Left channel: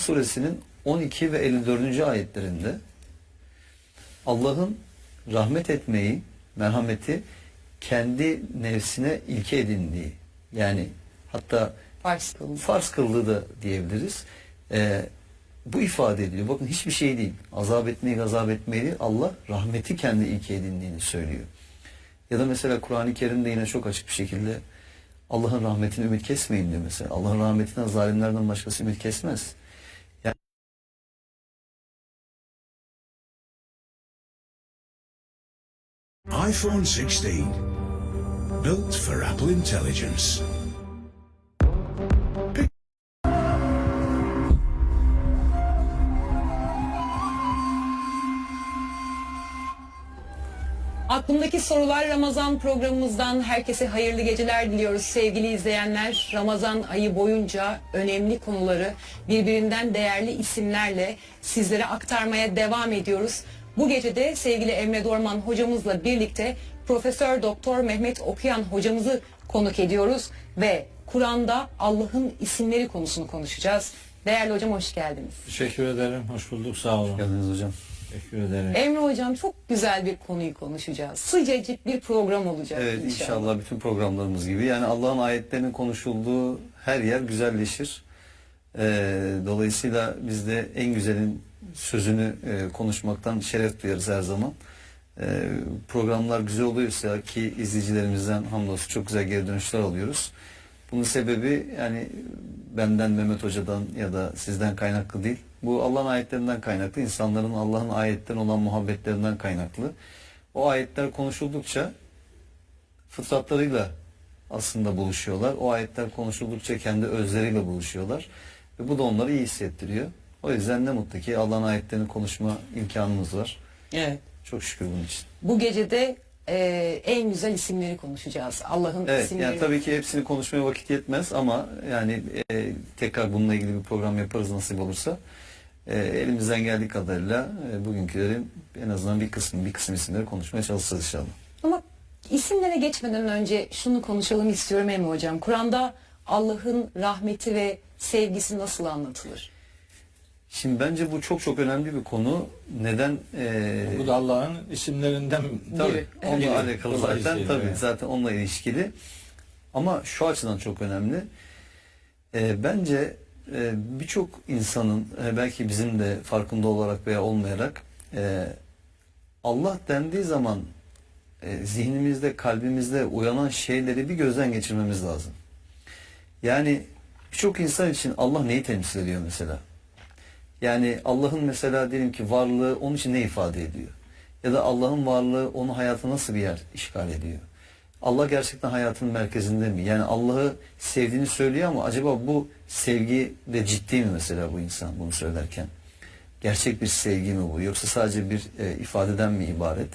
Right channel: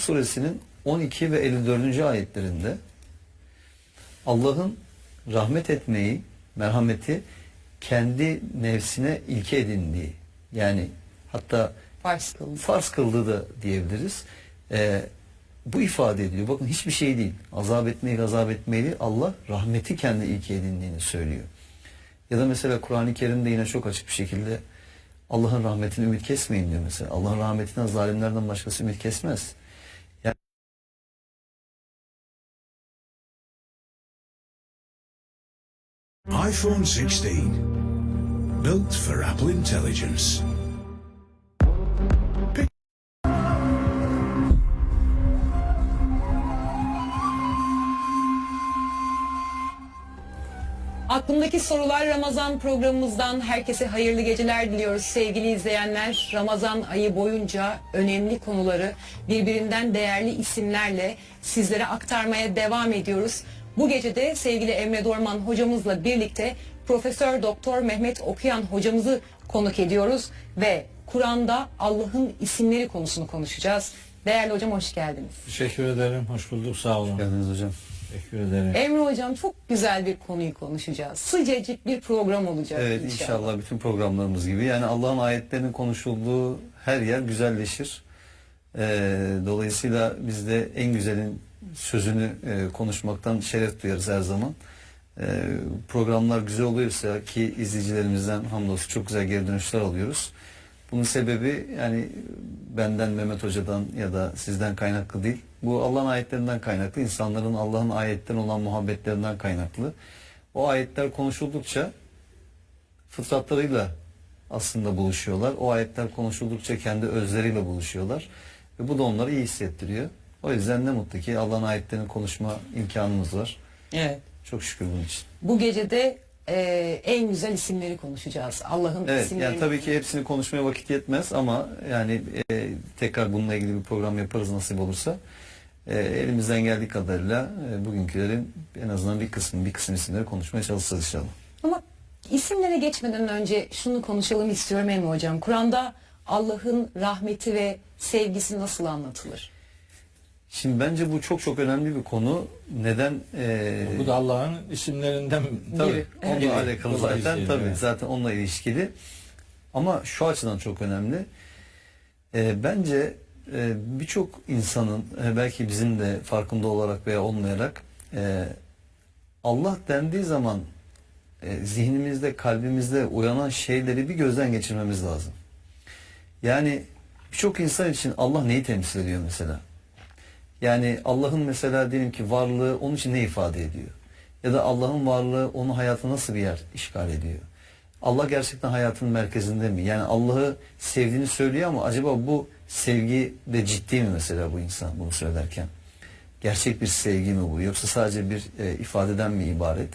suresinin 12 ve 54. ayetlerinde Allah'ın rahmet etmeyi, merhameti kendi nefsine ilke edindiği, yani hatta farz kıldığı da diyebiliriz. Bu ifade ediliyor. Bakın hiçbir şey değil. Azap etmeyi, gazap etmeyi değil. Allah rahmeti kendi ilke edindiğini söylüyor. Ya da mesela Kur'an-ı Kerim'de yine çok açık bir şekilde Allah'ın rahmetini ümit kesmeyin diyor mesela. Allah'ın rahmetinden zalimlerden başkası ümit kesmez. Yani iPhone 16, built for Apple Intelligence. Aklımdaki Sorular Ramazan programımızdan herkese hayırlı geceler diliyoruz sevgili izleyenler. Ramazan ayı boyunca önemli konuları birbirinden değerli isimlerle sizlere aktarmaya devam ediyoruz. Bu gece de sevgili Emre Dorman hocamızla birlikte Profesör Doktor Mehmet Okuyan hocamızı konuk ediyoruz ve Kur'an'da Allah'ın isimleri konusunu konuşacağız. Değerli hocam hoş geldiniz. Teşekkür ederim. Hoş bulduk. Sağ olun. geldiniz hocam. Teşekkür ederim. Emre hocam çok güzel bir konuyu konuşacağız. Sıcacık bir program olacak. Evet, inşallah bütün programlarımız gibi. Yani Allah'ın ayetlerinin konuşulduğu her yer güzelleşir. Dolayısıyla biz de en güzelin sözünü konuşmaktan şeref duyarız her zaman. Programlar güzel oluyorsa, ki izleyicilerimizden hamdolsun çok güzel geri dönüşler alıyoruz. Bunun sebebi yani benden, Mehmet Hoca'dan ya da sizden kaynaklı değil. Bu Allah'ın ayetlerinden kaynaklı, insanların Allah'ın ayetlerine olan muhabbetlerinden kaynaklı. O ayetler konuşuldukça fıtratlarıyla aslında buluşuyorlar. O ayetler konuşuldukça kendi özleriyle buluşuyorlar. Ve bu da onları iyi hissettiriyor. O yüzden ne mutlu ki Allah'ın ayetlerini konuşma imkanımız var. Evet. Çok şükür bunun için. Bu gece de en güzel isimleri konuşacağız. Allah'ın Evet, isimleri. yani tabii ki hepsini konuşmaya vakit yetmez ama yani tekrar bununla ilgili bir program yaparız nasip olursa. Elimizden geldiği kadarıyla bugünkülerin en azından bir kısım isimleri konuşmaya çalışacağız inşallah. Ama isimlere geçmeden önce şunu konuşalım istiyorum Emre hocam. Kur'an'da Allah'ın rahmeti ve sevgisi nasıl anlatılır? Şimdi bence bu çok önemli bir konu. Neden? Bu da Allah'ın isimlerinden Tabii. Evet. Onunla alakalı zaten. Dolayısıyla, Tabii. evet. Zaten onunla ilişkili. Ama şu açıdan çok önemli. Bence birçok insanın belki bizim de farkında olarak veya olmayarak Allah dendiği zaman zihnimizde, kalbimizde uyanan şeyleri bir gözden geçirmemiz lazım. Yani birçok insan için Allah neyi temsil ediyor mesela? Yani Allah'ın mesela diyelim ki varlığı onun için ne ifade ediyor? Ya da Allah'ın varlığı onun hayatı nasıl bir yer işgal ediyor? Allah gerçekten hayatın merkezinde mi? Yani Allah'ı sevdiğini söylüyor ama acaba bu sevgi de ciddi mi mesela bu insan bunu söylerken? Gerçek bir sevgi mi bu? Yoksa sadece bir ifadeden mi ibaret?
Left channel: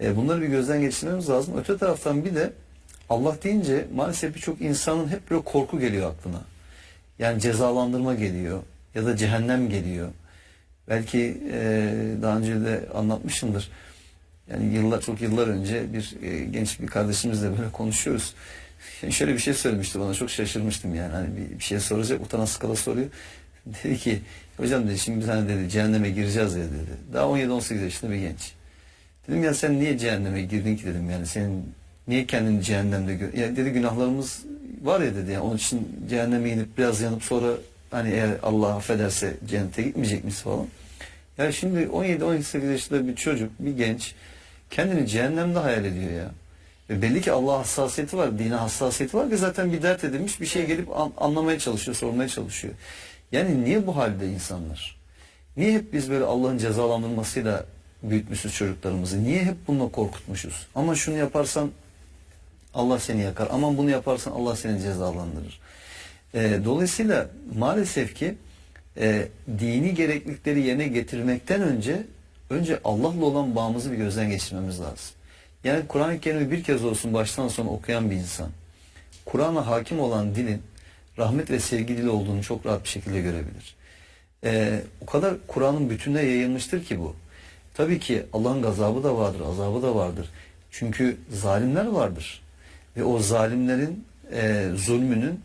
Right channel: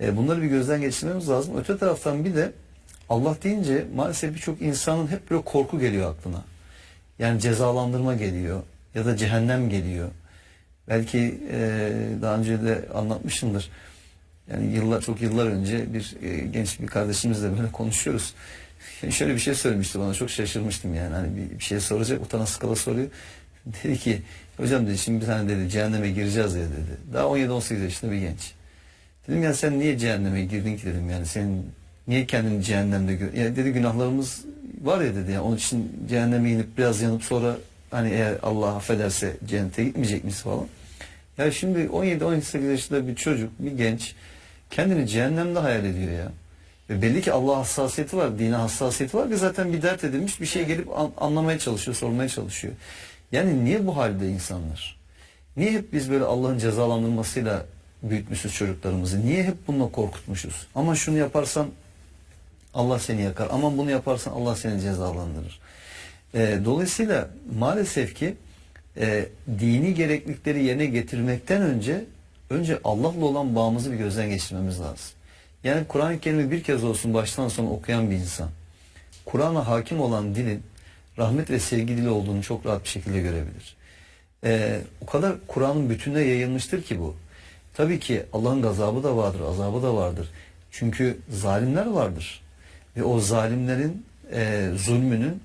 Bunları bir gözden geçirmemiz lazım. Öte taraftan bir de Allah deyince maalesef birçok insanın hep böyle korku geliyor aklına. Yani cezalandırma geliyor ya da cehennem geliyor. Belki daha önce de anlatmışımdır. Yani çok yıllar önce bir genç bir kardeşimizle böyle konuşuyoruz. Yani şöyle bir şey söylemişti bana, çok şaşırmıştım yani. Hani bir şey soracak, utana sıkıla soruyor. Dedi ki hocam dedi şimdi bir tane dedi cehenneme gireceğiz ya dedi. Daha 17-18 yaşında bir genç. Dedim ya sen niye cehenneme girdin ki dedim, yani senin niye kendini cehennemde gör? Ya dedi günahlarımız var ya dedi, yani onun için cehenneme inip biraz yanıp sonra hani eğer Allah affederse cennete gitmeyecek misin falan. Ya şimdi 17-18 yaşında bir çocuk, bir genç kendini cehennemde hayal ediyor ya. Ve belli ki Allah hassasiyeti var, dine hassasiyeti var ki zaten bir dert edilmiş bir şey gelip anlamaya çalışıyor, sormaya çalışıyor. Yani niye bu halde insanlar? Niye hep biz böyle Allah'ın cezalandırmasıyla büyütmüşüz çocuklarımızı? Niye hep bununla korkutmuşuz? Ama şunu yaparsan Allah seni yakar. Aman bunu yaparsan Allah seni cezalandırır. Dolayısıyla maalesef ki dini gereklilikleri yerine getirmekten önce Allah'la olan bağımızı bir gözden geçirmemiz lazım. Yani Kur'an-ı Kerim'i bir kez olsun baştan sona okuyan bir insan, Kur'an'a hakim olan dilin rahmet ve sevgi dili olduğunu çok rahat bir şekilde görebilir. O kadar Kur'an'ın bütününe yayılmıştır ki bu. Tabii ki Allah'ın gazabı da vardır, azabı da vardır. Çünkü zalimler vardır. Ve o zalimlerin zulmünün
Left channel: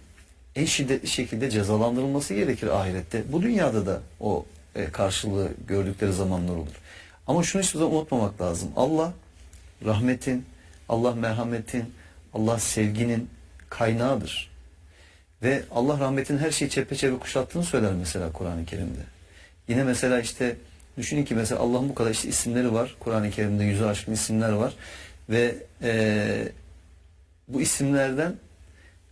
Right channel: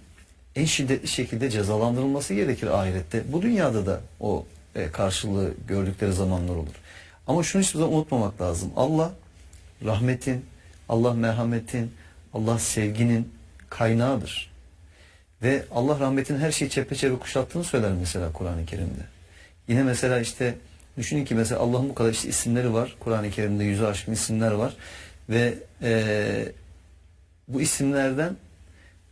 en şiddetli şekilde cezalandırılması gerekir ahirette. Bu dünyada da o karşılığı gördükleri zamanlar olur. Ama şunu hiçbir zaman unutmamak lazım. Allah rahmetin, Allah merhametin, Allah sevginin kaynağıdır. Ve Allah rahmetinin her şeyi çepeçevre kuşattığını söyler mesela Kur'an-ı Kerim'de. Yine mesela işte düşünün ki mesela Allah'ın bu kadar işte isimleri var. Kur'an-ı Kerim'de yüzü aşkın isimler var. Ve bu isimlerden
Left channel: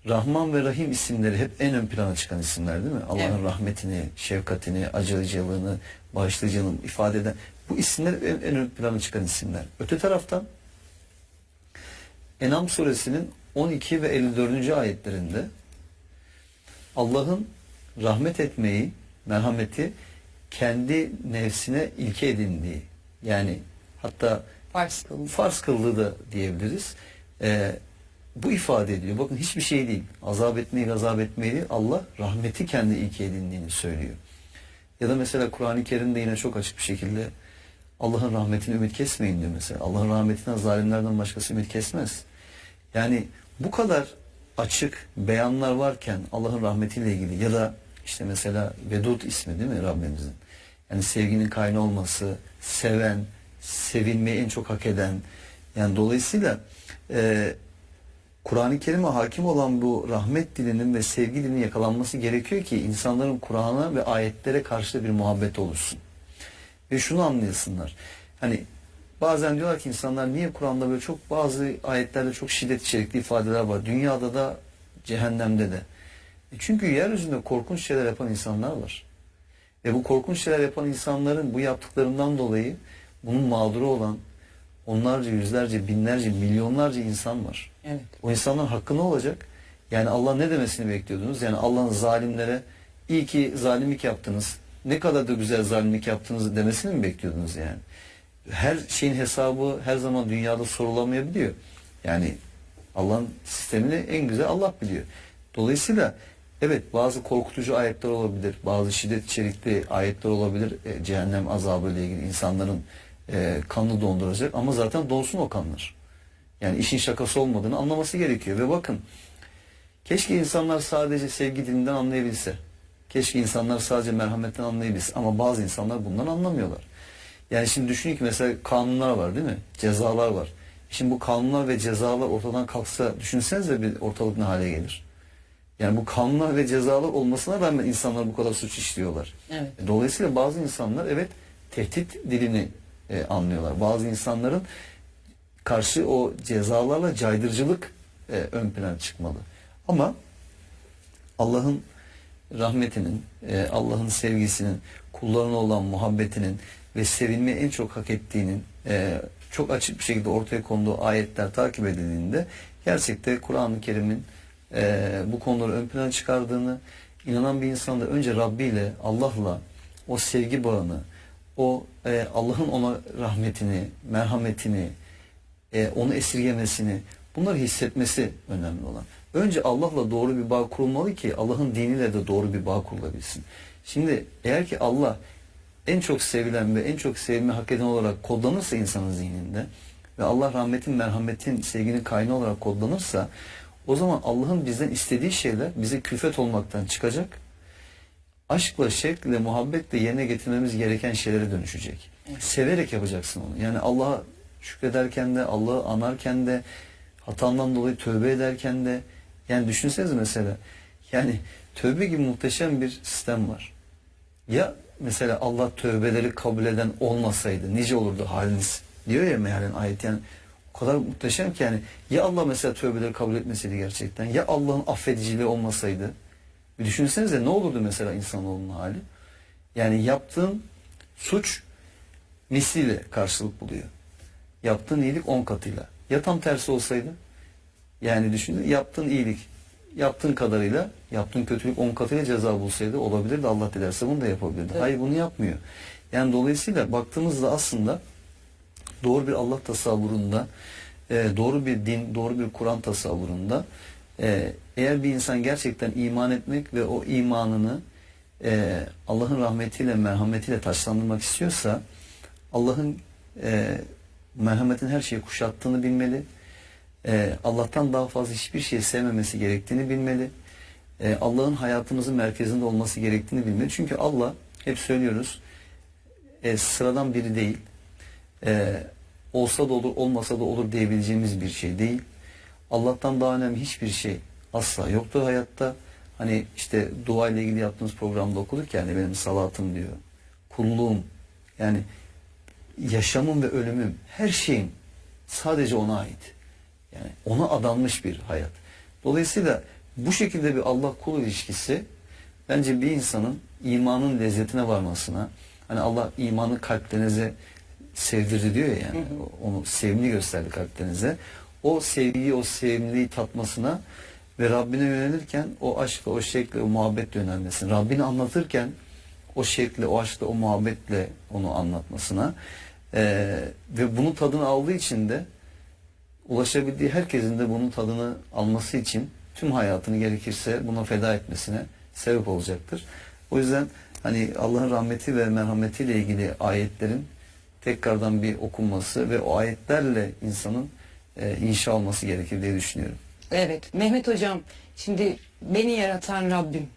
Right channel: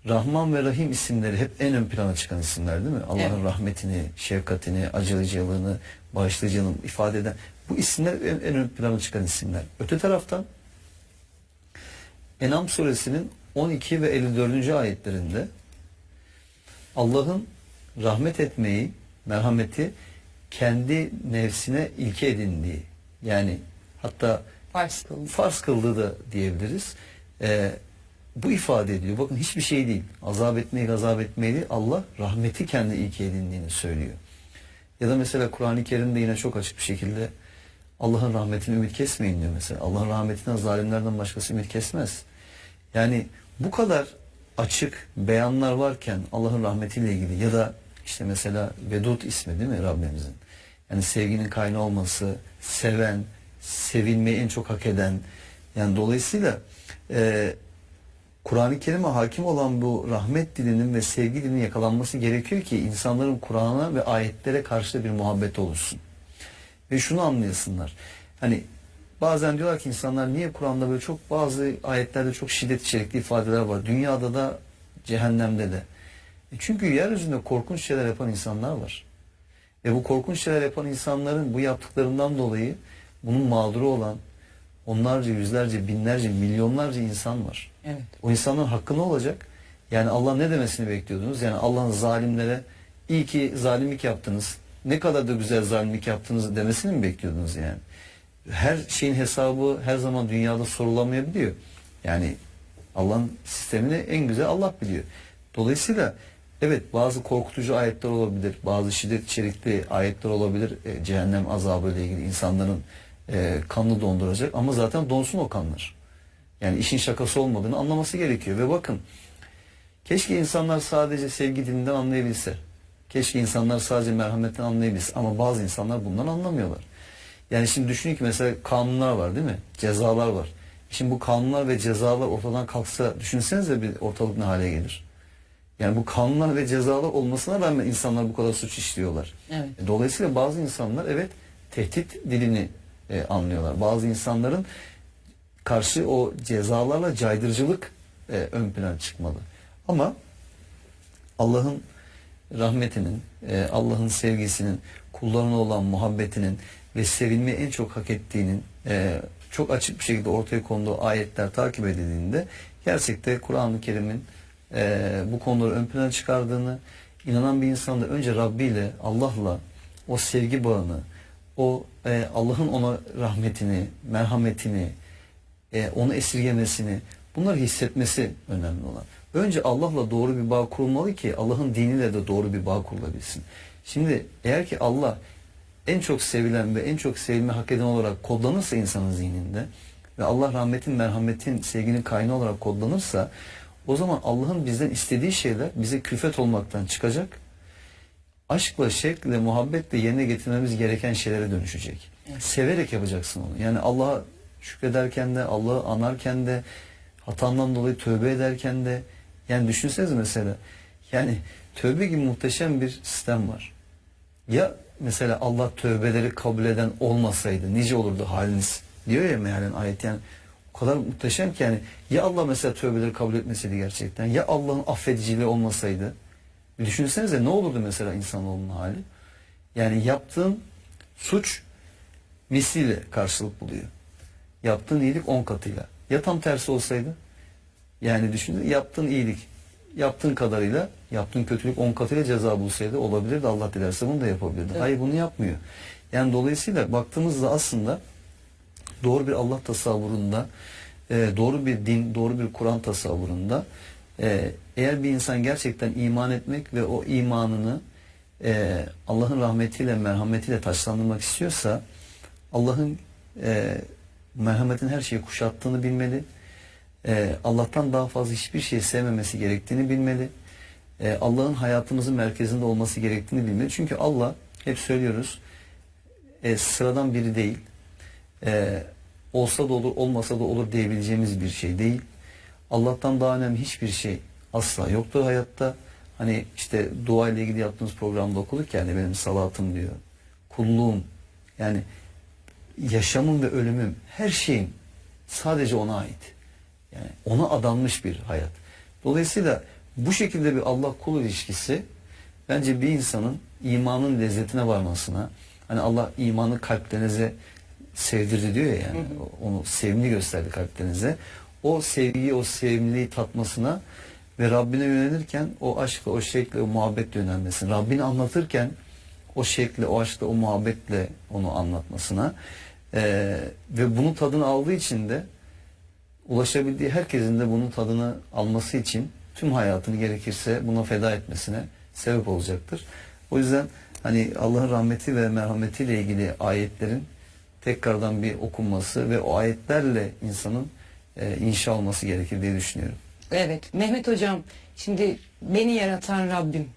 Rahman ve Rahim isimleri hep en ön plana çıkan isimler değil mi? Allah'ın Evet. rahmetini, şefkatini, acıyıcılığını, bağışlayıcılığını ifade eden bu isimler en ön plana çıkan isimler. Öte taraftan En'am suresinin 12 ve 54. ayetlerinde Allah'ın rahmet etmeyi, merhameti kendi nefsine ilke edindiği, yani hatta farz kıldığı da diyebiliriz. Bu ifade ediyor. Bakın hiçbir şey değil. Azap etmeyi, gazap etmeyi değil. Allah rahmeti kendi ilke edindiğini söylüyor. Ya da mesela Kur'an-ı Kerim'de yine çok açık bir şekilde Allah'ın rahmetini ümit kesmeyin diyor mesela. Allah'ın rahmetinden zalimlerden başkası ümit kesmez. Yani bu kadar açık beyanlar varken Allah'ın rahmetiyle ilgili ya da işte mesela Vedud ismi değil mi Rabbimizin? Yani sevginin kaynağı olması, seven, sevilmeyi en çok hak eden. Yani dolayısıyla Kur'an-ı Kerim'e hakim olan bu rahmet dilinin ve sevgi dilinin yakalanması gerekiyor ki insanların Kur'an'a ve ayetlere karşı bir muhabbet oluşsun. Ve şunu anlayasınlar. Hani bazen diyorlar ki insanlar niye Kur'an'da böyle çok bazı ayetlerde çok şiddet içerikli ifadeler var. Dünyada da cehennemde de. Çünkü yeryüzünde korkunç şeyler yapan insanlar var. Ve bu korkunç şeyler yapan insanların bu yaptıklarından dolayı bunun mağduru olan onlarca, yüzlerce, binlerce, milyonlarca insan var. Evet. O insanların hakkı ne olacak? Yani Allah ne demesini bekliyordunuz? Yani Allah'ın zalimlere iyi ki zalimlik yaptınız, ne kadar da güzel zalimlik yaptınız demesini mi bekliyordunuz yani? Her şeyin hesabı her zaman dünyada sorulamayabiliyor. Yani Allah'ın sistemini en güzel Allah biliyor. Dolayısıyla evet bazı korkutucu ayetler olabilir, bazı şiddet içerikli ayetler olabilir, cehennem azabı ile ilgili insanların kanını donduracak ama zaten donsun o kanlar. Yani işin şakası olmadığını anlaması gerekiyor. Ve bakın keşke insanlar sadece sevgi dilinden anlayabilse. Keşke insanlar sadece merhametten anlayabilse. Ama bazı insanlar bundan anlamıyorlar. Yani şimdi düşünün ki mesela kanunlar var değil mi? Cezalar var. Şimdi bu kanunlar ve cezalar ortadan kalksa düşünsenize bir ortalık ne hale gelir. Yani bu kanunlar ve cezalar olmasına rağmen insanlar bu kadar suç işliyorlar. Evet. Dolayısıyla bazı insanlar evet tehdit dilini anlıyorlar. Bazı insanların karşı o cezalarla caydırıcılık ön plana çıkmalı. Ama Allah'ın rahmetinin, Allah'ın sevgisinin, kullarına olan muhabbetinin ve sevilmeyi en çok hak ettiğinin çok açık bir şekilde ortaya konduğu ayetler takip edildiğinde gerçekten Kur'an-ı Kerim'in bu konuları ön plana çıkardığını, inanan bir insan da önce Rabbi ile, Allah'la o sevgi bağını, o Allah'ın ona rahmetini, merhametini, onu esirgemesini, bunları hissetmesi önemli olan. Önce Allah'la doğru bir bağ kurulmalı ki Allah'ın diniyle de doğru bir bağ kurulabilsin. Şimdi eğer ki Allah en çok sevilen ve en çok sevilme hak eden olarak kodlanırsa insanın zihninde ve Allah rahmetin, merhametin, sevginin kaynağı olarak kodlanırsa o zaman Allah'ın bizden istediği şeyler bize külfet olmaktan çıkacak. Aşkla, şevkle, muhabbetle yerine getirmemiz gereken şeylere dönüşecek. Evet. Severek yapacaksın onu. Yani Allah'a şükrederken de, Allah'ı anarken de, hatandan dolayı tövbe ederken de, yani düşünsenize mesela, yani tövbe gibi muhteşem bir sistem var. Ya mesela Allah tövbeleri kabul eden olmasaydı nice olurdu haliniz diyor ya mealen ayet, yani o kadar muhteşem ki yani ya Allah mesela tövbeleri kabul etmeseydi gerçekten, ya Allah'ın affediciliği olmasaydı, bir düşünsenize ne olurdu mesela insanoğlunun hali. Yani yaptığın suç misliyle karşılık buluyor. Yaptığın iyilik 10 katıyla. Ya tam tersi olsaydı? Yani düşünün, yaptığın iyilik yaptığın kadarıyla, yaptığın kötülük 10 katıyla ceza bulsaydı olabilirdi. Allah dilerse bunu da yapabilirdi. Evet. Hayır, bunu yapmıyor. Yani dolayısıyla baktığımızda aslında doğru bir Allah tasavvurunda, doğru bir din, doğru bir Kur'an tasavvurunda eğer bir insan gerçekten iman etmek ve o imanını Allah'ın rahmetiyle, merhametiyle taçlandırmak istiyorsa Allah'ın merhametin her şeyi kuşattığını bilmeli. Allah'tan daha fazla hiçbir şey sevmemesi gerektiğini bilmeli. Allah'ın hayatımızın merkezinde olması gerektiğini bilmeli. Çünkü Allah, hep söylüyoruz, sıradan biri değil. Olsa da olur, olmasa da olur diyebileceğimiz bir şey değil. Allah'tan daha önemli hiçbir şey asla yoktur hayatta. Hani işte dua ile ilgili yaptığımız programda okuduk yani benim salatım diyor. Kulluğum, yani yaşamım ve ölümüm, her şeyim sadece ona ait. Yani ona adanmış bir hayat. Dolayısıyla bu şekilde bir Allah kul ilişkisi bence bir insanın imanın lezzetine varmasına, hani Allah imanı kalplerinize sevdirdi diyor ya, yani onu sevimli gösterdi kalplerinize. O sevgiyi, o sevimliliği tatmasına ve Rabbine yönelirken o aşkla, o şevkle, o muhabbetle yönelmesine, Rabbini anlatırken o şevkle, o aşkla, o muhabbetle onu anlatmasına ve bunun tadını aldığı için de ulaşabildiği herkesin de bunun tadını alması için tüm hayatını gerekirse buna feda etmesine sebep olacaktır. O yüzden hani Allah'ın rahmeti ve merhametiyle ilgili ayetlerin tekrardan bir okunması ve o ayetlerle insanın inşa olması gerekir diye düşünüyorum. Evet Mehmet Hocam, şimdi beni yaratan Rabbim,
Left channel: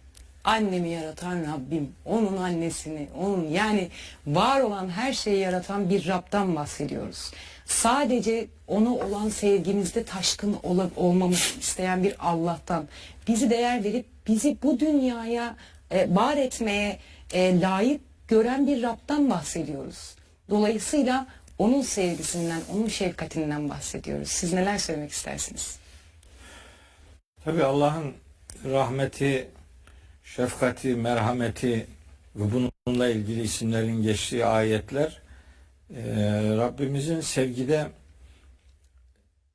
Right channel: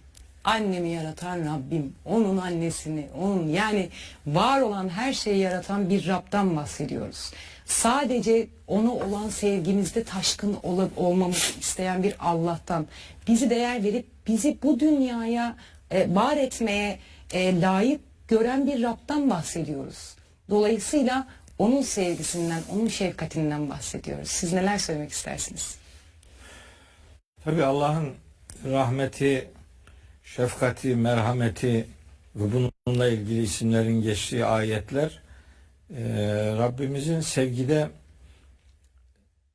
annemi yaratan Rabbim, onun annesini, onun yani var olan her şeyi yaratan bir Rab'dan bahsediyoruz. Sadece ona olan sevgimizde taşkın olmamızı isteyen bir Allah'tan, bizi değer verip bizi bu dünyaya var etmeye layık gören bir Rab'dan bahsediyoruz. Dolayısıyla onun sevgisinden, onun şefkatinden bahsediyoruz. Siz neler söylemek istersiniz? Tabii Allah'ın rahmeti, şefkati, merhameti ve bununla ilgili isimlerin geçtiği ayetler Rabbimizin sevgide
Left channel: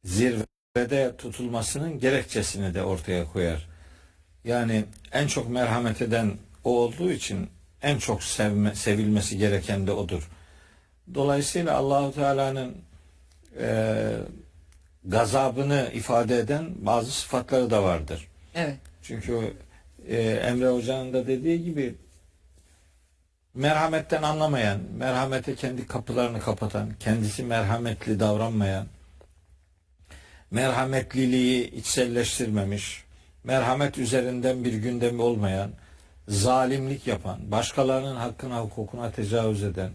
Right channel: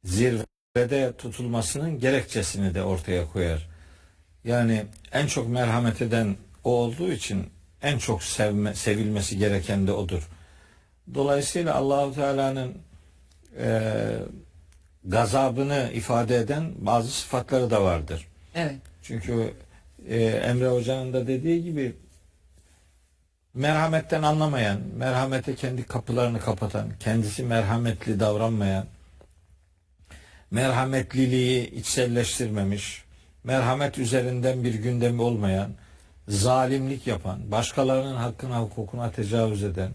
zirvede tutulmasının gerekçesini de ortaya koyar. Yani en çok merhamet eden o olduğu için en çok sevilmesi gereken de odur. Dolayısıyla Allahu Teala'nın gazabını ifade eden bazı sıfatları da vardır. Evet. Çünkü Emre Hoca'nın da dediği gibi merhametten anlamayan, merhamete kendi kapılarını kapatan, kendisi merhametli davranmayan, merhametliliği içselleştirmemiş, merhamet üzerinden bir gündemi olmayan, zalimlik yapan, başkalarının hakkına, hukukuna tecavüz eden,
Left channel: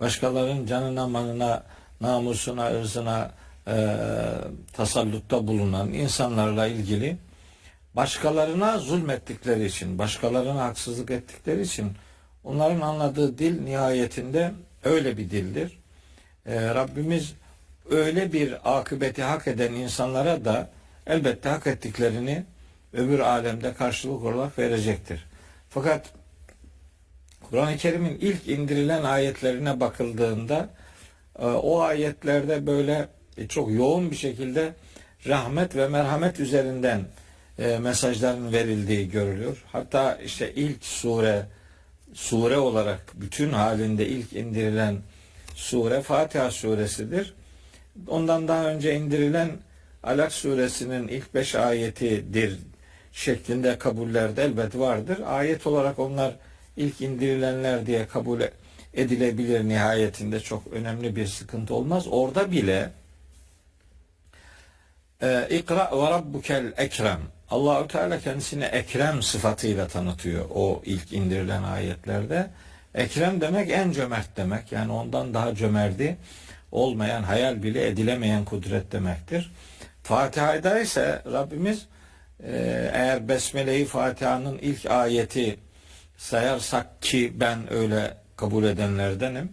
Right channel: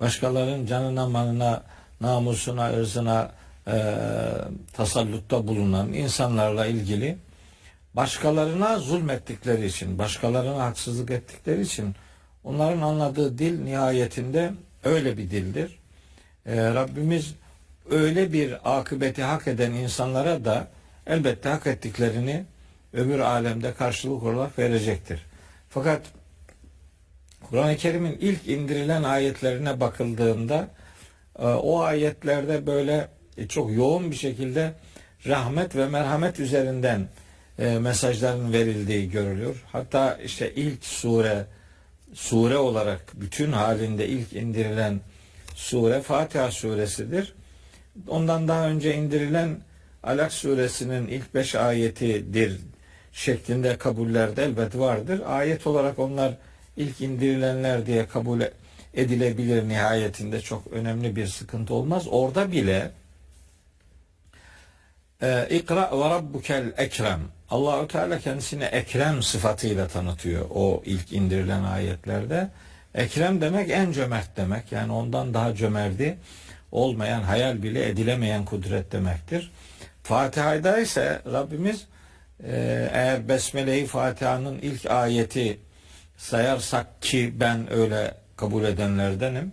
başkalarının canına, malına, namusuna, ırzına tasallutta bulunan insanlarla ilgili başkalarına zulmettikleri için, başkalarına haksızlık ettikleri için onların anladığı dil nihayetinde öyle bir dildir. Rabbimiz öyle bir akıbeti hak eden insanlara da elbette hak ettiklerini öbür alemde karşılık olarak verecektir. Fakat Kur'an-ı Kerim'in ilk indirilen ayetlerine bakıldığında o ayetlerde böyle çok yoğun bir şekilde rahmet ve merhamet üzerinden mesajların verildiği görülüyor. Hatta işte ilk sure olarak bütün halinde ilk indirilen sure Fatiha suresidir. Ondan daha önce indirilen Alak suresinin ilk 5 ayetidir şeklinde kabuller de elbet vardır. Ayet olarak onlar ilk indirilenler diye kabul edilebilir, nihayetinde çok önemli bir sıkıntı olmaz. Orada bile İkra ve rabbukel ekrem, Allahu Teala kendisini ekrem sıfatıyla tanıtıyor o ilk indirilen ayetlerde. Ekrem demek en cömert demek. Yani ondan daha cömerti olmayan, hayal bile edilemeyen kudret demektir. Fatiha'da ise Rabbimiz eğer Besmele-i Fatiha'nın ilk ayeti sayarsak, ki ben öyle kabul edenlerdenim.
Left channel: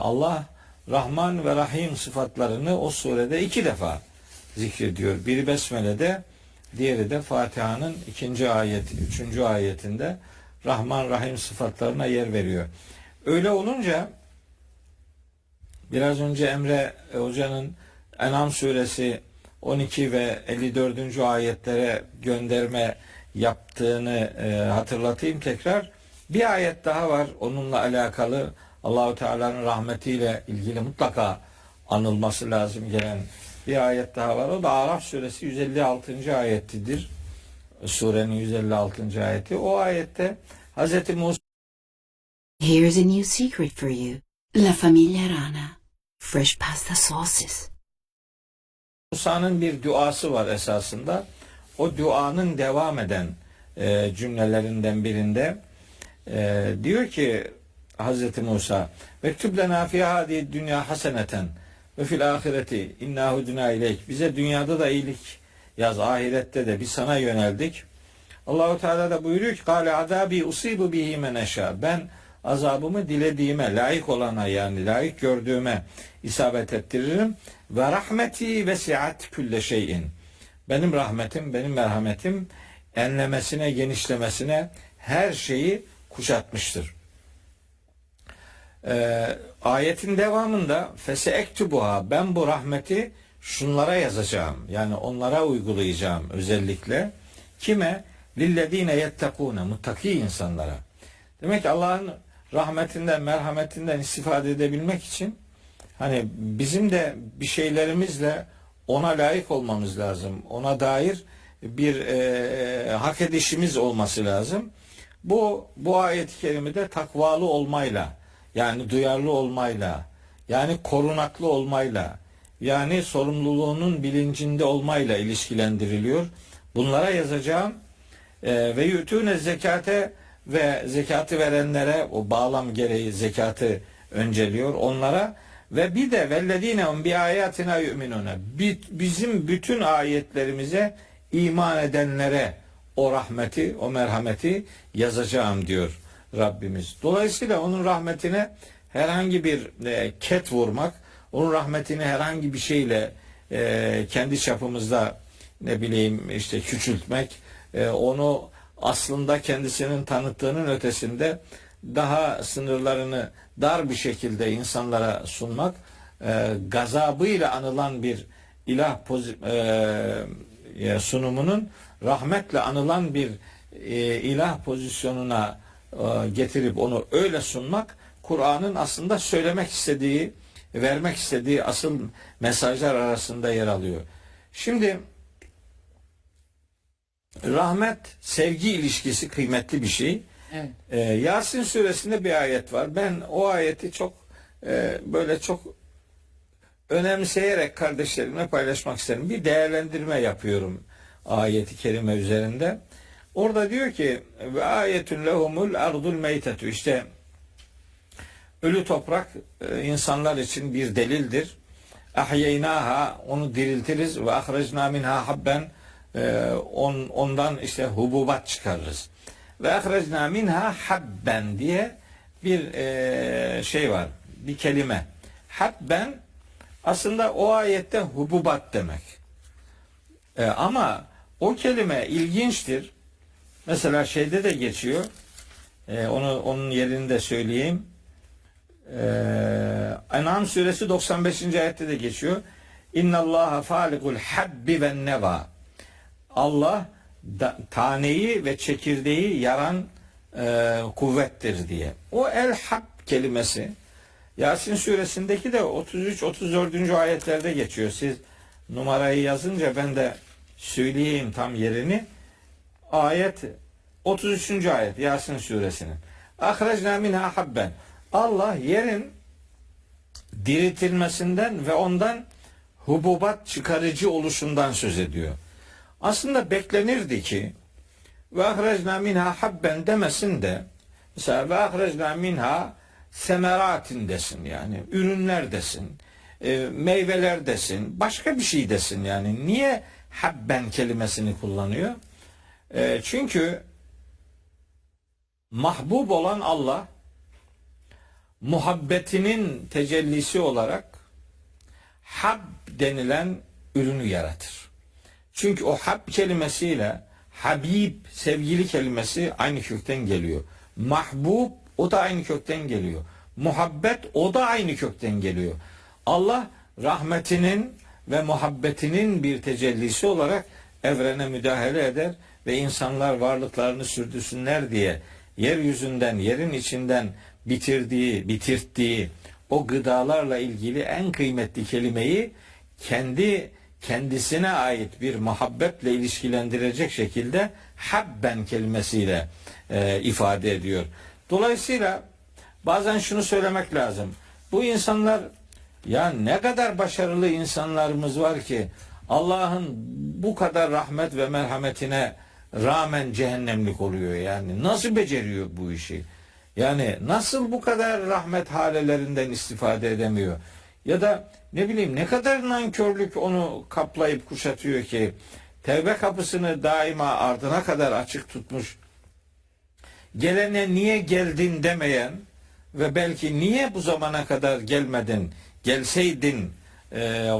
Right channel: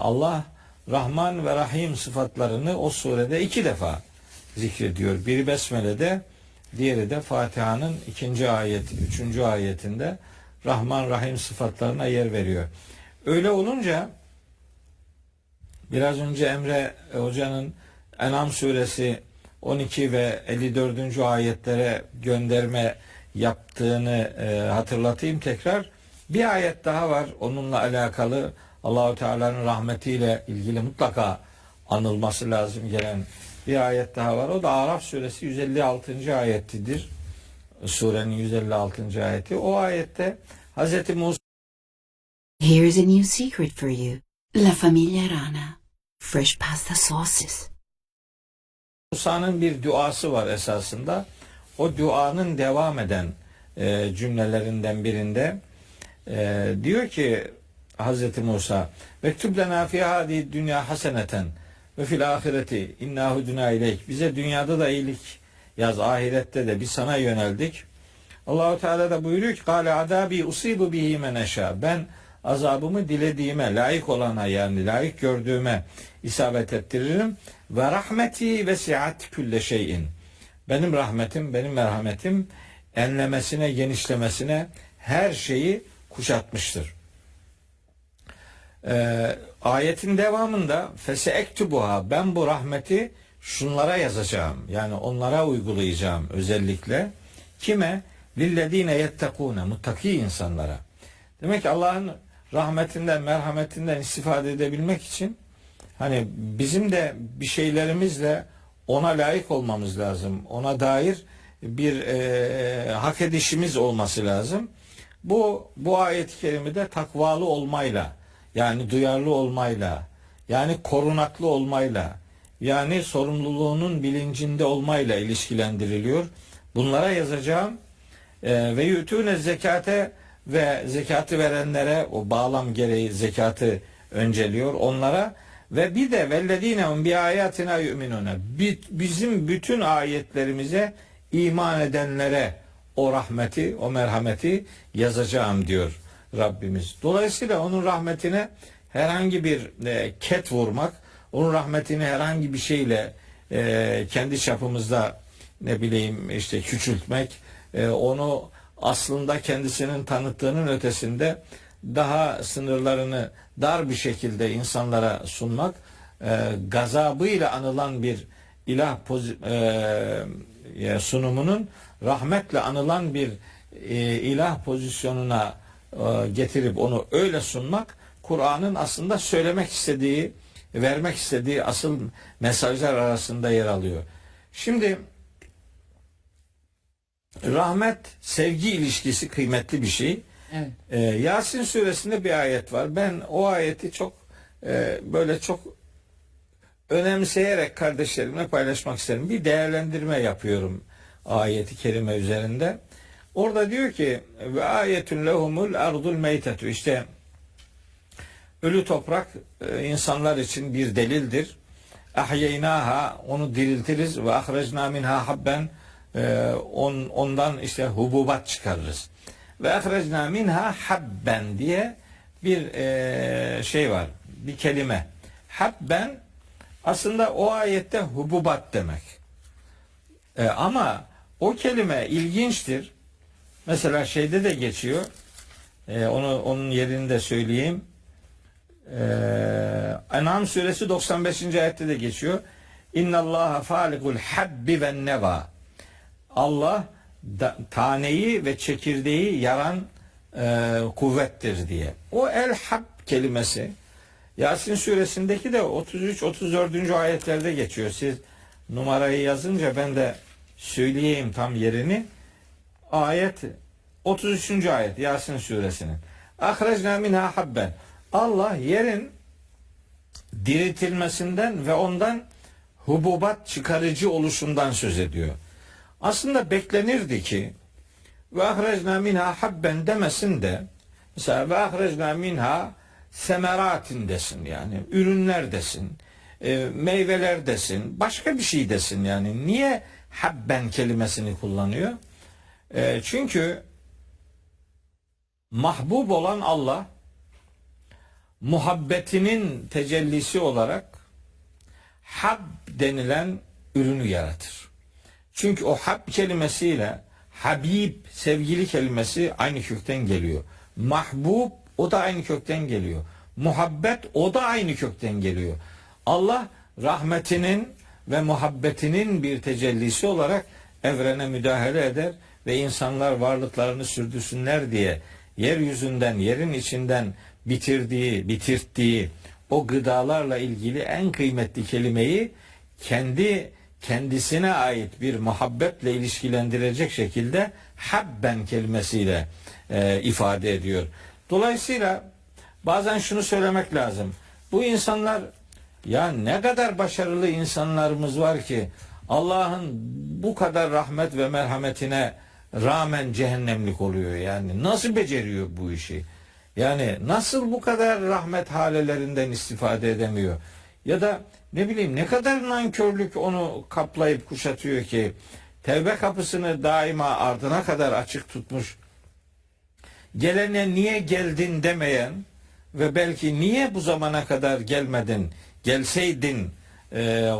Allah Rahman ve Rahim sıfatlarını o surede 2 defa zikrediyor. Biri Besmele'de, diğeri de Fatiha'nın 2. ayeti, 3. ayetinde Rahman Rahim sıfatlarına yer veriyor. Öyle olunca biraz önce Emre Hoca'nın En'am suresi 12 ve 54. ayetlere gönderme yaptığını hatırlatayım tekrar. Bir ayet daha var onunla alakalı, Allahu Teala'nın rahmetiyle ilgili mutlaka anılması lazım gelen bir ayet daha var. O da Araf suresi 156. ayetidir. Surenin 156. ayeti. O ayette Hz. Musa Here's a new secret for you. La Familia Rana. Fresh pasta sauces. Musa'nın bir duası var esasında. o duanın devam eden cümlelerinden birinde diyor ki Hazreti Musa vektub lena fi hadi dünya haseneten ve fil ahireti inna huduna ileyk, bize dünyada da iyilik yaz, ahirette de biz sana yöneldik. Allahu Teala da buyuruyor ki kâle adabi usibu bihi men eşâ, ben azabımı dilediğime, layık olana, yani layık gördüğüme isabet ettiririm. Ve rahmeti vesiat külle şeyin, benim rahmetim, benim merhametim enlemesine, genişlemesine her şeyi kuşatmıştır. Ayetin devamında feseektubuha, ben bu rahmeti şunlara yazacağım, yani onlara uygulayacağım özellikle. Kime? Lillezine yettekûne, muttaki insanlara. Demek ki Allah'ın rahmetinden, merhametinden istifade edebilmek için hani bizim de bir şeylerimizle ona layık olmamız lazım. Ona dair bir hak edişimiz olması lazım. Bu ayet-i kerimede takvalı olmayla, yani duyarlı olmayla, yani korunaklı olmayla, yani sorumluluğunun bilincinde olmayla ilişkilendiriliyor. Bunlara yazacağım ve yutune zekate, ve zekatı verenlere, o bağlam gereği zekatı önceliyor onlara, ve bir de velledine bi ayatina yu'minune, bizim bütün ayetlerimize iman edenlere o rahmeti, o merhameti yazacağım diyor Rabbimiz. Dolayısıyla onun rahmetine herhangi bir ket vurmak, onun rahmetini herhangi bir şeyle kendi çapımızda ne bileyim işte küçültmek, onu aslında kendisinin tanıttığının ötesinde daha sınırlarını dar bir şekilde insanlara sunmak, gazabıyla anılan bir ilah sunumunun rahmetle anılan bir ilah pozisyonuna getirip onu öyle sunmak, Kur'an'ın aslında söylemek istediği, vermek istediği asıl mesajlar arasında yer alıyor. Şimdi rahmet, sevgi ilişkisi kıymetli bir şey. Evet. Yasin suresinde bir ayet var. Ben o ayeti çok böyle çok önemseyerek kardeşlerimle paylaşmak isterim. Bir değerlendirme yapıyorum ayeti kerime üzerinde. Orada diyor ki ve ayetun lehumul ardul meytetu, işte ölü toprak insanlar için bir delildir. Ahyeynaha, onu diriltiriz, ve ahrecna minha habben, ondan işte hububat çıkarırız. Ve ahrecna minha habben diye bir şey var, bir kelime. Habben aslında o ayette hububat demek. Ama o kelime ilginçtir. Mesela şeyde de geçiyor. Onun yerini de söyleyeyim. En'am suresi 95. ayette de geçiyor. İnnallaha falikul habbi ven neva. Allah taneyi ve çekirdeği yaran kuvvettir diye. O el-hab kelimesi Yasin suresindeki de 33-34. ayetlerde geçiyor. Siz numarayı yazınca ben de söyleyeyim tam yerini. Ayet 33. ayet Yasin suresinin. Ahrecna minha habben. Allah yerin diriltilmesinden ve ondan hububat çıkarıcı oluşundan söz ediyor. Aslında beklenirdi ki ve ahrecna minha habben demesin de mesela ve ahrecna minha semeratin desin, yani ürünler desin, meyveler desin, başka bir şey desin. Yani niye habben kelimesini kullanıyor? Çünkü mahbub olan Allah muhabbetinin tecellisi olarak hab denilen ürünü yaratır. Çünkü o hab kelimesiyle habib, sevgili kelimesi aynı kökten geliyor. Mahbub, o da aynı kökten geliyor. Muhabbet, o da aynı kökten geliyor. Allah rahmetinin ve muhabbetinin bir tecellisi olarak evrene müdahale eder ve insanlar varlıklarını sürdürsünler diye yeryüzünden, yerin içinden bitirttiği o gıdalarla ilgili en kıymetli kelimeyi kendisine ait bir muhabbetle ilişkilendirecek şekilde habben kelimesiyle ifade ediyor. Dolayısıyla bazen şunu söylemek lazım. Bu insanlar, ya ne kadar başarılı insanlarımız var ki Allah'ın bu kadar rahmet ve merhametine rağmen cehennemlik oluyor yani. Nasıl beceriyor bu işi? Yani nasıl bu kadar rahmet halelerinden istifade edemiyor? Ya da ne bileyim ne kadar nankörlük onu kaplayıp kuşatıyor ki tevbe kapısını daima ardına kadar açık tutmuş, gelene niye geldin demeyen ve belki niye bu zamana kadar gelmedin, gelseydin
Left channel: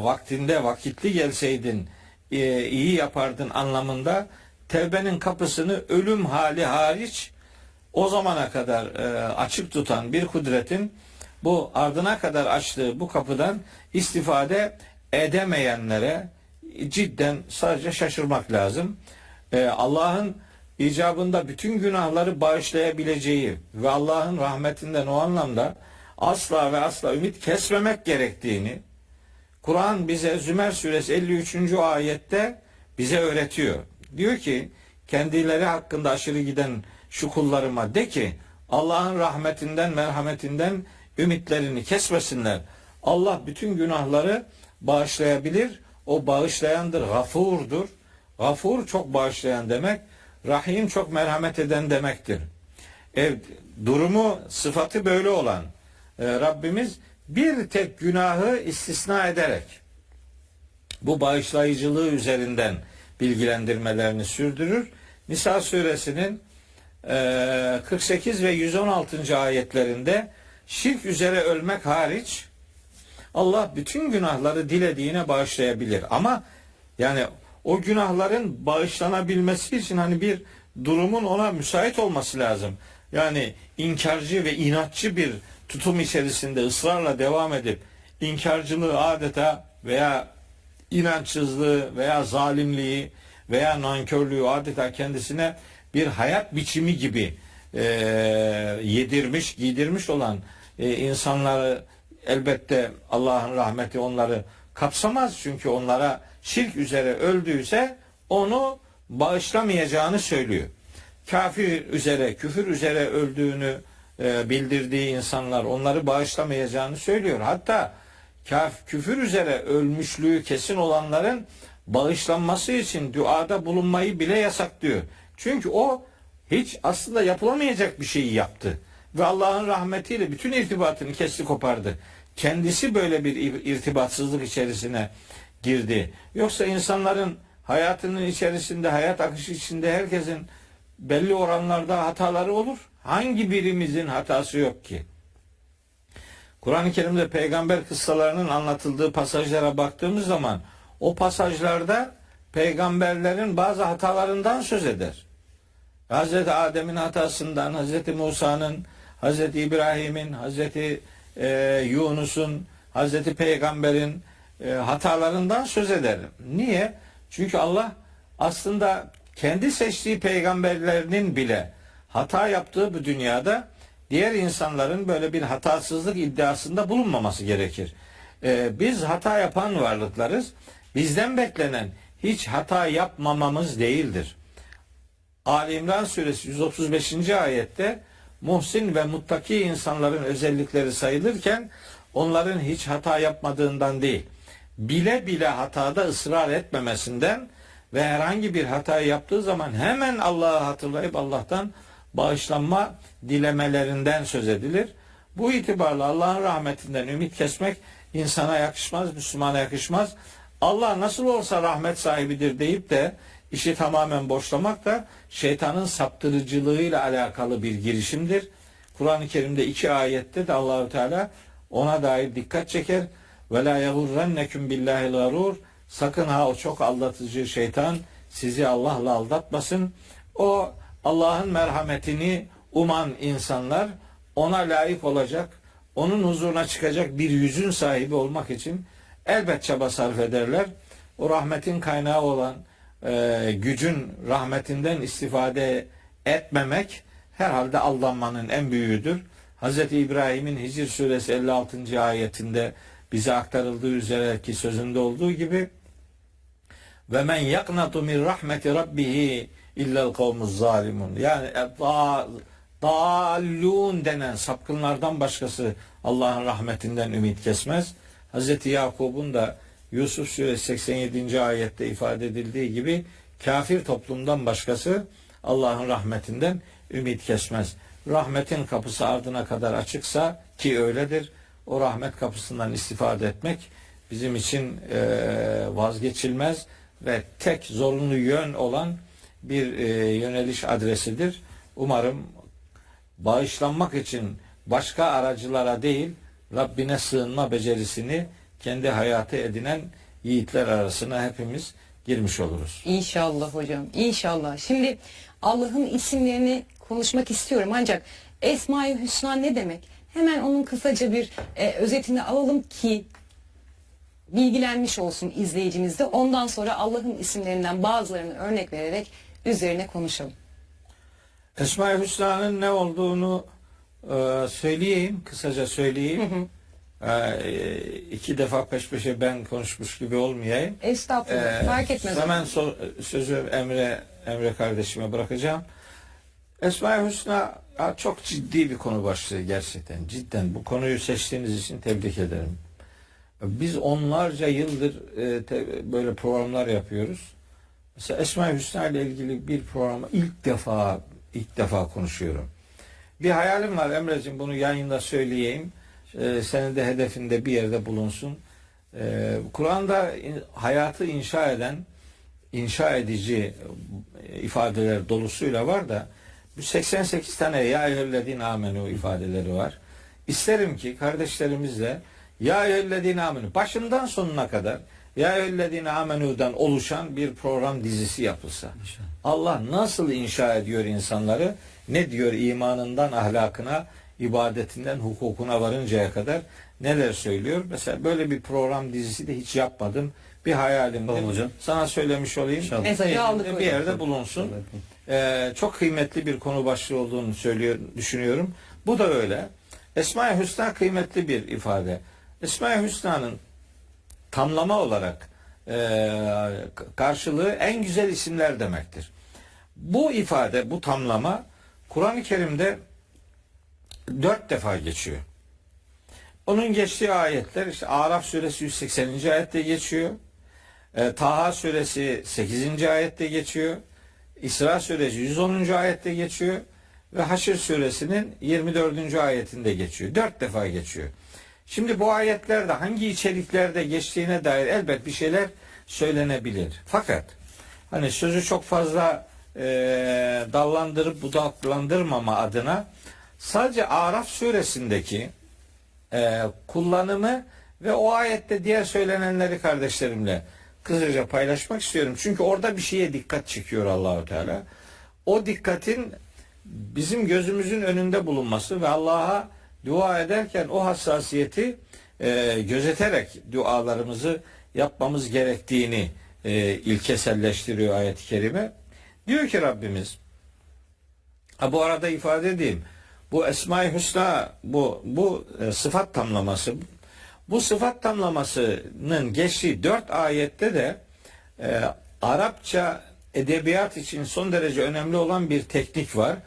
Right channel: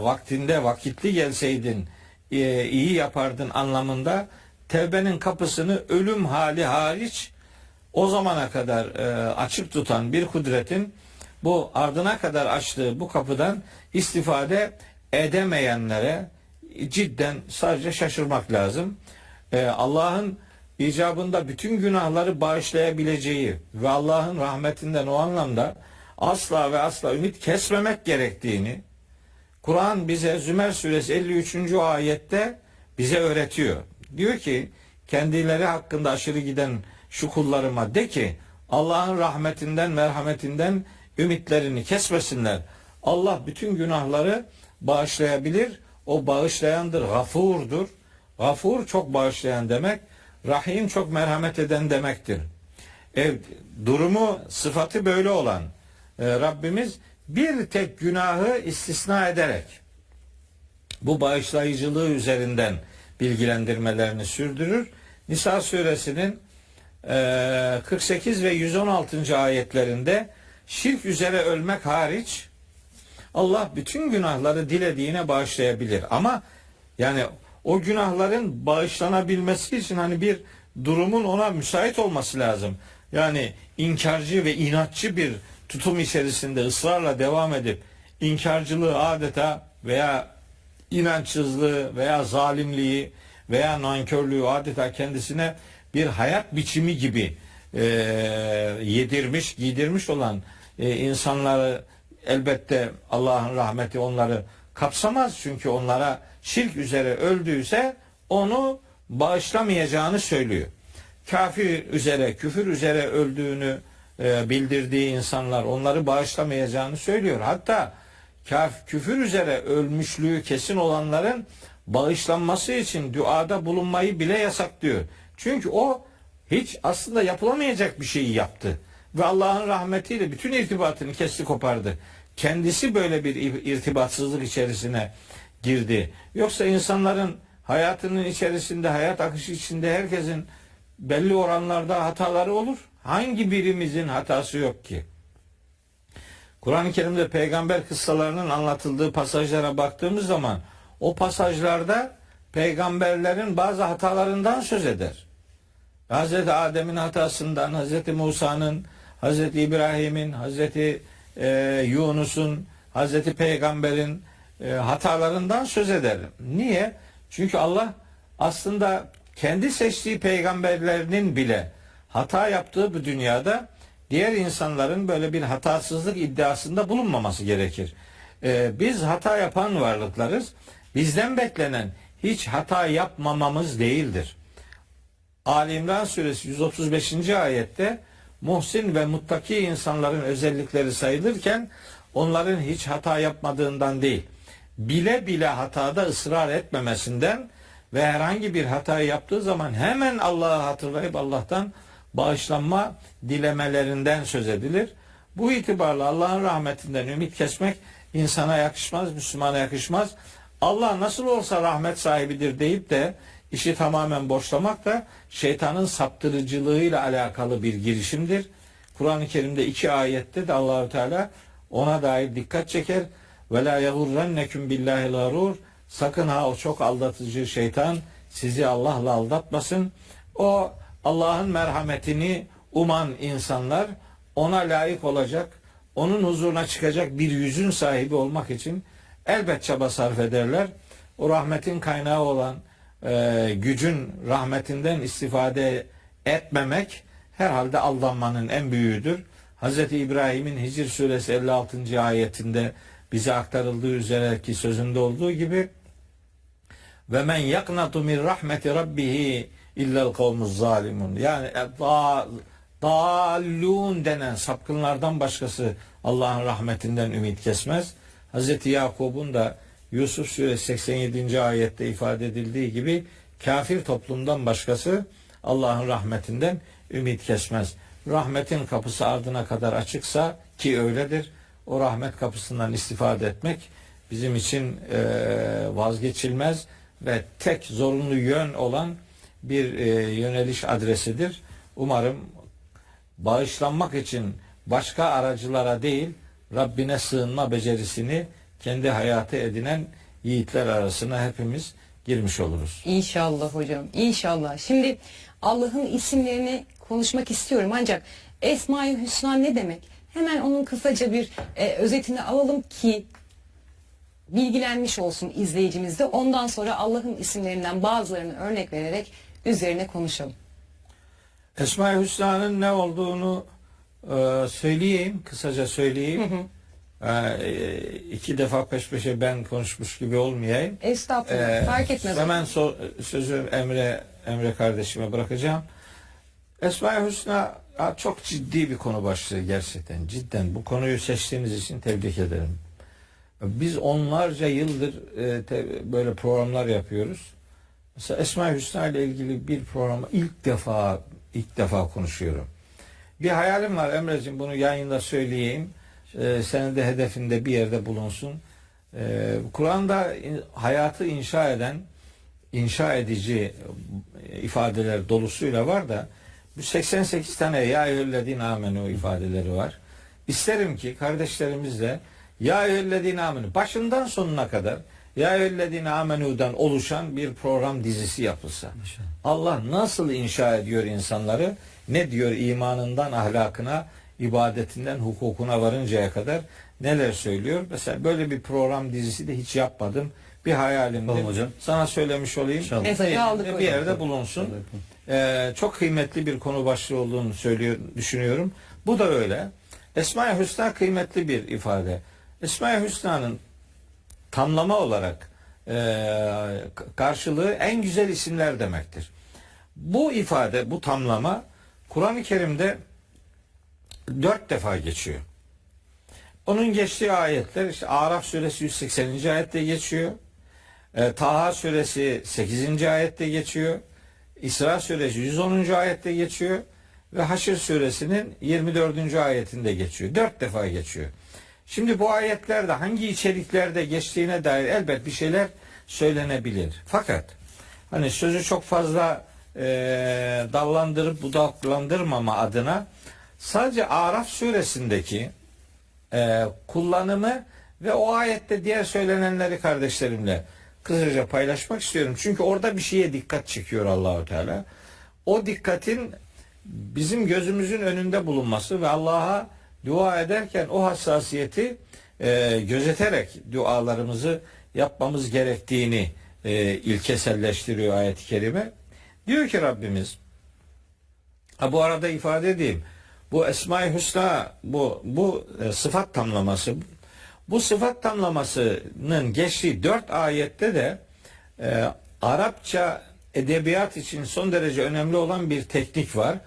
vaktinde vakitli gelseydin iyi yapardın anlamında tevbenin kapısını ölüm hali hariç o zamana kadar açık tutan bir kudretin bu ardına kadar açtığı bu kapıdan istifade edemeyenlere cidden sadece şaşırmak lazım. Allah'ın icabında bütün günahları bağışlayabileceği ve Allah'ın rahmetinden o anlamda asla ve asla ümit kesmemek gerektiğini Kur'an bize Zümer suresi 53. ayette bize öğretiyor. Diyor ki kendileri hakkında aşırı giden şu kullarıma de ki Allah'ın rahmetinden, merhametinden ümitlerini kesmesinler. Allah bütün günahları bağışlayabilir. O bağışlayandır, gafurdur. Gafur çok bağışlayan demek. Rahim çok merhamet eden demektir. Evet, durumu, sıfatı böyle olan Rabbimiz bir tek günahı istisna ederek bu bağışlayıcılığı üzerinden bilgilendirmelerini sürdürür. Nisa suresinin 48 ve 116. ayetlerinde şirk üzere ölmek hariç Allah bütün günahları dilediğine bağışlayabilir. Ama yani o günahların bağışlanabilmesi için hani bir durumun ona müsait olması lazım. Yani inkarcı ve inatçı bir tutum içerisinde ısrarla devam edip inkarcılığı adeta veya inançsızlığı veya zalimliği veya nankörlüğü adeta kendisine bir hayat biçimi gibi yedirmiş, giydirmiş olan insanları elbette Allah'ın rahmeti onları kapsamaz. Çünkü onlara şirk üzere öldüyse onu bağışlamayacağını söylüyor. Kafir üzere, küfür üzere öldüğünü bildirdiği insanlar onları bağışlamayacağını söylüyor. Hatta küfür üzere ölmüşlüğü kesin olanların bağışlanması için duada bulunmayı bile yasaklıyor. Çünkü o hiç aslında yapılamayacak bir şeyi yaptı. Ve Allah'ın rahmetiyle bütün irtibatını kesti kopardı. Kendisi böyle bir irtibatsızlık içerisine girdi. Yoksa insanların hayatının içerisinde, hayat akışı içinde herkesin belli oranlarda hataları olur. Hangi birimizin hatası yok ki? Kur'an-ı Kerim'de peygamber kıssalarının anlatıldığı pasajlara baktığımız zaman o pasajlarda peygamberlerin bazı hatalarından söz eder. Hazreti Adem'in hatasından, Hazreti Musa'nın, Hazreti İbrahim'in, Hazreti Yunus'un, Hazreti Peygamber'in hatalarından söz eder. Niye? Çünkü Allah aslında kendi seçtiği peygamberlerinin bile hata yaptığı bu dünyada diğer insanların böyle bir hatasızlık iddiasında bulunmaması gerekir. Biz hata yapan varlıklarız. Bizden beklenen hiç hata yapmamamız değildir. Ali İmran suresi 135. ayette muhsin ve muttaki insanların özellikleri sayılırken onların hiç hata yapmadığından değil, bile bile hatada ısrar etmemesinden ve herhangi bir hata yaptığı zaman hemen Allah'ı hatırlayıp Allah'tan bağışlanma dilemelerinden söz edilir. Bu itibarla Allah'ın rahmetinden ümit kesmek insana yakışmaz, Müslümana yakışmaz. Allah nasıl olsa rahmet sahibidir deyip de işi tamamen boşlamak da şeytanın saptırıcılığıyla alakalı bir girişimdir. Kur'an-ı Kerim'de 2 ayette de Allahu Teala ona dair dikkat çeker. Ve la yagurrennekum billahil garur. Sakın ha o çok aldatıcı şeytan sizi Allah'la aldatmasın. O Allah'ın merhametini uman insanlar ona layık olacak, onun huzuruna çıkacak bir yüzün sahibi olmak için elbet çaba sarf ederler. O rahmetin kaynağı olan gücün rahmetinden istifade etmemek herhalde aldanmanın en büyüğüdür. Hz. İbrahim'in Hicr suresi 56. ayetinde bize aktarıldığı üzere ki sözünde olduğu gibi ve men yaknatu min rahmeti rabbihi illel kavmuz zalimun. Yani dallun denen sapkınlardan başkası Allah'ın rahmetinden ümit kesmez. Hz. Yakub'un da Yusuf Suresi 87. ayette ifade edildiği gibi kafir toplumdan başkası Allah'ın rahmetinden ümit kesmez. Rahmetin kapısı ardına kadar açıksa, ki öyledir, o rahmet kapısından istifade etmek bizim için vazgeçilmez ve tek zorunlu yön olan bir yöneliş adresidir. Umarım bağışlanmak için başka aracılara değil, Rabbine sığınma becerisini kendi hayatı edinen yiğitler arasına hepimiz girmiş oluruz. İnşallah hocam, inşallah. Şimdi Allah'ın isimlerini konuşmak istiyorum ancak Esma-i Hüsna ne demek? Hemen onun kısaca bir özetini alalım ki bilgilenmiş olsun izleyicimiz de. Ondan sonra Allah'ın isimlerinden bazılarını örnek vererek üzerine konuşalım. Esma-i Hüsna'nın ne olduğunu söyleyeyim, kısaca söyleyeyim. İki defa peş peşe ben konuşmuş gibi olmayayım. Estağfurullah, fark etmez. Hemen sözü Emre kardeşime bırakacağım. Esma-i Hüsna çok ciddi bir konu başlığı gerçekten. Cidden bu konuyu seçtiğiniz için tebrik ederim. Biz onlarca yıldır böyle programlar yapıyoruz. Mesela Esma-i Hüsna ile ilgili bir programı ilk defa konuşuyorum. Bir hayalim var Emre'ciğim, bunu yayında söyleyeyim. Senin de hedefinde bir yerde bulunsun. Kur'an'da hayatı inşa edici ifadeler dolusuyla var da bu 88 tane ya eyyühellezine amenu ifadeleri var. İsterim ki kardeşlerimizle ya eyyühellezine amenu başından sonuna kadar ya eyyühellezine amenu'dan oluşan bir program dizisi yapılsa. Allah nasıl inşa ediyor insanları? Ne diyor imanından ahlakına, ibadetinden hukukuna varıncaya kadar neler söylüyor? Mesela böyle bir program dizisi de hiç yapmadım. Bir hayalimdir. Tamam hocam. Sana söylemiş olayım. Mesajı aldık Bir hocam. yerde bulunsun. Çok kıymetli bir konu başlığı olduğunu düşünüyorum. Bu da öyle. Esma-i Hüsna kıymetli bir ifade. Esma-i Hüsna'nın tamlama olarak karşılığı en güzel isimler demektir. Bu ifade, bu tamlama Kur'an-ı Kerim'de 4 defa geçiyor. Onun geçtiği ayetler işte Araf suresi 180. ayette geçiyor. Taha suresi 8. ayette geçiyor. İsra suresi 110. ayette geçiyor. Ve Haşr suresinin 24. ayetinde geçiyor. 4 defa geçiyor. Şimdi bu ayetlerde hangi içeriklerde geçtiğine dair elbet bir şeyler söylenebilir. Fakat hani sözü çok fazla dallandırıp budaklandırmama adına sadece Araf suresindeki kullanımı ve o ayette diğer söylenenleri kardeşlerimle kısaca paylaşmak istiyorum. Çünkü orada bir şeye dikkat çekiyor Allahu Teala. O dikkatin bizim gözümüzün önünde bulunması ve Allah'a dua ederken o hassasiyeti gözeterek dualarımızı yapmamız gerektiğini ilkeselleştiriyor ayet-i kerime. Diyor Rabbimiz, bu arada ifade edeyim, bu Esma-i Hüsna, bu sıfat tamlaması, bu sıfat tamlamasının geçtiği 4 ayette de Arapça edebiyat için son derece önemli olan bir teknik var.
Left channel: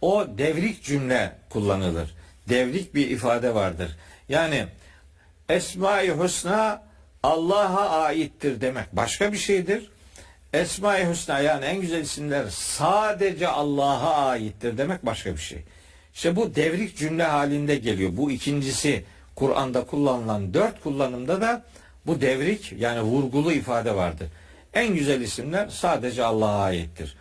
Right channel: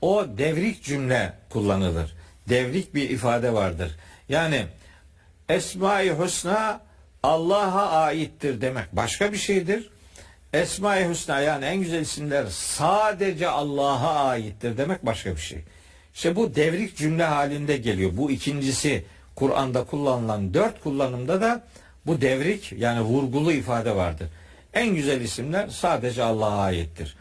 O devrik cümle kullanılır. Devrik bir ifade vardır. Yani Esma-i Hüsna Allah'a aittir demek başka bir şeydir. Esma-i Hüsna yani en güzel isimler sadece Allah'a aittir demek başka bir şey. İşte bu devrik cümle halinde geliyor. Bu ikincisi Kur'an'da kullanılan 4 kullanımda da bu devrik yani vurgulu ifade vardır. En güzel isimler sadece Allah'a aittir.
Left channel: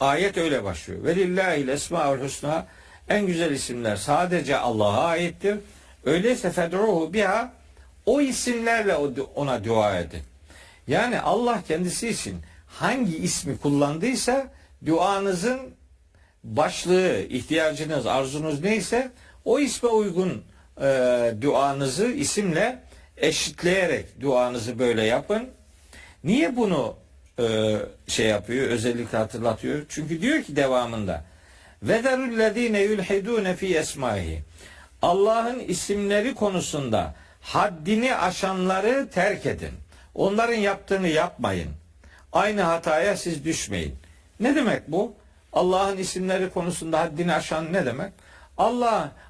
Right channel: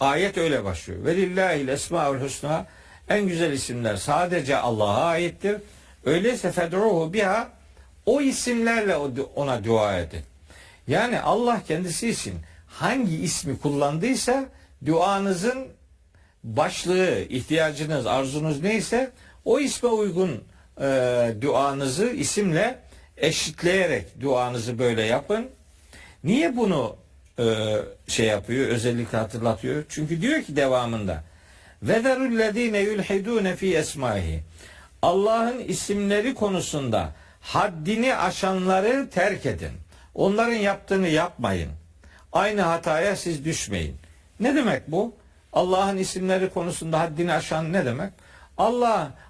Ayet öyle başlıyor. Velillahil esmaül husna, en güzel isimler sadece Allah'a aittir. Öyleyse fed'uhu biha, o isimlerle ona dua edin. Yani Allah kendisi için hangi ismi kullandıysa duanızın başlığı, ihtiyacınız, arzunuz neyse o isme uygun duanızı isimle eşitleyerek duanızı böyle yapın. Niye bunu yapıyor, özellikle hatırlatıyor? Çünkü diyor ki devamında وَذَرُ yulhidune fi esmaihi, Allah'ın isimleri konusunda haddini aşanları terk edin. Onların yaptığını yapmayın. Aynı hataya siz düşmeyin. Ne demek bu? Allah'ın isimleri konusunda haddini aşan ne demek?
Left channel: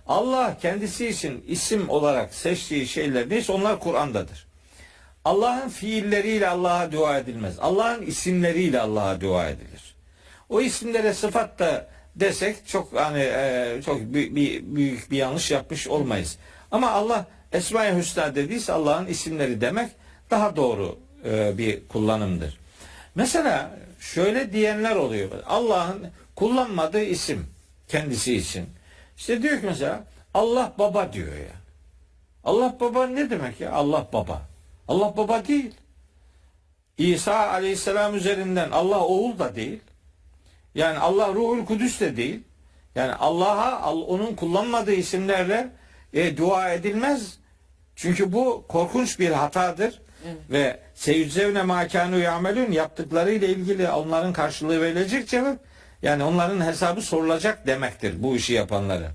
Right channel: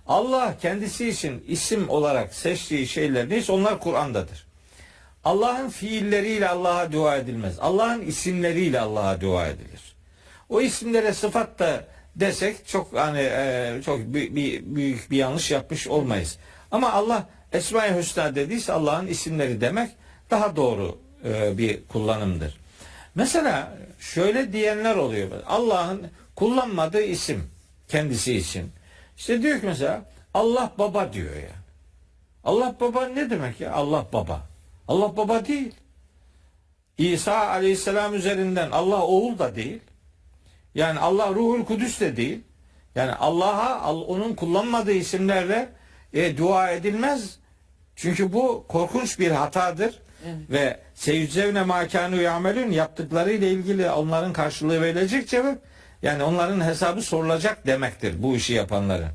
Allah kendisi için isim olarak seçtiği şeyler neyse onlar Kur'an'dadır. Allah'ın fiilleriyle Allah'a dua edilmez. Allah'ın isimleriyle Allah'a dua edilir. O isimlere sıfat da desek çok çok büyük bir yanlış yapmış olmayız. Ama Allah Esma-i Hüsna dediyse Allah'ın isimleri demek daha doğru bir kullanımdır. Mesela şöyle diyenler oluyor. Allah'ın kullanmadığı isim kendisi için. İşte diyor ki mesela Allah baba diyor ya. Allah baba ne demek ya? Allah baba. Allah baba değil. İsa aleyhisselam üzerinden Allah oğul da değil. Yani Allah Ruhul Kudüs de değil. Yani Allah'a onun kullanmadığı isimlerle dua edilmez. Çünkü bu korkunç bir hatadır. Evet. Ve seyüccevne mâkânû ya'melûn yaptıklarıyla ilgili onların karşılığı verilecek cevap. Yani onların hesabı sorulacak demektir bu işi yapanları.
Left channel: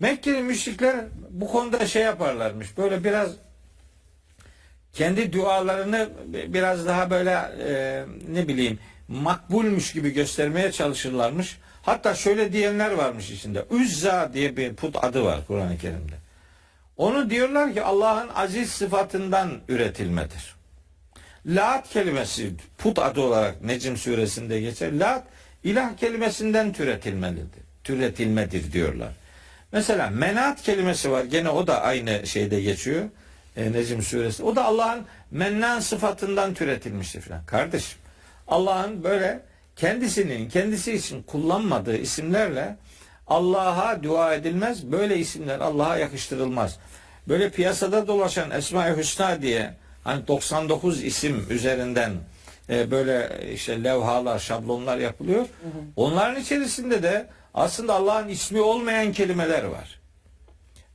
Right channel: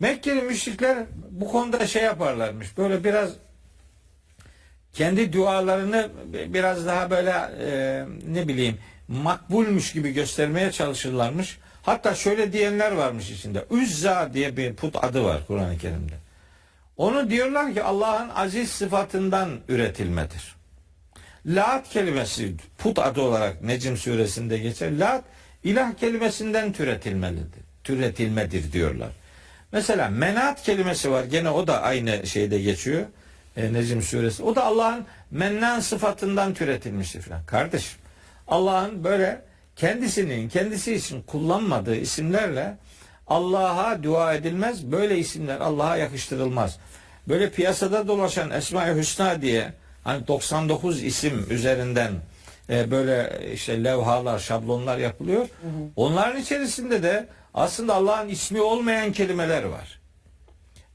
Mekkeli müşrikler bu konuda şey yaparlarmış. Böyle biraz kendi dualarını biraz daha böyle ne bileyim makbulmuş gibi göstermeye çalışırlarmış. Hatta şöyle diyenler varmış içinde. Uzza diye bir put adı var Kur'an-ı Kerim'de. Onu diyorlar ki Allah'ın aziz sıfatından üretilmedir. Lat kelimesi put adı olarak Necm suresinde geçer. Lat ilah kelimesinden türetilmedir diyorlar. Mesela menat kelimesi var. Gene o da aynı şeyde geçiyor. Necm suresi. O da Allah'ın mennan sıfatından türetilmiştir falan. Kardeşim Allah'ın böyle kendisi için kullanmadığı isimlerle Allah'a dua edilmez. Böyle isimler Allah'a yakıştırılmaz. Böyle piyasada dolaşan Esma-i Hüsna diye hani 99 isim üzerinden böyle işte levhalar, şablonlar yapılıyor. Onların içerisinde de aslında Allah'ın ismi olmayan kelimeler var.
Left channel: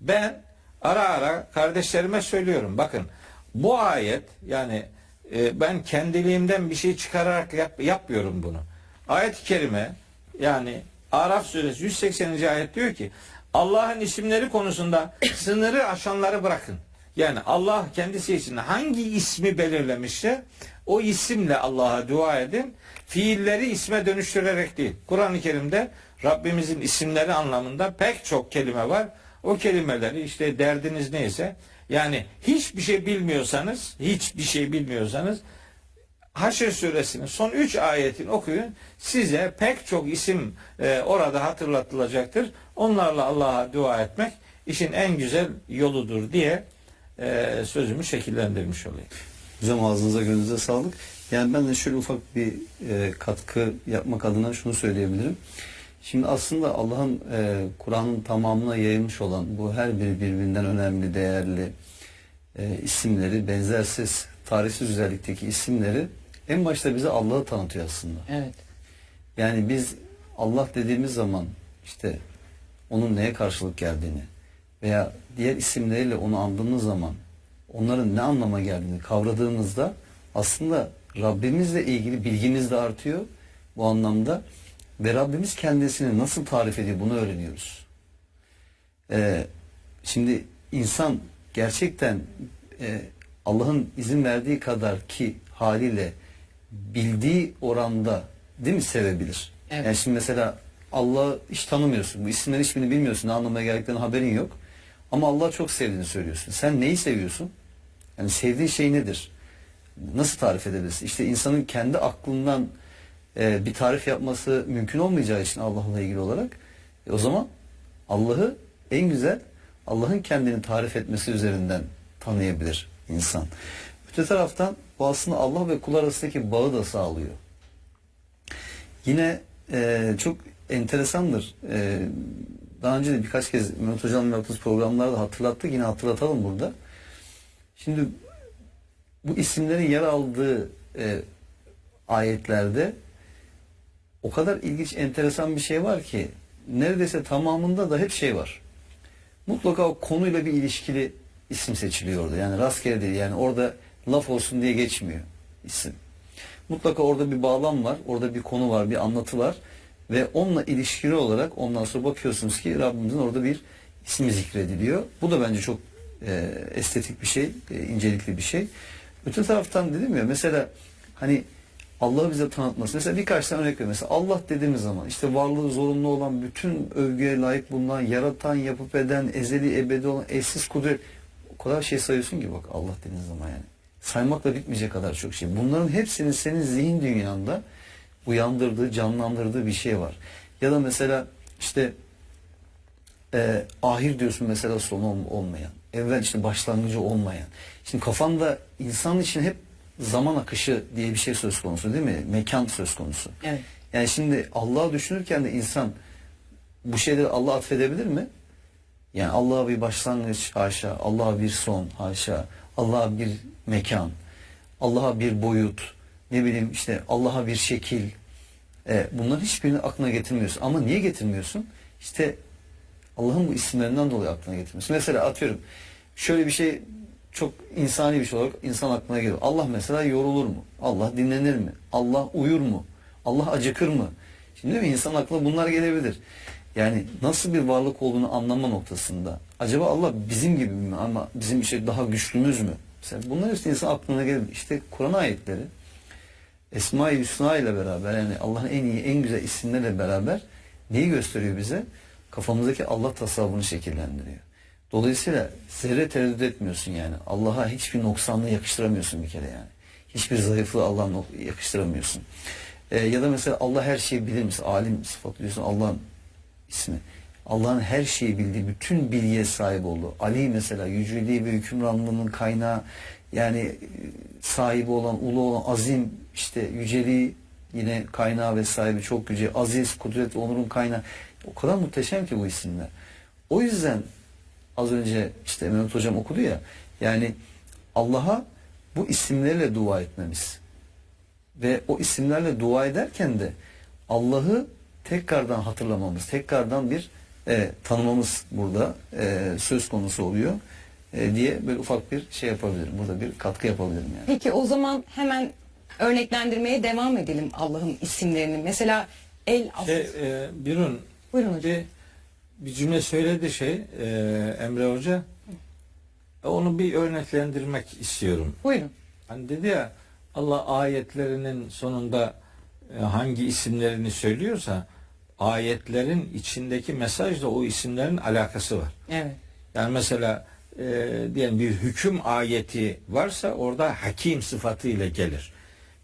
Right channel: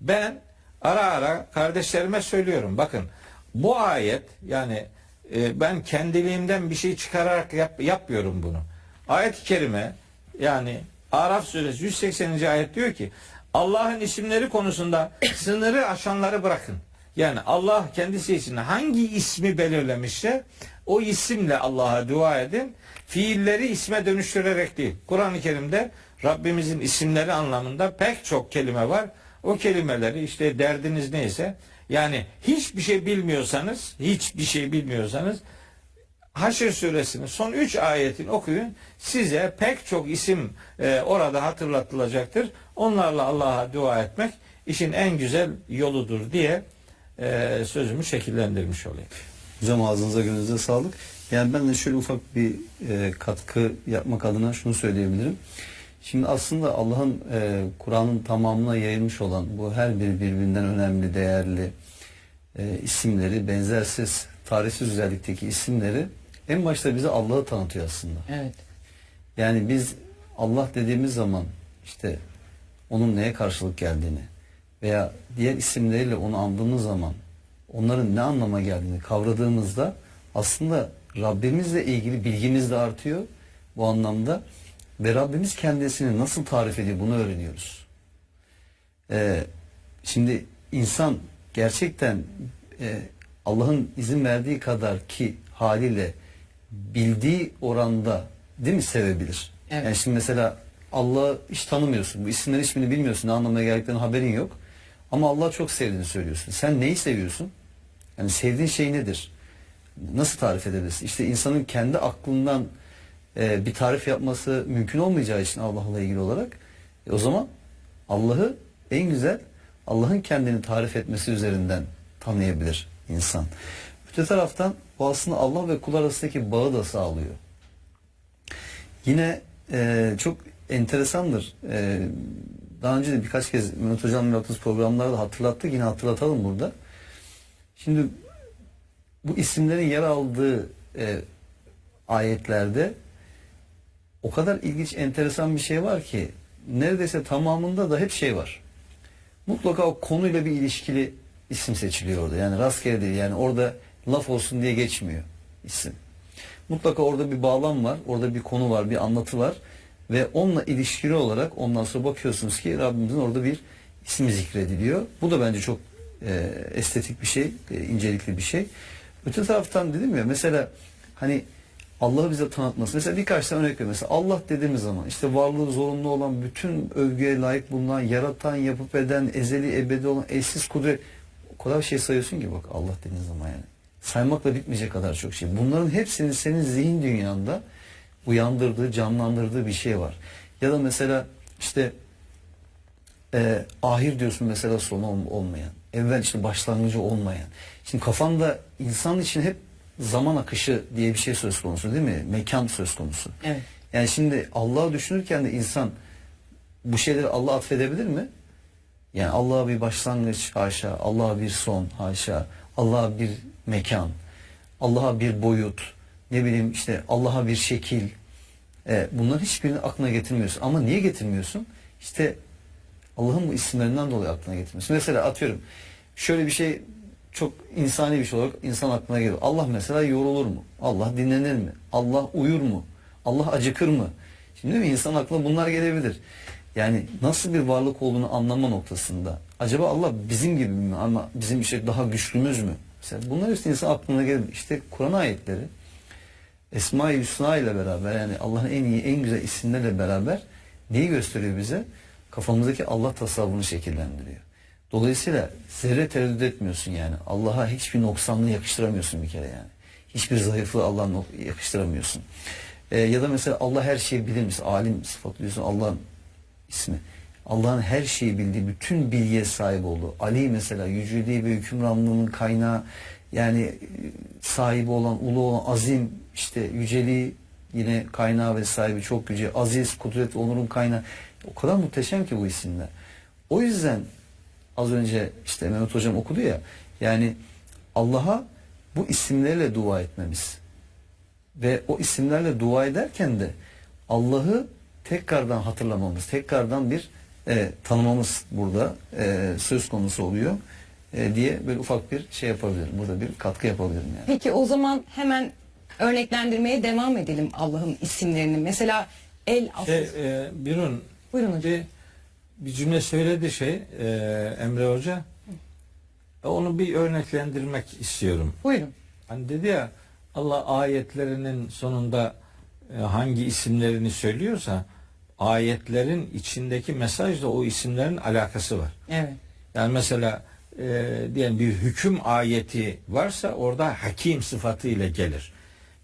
Ben ara ara kardeşlerime söylüyorum. Bakın bu ayet yani ben kendiliğimden bir şey çıkararak yapmıyorum bunu. Ayet-i kerime yani Araf suresi 180. ayet diyor ki Allah'ın isimleri konusunda sınırı aşanları bırakın. Yani Allah kendisi için hangi ismi belirlemişse o isimle Allah'a dua edin. Fiilleri isme dönüştürerek değil. Kur'an-ı Kerim'de Rabbimizin isimleri anlamında pek çok kelime var. O kelimeleri işte derdiniz neyse yani hiçbir şey bilmiyorsanız Haşr suresinin son 3 ayetini okuyun. Size pek çok isim orada hatırlatılacaktır. Onlarla Allah'a dua etmek işin en güzel yoludur diye sözümü şekillendirmiş olayım. Hocam ağzınıza gönlünüze sağlık. Yani ben de şöyle ufak bir katkı yapmak adına şunu söyleyebilirim. Şimdi aslında Allah'ın Kur'an'ın tamamına yayılmış olan bu her biri birbirinden önemli, değerli isimleri, benzersiz, tarihsiz özellikteki isimleri en başta bize Allah'ı tanıtıyor aslında. Evet. Yani biz Allah dediğimiz zaman işte onun neye karşılık geldiğini veya diğer isimleriyle onu andığımız zaman onların ne anlama geldiğini kavradığımızda aslında Rabbimizle ilgili bilgimiz de artıyor bu anlamda ve Rabbimiz kendisini nasıl tarif ediyor bunu öğreniyoruz. Şimdi insan gerçekten Allah'ın izin verdiği kadar ki haliyle bildiği oranda değil mi sevebilir? Evet. Yani şimdi mesela Allah'ı hiç tanımıyorsun. Bu isimlerin hiçbirini bilmiyorsun. Ne anlamaya geldiklerini haberin yok. Ama Allah'ı çok sevdiğini söylüyorsun. Sen neyi seviyorsun? Yani sevdiğin şey nedir? Nasıl tarif edebilirsin? İşte insanın kendi aklından bir tarif yapması mümkün olmayacağı için Allah'la ilgili olarak o zaman Allah'ı en güzel Allah'ın kendini tarif etmesi üzerinden tanıyabilir insan. Öte taraftan bu aslında Allah ve kul arasındaki bağı da sağlıyor. Yine çok enteresandır. Daha önce de birkaç kez Mehmet Hocam'la yaptığımız programlarda hatırlattık. Yine hatırlatalım burada. Şimdi bu isimlerin yer aldığı ayetlerde o kadar ilginç, enteresan bir şey var ki neredeyse tamamında da hep şey var. Mutlaka o konuyla bir ilişkili isim seçiliyor orada. Yani rastgele değil. Yani orada laf olsun diye geçmiyor isim. Mutlaka orada bir bağlam var. Orada bir konu var, bir anlatı var. Ve onunla ilişkili olarak ondan sonra bakıyorsunuz ki Rabbimizin orada bir ismi zikrediliyor. Bu da bence çok estetik bir şey, incelikli bir şey. Öte taraftan dedim ya mesela hani Allah'ı bize tanıtması. Mesela birkaç tane örnek ver. Mesela Allah dediğimiz zaman işte varlığı zorunlu olan, bütün övgüye layık bulunan, yaratan, yapıp eden, ezeli, ebedi olan, eşsiz kudret. O kadar şey sayıyorsun ki bak Allah dediğin zaman yani. saymakla bitmeyecek kadar çok şey. Bunların hepsinin senin zihin dünyanda uyandırdığı, canlandırdığı bir şey var. Ya da mesela işte ahir diyorsun mesela, sonu olmayan. Evvel işte başlangıcı olmayan. Şimdi kafanda insan için hep zaman akışı diye bir şey söz konusu değil mi? Mekan söz konusu. Evet. Yani şimdi Allah'ı düşünürken de insan bu şeyleri Allah'a atfedebilir mi? Yani Allah'a bir başlangıç haşa, Allah'a bir son haşa, Allah'a bir mekan, Allah'a bir boyut, ne bileyim işte Allah'a bir şekil. Bunların hiçbirini aklına getirmiyorsun. Ama niye getirmiyorsun? İşte Allah'ın bu isimlerinden dolayı aklına getirmiyorsun. Mesela atıyorum şöyle bir şey, çok insani bir şey olarak insan aklına geliyor. Allah mesela yorulur mu? Allah dinlenir mi? Allah uyur mu? Allah acıkır mı? Şimdi değil mi? İnsan aklına bunlar gelebilir. Yani nasıl bir varlık olduğunu anlama noktasında. Acaba Allah bizim gibi mi? Ama bizim işte daha güçlümüz mü? Mesela bunlar işte insan aklına gelir. İşte Kur'an ayetleri Esma-i Hüsna ile beraber, yani Allah'ın en iyi, en güzel isimlerle beraber neyi gösteriyor bize? Kafamızdaki Allah tasavvurunu şekillendiriyor. Dolayısıyla zerre tereddüt etmiyorsun yani. Allah'a hiçbir noksanlığı yakıştıramıyorsun bir kere yani. Hiçbir zayıflığı Allah'a yakıştıramıyorsun. Ya da mesela Allah her şeyi bilir misin? Alim sıfatı diyorsun, Allah'ın ismi. Allah'ın her şeyi bildiği, bütün bilgiye sahip olduğu. Ali mesela yüceliği ve hükümranlığının kaynağı, yani sahibi olan, ulu olan, azim, işte yüceliği yine kaynağı ve sahibi, çok yüce, aziz, kudret, onurun kaynağı. O kadar muhteşem ki bu isimler. O yüzden az önce işte Mehmet Hocam okudu ya, yani Allah'a bu isimlerle dua etmemiz ve o isimlerle dua ederken de Allah'ı tekrardan hatırlamamız, tekrardan bir tanımamız burada söz konusu oluyor diye böyle ufak bir şey yapabilirim. Burada bir katkı yapabilirim yani. Peki o zaman hemen örneklendirmeye devam edelim Allah'ın isimlerini. Mesela El Aziz. Birun, Buyurun hocam. bir cümle söyledi Emre Hoca. Onu bir örneklendirmek istiyorum. Buyurun. Hani dedi ya, Allah ayetlerinin sonunda hangi isimlerini söylüyorsa ayetlerin içindeki mesajla o isimlerin alakası var. Evet. Yani mesela diyelim bir hüküm ayeti varsa orada hakim sıfatı ile gelir.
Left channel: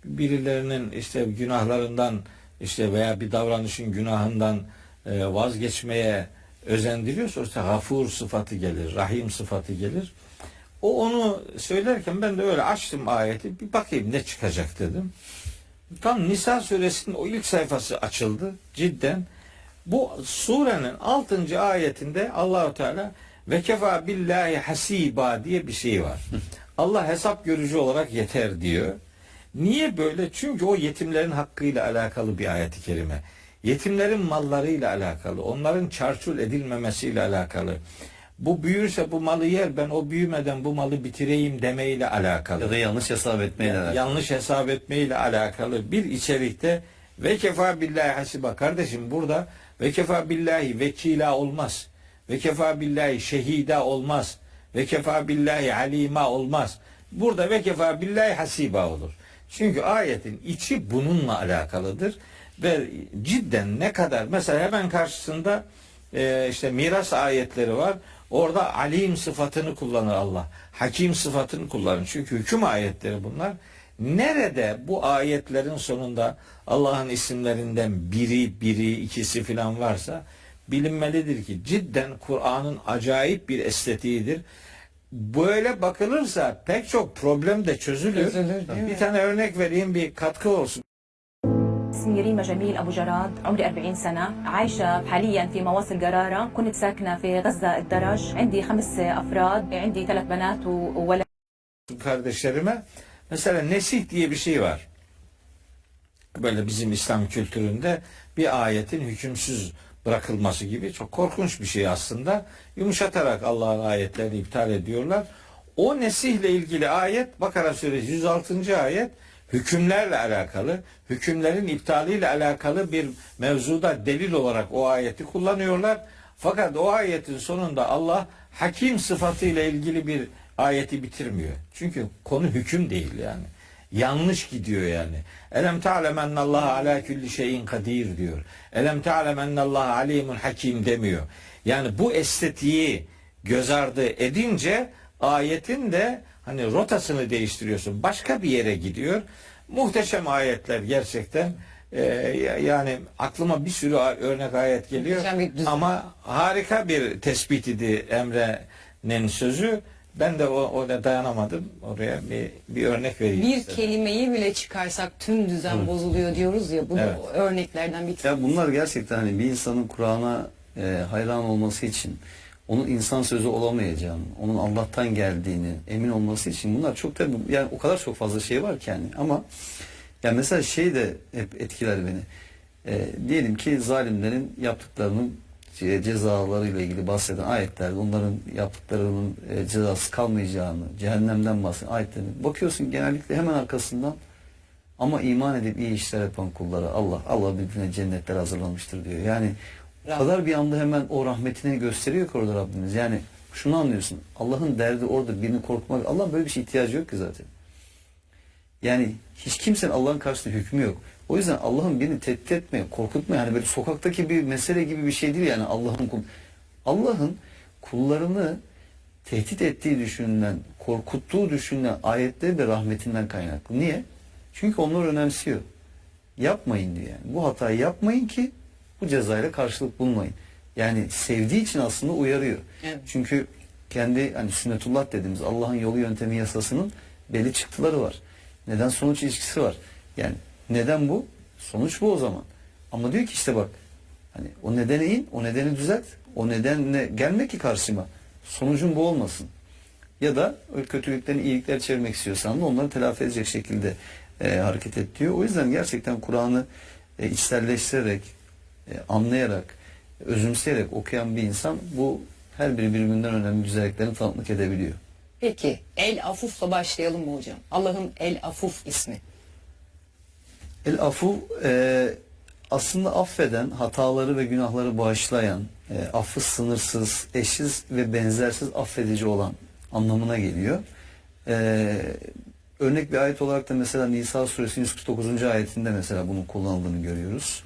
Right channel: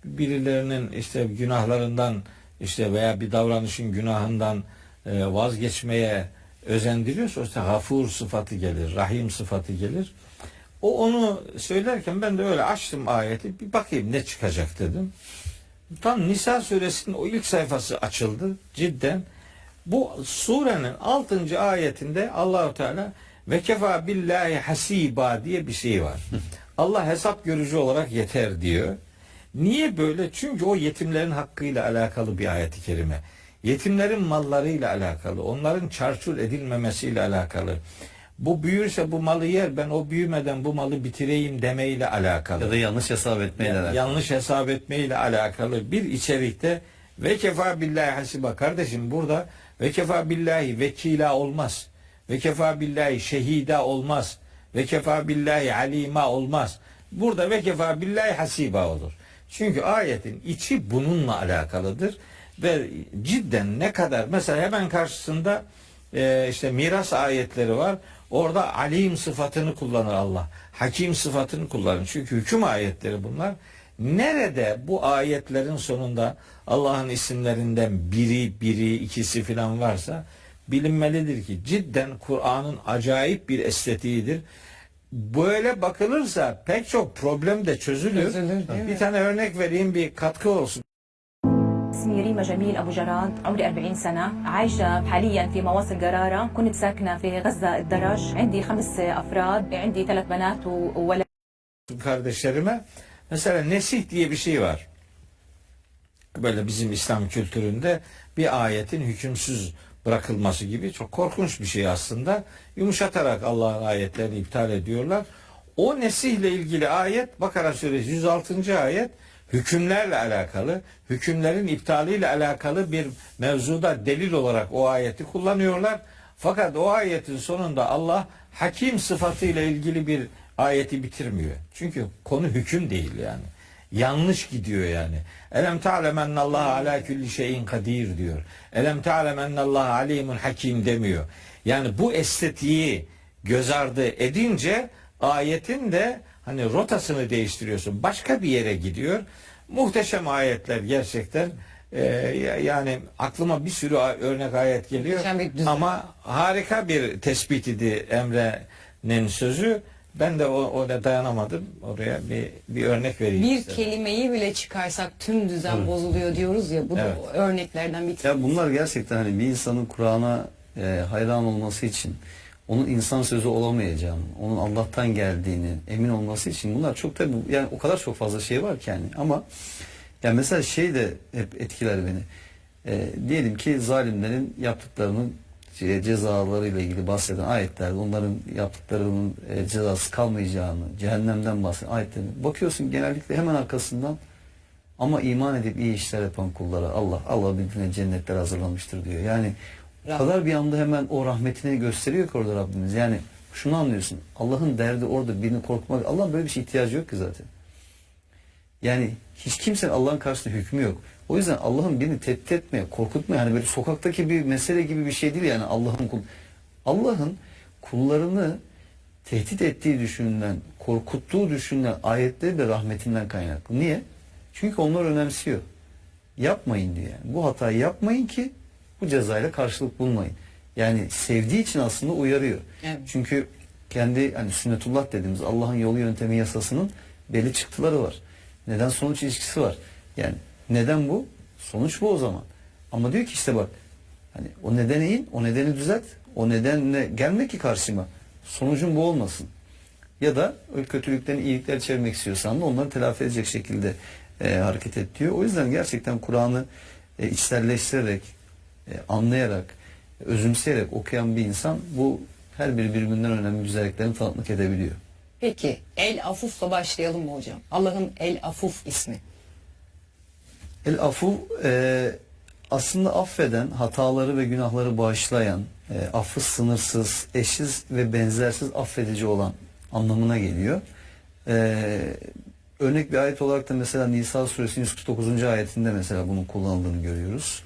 Birilerinin işte günahlarından işte veya bir davranışın günahından vazgeçmeye özendiriyorsa işte gafur sıfatı gelir, rahim sıfatı gelir. Onu söylerken ben de öyle açtım ayeti, bir bakayım ne çıkacak dedim. Tam Nisa suresinin o ilk sayfası açıldı cidden. Bu surenin 6. ayetinde Allahu Teala ve kefa billahi hasiba diye bir şey var. Allah hesap görücü olarak yeter diyor. Niye böyle? Çünkü o yetimlerin hakkıyla alakalı bir ayet-i kerime. Yetimlerin mallarıyla alakalı, onların çarçur edilmemesiyle alakalı. Bu büyürse bu malı yer, ben o büyümeden bu malı bitireyim demeyle alakalı. Ya da yanlış hesap etmeyle alakalı. Yanlış hesap etmeyle alakalı bir içerikte ve kefa billahi hasiba. Kardeşim burada ve kefa billahi vekila olmaz. Ve kefa billahi şehida olmaz. Ve kefa billahi alima olmaz. Burada ve kefa billahi hasiba olur. Çünkü ayetin içi bununla alakalıdır. Ve cidden ne kadar, mesela hemen karşısında işte miras ayetleri var. Orada alim sıfatını kullanır Allah. Hakim sıfatını kullanır. Çünkü hüküm ayetleri bunlar. Nerede bu ayetlerin sonunda Allah'ın isimlerinden biri, ikisi filan varsa bilinmelidir ki cidden Kur'an'ın acayip bir estetiğidir. Böyle bakılırsa pek çok problem de çözülür. Bir tane örnek vereyim, bir katkı olsun. اسمي ريما جميل أبو جراد، عمري 40 سنة، عايشة حاليا في مواصل قرارة، كنت ساكنة في غزة الدرج، عندي 5 أفراد، عندي 3 بنات وولد. Kardeşlerime mesela nesih diye bir şey var. Böyle bizim İslam kültüründe bir ayetin hükümsüz bırakılması gibi çok korkunç bir şey aslında. Yumuşatarak Allah'ın ayetlerini iptal ediyorlar. O nesihle ilgili ayet Bakara suresi 106. ayet hükümlerle alakalı, hükümlerin iptaliyle alakalı bir mevzuda delil olarak o ayeti kullanıyorlar. Fakat o ayetin sonunda Allah hakim sıfatıyla ilgili bir ayeti bitirmiyor. Çünkü konu hüküm değil yani. Yanlış gidiyor yani. Elem ta'lem ennallaha ala kulli şeyin kadir diyor. Elem ta'lem ennallaha alimun hakim demiyor. Yani bu estetiği göz ardı edince ayetin de hani rotasını değiştiriyorsun. Başka bir yere gidiyor. Muhteşem ayetler gerçekten. Yani aklıma bir sürü örnek ayet geliyor. Muhteşem bir düzen. Ama harika bir tespit idi Emre'nin sözü. Ben de ona dayanamadım. Oraya bir örnek vereyim. Bir istedim. kelimeyi bile çıkarsak tüm düzen bozuluyor diyoruz ya. Bu da Evet. o örneklerden bir tanesi. Ya bunlar gerçekten hani bir insanın Kur'an'a hayran olması için, onun insan sözü olamayacağını, onun Allah'tan geldiğini emin olması için bunlar çok tabii yani o kadar çok fazla şey var ki yani. Ama ya mesela şey de hep etkiler beni. Diyelim ki zalimlerin yaptıklarının cezalarıyla ilgili bahseden ayetlerde onların yaptıklarının cezası kalmayacağını, cehennemden bahseden ayetlerin bakıyorsun genellikle hemen arkasından ama iman edip iyi işler yapan kullara Allah birbirine cennetler hazırlamıştır diyor. Yani o kadar bir anda hemen o rahmetini gösteriyor ki orada Rabbimiz. Yani şunu anlıyorsun. Allah'ın derdi orada birini korkmak. Allah böyle bir şey ihtiyacı yok ki zaten. Yani hiç kimsenin Allah'ın karşısında hükmü yok. O yüzden Allah'ın birini tehdit etmeye, korkutmaya hani böyle sokaktaki bir mesele gibi bir şey değil yani Allah'ın kullarını tehdit ettiği düşünülen, korkuttuğu düşünülen ayetleri de rahmetinden kaynaklı. Niye? Çünkü onlar önemsiyor. Yapmayın diyor yani. Bu hatayı yapmayın ki bu cezayla karşılık bulmayın. Yani sevdiği için aslında uyarıyor. Evet. Çünkü kendi hani sünnetullah dediğimiz Allah'ın yolu yöntemi yasasının belli çıktıları var. Neden sonuç ilişkisi var. Yani neden bu? Sonuç bu o zaman. Ama diyor ki işte bak hani o nedene in, o nedeni düzelt. O nedenle gelme ki karşıma. Sonucun bu olmasın. Ya da o kötülüklerini iyilikler çevirmek istiyorsan da onları telafi edecek şekilde hareket et diyor. O yüzden gerçekten Kur'an'ı içselleştirerek, anlayarak, özümseyerek okuyan bir insan bu her biri birbirinden önemli güzelliklerini tanıklık edebiliyor. Peki El Afuf'la başlayalım mı hocam? Allah'ın El Afuf ismi. El Afu aslında affeden, hataları ve günahları bağışlayan, affı sınırsız, eşsiz ve benzersiz affedici olan anlamına geliyor. Örnek bir ayet olarak da mesela Nisa suresinin 149. ayetinde mesela bunun kullanıldığını görüyoruz.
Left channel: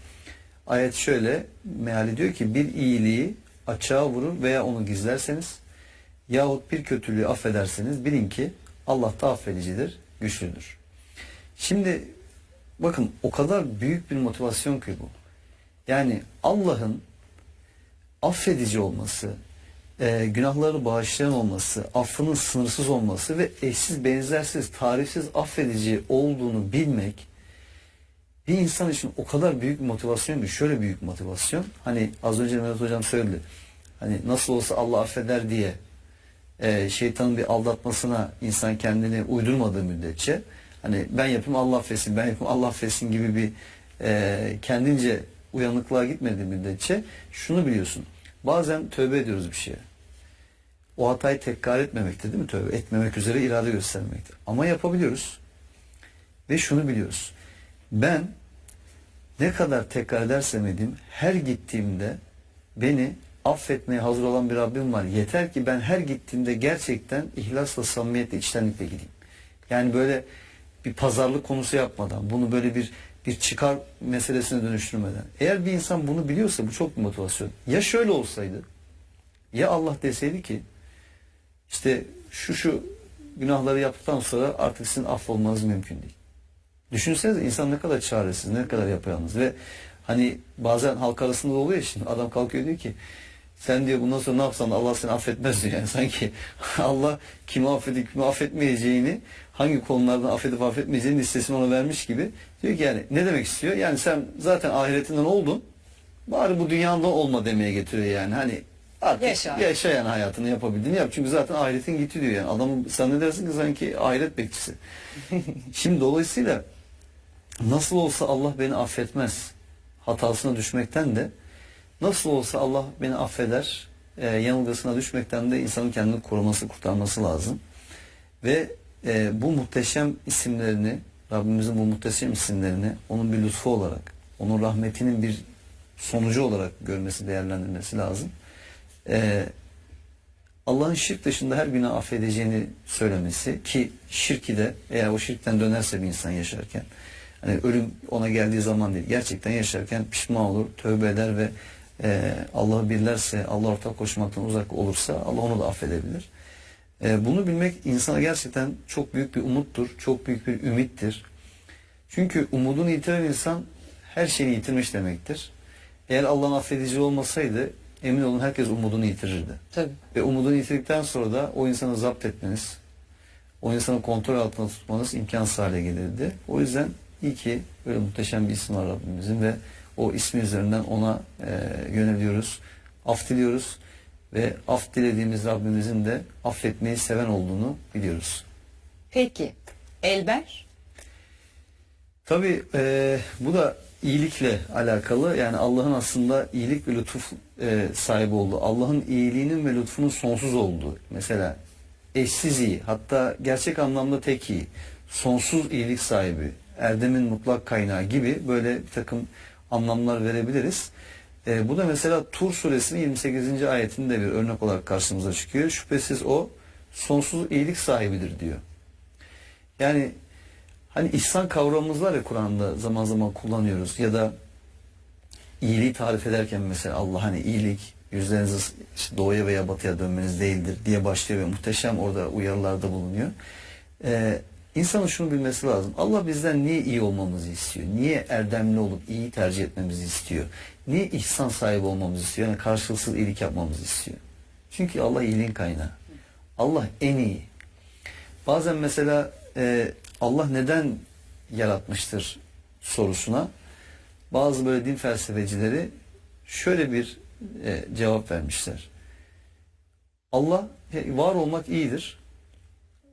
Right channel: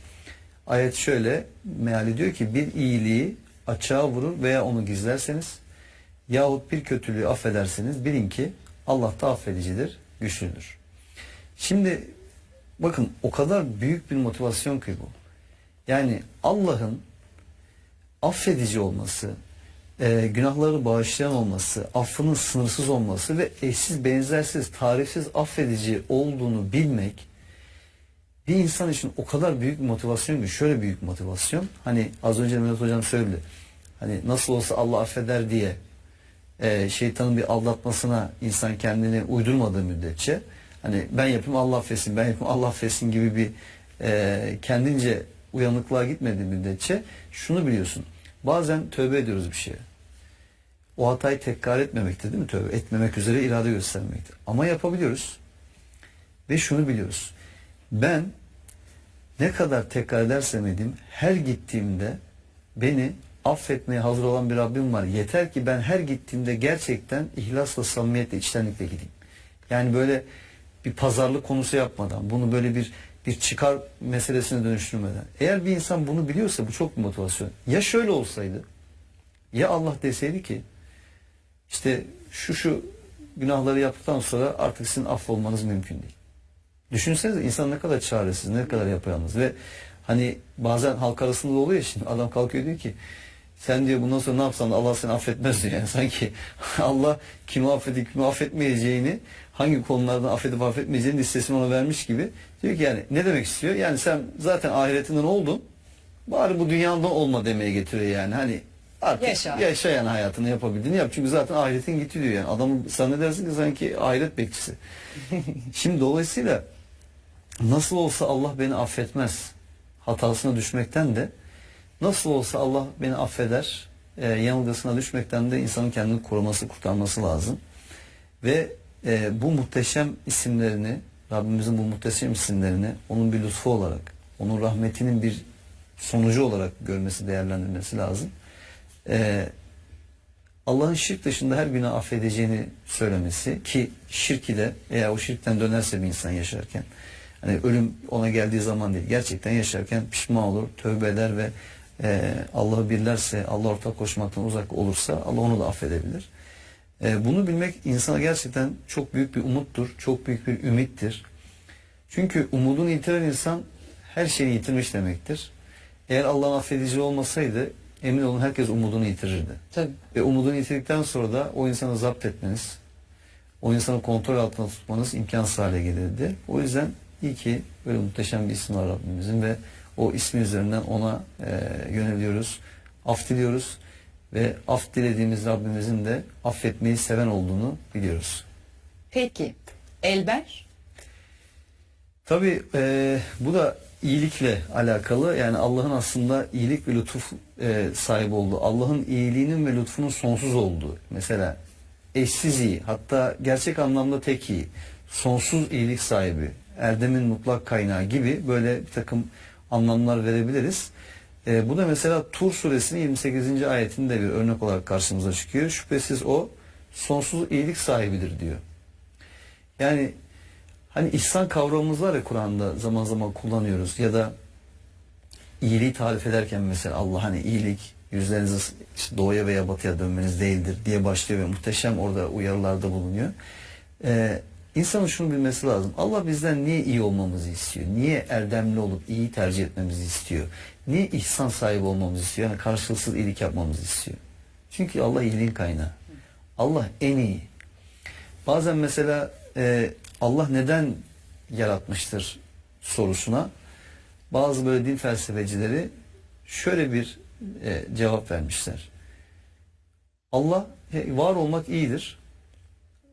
Ayet şöyle meali diyor ki bir iyiliği açığa vurur veya onu gizlerseniz yahut bir kötülüğü affederseniz bilin ki Allah da affedicidir, güçlüdür. Şimdi bakın o kadar büyük bir motivasyon ki bu. Yani Allah'ın affedici olması, günahları bağışlayan olması, affının sınırsız olması ve eşsiz, benzersiz, tarifsiz affedici olduğunu bilmek bir insan için o kadar büyük bir motivasyon ki şöyle büyük motivasyon. Hani az önce Mehmet Hocam söyledi. Hani nasıl olsa Allah affeder diye şeytanın bir aldatmasına insan kendini uydurmadığı müddetçe hani ben yapayım Allah affetsin, ben yapayım Allah affetsin gibi bir kendince uyanıklığa gitmediği müddetçe şunu biliyorsun. Bazen tövbe ediyoruz bir şeye. O hatayı tekrar etmemekte değil mi tövbe? Etmemek üzere irade göstermekte. Ama yapabiliyoruz. Ve şunu biliyoruz. Ben ne kadar tekrar edersem edeyim her gittiğimde beni affetmeye hazır olan bir Rabbim var. Yeter ki ben her gittiğimde gerçekten ihlasla, samimiyetle, içtenlikle gideyim. Yani böyle bir pazarlık konusu yapmadan, bunu böyle bir çıkar meselesine dönüştürmeden. Eğer bir insan bunu biliyorsa bu çok bir motivasyon. Ya şöyle olsaydı, ya Allah deseydi ki işte şu günahları yaptıktan sonra artık sizin affolmanız mümkün değil. Düşünsenize insan ne kadar çaresiz, ne kadar yapayalnız ve hani bazen halk arasında da oluyor ya şimdi adam kalkıyor diyor ki sen diyor bundan sonra ne yapsan da Allah seni affetmez diyor. Yani sanki Allah kimi affedip kimi affetmeyeceğini hangi konulardan affedip affetmeyeceğini listesini ona vermiş gibi. Diyor ki yani ne demek istiyor? Yani sen zaten ahiretinden oldun. Bari bu dünyadan olma demeye getiriyor yani. Hani artık yaşa yani hayatını yapabildiğini yap. Çünkü zaten ahiretin gitti diyor yani. Adamın zannedersin ki sanki ahiret bekçisi. Şimdi dolayısıyla nasıl olsa Allah beni affetmez hatasına düşmekten de nasıl olsa Allah beni affeder yanılgısına düşmekten de insanın kendini koruması, kurtarması lazım. Ve bu muhteşem isimlerini, Rabbimizin bu muhteşem isimlerini onun bir lütfu olarak, onun rahmetinin bir sonucu olarak görmesi, değerlendirmesi lazım. Allah'ın şirk dışında her günah affedeceğini söylemesi ki şirki de eğer o şirkten dönerse bir insan yaşarken hani ölüm ona geldiği zaman değil gerçekten yaşarken pişman olur, tövbe eder ve Allah'ı birlerse, Allah ortak koşmaktan uzak olursa Allah onu da affedebilir. Bunu bilmek insana gerçekten çok büyük bir umuttur, çok büyük bir ümittir. Çünkü umudunu yitiren insan her şeyi yitirmiş demektir. Eğer Allah'ın affedici olmasaydı emin olun herkes umudunu yitirirdi. Tabii. Ve umudunu yitirdikten sonra da o insanı zapt etmeniz, o insanı kontrol altında tutmanız imkansız hale gelirdi. O yüzden iyi ki böyle muhteşem bir isim var Rabbimizin ve o ismi üzerinden ona yöneliyoruz, af diliyoruz ve af dilediğimiz Rabbimizin de affetmeyi seven olduğunu biliyoruz. Peki Elber? Tabii bu da iyilikle alakalı. Yani Allah'ın aslında iyilik ve lütuf sahibi olduğu, Allah'ın iyiliğinin ve lütfunun sonsuz olduğu. Mesela eşsiz iyi, hatta gerçek anlamda tek iyi, sonsuz iyilik sahibi, erdemin mutlak kaynağı gibi böyle bir takım anlamlar verebiliriz. Bu da mesela Tur suresinin 28. ayetinde bir örnek olarak karşımıza çıkıyor. Şüphesiz o sonsuz iyilik sahibidir diyor. Yani hani ihsan kavramımız var ya, Kur'an'da zaman zaman kullanıyoruz ya da iyiliği tarif ederken mesela Allah hani iyilik yüzlerinizi işte doğuya veya batıya dönmeniz değildir diye başlıyor ve muhteşem orada uyarılarda bulunuyor. İnsanın şunu bilmesi lazım. Allah bizden niye iyi olmamızı istiyor? Niye erdemli olup iyi tercih etmemizi istiyor? Niye ihsan sahibi olmamızı istiyor? Yani karşılıksız iyilik yapmamızı istiyor. Çünkü Allah iyiliğin kaynağı. Allah en iyi. Bazen mesela Allah neden yaratmıştır sorusuna bazı böyle din felsefecileri şöyle bir cevap vermişler. Allah var olmak iyidir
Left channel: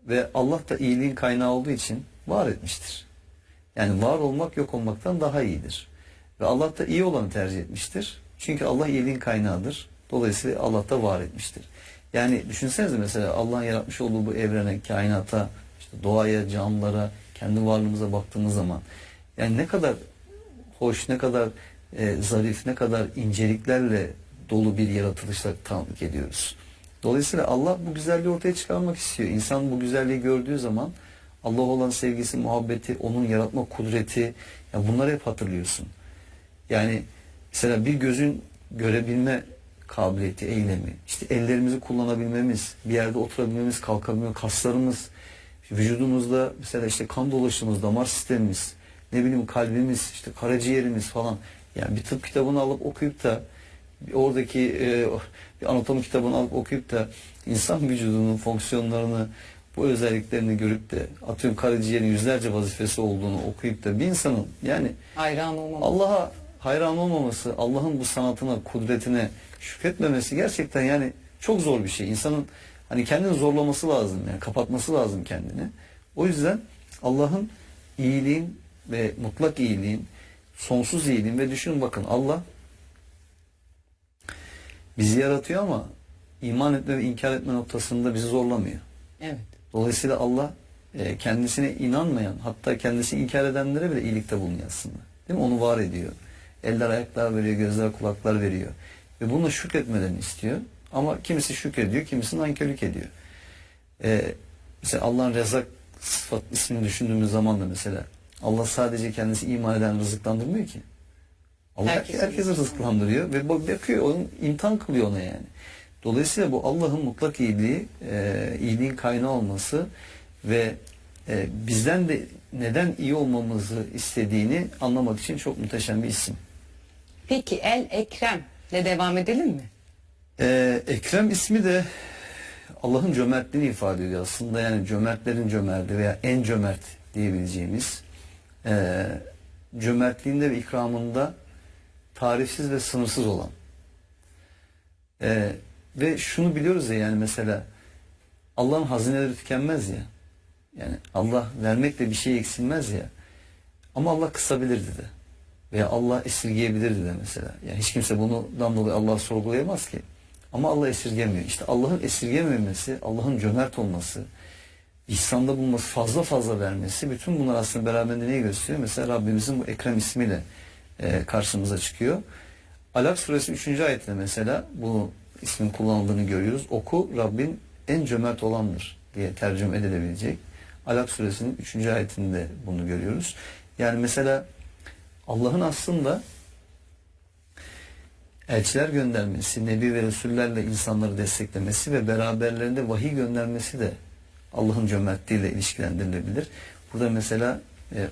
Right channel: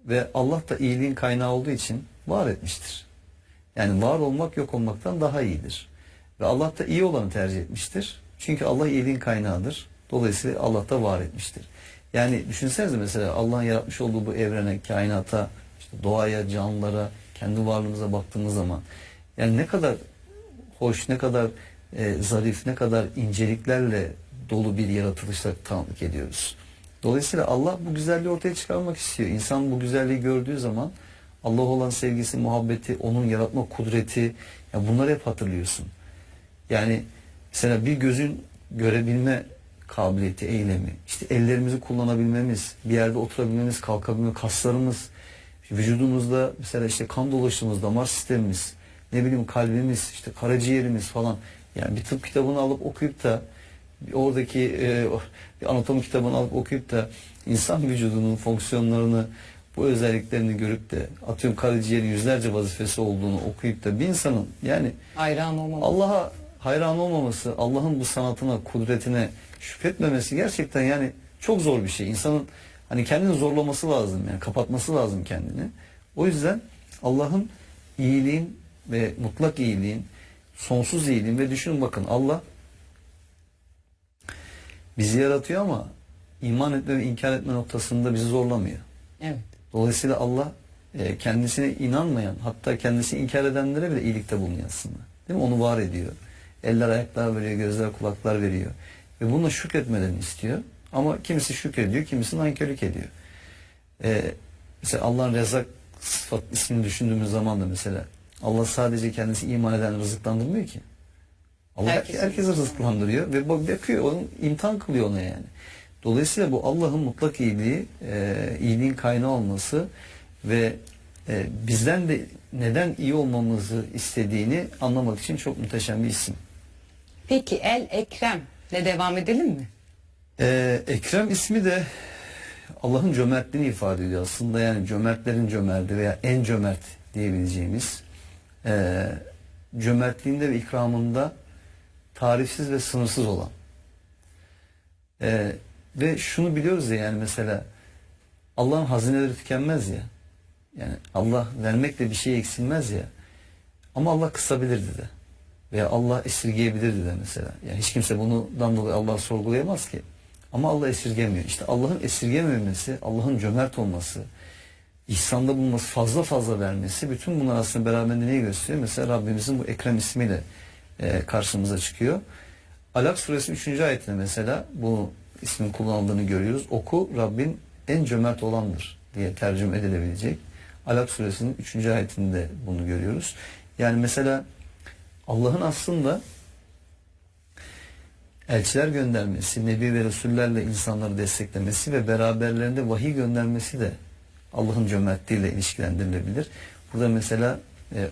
ve Allah da iyiliğin kaynağı olduğu için var etmiştir. Yani var olmak yok olmaktan daha iyidir. Ve Allah da iyi olanı tercih etmiştir. Çünkü Allah iyiliğin kaynağıdır. Dolayısıyla Allah da var etmiştir. Yani düşünsenize mesela Allah'ın yaratmış olduğu bu evrene, kainata, işte doğaya, canlılara, kendi varlığımıza baktığımız zaman yani ne kadar hoş, ne kadar zarif, ne kadar inceliklerle dolu bir yaratılışla tanıklık ediyoruz. Dolayısıyla Allah bu güzelliği ortaya çıkarmak istiyor. İnsan bu güzelliği gördüğü zaman Allah'a olan sevgisi, muhabbeti, onun yaratma kudreti, ya bunları hep hatırlıyorsun. Yani mesela bir gözün görebilme kabiliyeti, eylemi, işte ellerimizi kullanabilmemiz, bir yerde oturabilmemiz, kalkabilmemiz, kaslarımız, vücudumuzda mesela işte kan dolaşımımız, damar sistemimiz, ne bileyim kalbimiz, işte karaciğerimiz falan. Yani bir tıp kitabını alıp okuyup da oradaki bir anatomi kitabını alıp okuyup da insan vücudunun fonksiyonlarını, bu özelliklerini görüp de atıyorum karaciğerin yüzlerce vazifesi olduğunu okuyup da bir insanın yani Hayran olmam. Allah'a hayran olmaması, Allah'ın bu sanatına, kudretine şükretmemesi gerçekten yani çok zor bir şey. İnsanın hani kendini zorlaması lazım, yani kapatması lazım kendini. O yüzden Allah'ın iyiliğin ve mutlak iyiliğin, sonsuz iyiliğin ve düşünün bakın Allah bizi yaratıyor ama iman etme ve inkar etme noktasında bizi zorlamıyor. Evet. Dolayısıyla Allah kendisine inanmayan, hatta kendisini inkar edenlere bile iyilikte bulunuyor aslında. Değil mi? Onu var ediyor. Eller ayaklar veriyor, gözler kulaklar veriyor. Ve buna şükretmelerini istiyor. Ama kimisi şükrediyor, kimisi nankörlük ediyor. Mesela Allah'ın Rezzak sıfat ismini düşündüğümüz zaman da mesela Allah sadece kendisi iman eden rızıklandırmıyor ki. Allah herkesi rızıklandırıyor ve bakıyor, onun imtihan kılıyor ona yani. Dolayısıyla bu Allah'ın mutlak iyiliği, iyiliğin kaynağı olması ve bizden de neden iyi olmamızı istediğini anlamak için çok muhteşem bir isim. Peki El Ekrem ile devam edelim mi? Ekrem ismi de Allah'ın cömertliğini ifade ediyor aslında. Yani cömertlerin cömerti veya en cömert diyebileceğimiz cömertliğinde ve ikramında tarifsiz ve sınırsız olan. Ve şunu biliyoruz ya, yani mesela Allah'ın hazineleri tükenmez ya. Yani Allah vermekle bir şey eksilmez ya. Ama Allah kısabilirdi de. Veya Allah esirgeyebilirdi de mesela. Yani hiç kimse bundan dolayı Allah'ı sorgulayamaz ki. Ama Allah esirgemiyor. İşte Allah'ın esirgememesi, Allah'ın cömert olması, ihsanda bulunması, fazla fazla vermesi, bütün bunlar aslında beraberinde neyi gösteriyor? Mesela Rabbimizin bu Ekrem ismiyle karşımıza çıkıyor. Alak suresi 3. ayetinde mesela bu ismin kullanıldığını görüyoruz. Oku, Rabbin en cömert olandır diye tercüme edilebilecek. Alak suresinin 3. ayetinde bunu görüyoruz. Yani mesela Allah'ın aslında elçiler göndermesi, Nebi ve Resullerle insanları desteklemesi ve beraberlerinde vahiy göndermesi de Allah'ın cömertliğiyle ilişkilendirilebilir. Burada mesela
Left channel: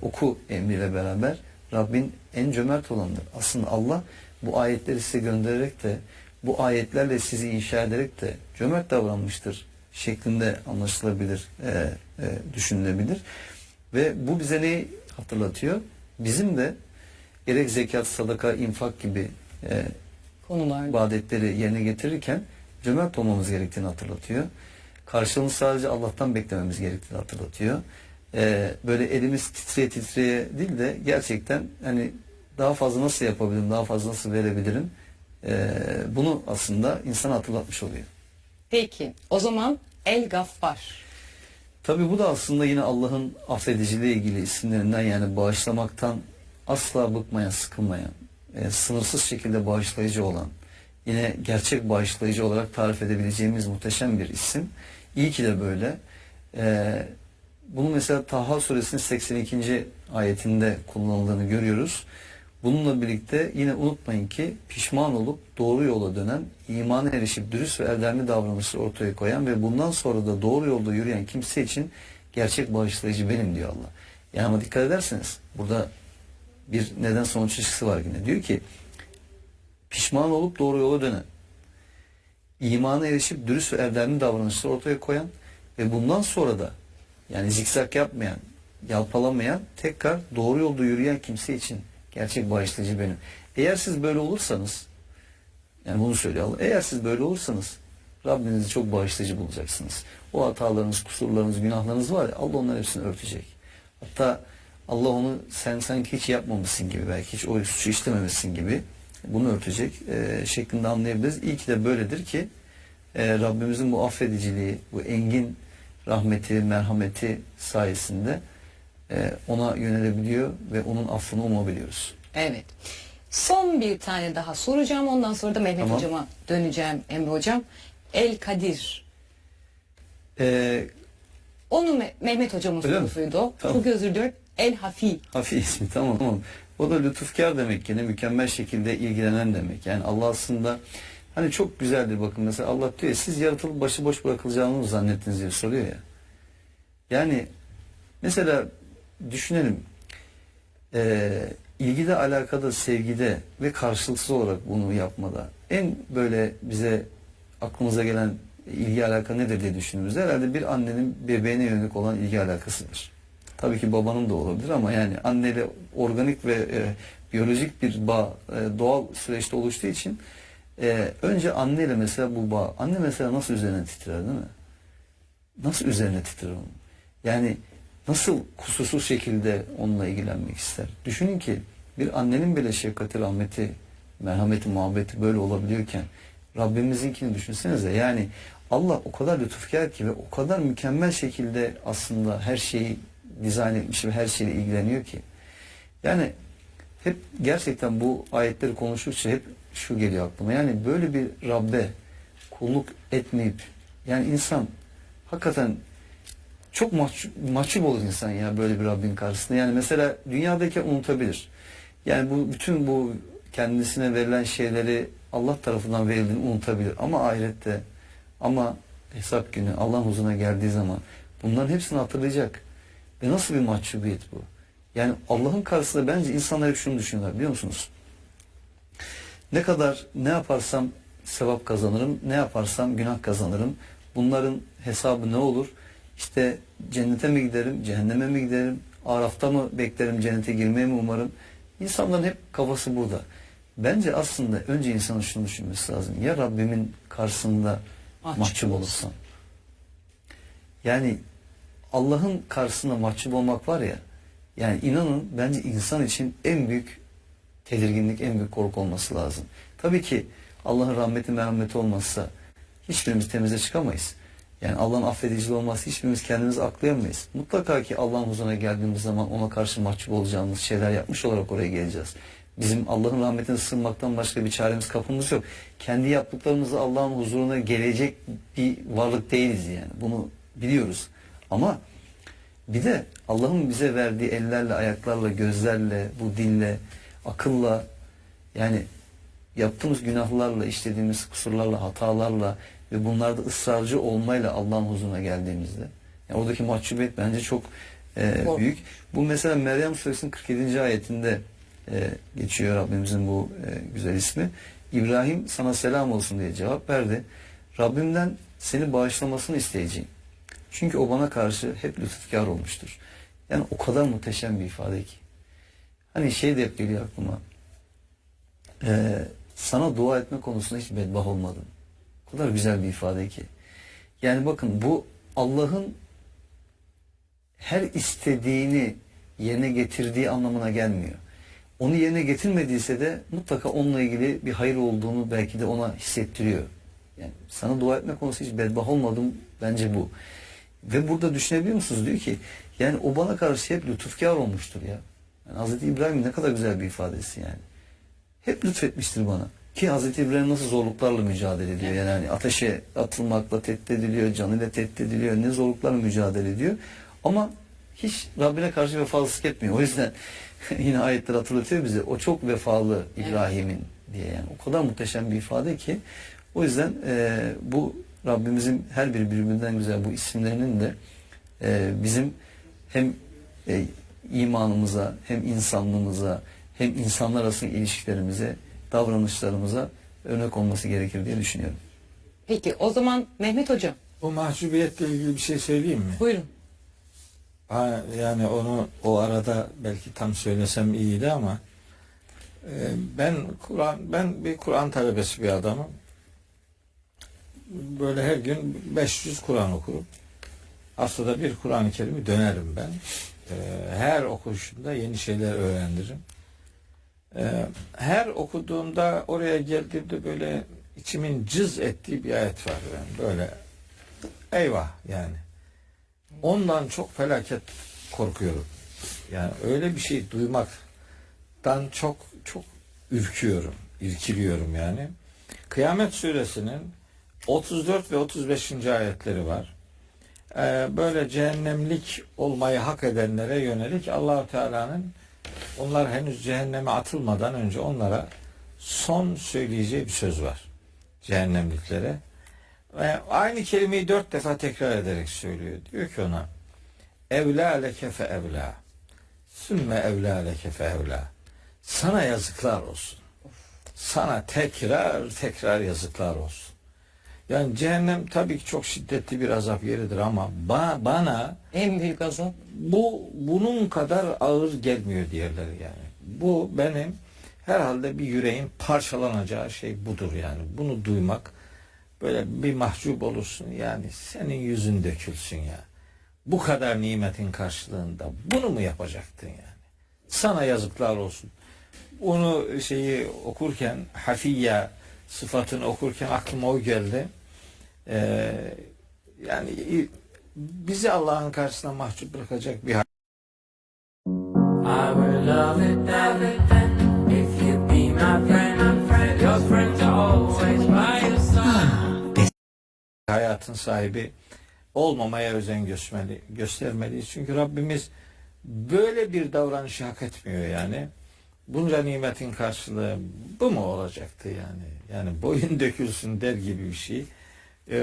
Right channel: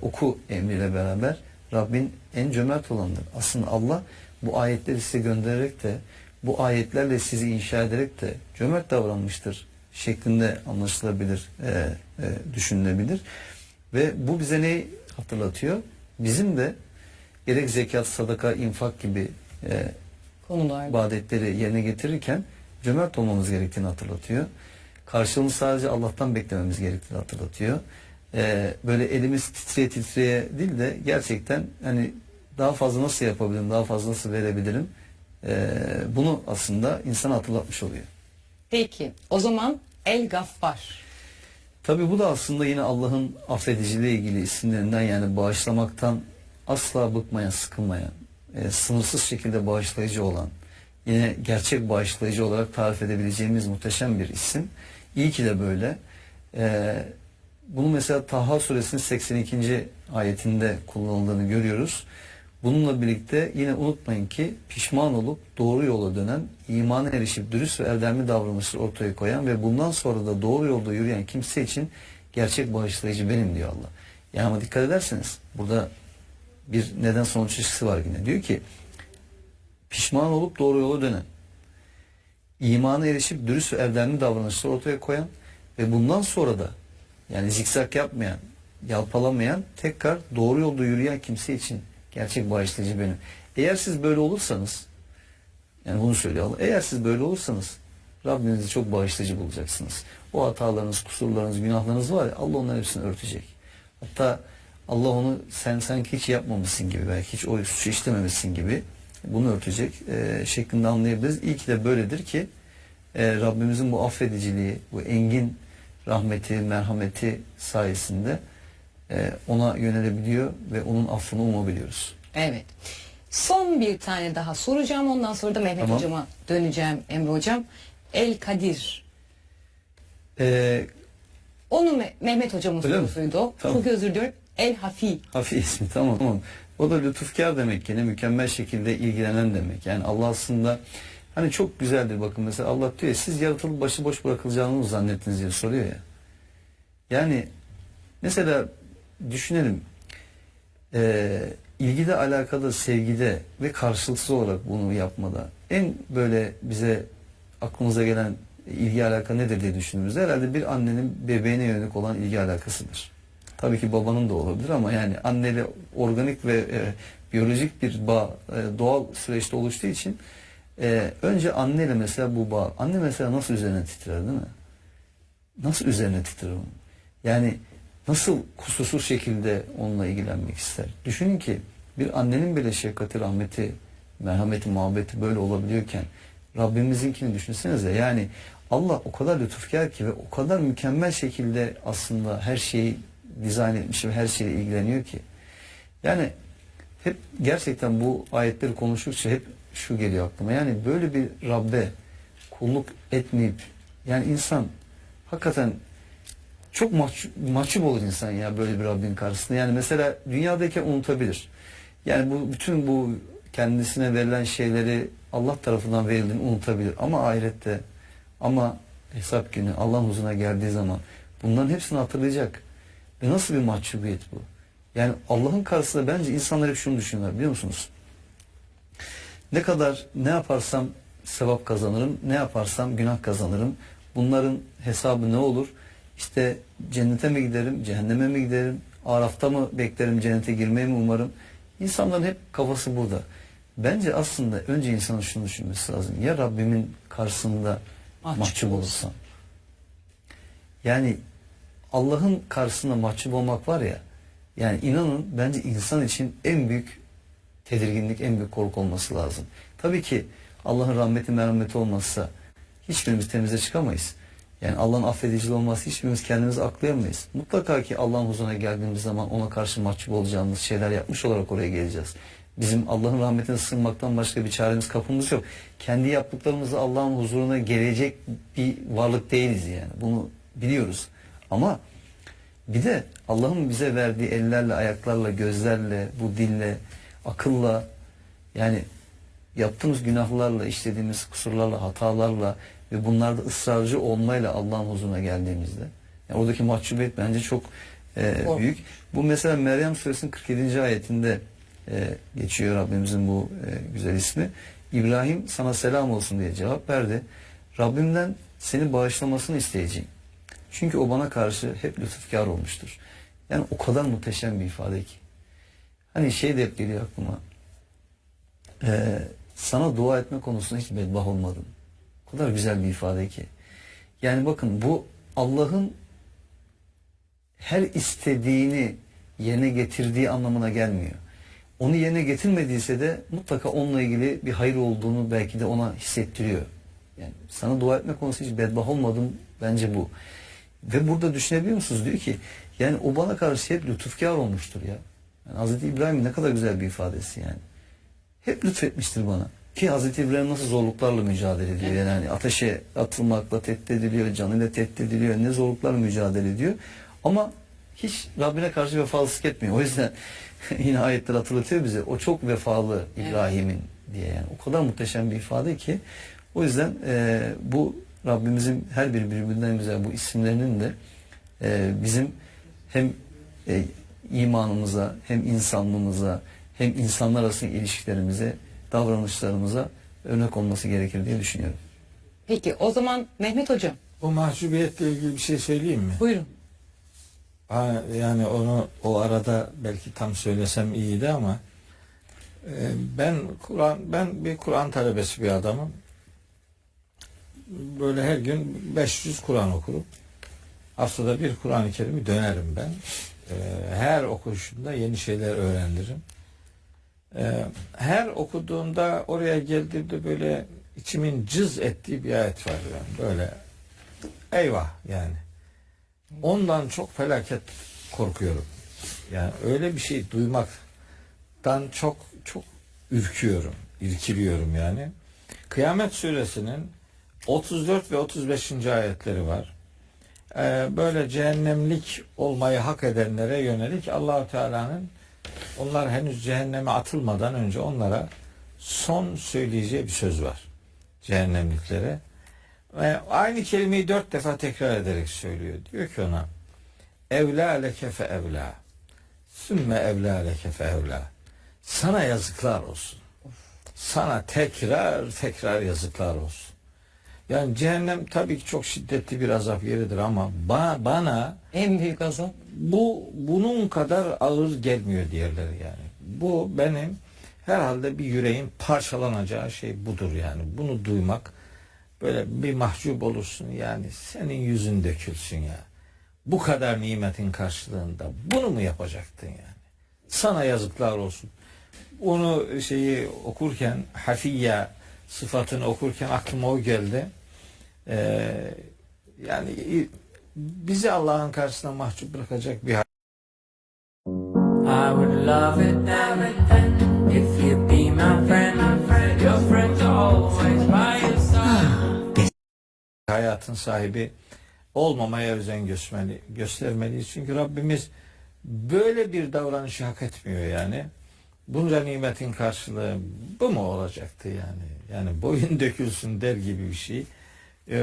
oku emriyle beraber Rabbin en cömert olanıdır. Aslında Allah bu ayetleri size göndererek de bu ayetlerle sizi inşa ederek de cömert davranmıştır şeklinde anlaşılabilir, düşünülebilir. Ve bu bize neyi hatırlatıyor? Bizim de gerek zekat, sadaka, infak gibi Konular. ibadetleri yerine getirirken cömert olmamız gerektiğini hatırlatıyor. Karşılığını sadece Allah'tan beklememiz gerektiğini hatırlatıyor. Böyle elimiz titreye titreye değil de gerçekten hani daha fazla nasıl yapabilirim, daha fazla nasıl verebilirim, bunu aslında insana hatırlatmış oluyor. Peki o zaman El Gaffar. Tabi bu da aslında yine Allah'ın affediciliğe ilgili isimlerinden, yani bağışlamaktan asla bıkmayan, sıkılmayan, sınırsız şekilde bağışlayıcı olan, yine gerçek bağışlayıcı olarak tarif edebileceğimiz muhteşem bir isim. İyi ki de böyle. Bunu mesela Taha suresinin 82. ayetinde kullanıldığını görüyoruz. Bununla birlikte yine unutmayın ki pişman olup doğru yola dönen, imana erişip dürüst ve erdemli davranışları ortaya koyan ve bundan sonra da doğru yolda yürüyen kimse için gerçek bağışlayıcı benim diyor Allah. Yani ama dikkat ederseniz burada bir neden sonuç ilişkisi var yine. Diyor ki pişman olup doğru yola dönen, imana erişip dürüst ve erdemli davranışları ortaya koyan ve bundan sonra da yani zikzak yapmayan, yalpalamayan, tekrar doğru yolda yürüyen kimse için gerçek bağışlayıcı benim. Eğer siz böyle olursanız, yani bunu söylüyor Allah, eğer siz böyle olursanız Rabbinizi çok bağışlayıcı bulacaksınız. O hatalarınız, kusurlarınız, günahlarınız var ya, Allah onların hepsini örtecek. Hatta Allah onu sen sanki hiç yapmamışsın gibi, belki hiç o suçu işlememişsin gibi bunu örtecek şeklinde anlayabiliriz. İyi ki de böyledir ki Rabbimizin bu affediciliği, bu engin rahmeti, merhameti sayesinde ona yönelebiliyor ve onun affını umabiliyoruz. Evet. Son bir tane daha soracağım. Ondan sonra da Mehmet Tamam. Hocam'a döneceğim Emre Hocam. El Kadir. Onu Mehmet Hocam'ın Öyle mi? sorusuydu o. Tamam. Çok özür diliyorum. El Hafi. Hafi ismi, tamam. O da lütufkar demek, yine mükemmel şekilde ilgilenen demek. Yani Allah aslında hani çok güzeldir, bakın mesela Allah diyor ya, siz yaratılıp başıboş bırakılacağını zannettiniz diye soruyor ya. Yani mesela düşünelim, ilgide, alakada, sevgide ve karşılıksız olarak bunu yapmada en böyle bize aklımıza gelen ilgi alaka nedir diye düşündüğümüzde herhalde bir annenin bebeğine yönelik olan ilgi alakasıdır. Tabii ki babanın da olabilir ama yani anneyle organik ve biyolojik bir bağ doğal süreçte oluştuğu için önce anneyle mesela bu bağ. Anne mesela nasıl üzerine titrer, değil mi? Nasıl üzerine titrer onun? Yani nasıl kusursuz şekilde onunla ilgilenmek ister? Düşünün ki bir annenin bile şefkati, rahmeti, merhameti, muhabbeti böyle olabiliyorken Rabbimizinkini düşünsenize. Yani Allah o kadar lütufkar ki ve o kadar mükemmel şekilde aslında her şeyi dizayn etmiş ve her şeyle ilgileniyor ki. Yani hep gerçekten bu ayetleri konuştukça hep şu geliyor aklıma. Yani böyle bir Rabbe kulluk etmeyip, yani insan hakikaten çok mahcup olur insan ya böyle bir Rabbin karşısında. Yani mesela dünyadayken unutabilir. Yani bu bütün bu kendisine verilen şeyleri Allah tarafından verildiğini unutabilir. Ama ahirette, ama hesap günü Allah'ın huzuruna geldiği zaman bunların hepsini hatırlayacak. Ve nasıl bir mahcubiyet bu? Yani Allah'ın karşısında bence insanlar hep şunu düşünüyorlar, biliyor musunuz? Ne yaparsam sevap kazanırım, ne yaparsam günah kazanırım. Bunların hesabı ne olur? İşte cennete mi giderim, cehenneme mi giderim, Araf'ta mı beklerim, cennete girmeyi mi umarım? İnsanların hep kafası burada. Bence aslında önce insanın şunu düşünmesi lazım. Ya Rabbimin karşısında mahcup olursam? Yani Allah'ın karşısında mahcup olmak var ya, yani inanın bence insan için en büyük tedirginlik, en büyük korku olması lazım. Tabii ki Allah'ın rahmeti, merhameti olmazsa hiçbirimiz temize çıkamayız. Yani Allah'ın affediciliği olmazsa hiçbirimiz kendimizi aklayamayız. Mutlaka ki Allah'ın huzuruna geldiğimiz zaman ona karşı mahcup olacağımız şeyler yapmış olarak oraya geleceğiz. Bizim Allah'ın rahmetine sığınmaktan başka bir çaremiz, kapımız yok. Kendi yaptıklarımızla Allah'ın huzuruna gelecek bir varlık değiliz yani. Bunu biliyoruz. Ama bir de Allah'ın bize verdiği ellerle, ayaklarla, gözlerle, bu dille, akılla, yani yaptığımız günahlarla, işlediğimiz kusurlarla, hatalarla ve bunlarda ısrarcı olmayla Allah'ın huzuruna geldiğimizde, yani oradaki mahcubiyet bence çok büyük. Bu mesela Meryem Suresinin 47. ayetinde geçiyor Rabbimizin bu güzel ismi. İbrahim sana selam olsun diye cevap verdi. Rabbimden seni bağışlamasını isteyeceğim. Çünkü o bana karşı hep lütufkar olmuştur. Yani o kadar muhteşem bir ifade ki. Hani şey de hep geliyor aklıma. Sana dua etme konusunda hiç bedbaht olmadım. O kadar güzel bir ifade ki. Yani bakın, bu Allah'ın her istediğini yerine getirdiği anlamına gelmiyor. Onu yerine getirmediyse de mutlaka onunla ilgili bir hayır olduğunu belki de ona hissettiriyor. Yani sana dua etme konusu hiç bedbaht olmadım, bence bu. Ve burada düşünebiliyor musunuz? Diyor ki yani o bana karşı hep lütufkar olmuştur ya. Yani Hazreti İbrahim ne kadar güzel bir ifadesi yani. Hep lütfetmiştir bana. Ki Hazreti İbrahim nasıl zorluklarla mücadele ediyor. Yani hani ateşe atılmakla tehdit ediliyor, canıyla tehdit ediliyor, ne zorluklarla mücadele ediyor. Ama hiç Rabbine karşı vefalısızlık etmiyor. O yüzden yine ayetler hatırlatıyor bize. O çok vefalı İbrahim'in diye yani. O kadar muhteşem bir ifade ki. O yüzden bu Rabbimizin her bir birbirinden güzel bu isimlerinin de bizim hem imanımıza, hem insanlığımıza, hem insanlar arasındaki ilişkilerimize, davranışlarımıza örnek olması gerekir diye düşünüyorum. Peki o zaman Mehmet Hocam, Bu mahcubiyetle ilgili bir şey söyleyeyim mi? buyurun. Yani onu o arada belki tam söylesem iyiydi ama ben bir Kur'an talebesi bir adamım. Böyle her gün 500 Kur'an okurum. Haftada bir Kur'an-ı Kerim'i dönerim ben. Her okuyuşumda yeni şeyler öğrenirim. Her okuduğumda oraya geldiğimde böyle içimin cız ettiği bir ayet var. Yani böyle eyvah yani. Ondan çok felaket korkuyorum. Yani öyle bir şey duymaktan çok ürküyorum, irkiliyorum yani. Kıyamet Suresinin 34 ve 35. ayetleri var. Böyle cehennemlik olmayı hak edenlere yönelik Allah-u Teala'nın onlar henüz cehenneme atılmadan önce onlara son söyleyeceği bir söz var. Cehennemliklere. Ve aynı kelimeyi 4 defa tekrar ederek söylüyor. Diyor ki ona evlâ leke fe evlâ sümme evlâ leke fe evlâ. Sana yazıklar olsun. Sana tekrar yazıklar olsun. Yani cehennem tabii ki çok şiddetli bir azap yeridir ama bana En büyük azap. bunun kadar ağır gelmiyor diğerleri yani. Bu benim herhalde bir yüreğin parçalanacağı şey budur yani. Bunu duymak böyle bir mahcup olursun yani. Senin yüzün dökülsün ya. Bu kadar nimetin karşılığında bunu mu yapacaktın yani? Sana yazıklar olsun. Onu okurken hafiyya sıfatını okurken aklıma o geldi. Yani bizi Allah'ın karşısına mahcup bırakacak bir I would love it everything if you'd be my friend. Your friends are always by your side. hayatın sahibi olmamaya özen göstermeliyiz. Çünkü Rabbimiz böyle bir davranışı hak etmiyor yani. Bunca nimetin karşılığı bu mu olacaktı yani? Yani boyun dökülsün der gibi bir şey.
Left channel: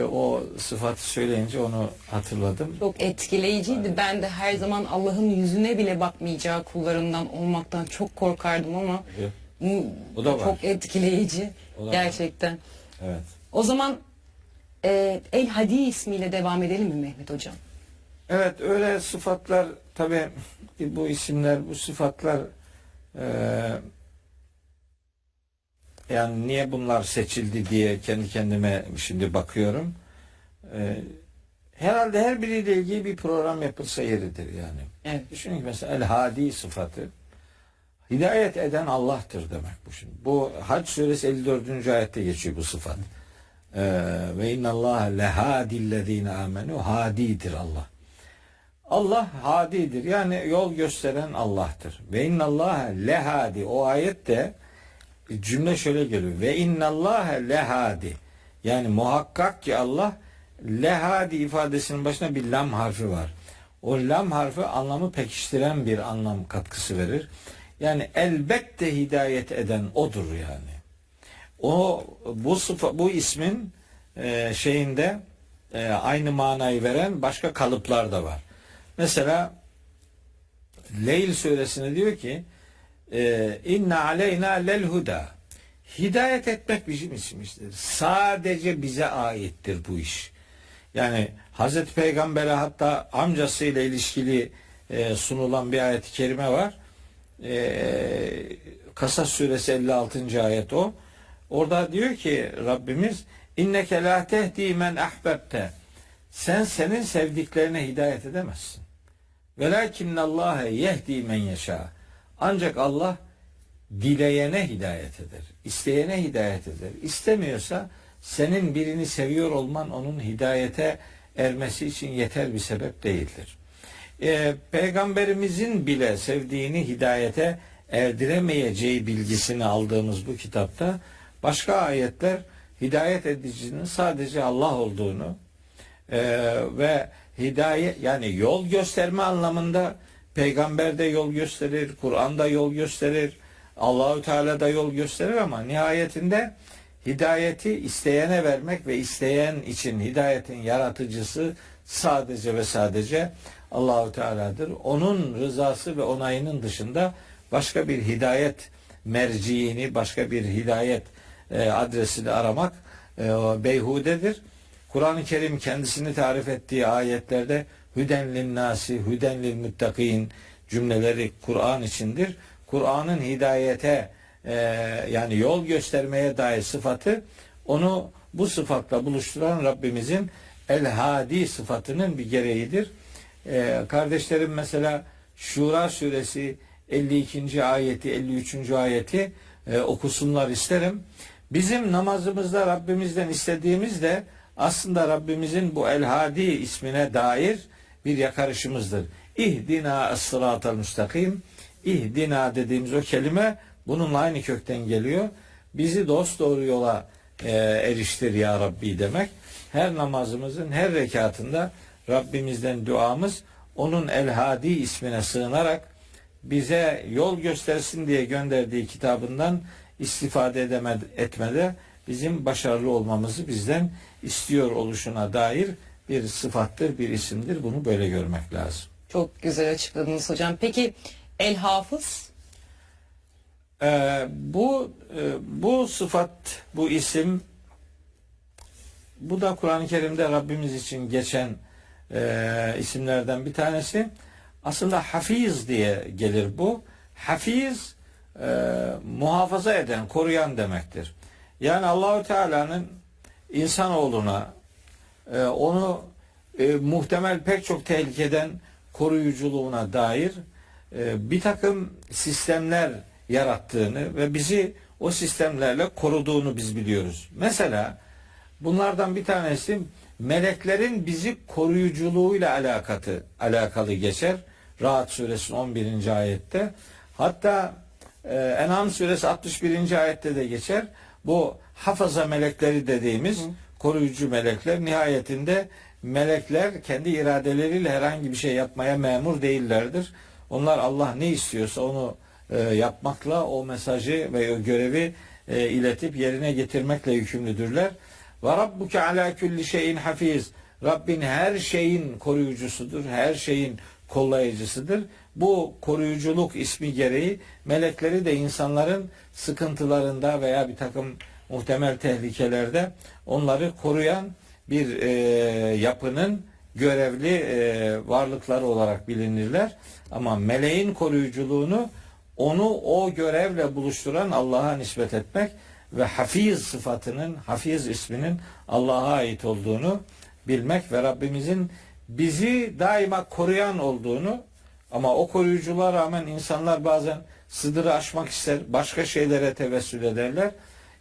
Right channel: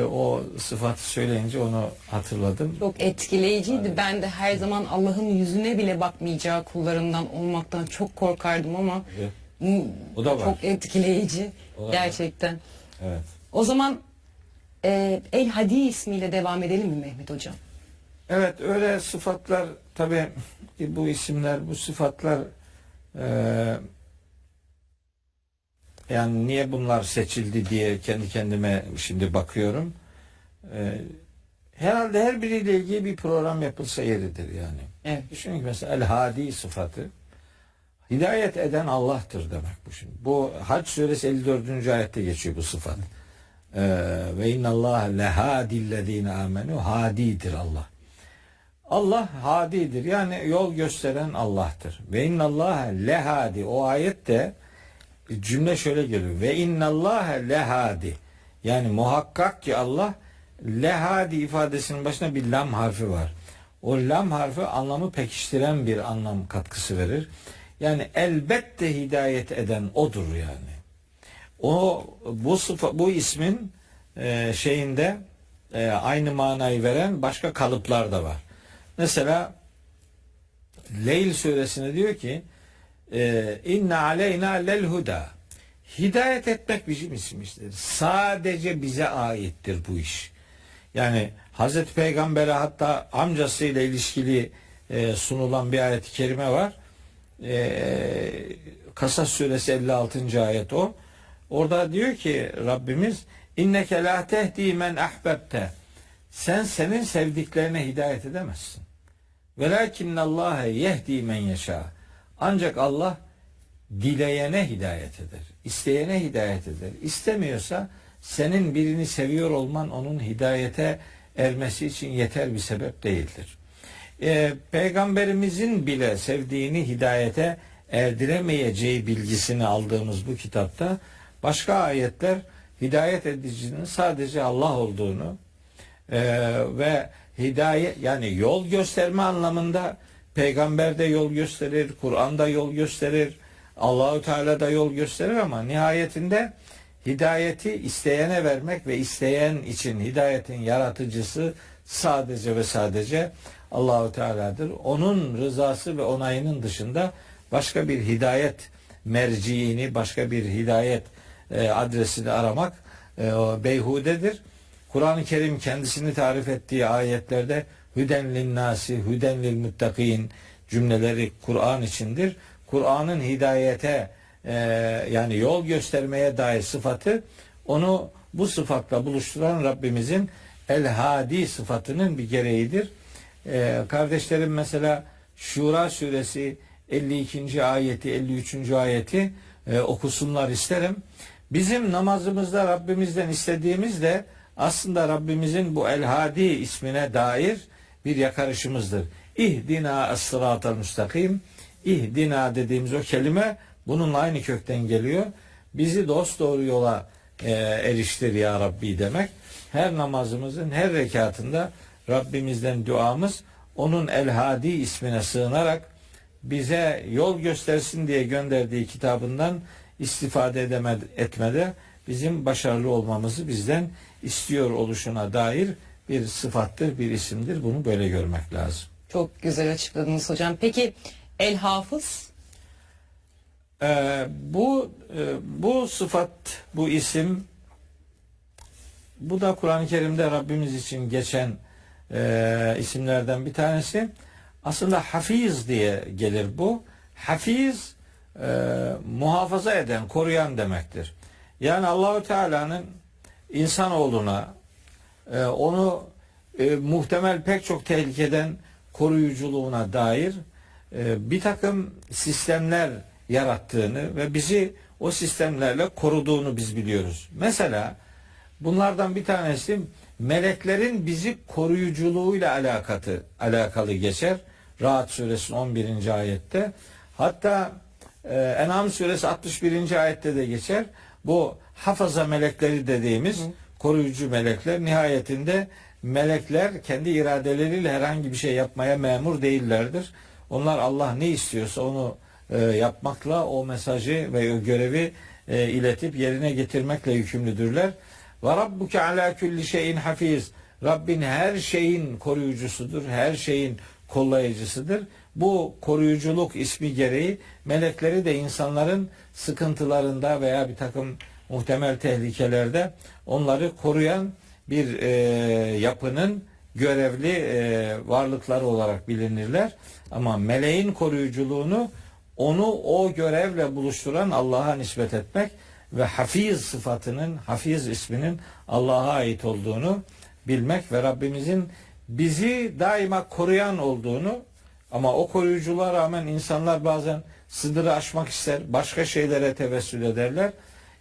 O sıfatı söyleyince onu hatırladım. Çok etkileyiciydi. Ben de her zaman Allah'ın yüzüne bile bakmayacağı kullarından olmaktan çok korkardım ama Evet. bu O da var. çok etkileyici O da gerçekten. Evet. O zaman El Hadi ismiyle devam edelim mi Mehmet Hocam? Evet, öyle sıfatlar tabii bu isimler, bu sıfatlar yani niye bunlar seçildi diye kendi kendime şimdi bakıyorum. Herhalde her biriyle ilgili bir program yapılsa yeridir yani. Evet. Düşünün ki mesela El Hadi sıfatı hidayet eden Allah'tır demek bu şimdi. Bu Hac suresi 54. ayette geçiyor bu sıfat. Ve innallâhe lehâdillezîne âmenû, hadidir Allah. Allah hadidir. Yani yol gösteren Allah'tır. Ve innallâhe lehâdi. O ayette cümle şöyle geliyor. Ve innallâhe lehâdi. Yani muhakkak ki Allah lehâdi ifadesinin başına bir lam harfi var. O lam harfi anlamı pekiştiren bir anlam katkısı verir. Yani elbette hidayet eden odur yani. Bu ismin şeyinde aynı manayı veren başka kalıplar da var. Mesela Leyl suresinde diyor ki inna aleyna lel huda. Hidayet etmek bizim işimizdir. Sadece bize aittir bu iş. Yani Hazreti Peygamber'e hatta amcasıyla ilişkili sunulan bir ayet-i kerime var. Kasas suresi 56. ayet o. Orada diyor ki Rabbimiz inneke la tehdi men ahbebte. Sen senin sevdiklerine hidayet edemezsin. Velakinnallâhe yehdi men yeşâ. Ancak Allah dileyene hidayet eder. İsteyene hidayet eder. İstemiyorsa senin birini seviyor olman onun hidayete ermesi için yeter bir sebep değildir. Peygamberimizin bile sevdiğini hidayete erdiremeyeceği bilgisini aldığımız bu kitapta başka ayetler hidayet edicinin sadece Allah olduğunu ve hidayet yani yol gösterme anlamında peygamber de yol gösterir, Kur'an'da yol gösterir, Allahu Teala da yol gösterir ama nihayetinde hidayeti isteyene vermek ve isteyen için hidayetin yaratıcısı sadece ve sadece Allahu Teala'dır. Onun rızası ve onayının dışında başka bir hidayet merciini, başka bir hidayet adresini aramak beyhudedir. Kur'an-ı Kerim kendisini tarif ettiği ayetlerde hüden linnâsi, hüden lil muttakin cümleleri Kur'an içindir. Kur'an'ın hidayete yani yol göstermeye dair sıfatı onu bu sıfatla buluşturan Rabbimizin el-hadi sıfatının bir gereğidir. Kardeşlerim mesela Şura suresi 52. ayeti 53. ayeti okusunlar isterim. Bizim namazımızda Rabbimizden istediğimiz de aslında Rabbimizin bu el-hadi ismine dair bir yakarışımızdır. İhdina es-sıratal müstakim. İhdina dediğimiz o kelime bununla aynı kökten geliyor. Bizi dosdoğru yola eriştir ya Rabbi demek. Her namazımızın her rekatında Rabbimizden duamız onun el-hadi ismine sığınarak bize yol göstersin diye gönderdiği kitabından istifade etmede bizim başarılı olmamızı bizden istiyor oluşuna dair bir sıfattır, bir isimdir. Bunu böyle görmek lazım. Çok güzel açıkladınız hocam. Peki El Hafız? Bu sıfat, bu isim, bu da Kur'an-ı Kerim'de Rabbimiz için geçen isimlerden bir tanesi. Aslında hafiz diye gelir bu. Hafiz muhafaza eden, koruyan demektir. Yani Allahu Teala'nın insanoğluna onu muhtemel pek çok tehlikeden koruyuculuğuna dair bir takım sistemler yarattığını ve bizi o sistemlerle koruduğunu biz biliyoruz. Mesela bunlardan bir tanesi meleklerin bizi koruyuculuğuyla alakalı geçer. Rahat suresinin 11. ayette. Hatta En'am suresi 61. ayette de geçer. Bu hafaza melekleri dediğimiz koruyucu melekler nihayetinde melekler kendi iradeleriyle herhangi bir şey yapmaya memur değillerdir. Onlar Allah ne istiyorsa onu yapmakla o mesajı ve o görevi iletip yerine getirmekle yükümlüdürler. Ve rabbuke ala kulli şeyin hafiz. Rabbin her şeyin koruyucusudur. Her şeyin kollayıcısıdır. Bu koruyuculuk ismi gereği melekleri de insanların sıkıntılarında veya bir takım muhtemel tehlikelerde onları koruyan bir yapının görevli varlıkları olarak bilinirler. Ama meleğin koruyuculuğunu onu o görevle buluşturan Allah'a nispet etmek ve hafiz sıfatının, hafiz isminin Allah'a ait olduğunu bilmek ve Rabbimizin bizi daima koruyan olduğunu, ama o koruyuculuğa rağmen insanlar bazen sınırı aşmak ister, başka şeylere tevessül ederler.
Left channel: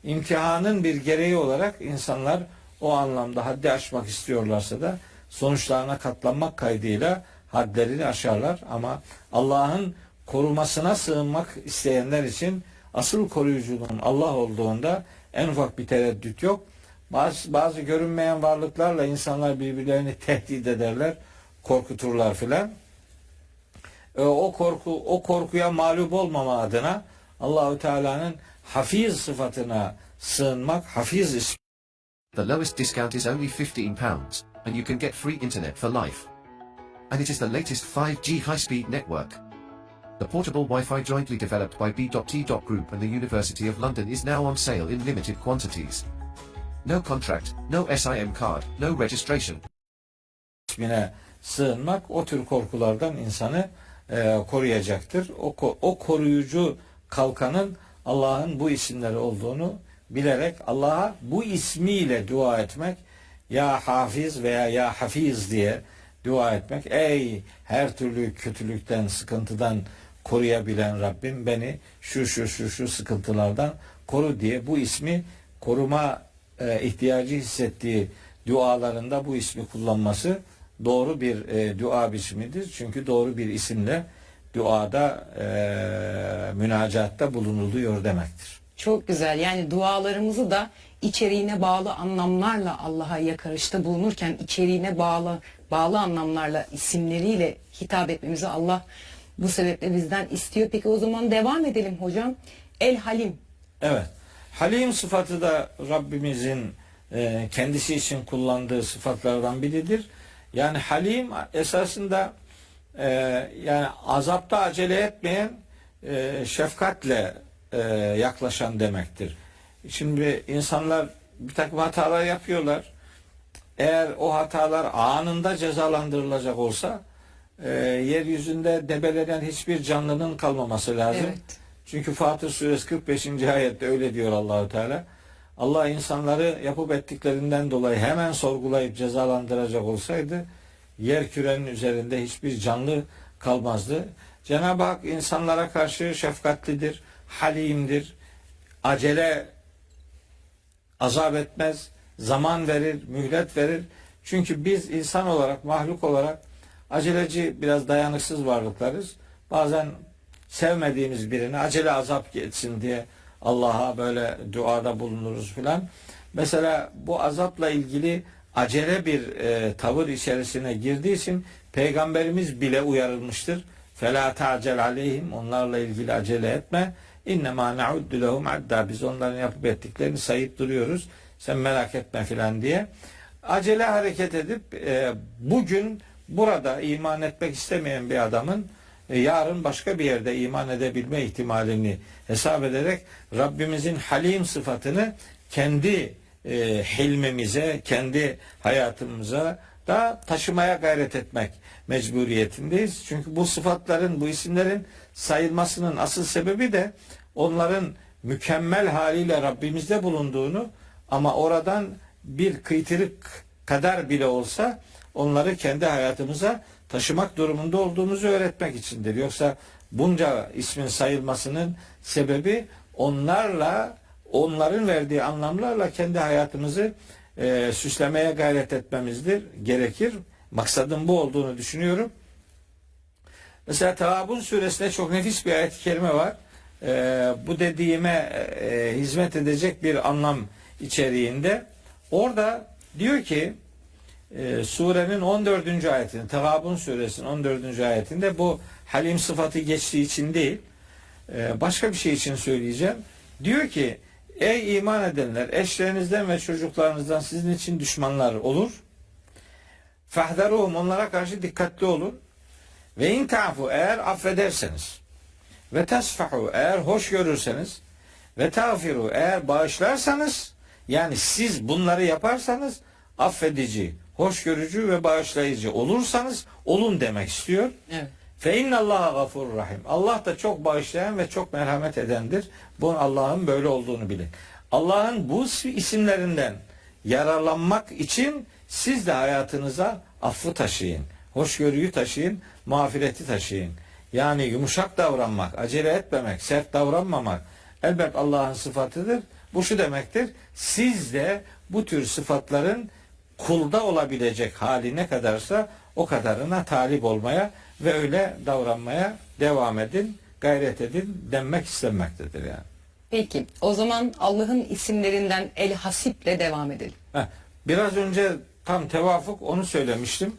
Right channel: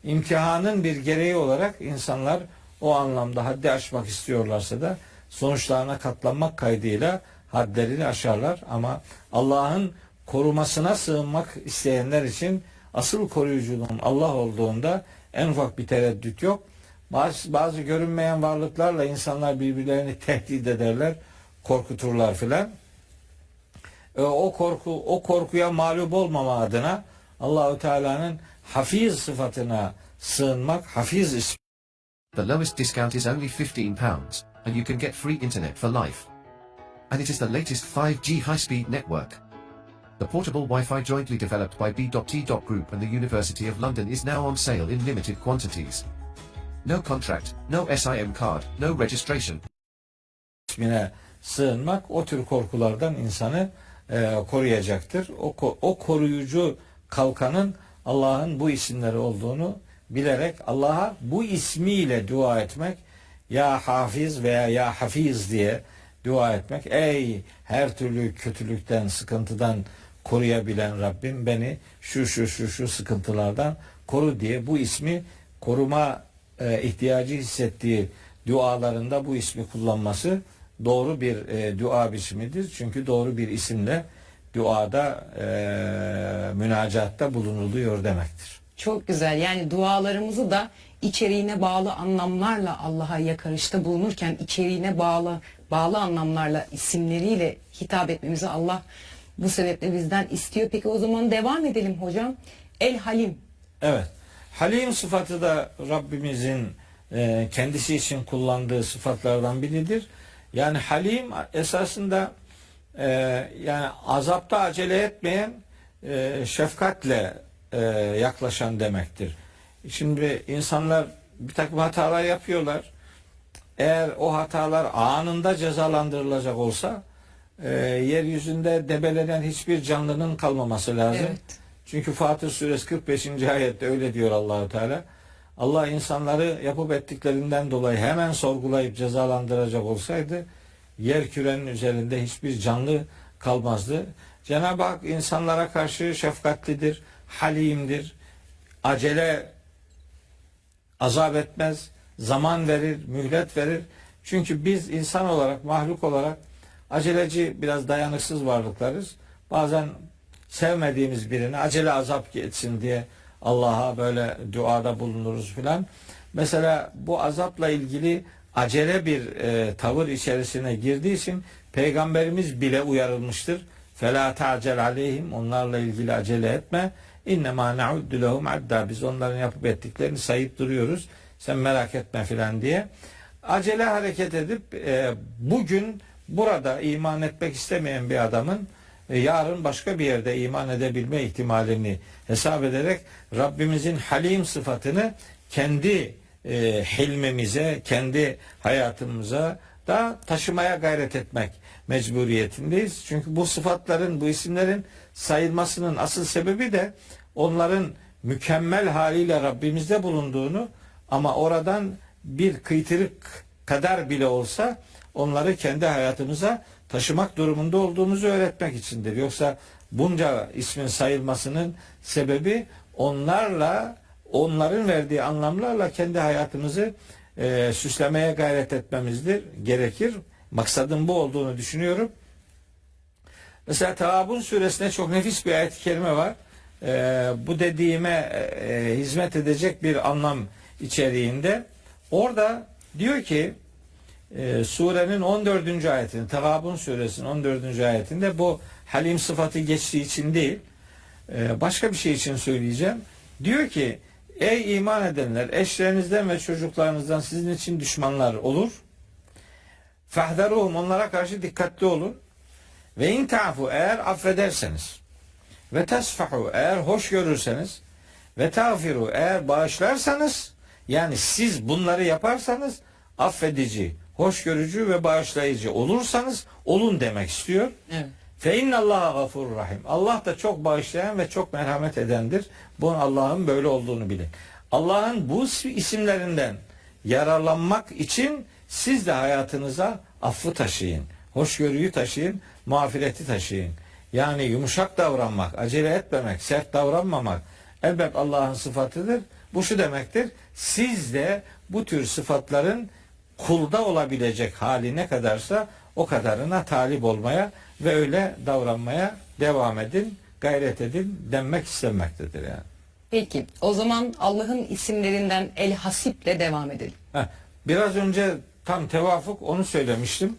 İmtihanın bir gereği olarak insanlar o anlamda haddi aşmak istiyorlarsa da sonuçlarına katlanmak kaydıyla hadlerini aşarlar. Ama Allah'ın korumasına sığınmak isteyenler için asıl koruyuculuğun Allah olduğunda en ufak bir tereddüt yok. Bazı görünmeyen varlıklarla insanlar birbirlerini tehdit ederler, korkuturlar filan. O korkuya mağlup olmama adına Allahu Teala'nın hafiz sıfatına sığınmak, Hafiz ismi. The lowest discount is only £15, and you can get free internet for life. And it is the latest 5G high-speed network. The portable Wi-Fi jointly developed by B.T. Group and the University of London is now on sale in limited quantities. No contract, no SIM card, no registration. ismine sığınmak o tür korkulardan insanı koruyacaktır. O koruyucu kalkanın Allah'ın bu isimleri olduğunu bilerek Allah'a bu ismiyle dua etmek, ya Hafiz veya ya Hafiz diye dua etmek. Ey her türlü kötülükten, sıkıntıdan koruyabilen Rabbim, beni şu sıkıntılardan koru diye bu ismi koruma ihtiyacı hissettiği dualarında bu ismi kullanması doğru bir dua biçimidir. Çünkü doğru bir isimle duada, münacatta bulunuluyor demektir. Çok güzel. Yani dualarımızı da içeriğine bağlı anlamlarla Allah'a yakarışta bulunurken içeriğine bağlı anlamlarla, isimleriyle hitap etmemizi Allah bu sebeple bizden istiyor. Peki o zaman devam edelim hocam. El Halim. Evet. Halim sıfatı da Rabbimizin kendisi için kullandığı sıfatlardan biridir. Yani Halim esasında yani azapta acele etmeyen, şefkatle yaklaşan demektir. Şimdi insanlar bir takım hatalar yapıyorlar. Eğer o hatalar anında cezalandırılacak olsa yeryüzünde debelenen hiçbir canlının kalmaması lazım. Evet. Çünkü Fatır Suresi 45. ayette öyle diyor Allahu Teala. Allah insanları yapıp ettiklerinden dolayı hemen sorgulayıp cezalandıracak olsaydı yer kürenin üzerinde hiçbir canlı kalmazdı. Cenab-ı Hak insanlara karşı şefkatlidir, halimdir, acele azap etmez, zaman verir, mühlet verir. Çünkü biz insan olarak, mahluk olarak aceleci, biraz dayanıksız varlıklarız. Bazen sevmediğimiz birine acele azap etsin diye Allah'a böyle duada bulunuruz filan. Mesela bu azapla ilgili acele bir tavır içerisine girdiği için Peygamberimiz bile uyarılmıştır. فَلَا تَعْجَلْ عَلَيْهِمْ Onlarla ilgili acele etme. اِنَّمَا نَعُدُّ لَهُمْ عَدَّى Biz onların yapıp ettiklerini sayıp duruyoruz. Sen merak etme filan diye. Acele hareket edip bugün burada iman etmek istemeyen bir adamın yarın başka bir yerde iman edebilme ihtimalini hesap ederek Rabbimizin halim sıfatını kendi hilmimize, kendi hayatımıza da taşımaya gayret etmek mecburiyetindeyiz. Çünkü bu sıfatların, bu isimlerin sayılmasının asıl sebebi de onların mükemmel haliyle Rabbimizde bulunduğunu ama oradan bir kıytırık kadar bile olsa onları kendi hayatımıza taşımak durumunda olduğumuzu öğretmek içindir. Yoksa bunca ismin sayılmasının sebebi onlarla, onların verdiği anlamlarla kendi hayatımızı süslemeye gayret etmemizdir, gerekir. Maksadın bu olduğunu düşünüyorum. Mesela Tağabun suresinde çok nefis bir ayet-i kerime var. Bu dediğime hizmet edecek bir anlam içeriğinde. Orada diyor ki surenin 14. ayetinde, Tağabun suresinin 14. ayetinde bu halim sıfatı geçtiği için değil, başka bir şey için söyleyeceğim. Diyor ki ey iman edenler, eşlerinizden ve çocuklarınızdan sizin için düşmanlar olur. Fahdaruhum onlara karşı dikkatli olun. Ve in ta'fu eğer affederseniz ve tesfahu eğer hoş görürseniz ve tağfiru eğer bağışlarsanız, yani siz bunları yaparsanız affedici, hoşgörücü ve bağışlayıcı olursanız olun demek istiyor. Evet. Fe innallaha gafurur rahim. Allah da çok bağışlayan ve çok merhamet edendir. Bunun Allah'ın böyle olduğunu bilin. Allah'ın bu isimlerinden yararlanmak için siz de hayatınıza affı taşıyın, hoşgörüyü taşıyın, mağfireti taşıyın. Yani yumuşak davranmak, acele etmemek, sert davranmamak elbette Allah'ın sıfatıdır. Bu şu demektir: siz de bu tür sıfatların kulda olabilecek hali ne kadarsa o kadarına talip olmaya ve öyle davranmaya devam edin, gayret edin denmek istenmektedir yani. Peki o zaman Allah'ın isimlerinden El Hasip'le devam edelim. Biraz önce tam tevafuk onu söylemiştim.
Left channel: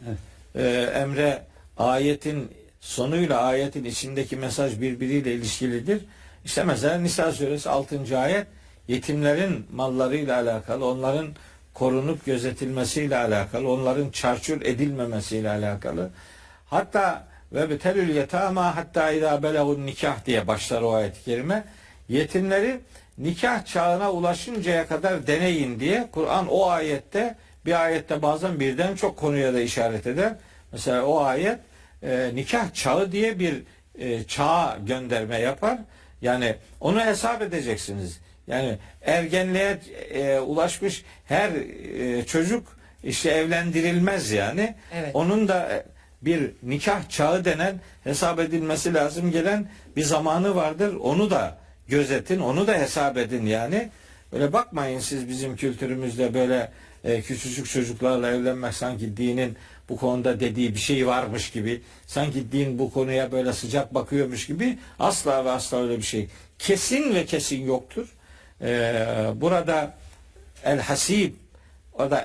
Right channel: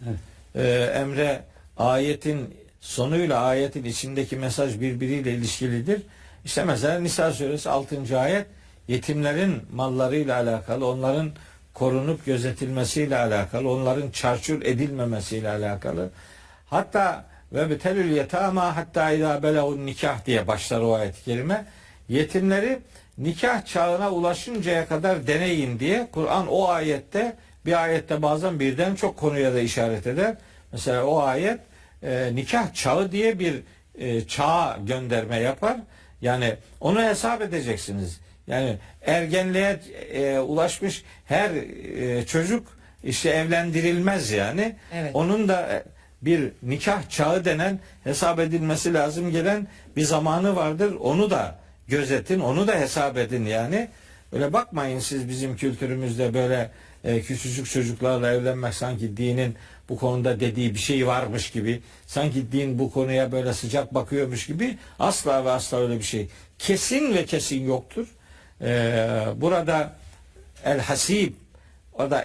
Emre, ayetin sonuyla ayetin içindeki mesaj birbiriyle ilişkilidir. İşte mesela Nisa suresi 6. ayet yetimlerin mallarıyla alakalı, onların korunup gözetilmesiyle alakalı, onların çarçur edilmemesiyle alakalı. Hatta ve betelül yetama hatta idâ belegun nikah diye başlar o ayet-i kerime. Yetimleri nikah çağına ulaşıncaya kadar deneyin diye Kur'an o ayette, bir ayette bazen birden çok konuya da işaret eder. Mesela o ayet nikah çağı diye bir çağa gönderme yapar. Yani onu hesap edeceksiniz. Yani ergenliğe ulaşmış her çocuk işte evlendirilmez yani. Evet. Onun da bir nikah çağı denen, hesap edilmesi lazım gelen bir zamanı vardır. Onu da gözetin, onu da hesap edin yani. Öyle bakmayın siz bizim kültürümüzde böyle küçücük çocuklarla evlenmek sanki dinin bu konuda dediği bir şey varmış gibi, sanki din bu konuya böyle sıcak bakıyormuş gibi. Asla ve asla öyle bir şey kesin ve kesin yoktur. Burada el hasib, o da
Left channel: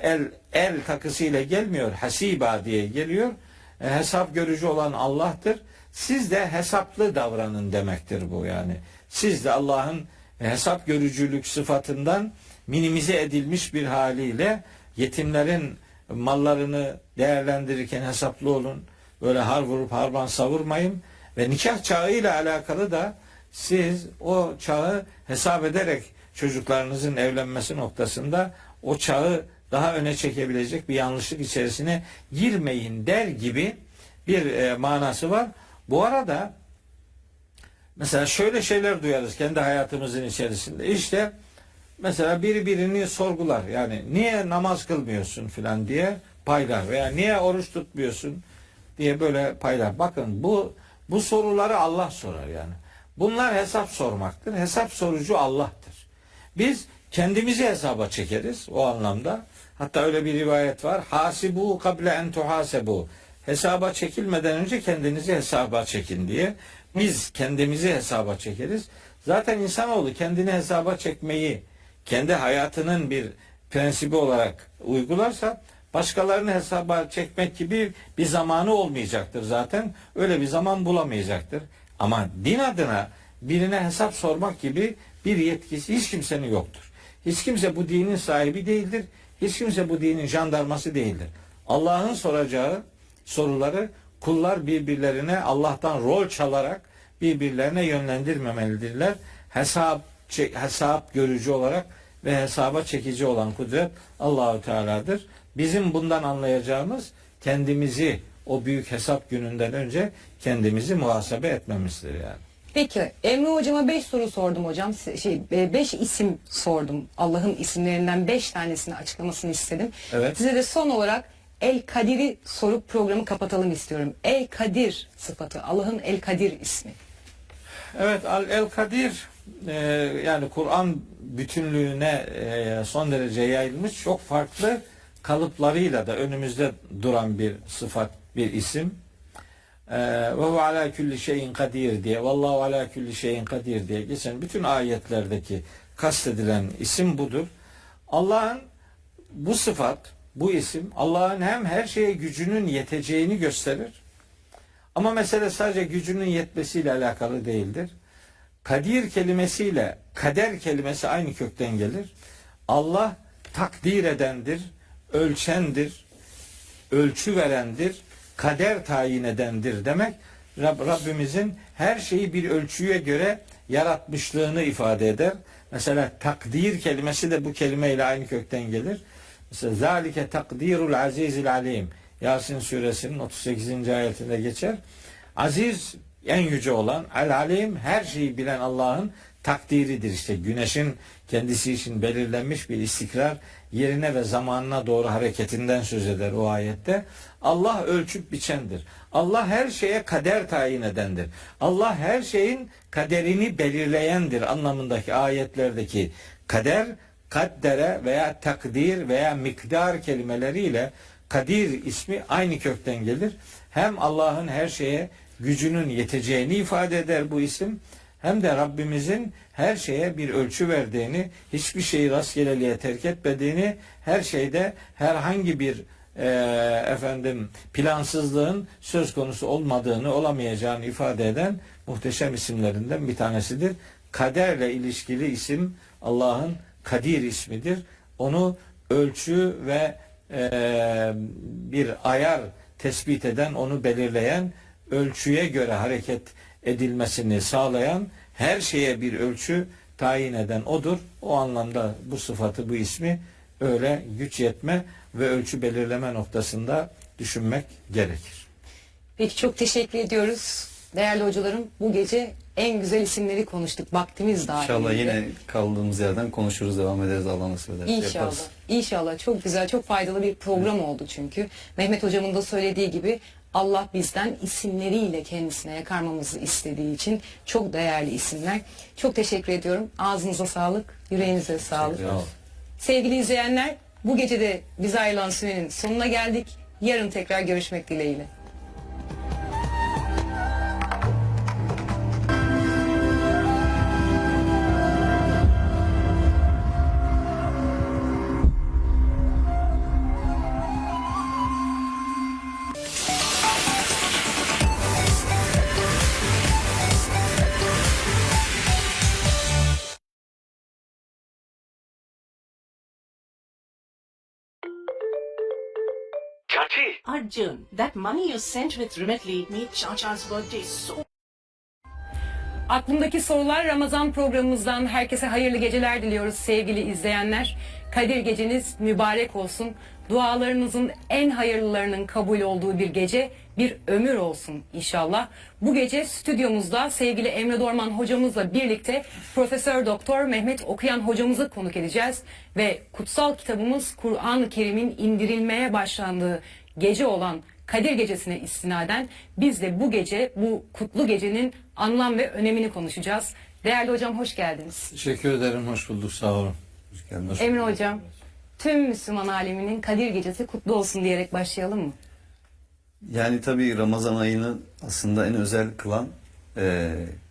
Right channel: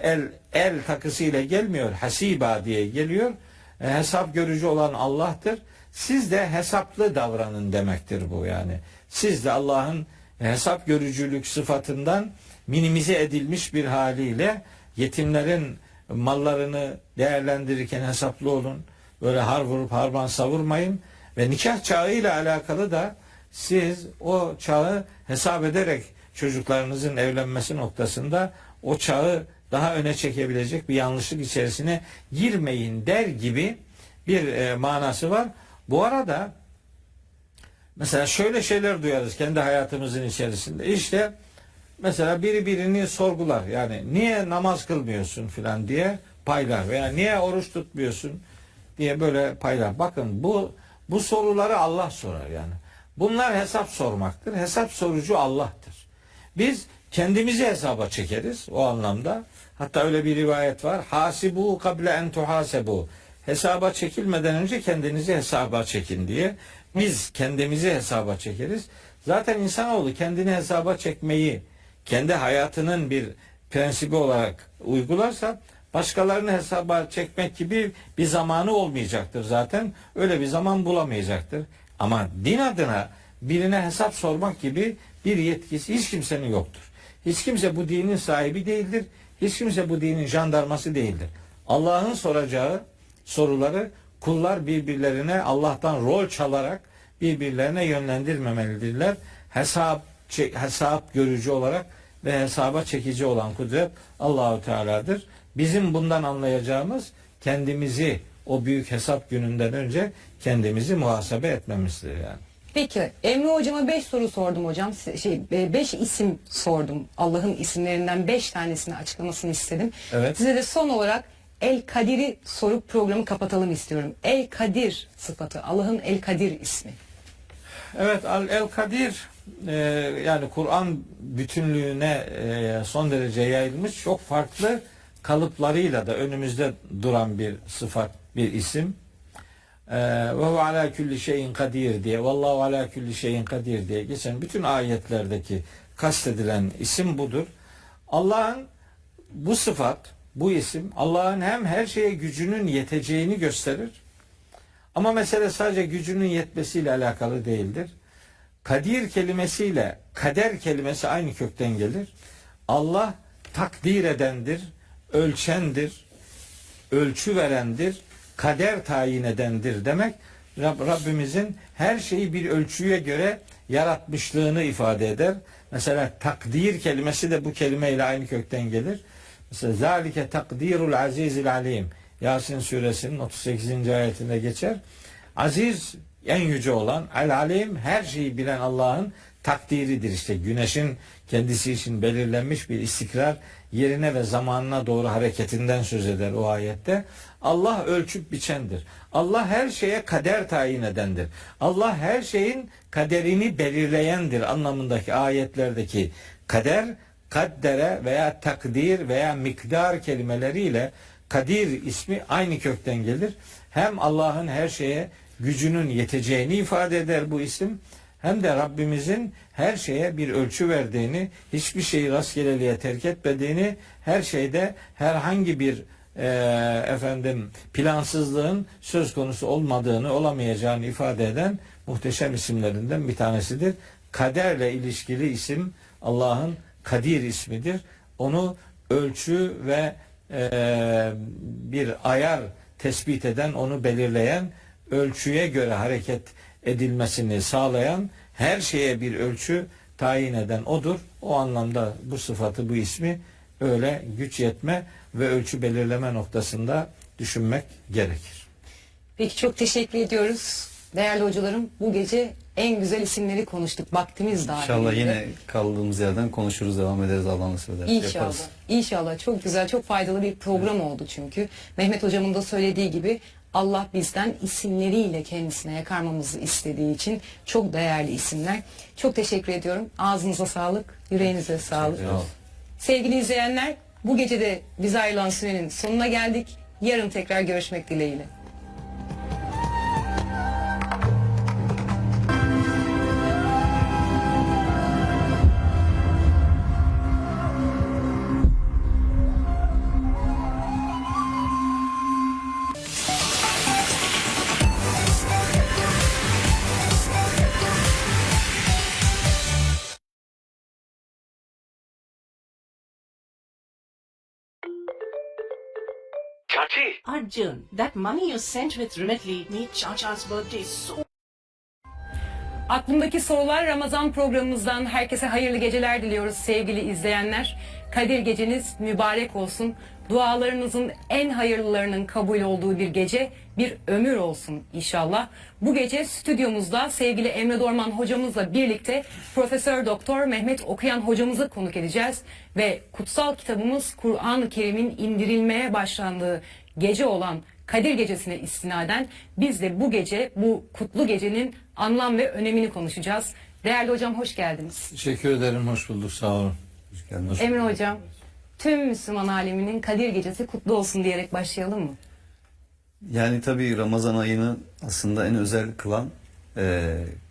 el takısıyla gelmiyor, hasiba diye geliyor. Hesap görücü olan Allah'tır. Siz de hesaplı davranın demektir bu yani. Siz de Allah'ın hesap görücülük sıfatından minimize edilmiş bir haliyle yetimlerin mallarını değerlendirirken hesaplı olun. Böyle har vurup harman savurmayın. Ve nikah çağıyla alakalı da siz o çağı hesap ederek çocuklarınızın evlenmesi noktasında o çağı daha öne çekebilecek bir yanlışlık içerisine girmeyin der gibi bir manası var. Bu arada mesela şöyle şeyler duyarız kendi hayatımızın içerisinde. İşte mesela biri birini sorgular. Yani niye namaz kılmıyorsun filan diye paylar veya niye oruç tutmuyorsun diye böyle paylar. Bakın bu soruları Allah sorar yani. Bunlar hesap sormaktır. Hesap sorucu Allah'tır. Biz kendimizi hesaba çekeriz o anlamda. Hatta öyle bir rivayet var. Hasibu kable en tuhasebu. Hesaba çekilmeden önce kendinizi hesaba çekin diye. Biz kendimizi hesaba çekeriz. Zaten insanoğlu kendini hesaba çekmeyi kendi hayatının bir prensibi olarak uygularsa başkalarını hesaba çekmek gibi bir zamanı olmayacaktır zaten. Öyle bir zaman bulamayacaktır. Ama din adına birine hesap sormak gibi bir yetkisi hiç kimsenin yoktur. Hiç kimse bu dinin sahibi değildir. Hiç kimse bu dinin jandarması değildir. Allah'ın soracağı soruları kullar birbirlerine Allah'tan rol çalarak birbirlerine yönlendirmemelidirler. Hesap görücü olarak ve hesaba çekici olan kudret Allahu Teala'dır. Bizim bundan anlayacağımız kendimizi o büyük hesap gününden önce kendimizi muhasebe etmemizdir yani. Peki Emre hocama 5 soru sordum hocam. 5 isim sordum. Allah'ın isimlerinden 5 tanesini açıklamasını istedim. Evet. Size de son olarak El Kadir'i sorup programı kapatalım istiyorum. El Kadir sıfatı, Allah'ın El Kadir ismi. Evet, El Kadir yani Kur'an bütünlüğüne son derece yayılmış, çok farklı kalıplarıyla da önümüzde duran bir sıfat, bir isim. Ve hu ala kulli şeyin kadir diye, vallahu ala kulli şeyin kadir diye geçen bütün ayetlerdeki kastedilen isim budur. Allah'ın bu sıfat, bu isim Allah'ın hem her şeye gücünün yeteceğini gösterir. Ama mesele sadece gücünün yetmesiyle alakalı değildir. Kadir kelimesiyle kader kelimesi aynı kökten gelir. Allah takdir edendir, ölçendir, ölçü verendir, kader tayin edendir demek. Rabbimizin her şeyi bir ölçüye göre yaratmışlığını ifade eder. Mesela takdir kelimesi de bu kelimeyle aynı kökten gelir. Mesela zalike takdirul azizil alim. Yasin suresinin 38. ayetinde geçer. Aziz, en yüce olan, el-alim, her şeyi bilen Allah'ın takdiridir. İşte güneşin kendisi için belirlenmiş bir istikrar, yerine ve zamanına doğru hareketinden söz eder o ayette. Allah ölçüp biçendir. Allah her şeye kader tayin edendir. Allah her şeyin kaderini belirleyendir anlamındaki ayetlerdeki kader, kaddere veya takdir veya miktar kelimeleriyle kadir ismi aynı kökten gelir. Hem Allah'ın her şeye gücünün yeteceğini ifade eder bu isim, hem de Rabbimizin her şeye bir ölçü verdiğini, hiçbir şeyi rastgeleliğe terk etmediğini, her şeyde herhangi bir plansızlığın söz konusu olmadığını, olamayacağını ifade eden muhteşem isimlerinden bir tanesidir. Kaderle ilişkili isim Allah'ın Kadir ismidir. Onu ölçü ve bir ayar tespit eden, onu belirleyen, ölçüye göre hareket edilmesini sağlayan, her şeye bir ölçü tayin eden odur. O anlamda bu sıfatı, bu ismi öyle güç yetme ve ölçü belirleme noktasında düşünmek gerekir. Peki çok teşekkür ediyoruz. Değerli hocalarım, bu gece en güzel isimleri konuştuk. Vaktimiz dahilinde. İnşallah yine kaldığımız yerden konuşuruz, devam ederiz, Allah nasip ederse İnşallah. yaparız. İnşallah. Çok güzel, çok faydalı bir program oldu çünkü. Mehmet hocamın da söylediği gibi Allah bizden isimleriyle kendisine yakarmamızı istediği için çok değerli isimler. Çok teşekkür ediyorum. Ağzınıza sağlık, yüreğinize sağlık. Sağ olun. Sevgili izleyenler, bu gece de bize ayrılan sürenin sonuna geldik. Yarın tekrar görüşmek dileğiyle. Arjun, that money you sent with Remitly made Chacha's birthday so Aklımdaki sorular Ramazan programımızdan herkese hayırlı geceler diliyoruz sevgili izleyenler. Kadir geceniz mübarek olsun. Dualarınızın en hayırlılarının kabul olduğu bir gece, bir ömür olsun inşallah. Bu gece stüdyomuzda sevgili Emre Dorman hocamızla birlikte Profesör Doktor Mehmet Okuyan hocamızı konuk edeceğiz ve kutsal kitabımız Kur'an-ı Kerim'in indirilmeye başlandığı gece olan Kadir Gecesi'ne istinaden biz de bu gece, bu kutlu gecenin anlam ve önemini konuşacağız. Değerli hocam hoş geldiniz. Teşekkür ederim, hoş bulduk, sağ olun. Hoş geldiniz. Emre hocam, tüm Müslüman aleminin Kadir Gecesi kutlu olsun diyerek başlayalım mı? Yani tabii Ramazan ayını aslında en özel kılan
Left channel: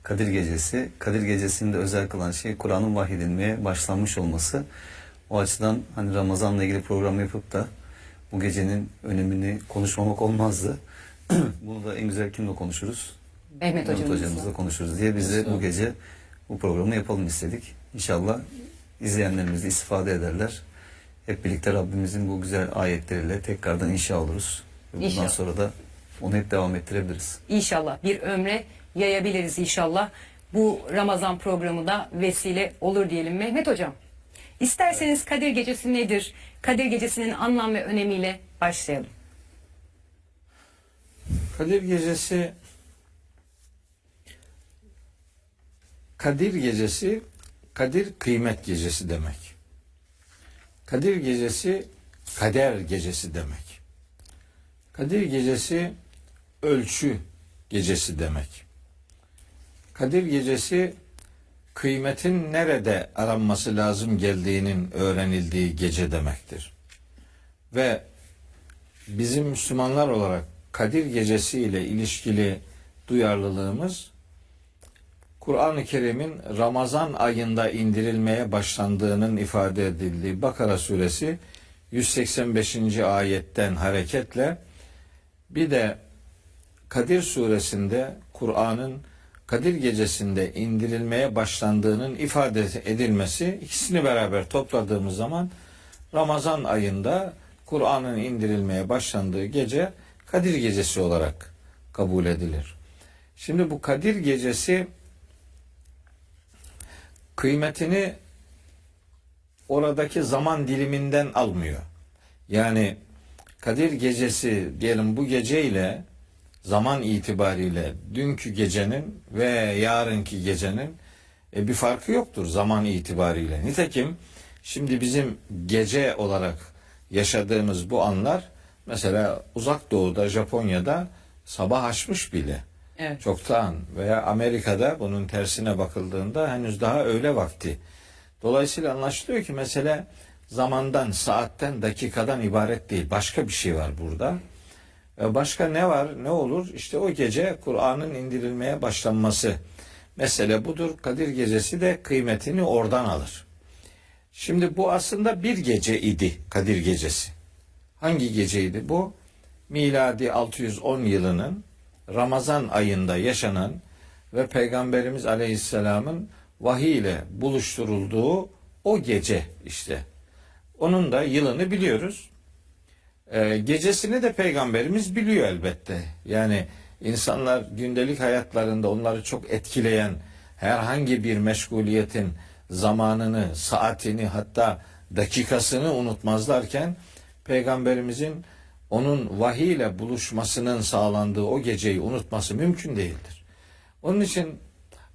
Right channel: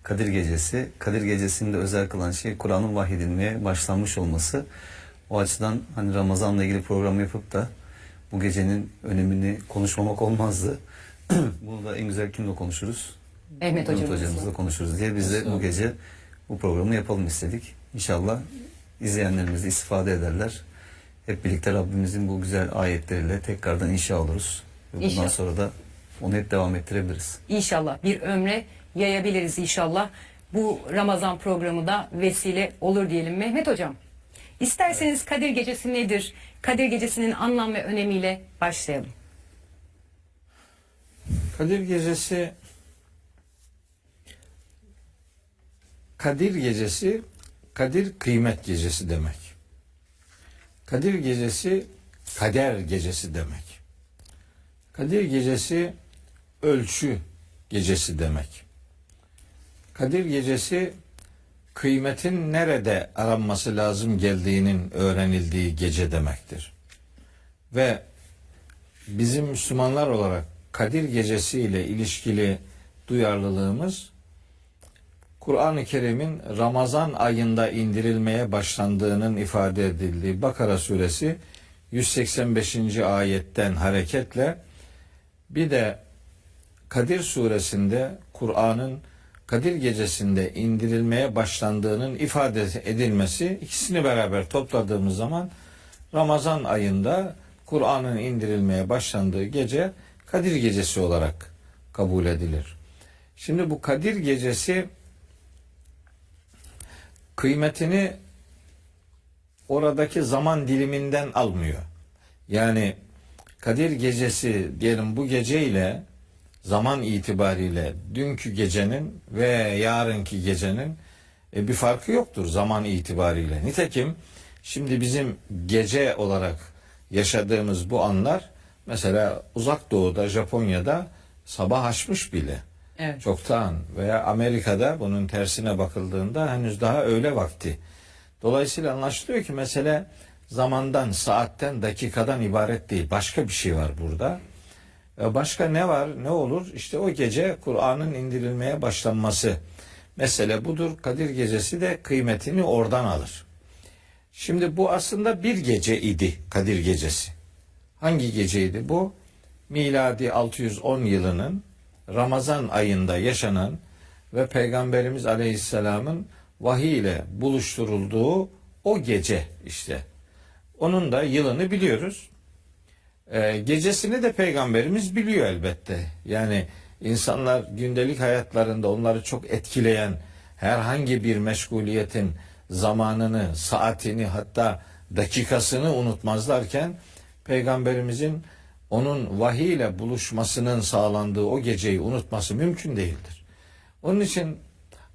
Kadir Gecesi. Kadir Gecesi'ni de özel kılan şey Kur'an'ın vahyedilmeye başlanmış olması. O açıdan hani Ramazan'la ilgili program yapıp da bu gecenin önemini konuşmamak olmazdı. Bunu da en güzel kimle konuşuruz? Mehmet hocamızla. Hocamızla konuşuruz diye biz de bu gece bu programı yapalım istedik. İnşallah izleyenlerimiz de istifade ederler. Hep birlikte Rabbimizin bu güzel ayetleriyle tekrardan inşa oluruz. Ve bundan İnşallah. sonra da onu hep devam ettirebiliriz. İnşallah bir ömre yayabiliriz inşallah. Bu Ramazan programı da vesile olur diyelim. Mehmet hocam, isterseniz Kadir Gecesi nedir? Kadir Gecesi'nin anlam ve önemiyle başlayalım. Kadir Gecesi, Kadir Gecesi, Kadir kıymet gecesi demek. Kadir Gecesi, kader gecesi demek. Kadir Gecesi, ölçü gecesi demek. Kadir Gecesi, kıymetin nerede aranması lazım geldiğinin öğrenildiği gece demektir. Ve bizim Müslümanlar olarak Kadir Gecesi ile ilişkili duyarlılığımız, Kur'an-ı Kerim'in Ramazan ayında indirilmeye başlandığının ifade edildiği Bakara suresi 185. ayetten hareketle, bir de Kadir suresinde Kur'an'ın Kadir gecesinde indirilmeye başlandığının ifade edilmesi, ikisini beraber topladığımız zaman Ramazan ayında Kur'an'ın indirilmeye başlandığı gece Kadir gecesi olarak kabul edilir. Şimdi bu Kadir gecesi kıymetini oradaki zaman diliminden almıyor. Yani Kadir gecesi diyelim, bu gece ile zaman itibariyle dünkü gecenin ve yarınki gecenin bir farkı yoktur zaman itibariyle. Nitekim şimdi bizim gece olarak yaşadığımız bu anlar, mesela Uzak Doğu'da, Japonya'da sabah açmış bile. Evet. Çoktan, veya Amerika'da bunun tersine bakıldığında henüz daha öğle vakti. Dolayısıyla anlaşılıyor ki mesele zamandan, saatten, dakikadan ibaret değil. Başka bir şey var burada. Başka ne var, ne olur? İşte o gece Kur'an'ın indirilmeye başlanması. Mesele budur. Kadir gecesi de kıymetini oradan alır. Şimdi bu aslında bir gece idi, Kadir gecesi. Hangi geceydi bu? Miladi 610 yılının Ramazan ayında yaşanan ve Peygamberimiz Aleyhisselam'ın vahiy ile buluşturulduğu o gece işte. Onun da yılını biliyoruz. Gecesini de Peygamberimiz biliyor elbette. Yani insanlar gündelik hayatlarında onları çok etkileyen herhangi bir meşguliyetin zamanını, saatini, hatta dakikasını unutmazlarken Peygamberimizin onun vahiy ile buluşmasının sağlandığı o geceyi unutması mümkün değildir. Onun için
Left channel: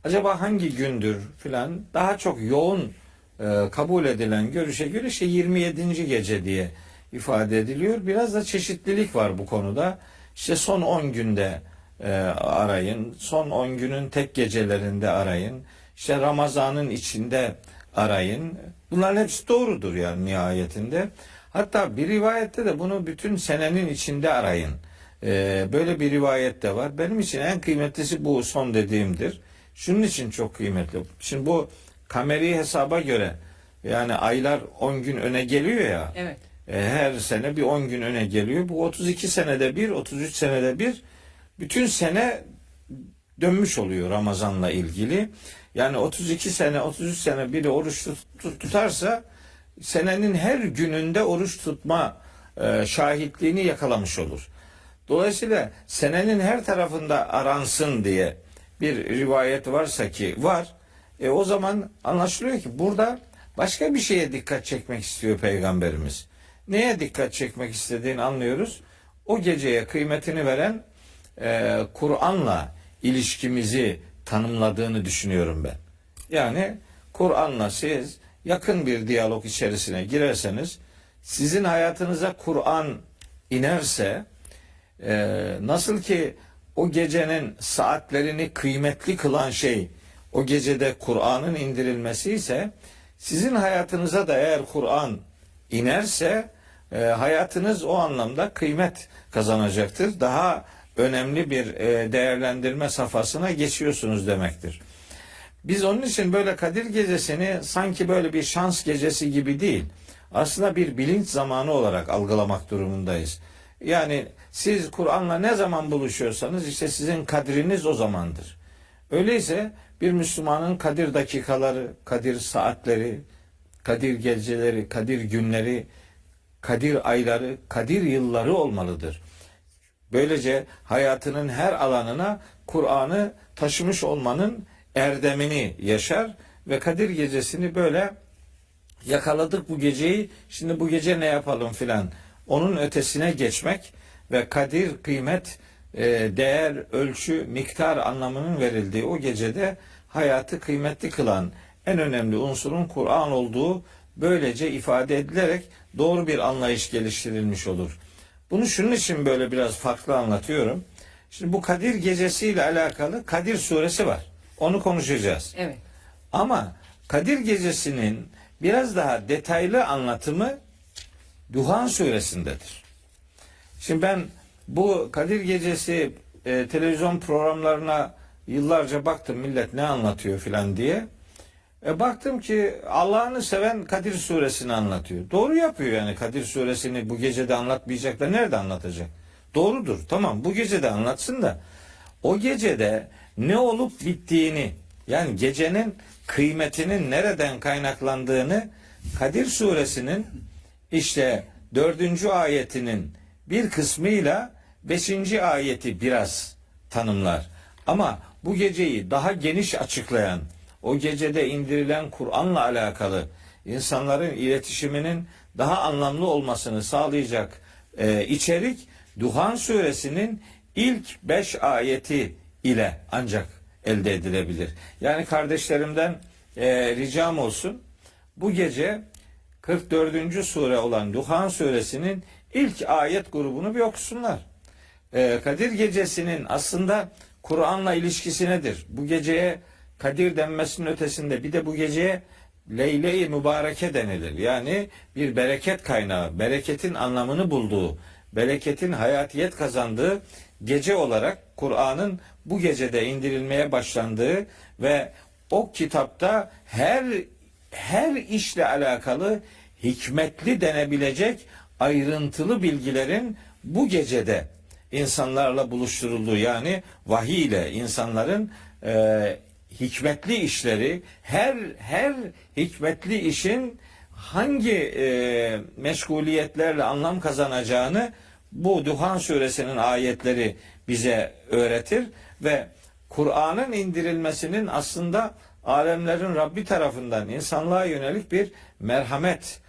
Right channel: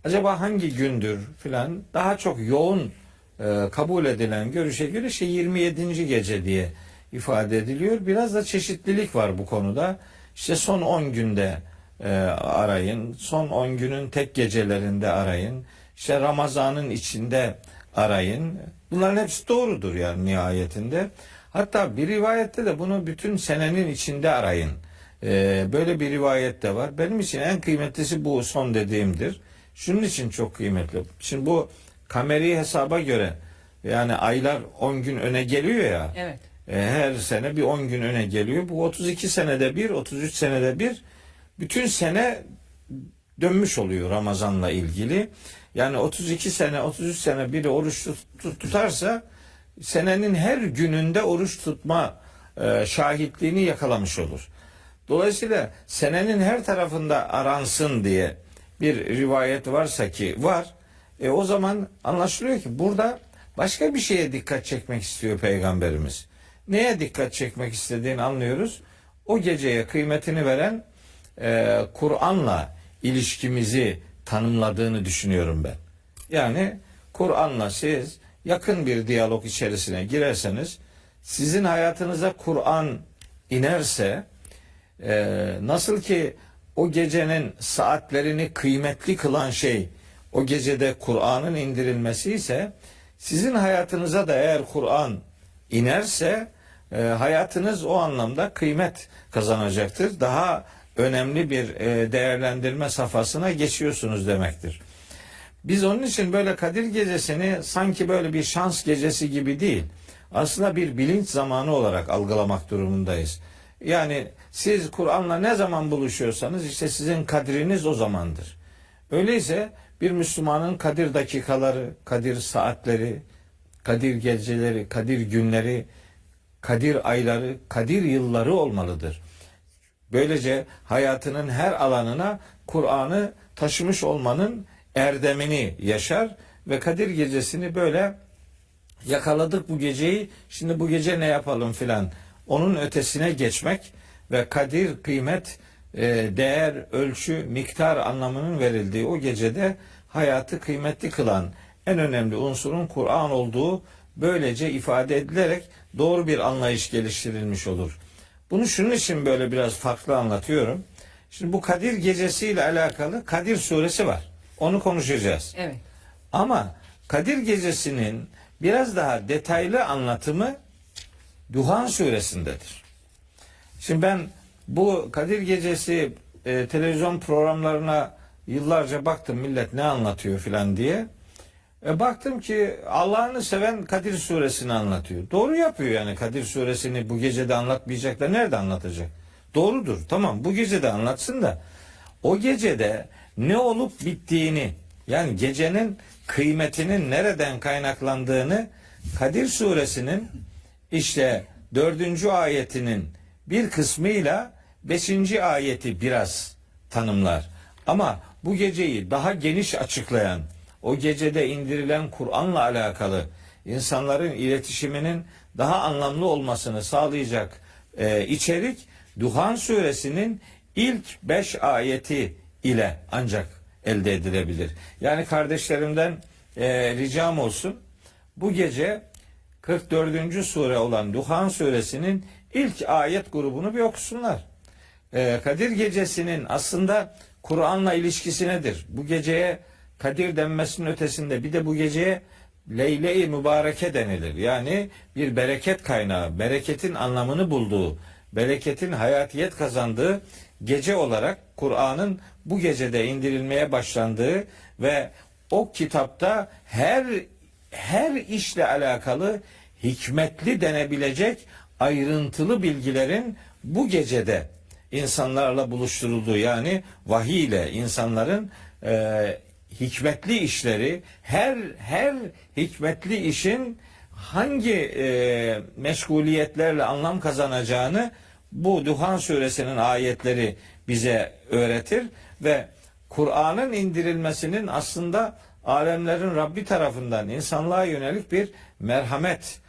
acaba hangi gündür filan daha çok yoğun kabul edilen görüşe göre 27. gece diye ifade ediliyor. Biraz da çeşitlilik var bu konuda. İşte son 10 günde arayın, son 10 günün tek gecelerinde arayın, işte Ramazan'ın içinde arayın. Bunların hepsi doğrudur yani nihayetinde. Hatta bir rivayette de bunu bütün senenin içinde arayın. Böyle bir rivayet de var. Benim için en kıymetlisi bu son dediğimdir. Şunun için çok kıymetli. Şimdi bu kameri hesaba göre yani aylar 10 gün öne geliyor ya. Evet. Her sene bir 10 gün öne geliyor. Bu 32 senede bir, 33 senede bir bütün sene dönmüş oluyor Ramazan'la ilgili. Yani 32 sene, 33 sene biri oruç tutarsa senenin her gününde oruç tutma şahitliğini yakalamış olur. Dolayısıyla senenin her tarafında aransın diye bir rivayet varsa ki var, o zaman anlaşılıyor ki burada başka bir şeye dikkat çekmek istiyor Peygamberimiz. Neye dikkat çekmek istediğini anlıyoruz. O geceye kıymetini veren Kur'an'la ilişkimizi tanımladığını düşünüyorum ben. Yani Kur'an'la siz yakın bir diyalog içerisine girerseniz, sizin hayatınıza Kur'an inerse, nasıl ki o gecenin saatlerini kıymetli kılan şey o gecede Kur'an'ın indirilmesi ise, sizin hayatınıza da eğer Kur'an inerse hayatınız o anlamda kıymet kazanacaktır. Daha önemli bir değerlendirme safhasına geçiyorsunuz demektir. Biz onun için böyle Kadir Gecesi'ni sanki böyle bir şans gecesi gibi değil, aslında bir bilinç zamanı olarak algılamak durumundayız. Yani siz Kur'an'la ne zaman buluşuyorsanız işte sizin kadriniz o zamandır. Öyleyse bir Müslümanın Kadir dakikaları, Kadir saatleri, Kadir geceleri, Kadir günleri, Kadir ayları, Kadir yılları olmalıdır. Böylece hayatının her alanına Kur'an'ı taşımış olmanın erdemini yaşar ve Kadir Gecesi'ni böyle yakaladık bu geceyi, şimdi bu gece ne yapalım filan, onun ötesine geçmek ve kadir, kıymet, değer, ölçü, miktar anlamının verildiği o gecede hayatı kıymetli kılan en önemli unsurun Kur'an olduğu böylece ifade edilerek doğru bir anlayış geliştirilmiş olur. Bunu şunun için böyle biraz farklı anlatıyorum. Şimdi bu Kadir Gecesi ile alakalı Kadir Suresi var. Onu konuşacağız. Evet. Ama Kadir Gecesi'nin biraz daha detaylı anlatımı Duhan Suresindedir. Şimdi ben bu Kadir Gecesi televizyon programlarına yıllarca baktım, millet ne anlatıyor filan diye. Baktım ki Allah'ını seven Kadir Suresini anlatıyor. Doğru yapıyor yani, Kadir Suresini bu gecede anlatmayacak da nerede anlatacak? Doğrudur, tamam, bu gecede anlatsın da o gecede ne olup bittiğini, yani gecenin kıymetinin nereden kaynaklandığını Kadir Suresinin işte 4. ayetinin bir kısmıyla 5. ayeti biraz tanımlar. Ama bu geceyi daha geniş açıklayan, o gecede indirilen Kur'an'la alakalı insanların iletişiminin daha anlamlı olmasını sağlayacak içerik Duhan Suresinin ilk 5 ayeti ile ancak elde edilebilir. Yani kardeşlerimden ricam olsun, bu gece 44. sure olan Duhan Suresinin ilk ayet grubunu bir okusunlar. Kadir Gecesi'nin aslında Kur'an'la ilişkisi nedir? Bu geceye Kadir denmesinin ötesinde bir de bu geceye Leyle-i Mübareke denilir. Yani bir bereket kaynağı, bereketin anlamını bulduğu, bereketin hayatiyet kazandığı gece olarak Kur'an'ın bu gecede indirilmeye başlandığı ve o kitapta her işle alakalı hikmetli denebilecek ayrıntılı bilgilerin bu gecede insanlarla buluşturulduğu, yani vahiy ile insanların hikmetli işleri, her hikmetli işin hangi meşguliyetlerle anlam kazanacağını bu Duhan suresinin ayetleri bize öğretir ve Kur'an'ın indirilmesinin aslında alemlerin Rabbi tarafından insanlığa yönelik bir merhamet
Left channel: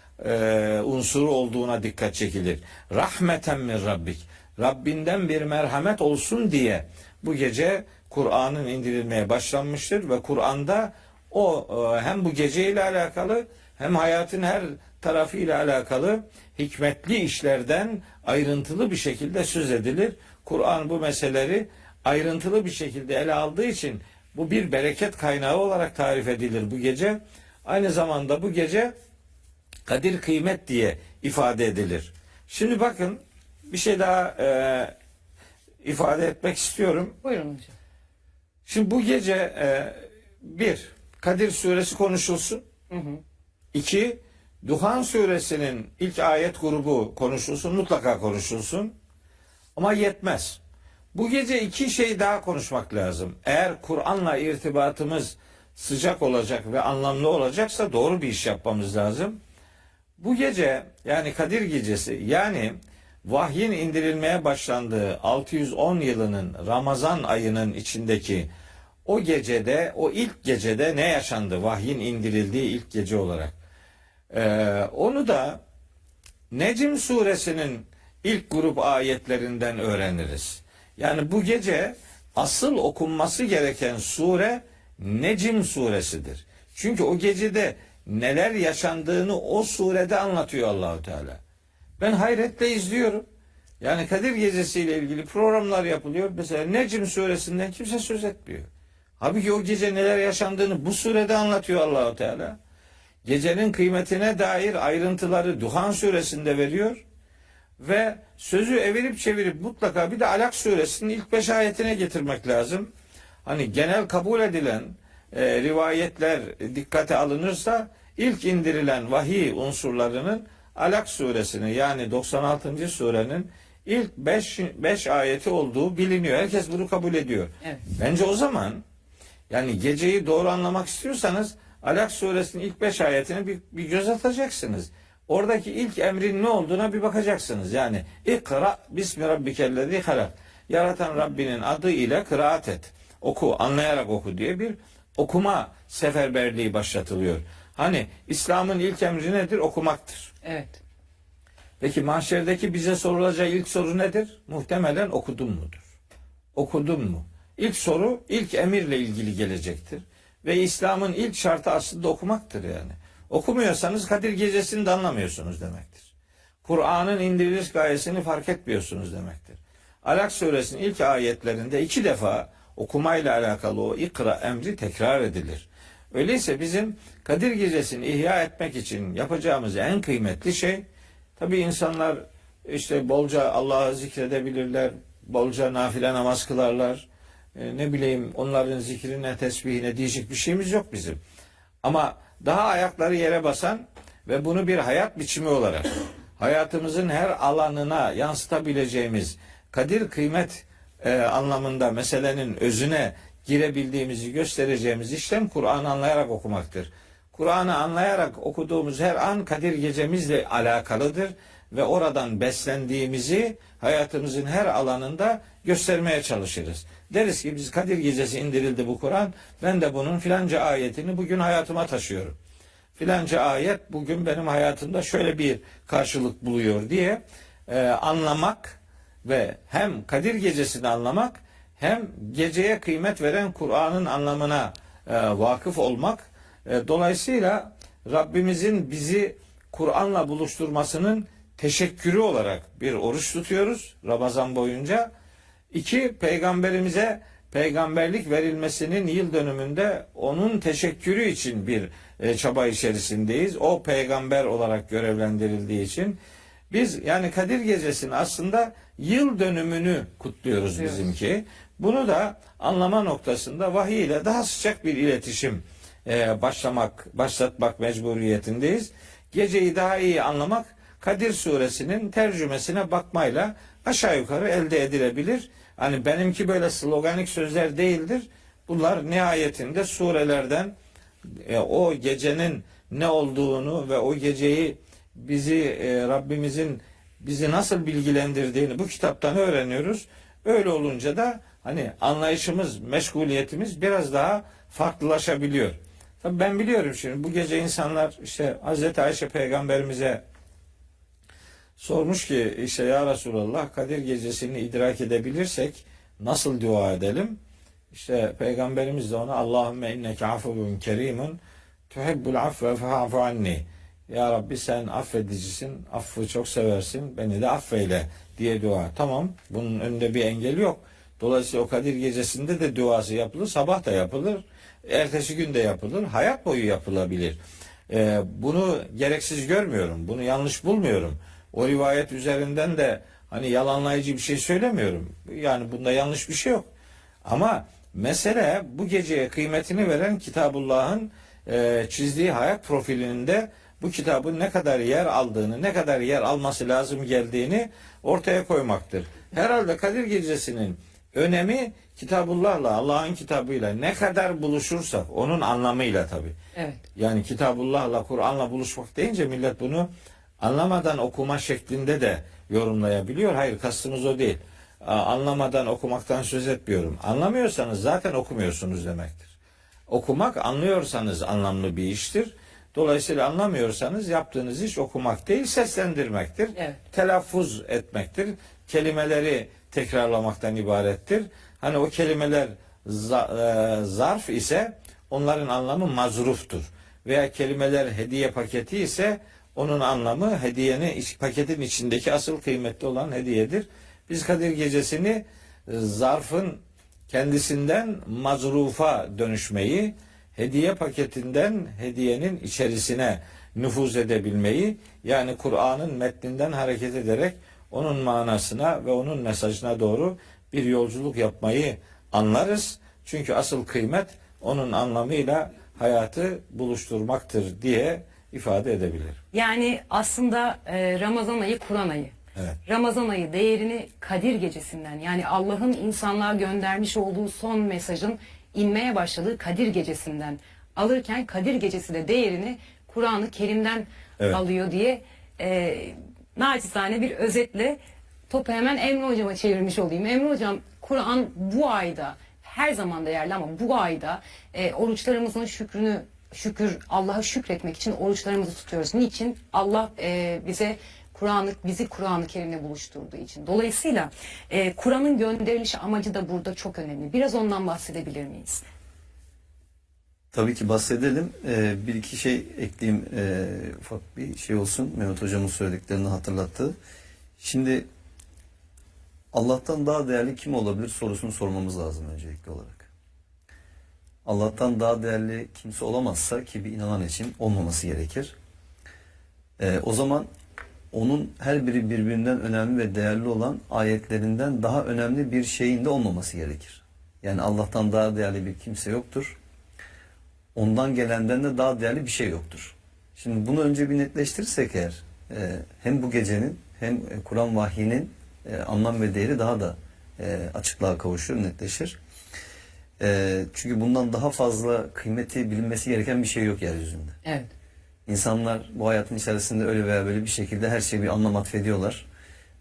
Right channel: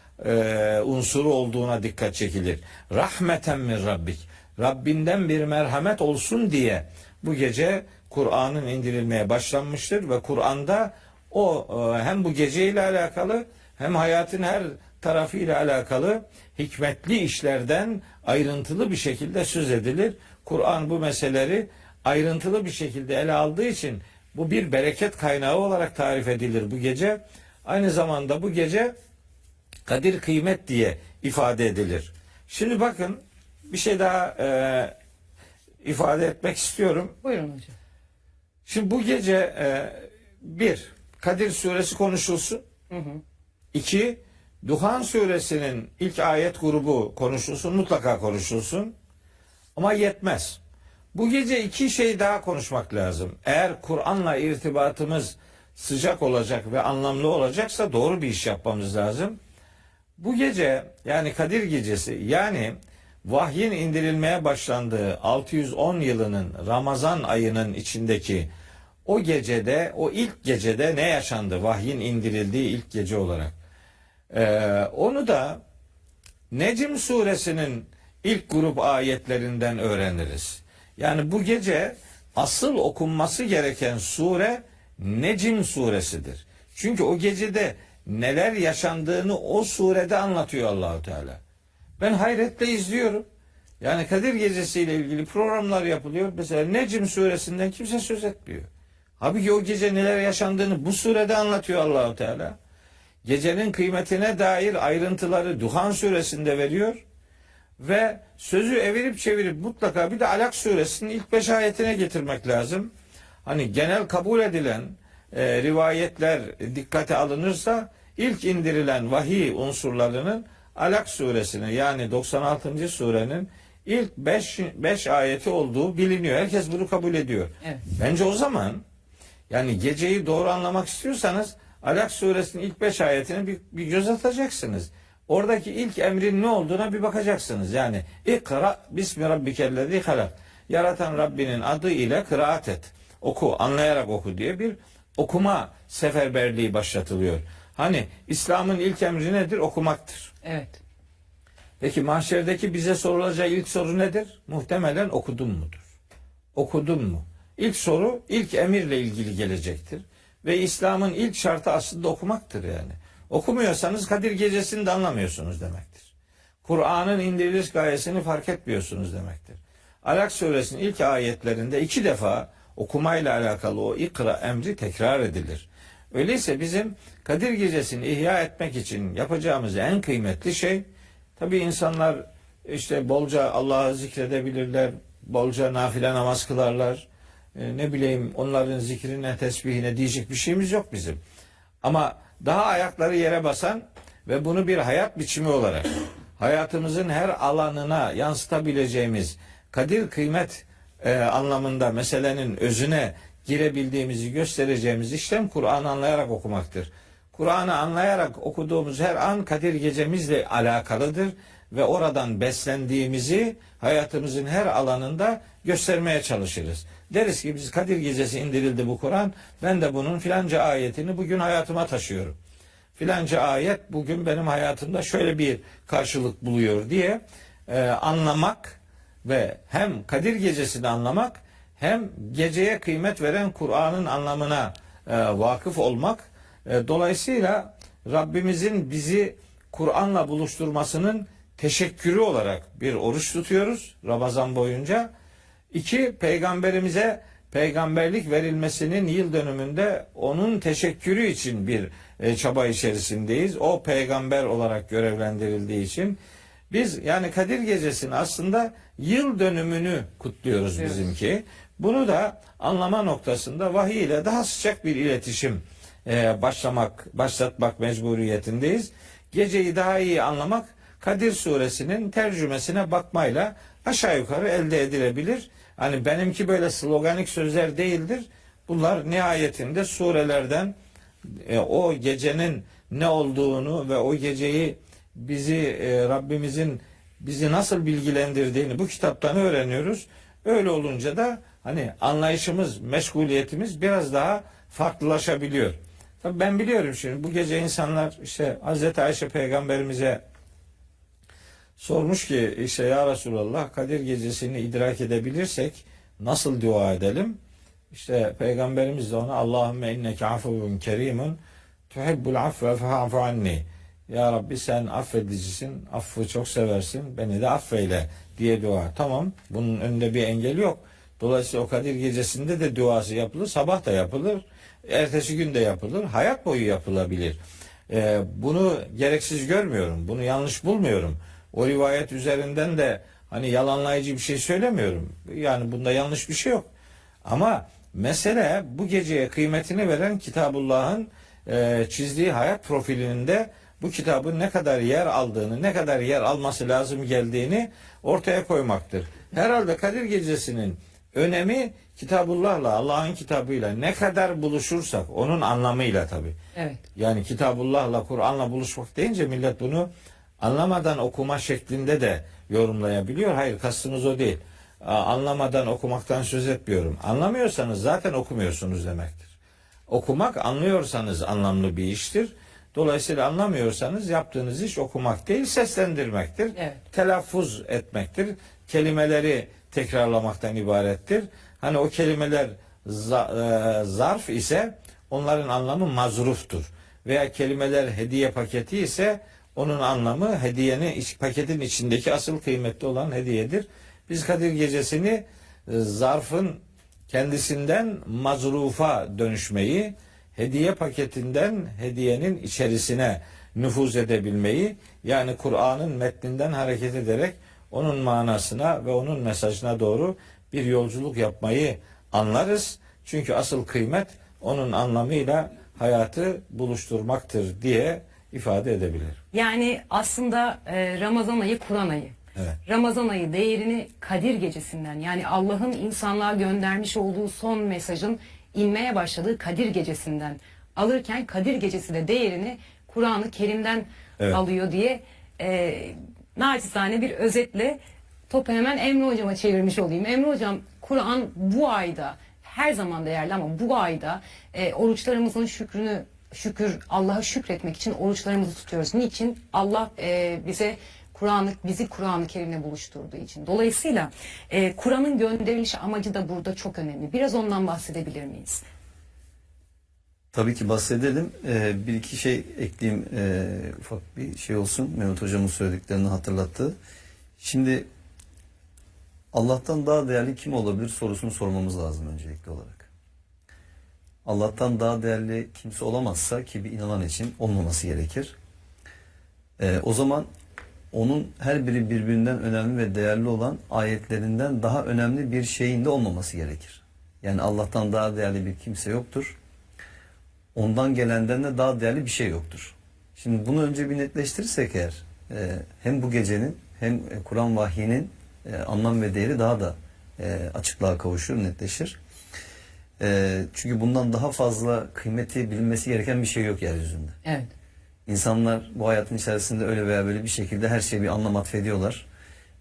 unsuru olduğuna dikkat çekilir. Rahmeten min Rabbik. Rabbinden bir merhamet olsun diye bu gece Kur'an'ın indirilmeye başlanmıştır ve Kur'an'da o hem bu geceyle alakalı hem hayatın her tarafıyla alakalı hikmetli işlerden ayrıntılı bir şekilde söz edilir. Kur'an bu meseleleri ayrıntılı bir şekilde ele aldığı için bu bir bereket kaynağı olarak tarif edilir bu gece. Aynı zamanda bu gece kadir kıymet diye ifade edilir. Şimdi bakın bir şey daha ifade etmek istiyorum. Buyurun hocam. Şimdi bu gece bir, Kadir suresi konuşulsun. İki, Duhan suresinin ilk ayet grubu konuşulsun, mutlaka konuşulsun. Ama yetmez. Bu gece iki şey daha konuşmak lazım. Eğer Kur'an'la irtibatımız sıcak olacak ve anlamlı olacaksa doğru bir iş yapmamız lazım. Bu gece, yani Kadir gecesi, yani vahyin indirilmeye başlandığı 610 yılının Ramazan ayının içindeki o gecede, o ilk gecede ne yaşandı? Vahyin indirildiği ilk gece olarak. Onu da Necm suresinin ilk grup ayetlerinden öğreniriz. Yani bu gece asıl okunması gereken sure Necm suresidir. Çünkü o gecede neler yaşandığını o surede anlatıyor Allahu Teala. Ben hayretle izliyorum. Yani Kadir gecesiyle ilgili programlar yapılıyor. Mesela Necm suresinden kimse söz etmiyor. Halbuki o gece neler yaşandığını bu surede anlatıyor Allahu Teala. Gecenin kıymetine dair ayrıntıları Duhan suresinde veriyor. Ve sözü evirip çevirip mutlaka bir de Alak suresinin ilk 5 ayetine getirmek lazım. Hani genel kabul edilen rivayetler dikkate alınırsa ilk indirilen vahiy unsurlarının Alak suresini, yani 96. surenin ilk 5 ayeti olduğu biliniyor. Herkes bunu kabul ediyor. Evet. Bence o zaman, yani geceyi doğru anlamak istiyorsanız Alak suresinin ilk 5 ayetine bir göz atacaksınız. Oradaki ilk emrin ne olduğuna bir bakacaksınız. Yani İkra bismi rabbikellezî halak. Yaratan Rabbinin adı ile kıraat et. Oku, anlayarak oku diye bir okuma seferberliği başlatılıyor. Hani İslam'ın ilk emri nedir? Okumaktır. Evet. Peki mahşerdeki bize sorulacağı ilk soru nedir? Muhtemelen okudun mudur? Okudun mu? İlk soru ilk emirle ilgili gelecektir. Ve İslam'ın ilk şartı aslında okumaktır yani. Okumuyorsanız Kadir gecesini de anlamıyorsunuz demektir. Kur'an'ın indiriliş gayesini fark etmiyorsunuz demektir. Alak suresinin ilk ayetlerinde 2 defa okumayla alakalı o ikra emri tekrar edilir. Öyleyse bizim Kadir gecesini ihya etmek için yapacağımız en kıymetli şey, tabii insanlar işte bolca Allah'ı zikredebilirler, bolca nafile namaz kılarlar, ne bileyim onların zikrine, tesbihine diyecek bir şeyimiz yok bizim. Ama daha ayakları yere basan ve bunu bir hayat biçimi olarak hayatımızın her alanına yansıtabileceğimiz, kadir kıymet anlamında meselenin özüne girebildiğimizi göstereceğimiz işlem Kur'an'ı anlayarak okumaktır. Kur'an'ı anlayarak okuduğumuz her an Kadir gecemizle alakalıdır ve oradan beslendiğimizi hayatımızın her alanında göstermeye çalışırız. Deriz ki biz Kadir gecesi indirildi bu Kur'an, ben de bunun filanca ayetini bugün hayatıma taşıyorum. Filanca ayet bugün benim hayatımda şöyle bir karşılık buluyor diye anlamak ve hem Kadir gecesini anlamak hem geceye kıymet veren Kur'an'ın anlamına vakıf olmak. Dolayısıyla Rabbimizin bizi Kur'an'la buluşturmasının teşekkürü olarak bir oruç tutuyoruz Ramazan boyunca. 2, peygamberimize peygamberlik verilmesinin yıl dönümünde onun teşekkürü için bir çaba içerisindeyiz. O peygamber olarak görevlendirildiği için biz yani Kadir Gecesi'nin aslında yıl dönümünü kutluyoruz bizimki. Bunu da anlama noktasında vahiy ile daha sıcak bir iletişim başlatmak mecburiyetindeyiz. Geceyi daha iyi anlamak Kadir Suresinin tercümesine bakmayla aşağı yukarı elde edilebilir. Hani benimki böyle sloganik sözler değildir. Bunlar nihayetinde surelerden o gecenin ne olduğunu ve o geceyi Rabbimizin bizi nasıl bilgilendirdiğini bu kitaptan öğreniyoruz. Öyle olunca da hani anlayışımız, meşguliyetimiz biraz daha farklılaşabiliyor. Tabii ben biliyorum şimdi bu gece insanlar işte Hazreti Ayşe peygamberimize sormuş ki işte ya Resulallah Kadir gecesini idrak edebilirsek nasıl dua edelim? İşte peygamberimiz de ona Allahümme inneke afuvun kerimun tuhibbul affe fe'afu anni. Ya Rabbi sen affedicisin, affı çok seversin, beni de affeyle diye dua. Tamam, bunun önünde bir engel yok. Dolayısıyla o Kadir gecesinde de duası yapılır, sabah da yapılır, ertesi gün de yapılır, hayat boyu yapılabilir. Bunu gereksiz görmüyorum, bunu yanlış bulmuyorum. O rivayet üzerinden de hani yalanlayıcı bir şey söylemiyorum. Yani bunda yanlış bir şey yok. Ama mesele bu geceye kıymetini veren Kitabullah'ın çizdiği hayat profilinin de bu kitabın ne kadar yer aldığını, ne kadar yer alması lazım geldiğini ortaya koymaktır. Herhalde Kadir Gecesi'nin önemi Kitabullah'la, Allah'ın kitabıyla ne kadar buluşursak onun anlamıyla tabii. Evet. Yani Kitabullah'la, Kur'an'la buluşmak deyince millet bunu anlamadan okuma şeklinde de yorumlayabiliyor. Hayır, kastımız o değil. Anlamadan okumaktan söz etmiyorum. Anlamıyorsanız zaten okumuyorsunuz demektir. Okumak, anlıyorsanız anlamlı bir iştir. Dolayısıyla anlamıyorsanız yaptığınız iş okumak değil, seslendirmektir. Evet. Telaffuz etmektir. Kelimeleri tekrarlamaktan ibarettir. Hani o kelimeler zarf ise onların anlamı mazruftur. Veya kelimeler hediye paketi ise onun anlamı paketin içindeki asıl kıymetli olan hediyedir. Biz Kadir Gecesi'ni zarfın kendisinden mazrufa dönüşmeyi, hediye paketinden hediyenin içerisine nüfuz edebilmeyi, yani Kur'an'ın metninden hareket ederek onun manasına ve onun mesajına doğru bir yolculuk yapmayı anlarız. Çünkü asıl kıymet onun anlamıyla hayatı buluşturmaktır diye ifade edebilir. Yani aslında Ramazan ayı Kur'an ayı. Evet. Ramazan ayı değerini Kadir Gecesi'nden, yani Allah'ın insanlığa göndermiş olduğu son mesajın inmeye başladığı Kadir Gecesi'nden alırken Kadir Gecesi de değerini Kur'an-ı Kerim'den Evet. alıyor diye naçizane bir özetle topu hemen Emre Hocam'a çevirmiş olayım. Emre Hocam, Kur'an bu ayda her zaman değerli ama bu ayda oruçlarımızın şükür Allah'a şükretmek için oruçlarımızı tutuyoruz. Niçin? Allah bizi Kur'an-ı Kerim'le buluşturduğu için. Dolayısıyla Kur'an'ın gönderiliş amacı da burada çok önemli. Biraz ondan bahsedebilir miyiz? Tabii ki bahsedelim. Bir iki şey ekleyeyim. Ufak bir şey olsun. Mehmet Hocam'ın söylediklerini hatırlattı. Şimdi Allah'tan daha değerli kim olabilir sorusunu sormamız lazım öncelikli olarak. Allah'tan daha değerli kimse olamazsa, ki bir inanan için olmaması gerekir. O zaman onun her biri birbirinden önemli ve değerli olan ayetlerinden daha önemli bir şeyin de olmaması gerekir. Yani Allah'tan daha değerli bir kimse yoktur. Ondan gelenden de daha değerli bir şey yoktur. Şimdi bunu önce bir netleştirirsek eğer, hem bu gecenin hem Kur'an vahyinin anlam ve değeri daha da açıklığa kavuşur, netleşir. Çünkü bundan daha fazla kıymeti bilinmesi gereken bir şey yok yeryüzünde. Evet. İnsanlar bu hayatın içerisinde öyle veya böyle bir şekilde her şeye bir anlam atfediyorlar.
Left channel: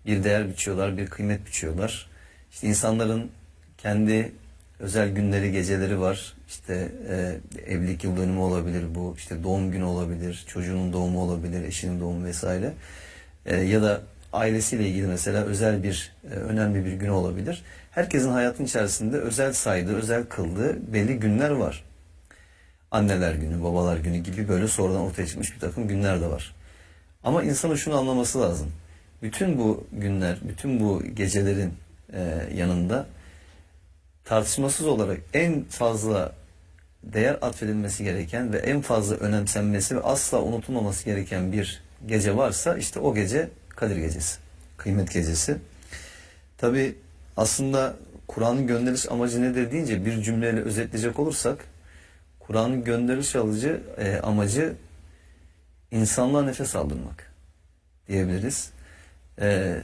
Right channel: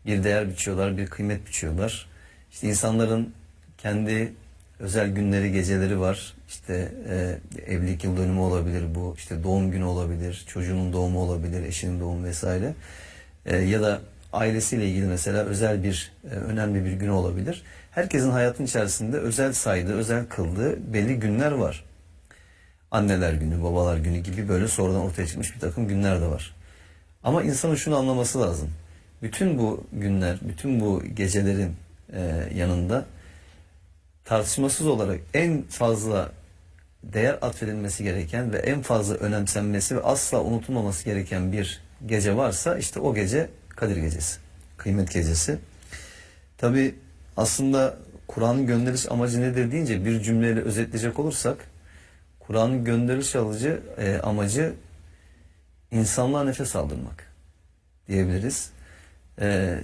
Bir değer biçiyorlar, bir kıymet biçiyorlar. İşte insanların kendi özel günleri, geceleri var. İşte evlilik yıl dönümü olabilir bu. İşte doğum günü olabilir, çocuğunun doğumu olabilir, eşinin doğumu vesaire. Ya da ailesiyle ilgili mesela özel bir, önemli bir gün olabilir. Herkesin hayatın içerisinde özel saydığı, özel kıldığı belli günler var. Anneler günü, babalar günü gibi böyle sonradan ortaya çıkmış bir takım günler de var. Ama insanın şunu anlaması lazım. Bütün bu günler, bütün bu gecelerin yanında tartışmasız olarak en fazla değer atfedilmesi gereken ve en fazla önemsenmesi ve asla unutulmaması gereken bir gece varsa işte o gece Kadir Gecesi, Kıymet Gecesi. Tabi aslında Kur'an'ın gönderiliş amacı nedir deyince bir cümleyle özetleyecek olursak, Kur'an'ın gönderiliş amacı insanlığa nefes aldırmak diyebiliriz.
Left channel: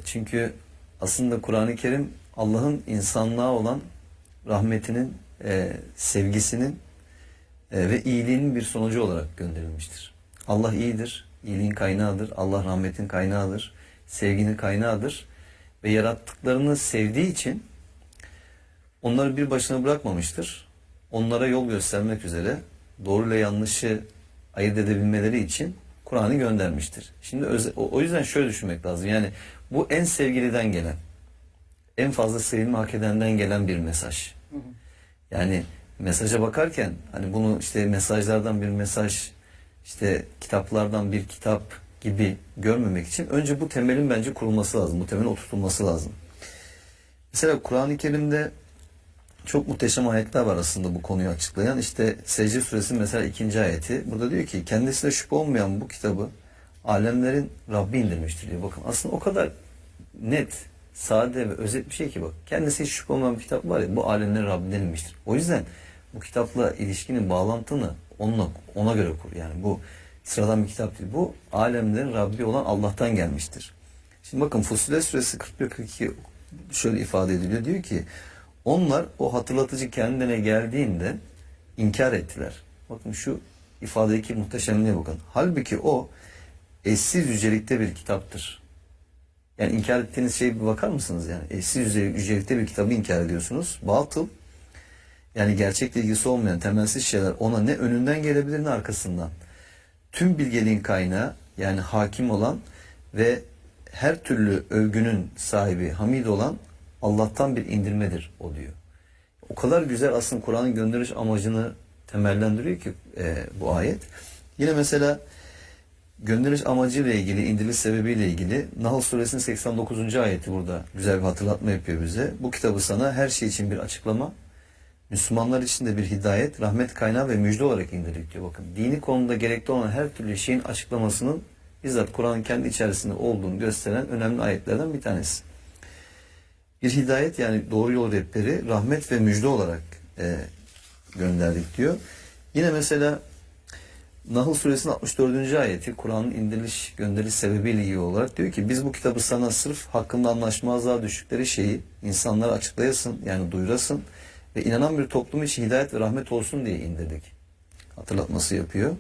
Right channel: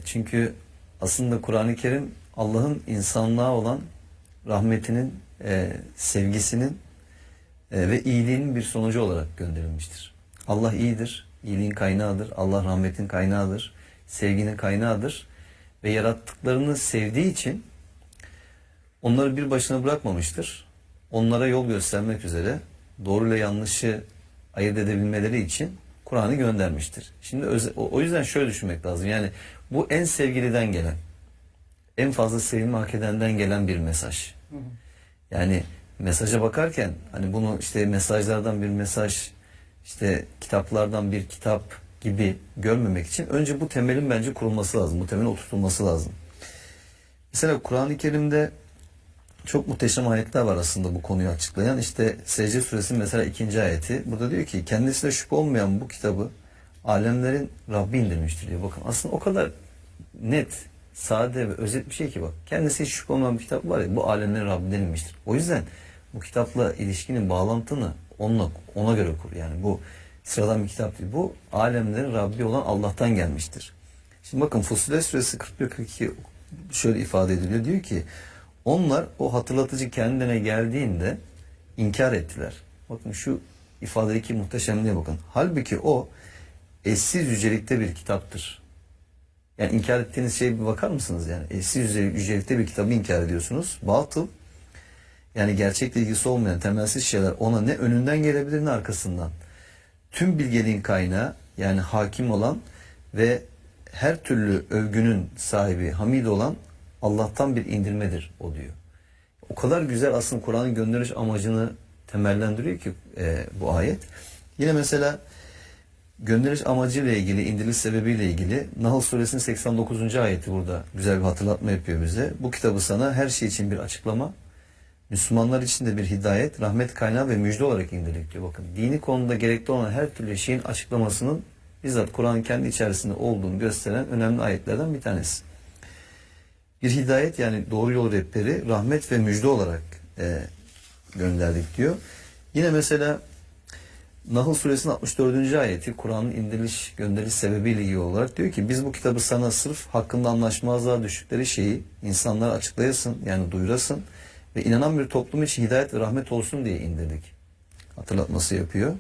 Çünkü aslında Kur'an-ı Kerim Allah'ın insanlığa olan rahmetinin sevgisinin ve iyiliğinin bir sonucu olarak gönderilmiştir. Allah iyidir, iyiliğin kaynağıdır, Allah rahmetin kaynağıdır, sevginin kaynağıdır ve yarattıklarını sevdiği için onları bir başına bırakmamıştır. Onlara yol göstermek üzere doğru ile yanlışı ayırt edebilmeleri için Kur'an'ı göndermiştir. Şimdi o yüzden şöyle düşünmek lazım. Yani bu en sevgiliden gelen, en fazla sevilme hak edenden gelen bir mesaj. Yani mesaja bakarken hani bunu işte mesajlardan bir mesaj, işte kitaplardan bir kitap gibi görmemek için önce bu temelin bence kurulması lazım. Bu temelin oturtulması lazım. Mesela Kur'an-ı Kerim'de çok muhteşem ayetler var aslında bu konuyu açıklayan. İşte Secde Suresi'nin mesela 2. ayeti. Burada diyor ki kendisine şüphe olmayan bu kitabı alemlerin Rabbi indirmiştir diyor. Bakın aslında o kadar net, sade ve özet bir şey ki bak. Kendisi hiç şüphe olmayan bir kitap var ya, bu alemlerin Rabbinden inmiştir. O yüzden bu kitapla ilişkinin bağlantını ona göre kur. Yani bu sıradan bir kitap değil. Bu alemlerin Rabbi olan Allah'tan gelmiştir. Şimdi bakın Fussilet Suresi 41-42 şöyle ifade ediliyor. Diyor ki onlar o hatırlatıcı kendine geldiğinde inkar ettiler. Bakın şu ifadedeki muhteşemliğe bakın. Halbuki o eşsiz yücelikte bir kitaptır. Yani inkar ettiğiniz şeye bir bakar mısınız? Yani eşsiz yücelikte bir kitabı inkar ediyorsunuz. Batıl, yani gerçekle ilgisi olmayan temelsiz şeyler ona ne önünden gelebilir ne arkasından. Tüm bilgeliğin kaynağı, yani hakim olan ve her türlü övgünün sahibi, hamid olan Allah'tan bir indirmedir o diyor. O kadar güzel aslında Kur'an'ın gönderiş amacını temellendiriyor ki bu ayet. Yine mesela gönderiş amacıyla ilgili, indiriş sebebiyle ilgili Nahl Suresinin 89. ayeti burada güzel bir hatırlatma yapıyor bize. Bu kitabı sana her şey için bir açıklama, Müslümanlar için de bir hidayet, rahmet kaynağı ve müjde olarak indirdik diyor. Bakın dini konuda gerekli olan her türlü şeyin açıklamasının bizzat Kur'an'ın kendi içerisinde olduğunu gösteren önemli ayetlerden bir tanesi. Bir hidayet, yani doğru yol rehberi, rahmet ve müjde olarak gönderdik diyor. Yine mesela Nahl Suresinin 64. ayeti Kur'an'ın gönderiş sebebiyle ilgili olarak diyor ki biz bu kitabı sana sırf hakkında anlaşmazlığa düştükleri şeyi insanlara açıklayasın, yani duyurasın ve inanan bir toplum için hidayet ve rahmet olsun diye indirdik. Hatırlatması yapıyor.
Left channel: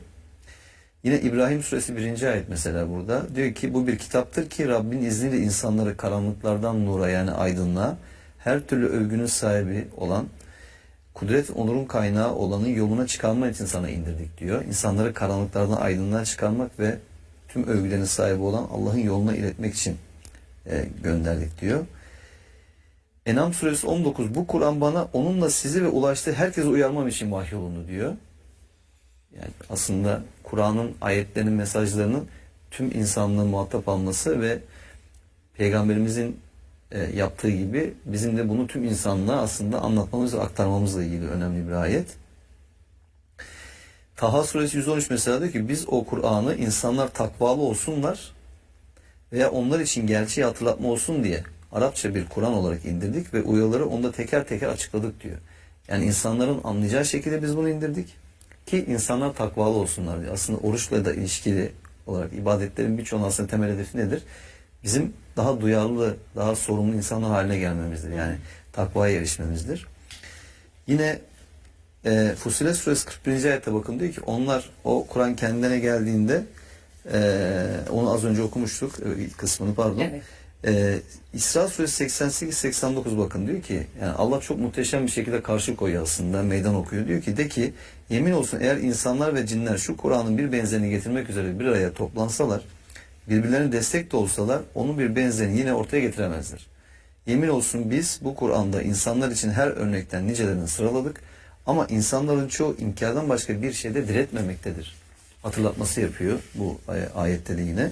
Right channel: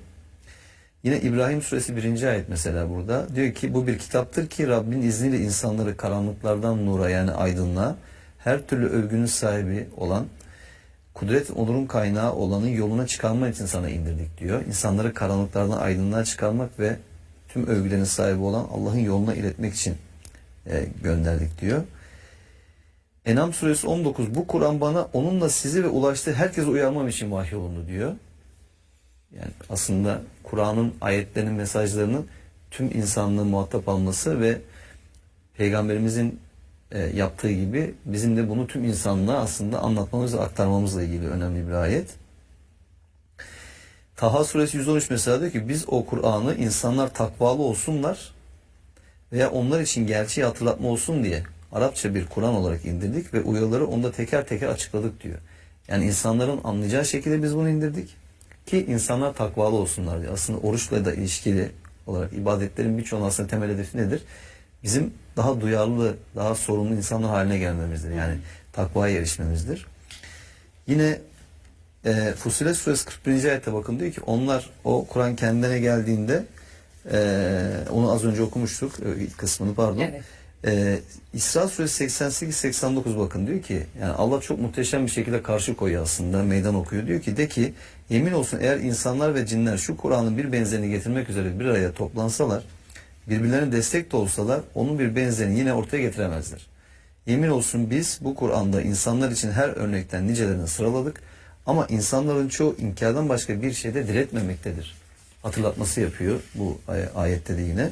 Yine İbrahim Suresi 1. ayet mesela burada diyor ki bu bir kitaptır ki Rabbin izniyle insanları karanlıklardan nura, yani aydınlığa, her türlü övgünün sahibi olan, kudret onurun kaynağı olanın yoluna çıkarmak için sana indirdik diyor. İnsanları karanlıklardan aydınlığa çıkarmak ve tüm övgülerin sahibi olan Allah'ın yoluna iletmek için gönderdik diyor. En'am Suresi 19 bu Kur'an bana onunla sizi ve ulaştığı herkese uyarmam için vahyolundu diyor. Yani aslında Kur'an'ın ayetlerinin, mesajlarının tüm insanlığın muhatap alması ve Peygamberimizin yaptığı gibi bizim de bunu tüm insanlığa aslında anlatmamız ve aktarmamızla ilgili önemli bir ayet. Taha Suresi 113 mesela diyor ki biz o Kur'an'ı insanlar takvalı olsunlar veya onlar için gerçeği hatırlatma olsun diye Arapça bir Kur'an olarak indirdik ve uyarıları onda teker teker açıkladık diyor. Yani insanların anlayacağı şekilde biz bunu indirdik ki insanlar takvalı olsunlar diyor. Aslında oruçla da ilişkili olarak ibadetlerin birçoğunun aslında temel hedefi nedir? Bizim daha duyarlı, daha sorumlu insanlar haline gelmemizdir. Yani takvaya erişmemizdir. Yine Fussilet Suresi 41. ayette bakın diyor ki onlar o Kur'an kendine geldiğinde onu az önce okumuştuk ilk kısmını pardon. Evet. İsra Suresi 88-89 bakın diyor ki yani Allah çok muhteşem bir şekilde karşı koyuyor aslında, meydan okuyor. Diyor ki de ki yemin olsun eğer insanlar ve cinler şu Kur'an'ın bir benzerini getirmek üzere bir araya toplansalar, birbirlerine destek de olsalar onun bir benzerini yine ortaya getiremezler. Yemin olsun biz bu Kur'an'da insanlar için her örnekten nicelerini sıraladık ama insanların çoğu inkardan başka bir şeyde diretmemektedir. Hatırlatması yapıyor bu ayette de yine.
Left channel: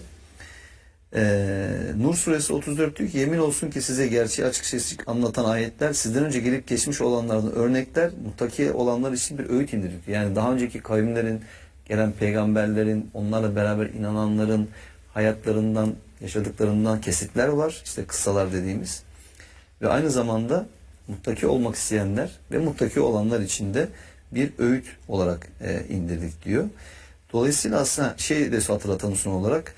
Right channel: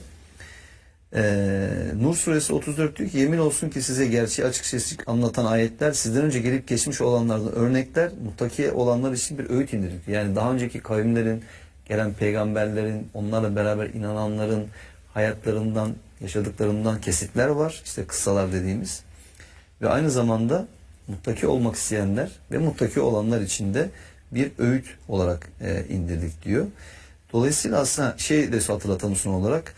Nur Suresi 34 diyor ki yemin olsun ki size gerçeği açık seçik anlatan ayetler sizden önce gelip geçmiş olanlardan örnekler, muttaki olanlar için bir öğüt indirdik. Yani daha önceki kavimlerin, gelen peygamberlerin, onlarla beraber inananların hayatlarından, yaşadıklarından kesitler var. İşte kıssalar dediğimiz. Ve aynı zamanda muttaki olmak isteyenler ve muttaki olanlar için de bir öğüt olarak indirdik diyor. Dolayısıyla aslında şey de hatırlatalım son olarak.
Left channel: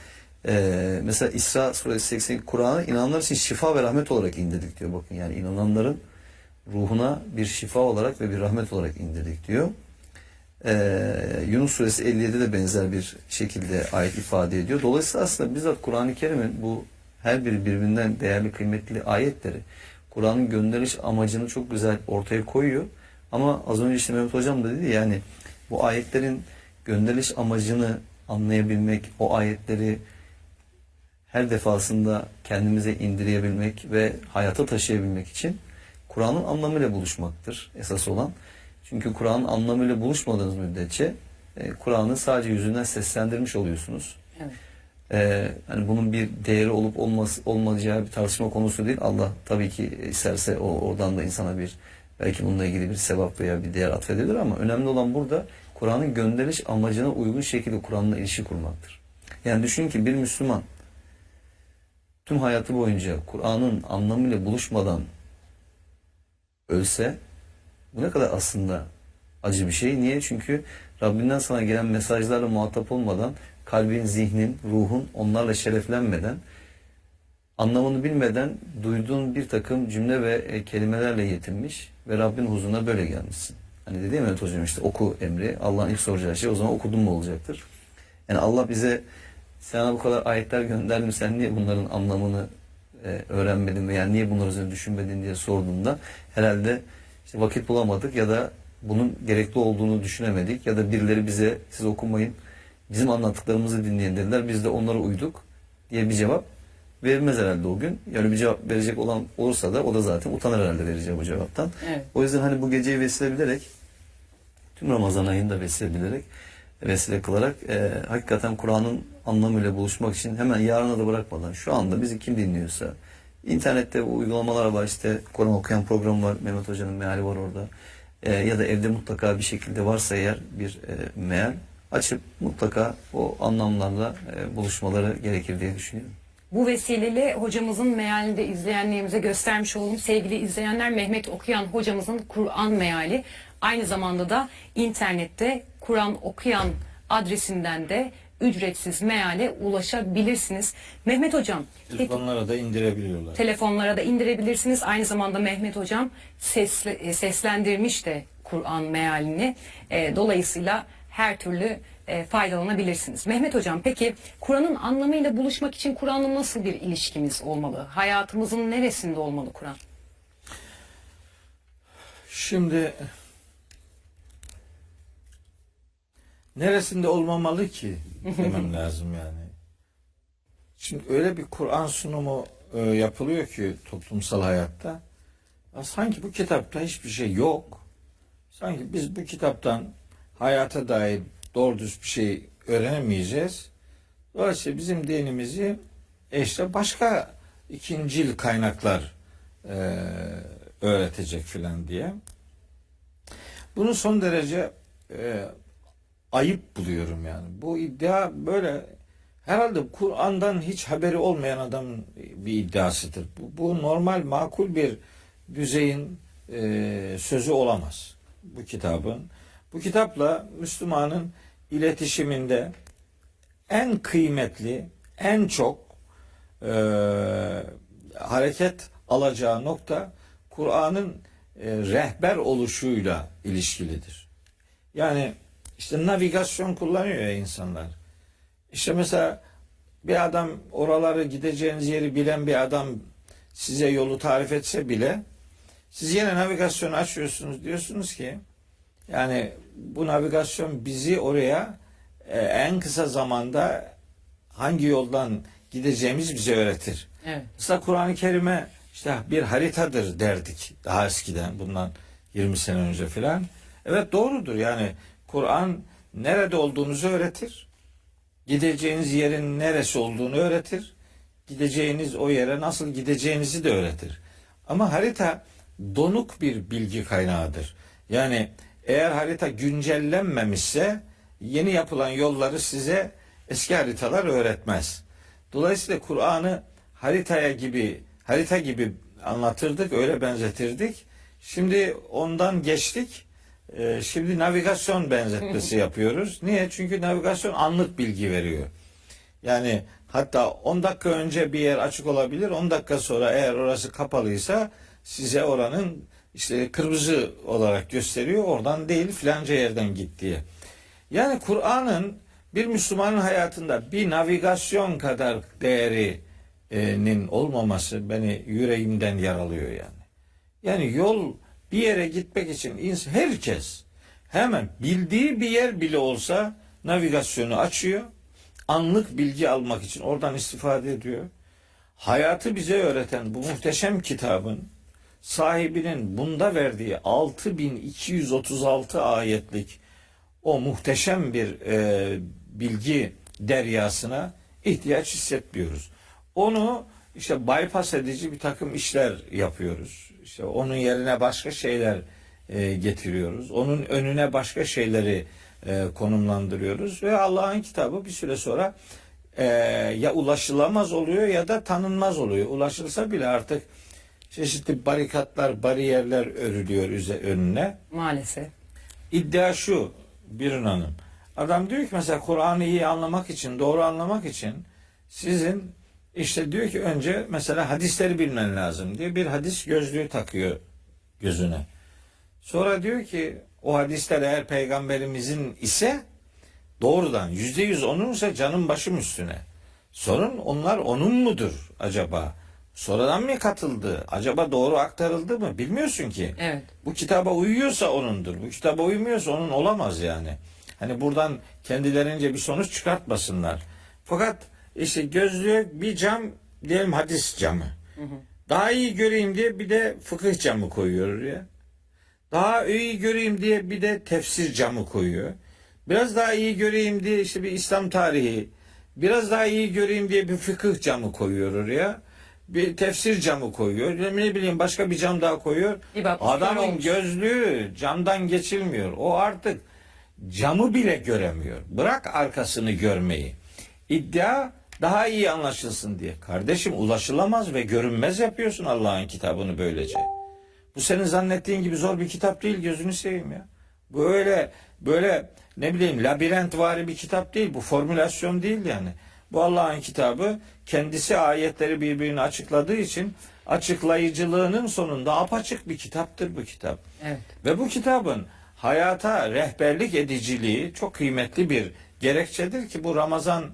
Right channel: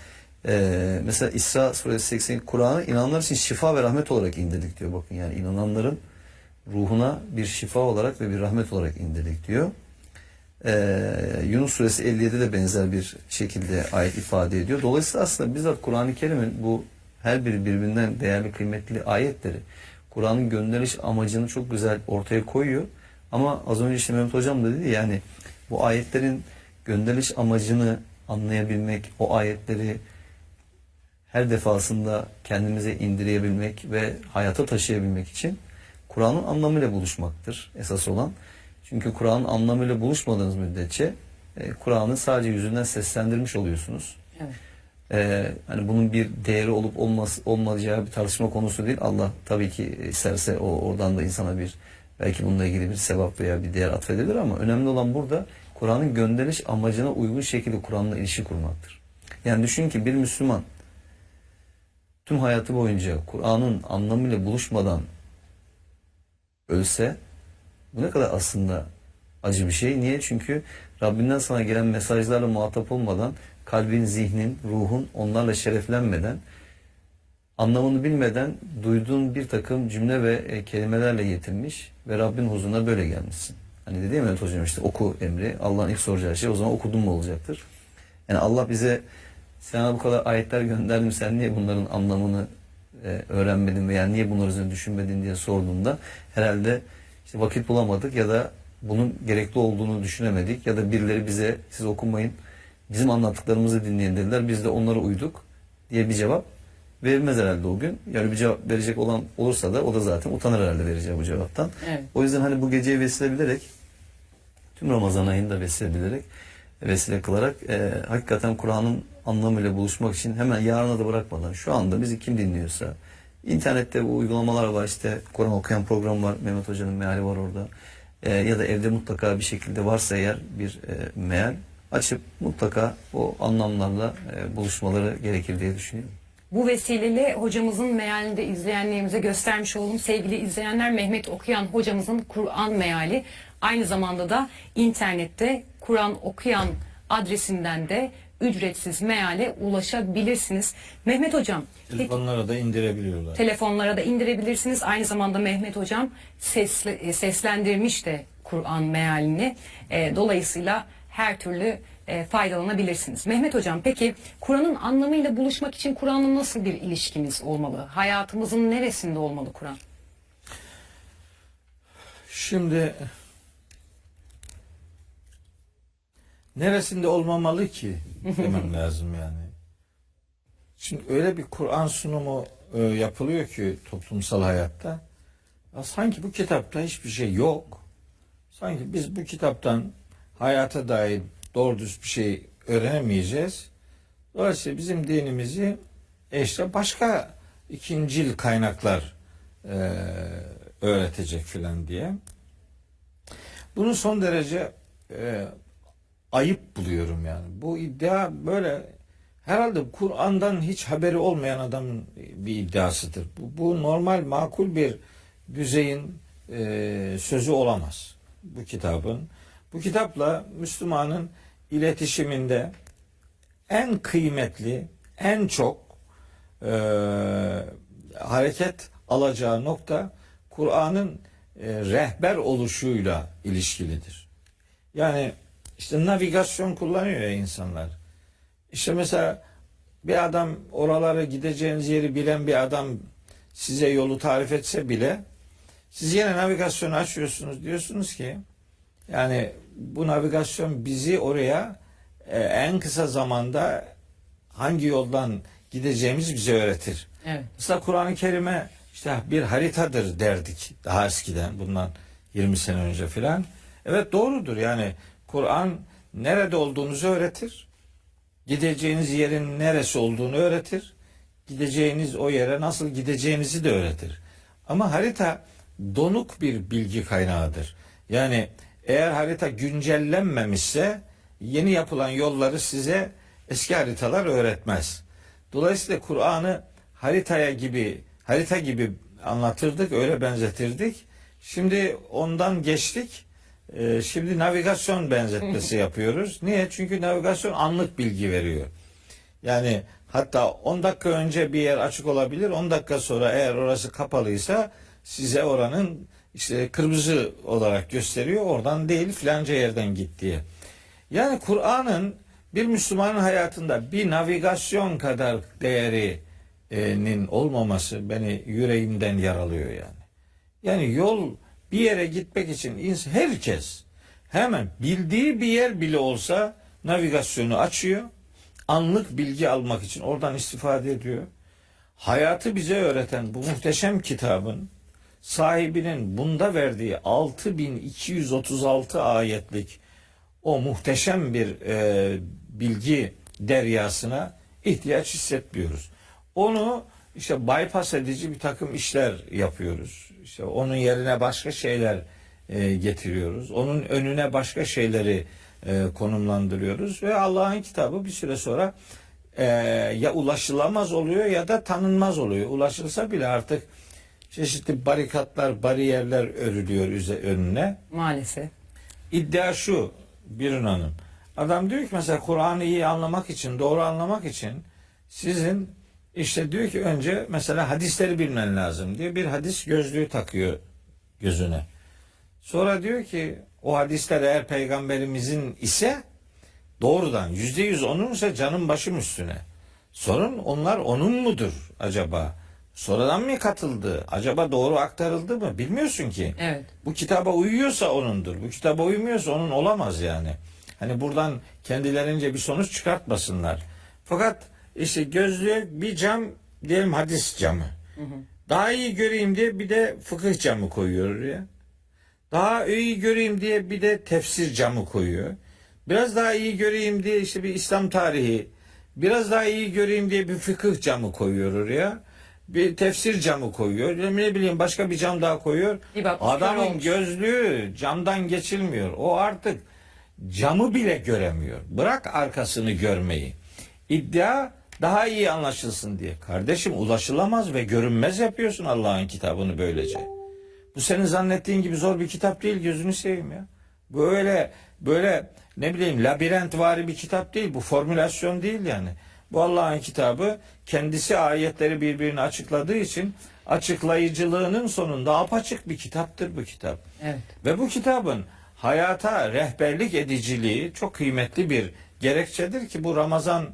Mesela İsra Suresi 80 Kur'an'ı inananlar için şifa ve rahmet olarak indirdik diyor. Bakın yani inananların ruhuna bir şifa olarak ve bir rahmet olarak indirdik diyor. Yunus suresi 57'de de benzer bir şekilde ayet ifade ediyor. Dolayısıyla aslında bizzat Kur'an-ı Kerim'in bu her biri birbirinden değerli, kıymetli ayetleri Kur'an'ın gönderiliş amacını çok güzel ortaya koyuyor. Ama az önce işte Mehmet Hocam da dedi, yani bu ayetlerin gönderiliş amacını anlayabilmek, o ayetleri her defasında kendimize indirebilmek ve hayata taşıyabilmek için Kur'an'ın anlamıyla buluşmaktır esas olan. Çünkü Kur'an'ın anlamıyla buluşmadığınız müddetçe Kur'an'ı sadece yüzünden seslendirmiş oluyorsunuz. Evet. Hani bunun bir değeri olup olmayacağı bir tartışma konusu değil. Allah tabii ki isterse oradan da insana bir, belki bununla ilgili bir sevap veya bir değer atfedebilir, ama önemli olan burada Kur'an'ın gönderiliş amacına uygun şekilde Kur'an'la ilişki kurmaktır. Yani düşün ki bir Müslüman tüm hayatı boyunca Kur'an'ın anlamıyla buluşmadan ölse, bu ne kadar aslında acı bir şey. Niye? Çünkü Rabbinden sana gelen mesajlarla muhatap olmadan, kalbin, zihnin, ruhun onlarla şereflenmeden, anlamını bilmeden duyduğun bir takım cümle ve kelimelerle yetinmiş ve Rabbin huzuruna böyle gelmişsin. Hani dedi ya Mehmet Hocam, işte oku emri. Allah'ın ilk soracağı şey o zaman okudun mu olacaktır. Yani Allah bize sana bu kadar ayetler gönderdim, sen niye bunların anlamını öğrenmedin veya niye bunları üzerine düşünmedin diye sorduğunda herhalde işte vakit bulamadık ya da bunun gerekli olduğunu düşünemedik ya da birileri bize siz okumayın, bizim anlattıklarımızı dinleyin dediler, biz de onlara uyduk diye bir cevap verilmez herhalde o gün. Yani bir cevap verecek olan olursa da o da zaten utanır herhalde vereceği bu cevaptan. Evet. O yüzden hani bu geceyi vesile bilerek, tüm Ramazan ayını da vesile kılarak hakikaten Kur'an'ın anlamıyla buluşmak için hemen yarına da bırakmadan, şu anda bizi kim dinliyorsa, internette bu uygulamalar var, işte Kur'an okuyan program var, Mehmet Hoca'nın meali var orada, ya da evde mutlaka bir şekilde varsa eğer bir meal açıp mutlaka o anlamlarla buluşmaları gerekir diye düşünüyorum. Bu vesileyle hocamızın mealini de izleyenlerimize göstermiş olalım. Sevgili izleyenler, Mehmet Okuyan hocamızın Kur'an meali aynı zamanda da internette Kur'an Okuyan adresinden de ücretsiz meale ulaşabilirsiniz. Mehmet Hocam, Telefonlara da indirebiliyorlar. telefonlara da indirebilirsiniz. Aynı zamanda Mehmet Hocam seslendirmiş de Kur'an mealini. Dolayısıyla her türlü faydalanabilirsiniz. Mehmet Hocam, peki Kur'an'ın anlamıyla buluşmak için Kur'an'la nasıl bir ilişkimiz olmalı? Hayatımızın neresinde olmalı Kur'an? Şimdi neresinde olmamalı ki demem lazım yani. Şimdi öyle bir Kur'an sunumu yapılıyor ki toplumsal hayatta. Ya sanki bu kitapta hiçbir şey yok. Sanki biz bu kitaptan hayata dair doğru düz bir şey öğrenemeyeceğiz. Dolayısıyla bizim dinimizi işte başka ikincil kaynaklar öğretecek filan diye. Bunu son derece ayıp buluyorum yani. Bu iddia böyle herhalde Kur'an'dan hiç haberi olmayan adamın bir iddiasıdır. Bu normal, makul bir düzeyin sözü olamaz bu kitabın. Bu kitapla Müslümanın iletişiminde en kıymetli, en çok hareket alacağı nokta Kur'an'ın rehber oluşuyla ilişkilidir. Yani işte navigasyon kullanıyor ya insanlar. İşte mesela bir adam, oraları gideceğiniz yeri bilen bir adam size yolu tarif etse bile siz yine navigasyonu açıyorsunuz, diyorsunuz ki yani bu navigasyon bizi oraya en kısa zamanda hangi yoldan gideceğimizi bize öğretir. Evet. Mesela Kur'an-ı Kerim'e işte bir haritadır derdik daha eskiden, bundan 20 sene önce filan. Evet, doğrudur yani Kur'an nerede olduğunuzu öğretir. Gideceğiniz yerin neresi olduğunu öğretir. Gideceğiniz o yere nasıl gideceğinizi de öğretir. Ama harita donuk bir bilgi kaynağıdır. Yani eğer harita güncellenmemişse yeni yapılan yolları size eski haritalar öğretmez. Dolayısıyla Kur'an'ı harita gibi anlatırdık, öyle benzetirdik. Şimdi ondan geçtik. Şimdi navigasyon benzetmesi yapıyoruz. Niye? Çünkü navigasyon anlık bilgi veriyor. Yani hatta 10 dakika önce bir yer açık olabilir. 10 dakika sonra eğer orası kapalıysa size oranın işte kırmızı olarak gösteriyor. Oradan değil filanca yerden git diye. Yani Kur'an'ın bir Müslümanın hayatında bir navigasyon kadar değerinin olmaması beni yüreğimden yaralıyor yani. Yani yol bir yere gitmek için herkes hemen bildiği bir yer bile olsa navigasyonu açıyor. Anlık bilgi almak için oradan istifade ediyor. Hayatı bize öğreten bu muhteşem kitabın sahibinin bunda verdiği 6236 ayetlik o muhteşem bir bilgi deryasına ihtiyaç hissetmiyoruz. Onu işte bypass edici bir takım işler yapıyoruz. İşte onun yerine başka şeyler getiriyoruz. Onun önüne başka şeyleri konumlandırıyoruz ve Allah'ın kitabı bir süre sonra ya ulaşılamaz oluyor ya da tanınmaz oluyor. Ulaşılsa bile artık çeşitli barikatlar, bariyerler örülüyor önüne. Maalesef. İddia şu Birun Hanım. Adam diyor ki mesela Kur'an'ı iyi anlamak için, doğru anlamak için sizin işte diyor ki önce mesela hadisleri bilmen lazım diye bir hadis gözlüğü takıyor gözüne. Sonra diyor ki o hadisler eğer peygamberimizin ise doğrudan %100 onunsa canım başım üstüne. Sorun onlar onun mudur acaba? Sonradan mı katıldı? Acaba doğru aktarıldı mı? Bilmiyorsun ki. Evet. Bu kitaba uyuyorsa onundur. Bu kitaba uymuyorsa onun olamaz yani. Hani buradan kendilerince bir sonuç çıkartmasınlar. Fakat işte gözlüğe bir cam diyelim hadis camı. Daha iyi göreyim diye bir de fıkıh camı koyuyor ya. Daha iyi göreyim diye bir de tefsir camı koyuyor. Biraz daha iyi göreyim diye işte bir İslam tarihi. Biraz daha iyi göreyim diye bir fıkıh camı koyuyor oraya. Bir tefsir camı koyuyor. Ne bileyim başka bir cam daha koyuyor. Adamın gözlüğü camdan geçilmiyor. O artık camı bile göremiyor. Bırak arkasını görmeyi. İddia daha iyi anlaşılsın diye. Kardeşim ulaşılamaz ve görünmez yapıyorsun Allah'ın kitabını böylece. Bu senin zannettiğin gibi zor bir kitap değil, gözünü seveyim ya. Böyle ne bileyim labirentvari bir kitap değil. Bu formülasyon değil yani. Bu Allah'ın kitabı kendisi ayetleri birbirini açıkladığı için açıklayıcılığının sonunda apaçık bir kitaptır bu kitap. Evet. Ve bu kitabın hayata rehberlik ediciliği çok kıymetli bir gerekçedir ki bu Ramazan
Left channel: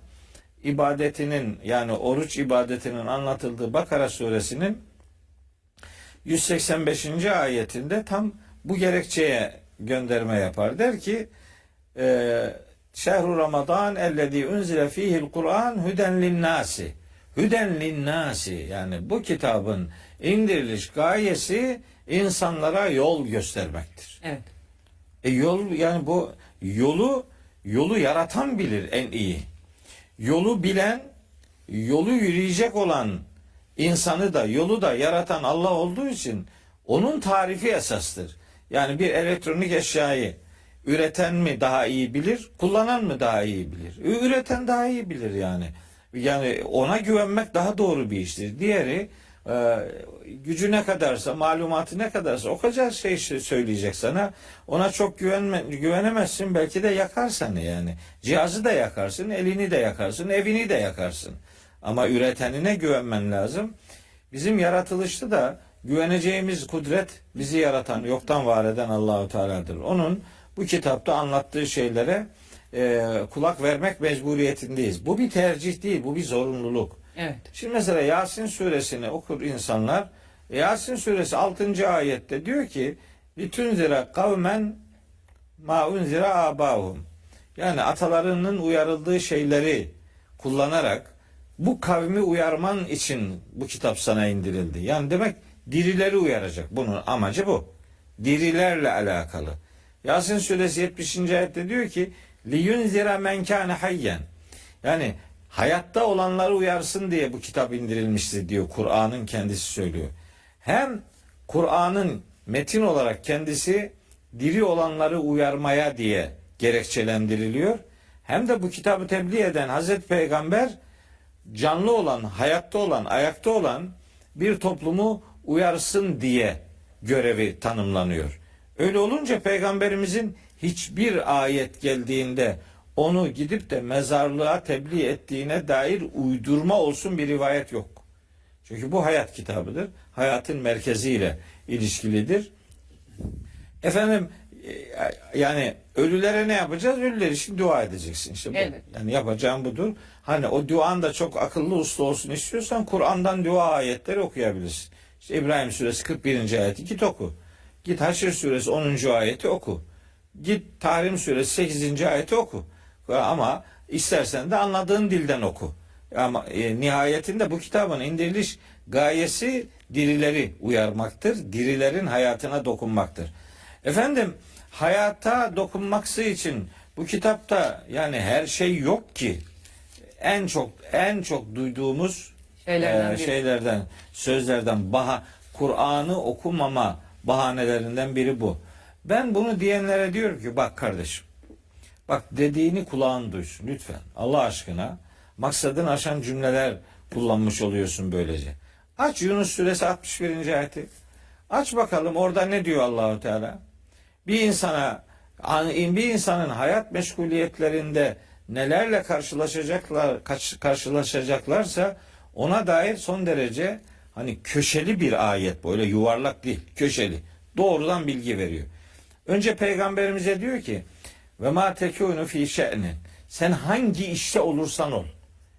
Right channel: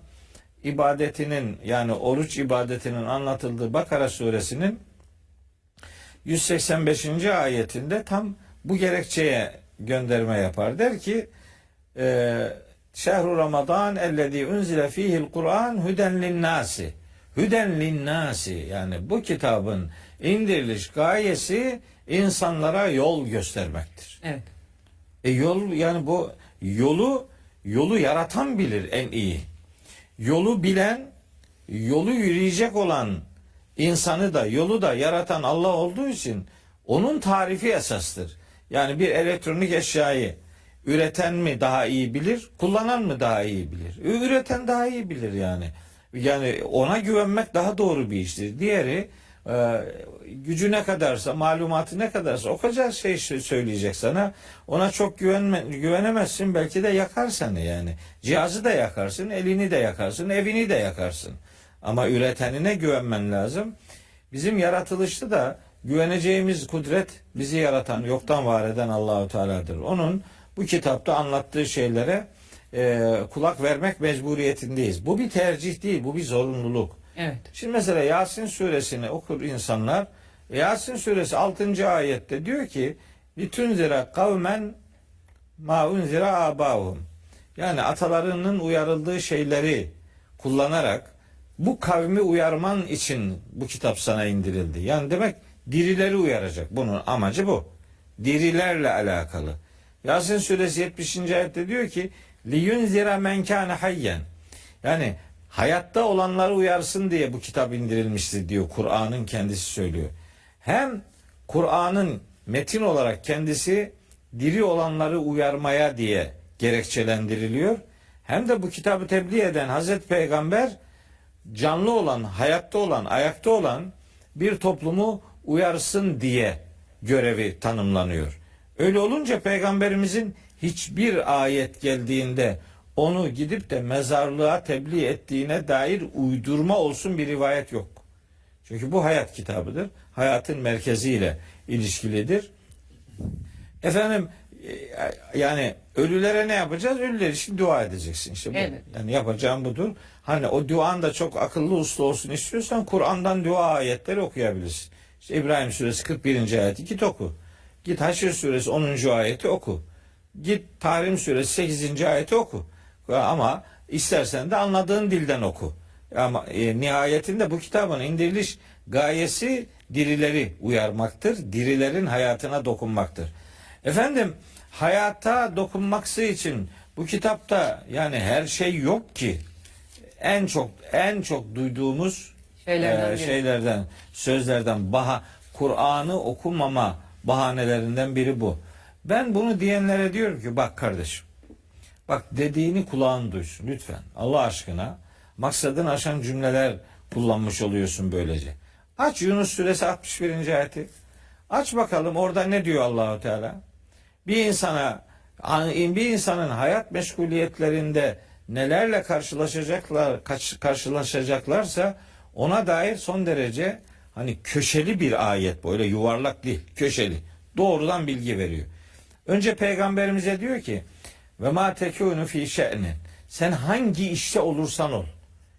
ibadetinin yani oruç ibadetinin anlatıldığı Bakara suresinin 185. ayetinde tam bu gerekçeye gönderme yapar. Der ki Şehru Ramazan ellezî unzile fîhil Kur'an huden linnâsi. Hüden linnâsi yani bu kitabın indiriliş gayesi insanlara yol göstermektir. Evet. Yol yani bu yolu yaratan bilir en iyi. Yolu bilen, yolu yürüyecek olan insanı da yolu da yaratan Allah olduğu için onun tarifi esastır. Yani bir elektronik eşyayı üreten mi daha iyi bilir, kullanan mı daha iyi bilir? Üreten daha iyi bilir yani. Yani ona güvenmek daha doğru bir iştir. Diğeri gücü ne kadarsa, malumatı ne kadarsa o kadar şey söyleyecek sana. Ona çok güvenemezsin. Belki de yakar seni yani. Cihazı da yakarsın, elini de yakarsın, evini de yakarsın. Ama üretenine güvenmen lazım. Bizim yaratılışta da güveneceğimiz kudret bizi yaratan, yoktan var eden Allahu Teala'dır. Onun bu kitapta anlattığı şeylere kulak vermek mecburiyetindeyiz. Bu bir tercih değil, bu bir zorunluluk. Evet. Şimdi mesela Yasin suresini okur insanlar. Yasin suresi 6. ayette diyor ki litunzira kavmen ma unzira abahum. Yani atalarının uyarıldığı şeyleri kullanarak bu kavmi uyarman için bu kitap sana indirildi. Yani demek dirileri uyaracak. Bunun amacı bu. Dirilerle alakalı. Yasin suresi 70. ayette diyor ki liyunzira men kana hayyen. Yani hayatta olanları uyarsın diye bu kitap indirilmiştir diyor. Kur'an'ın kendisi söylüyor. Hem Kur'an'ın metin olarak kendisi diri olanları uyarmaya diye gerekçelendiriliyor. Hem de bu kitabı tebliğ eden Hazreti Peygamber canlı olan, hayatta olan, ayakta olan bir toplumu uyarsın diye görevi tanımlanıyor. Öyle olunca Peygamberimizin hiçbir ayet geldiğinde onu gidip de mezarlığa tebliğ ettiğine dair uydurma olsun bir rivayet yok. Çünkü bu hayat kitabıdır. Hayatın merkeziyle ilişkilidir. Efendim yani ölülere ne yapacağız? Ölüler için dua edeceksin. İşte bu. Evet. Yani yapacağım budur. Hani o duan da çok akıllı uslu olsun istiyorsan Kur'an'dan dua ayetleri okuyabilirsin. İşte İbrahim suresi 41. ayeti git oku. Git Haşr suresi 10. ayeti oku. Git Tahrim suresi 8. ayeti oku. Ama istersen de anladığın dilden oku. Ama nihayetinde bu kitabın indiriliş gayesi dirileri uyarmaktır. Dirilerin hayatına dokunmaktır. Efendim hayata dokunmaksı için bu kitapta yani her şey yok ki. En çok duyduğumuz şeylerden, sözlerden Kur'an'ı okumama bahanelerinden biri bu. Ben bunu diyenlere diyorum ki bak kardeşim, bak dediğini kulağın duysun lütfen. Allah aşkına maksadını aşan cümleler kullanmış oluyorsun böylece. Aç Yunus suresi 61. ayeti. Aç bakalım orada ne diyor Allahu Teala? Bir insanın hayat meşguliyetlerinde nelerle karşılaşacaklarsa ona dair son derece hani köşeli bir ayet, böyle yuvarlak değil, köşeli. Doğrudan bilgi veriyor. Önce peygamberimize diyor ki ve ma tekunu fi şe'nin. Sen hangi işte olursan ol.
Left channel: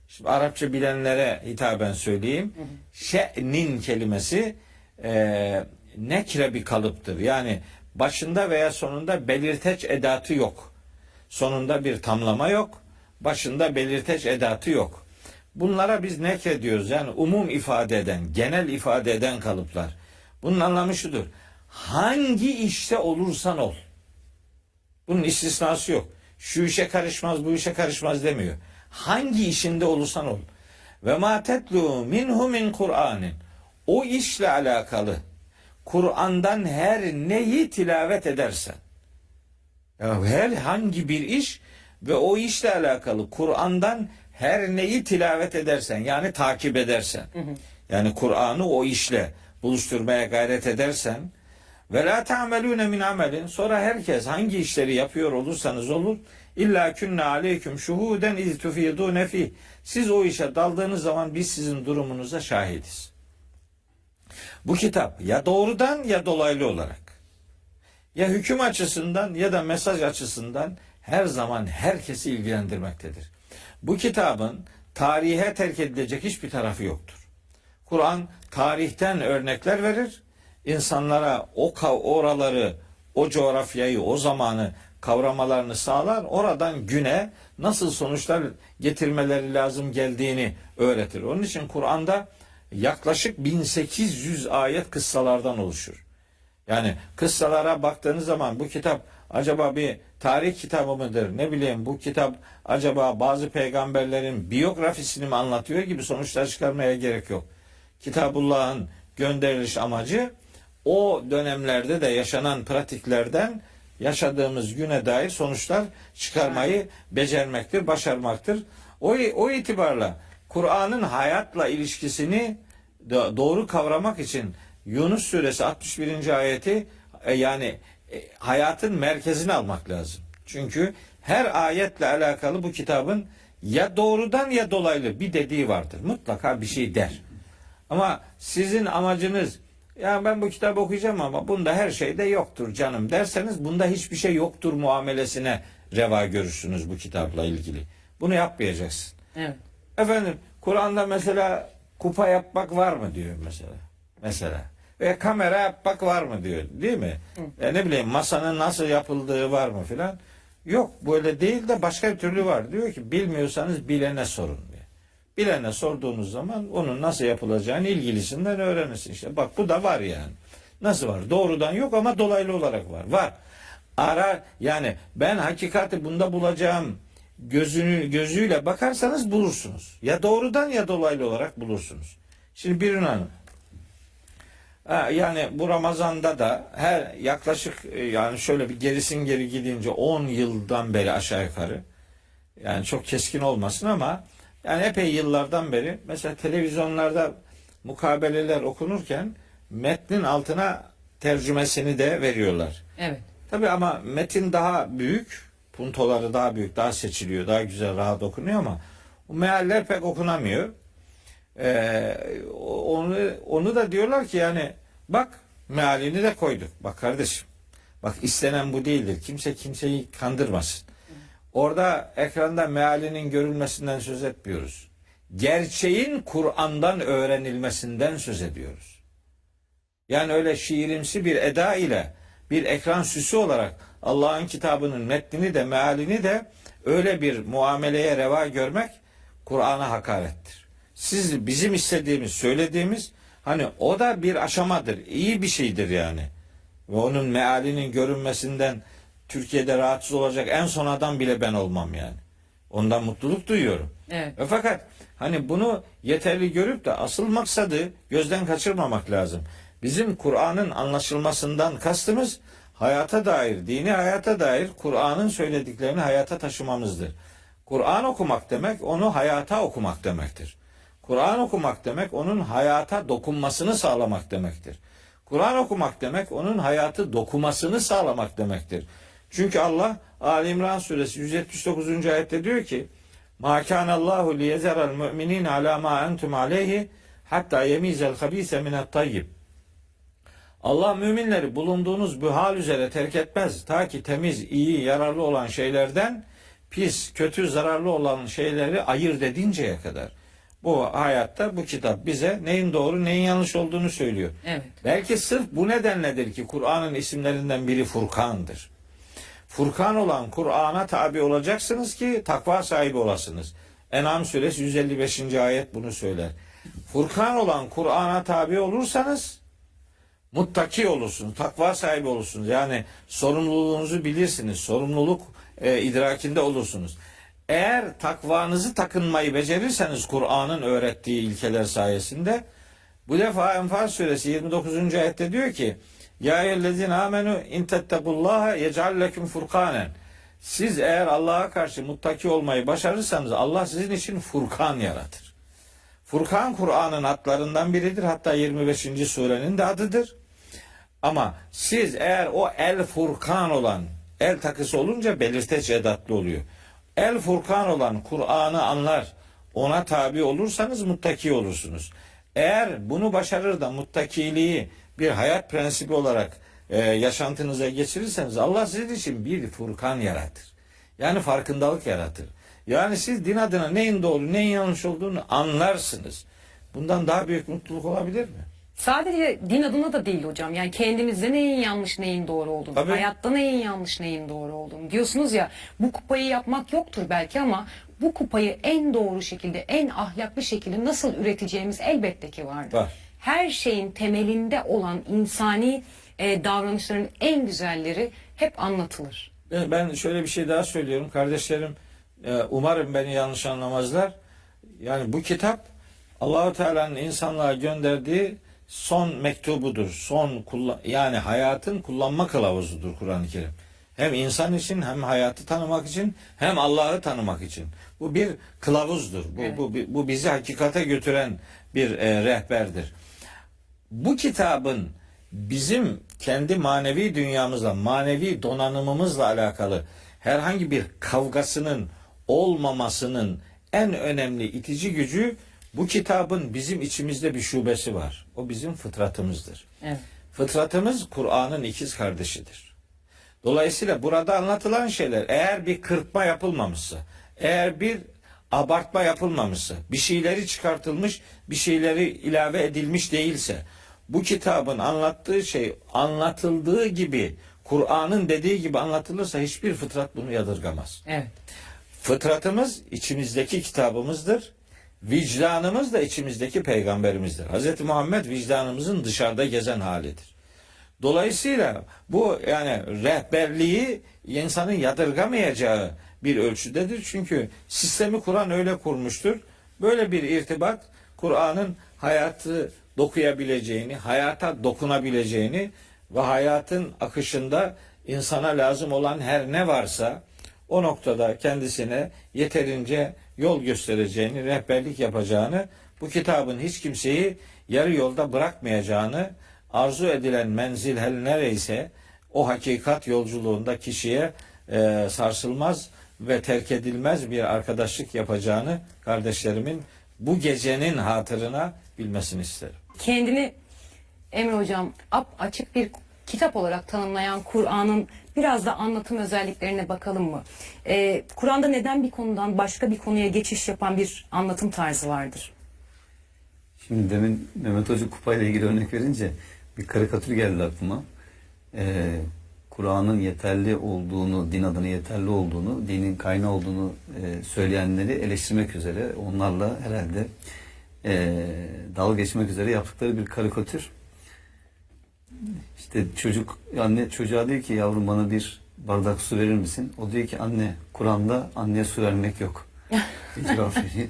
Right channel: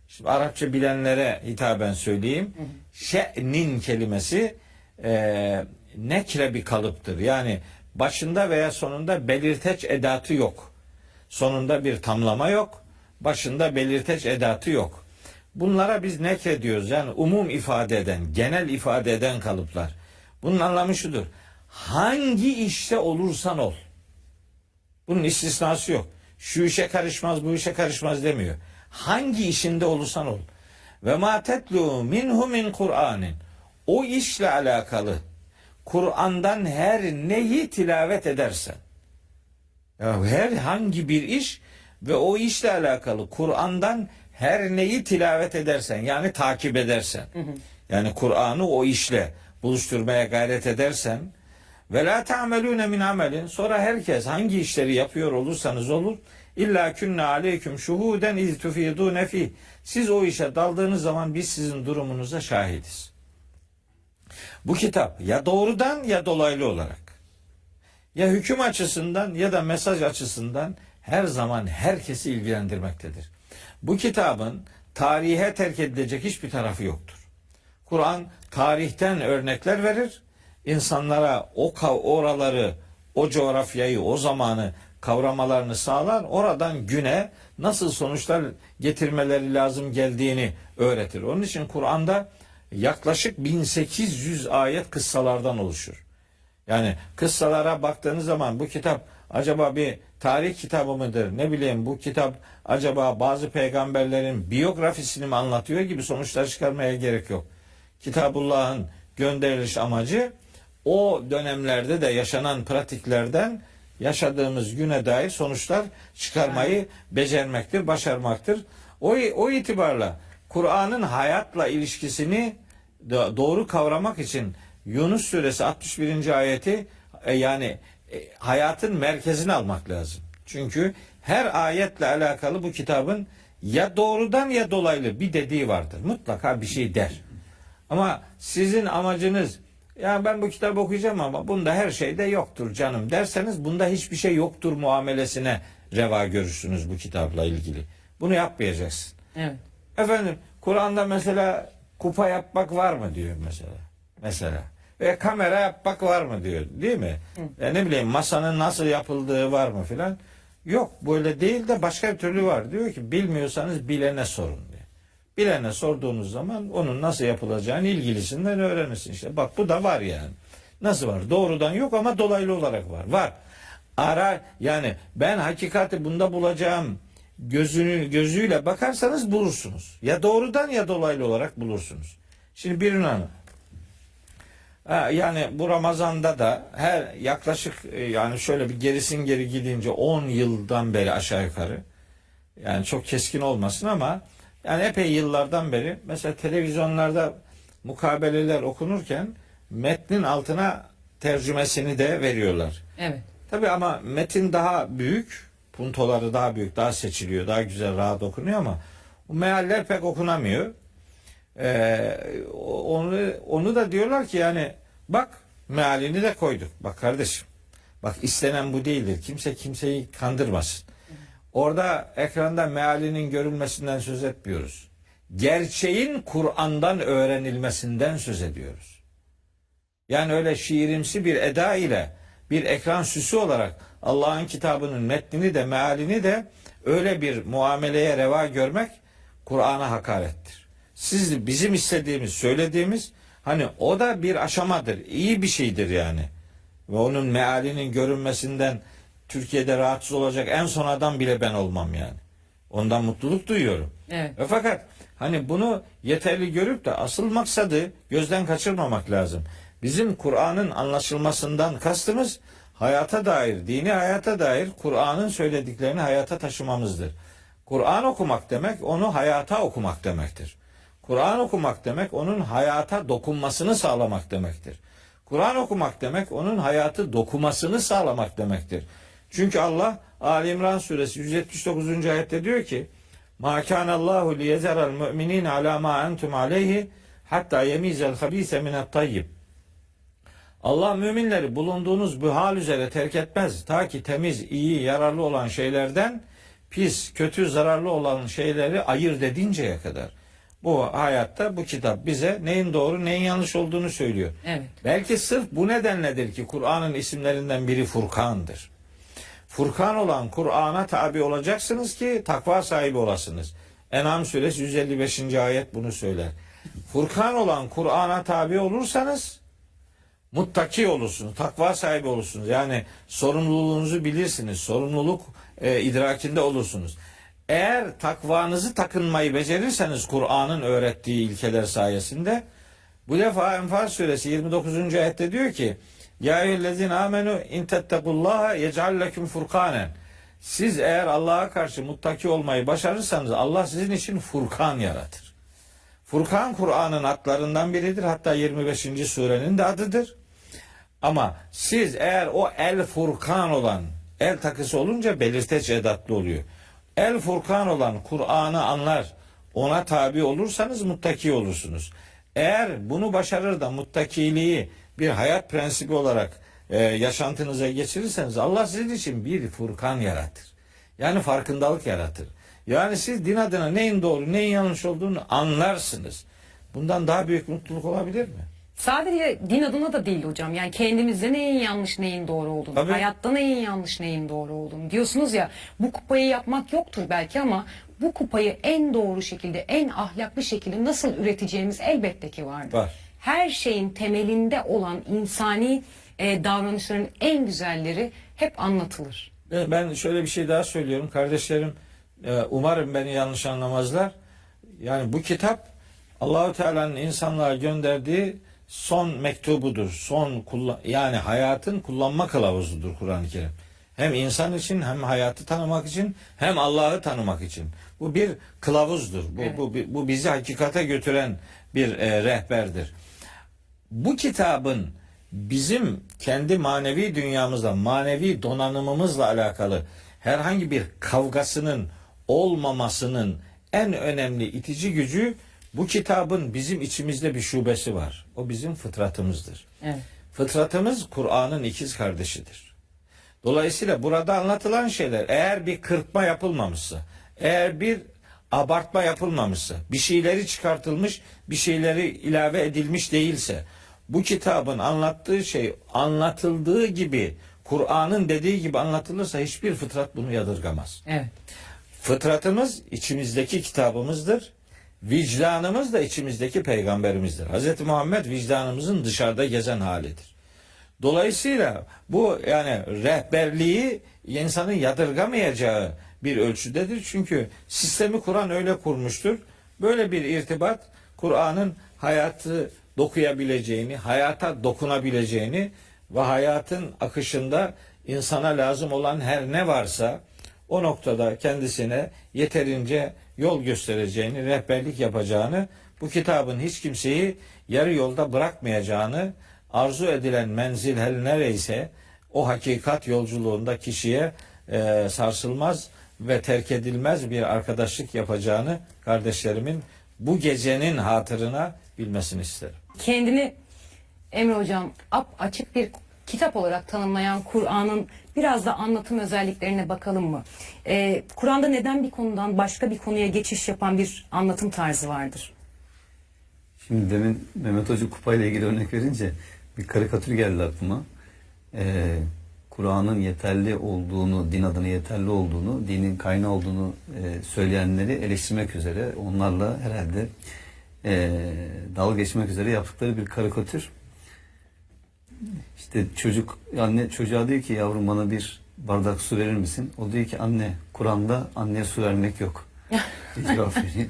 Şimdi Arapça bilenlere hitaben söyleyeyim. Şe'nin kelimesi nekre bir kalıptır. Yani başında veya sonunda belirteç edatı yok. Sonunda bir tamlama yok. Başında belirteç edatı yok. Bunlara biz nekre diyoruz. Yani umum ifade eden, genel ifade eden kalıplar. Bunun anlamı şudur. Hangi işte olursan ol. Bunun istisnası yok. Şu işe karışmaz, bu işe karışmaz demiyor. Hangi işinde olursan ol. Ve ma tetlu minhu min Kur'anin. O işle alakalı Kur'an'dan her neyi tilavet edersen. Ya herhangi bir iş ve o işle alakalı Kur'an'dan her neyi tilavet edersen, yani takip edersen. Yani Kur'an'ı o işle buluşturmaya gayret edersen ve la ta'melune min amelin, sonra herkes hangi işleri yapıyor olursanız olur, illa künne aleyküm şuhuden iz tufidune fi. Siz o işe daldığınız zaman biz sizin durumunuza şahidiz. Bu kitap ya doğrudan ya dolaylı olarak, ya hüküm açısından ya da mesaj açısından her zaman herkesi ilgilendirmektedir. Bu kitabın tarihe terk edilecek hiçbir tarafı yoktur. Kur'an tarihten örnekler verir, insanlara oraları, o coğrafyayı, o zamanı kavramalarını sağlar, oradan güne nasıl sonuçlar getirmeleri lazım geldiğini öğretir. Onun için Kur'an'da yaklaşık 1800 ayet kıssalardan oluşur. Yani kıssalara baktığınız zaman bu kitap acaba bir tarih kitabı mıdır? Ne bileyim, bu kitap acaba bazı peygamberlerin biyografisini mi anlatıyor gibi sonuçlar çıkarmaya gerek yok. Kitabullah'ın gönderiliş amacı o dönemlerde de yaşanan pratiklerden yaşadığımız güne dair sonuçlar çıkarmayı becermektir, başarmaktır. O itibarla Kur'an'ın hayatla ilişkisini doğru kavramak için Yunus suresi 61. ayeti hayatın merkezine almak lazım. Çünkü her ayetle alakalı bu kitabın ya doğrudan ya dolaylı bir dediği vardır. Mutlaka bir şey der. Ama sizin amacınız ya ben bu kitabı okuyacağım ama bunda her şey de yoktur canım derseniz, bunda hiçbir şey yoktur muamelesine reva görürsünüz bu kitapla ilgili. Bunu yapmayacaksın. Evet. Efendim Kur'an'da mesela kupa yapmak var mı diyor mesela. Ve kamera yapmak var mı diyor, değil mi? Ne bileyim masanın nasıl yapıldığı var mı filan. Yok, böyle değil de başka bir türlü var. Diyor ki bilmiyorsanız bilene sorun diyor. Bilene sorduğunuz zaman onun nasıl yapılacağını ilgilisinden öğrenirsin işte. Bak bu da var yani. Nasıl var? Doğrudan yok ama dolaylı olarak var. Var. Yani ben hakikati bunda bulacağım gözüyle bakarsanız bulursunuz. Ya doğrudan ya dolaylı olarak bulursunuz. Şimdi bir hanım. Yani bu Ramazan'da da her yaklaşık yani şöyle bir gerisin geri gidince 10 yıldan beri aşağı yukarı, yani çok keskin olmasın ama yani epey yıllardan beri mesela televizyonlarda mukabeleler okunurken metnin altına tercümesini de veriyorlar. Evet. Tabii ama metin daha büyük, puntoları daha büyük, daha seçiliyor, daha güzel, rahat okunuyor ama o mealler pek okunamıyor. Onu da diyorlar ki yani bak mealini de koyduk. Bak kardeşim, bak istenen bu değildir. Kimse kimseyi kandırmasın. Orada ekranda mealinin görülmesinden söz etmiyoruz. Gerçeğin Kur'an'dan öğrenilmesinden söz ediyoruz. Yani öyle şiirimsi bir eda ile bir ekran süsü olarak Allah'ın kitabının metnini de mealini de öyle bir muameleye reva görmek Kur'an'a hakarettir. Siz bizim istediğimiz, söylediğimiz hani o da bir aşamadır. İyi bir şeydir yani. Ve onun mealinin görünmesinden Türkiye'de rahatsız olacak en son adam bile ben olmam yani. Ondan mutluluk duyuyorum. Evet. Fakat hani bunu yeterli görüp de asıl maksadı gözden kaçırmamak lazım. Bizim Kur'an'ın anlaşılmasından kastımız hayata dair, dini hayata dair Kur'an'ın söylediklerini hayata taşımamızdır. Kur'an okumak demek onu hayata okumak demektir. Kur'an okumak demek onun hayata dokunmasını sağlamak demektir. Kur'an okumak demek onun hayatı dokumasını sağlamak demektir. Çünkü Allah Ali İmran suresi 179. ayette diyor ki: "Ma kana Allahu liyezeral mu'minin ala ma entum aleyhi hatta yemizel habise minat tayyib." Allah müminleri bulunduğunuz bu hal üzere terk etmez. Ta ki temiz, iyi, yararlı olan şeylerden pis, kötü, zararlı olan şeyleri ayırt edinceye kadar. Bu hayatta bu kitap bize neyin doğru, neyin yanlış olduğunu söylüyor. Evet. Belki sırf bu nedenledir ki Kur'an'ın isimlerinden biri Furkan'dır. Furkan olan Kur'an'a tabi olacaksınız ki takva sahibi olasınız. En'am suresi 155. ayet bunu söyler. Furkan olan Kur'an'a tabi olursanız muttaki olursunuz, takva sahibi olursunuz. Yani sorumluluğunuzu bilirsiniz, sorumluluk idrakinde olursunuz. Eğer takvanızı takınmayı becerirseniz Kur'an'ın öğrettiği ilkeler sayesinde, bu defa Enfal suresi 29. ayette diyor ki: "Ya eyyühellezine amenu in tettekullaha yec'al leküm furkanen." Siz eğer Allah'a karşı muttaki olmayı başarırsanız Allah sizin için Furkan yaratır. Furkan Kur'an'ın adlarından biridir. Hatta 25. surenin de adıdır. Ama siz eğer o El Furkan olan, el takısı olunca belirteç edatlı oluyor. El Furkan olan Kur'an'ı anlar, ona tabi olursanız muttaki olursunuz. Eğer bunu başarır da muttakiliği bir hayat prensibi olarak yaşantınıza geçirirseniz Allah sizin için bir Furkan yaratır. Yani farkındalık yaratır. Yani siz din adına neyin doğru, neyin yanlış olduğunu anlarsınız. Bundan daha büyük mutluluk olabilir mi? Sadece din adına da değil hocam. Yani kendimizde neyin yanlış neyin doğru olduğunu, Tabii. hayatta neyin yanlış neyin doğru olduğunu diyorsunuz ya, bu kupayı yapmak yoktur belki ama bu kupayı en doğru şekilde, en ahlaklı şekilde nasıl üreteceğimiz elbette ki vardır. Var. Her şeyin temelinde olan insani davranışların en güzelleri hep anlatılır. Ben şöyle bir şey daha söylüyorum kardeşlerim. Umarım beni yanlış anlamazlar. Yani bu kitap Allah-u Teala'nın insanlığa gönderdiği son mektubudur. Yani hayatın kullanma kılavuzudur Kur'an-ı Kerim. Hem insan için, hem hayatı tanımak için, hem Allah'ı tanımak için. Bu bir kılavuzdur. Bu bizi hakikate götüren bir rehberdir. Bu kitabın bizim kendi manevi dünyamızla, manevi donanımımızla alakalı herhangi bir kavgasının olmamasının en önemli itici gücü, bu kitabın bizim içimizde bir şubesi var. O bizim fıtratımızdır. Evet. Fıtratımız Kur'an'ın ikiz kardeşidir. Dolayısıyla burada anlatılan şeyler, eğer bir kırpma yapılmamışsa, eğer bir abartma yapılmamışsa, bir şeyleri çıkartılmış, bir şeyleri ilave edilmiş değilse, bu kitabın anlattığı şey anlatıldığı gibi, Kur'an'ın dediği gibi anlatılırsa hiçbir fıtrat bunu yadırgamaz. Evet. Fıtratımız içimizdeki kitabımızdır. Vicdanımız da içimizdeki peygamberimizdir. Hz. Muhammed vicdanımızın dışarıda gezen halidir. Dolayısıyla bu yani rehberliği insanın yadırgamayacağı bir ölçüdedir. Çünkü sistemi Kur'an öyle kurmuştur. Böyle bir irtibat Kur'an'ın hayatı dokuyabileceğini, hayata dokunabileceğini ve hayatın akışında insana lazım olan her ne varsa o noktada kendisine yeterince yol göstereceğini, rehberlik yapacağını, bu kitabın hiç kimseyi yarı yolda bırakmayacağını, arzu edilen menzil her nereyse o hakikat yolculuğunda kişiye sarsılmaz ve terk edilmez bir arkadaşlık yapacağını kardeşlerimin bu gecenin hatırına bilmesini isterim. Kendini Emre Hocam, açık bir kitap olarak tanımlayan Kur'an'ın biraz da anlatım özelliklerine bakalım mı? Kur'an'da neden bir konudan başka bir konuya geçiş yapan bir anlatım tarzı vardır? Şimdi demin Mehmet Hoca kupayla ilgili örnek verince bir karikatür geldi aklıma. Kur'an'ın yeterli olduğunu, din adına yeterli olduğunu, dinin kaynağı olduğunu söyleyenleri eleştirmek üzere, onlarla herhalde dalga geçmek üzere yaptıkları bir karikatür. İşte anne çocuğa diyor ki yavrum bana bir bardak su verir misin? O diyor ki anne Kur'an'da anneye su vermek yok. Bir cevap veriyor.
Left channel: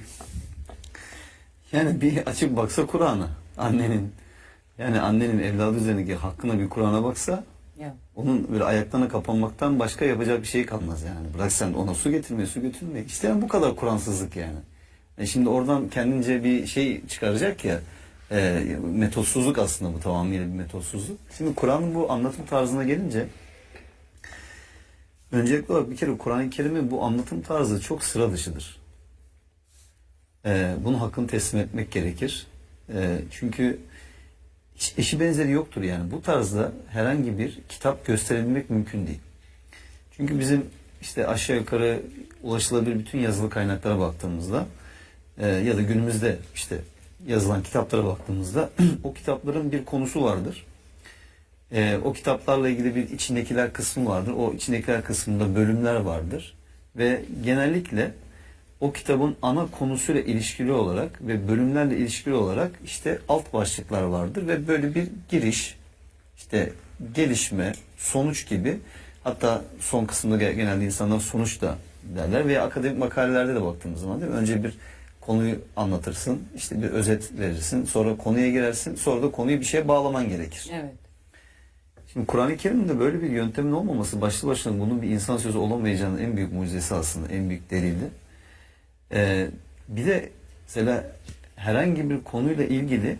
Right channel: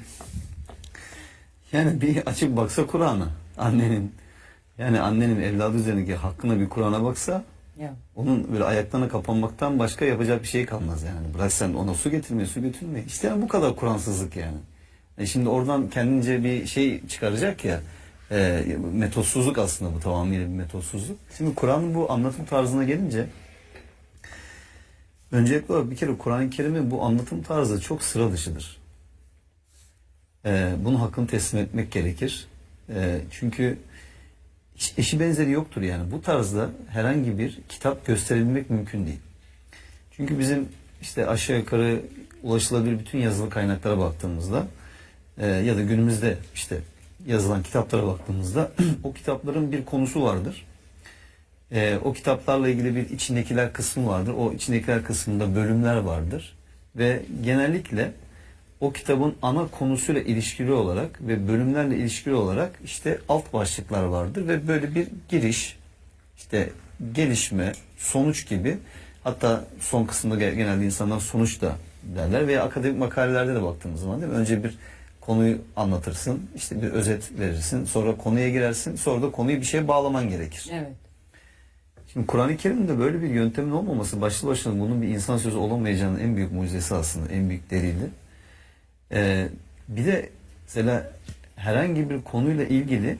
Yani bir açıp baksa Kur'an'a annenin evladı üzerindeki hakkına bir Kur'an'a baksa onun böyle ayaklarına kapanmaktan başka yapacak bir şey kalmaz yani. Bırak sen ona su getirme. İşte yani bu kadar Kur'ansızlık yani. Şimdi oradan kendince bir şey çıkaracak ya, metotsuzluk aslında bu, tamamıyla bir metotsuzluk. Şimdi Kur'an'ın bu anlatım tarzına gelince öncelikle olarak bir kere Kur'an-ı Kerim'in bu anlatım tarzı çok sıra dışıdır. Bunun hakkını teslim etmek gerekir. Çünkü hiç eşi benzeri yoktur yani. Bu tarzda herhangi bir kitap gösterebilmek mümkün değil. Çünkü bizim işte aşağı yukarı ulaşılabilir bütün yazılı kaynaklara baktığımızda ya da günümüzde işte yazılan kitaplara baktığımızda o kitapların bir konusu vardır. O kitaplarla ilgili bir içindekiler kısmı vardır. O içindekiler kısmında bölümler vardır. Ve genellikle o kitabın ana konusuyla ilişkili olarak ve bölümlerle ilişkili olarak işte alt başlıklar vardır ve böyle bir giriş, işte gelişme, sonuç gibi, hatta son kısımda genelde insanlar sonuç da derler veya akademik makalelerde de baktığımız zaman değil mi? Önce bir konuyu anlatırsın, işte bir özet verirsin, sonra konuya girersin, sonra da konuyu bir şeye bağlaman gerekir. Evet. Şimdi Kur'an-ı Kerim'de böyle bir yöntemin olmaması başlı başına bunun bir insan sözü olamayacağının en büyük mucizesi aslında, en büyük delili. Bir de mesela herhangi bir konuyla ilgili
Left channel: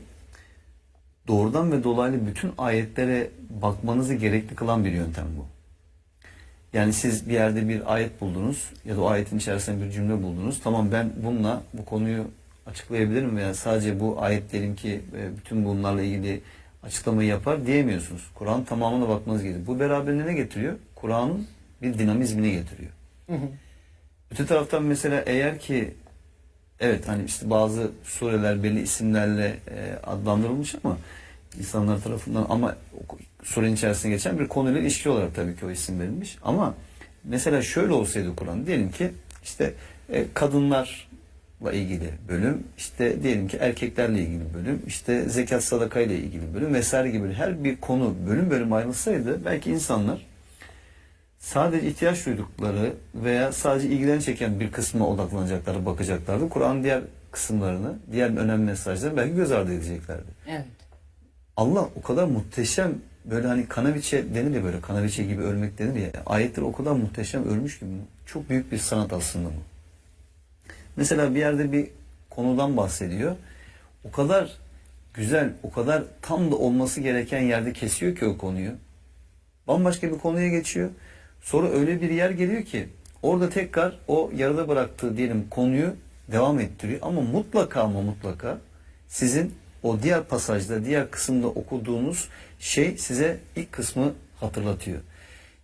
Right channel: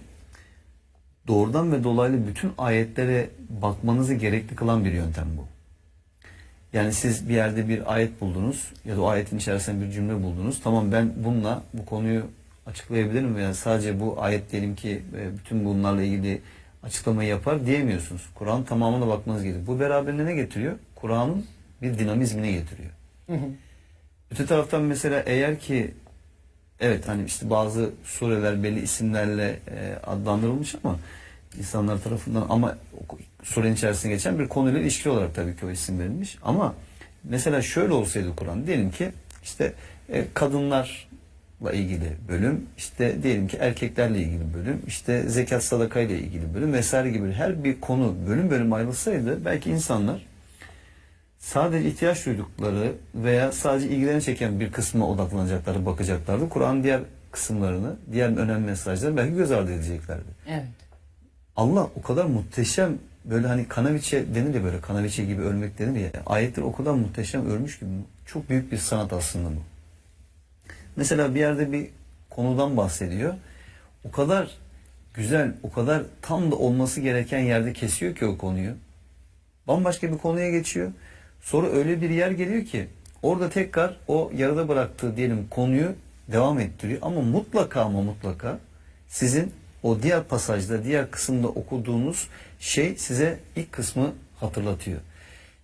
doğrudan ve dolaylı bütün ayetlere bakmanızı gerekli kılan bir yöntem bu. Yani siz bir yerde bir ayet buldunuz ya da o ayetin içerisinde bir cümle buldunuz. Tamam, ben bununla bu konuyu açıklayabilirim veya sadece bu ayet diyelim ki bütün bunlarla ilgili açıklamayı yapar diyemiyorsunuz. Kur'an tamamına bakmanız gerekiyor. Bu beraberinde ne getiriyor? Kur'an'ın bir dinamizmini getiriyor. Öte taraftan mesela eğer ki evet hani işte bazı sureler belli isimlerle adlandırılmış ama insanlar tarafından, ama surenin içerisinde geçen bir konuyla ilişki olarak tabii ki o isim verilmiş. Ama mesela şöyle olsaydı Kur'an, diyelim ki işte kadınlarla ilgili bölüm, işte diyelim ki erkeklerle ilgili bölüm, işte zekat sadaka ile ilgili bölüm vesaire gibi her bir konu bölüm bölüm ayrılsaydı belki insanlar sadece ihtiyaç duydukları veya sadece ilgilerini çeken bir kısmına odaklanacakları, bakacaklardı. Kur'an'ın diğer kısımlarını, diğer önemli mesajları belki göz ardı edeceklerdi. Evet. Allah o kadar muhteşem, böyle hani kanaviçe denir ya, böyle kanaviçe gibi örmek denir ya, ayetleri o kadar muhteşem örmüş ki çok büyük bir sanat aslında bu. Mesela bir yerde bir konudan bahsediyor. O kadar güzel, o kadar tam da olması gereken yerde kesiyor ki o konuyu. Bambaşka bir konuya geçiyor. Sonra öyle bir yer geliyor ki orada tekrar o yarıda bıraktığı diyelim konuyu devam ettiriyor. Ama mutlaka sizin o diğer pasajda, diğer kısımda okuduğunuz şey size ilk kısmı hatırlatıyor.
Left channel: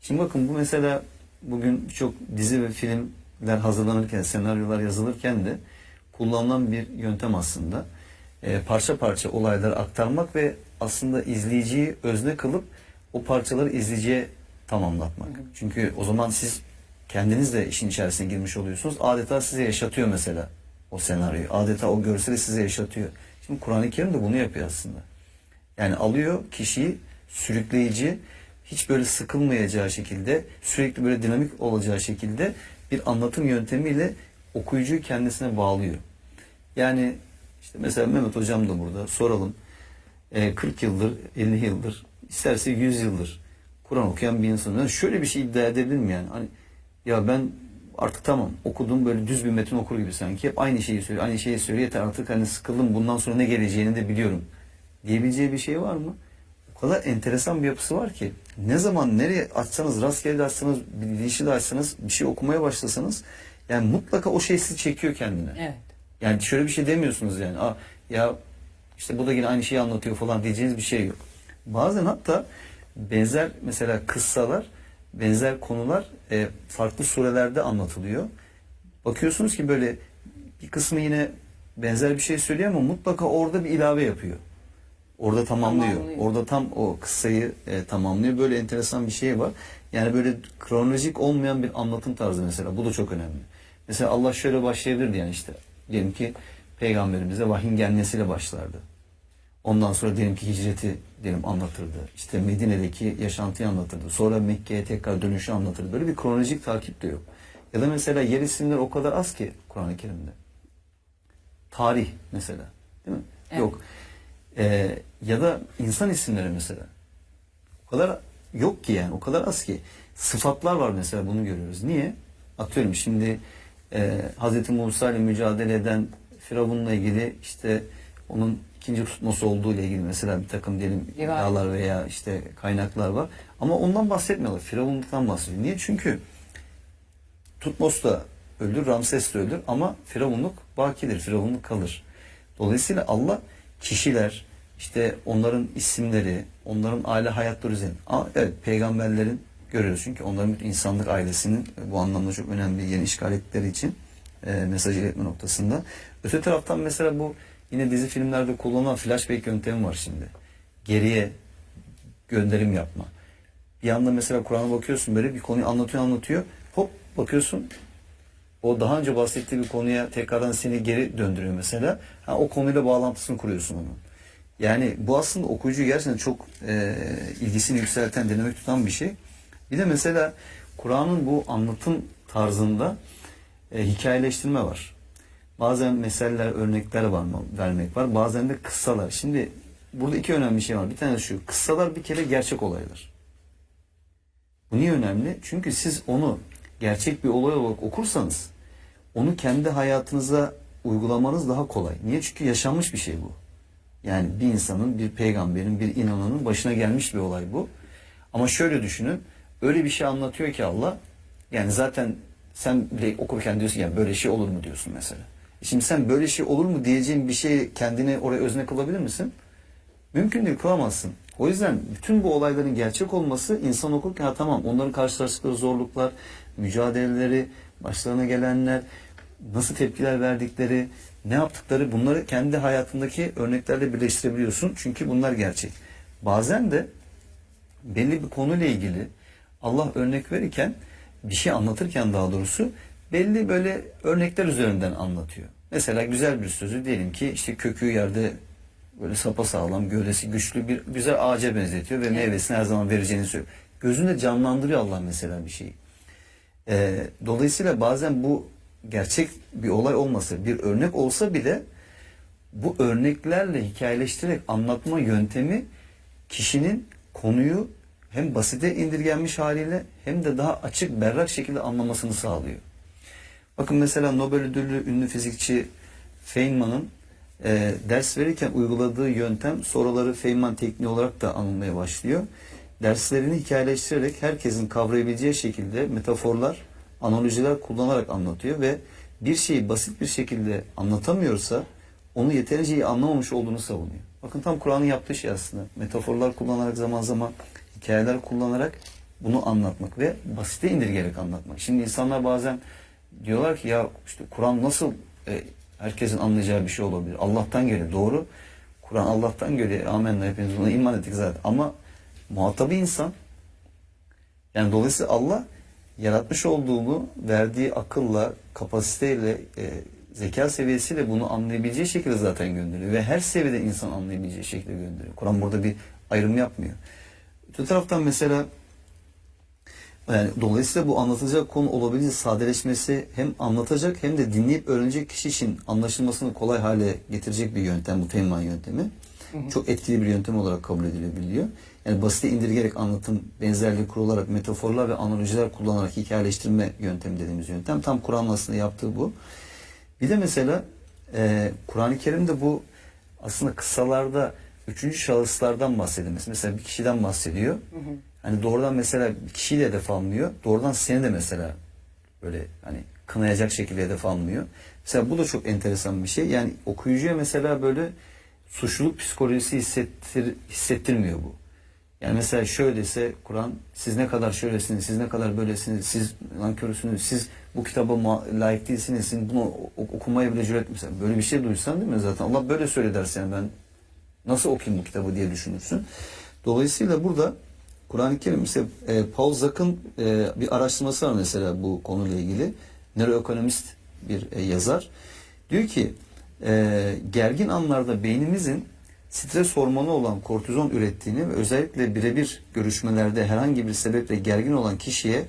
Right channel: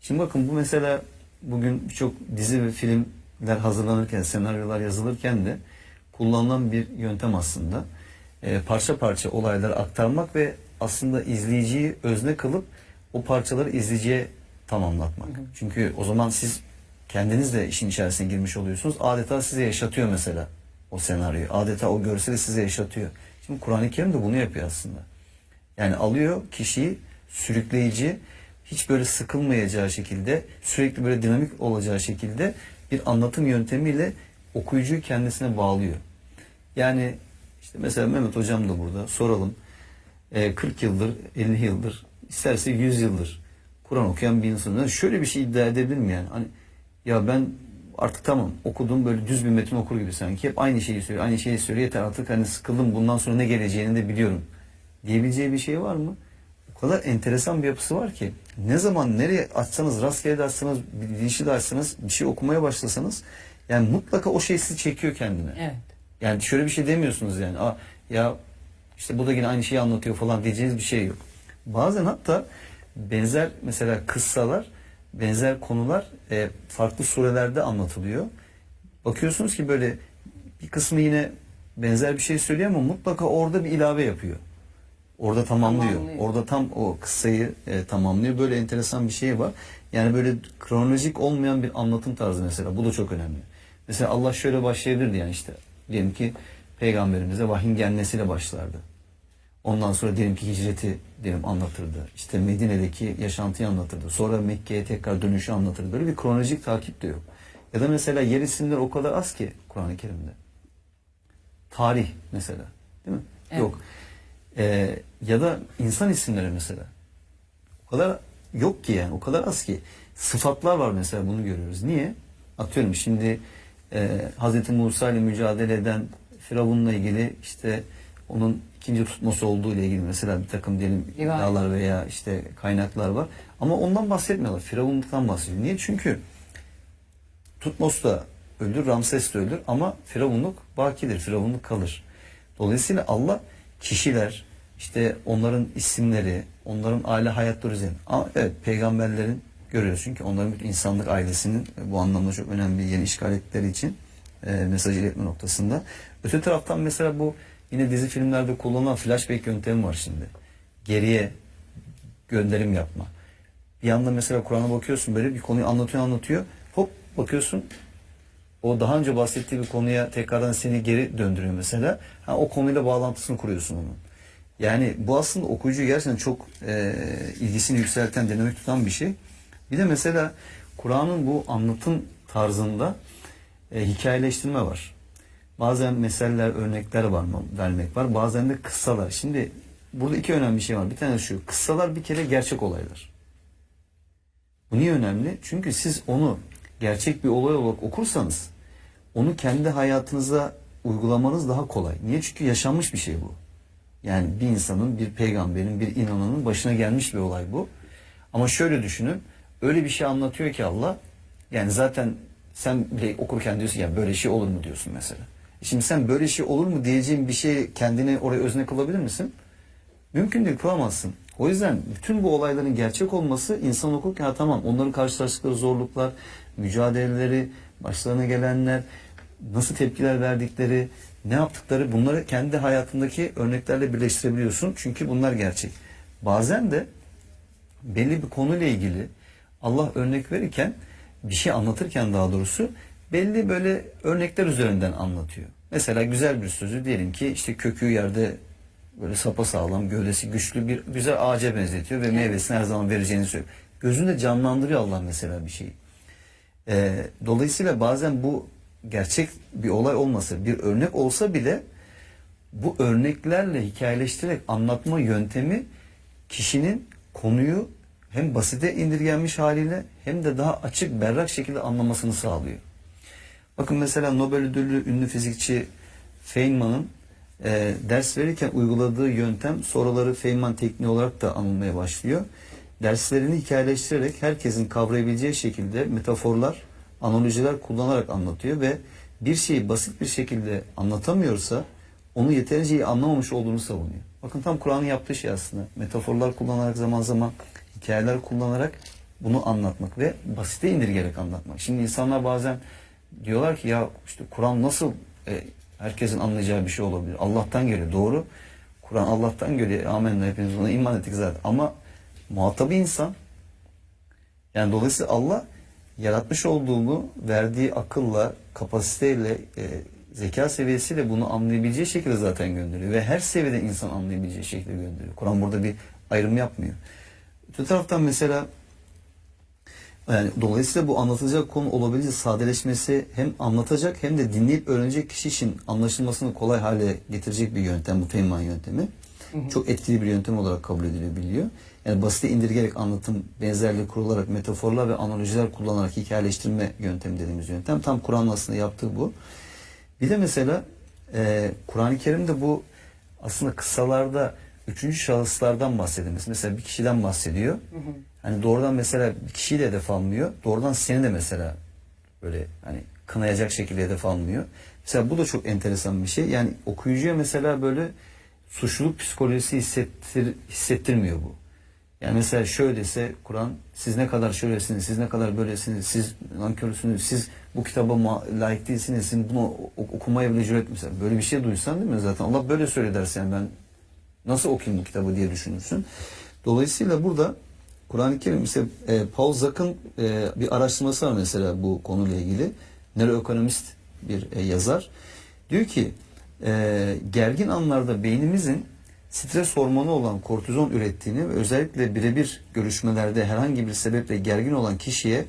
Şimdi bakın, bu mesela bugün birçok dizi ve filmler hazırlanırken, senaryolar yazılırken de kullanılan bir yöntem aslında. Parça parça olayları aktarmak ve aslında izleyiciyi özne kılıp o parçaları izleyiciye tamamlatmak. Çünkü o zaman siz kendiniz de işin içerisine girmiş oluyorsunuz. Adeta size yaşatıyor mesela o senaryoyu. Adeta o görseli size yaşatıyor. Şimdi Kur'an-ı Kerim de bunu yapıyor aslında. Yani alıyor kişiyi sürükleyici, hiç böyle sıkılmayacağı şekilde, sürekli böyle dinamik olacağı şekilde bir anlatım yöntemiyle okuyucuyu kendisine bağlıyor. Yani işte mesela Mehmet Hocam da burada, soralım. 40 yıldır, 50 yıldır, isterse 100 yıldır Kur'an okuyan bir insan. Yani şöyle bir şey iddia edebilir mi yani? Hani ya ben artık tamam okudum, böyle düz bir metin okur gibi sanki. Hep aynı şeyi söylüyor. Yeter artık, hani sıkıldım, bundan sonra ne geleceğini de biliyorum diyebileceği bir şey var mı? O kadar enteresan bir yapısı var ki ne zaman nereye açsanız, rastgele de açsanız, bir dişi de açsanız, bir şey okumaya başlasanız yani mutlaka o şey sizi çekiyor kendine. Evet. Yani şöyle bir şey demiyorsunuz yani. Ya İşte bu da yine aynı şeyi anlatıyor falan diyeceğiniz bir şey yok. Bazen hatta benzer mesela kıssalar, benzer konular farklı surelerde anlatılıyor. Bakıyorsunuz ki böyle bir kısmı yine benzer bir şey söylüyor ama mutlaka orada bir ilave yapıyor. Orada tamamlıyor. Orada tam o kıssayı tamamlıyor. Böyle enteresan bir şey var. Yani böyle kronolojik olmayan bir anlatım tarzı mesela. Bu da çok önemli. Mesela Allah şöyle başlayabilirdi yani işte. Diyelim ki peygamberimize vahyin gelmesiyle başlardı. Ondan sonra diyelim ki hicreti anlatırdı. İşte Medine'deki yaşantıyı anlatırdı. Sonra Mekke'ye tekrar dönüşü anlatırdı. Böyle bir kronolojik takip de yok. Ya da mesela yer isimleri o kadar az ki Kur'an-ı Kerim'de. Tarih mesela. Değil mi? Evet. Yok. Ya da insan isimleri mesela. O kadar yok ki yani. O kadar az ki. Sıfatlar var mesela, bunu görüyoruz. Niye? Atıyorum şimdi Hz. Musa ile mücadele eden Firavun'la ilgili işte onun ikinci tutması olduğu ile ilgili mesela bir takım diyelim iddialar veya işte kaynaklar var. Ama ondan bahsetmiyorlar. Firavun'dan bahsediyor. Niye? Çünkü Tutmos da öldür, Ramses de öldür ama Firavunluk bakidir. Firavunluk kalır. Dolayısıyla Allah kişiler, işte onların isimleri, onların aile hayatları üzerine. Ama evet, peygamberlerin görüyoruz çünkü onların bütün insanlık ailesinin bu anlamda çok önemli bir yerini işgal ettikleri için mesajı iletme noktasında. Öte taraftan mesela bu yine dizi filmlerde kullanılan flashback yöntemi var şimdi. Geriye gönderim yapma. Bir anda mesela Kur'an'a bakıyorsun, böyle bir konuyu anlatıyor. Hop bakıyorsun, o daha önce bahsettiği bir konuya tekrardan seni geri döndürüyor mesela. O konuyla bağlantısını kuruyorsun onun. Yani bu aslında okuyucu gerçekten çok ilgisini yükselten, dinamik tutan bir şey. Bir de mesela Kur'an'ın bu anlatım tarzında hikayeleştirme var. Bazen meseller, örnekler vermek var. Bazen de kıssalar. Şimdi burada iki önemli şey var. Bir tanesi şu: kıssalar bir kere gerçek olaylar. Bu niye önemli? Çünkü siz onu gerçek bir olay olarak okursanız onu kendi hayatınıza uygulamanız daha kolay. Niye? Çünkü yaşanmış bir şey bu. Yani bir insanın, bir peygamberin, bir inananın başına gelmiş bir olay bu. Ama şöyle düşünün, öyle bir şey anlatıyor ki Allah, yani zaten sen bile okurken diyorsun ya böyle şey olur mu diyorsun mesela. Şimdi sen böyle şey olur mu diyeceğin bir şey kendine oraya özne kılabilir misin? Mümkün değil, kılamazsın. O yüzden bütün bu olayların gerçek olması, insan okurken tamam, onların karşılaştıkları zorluklar, mücadeleleri, başlarına gelenler, nasıl tepkiler verdikleri, ne yaptıkları, bunları kendi hayatındaki örneklerle birleştirebiliyorsun. Çünkü bunlar gerçek. Bazen de belli bir konuyla ilgili Allah örnek verirken, bir şey anlatırken daha doğrusu, belli böyle örnekler üzerinden anlatıyor. Mesela güzel bir sözü, diyelim ki işte kökü yerde böyle sapasağlam, gövdesi güçlü bir güzel ağaca benzetiyor ve meyvesini her zaman vereceğini söylüyor. Gözünde canlandırıyor Allah mesela bir şeyi. Dolayısıyla bazen bu gerçek bir olay olmasa, bir örnek olsa bile bu örneklerle hikayeleştirerek anlatma yöntemi kişinin konuyu hem basite indirgenmiş haliyle hem de daha açık, berrak şekilde anlamasını sağlıyor. Bakın mesela Nobel ödüllü ünlü fizikçi Feynman'ın ders verirken uyguladığı yöntem soruları Feynman tekniği olarak da anılmaya başlıyor. Derslerini hikayeleştirerek herkesin kavrayabileceği şekilde metaforlar, analojiler kullanarak anlatıyor ve bir şeyi basit bir şekilde anlatamıyorsa onu yeterince iyi anlamamış olduğunu savunuyor. Bakın tam Kur'an'ın yaptığı şey aslında. Metaforlar kullanarak, zaman zaman hikayeler kullanarak bunu anlatmak ve basite indirgerek anlatmak. Şimdi insanlar bazen diyorlar ki ya işte Kur'an nasıl herkesin anlayacağı bir şey olabilir? Allah'tan geliyor. Doğru. Kur'an Allah'tan geliyor. Amenna, hepimiz ona iman ettik zaten. Ama muhatabı insan. Yani dolayısıyla Allah yaratmış olduğunu verdiği akılla, kapasiteyle, zeka seviyesiyle bunu anlayabileceği şekilde zaten gönderiyor. Ve her seviyede insan anlayabileceği şekilde gönderiyor. Kur'an burada bir ayrım yapmıyor. Öte taraftan mesela yani dolayısıyla bu anlatılacak konu olabildiğince sadeleşmesi hem anlatacak hem de dinleyip öğrenecek kişi için anlaşılmasını kolay hale getirecek bir yöntem bu Feynman yöntemi. Çok etkili bir yöntem olarak kabul edilebiliyor. Yani basite indirgerek anlatım, benzerlik kurularak, metaforlar ve analojiler kullanarak hikayeleştirme yöntemi dediğimiz yöntem. Tam Kur'an'ın aslında yaptığı bu. Bir de mesela Kur'an-ı Kerim'de bu aslında kıssalarda üçüncü şahıslardan bahsedilmesi. Mesela bir kişiden bahsediyor. Hani doğrudan mesela bir kişiyi de hedef almıyor. Doğrudan seni de mesela böyle hani kınayacak şekilde hedef almıyor. Mesela bu da çok enteresan bir şey. Yani okuyucuya mesela böyle suçluluk psikolojisi hissettirmiyor bu. Yani mesela şöyle dese Kur'an, siz ne kadar şöylesiniz, siz ne kadar böylesiniz, siz nankörsünüz, siz bu kitaba layık değilsiniz, siz bunu okumaya bile cüret misiniz? Böyle bir şey duysan değil mi zaten? Allah böyle söyle dersen ben nasıl okuyayım bu kitabı diye düşünürsün. Dolayısıyla burada Kur'an-ı Kerim mesela Paul Zak'ın bir araştırması var mesela bu konuyla ilgili. Nöroekonomist bir yazar. Diyor ki gergin anlarda beynimizin stres hormonu olan kortizon ürettiğini ve özellikle birebir görüşmelerde herhangi bir sebeple gergin olan kişiye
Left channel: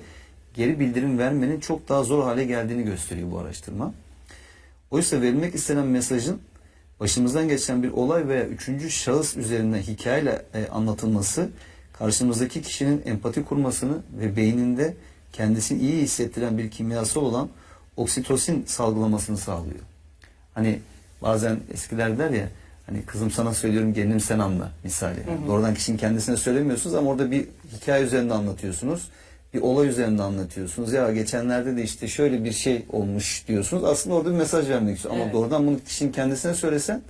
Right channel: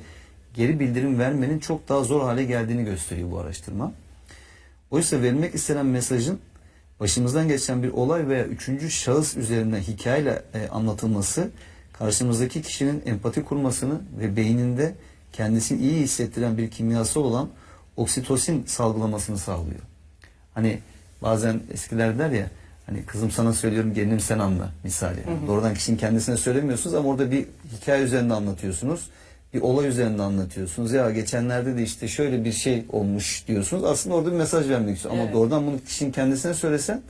geri bildirim vermenin çok daha zor hale geldiğini gösteriyor bu araştırma. Oysa verilmek istenen mesajın başımızdan geçen bir olay veya üçüncü şahıs üzerinden hikayeyle anlatılması karşımızdaki kişinin empati kurmasını ve beyninde kendisini iyi hissettiren bir kimyasal olan oksitosin salgılamasını sağlıyor. Hani bazen eskiler der ya, hani kızım sana söylüyorum gelinim sen anla misali. Doğrudan kişinin kendisine söylemiyorsunuz ama orada bir hikaye üzerinde anlatıyorsunuz. Bir olay üzerinde anlatıyorsunuz. Ya geçenlerde de işte şöyle bir şey olmuş diyorsunuz. Aslında orada bir mesaj vermek istiyor. Ama doğrudan bunu kişinin kendisine söylesen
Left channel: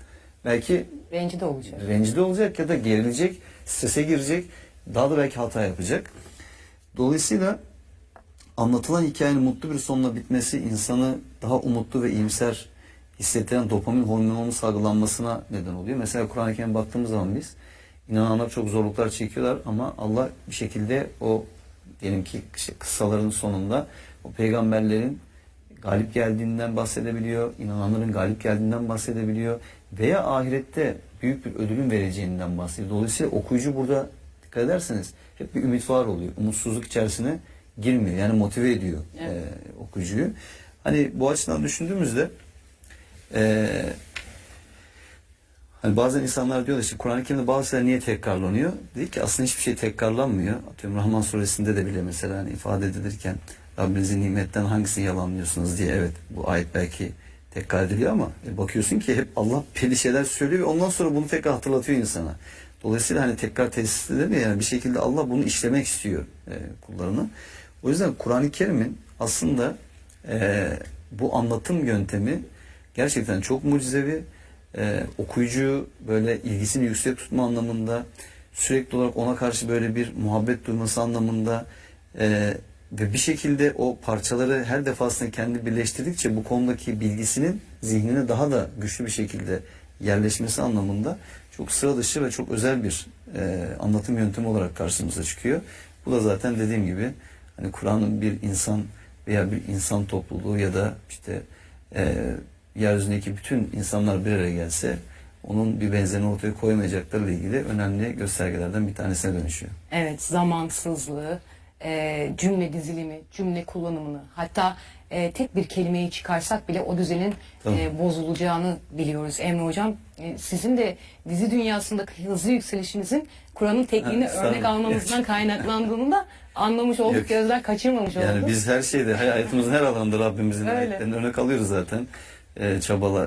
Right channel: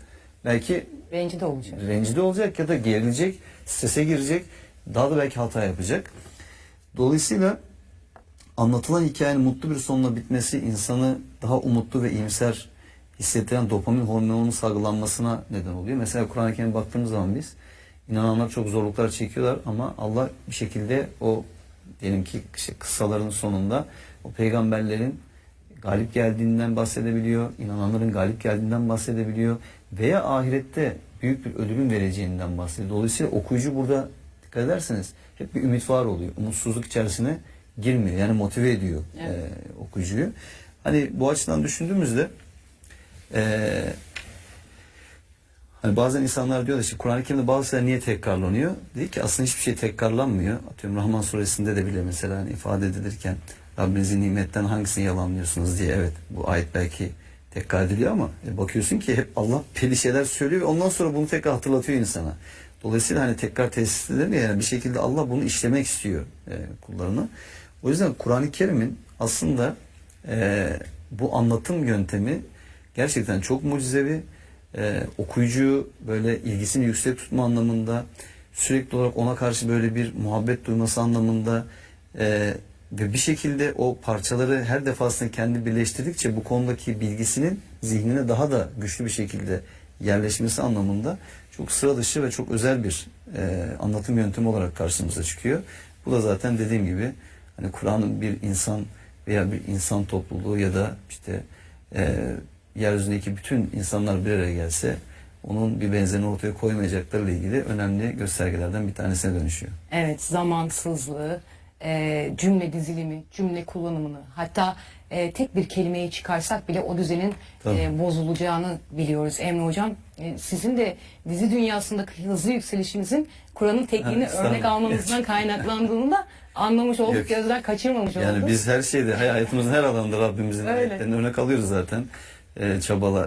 belki Rencide olacak. rencide olacak ya da gerilecek, strese girecek. Daha da belki hata yapacak. Dolayısıyla anlatılan hikayenin mutlu bir sonla bitmesi insanı daha umutlu ve iyimser hissettiren dopamin hormonunun salgılanmasına neden oluyor. Mesela Kur'an-ı Kerim'e baktığımız zaman biz inananlar çok zorluklar çekiyorlar ama Allah bir şekilde o diyelim ki işte kıssaların sonunda o peygamberlerin galip geldiğinden bahsedebiliyor, inananların galip geldiğinden bahsedebiliyor veya ahirette büyük bir ödülün vereceğinden bahsediyor. Dolayısıyla okuyucu burada dikkat ederseniz hep bir ümit var oluyor. Umutsuzluk içerisine girmiyor. Yani motive ediyor okuyucuyu. Hani bu açıdan düşündüğümüzde hani bazen insanlar diyorlar işte Kur'an-ı Kerim'de bazı şeyler niye tekrarlanıyor? Dedi ki aslında hiçbir şey tekrarlanmıyor. Atıyorum Rahman suresinde de bile mesela hani ifade edilirken Rabbinizin nimetten hangisini yalanlıyorsunuz diye evet bu ayet belki tekrar ediliyor ama bakıyorsun ki hep Allah belli şeyler söylüyor ve ondan sonra bunu tekrar hatırlatıyor insana. Dolayısıyla hani tekrar tesis edilir yani bir şekilde Allah bunu işlemek istiyor kullarını. O yüzden Kur'an-ı Kerim'in aslında bu anlatım yöntemi gerçekten çok mucizevi. Okuyucuyu böyle ilgisini yüksek tutma anlamında sürekli olarak ona karşı böyle bir muhabbet duyması anlamında ve bir şekilde o parçaları her defasında kendi birleştirdikçe bu konudaki bilgisinin zihnine daha da güçlü bir şekilde yerleşmesi anlamında çok sıra dışı ve çok özel bir anlatım yöntemi olarak karşımıza çıkıyor. Bu da zaten dediğim gibi hani Kur'an'ın bir insan veya bir insan topluluğu ya da işte yeryüzündeki bütün insanlar bir araya gelse onun bir benzerini ortaya koymayacaklarıyla ilgili önemli göstergelerden bir tanesine dönüşüyor. Evet, zamansızlığı, cümle dizilimi, cümle kullanımını, hatta tek bir kelimeyi çıkarsak bile o düzenin bozulacağını biliyoruz. Emre Hocam, sizin de dizi dünyasındaki hızlı yükselişinizin Kur'an'ın tekniğini örnek almanızdan kaynaklandığını da anlamış olduk, Yok. gözler kaçırmamış olduk. Yani biz her şeyde, hayatımızın her alanında Rabbimizin ayetlerini örnek alıyoruz zaten.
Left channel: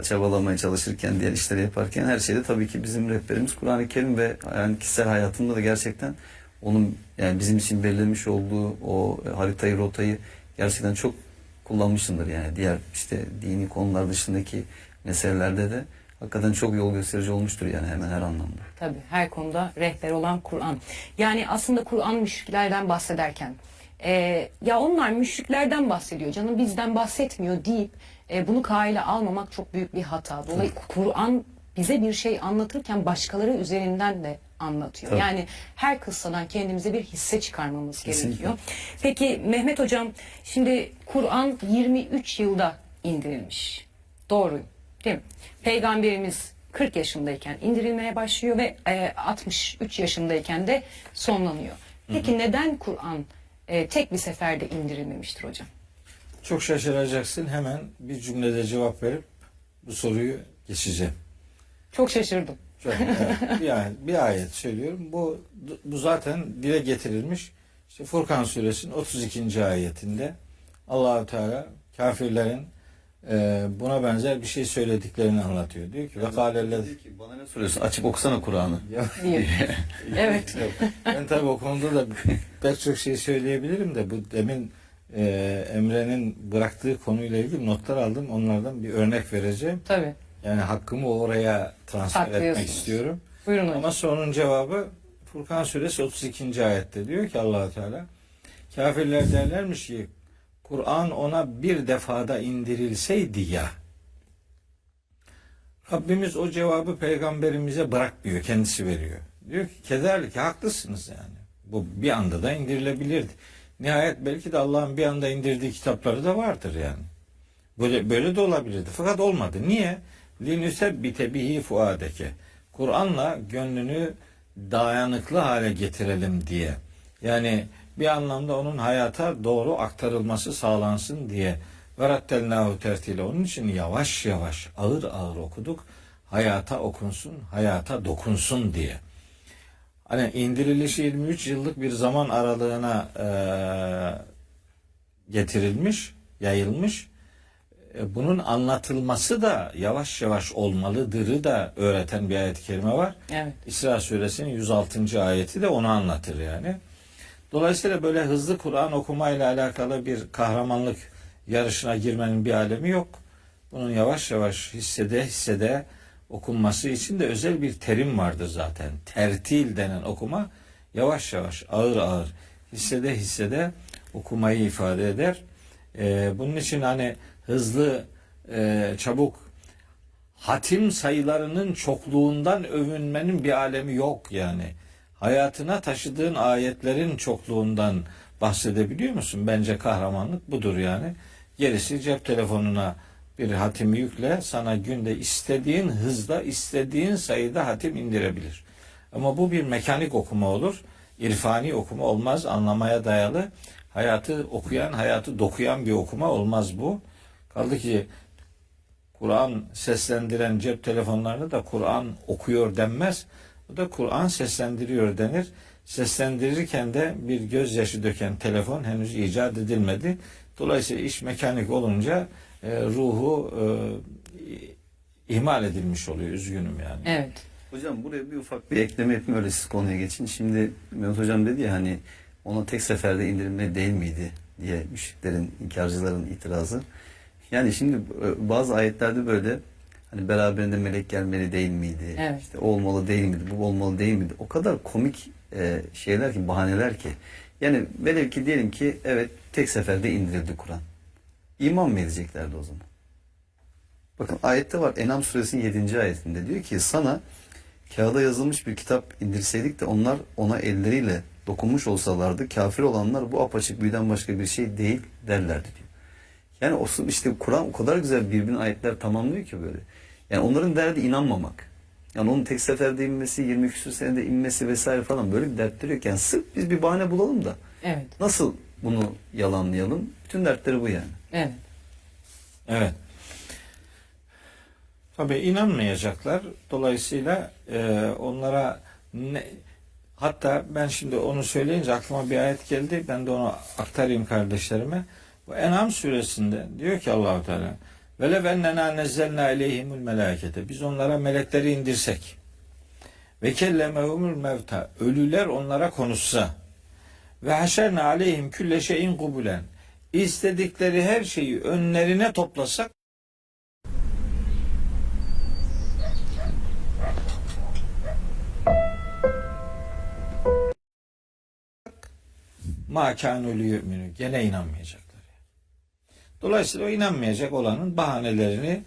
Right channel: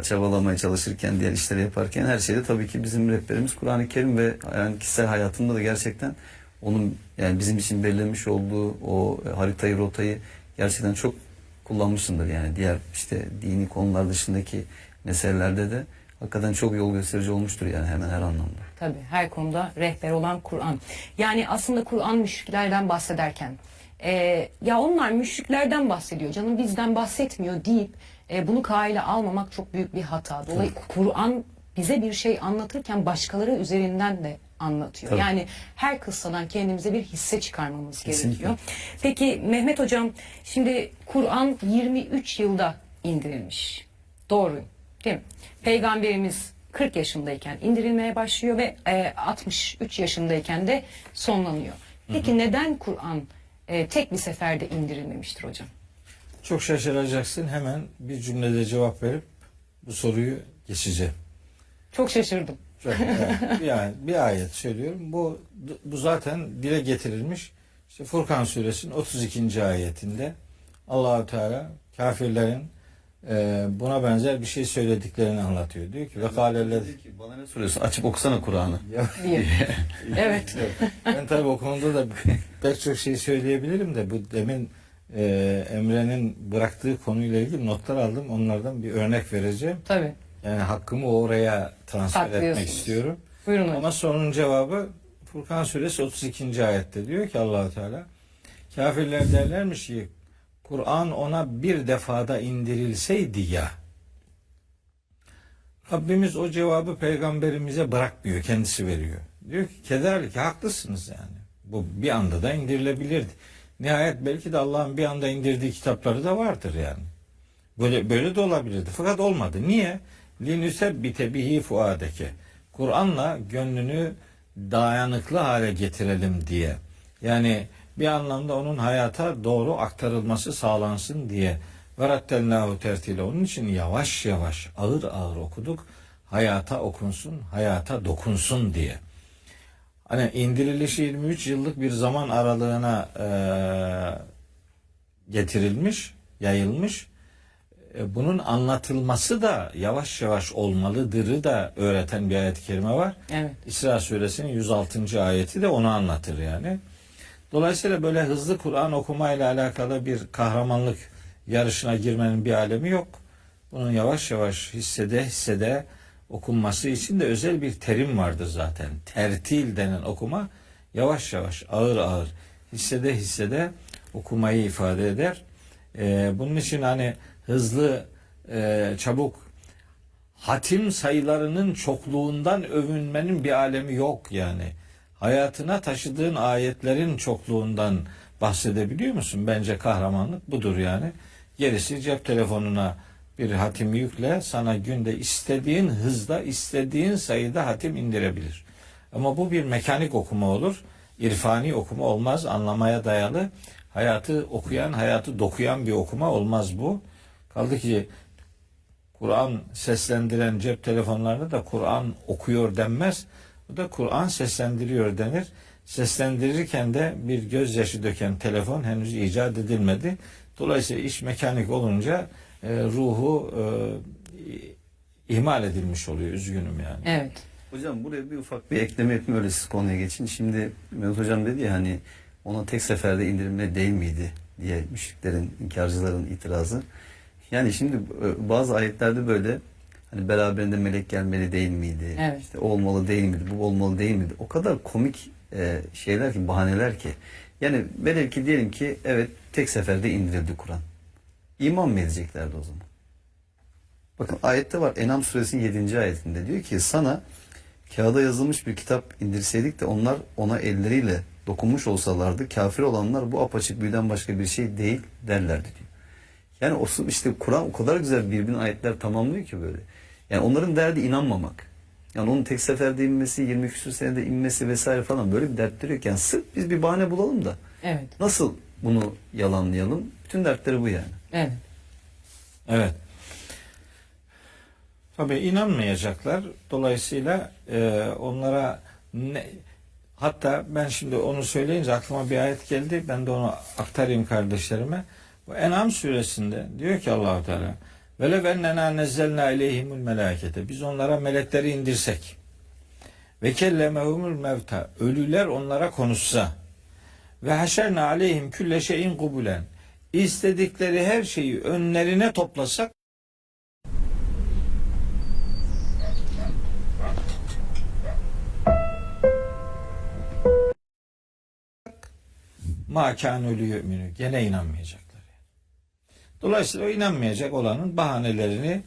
Çabalamaya çalışırken, diğer işleri yaparken her şeyde tabii ki bizim rehberimiz Kur'an-ı Kerim ve yani kişisel hayatımda da gerçekten onun yani bizim için belirlemiş olduğu o haritayı, rotayı gerçekten çok kullanmışsındır yani. Diğer işte dini konular dışındaki meselelerde de hakikaten çok yol gösterici olmuştur yani hemen her anlamda. Tabii her konuda rehber olan Kur'an. Yani aslında Kur'an müşriklerden bahsederken ya onlar müşriklerden bahsediyor canım bizden bahsetmiyor deyip bunu kâile almamak çok büyük bir hata. Dolayısıyla Kur'an bize bir şey anlatırken başkaları üzerinden de anlatıyor. Tabii. Yani her kıssadan kendimize bir hisse çıkarmamız Kesinlikle. gerekiyor. Peki Mehmet Hocam, şimdi Kur'an 23 yılda indirilmiş. Doğru değil mi? Peygamberimiz 40 yaşındayken indirilmeye başlıyor ve 63 yaşındayken de sonlanıyor. Peki neden Kur'an tek bir seferde indirilmemiştir hocam? Çok şaşıracaksın. Hemen bir cümlede cevap verip bu soruyu geçeceğim. Çok şaşırdım. Bir ayet söylüyorum. Bu zaten dile getirilmiş. İşte Furkan suresinin 32. ayetinde Allah-u Teala kafirlerin buna benzer bir şey söylediklerini anlatıyor. Diyor ki bana ne soruyorsun? Açıp okusana Kur'an'ı. Diye. Evet. Ben tabii o konuda da pek çok şey söyleyebilirim de bu demin Emre'nin bıraktığı konuyla ilgili notlar aldım. Onlardan bir örnek vereceğim. Tabii. Yani hakkımı oraya transfer etmek Saklıyorsunuz. istiyorum. Buyurun hocam. Ama sorunun cevabı Furkan Suresi 32. ayette diyor ki Allah-u Teala, kafirler derlermiş ki Kur'an ona bir defada indirilseydi ya. Rabbimiz o cevabı peygamberimize bırakmıyor, kendisi veriyor. Diyor ki kezalike haklısınız yani. Bu bir anda da indirilebilirdi. Nihayet belki de Allah'ın bir anda indirdiği kitapları da vardır yani. Böyle de olabilirdi. Fakat olmadı. Niye? Linüsebbite bihi fuadeke. Kur'an'la gönlünü dayanıklı hale getirelim diye. Yani bir anlamda onun hayata doğru aktarılması sağlansın diye. Ve rattelnahu tertile. Onun için yavaş yavaş, ağır ağır okuduk. Hayata okunsun, hayata dokunsun diye. Hani indirilişi 23 yıllık bir zaman aralığına getirilmiş, yayılmış. Bunun anlatılması da yavaş yavaş olmalıdırı da öğreten bir ayet-i kerime var. Evet. İsra suresinin 106. ayeti de onu anlatır yani. Dolayısıyla böyle hızlı Kur'an okumayla alakalı bir kahramanlık yarışına girmenin bir alemi yok. Bunun yavaş yavaş hissede hissede okunması için de özel bir terim vardır zaten. Tertil denen okuma yavaş yavaş, ağır ağır, hissede hissede okumayı ifade eder. Bunun için hani hızlı, çabuk hatim sayılarının çokluğundan övünmenin bir alemi yok yani. Hayatına taşıdığın ayetlerin çokluğundan bahsedebiliyor musun? Bence kahramanlık budur yani. Gerisi cep telefonuna bir hatimi yükle, sana günde istediğin hızda, istediğin sayıda hatim indirebilir. Ama bu bir mekanik okuma olur. İrfani okuma olmaz, anlamaya dayalı. Hayatı okuyan, hayatı dokuyan bir okuma olmaz bu. Kaldı ki Kur'an seslendiren cep telefonlarında da Kur'an okuyor denmez. Bu da Kur'an seslendiriyor denir. Seslendirirken de bir gözyaşı döken telefon henüz icat edilmedi. Dolayısıyla iş mekanik olunca ruhu ihmal edilmiş oluyor. Üzgünüm yani. Evet. Hocam buraya bir ufak bir ekleme yapayım, öyle siz konuya geçin. Şimdi Mehmet Hocam dedi ya hani ona tek seferde indirilme değil miydi diye müşriklerin, inkarcıların itirazı. Yani şimdi bazı ayetlerde böyle hani beraberinde melek gelmeli değil miydi? Evet. İşte o olmalı değil miydi? Bu olmalı değil miydi? O kadar komik şeyler ki, bahaneler ki. Yani velev ki diyelim ki evet tek seferde indirildi Kur'an. İman mı edeceklerdi o zaman? Bakın ayette var, En'am suresinin 7. ayetinde diyor ki sana kağıda yazılmış bir kitap indirseydik de onlar ona elleriyle dokunmuş olsalardı kafir olanlar bu apaçık büyüden başka bir şey değil derlerdi diyor. Yani o işte Kur'an o kadar güzel birbirine ayetler tamamlıyor ki böyle. Yani onların derdi inanmamak. Yani onun tek seferde inmesi, 20 küsur senede inmesi vesaire falan böyle bir dertleri yok. Yani sırf biz bir bahane bulalım da Evet. nasıl bunu yalanlayalım? Bütün dertleri bu yani. Evet. Evet. Tabii inanmayacaklar. Dolayısıyla onlara hatta ben şimdi onu söyleyince aklıma bir ayet geldi. Ben de onu aktarayım kardeşlerime. Bu En'am suresinde diyor ki Allah-u Teala velev ennena nezzelna aleyhimul melâkete, biz onlara melekleri indirsek ve kellemehumul mevta, ölüler onlara konuşsa ve haşerna aleyhim külle şeyin kubulen, istedikleri her şeyi önlerine toplasak ma kânû liyu'minû, gene inanmayacaklar. Dolayısıyla o inanmayacak olanın bahanelerini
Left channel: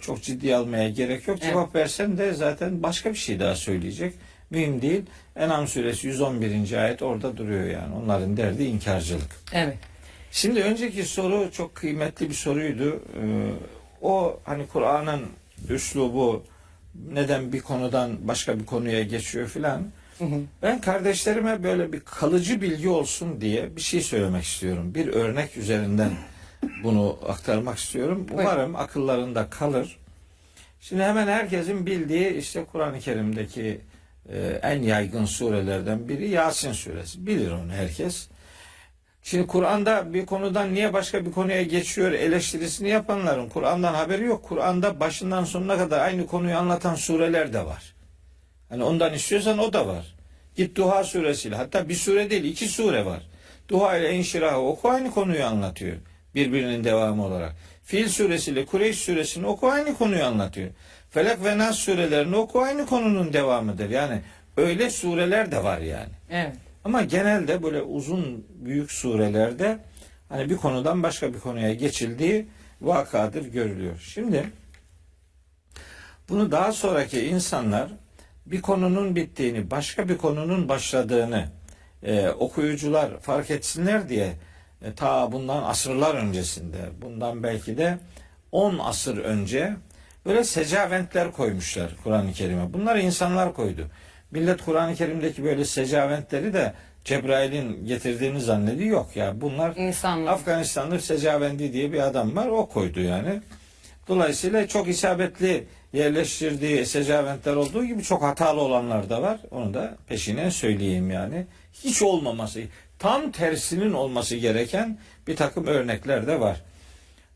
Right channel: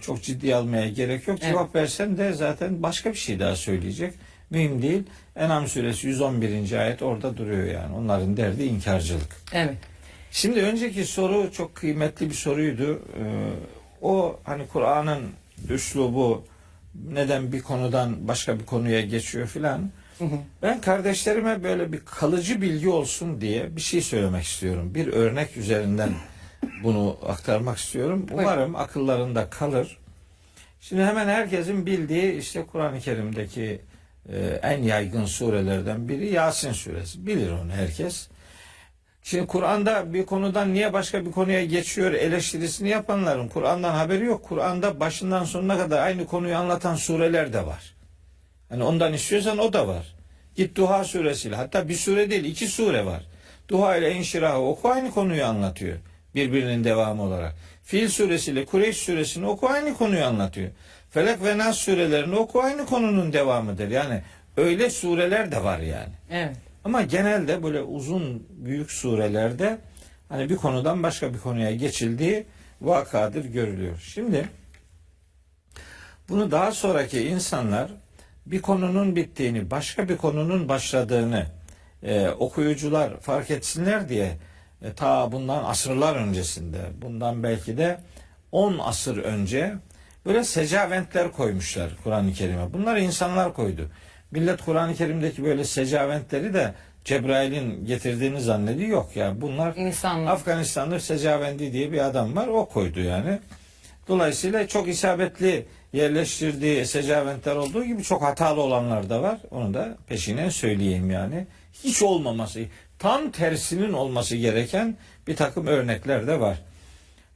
çok ciddiye almaya gerek yok. Cevap versen de zaten başka bir şey daha söyleyecek. Mühim değil. En'am suresi 111. ayet orada duruyor yani. Onların derdi inkarcılık. Evet. Şimdi önceki soru çok kıymetli bir soruydu. O hani Kur'an'ın üslubu neden bir konudan başka bir konuya geçiyor filan. Ben kardeşlerime böyle bir kalıcı bilgi olsun diye bir şey söylemek istiyorum. Bir örnek üzerinden bunu aktarmak istiyorum. Umarım akıllarında kalır. Şimdi hemen herkesin bildiği işte Kur'an-ı Kerim'deki en yaygın surelerden biri Yasin suresi. Bilir onu herkes. Şimdi Kur'an'da bir konudan niye başka bir konuya geçiyor eleştirisini yapanların Kur'an'dan haberi yok. Kur'an'da başından sonuna kadar aynı konuyu anlatan sureler de var. Hani ondan istiyorsan o da var. Git Duha suresiyle, hatta bir sure değil 2 sure var. Duha ile İnşirah'ı oku, aynı konuyu anlatıyor. Birbirinin devamı olarak. Fil suresiyle Kureyş suresini oku, aynı konuyu anlatıyor. Felak ve Nas surelerini oku, aynı konunun devamıdır. Yani öyle sureler de var yani. Evet. Ama genelde böyle uzun büyük surelerde hani bir konudan başka bir konuya geçildiği vakadır görülüyor. Şimdi bunu daha sonraki insanlar bir konunun bittiğini, başka bir konunun başladığını okuyucular fark etsinler diye ta bundan asırlar öncesinde, bundan belki de 10 asır önce böyle secaventler koymuşlar Kur'an-ı Kerim'e. Bunları insanlar koydu. Millet Kur'an-ı Kerim'deki böyle secaventleri de Cebrail'in getirdiğini zannediyor. Yok yani bunlar İnsanlar. Afganistanlı Secavendi diye bir adam var. O koydu yani. Dolayısıyla çok isabetli yerleştirdiği secaventler olduğu gibi çok hatalı olanlar da var. Onu da peşine söyleyeyim yani. Hiç olmaması, tam tersinin olması gereken bir takım örnekler de var.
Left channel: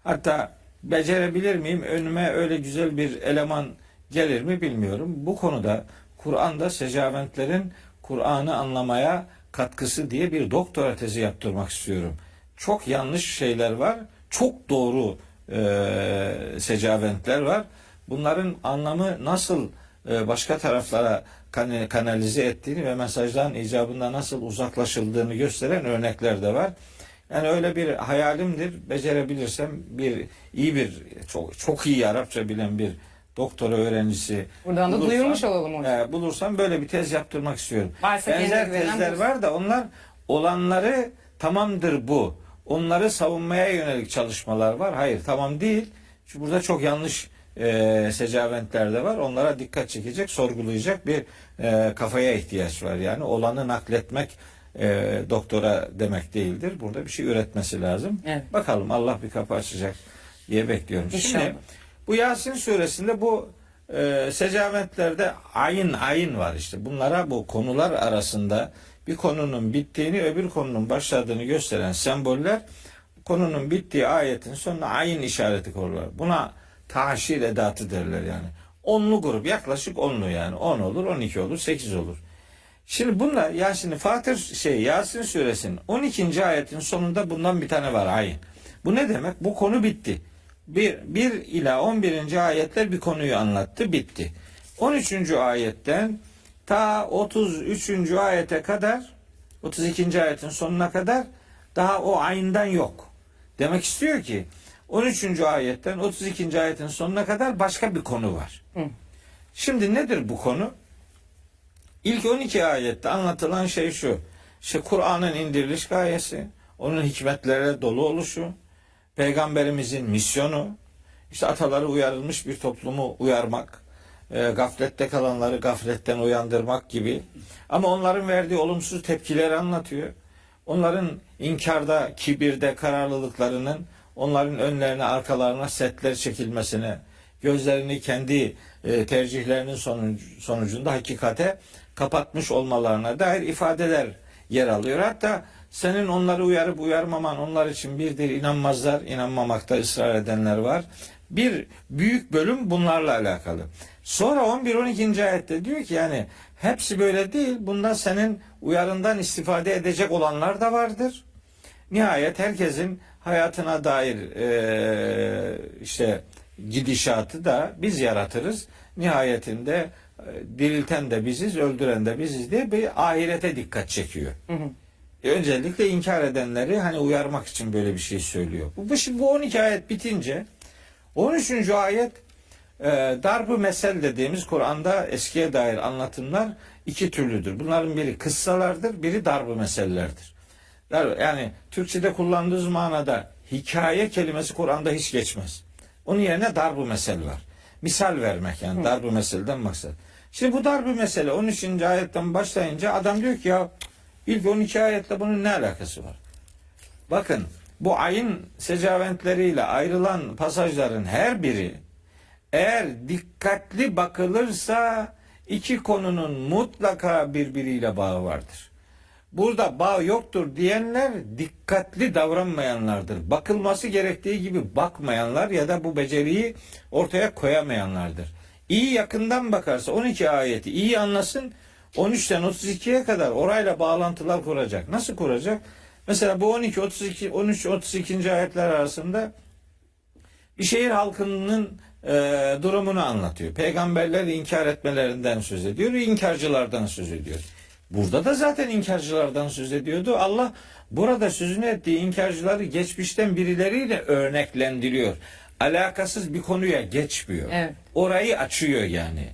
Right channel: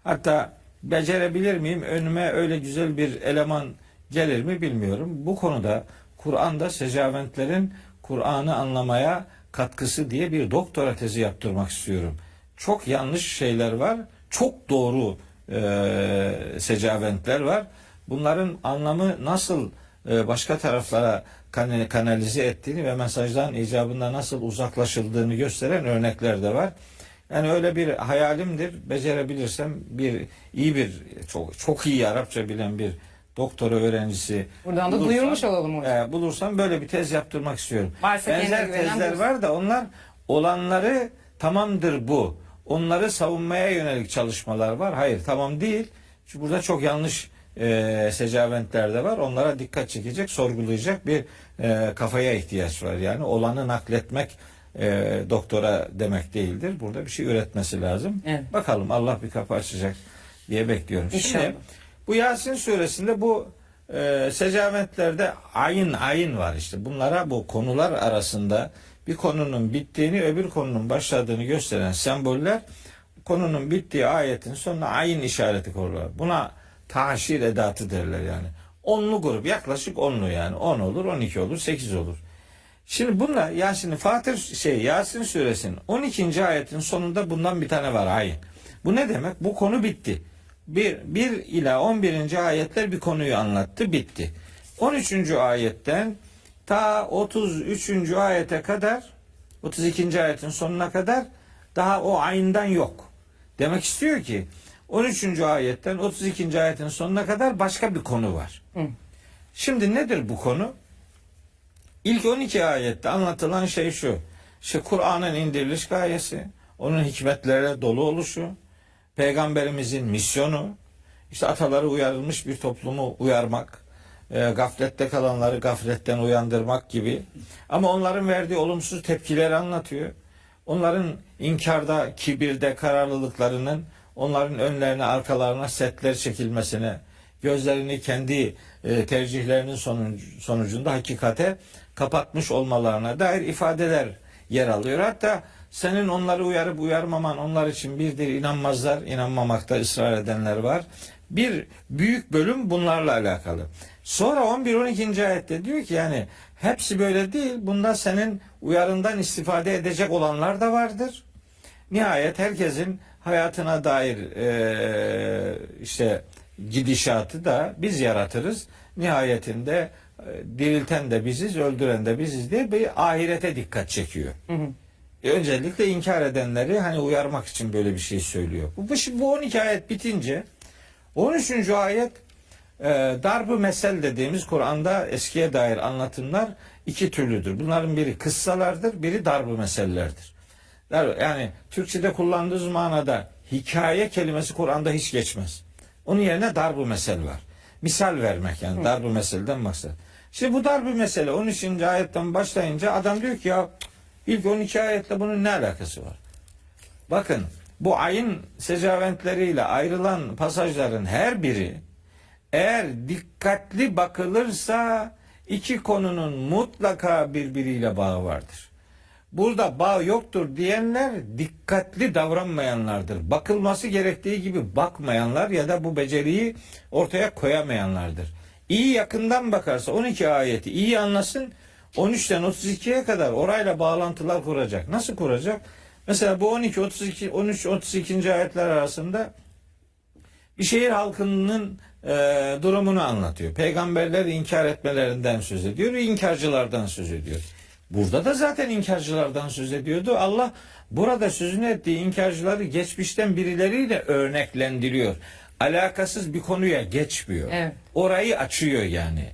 Hatta becerebilir miyim? Önüme öyle güzel bir eleman gelir mi bilmiyorum. Bu konuda Kur'an'da secaventlerin Kur'an'ı anlamaya katkısı diye bir doktora tezi yaptırmak istiyorum. Çok yanlış şeyler var. Çok doğru secaventler var. Bunların anlamı nasıl başka taraflara kanalize ettiğini ve mesajların icabında nasıl uzaklaşıldığını gösteren örnekler de var. Yani öyle bir hayalimdir. Becerebilirsem iyi bir çok iyi Arapça bilen bir doktora öğrencisi Buradan da duyurmuş olalım hocam. Bulursam böyle bir tez yaptırmak istiyorum. Varsa Benzer kendine güvenen tezler bulsun. var da onlar olanları tamamdır bu. Onları savunmaya yönelik çalışmalar var. Hayır tamam değil. Çünkü burada çok yanlış secaventler de var. Onlara dikkat çekecek, sorgulayacak bir kafaya ihtiyaç var. Yani olanı nakletmek doktora demek değildir. Burada bir şey üretmesi lazım. Evet. Bakalım Allah bir kapı açacak diye bekliyorum. İnşallah. Şimdi bu Yasin suresinde bu secaventlerde ayin var işte. Bunlara bu konular arasında bir konunun bittiğini öbür konunun başladığını gösteren semboller konunun bittiği ayetin sonuna ayin işareti koyuyorlar. Buna taşir edatı derler yani. Onlu grup yaklaşık onlu yani. 10 olur, 12 olur, 8 olur. Şimdi bunlar yani şimdi Yasin suresinin 12. ayetin sonunda bundan bir tane var ayin. Bu ne demek? Bu konu bitti. 1 ila 11. ayetler bir konuyu anlattı, bitti. 13. ayetten ta 33. ayete kadar 32. ayetin sonuna kadar daha o ayinden yok. Demek istiyor ki 13. ayetten 32. ayetin sonuna kadar başka bir konu var. Şimdi nedir bu konu? İlk 12 ayette anlatılan şey şu. İşte Kur'an'ın indiriliş gayesi, onun hikmetlere dolu oluşu, Peygamberimizin misyonu, işte ataları uyarılmış bir toplumu uyarmak, gaflette kalanları gafletten uyandırmak gibi. Ama onların verdiği olumsuz tepkileri anlatıyor. Onların inkarda, kibirde, kararlılıklarının onların önlerine, arkalarına setler çekilmesine, gözlerini kendi tercihlerinin sonucunda hakikate kapatmış olmalarına dair ifadeler yer alıyor. Hatta senin onları uyarıp uyarmaman onlar için birdir, inanmazlar, inanmamakta ısrar edenler var. Bir büyük bölüm bunlarla alakalı. Sonra 11-12. ayette diyor ki yani hepsi böyle değil. Bunda senin uyarından istifade edecek olanlar da vardır. Nihayet herkesin hayatına dair işte gidişatı da biz yaratırız. Nihayetinde dirilten de biziz, öldüren de biziz diye bir ahirete dikkat çekiyor. Öncelikle inkar edenleri hani uyarmak için böyle bir şey söylüyor. Bu 12 ayet bitince 13. ayet darb-ı mesel dediğimiz Kur'an'da eskiye dair anlatımlar iki türlüdür. Bunların biri kıssalardır, biri darb-ı mesellerdir. Yani Türkçe'de kullandığımız manada hikaye kelimesi Kur'an'da hiç geçmez. Onun yerine darb-ı mesel var. Misal vermek yani darb-ı meselden maksat. Şimdi bu darb-ı mesele 13. ayetten başlayınca adam diyor ki ya ilk 12 ayetle bunun ne alakası var? Bakın bu ayın secaventleriyle ayrılan pasajların her biri eğer dikkatli bakılırsa iki konunun mutlaka birbiriyle bağı vardır. Burada bağ yoktur diyenler dikkatli davranmayanlardır. Bakılması gerektiği gibi bakmayanlar ya da bu beceriyi ortaya koyamayanlardır. İyi yakından bakarsa 12 ayeti iyi anlasın 13'ten 32'ye kadar orayla bağlantılar kuracak. Nasıl kuracak? Mesela bu 12, 32, 13, 32. ayetler arasında Bir şehir halkının durumunu anlatıyor. Peygamberler inkar etmelerinden söz ediyor, inkarcılardan söz ediyor. Burada da zaten inkarcılardan söz ediyordu. Allah burada sözünü ettiği inkarcıları geçmişten birileriyle örneklendiriyor. Alakasız bir konuya geçmiyor. Evet. Orayı açıyor yani.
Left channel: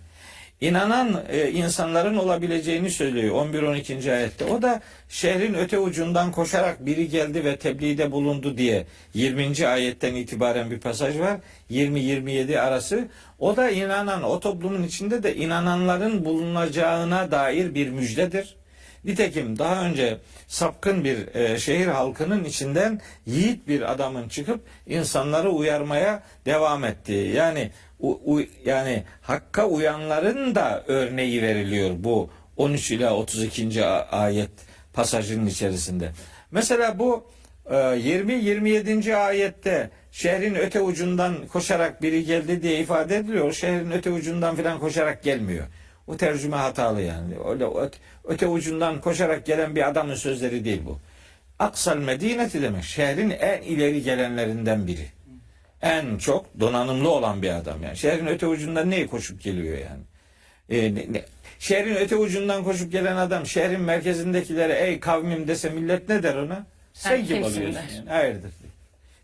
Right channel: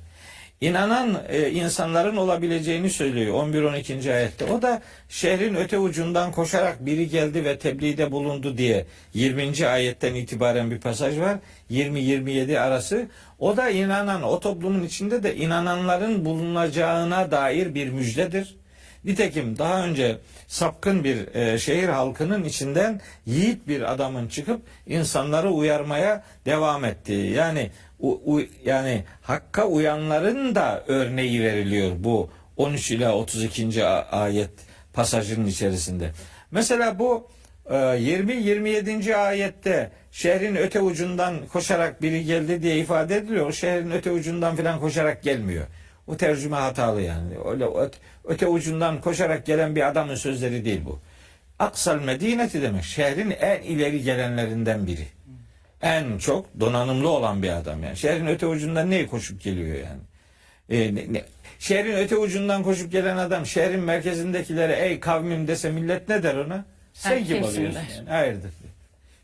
İnanan insanların olabileceğini söylüyor 11-12. ayette. O da şehrin öte ucundan koşarak biri geldi ve tebliğde bulundu diye 20. ayetten itibaren bir pasaj var. 20-27 arası. O da inanan, o toplumun içinde de inananların bulunacağına dair bir müjdedir. Nitekim daha önce sapkın bir şehir halkının içinden yiğit bir adamın çıkıp insanları uyarmaya devam ettiği, yani yani hakka uyanların da örneği veriliyor bu 13 ila 32. ayet pasajının içerisinde. Mesela bu 20-27. ayette şehrin öte ucundan koşarak biri geldi diye ifade ediliyor. Şehrin öte ucundan falan koşarak gelmiyor. O tercüme hatalı yani. Öyle öte ucundan koşarak gelen bir adamın sözleri değil bu. Aksal Medineti demek. Şehrin en ileri gelenlerinden biri. En çok donanımlı olan bir adam yani. Şehrin öte ucundan neye koşup geliyor yani? Şehrin öte ucundan koşup gelen adam şehrin merkezindekilere ey kavmim dese millet ne der ona? Sen kim kimsin oluyorsun der. yani? Hayırdır?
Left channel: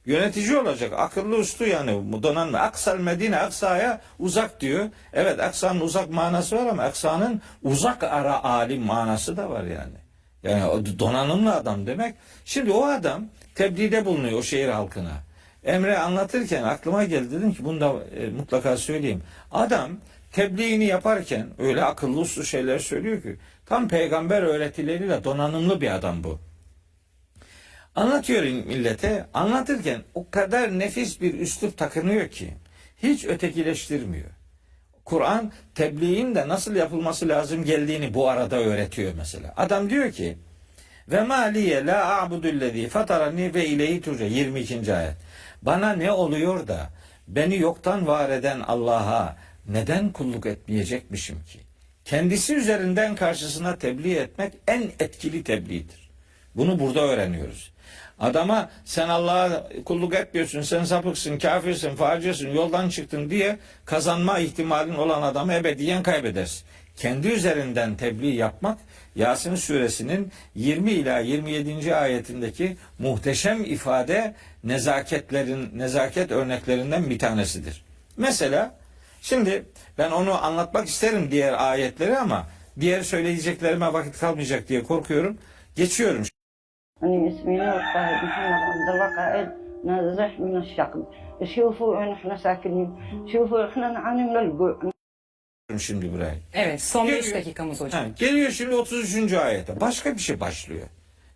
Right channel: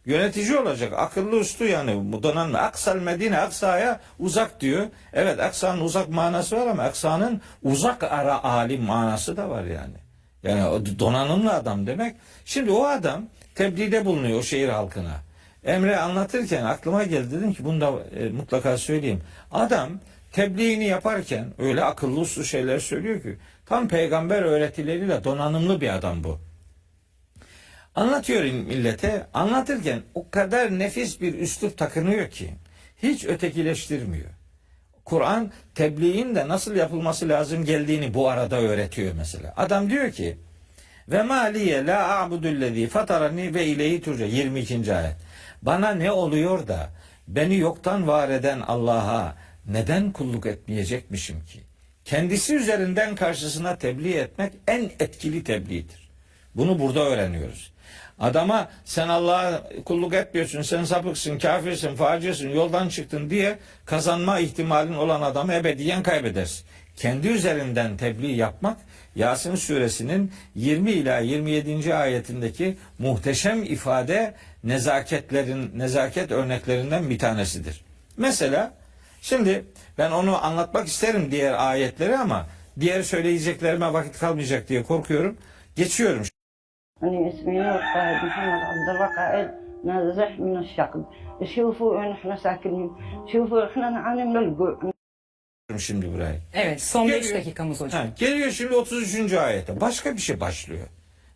Yönetici olacak, akıllı uslu yani. Bu donanımlı. Aksal Medine, Aksa'ya uzak diyor. Evet, Aksa'nın uzak manası var ama Aksa'nın uzak ara alim manası da var yani. Yani o donanımlı adam demek. Şimdi o adam tebliğde bulunuyor o şehir halkına. Emre anlatırken aklıma geldi, dedim ki bunu da mutlaka söyleyeyim. Adam tebliğini yaparken öyle akıllı uslu şeyler söylüyor ki tam peygamber öğretileriyle donanımlı bir adam bu. Anlatıyor millete, anlatırken o kadar nefis bir üslup takınıyor ki hiç ötekileştirmiyor. Kur'an tebliğin de nasıl yapılması lazım geldiğini bu arada öğretiyor mesela. Adam diyor ki ve maliye la a'budullezî fatarani ve ileyhi turca 22. ayet. Bana ne oluyor da beni yoktan var eden Allah'a neden kulluk etmeyecekmişim ki? Kendisi üzerinden karşısına tebliğ etmek en etkili tebliğdir. Bunu burada öğreniyoruz. Adama sen Allah'a kulluk etmiyorsun, sen sapıksın, kafirsin, facirsın, yoldan çıktın diye kazanma ihtimalin olan adamı ebediyen kaybedersin. Kendi üzerinden tebliğ yapmak Yasin suresinin 20 ila 27. ayetindeki muhteşem ifade nezaket örneklerinden bir tanesidir. Mesela şimdi ben onu anlatmak isterim diğer ayetleri ama diğer söyleyeceklerime vakit kalmayacak diye korkuyorum. Geçiyorum. أنا اسمي نور طاهر محمد عبد الوقائد نازح من الشقب شوفوا وين احنا ساكنين شوفوا احنا نعاني من الجوع. Şimdi burayı. Evet, son 5 Geliyor. dakikamız hocam. Geliyor şimdi 33. ayete. Başka bir şey başlıyor.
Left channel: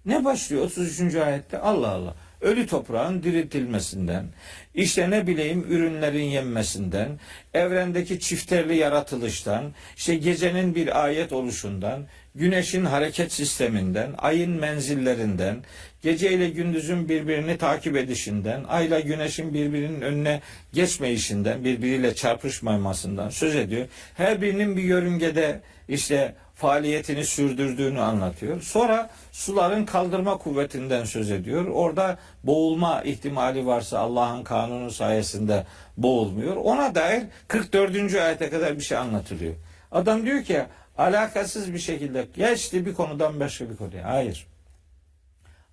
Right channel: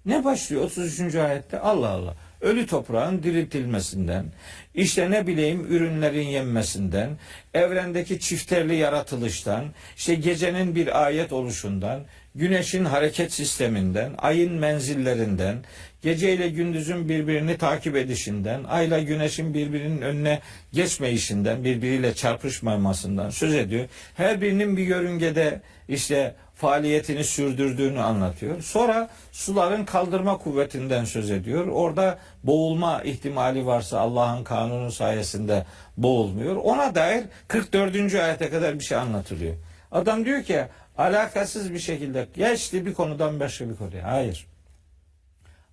Ne başlıyor 33. ayette? Allah Allah. Ölü toprağın diriltilmesinden, işte ne bileyim ürünlerin yenmesinden, evrendeki çifterli yaratılıştan, işte gecenin bir ayet oluşundan, güneşin hareket sisteminden, ayın menzillerinden, gece ile gündüzün birbirini takip edişinden, ayla güneşin birbirinin önüne geçmeyişinden, birbiriyle çarpışmamasından söz ediyor. Her birinin bir yörüngede işte faaliyetini sürdürdüğünü anlatıyor. Sonra suların kaldırma kuvvetinden söz ediyor. Orada boğulma ihtimali varsa Allah'ın kanunu sayesinde boğulmuyor. Ona dair 44. ayete kadar bir şey anlatılıyor. Adam diyor ki alakasız bir şekilde geçti bir konudan başka bir konuya. Hayır.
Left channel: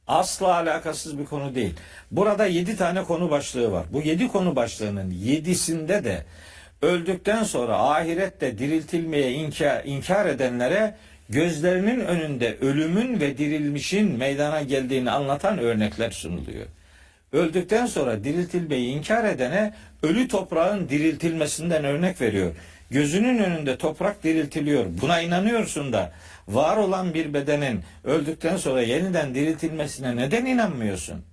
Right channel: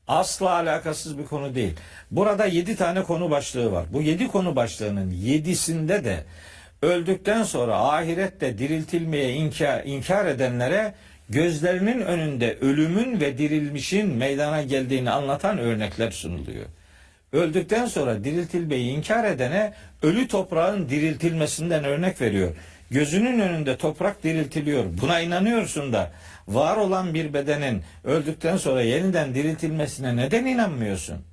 Asla alakasız bir konu değil. Burada 7 tane konu başlığı var. Bu 7 konu başlığının 7'sinde de öldükten sonra ahirette diriltilmeye inkar edenlere gözlerinin önünde ölümün ve dirilmişin meydana geldiğini anlatan örnekler sunuluyor. Öldükten sonra diriltilmeyi inkar edene ölü toprağın diriltilmesinden örnek veriyor. Gözünün önünde toprak diriltiliyor. Buna inanıyorsun da var olan bir bedenin öldükten sonra yeniden diriltilmesine neden inanmıyorsun?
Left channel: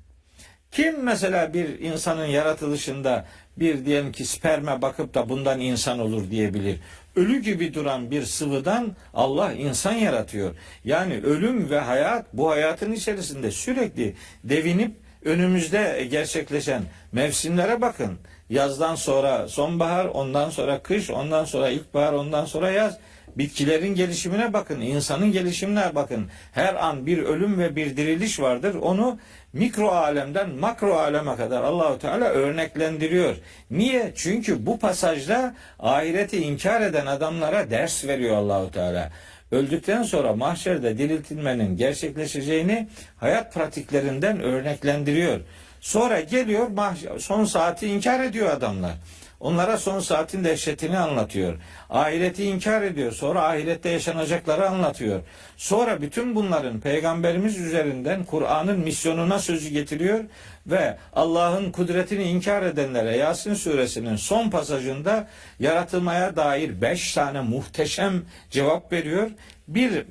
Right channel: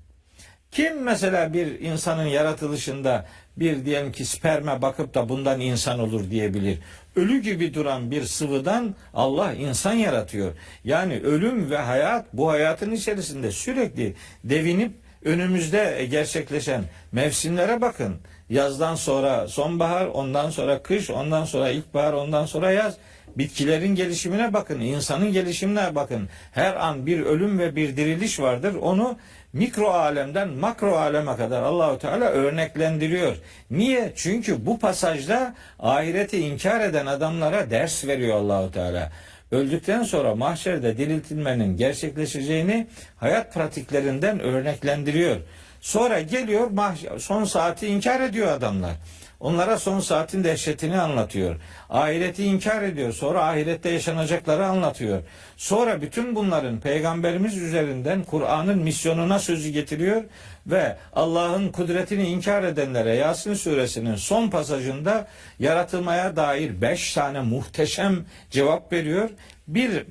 Kim mesela bir insanın yaratılışında bir diyelim ki sperme bakıp da bundan insan olur diyebilir? Ölü gibi duran bir sıvıdan Allah insan yaratıyor. Yani ölüm ve hayat bu hayatın içerisinde sürekli devinip önümüzde gerçekleşen mevsimlere bakın. Yazdan sonra sonbahar, ondan sonra kış, ondan sonra ilkbahar, ondan sonra yaz. Bitkilerin gelişimine bakın, insanın gelişimine bakın. Her an bir ölüm ve bir diriliş vardır. Onu mikro alemden makro aleme kadar Allahu Teala örneklendiriyor. Niye? Çünkü bu pasajda ahireti inkar eden adamlara ders veriyor Allahu Teala. Öldükten sonra mahşerde diriltilmenin gerçekleşeceğini hayat pratiklerinden örneklendiriyor. Sonra geliyor son saati inkar ediyor adamlar. Onlara son saatin dehşetini anlatıyor. Ahireti inkar ediyor. Sonra ahirette yaşanacakları anlatıyor. Sonra bütün bunların Peygamberimiz üzerinden Kur'an'ın misyonuna sözü getiriyor ve Allah'ın kudretini inkar edenlere Yasin suresinin son pasajında yaratılmaya dair 5 tane muhteşem cevap veriyor.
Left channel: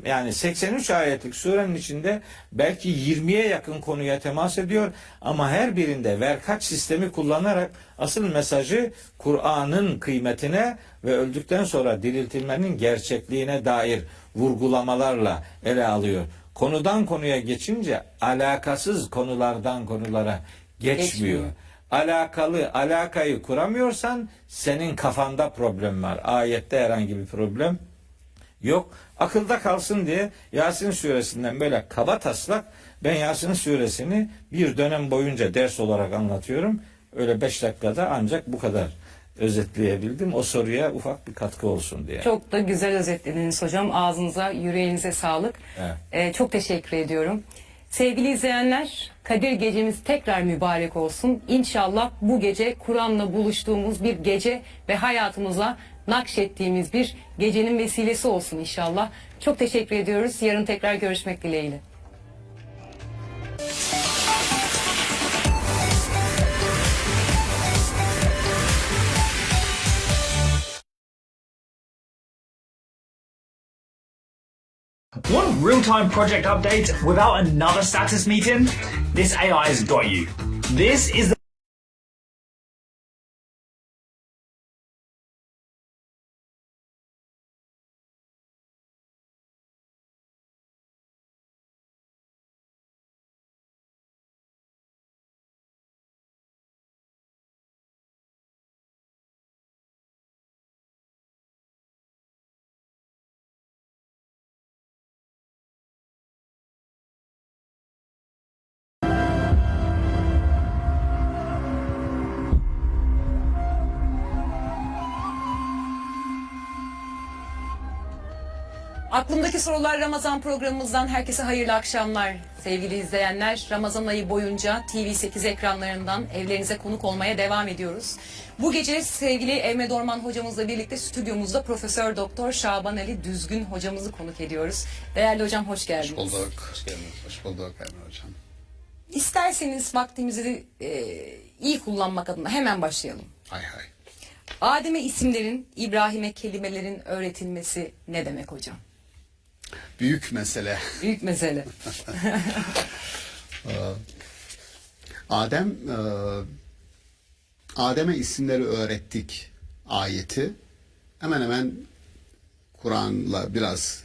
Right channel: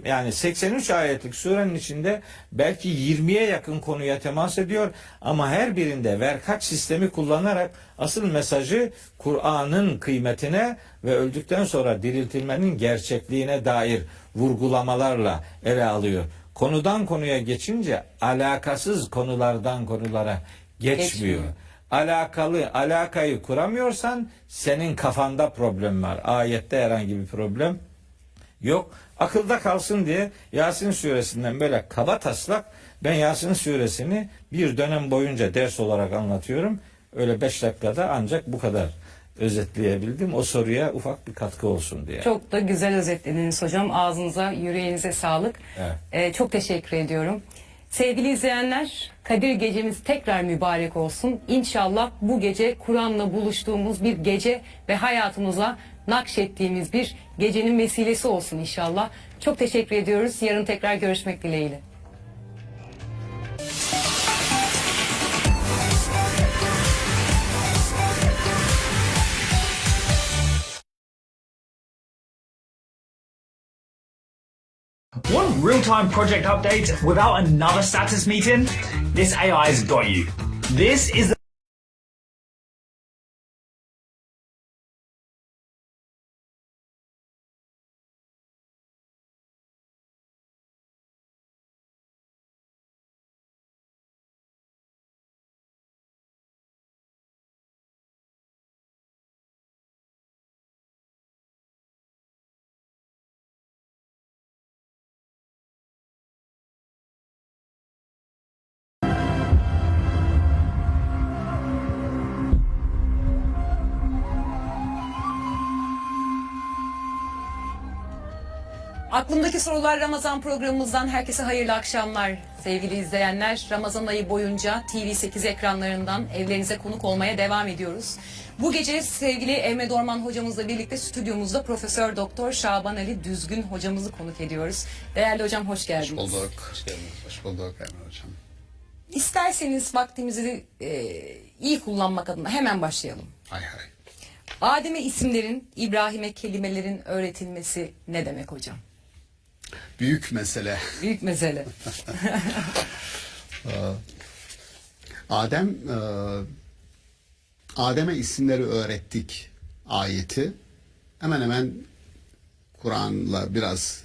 Yani 83 ayetlik surenin içinde belki 20'ye yakın konuya temas ediyor ama her birinde verkaç sistemi kullanarak asıl mesajı Kur'an'ın kıymetine ve öldükten sonra diriltilmenin gerçekliğine dair vurgulamalarla ele alıyor. Konudan konuya geçince alakasız konulardan konulara geçmiyor. Alakayı kuramıyorsan senin kafanda problem var. Ayette herhangi bir problem yok. Akılda kalsın diye Yasin suresinden böyle kaba taslak ben Yasin suresini bir dönem boyunca ders olarak anlatıyorum. Öyle 5 dakikada ancak bu kadar özetleyebildim. O soruya ufak bir katkı olsun diye. Çok da güzel özetlediniz hocam. Ağzınıza, yüreğinize sağlık. Evet. Çok teşekkür ediyorum. Sevgili izleyenler, Kadir Gecemiz tekrar mübarek olsun. İnşallah bu gece Kur'an'la buluştuğumuz bir gece ve hayatımıza nakşettiğimiz bir gecenin vesilesi olsun inşallah. Çok teşekkür ediyoruz. Yarın tekrar görüşmek dileğiyle. Want real-time project updates without another status meeting? This AI's got you. This is the Aklımdaki Sorular Ramazan programımızdan herkese hayırlı akşamlar sevgili izleyenler. Ramazan ayı boyunca TV8 ekranlarından evlerinize konuk olmaya devam ediyoruz. Bu gece sevgili Emre Dorman hocamızla birlikte stüdyomuzda Profesör Doktor Şaban Ali Düzgün hocamızı konuk ediyoruz. Değerli hocam hoş geldiniz. Hoş bulduk. Hoş geldiniz. Hoş bulduk Emre hocam. İsterseniz vaktimizi iyi kullanmak adına hemen başlayalım. Hay hay. Adem'e isimlerin, İbrahim'e kelimelerin öğretilmesi ne demek hocam? Büyük mesele. Büyük mesele. Adem'e isimleri öğrettik ayeti. Hemen hemen Kur'an'la biraz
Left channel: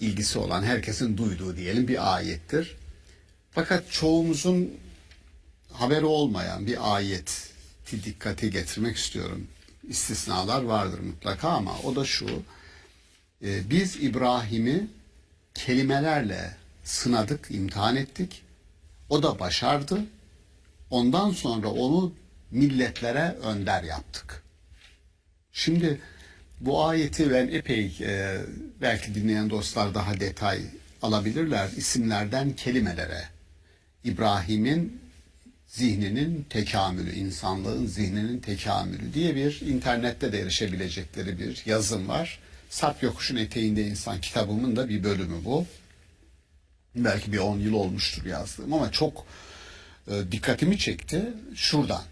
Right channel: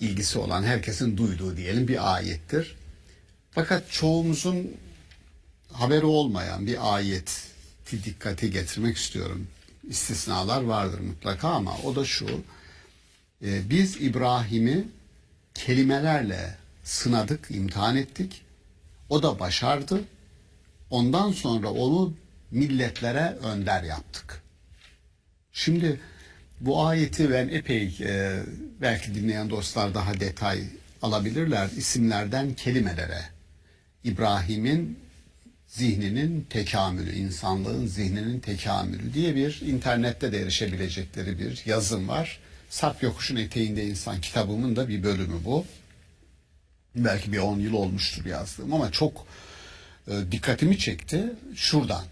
ilgisi olan herkesin duyduğu diyelim bir ayettir. Fakat çoğumuzun haberi olmayan bir ayeti dikkate getirmek istiyorum. İstisnalar vardır mutlaka ama o da şu. Biz İbrahim'i kelimelerle sınadık, imtihan ettik. O da başardı. Ondan sonra onu milletlere önder yaptık. Şimdi bu ayeti ben epey belki dinleyen dostlar daha detay alabilirler. İsimlerden kelimelere. İbrahim'in zihninin tekamülü, insanlığın zihninin tekamülü diye bir internette de erişebilecekleri bir yazım var. Sarp Yokuş'un Eteğinde İnsan kitabımın da bir bölümü bu. Belki bir 10 yıl olmuştur yazdığım ama çok dikkatimi çekti şuradan.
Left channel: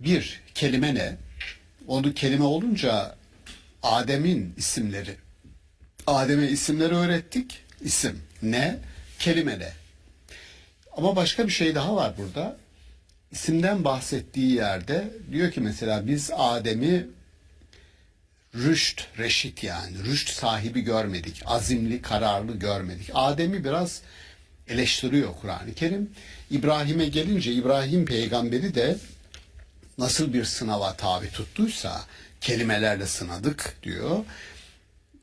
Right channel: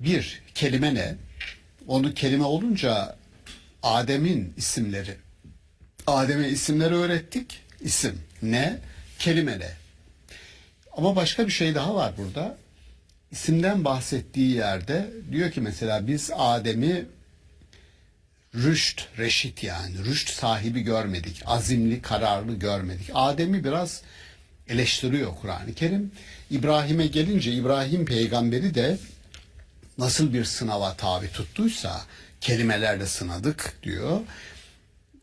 Bir, kelime ne? Onu kelime olunca Adem'in isimleri. Adem'e isimleri öğrettik. İsim ne? Kelime ne? Ama başka bir şey daha var burada. İsimden bahsettiği yerde diyor ki mesela biz Adem'i reşit yani rüşt sahibi görmedik. Azimli, kararlı görmedik. Adem'i biraz eleştiriyor Kur'an-ı Kerim. İbrahim'e gelince İbrahim peygamberi de nasıl bir sınava tabi tuttuysa kelimelerle sınadık diyor.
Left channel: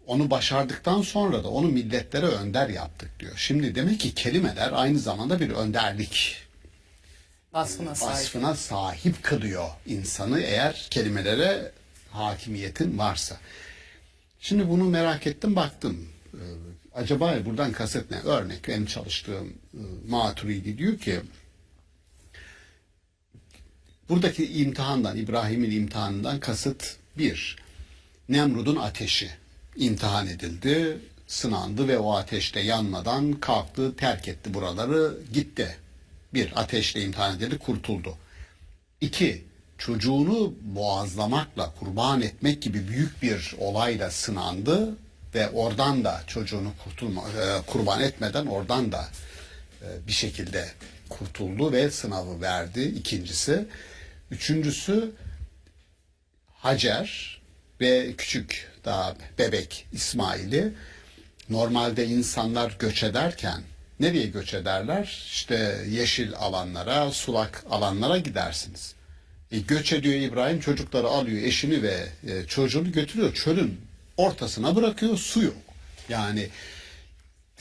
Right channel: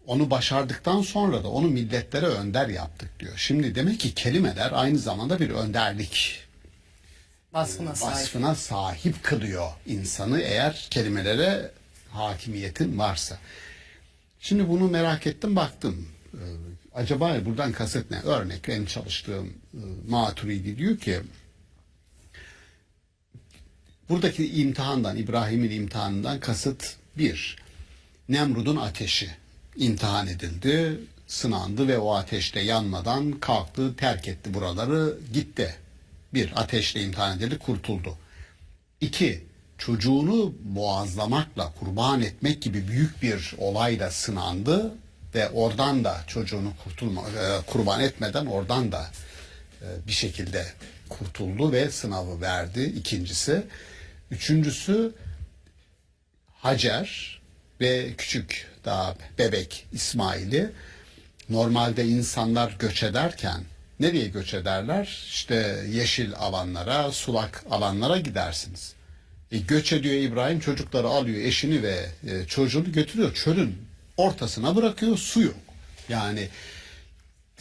Onu başardıktan sonra da onu milletlere önder yaptık diyor. Şimdi demek ki kelimeler aynı zamanda bir önderlik vasfına sahip kılıyor insanı eğer kelimelere hakimiyetin varsa. Şimdi bunu merak ettim, baktım. Acaba buradan kasıt ne? Örnek, benim çalıştığım Maturidi diyor ki buradaki imtihandan, İbrahim'in imtihanından kasıt bir, Nemrud'un ateşi imtihan edildi, sınandı ve o ateşte yanmadan kalktı, terk etti buraları, gitti. Bir, ateşle imtihan edildi, kurtuldu. İki, çocuğunu boğazlamakla, kurban etmek gibi büyük bir olayla sınandı ve oradan da çocuğunu kurban etmeden oradan da bir şekilde kurtuldu ve sınavı verdi. İkincisi. Üçüncüsü, Hacer ve küçük daha bebek İsmail'i, normalde insanlar göç ederken nereye göç ederler? İşte yeşil alanlara, sulak alanlara gidersiniz. Göç ediyor İbrahim, çocukları alıyor, eşini ve çocuğunu götürüyor. Çölün ortasına bırakıyor, su yok. Yani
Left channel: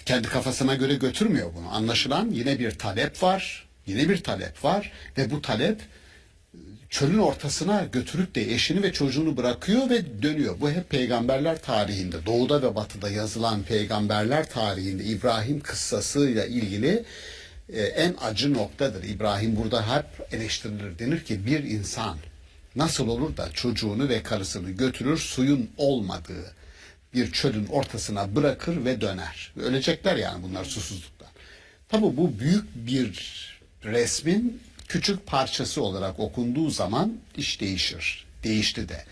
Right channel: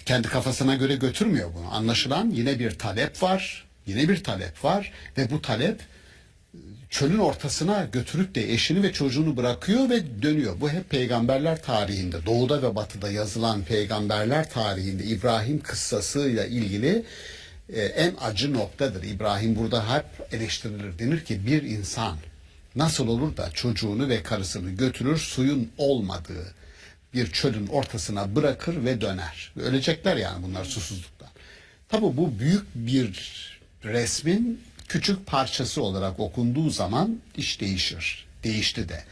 kendi kafasına göre götürmüyor bunu. Anlaşılan yine bir talep var. Yine bir talep var ve bu talep çölün ortasına götürüp de eşini ve çocuğunu bırakıyor ve dönüyor. Bu hep peygamberler tarihinde, doğuda ve batıda yazılan peygamberler tarihinde İbrahim kıssasıyla ilgili en acı noktadır. İbrahim burada hep eleştirilir. Denir ki bir insan nasıl olur da çocuğunu ve karısını götürür, suyun olmadığı bir çölün ortasına bırakır ve döner. Ölecekler yani bunlar susuzluktan. Tabii bu büyük bir resmin küçük parçası olarak okunduğu zaman iş değişir. Değişti de.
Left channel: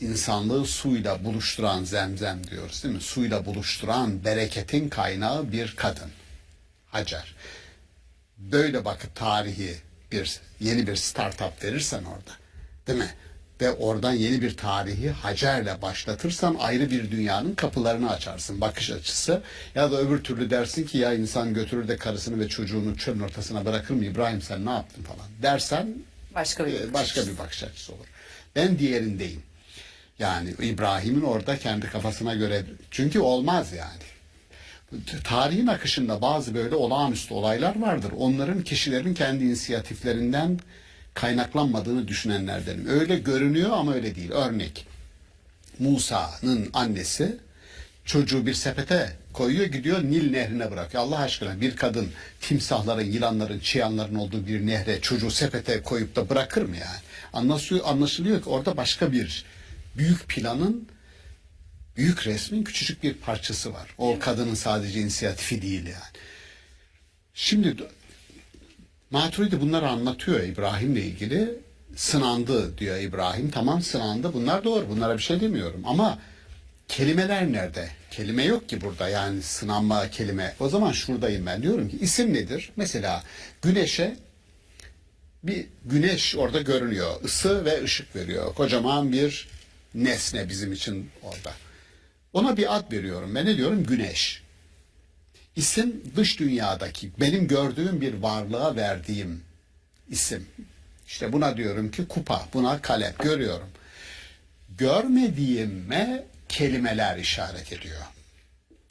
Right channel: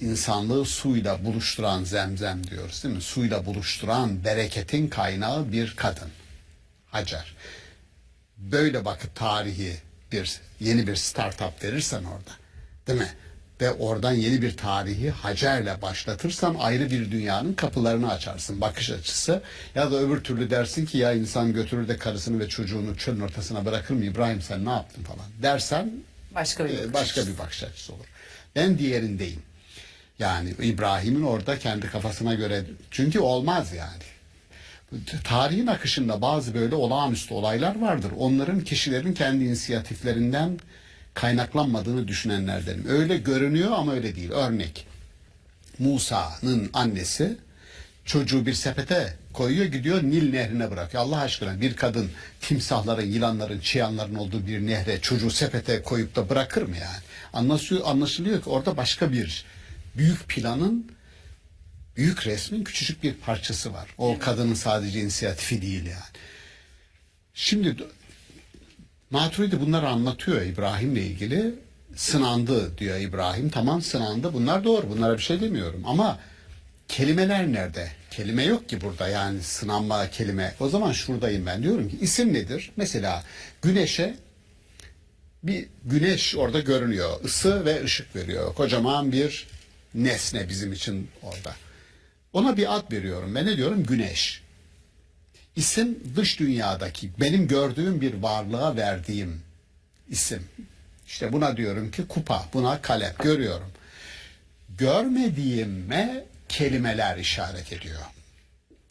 İnsanlığı suyla buluşturan Zemzem diyoruz değil mi? Suyla buluşturan bereketin kaynağı bir kadın. Hacer. Böyle bakıp tarihi yeni bir startup verirsen orada, değil mi? Ve oradan yeni bir tarihi Hacer'le başlatırsan ayrı bir dünyanın kapılarını açarsın, bakış açısı. Ya da öbür türlü dersin ki ya insan götürür de karısını ve çocuğunu çölün ortasına bırakır mı, İbrahim sen ne yaptın falan dersen başka bir bakış açısı olur. Ben diğerindeyim. Yani İbrahim'in orada kendi kafasına göre, çünkü olmaz yani. Tarihin akışında bazı böyle olağanüstü olaylar vardır. Onların kişilerin kendi inisiyatiflerinden kaynaklanmadığını düşünenlerdenim. Öyle görünüyor ama öyle değil. Örnek, Musa'nın annesi çocuğu bir sepete koyuyor, gidiyor Nil nehrine bırakıyor. Allah aşkına bir kadın timsahların, yılanların, çıyanların olduğu bir nehre çocuğu sepete koyup da bırakır mı yani? Anlaşılıyor ki orada başka bir büyük planın, büyük resmin küçücük bir parçası var. O kadının sadece inisiyatifi değil yani. Şimdi Maturidi bunları anlatıyor İbrahim'le ilgili. Sınandı diyor İbrahim. Tamam, sınandı. Bunlar doğru. Bunlara bir şey demiyorum. Ama kelimeler nerede? Kelime yok ki burada. Yani sınanma kelime. O zaman şuradayım ben. Diyorum ki isim nedir? Mesela güneşe bir güneş orada görünüyor. Isı ve ışık veriyor. Kocaman bir nesne bizim için orada. Ona bir ad veriyorum. Ben ne diyorum? Güneş. İsim dış dünyadaki benim gördüğüm bir varlığa verdiğim isim. İşte buna diyorum ki kupa, buna kalem, görüyorum. Görmediğime kelimeler işaret ediyor.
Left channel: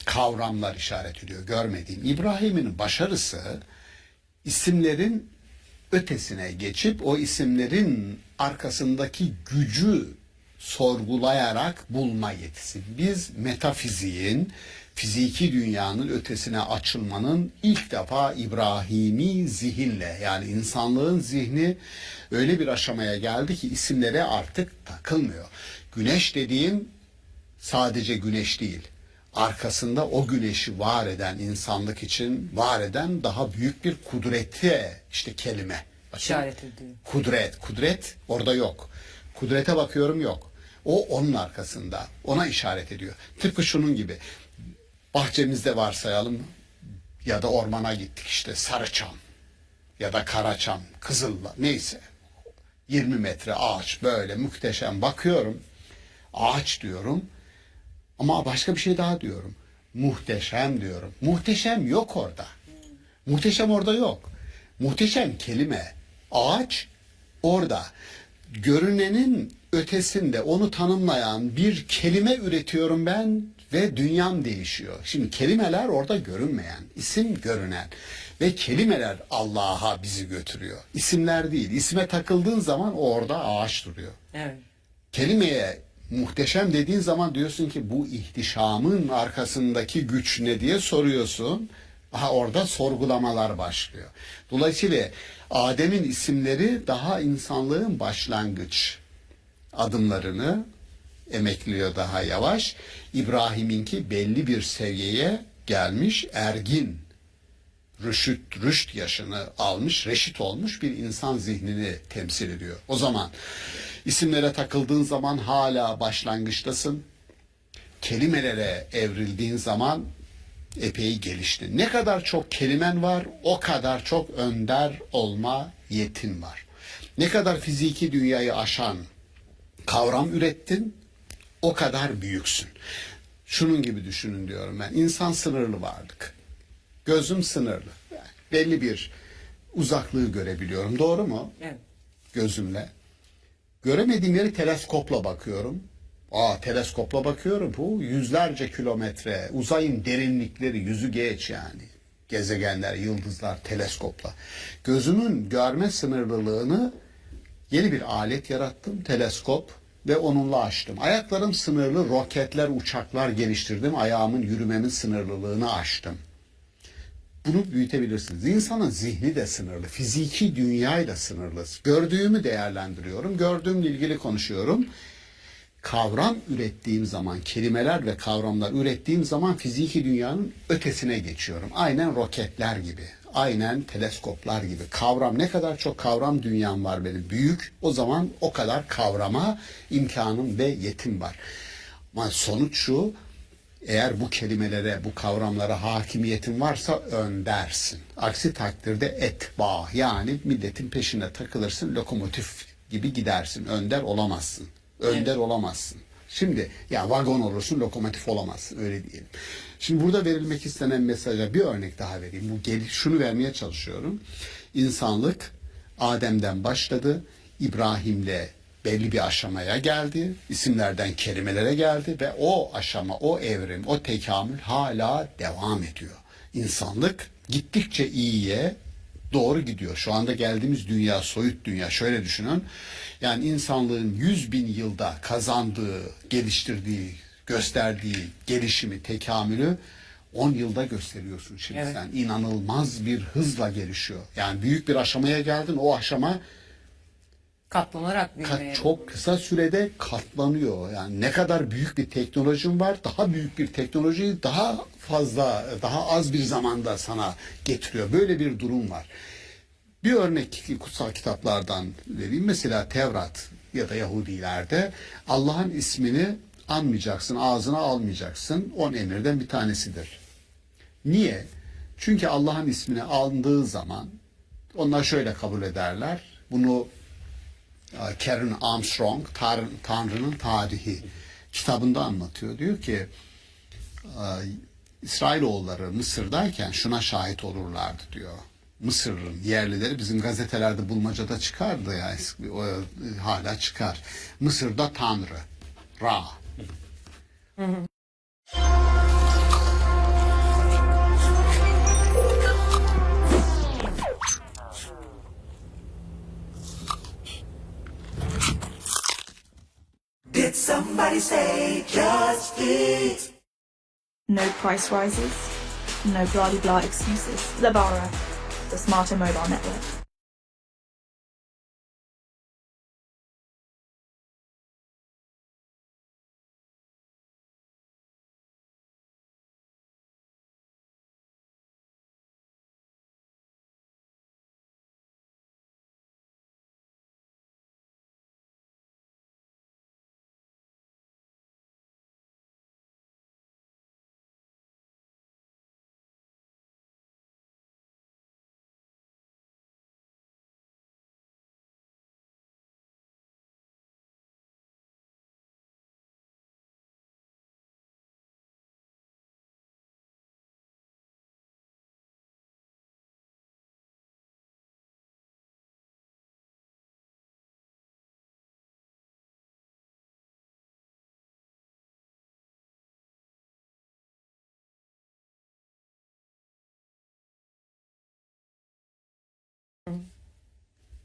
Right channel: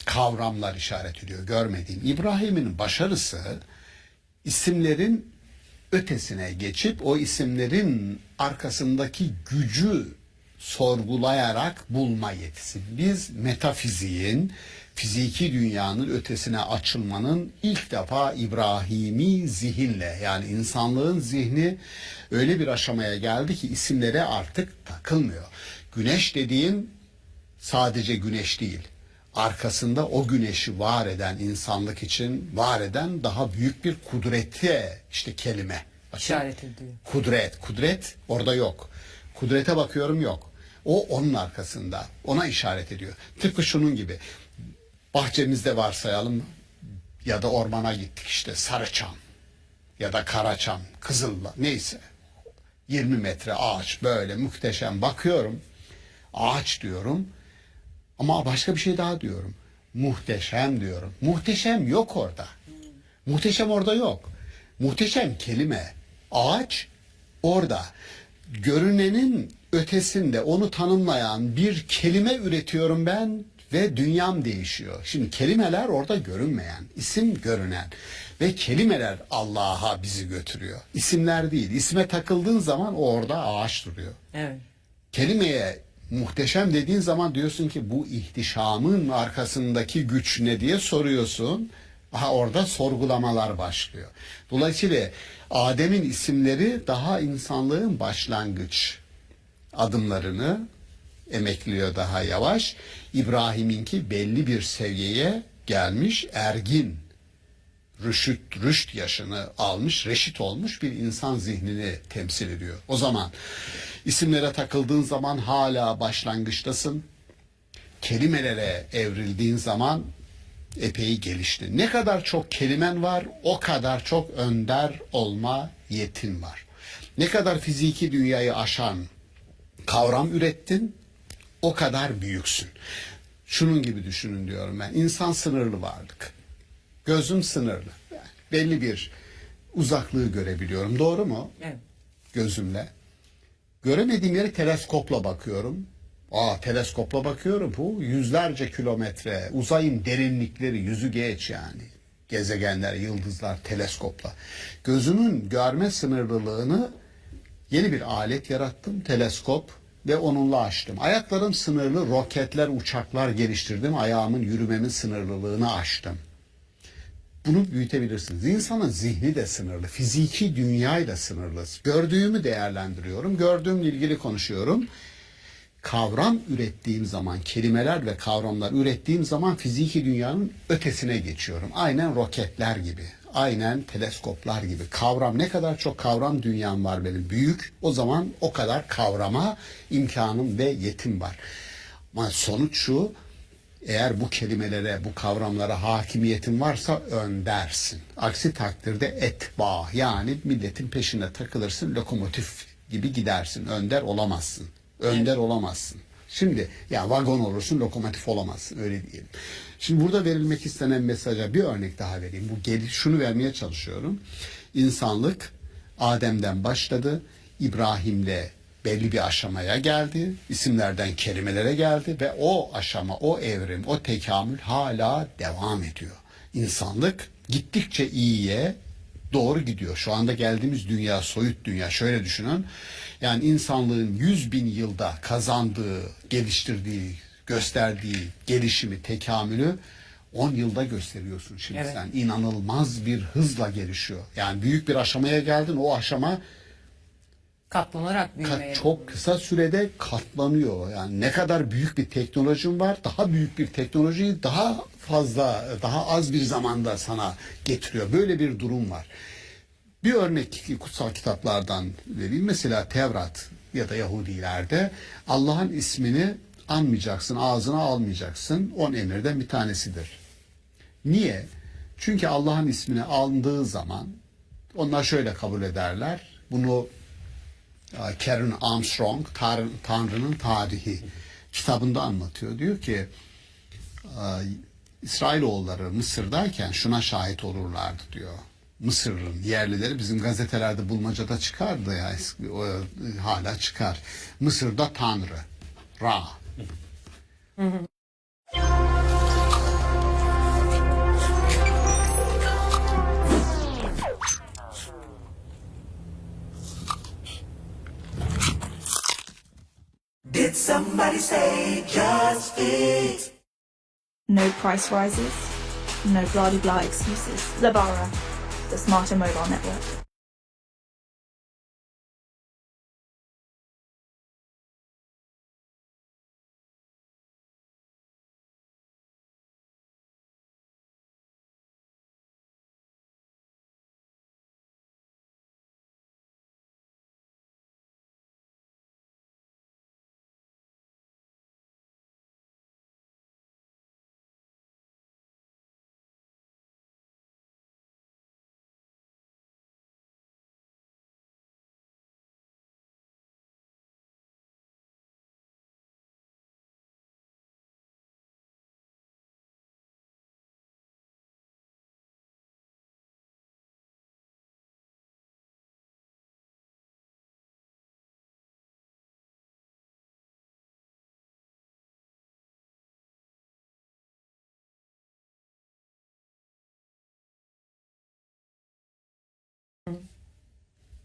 Kavramlar işaret ediyor, görmediğim. İbrahim'in başarısı isimlerin ötesine geçip o isimlerin arkasındaki gücü sorgulayarak bulma yetisi. Biz metafiziğin, fiziki dünyanın ötesine açılmanın ilk defa İbrahimi zihinle, yani insanlığın zihni öyle bir aşamaya geldi ki isimlere artık takılmıyor. Güneş dediğin sadece güneş değil. Arkasında o güneşi var eden, insanlık için var eden daha büyük bir kudrete işte kelime. İşaret ediyor. Kudret orada yok. Kudrete bakıyorum, yok. O onun arkasında. Ona işaret ediyor. Tıpkı şunun gibi. Bahçemizde varsayalım ya da ormana gittik, işte Sarıçam ya da Karaçam, Kızıl'la neyse. 20 metre ağaç, böyle muhteşem, bakıyorum. Ağaç diyorum ama başka bir şey daha diyorum. Muhteşem diyorum. Muhteşem yok orada. Muhteşem orada yok. Muhteşem kelime. Ağaç orada. görünenin ötesinde onu tanımlayan bir kelime üretiyorum ben ve dünyam değişiyor. Şimdi kelimeler orada görünmeyen, isim görünen ve kelimeler Allah'a bizi götürüyor. İsimler değil. İsme takıldığın zaman orada ağaç duruyor. Evet. Kelimeye muhteşem dediğin zaman diyorsun ki bu ihtişamın arkasındaki güç ne diye soruyorsun. Aha, orada sorgulamalar başlıyor. Dolayısıyla Adem'in isimleri daha insanlığın başlangıç adımlarını emekliyor daha yavaş. İbrahim'inki belli bir seviyeye gelmiş, ergin, rüşt yaşını almış, reşit olmuş bir insan zihnini temsil ediyor. O zaman isimlere takıldığın zaman hala başlangıçtasın. Kelimelere evrildiğin zaman epey gelişti. Ne kadar çok kelimen var, o kadar çok önder olma yetin var. Ne kadar fiziki dünyayı aşan kavram ürettin, o kadar büyüksün. Şunun gibi düşünün diyorum ben. İnsan sınırlı varlık. Gözüm sınırlı. Yani belli bir uzaklığı görebiliyorum. Doğru mu? Evet. Gözümle. Göremediğim yeri teleskopla bakıyorum. Teleskopla bakıyorum. Bu yüzlerce kilometre. Uzayın derinlikleri yüzü geç yani. Gezegenler, yıldızlar teleskopla. Gözümün görme sınırlılığını yeni bir alet yarattım. Teleskop ve onunla aştım. Ayaklarım sınırlı. Roketler, uçaklar geliştirdim. Ayağımın, yürümemin sınırlılığını aştım. Bunu büyütebilirsiniz. İnsanın zihni de sınırlı. Fiziki dünyayı da sınırlı. Gördüğümü değerlendiriyorum. Gördüğümle ilgili konuşuyorum. Kavram ürettiğim zaman, kelimeler ve kavramlar ürettiğim zaman fiziki dünyanın ötesine geçiyorum. Aynen roketler gibi. Aynen teleskoplar gibi. Kavram, ne kadar çok kavram dünyam var benim. Büyük. O zaman o kadar kavrama imkanım ve yetim var. Ama sonuç şu: eğer bu kelimelere, bu kavramlara hakimiyetin varsa öndersin. Aksi takdirde etba, yani milletin peşine takılırsın, lokomotif gibi gidersin. Önder olamazsın. Önder olamazsın. Şimdi ya vagon olursun, lokomotif olamazsın, öyle diyelim. Şimdi burada verilmek istenen mesaja bir örnek daha vereyim. Şunu vermeye çalışıyorum. İnsanlık Adem'den başladı. İbrahim'le belli bir aşamaya geldi. İsimlerden kelimelere geldi ve o aşama, o evrim, o tekamül hala devam ediyor. İnsanlık gittikçe iyiye doğru gidiyor. Şu anda geldiğimiz dünya, soyut dünya. Şöyle düşünün. Yani insanlığın 100.000 yılda kazandığı, geliştirdiği, gösterdiği gelişimi, tekamülü 10 yılda gösteriyorsun şimdi. Evet. Sen inanılmaz bir hızla gelişiyor. Yani büyük bir aşamaya geldin. O aşama Katlanarak büyümeye. çok kısa sürede katlanıyor. Yani ne kadar büyük bir teknolojin var, daha büyük bir teknolojiyi daha fazla, daha az bir zamanda sana getiriyor. Böyle bir durum var. Bir örnek kutsal kitaplardan vereyim. Mesela Tevrat ya da Yahudilerde Allah'ın ismini anmayacaksın, ağzına almayacaksın. 10 emirden bir tanesidir. Niye? Çünkü Allah'ın ismini aldığı zaman onlar şöyle kabul ederler. Bunu Karen Armstrong, Tanrı'nın Tarihi kitabında anlatıyor. Diyor ki İsrailoğulları Mısır'dayken şuna şahit olurlardı diyor. Mısır'ın yerlileri bizim gazetelerde bulmacada çıkardı ya, hala çıkar. Mısır'da Tanrı, Ra. Did somebody say just eat? No price rises, no blah blah blah excuses. Zabara, the smarter mobile network.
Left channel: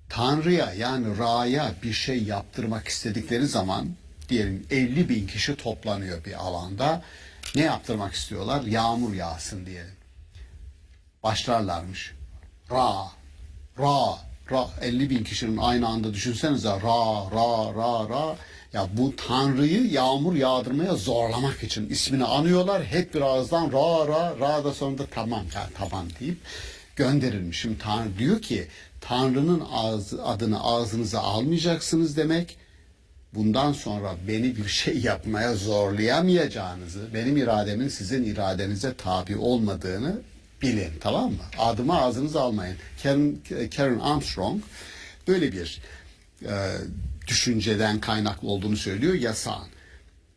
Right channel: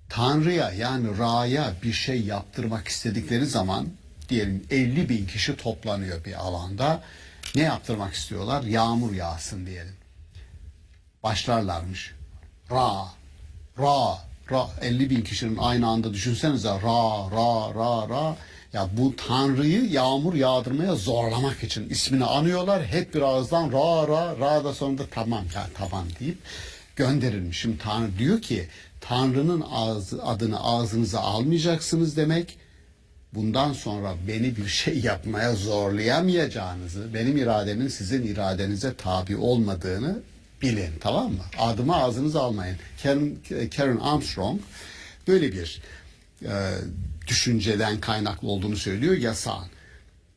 Tanrı'ya yani Ra'ya bir şey yaptırmak istedikleri zaman diyelim 50 bin kişi toplanıyor bir alanda. Ne yaptırmak istiyorlar? Yağmur yağsın diyelim. Başlarlarmış. Ra 50 bin kişinin aynı anda düşünsenize Ra. Ya bu Tanrı'yı yağmur yağdırmaya zorlamak için ismini anıyorlar. Hep bir ağızdan Ra da sonunda tamam deyip gönderilmiş. Şimdi Tanrı diyor ki Tanrı'nın adını ağzınıza almayacaksınız demek. Bundan sonra beni bir şey yapmaya zorlayamayacağınızı, benim irademin sizin iradenize tabi olmadığını bilin, tamam mı? Adımı ağzınıza almayın. Karen Armstrong böyle bir düşünceden kaynaklı olduğunu söylüyor, yasağın.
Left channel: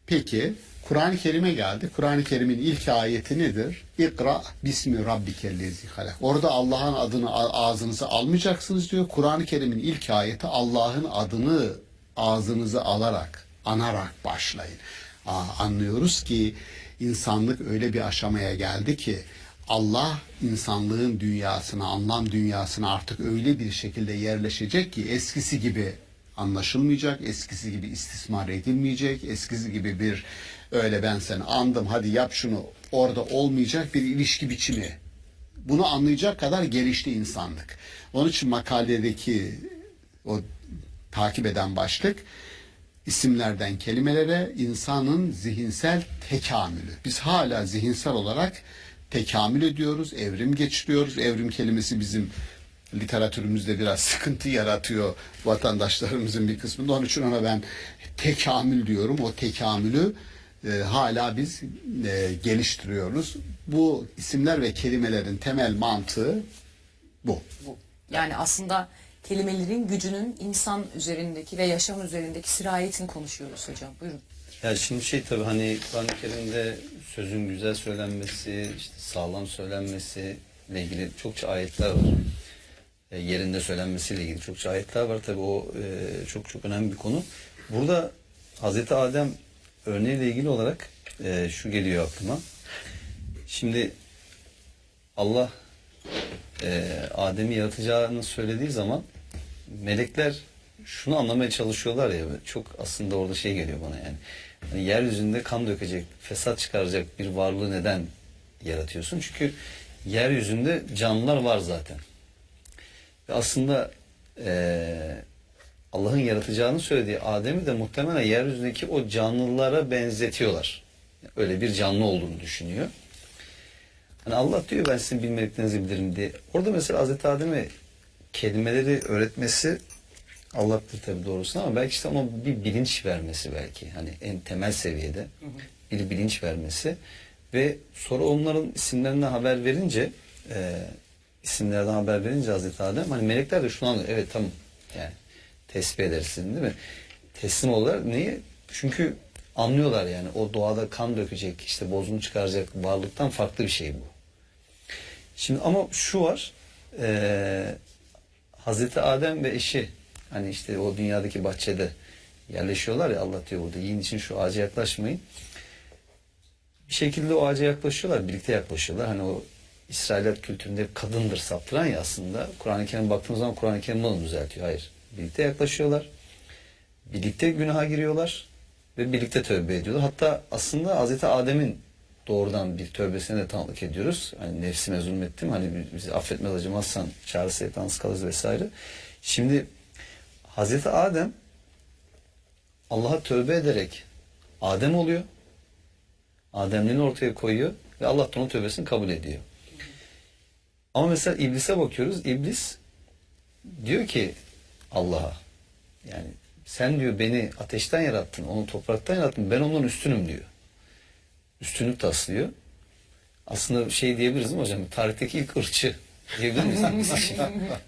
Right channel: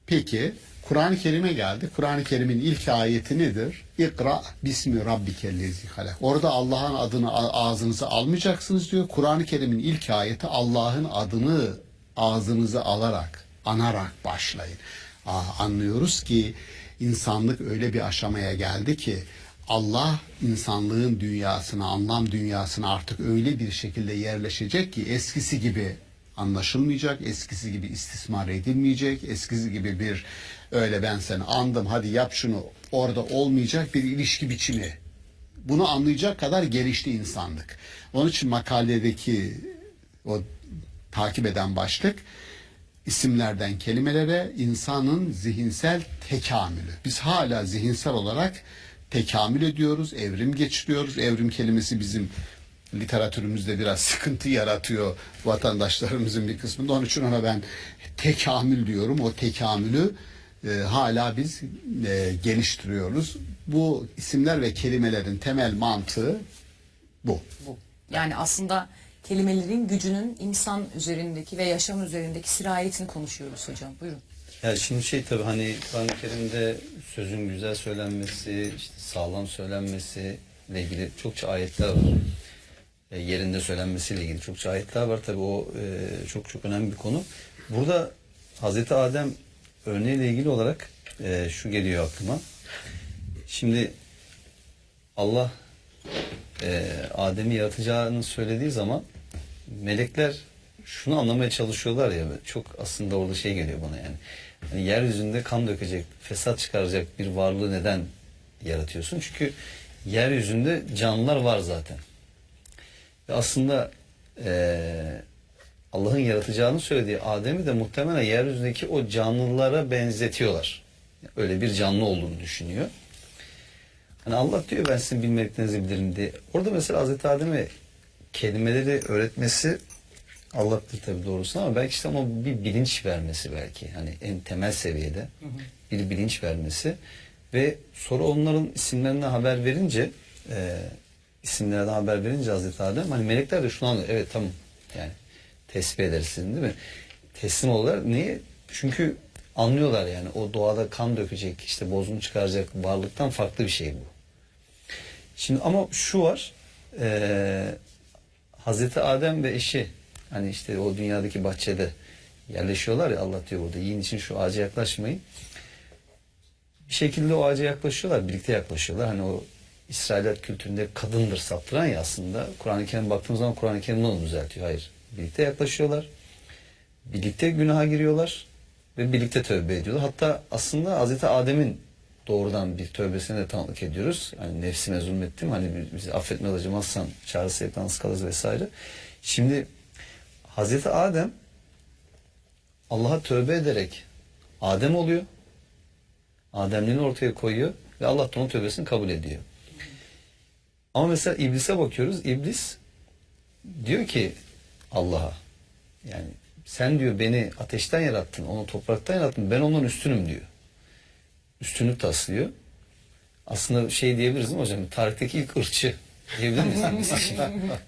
Peki Kur'an-ı Kerim'e geldi. Kur'an-ı Kerim'in ilk ayeti nedir? İkra bismi rabbikellezi halak. Orada Allah'ın adını ağzınıza almayacaksınız diyor. Kur'an-ı Kerim'in ilk ayeti Allah'ın adını ağzınıza alarak, anarak başlayın. Anlıyoruz ki insanlık öyle bir aşamaya geldi ki Allah insanlığın dünyasına, anlam dünyasına artık öyle bir şekilde yerleşecek ki eskisi gibi anlaşılmayacak, eskisi gibi istismar edilmeyecek, eskisi gibi bir öyle ben seni andım hadi yap şunu orada olmayacak bir ilişki biçimi. Bunu anlayacak kadar gelişti insanlık. Onun için makaledeki o takip eden başlık isimlerden kelimelere insanın zihinsel tekamülü. Biz hala zihinsel olarak tekamül ediyoruz, evrim geçiriyoruz. Evrim kelimesi bizim literatürümüzde biraz sıkıntı yaratıyor vatandaşlarımızın bir kısmında. Onun için ona ben tekamül diyorum. O tekamülü hala biz geliştiriyoruz. Bu isimler ve kelimelerin temel mantığı bu. Yani aslında kelimelerin gücünün insan üzerindeki ve yaşam üzerindeki sirayetini konuşuyoruz hocam. Buyurun. Ya şimdi tabii hani Kur'an-ı Kerim'de sözün güzel söylenmesi, işte sağlam söylenmesi ile ilgili çokça ayetler var. Yerinde söylenmesiyle ilgili çokça ayetler var. Tabii o çok önemli bir konu. Burada Hazreti Adem örneğiyle ilgili olarak şu geliyor aklıma. Şimdi Allah Adem'i yaratacağını söylediği zaman melekler şunu anlamaya çalışıyorlar ya, çok aslında orada şey geliyor bana yani. Yani yeryüzünde kan dökecek, fesat çıkaracak bir varlığı neden yaratıyorsun? Çünkü yeryüzünde canlılar var zaten. Ve aslında Allah'ın yaratacağını söylediği Adem'i de muhtemelen yeryüzündeki o canlılara benzetiyorlar. Öyle bir canlı olduğunu düşünüyor. Hani Allah diyor ben sizin bilmediklerinizi bilirim diye. Orada mesela Hazreti Adem'e kelimeleri öğretmesi Allah'tır tabii doğrusunu ama belki işte ama bir bilinç vermesi belki. Hani en temel seviyede bir bilinç vermesi ve sonra onların isimlerinden haber verince isimlerden haber verince Hazreti Adem hani melekler de şunu anlıyor. Evet tamam yani tesbih edersin değil mi? Teslim olurlar. Niye? Çünkü anlıyorlar yani o doğada kan dökecek işte bozgun çıkaracak varlıktan farklı bir şey bu. Şimdi ama şu var Hazreti Adem ve eşi hani işte o dünyadaki bahçede yerleşiyorlar ya Allah diyor burada yiyin için şu ağaca yaklaşmayın. Bir şekilde o ağaca yaklaşıyorlar birlikte yaklaşıyorlar hani o İsrailiyet kültüründe kadındır saptıran ya aslında Kur'an-ı Kerim'e baktığımız zaman Kur'an-ı Kerim onu düzeltiyor. Hayır. Birlikte yaklaşıyorlar. Birlikte günaha giriyorlar ve birlikte tövbe ediyorlar. Hatta aslında Hazreti Adem'in doğrudan bir tövbesine de tanıklık ediyoruz. Hani nefsime zulmettim. Hani bizi affetmez acımazsan çağrısı yalnız kalırız vesaire. Şimdi Hazreti Adem Allah'a tövbe ederek Adem oluyor. Ademliğini ortaya koyuyor ve Allah da onun tövbesini kabul ediyor. Ama mesela İblis'e bakıyoruz. İblis diyor ki Allah'a yani sen diyor beni ateşten yarattın, onu topraktan yarattın, ben onun üstünüm diyor. Üstünlük taslıyor. Aslında şey diyebiliriz değil mi hocam? Tarihteki ilk ırkçı diyebilir miyiz?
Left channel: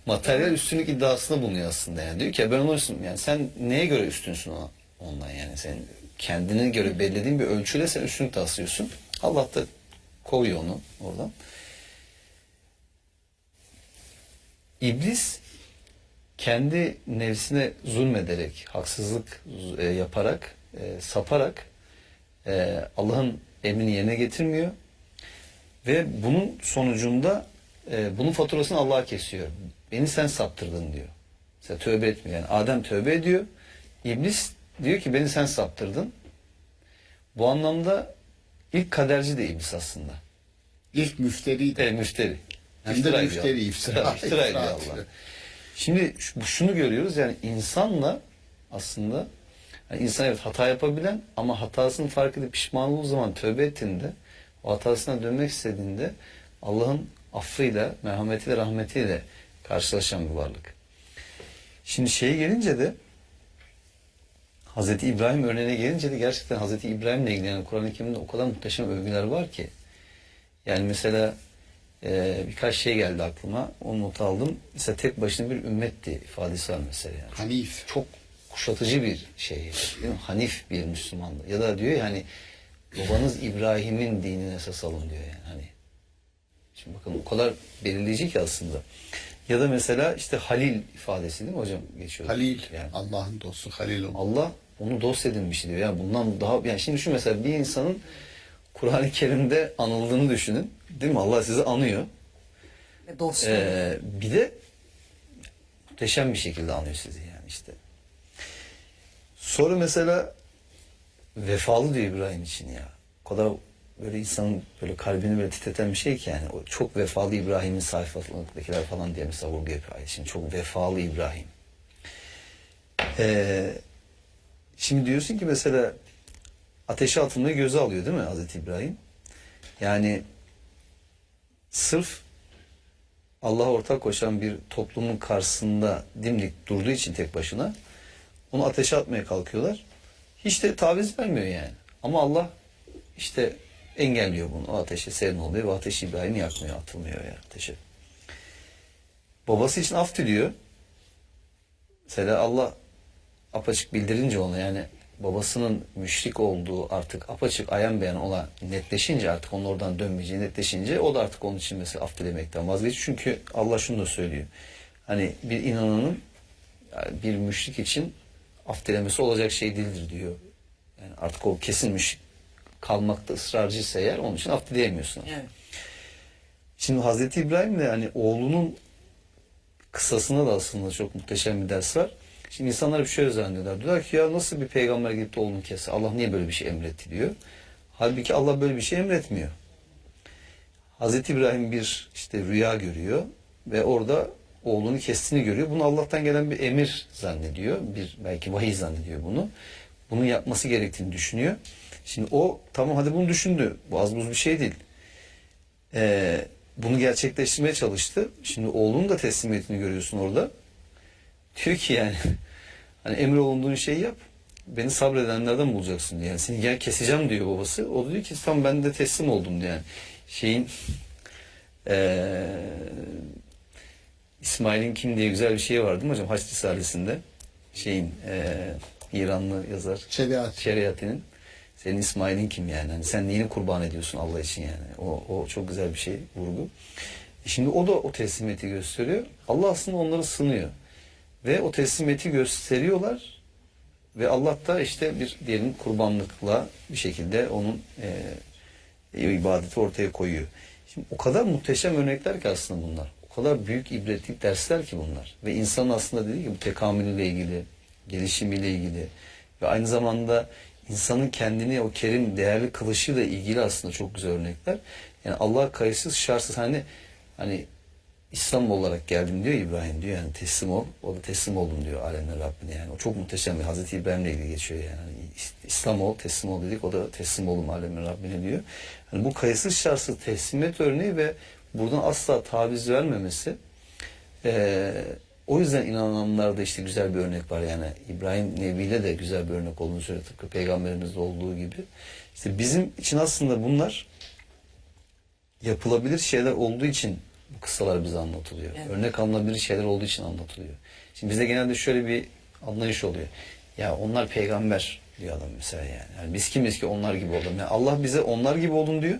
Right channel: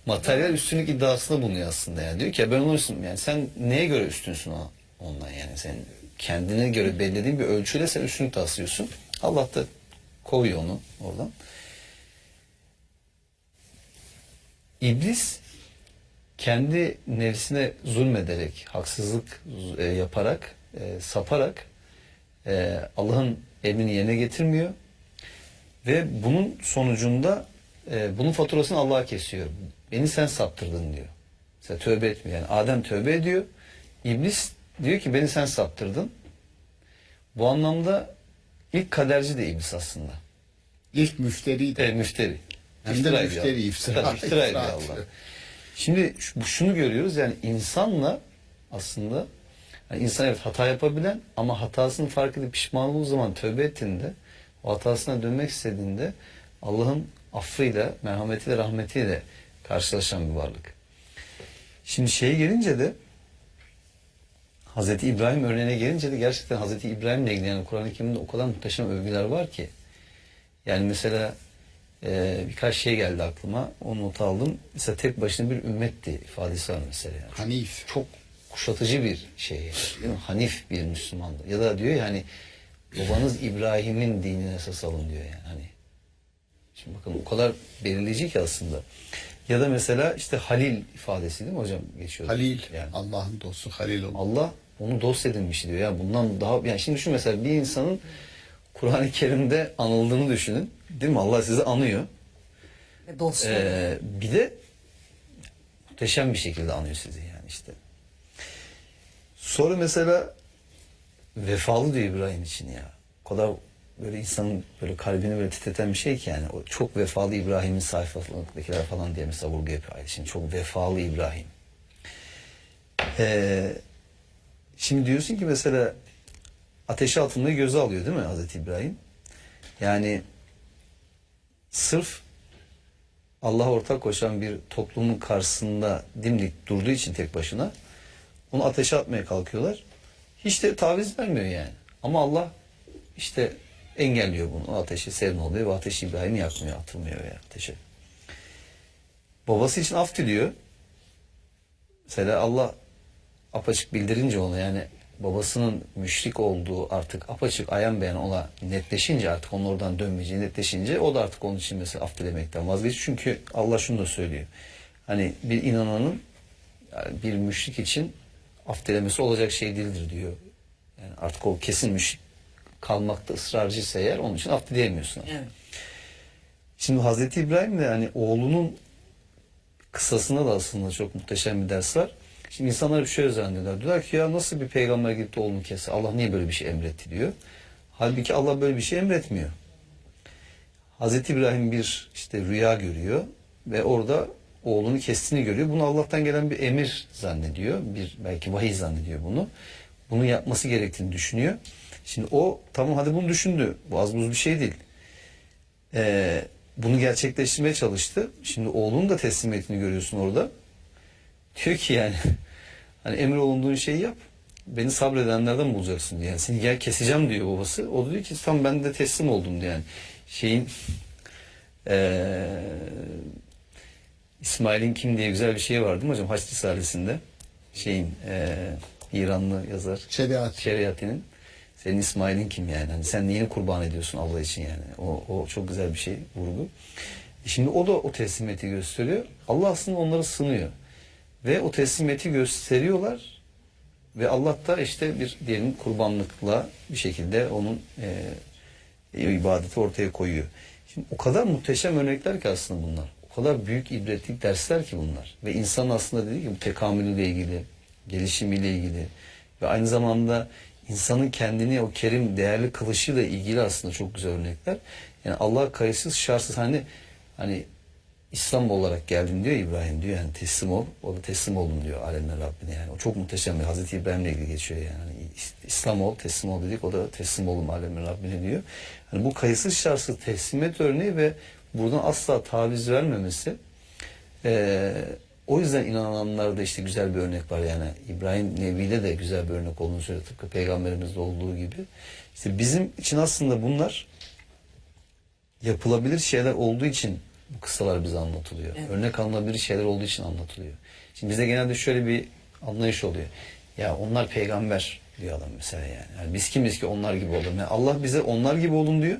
Materyal üstünlük iddiasında bulunuyor aslında. Yani. Diyor ki ben onun üstünüm. Yani sen neye göre üstünsün ondan yani? Sen kendine göre belirlediğin bir ölçüyle sen üstünlük taslıyorsun. Allah da kovuyor onu oradan. İblis kendi nefsine zulmederek, haksızlık yaparak, saparak Allah'ın emrini yerine getirmiyor. Ve bunun sonucunda bunun faturasını Allah'a kesiyor. beni sen saptırdın diyor. Mesela tövbe etmiyor. Yani Adem tövbe ediyor. İblis diyor ki beni sen saptırdın. Bu anlamda ilk kaderci de iblis aslında. İlk müfteri de. Müfteri. Hem de İftira müfteri, ediyor. İftira ediyor Allah. atıyor. Şimdi şunu görüyoruz, yani insanla aslında, yani insan evet hata yapabilen ama hatasını fark edip pişman olduğu zaman tövbe ettiğinde, o hatasına dönmek istediğinde Allah'ın affıyla, merhametiyle, rahmetiyle karşılaşan bir varlık. Şimdi şeye gelince de, Hazreti İbrahim örneğine gelince de gerçekten Hazreti İbrahim'le ilgili yani Kur'an-ı Kerim'de o kadar muhteşem övgüler var ki. Yani mesela birkaç şey geldi aklıma. O not aldım. Mesela tek başına bir ümmetti ifadesi var mesela. Yani. Hanif. Çok kuşatıcı bir şey. Değil mi? Hanif bir Müslümandı. Ya da diyor ya hani babanız İbrahim'in dinine esas alın diyor yani. Hani şimdi bakın o kadar belirleyici ki aslında. Ya da mesela işte Halil ifadesi değil mi hocam geçiyor? Halil. Yani. Allah'ın dostu Halil oldu. Allah onu dost edinmiş diyor. Yani bundan daha, yani şimdi şu mesela bir insanın Kur'an-ı Kerim'de anıldığını düşünün. Değil mi? Allah sizi anıyor. Bir de muhteşem bir şekilde anıyor sizi yani işte. Sonra mesela vefalı diyor İbrahim için ya. O kadar böyle insanın böyle kalbini böyle titreten bir şey ki yani. O çok vefalı İbrahim'in sayfalarındakiler falan diye mesela vurgu yapıyor ayet. Şimdi çok vefalı İbrahim. Şimdi diyorsun ki mesela ateşe atılmayı göze alıyor değil mi Hazreti İbrahim? Yani sırf Allah'a ortak koşan bir toplumun karşısında dimdik durduğu için tek başına onu ateşe atmaya kalkıyorlar. Hiç de taviz vermiyor yani. Ama Allah işte engelliyor bunu. O ateşe serin oluyor ve ateşi İbrahim'i yakmıyor, atılmıyor yani ateşe. Babası için af diliyor. Mesela Allah apaçık bildirince ona yani babasının müşrik olduğu artık apaçık ayan beyan ona netleşince artık onun oradan dönmeyeceği netleşince o da artık onun için mesela af dilemekten vazgeçiyor. Çünkü Allah şunu da söylüyor. Hani bir inananın yani bir müşrik için af dilemesi olacak şey değildir diyor. Yani artık o kesin müşrik kalmakta ısrarcıysa eğer onun için af dileyemiyorsun. Evet. Şimdi Hazreti İbrahim de hani oğlunun kısasına da aslında çok muhteşem bir ders var. Şimdi insanlar bir şey zannediyorlar. Diyorlar ki ya nasıl bir peygamber gidip de oğlunu kesse? Allah niye böyle bir şey emretti diyor. Halbuki Allah böyle bir şey emretmiyor. Hazreti İbrahim bir işte rüya görüyor ve orada oğlunu kestiğini görüyor. Bunu Allah'tan gelen bir emir zannediyor. Bir belki vahiy zannediyor bunu. Bunu yapması gerektiğini düşünüyor. Şimdi o tamam hadi bunu düşündü. Bu az buz bir şey değil. Bunu gerçekleştirmeye çalıştı. Şimdi oğlunun da teslimiyetini görüyorsun orada. Diyor ki yani hani emir olunduğun şeyi yap. Beni sabredenlerden bulacaksın diyor. Yani seni gel keseceğim diyor babası. O da diyor ki tamam ben de teslim oldum diyor. Yani şeyin İsmail'in kim diye güzel bir şey var değil mi hocam? Haç Risalesi'nde şeyin İranlı yazar Şeriati'nin senin İsmail'in kim yani? Hani sen neyini kurban ediyorsun Allah için yani? O çok güzel bir şey vurgu. Şimdi o da o teslimiyeti gösteriyor. Allah aslında onları sınıyor. Ve o teslimiyeti gösteriyorlar ve Allah da işte bir diyelim kurbanlıkla bir şekilde onun ibadeti ortaya koyuyor. Şimdi o kadar muhteşem örnekler ki aslında bunlar. O kadar büyük ibretlik dersler ki bunlar. Ve insanın aslında dediği gibi bu tekamülüyle ilgili, gelişimiyle ilgili ve aynı zamanda insanın kendini o kerim, değerli kılışıyla ilgili aslında çok güzel örnekler. Yani Allah'a kayıtsız, şartsız hani İslam olarak geldim diyor İbrahim diyor yani teslim ol. O da teslim oldum diyor alemler Rabbine yani. O çok muhteşem bir Hazreti İbrahim'le ilgili geçiyor yani. Hani İslam ol, teslim ol dedik. O da teslim oldum alemler Rabbine diyor. Hani bu kayıtsız şartsız teslimiyet örneği ve buradan asla taviz vermemesi. O yüzden inananlarda işte güzel bir örnek var yani. İbrahim Nebi'yle de güzel bir örnek olduğunu söylüyor. Tıpkı Peygamberimizde olduğu gibi. İşte bizim için aslında bunlar yapılabilir şeyler olduğu için bu kıssalar bize anlatılıyor. Evet. Örnek alınabilir şeyler olduğu için anlatılıyor. Şimdi bizde genelde şöyle bir anlayış oluyor. Ya onlar peygamber diyor adam mesela yani biz kimiz ki onlar gibi olalım. Yani Allah bize onlar gibi olun diyor.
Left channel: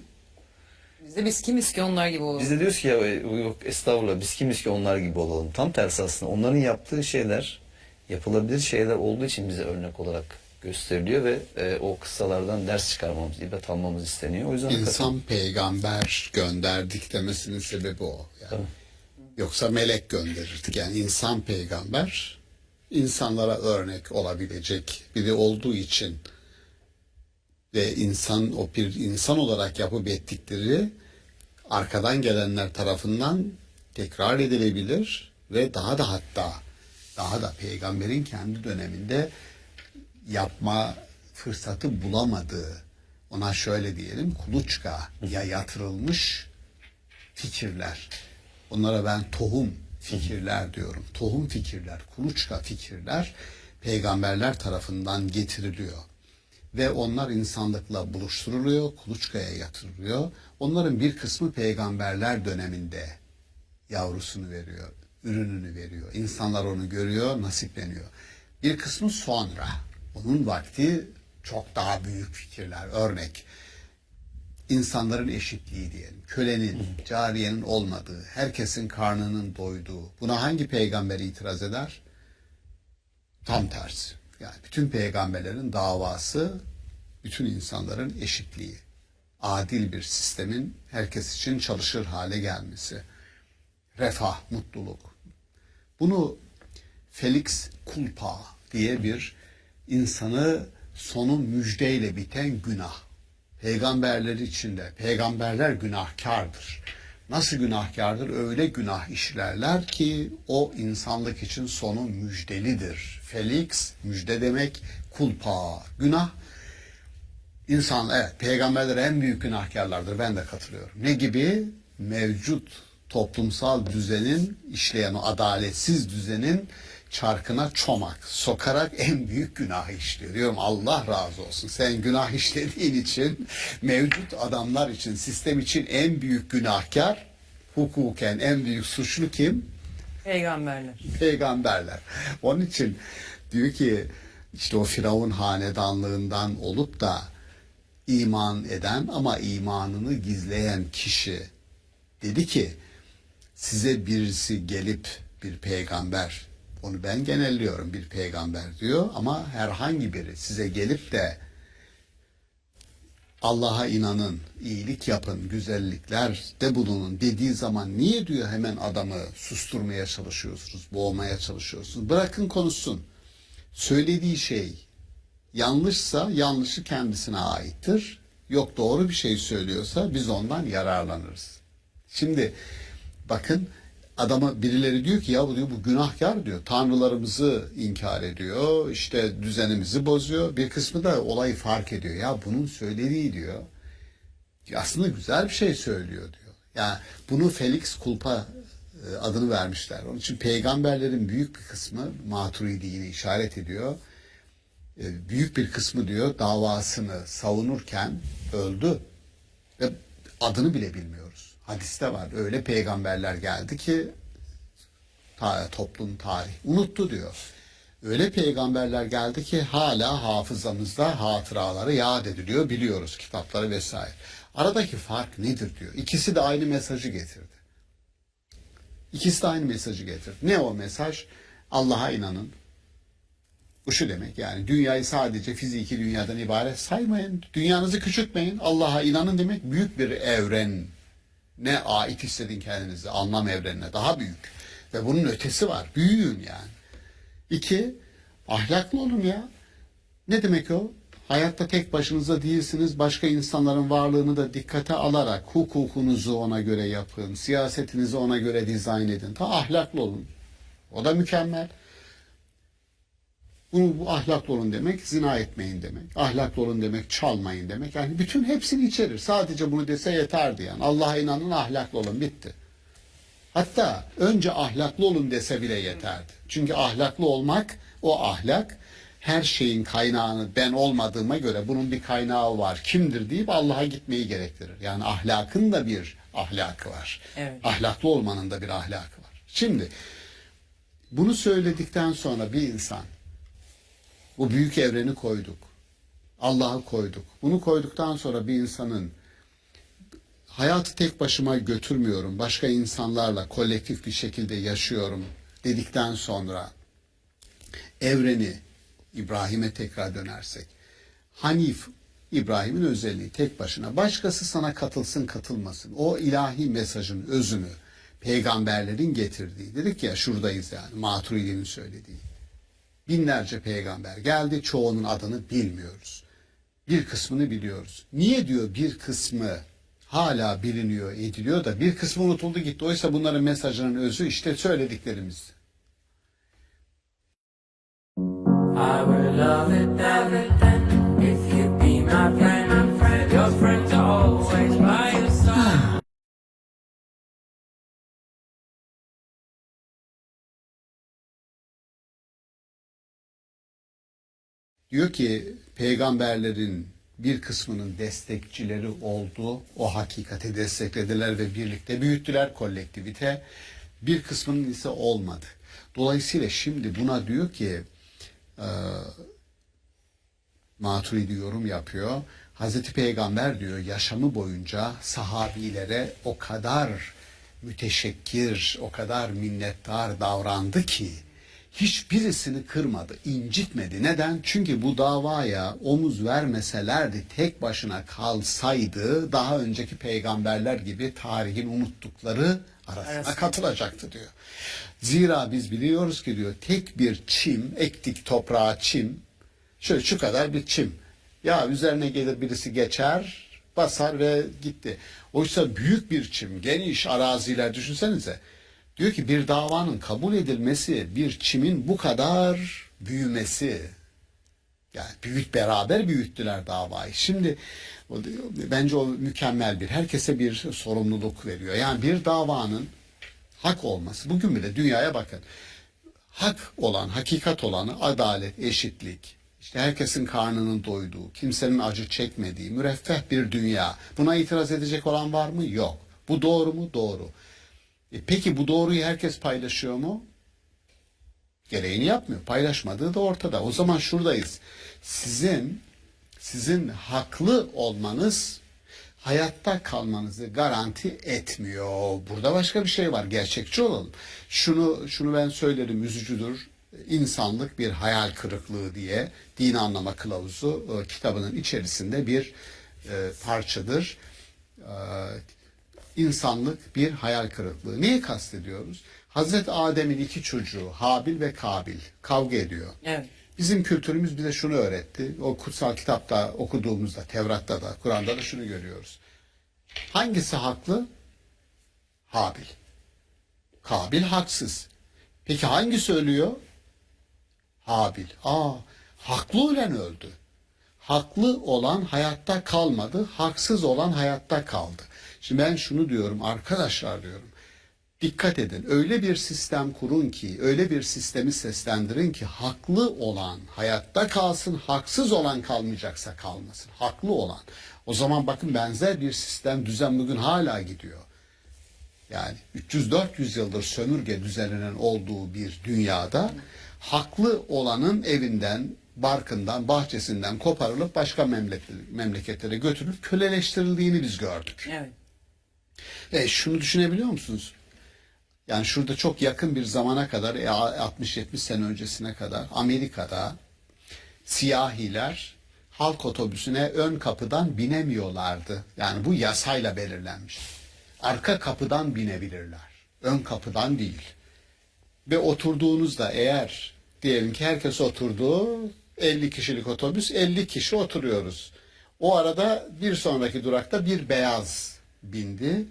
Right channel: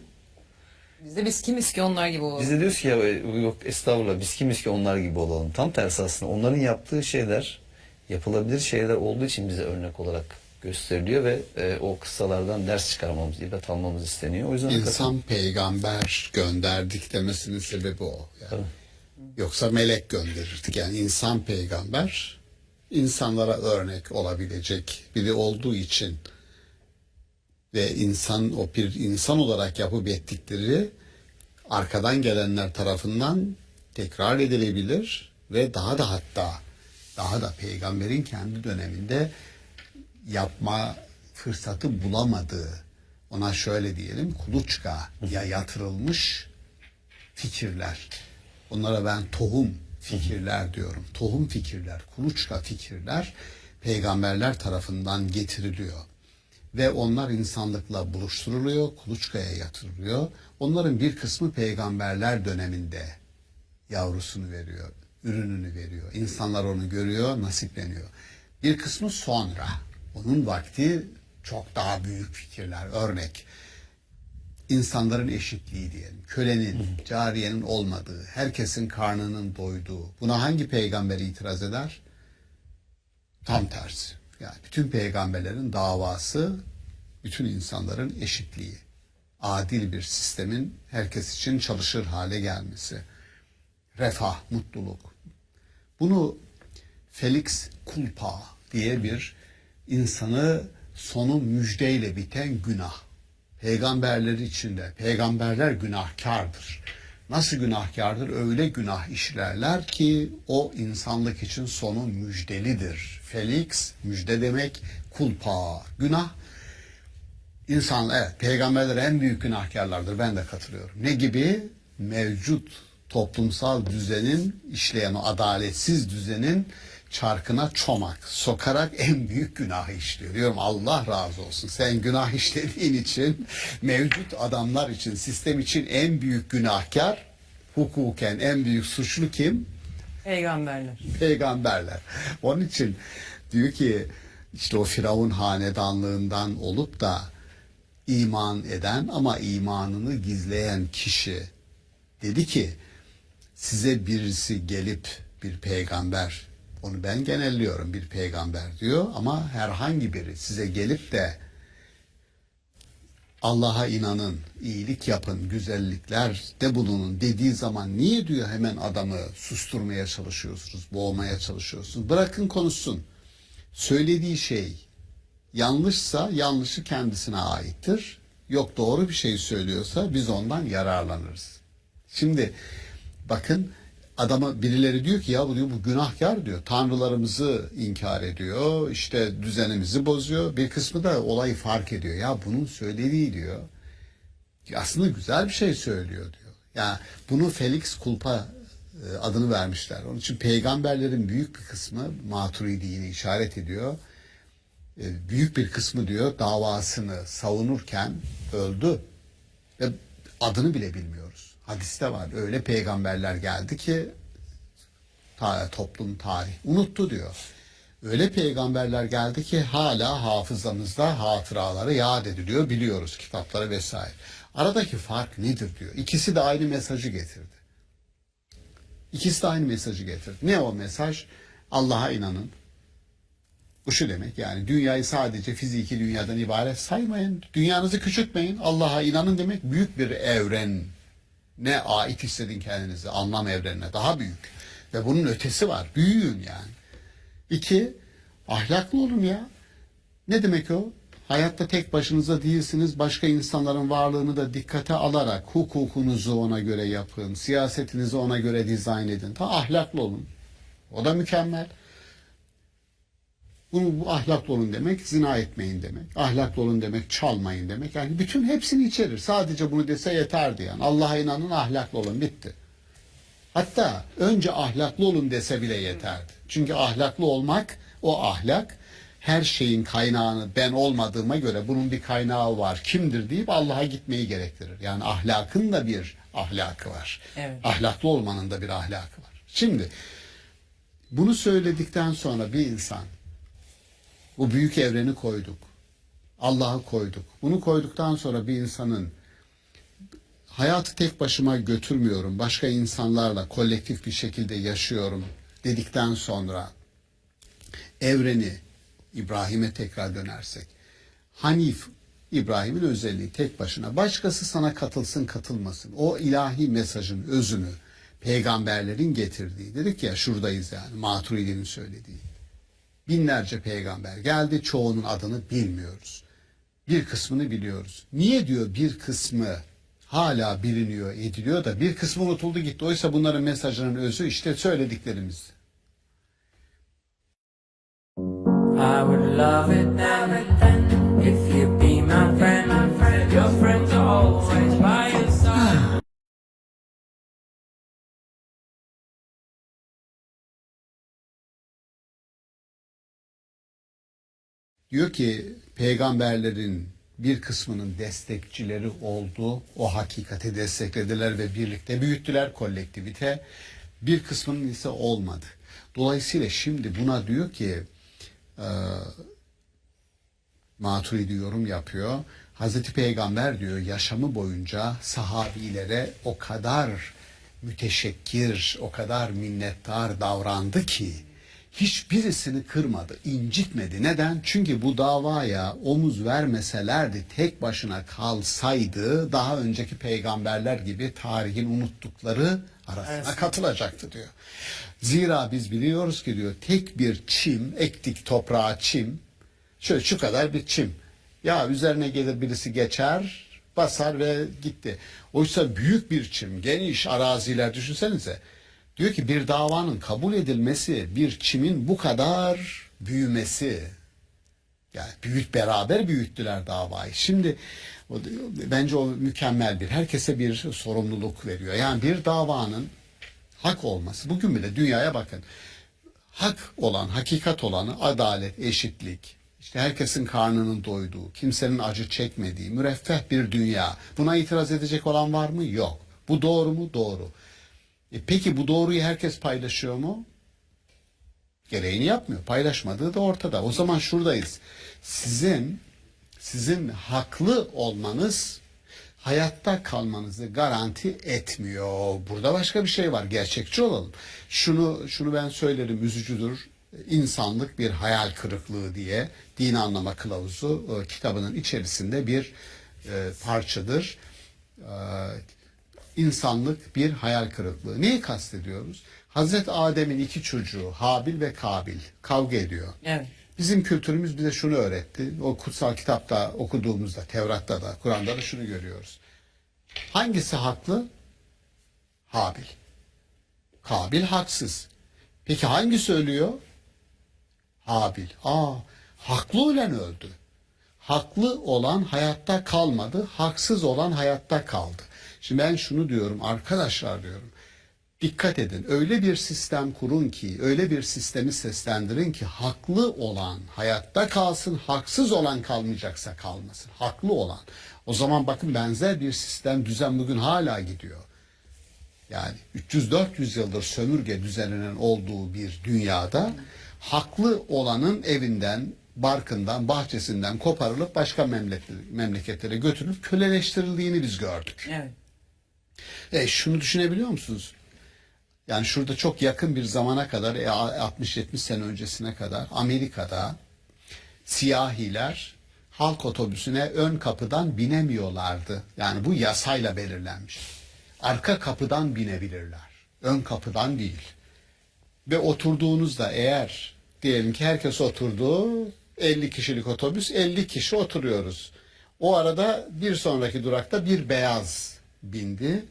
Biz kimiz ki onlar gibi olalım. Biz de diyoruz ki ya yok estağfurullah biz kimiz ki onlar gibi olalım. Tam tersi aslında onların yaptığı şeyler yapılabilir şeyler olduğu için bize örnek olarak gösteriliyor ve o kıssalardan ders çıkarmamız, ibret almamız isteniyor. O yüzden İnsan peygamber gönderdik demesinin sebebi o. Yani. Yoksa melek gönderirdik. Yani insan peygamber insanlara örnek olabilecek biri olduğu için ve o bir insan olarak yapıp ettikleri arkadan gelenler tarafından tekrar edilebilir ve daha da peygamberin kendi döneminde yapma fırsatı bulamadığı, ona şöyle diyelim, kuluçka ya yatırılmış fikirler. Onlara ben tohum fikirler diyorum. Tohum fikirler, kuluçka fikirler peygamberler tarafından getiriliyor. Ve onlar insanlıkla buluşturuluyor, kuluçkaya yatırılıyor. Onların bir kısmı peygamberler döneminde yavrusunu veriyor, ürününü veriyor. İnsanlar onu görüyor, nasipleniyor. Bir kısmı sonra, onun vakti çok daha büyük fikirler. Örnek, insanların eşitliği diyelim. Kölenin, cariyenin olmadığı, herkesin karnının doyduğu. Buna hangi peygamber itiraz eder? Tam tersi. Yani bütün peygamberlerin davası, bütün insanların eşitliği. Adil bir sistemin herkes için çalışır hale gelmesi. Refah, mutluluk. Bunu Felix Culpa diye bir insanı sonu müjdeyle biten günah. Peygamberler içinde, peygamberler günahkardır. Nasıl günahkardır? Öyle günah işlerler ki o insanlık için sonu müjdelidir. Felix, müjde demek, kulpa, günah. İnsan, evet, peygamberler en büyük günahkarlardır. Ben de katılıyorum. Ne gibi? Mevcut toplumsal düzenin, işleyen o adaletsiz düzenin çarkına çomak sokarak en büyük günahı işliyor. Diyorum Allah razı olsun. Sen günah işlediğin için, mevcut adamlar için, sistem için en büyük günahkar, hukuken en büyük suçlu kim? Peygamberler. Peygamberler. Onun için diyor ki işte o Firavun hanedanlığından olup da iman eden ama imanını gizleyen kişi dedi ki size birisi gelip bir peygamber, onu ben genelliyorum, bir peygamber diyor ama herhangi biri size gelip de Allah'a inanın, iyilik yapın, güzelliklerde bulunun dediği zaman niye diyor hemen adamı susturmaya çalışıyorsunuz, boğmaya çalışıyorsunuz? Bırakın konuşsun. Söylediği şey yanlışsa yanlışı kendisine aittir. Yok doğru bir şey söylüyorsa biz ondan yararlanırız. Şimdi bakın adama birileri diyor ki ya bu diyor bu günahkar diyor. Tanrılarımızı inkar ediyor. İşte düzenimizi bozuyor. Bir kısmı da olayı fark ediyor. Ya bunun söylediği diyor. Aslında güzel bir şey söylüyor diyor. Yani bunu Felix Culpa adını vermişler. Onun için peygamberlerin büyük bir kısmı Maturidi'yi işaret ediyor. Büyük bir kısmı diyor davasını savunurken öldü. Ve adını bile bilmiyoruz. Hadiste var. Öyle peygamberler geldi ki toplum tarih unuttu diyor. Öyle peygamberler geldi ki hala hafızamızda hatıraları yad ediliyor. Biliyoruz kitapları vesaire. Aradaki fark nedir diyor. İkisi de aynı mesajı getirdi. İkisi de aynı mesajı getirdi. Ne o mesaj? Allah'a inanın. Bu şu demek yani dünyayı sadece fiziki dünyadan ibaret saymayın. Dünyanızı küçültmeyin. Allah'a inanın demek büyük bir evren. Ne ait hissedin kendinizi anlam evrenine daha büyük. Ve bunun ötesi var. Büyüyün yani. 2, ahlaklı olun ya. Ne demek o? Hayatta tek başınıza değilsiniz. Başka insanların varlığını da dikkate alarak hukukunuzu ona göre yapın. Siyasetinizi ona göre dizayn edin. Ahlaklı olun. O da mükemmel. Bu ahlaklı olun demek zina etmeyin demek. Ahlaklı olun demek çalmayın demek. Yani bütün hepsini içerir. Sadece bunu dese yeterdi yani. Allah'a inanın ahlaklı olun bitti. Hatta önce ahlaklı olun dese bile yeterdi. Çünkü ahlaklı olmak o ahlak her şeyin kaynağını ben olmadığıma göre bunun bir kaynağı var. Kimdir deyip Allah'a gitmeyi gerektirir. Yani ahlakın da bir ahlakı var. Evet. Ahlaklı olmanın da bir ahlakı var. Şimdi bunu söyledikten sonra bir insan bu büyük evreni koyduk. Allah'ı koyduk. Bunu koyduktan sonra bir insanın hayatı tek başıma götürmüyorum. Başka insanlarla kolektif bir şekilde yaşıyorum dedikten sonra evreni İbrahim'e tekrar dönersek Hanif İbrahim'in özelliği tek başına. Başkası sana katılsın katılmasın. O ilahi mesajın özünü peygamberlerin getirdiği, dedik ya şuradayız yani, Maturidi'nin söylediği. Binlerce peygamber geldi, çoğunun adını bilmiyoruz. Bir kısmını biliyoruz. Niye diyor bir kısmı hala biliniyor, ediliyor da bir kısmı unutuldu gitti. Oysa bunların mesajının özü işte söylediklerimiz. I would love it everything if you be my friend. Your friends are always by your side. Diyor ki peygamberlerin bir kısmının destekçileri oldu. O hakikati desteklediler ve birlikte büyüttüler, kolektivite. Bir kısmının ise olmadı. Dolayısıyla şimdi buna diyor ki Maturidi yorum yapıyor. Hazreti Peygamber diyor yaşamı boyunca sahabilere o kadar müteşekkir, o kadar minnettar davrandı ki hiçbirisini kırmadı, incitmedi. Neden? Çünkü bu davaya omuz vermeselerdi, tek başına kalsaydı daha önceki peygamberler gibi tarihin unuttukları arasına katılacaktı diyor. Zira biz biliyoruz ki diyor tek bir çim, ektik toprağa çim, şöyle şu kadar bir çim. Ya üzerine gelir birisi geçer, basar ve gitti. Oysa büyük bir çim, geniş araziler düşünsenize. Diyor ki bir davanın kabul edilmesi, bir çimin bu kadar büyümesi. Yani beraber büyüttüler davayı. Şimdi bence o mükemmel herkese bir sorumluluk veriyor. Yani bir davanın hak olması. Bugün bile dünyaya bakın. Hak olan, hakikat olanı adalet, eşitlik, işte herkesin karnının doyduğu, kimsenin acı çekmediği, müreffeh bir dünya. Buna itiraz edecek olan var mı? Yok. Bu doğru mu? Doğru. Peki bu doğruyu herkes paylaşıyor mu? Gereğini yapmıyor. Paylaşmadığı da ortada. O zaman şuradayız. Sizin haklı olmanız hayatta kalmanızı garanti etmiyor. Burada başka bir şey var. Gerçekçi olalım. Şunu ben söylerim, üzücüdür. İnsanlık bir hayal kırıklığı diye Din Anlama Kılavuzu kitabının içerisinde bir parçadır. İnsanlık bir hayal kırıklığı. Neyi kastediyoruz? Hazreti Adem'in iki çocuğu Habil ve Kabil kavga ediyor. Evet. Bizim kültürümüz bize şunu öğretti. O kutsal kitapta okuduğumuzda, Tevrat'ta da, Kur'an'da da şunu görüyoruz. Hangisi haklı? Habil. Kabil haksız. Peki hangisi ölüyor? Habil. Haklı olan öldü. Haklı olan hayatta kalmadı. Haksız olan hayatta kaldı. Şimdi ben şunu diyorum arkadaşlar diyorum. Dikkat edin. Öyle bir sistem kurun ki, öyle bir sistemi seslendirin ki haklı olan hayatta kalsın, haksız olan kalmayacaksa kalmasın. Haklı olan. O zaman bakın benzer bir sistem, düzen bugün hala gidiyor. Yani 300-400 yıldır sömürge düzeninin olduğu bir dünyada haklı olanın evinden, barkından, bahçesinden koparılıp başka memleketlere götürülüp köleleştirildiğini biz gördük. Evet. Şunu düşünebiliyor musunuz? Yani şurada çok yakın bir zamana kadar 60-70 sene öncesine kadar Amerika'da siyahiler halk otobüsüne ön kapıdan binemiyorlardı. Yani bu yasayla belirlenmiş. Arka kapıdan binebilirler. Ön kapıdan değil. Ve oturduğunuzda eğer diyelim ki herkes oturdu, 50 kişilik otobüs, 50 kişi oturuyoruz. O arada bir sonraki durakta bir beyaz bindi.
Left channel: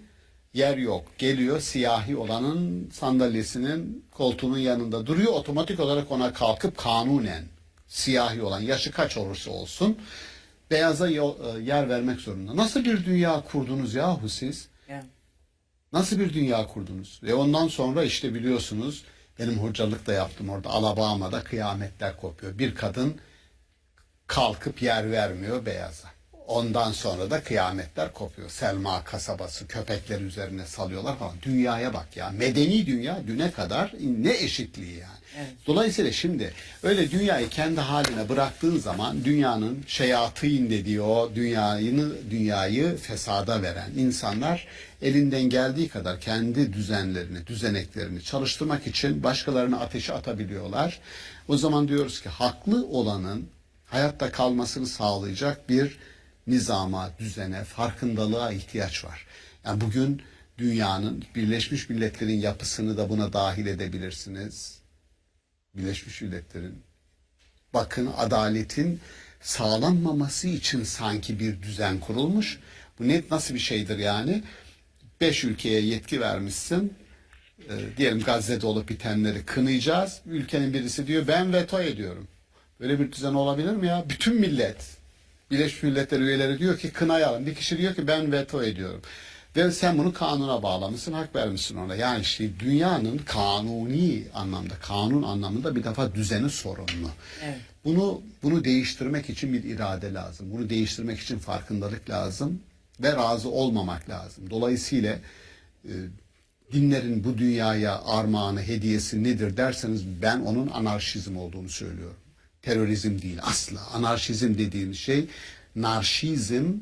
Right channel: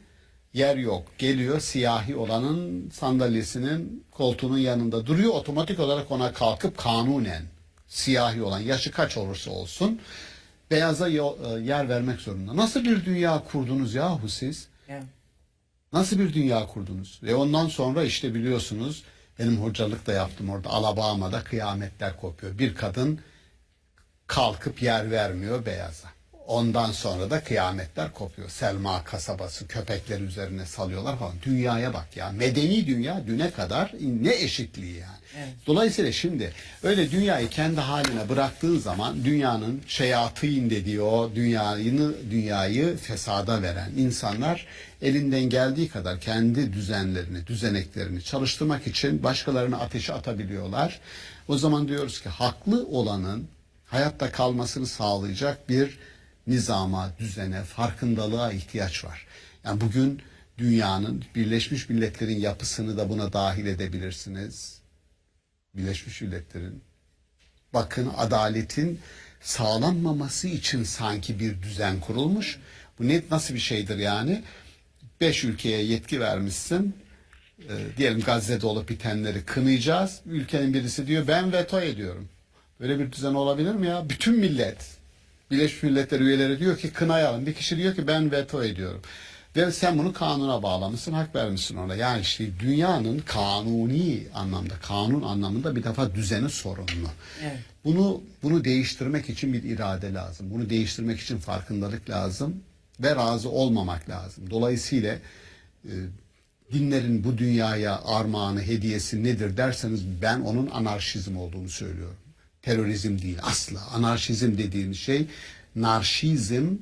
Yer yok. Geliyor siyahi olanın sandalyesinin koltuğunun yanında duruyor. Otomatik olarak ona kalkıp kanunen siyahi olan yaşı kaç olursa olsun beyaza yer vermek zorunda. Nasıl bir dünya kurdunuz yahu siz? Evet. Nasıl bir dünya kurdunuz? Ve ondan sonra işte biliyorsunuz benim hocalık da yaptım orada Alabama'da kıyametler kopuyor. Bir kadın kalkıp yer vermiyor beyaza. Ondan sonra da kıyametler kopuyor. Selma kasabası köpekler üzerine salıyorlar falan. Dünyaya bak ya. Medeni dünya düne kadar ne eşitliği yani. Evet. Dolayısıyla şimdi öyle dünyayı kendi haline bıraktığın zaman dünyanın şeyatîn dediği o dünyayı fesada veren insanlar elinden geldiği kadar kendi düzenlerini, düzeneklerini çalıştırmak için başkalarına ateşe atabiliyorlar. O zaman diyoruz ki haklı olanın hayatta kalmasını sağlayacak bir nizama, düzene, farkındalığa ihtiyaç var. Yani bugün dünyanın, Birleşmiş Milletler'in yapısını da buna dahil edebilirsiniz. Birleşmiş Milletler'in. Bakın, adaletin sağlanmaması için sanki bir düzen kurulmuş. Bu nasıl bir şeydir yani? 5 ülkeye yetki vermişsin. Diyelim Gazze'de olup bitenleri kınayacağız. Ülkenin birisi diyor ben veto ediyorum. Böyle bir düzen olabilir mi ya? Bütün millet, Birleşmiş Milletler üyeleri diyor ki kınayalım. Bir kişi diyor ki ben veto ediyorum. Ve sen bunu kanuna bağlamışsın, hak vermişsin ona. Yani işte dünyanın kanuni anlamda, kanun anlamında bir defa düzeni sorunlu. Evet. Bunu değiştirmek için bir irade lazım. Bunu değiştirmek için farkındalık lazım ve razı olmamak lazım. Dolayısıyla dinlerin bu dünyaya armağanı, hediyesi nedir derseniz ben onun anarşizm olduğunu söylüyorum. Terörizm değil asla. Anarşizm dediğimiz şey narşizm,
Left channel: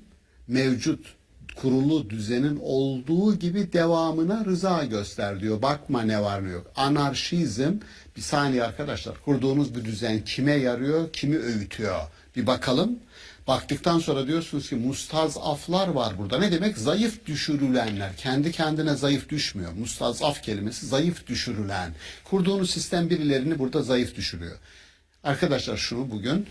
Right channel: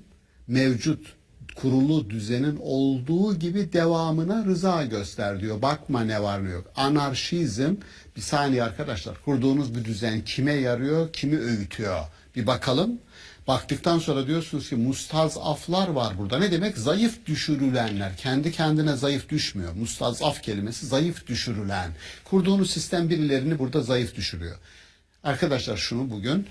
mevcut kurulu düzenin olduğu gibi devamına rıza göster diyor. Bakma ne var ne yok. Anarşizm, bir saniye arkadaşlar, kurduğunuz bu düzen kime yarıyor, kimi öğütüyor? Bir bakalım. Baktıktan sonra diyorsunuz ki mustazaflar var burada. Ne demek? Zayıf düşürülenler. Kendi kendine zayıf düşmüyor. Mustazaf kelimesi zayıf düşürülen. Kurduğunuz sistem birilerini burada zayıf düşürüyor. Arkadaşlar şunu bugün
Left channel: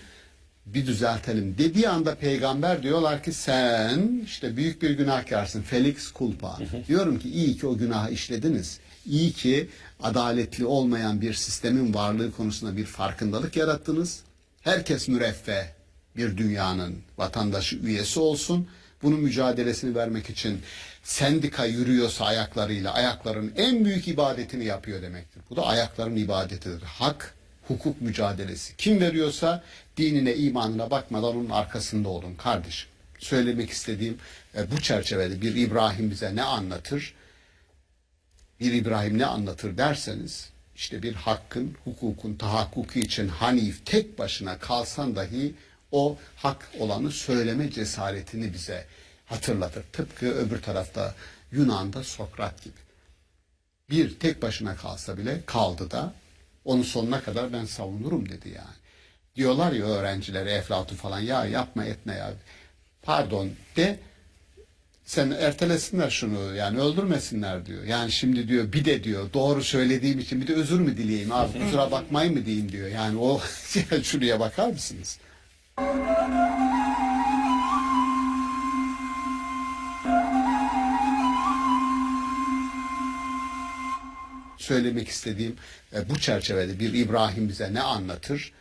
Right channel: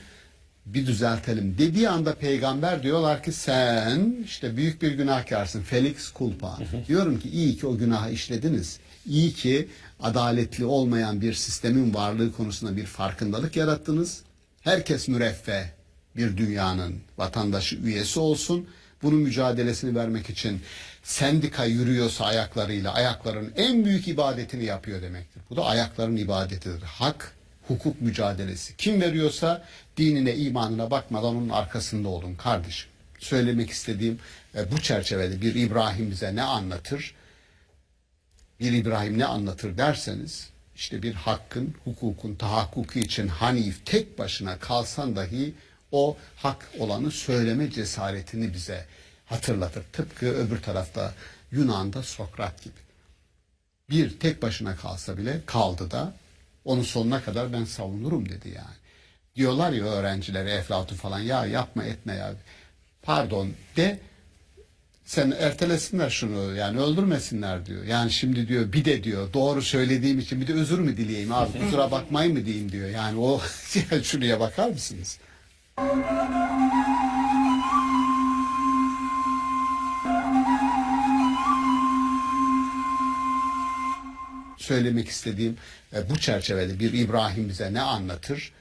bir düzeltelim. Dediği anda peygamber diyorlar ki sen işte büyük bir günahkarsın. Felix culpa. Diyorum ki iyi ki o günahı işlediniz. İyi ki adaletli olmayan bir sistemin varlığı konusunda bir farkındalık yarattınız. Herkes müreffeh bir dünyanın vatandaşı, üyesi olsun. Bunun mücadelesini vermek için sendika yürüyorsa ayaklarıyla, ayakların en büyük ibadetini yapıyor demektir. Bu da ayakların ibadetidir. Hak, hukuk mücadelesi. Kim veriyorsa dinine, imanına bakmadan onun arkasında olun kardeşim. Söylemek istediğim bu çerçevede bir İbrahim bize ne anlatır? Bir İbrahim ne anlatır derseniz, işte bir hakkın, hukukun tahakkuku için Hanif tek başına kalsan dahi o hak olanı söyleme cesaretini bize hatırlatır. Tıpkı öbür tarafta Yunan'da Sokrat gibi. Bir tek başına kalsa bile kaldı da onun sonuna kadar ben savunurum dedi yani. Diyorlar ya öğrencilere, Eflatun falan, ya yapma etme ya. Pardon de, sen ertelesinler şunu, yani öldürmesinler diyor. Yani şimdi diyor bir de diyor doğru söylediğim için bir de özür mü dileyeyim abi, kusura bakmayın mı diyeyim diyor. Yani o şuraya bakar mısınız? Söylemek istediğim bu çerçevede bir İbrahim bize ne anlatır?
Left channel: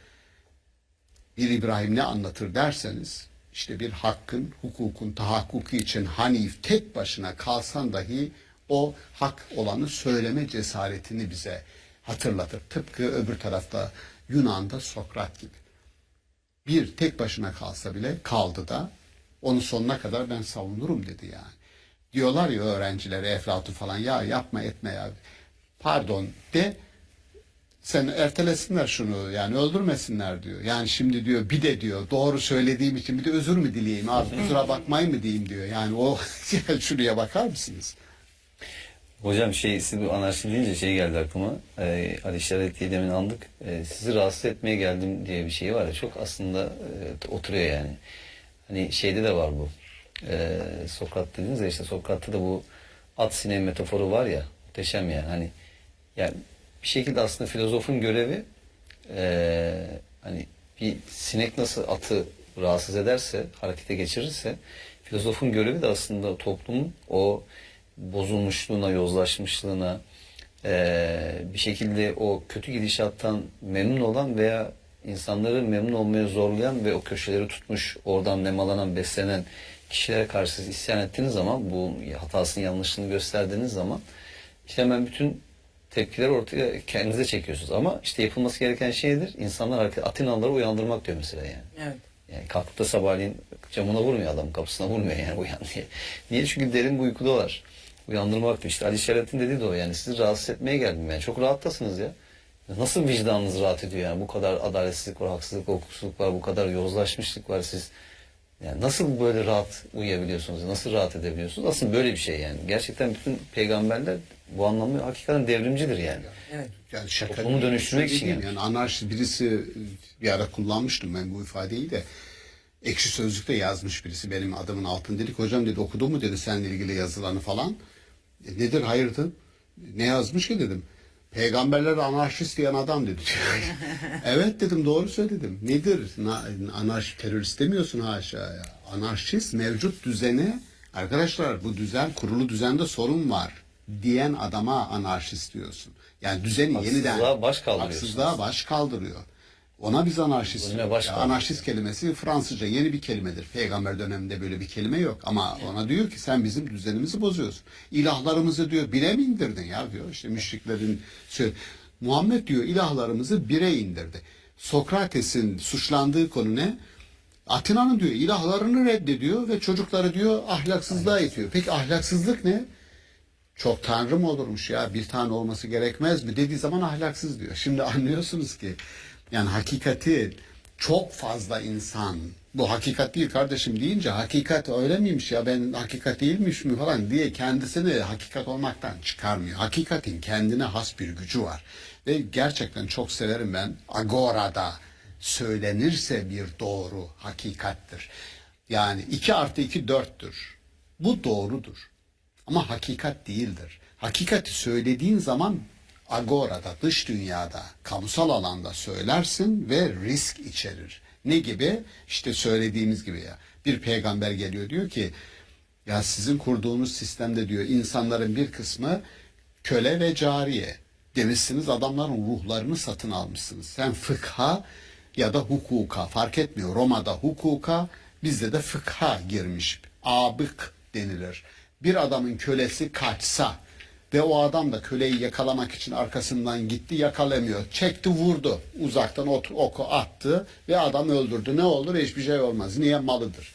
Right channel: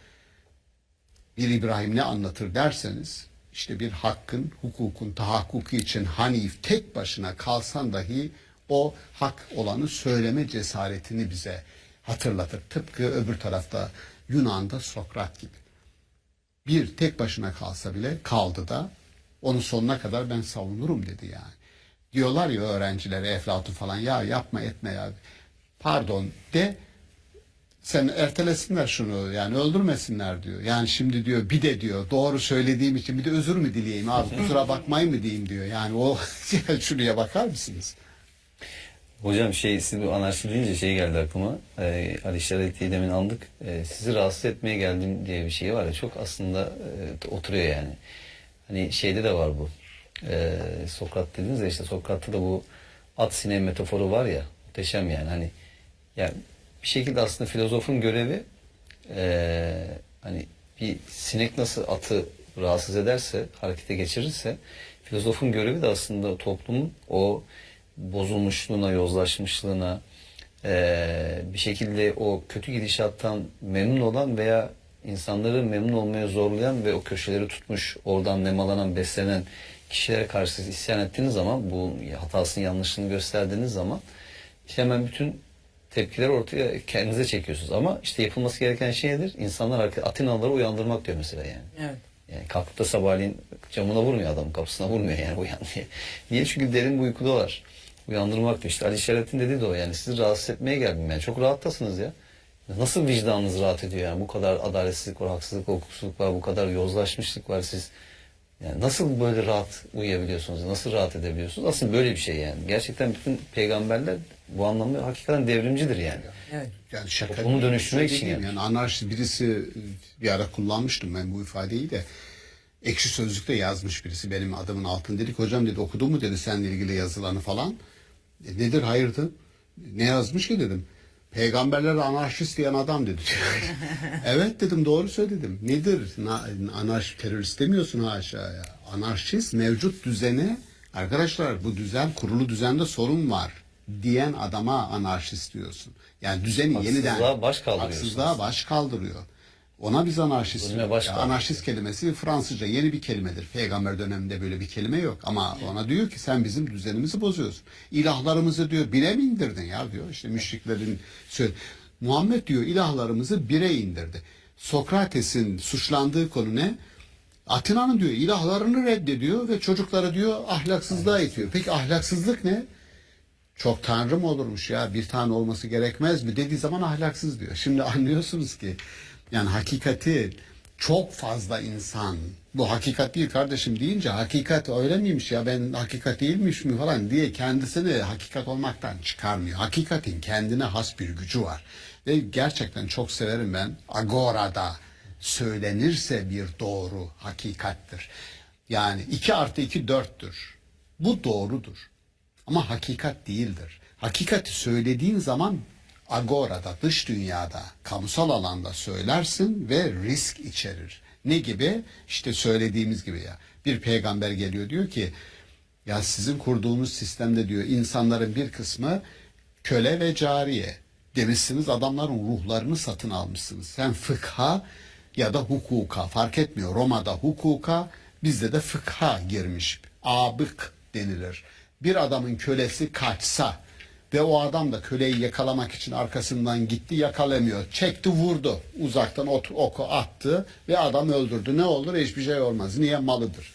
Bir İbrahim ne anlatır derseniz, işte bir hakkın, hukukun tahakkuku için Hanif tek başına kalsan dahi o hak olanı söyleme cesaretini bize hatırlatır. Tıpkı öbür tarafta Yunan'da Sokrat gibi. Bir tek başına kalsa bile kaldı da onun sonuna kadar ben savunurum dedi yani. Diyorlar ya öğrencilere, Eflatun falan, ya yapma etme ya. Pardon de, sen ertelesinler şunu, yani öldürmesinler diyor. Yani şimdi diyor bir de diyor doğru söylediğim için bir de özür mü dileyeyim abi, kusura bakmayın mı diyeyim diyor. Yani o şuraya bakar mısınız? Hocam siz bu anarşi deyince geldi aklıma. Ali Şerit'i demin aldık. Sizi rahatsız etmeye geldim diye bir şey var ya, çok aslında oturuyor yani. Hani şeyde de var bu. Sokrat dediniz ya, işte Sokrat'ta da bu at sineği metaforu var ya, muhteşem yani. Hani yani bir şekilde aslında filozofun görevi hani bir sinek nasıl atı rahatsız ederse, harekete geçirirse, filozofun görevi de aslında toplumun o bozulmuşluğuna, yozlaşmışlığına, bir şekilde o kötü gidişattan memnun olan veya insanları memnun olmaya zorlayan ve o köşeleri tutmuş, oradan nemalanan, beslenen kişilere karşı siz isyan ettiğiniz zaman, bu hatasının yanlışlığını gösterdiğiniz zaman işte hemen bütün tepkileri ortaya kendinize çekiyorsunuz. Ama işte yapılması gereken şeydir, insanlar Atinalıları uyandırmak diyor mesela yani. Evet. Yani kalkıp da sabahleyin camına vurmuyor, adamın kapısına vurmuyor yani, uyan diye. Niye? Çünkü derin bir uykudalar. Uyandırmak diyor. İşte Ali Şerit'in dediği de o yani. Sizi rahatsız etmeye geldim yani. Çok rahattasınız ya. Nasıl vicdanınız rahat ediyor yani? Bu kadar adaletsizlik var, haksızlık, hukuksuzluk var, bu kadar yozlaşmışlık var. Siz yani nasıl böyle rahat uyuyabiliyorsunuz? Nasıl rahat edebiliyorsunuz? Aslında böyle bir şey yani. Gerçekten bütün peygamberler bu anlamda hakikaten devrimcidir yani. Evet. Yani şaka toplumu dönüştürmek için yani. Anarşi, birisi bir ara kullanmıştım ben bu ifadeyi de. Ekşi Sözlük'te yazmış birisi benim adımın altını, dedik hocam dedi, okudun mu dedi seninle ilgili yazılanı falan. Nedir hayırdır? Ne yazmış ki dedim. Peygamberler anarşist diyen adam dedi. Evet dedim, doğru söyledim. Nedir? Anarşist, terörist demiyorsun haşa ya. Anarşist mevcut düzeni, arkadaşlar bu düzen, kurulu düzende sorun var diyen adama anarşist diyorsun. Yani düzeni yeniden haksızlığa baş kaldırıyor. Ona biz anarşist. Anarşist kelimesi Fransızca yeni bir kelimedir. Peygamber döneminde böyle bir kelime yok. Ama ona diyor ki sen bizim düzenimizi bozuyorsun. İlahlarımızı diyor bire mi indirdin ya diyor. İşte müşriklerin Muhammed diyor ilahlarımızı bire indirdi. Sokrates'in suçlandığı konu ne? Atina'nın diyor ilahlarını reddediyor ve çocukları diyor ahlaksızlığa itiyor. Peki ahlaksızlık ne? Çok tanrı mı olurmuş ya, bir tane olması gerekmez mi dediği zaman ahlaksız diyor. Şimdi anlıyorsunuz ki yani hakikati çok fazla insan, bu hakikat değil kardeşim deyince hakikat öyle miymiş ya, ben hakikat değilmiş mi falan diye kendisini hakikat olmaktan çıkarmıyor. Hakikatin kendine has bir gücü var. Ve gerçekten çok severim ben, Agora'da söylenirse bir doğru hakikattir. Yani 2 + 2 4'tür. Bu doğrudur. Ama hakikat değildir. Hakikati söylediğin zaman agorada, dış dünyada, kamusal alanda söylersin ve risk içerir. Ne gibi? İşte söylediğimiz gibi ya. Bir peygamber geliyor diyor ki ya sizin kurduğunuz sistemde diyor insanların bir kısmı köle ve cariye. Demişsiniz adamların ruhlarını satın almışsınız. Sen fıkha ya da hukuka fark etmiyor. Roma'da hukuka, bizde de fıkha girmiş. Abık denilir. Bir adamın kölesi kaçsa ve o adam da köleyi yakalamak için arkasından gitti, yakalamıyor. Çekti, vurdu. Uzaktan oku attı ve adam öldürdü. Ne olur? Hiçbir şey olmaz. Niye? Malıdır.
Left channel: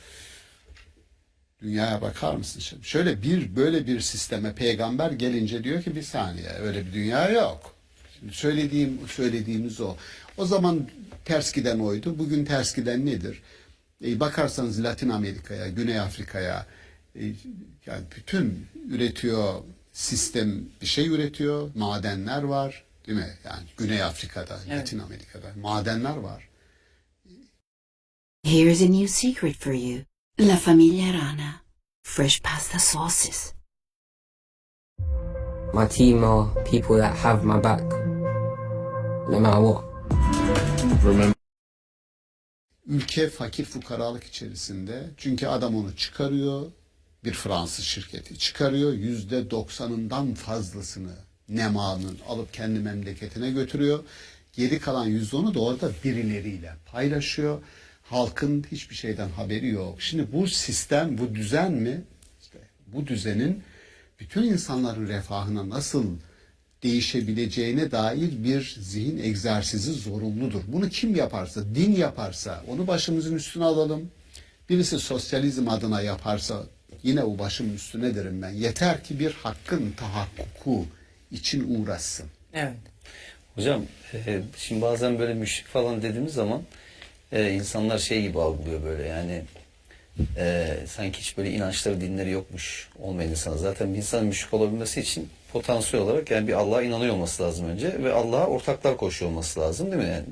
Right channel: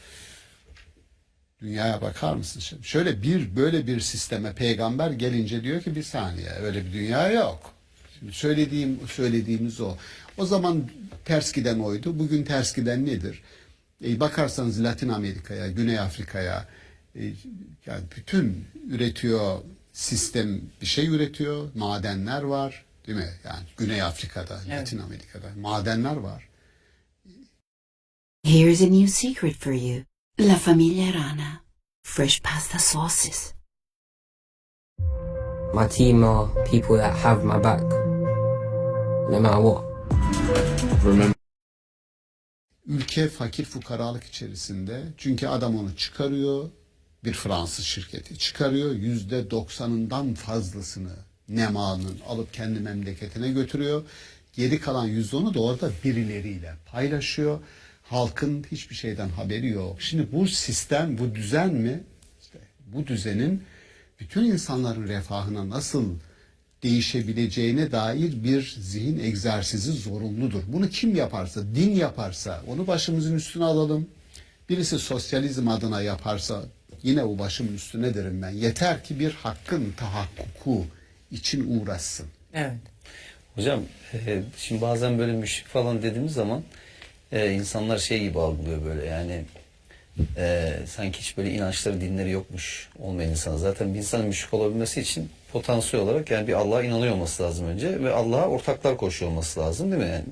Dünyaya bakar mısın şimdi? Şöyle böyle bir sisteme peygamber gelince diyor ki bir saniye, öyle bir dünya yok. Şimdi söylediğimiz o. O zaman ters giden oydu. Bugün ters giden nedir? Bakarsanız Latin Amerika'ya, Güney Afrika'ya, yani bütün üretiyor sistem, bir şey üretiyor. Madenler var, değil mi? Yani Güney Afrika'da, evet. Latin Amerika'da madenler var. Here's a new secret for you. La Familia Rana. Fresh pasta sauces. My team are people that have my back, no matter what. Remember. Ülke fakir fukaralık içerisinde. Çünkü adam onu çıkarıyor. Bir Fransız şirketi çıkarıyor. %90'ından fazlasını nemanın alıp kendi memleketine götürüyor. Geri kalan %10'u da orada birileriyle paylaşıyor. Halkın hiçbir şeyden haberi yok. Şimdi bu sistem, bu düzen mi? İşte bu düzenin bütün insanların refahına nasıl değişebileceğine dair bir zihin egzersizi zorunludur. Bunu kim yaparsa, din yaparsa onu başımızın üstüne alalım. Birisi sosyalizm adına yaparsa yine o başımın üstüne derim ben. Yeter ki bir hakkın tahakkuku için uğraşsın. Evet. Hocam şimdi bazen böyle müşrik falan dediğimiz zaman insanlar şey gibi algılıyor böyle yani sanki hiç böyle inançları, dinleri yokmuş olmayan insan. Zaten bir insanın müşrik olabilmesi için potansiyel olarak yani bir Allah'a inanıyor olması lazım önce ve Allah'a ortaklar koşuyor olması lazım, değil mi? Yani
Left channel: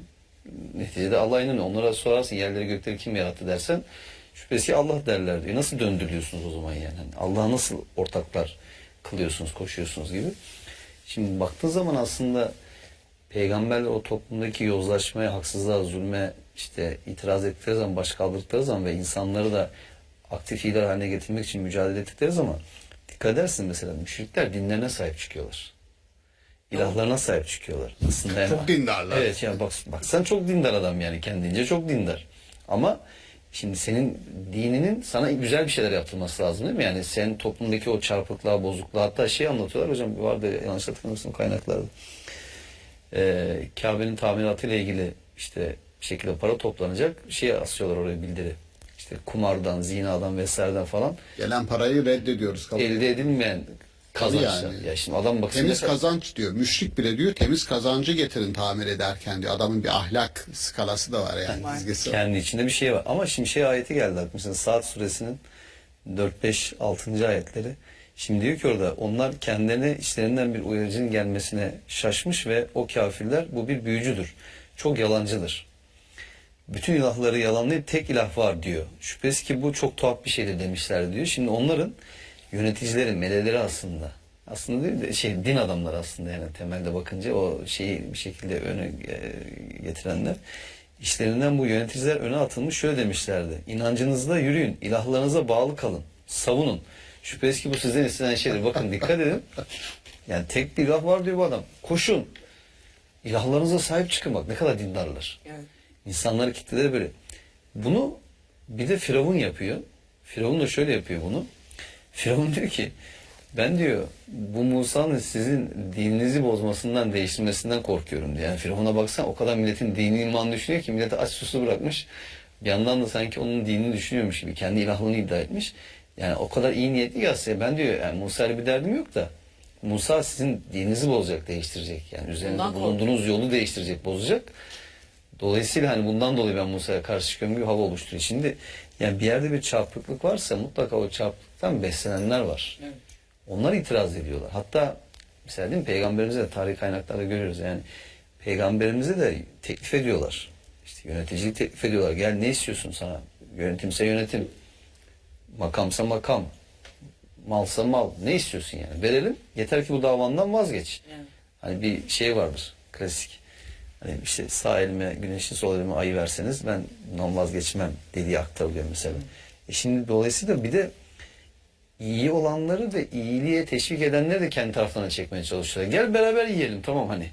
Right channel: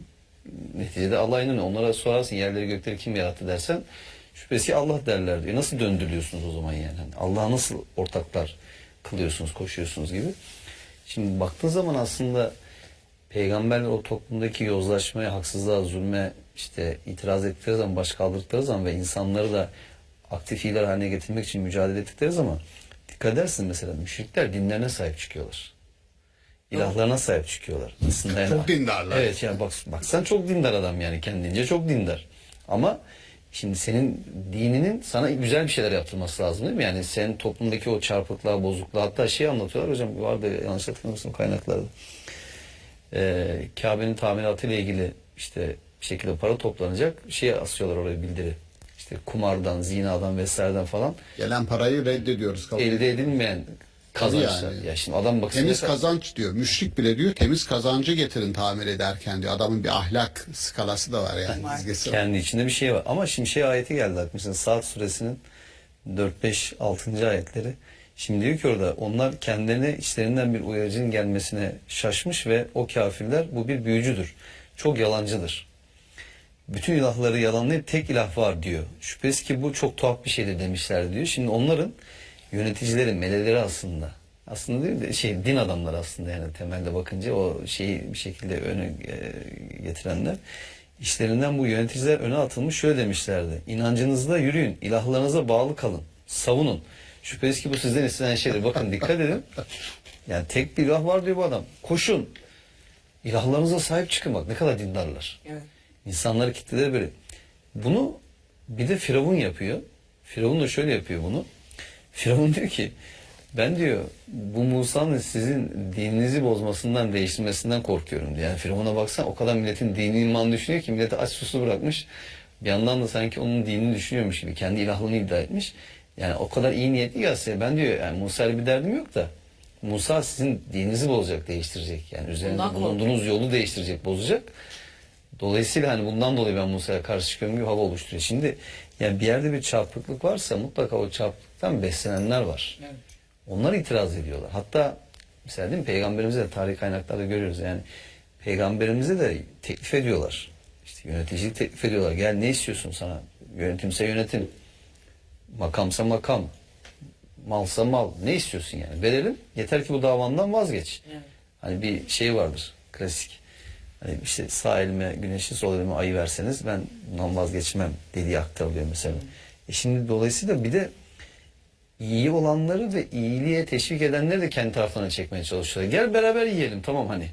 neticede Allah'a inanıyor. Onlara sorarsın yerleri gökleri kim yarattı dersen şüphesiz ki Allah derler diyor. Nasıl döndürüyorsunuz o zaman yani? Hani Allah'a nasıl ortaklar kılıyorsunuz, koşuyorsunuz gibi. Şimdi baktığın zaman aslında peygamberler o toplumdaki yozlaşmaya, haksızlığa, zulme işte itiraz ettikleri zaman, baş kaldırdıkları zaman ve insanları da aktif lider haline getirmek için mücadele ettikleri zaman dikkat edersin mesela müşrikler dinlerine sahip çıkıyorlar. İlahlarına sahip çıkıyorlar. Aslında yani, çok dindarlar. Evet yani bak sen çok dindar adam yani kendince çok dindar. Ama şimdi senin dininin sana güzel bir şeyler yaptırması lazım, değil mi? Yani senin toplumdaki o çarpıklığa, bozukluğa, hatta şey anlatıyorlar hocam, vardı yanlış hatırlamıyorsam kaynaklarda. Kabe'nin tamiratıyla ilgili işte bir şekilde para toplanacak. Şey asıyorlar oraya bildiri. İşte kumardan, zinadan vesaireden falan. Gelen parayı reddediyoruz. Elde edilmeyen kazançlar. Yani. Ya şimdi adam baksın. Temiz kazanç diyor. Müşrik bile diyor temiz kazancı getirin tamir ederken diyor. Adamın bir ahlak skalası da var yani. Kendi içinde bir şey var. Ama şimdi şey ayeti geldi aklımıza. Saat suresinin 4, 5, 6. ayetleri. Şimdi diyor ki orada onlar kendilerine içlerinden bir uyarıcının gelmesine şaşmış ve o kafirler bu bir büyücüdür. Çok yalancıdır. Bütün ilahları yalanlayıp tek ilah var diyor. Şüphesiz ki bu çok tuhaf bir şeydir demişler diyor. Şimdi onların yöneticileri, meleleri aslında aslında değil de din adamları aslında, yani temelde bakınca o şeyi bir şekilde öne getirenler, işlerinden bu yöneticiler öne atılmış, şöyle demişlerdi: İnancınızda yürüyün, ilahlarınıza bağlı kalın, savunun. Şüphesiz ki bu sizden istenen şeydir. Bakın dikkat edin. Yani tek bir ilah var diyor bu adam. Koşun. İlahlarınıza sahip çıkın, bak ne kadar dindarlar. Evet. İnsanları kitleleri böyle. Bunu bir de Firavun yapıyor. Firavun da şöyle yapıyor bunu. Firavun diyor ki, ben diyor bu Musa'nın sizin dininizi bozmasından, değiştirmesinden korkuyorum diyor. Yani Firavun'a baksan o kadar milletin dini imanı düşünüyor ki milleti aç susuz bırakmış. Bir yandan da sanki onun dinini düşünüyormuş gibi kendi ilahlığını iddia etmiş. Yani o kadar iyi niyetli ki aslında, ben diyor yani Musa'yla bir derdim yok da Musa sizin dininizi bozacak, değiştirecek. Yani üzerinde bulunduğunuz yolu değiştirecek, bozacak. Dolayısıyla hani bundan dolayı ben Musa'ya karşı çıkıyorum gibi hava oluşturuyor. Şimdi yani bir yerde bir çarpıklık varsa mutlaka o çarpıklıktan beslenenler var. Evet. Onlar itiraz ediyorlar. Hatta mesela değil mi, Peygamberimize de tarih kaynaklarda görüyoruz. Yani Peygamberimize de teklif ediyorlar. İşte yöneticilik teklif ediyorlar. Gel ne istiyorsun sana? Yönetimse yönetim. Makamsa makam. Malsa mal. Ne istiyorsun yani? Verelim. Yeter ki bu davandan vazgeç. Evet. Hani bir şey vardır. Klasik. Hani işte sağ elime güneşi, sol elime ayı verseniz ben bundan vazgeçmem dediği aktarılıyor mesela. Şimdi dolayısıyla bir de iyi olanları ve iyiliğe teşvik edenleri de kendi taraflarına çekmeye çalışıyorlar. Gel beraber yiyelim, tamam hani.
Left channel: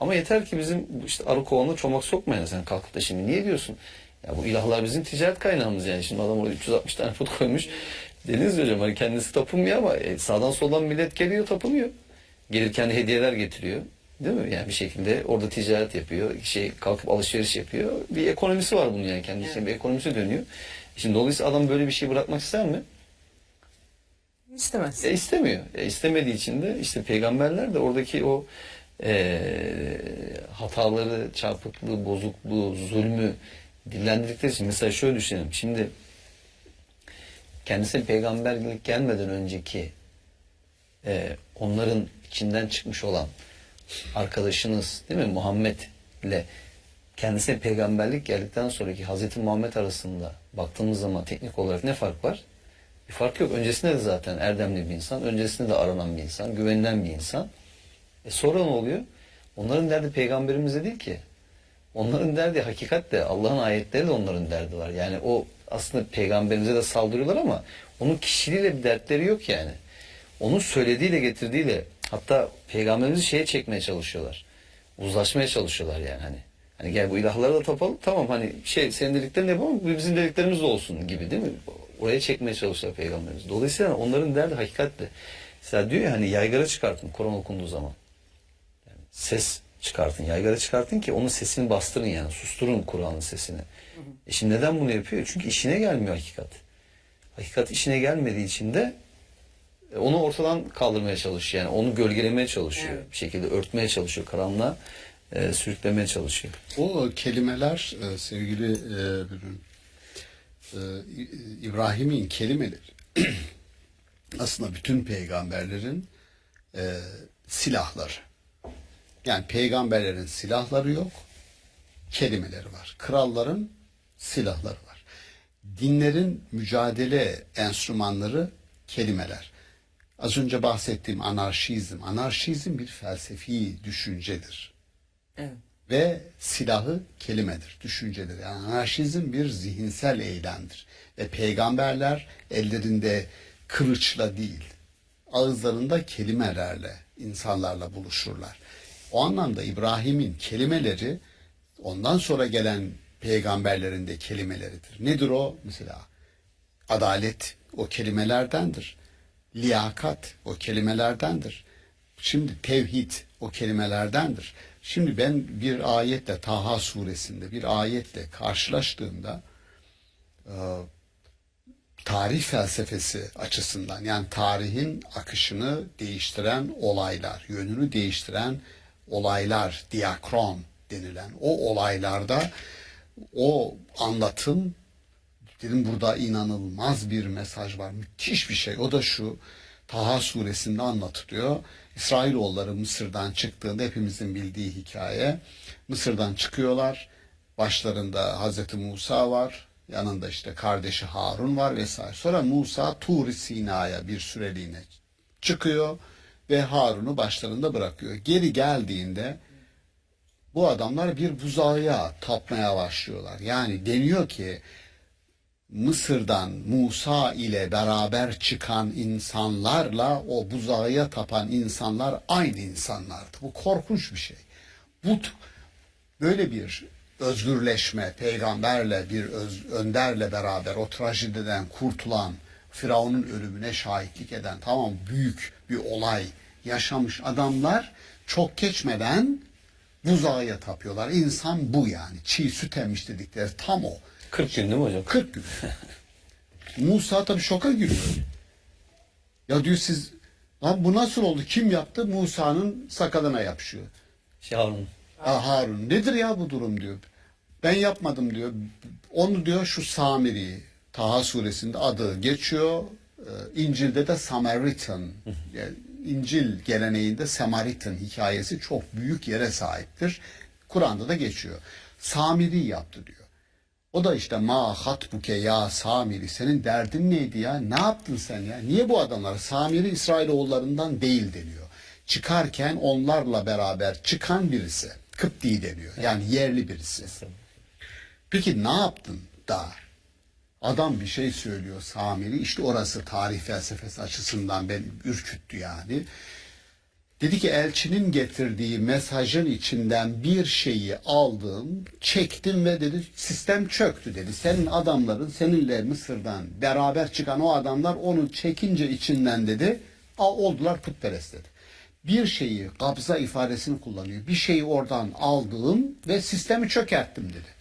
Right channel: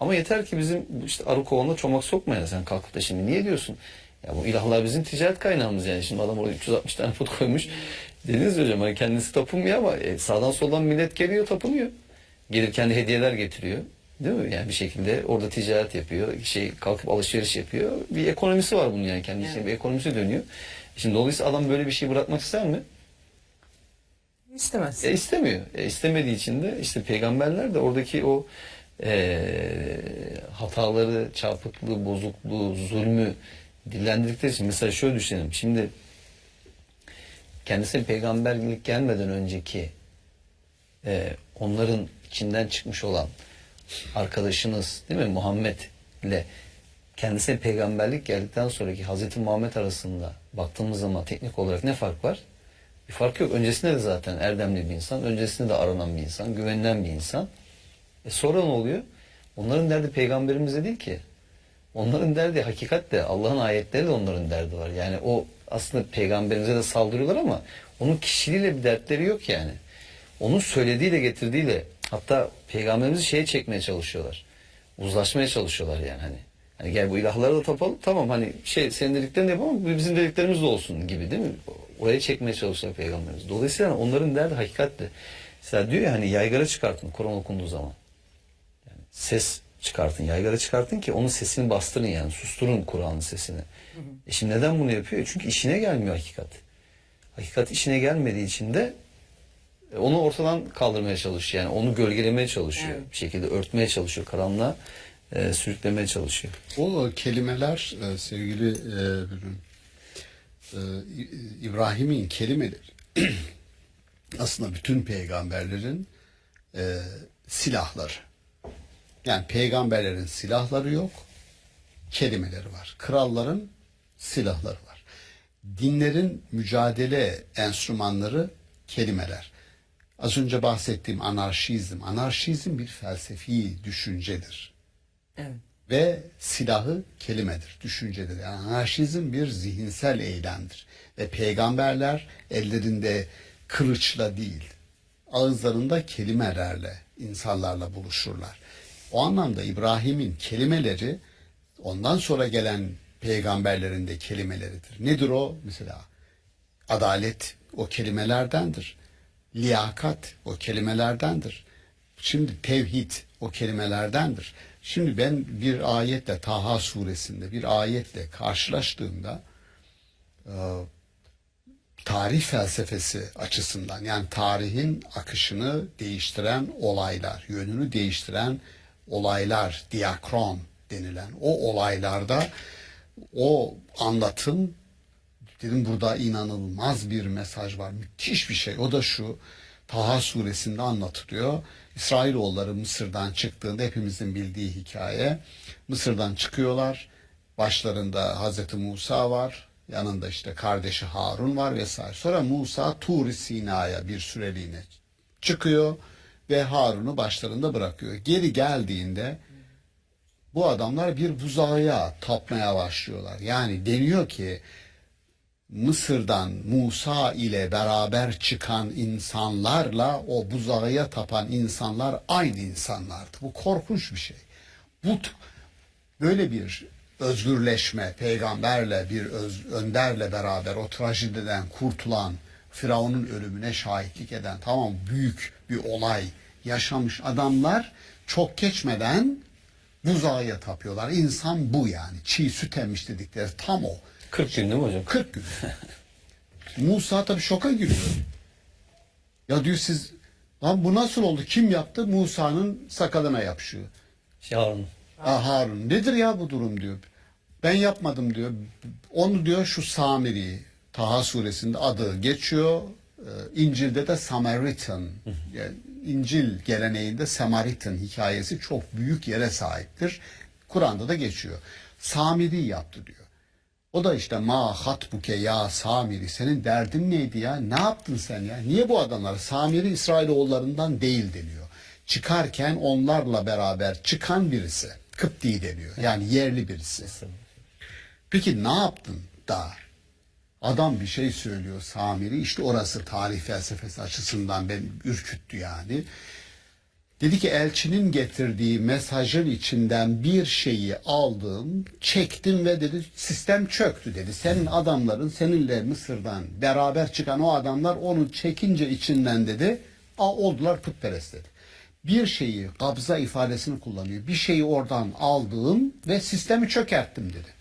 Ama yeter ki bizim işte arı kovanına çomak sokmayın. Sen kalkıp da şimdi niye diyorsun? Ya bu ilahlar bizim ticaret kaynağımız yani. Şimdi adam orada 360 tane put koymuş. Dediniz hocam hani kendisi tapınmıyor ama sağdan soldan millet geliyor, tapınıyor. Gelirken de hediyeler getiriyor. Değil mi? Yani bir şekilde orada ticaret yapıyor. Kalkıp alışveriş yapıyor. Bir ekonomisi var bunun yani. Kendi içinde bir ekonomisi dönüyor. Şimdi dolayısıyla adam böyle bir şey bırakmak ister mi? İstemez. İstemiyor. İstemediği için de işte peygamberler de oradaki o hataları, çarpıklığı, bozukluğu, zulmü dillendirdikleri için, mesela şöyle düşünelim. Şimdi kendisine peygamberlik gelmeden önceki onların içinden çıkmış olan arkadaşınız değil mi Muhammed ile kendisine peygamberlik geldikten sonraki Hazreti Muhammed arasında baktığımız zaman teknik olarak ne fark var? Bir fark yok. Öncesinde de zaten erdemli bir insan, öncesinde de aranan bir insan, güvenilen bir insan. Sonra ne oluyor? Onların derdi peygamberimize değil ki. Onların derdi hakikat de, Allah'ın ayetleri de onların derdi var. Yani o aslında peygamberimize de saldırıyorlar ama onun kişiliğiyle bir dertleri yok yani. Onun söylediğiyle, getirdiğiyle, hatta peygamberimizi şeye çekmeye çalışıyorlar. Uzlaşmaya çalışıyorlar yani hani. Hani gel bu ilahlara da tapalım. Tamam hani senin dediklerini yapalım, bizim dediklerimiz de olsun gibi değil mi? Oraya çekmeye çalışıyorlar peygamberimiz. Dolayısıyla onların derdi hakikatle. Mesela diyor ya hani yaygara çıkartın Kur'an okunduğu zaman. Yani ses çıkartın, yaygara çıkartın ki onun sesini bastırın yani. Susturun Kur'an'ın sesini. Şimdi neden bunu yapıyor? Çünkü işine gelmiyor hakikat. Hakikat işine gelmediği için de onu ortadan kaldırmaya çalışıyor. Yani onu gölgelemeye çalışıyor. Evet. Bir şekilde örtmeye çalışıyor. Karanlığa sürüklemeye çalışıyor. O kelimeler sevgili İbrahim'in kelimeleri aslında bütün peygamberlerin silahları. Yani peygamberlerin silahları yok, kelimeleri var. Kralların silahları var. Dinlerin mücadele enstrümanları kelimeler. Az önce bahsettiğim anarşizm bir felsefi düşüncedir. Evet. Ve silahı kelimedir, düşüncedir. Yani anarşizm bir zihinsel eylemdir. Ve peygamberler ellerinde kılıçla değil, ağızlarında kelimelerle, insanlarla buluşurlar. O anlamda İbrahim'in kelimeleri ondan sonra gelen peygamberlerin de kelimeleridir. Nedir o? Mesela adalet o kelimelerdendir. Liyakat o kelimelerdendir. Şimdi tevhid o kelimelerdendir. Şimdi ben bir ayetle Taha suresinde bir ayetle karşılaştığımda tarih felsefesi açısından yani tarihin akışını değiştiren olaylar, yönünü değiştiren olaylar, diakron denilen o olaylarda o anlatım dedim burada inanılmaz bir mesaj var. Müthiş bir şey. O da şu Taha suresinde anlatılıyor. İsrailoğulları Mısır'dan çıktığında hepimizin bildiği hikaye. Mısır'dan çıkıyorlar. Başlarında Hazreti Musa var. Yanında işte kardeşi Harun var vesaire. Sonra Musa Tur-i Sina'ya bir süreliğine çıkıyor ve Harun'u başlarında bırakıyor. Geri geldiğinde bu adamlar bir buzağa tapmaya başlıyorlar. Yani deniyor ki Mısır'dan Musa ile beraber çıkan insanlarla o buzağa tapan insanlar aynı insanlardı. Bu korkunç bir şey. Bu böyle bir özgürleşme, peygamberle bir önderle beraber o trajediden kurtulan, Firavun'un ölümüne şahitlik eden, tamam, büyük bir olay yaşamış adamlar çok geçmeden buzağa tapıyorlar. İnsan bu yani. Çiğ süt emmiş dedikleri tam o. 40 gün değil mi hocam? 40 gün. Musa tabii şoka giriyor. Ya diyor siz, lan bu nasıl oldu? Kim yaptı? Musa'nın sakalına yapışıyor. Harun. Harun. Nedir ya bu durum diyor. Ben yapmadım diyor. Onu diyor şu Samiri, Taha suresinde adı geçiyor. İncil'de de Samaritan. Yani İncil geleneğinde Samaritan hikayesi çok büyük yere sahiptir. Kur'an'da da geçiyor. Samiri yaptı diyor. O da işte ma hatbuke ya Samiri, senin derdin neydi ya? Ne yaptın sen ya? Niye bu adamlar? Samiri İsrailoğullarından değil deniyor. Çıkarken onlarla beraber çıkan birisi. Kıpti deniyor. Yani yerli birisi. Peki ne yaptın da? Adam bir şey söylüyor Samiri. İşte orası tarih felsefesi açısından beni ürküttü yani. Dedi ki elçinin getirdiği mesajın içinden bir şeyi aldım, çektim ve dedi sistem çöktü dedi. Senin adamların seninle Mısır'dan beraber çıkan o adamlar onu çekince içinden dedi oldular putperest dedi. Bir şeyi, kabza ifadesini kullanıyor. Bir şeyi oradan aldım ve sistemi çökerttim dedi.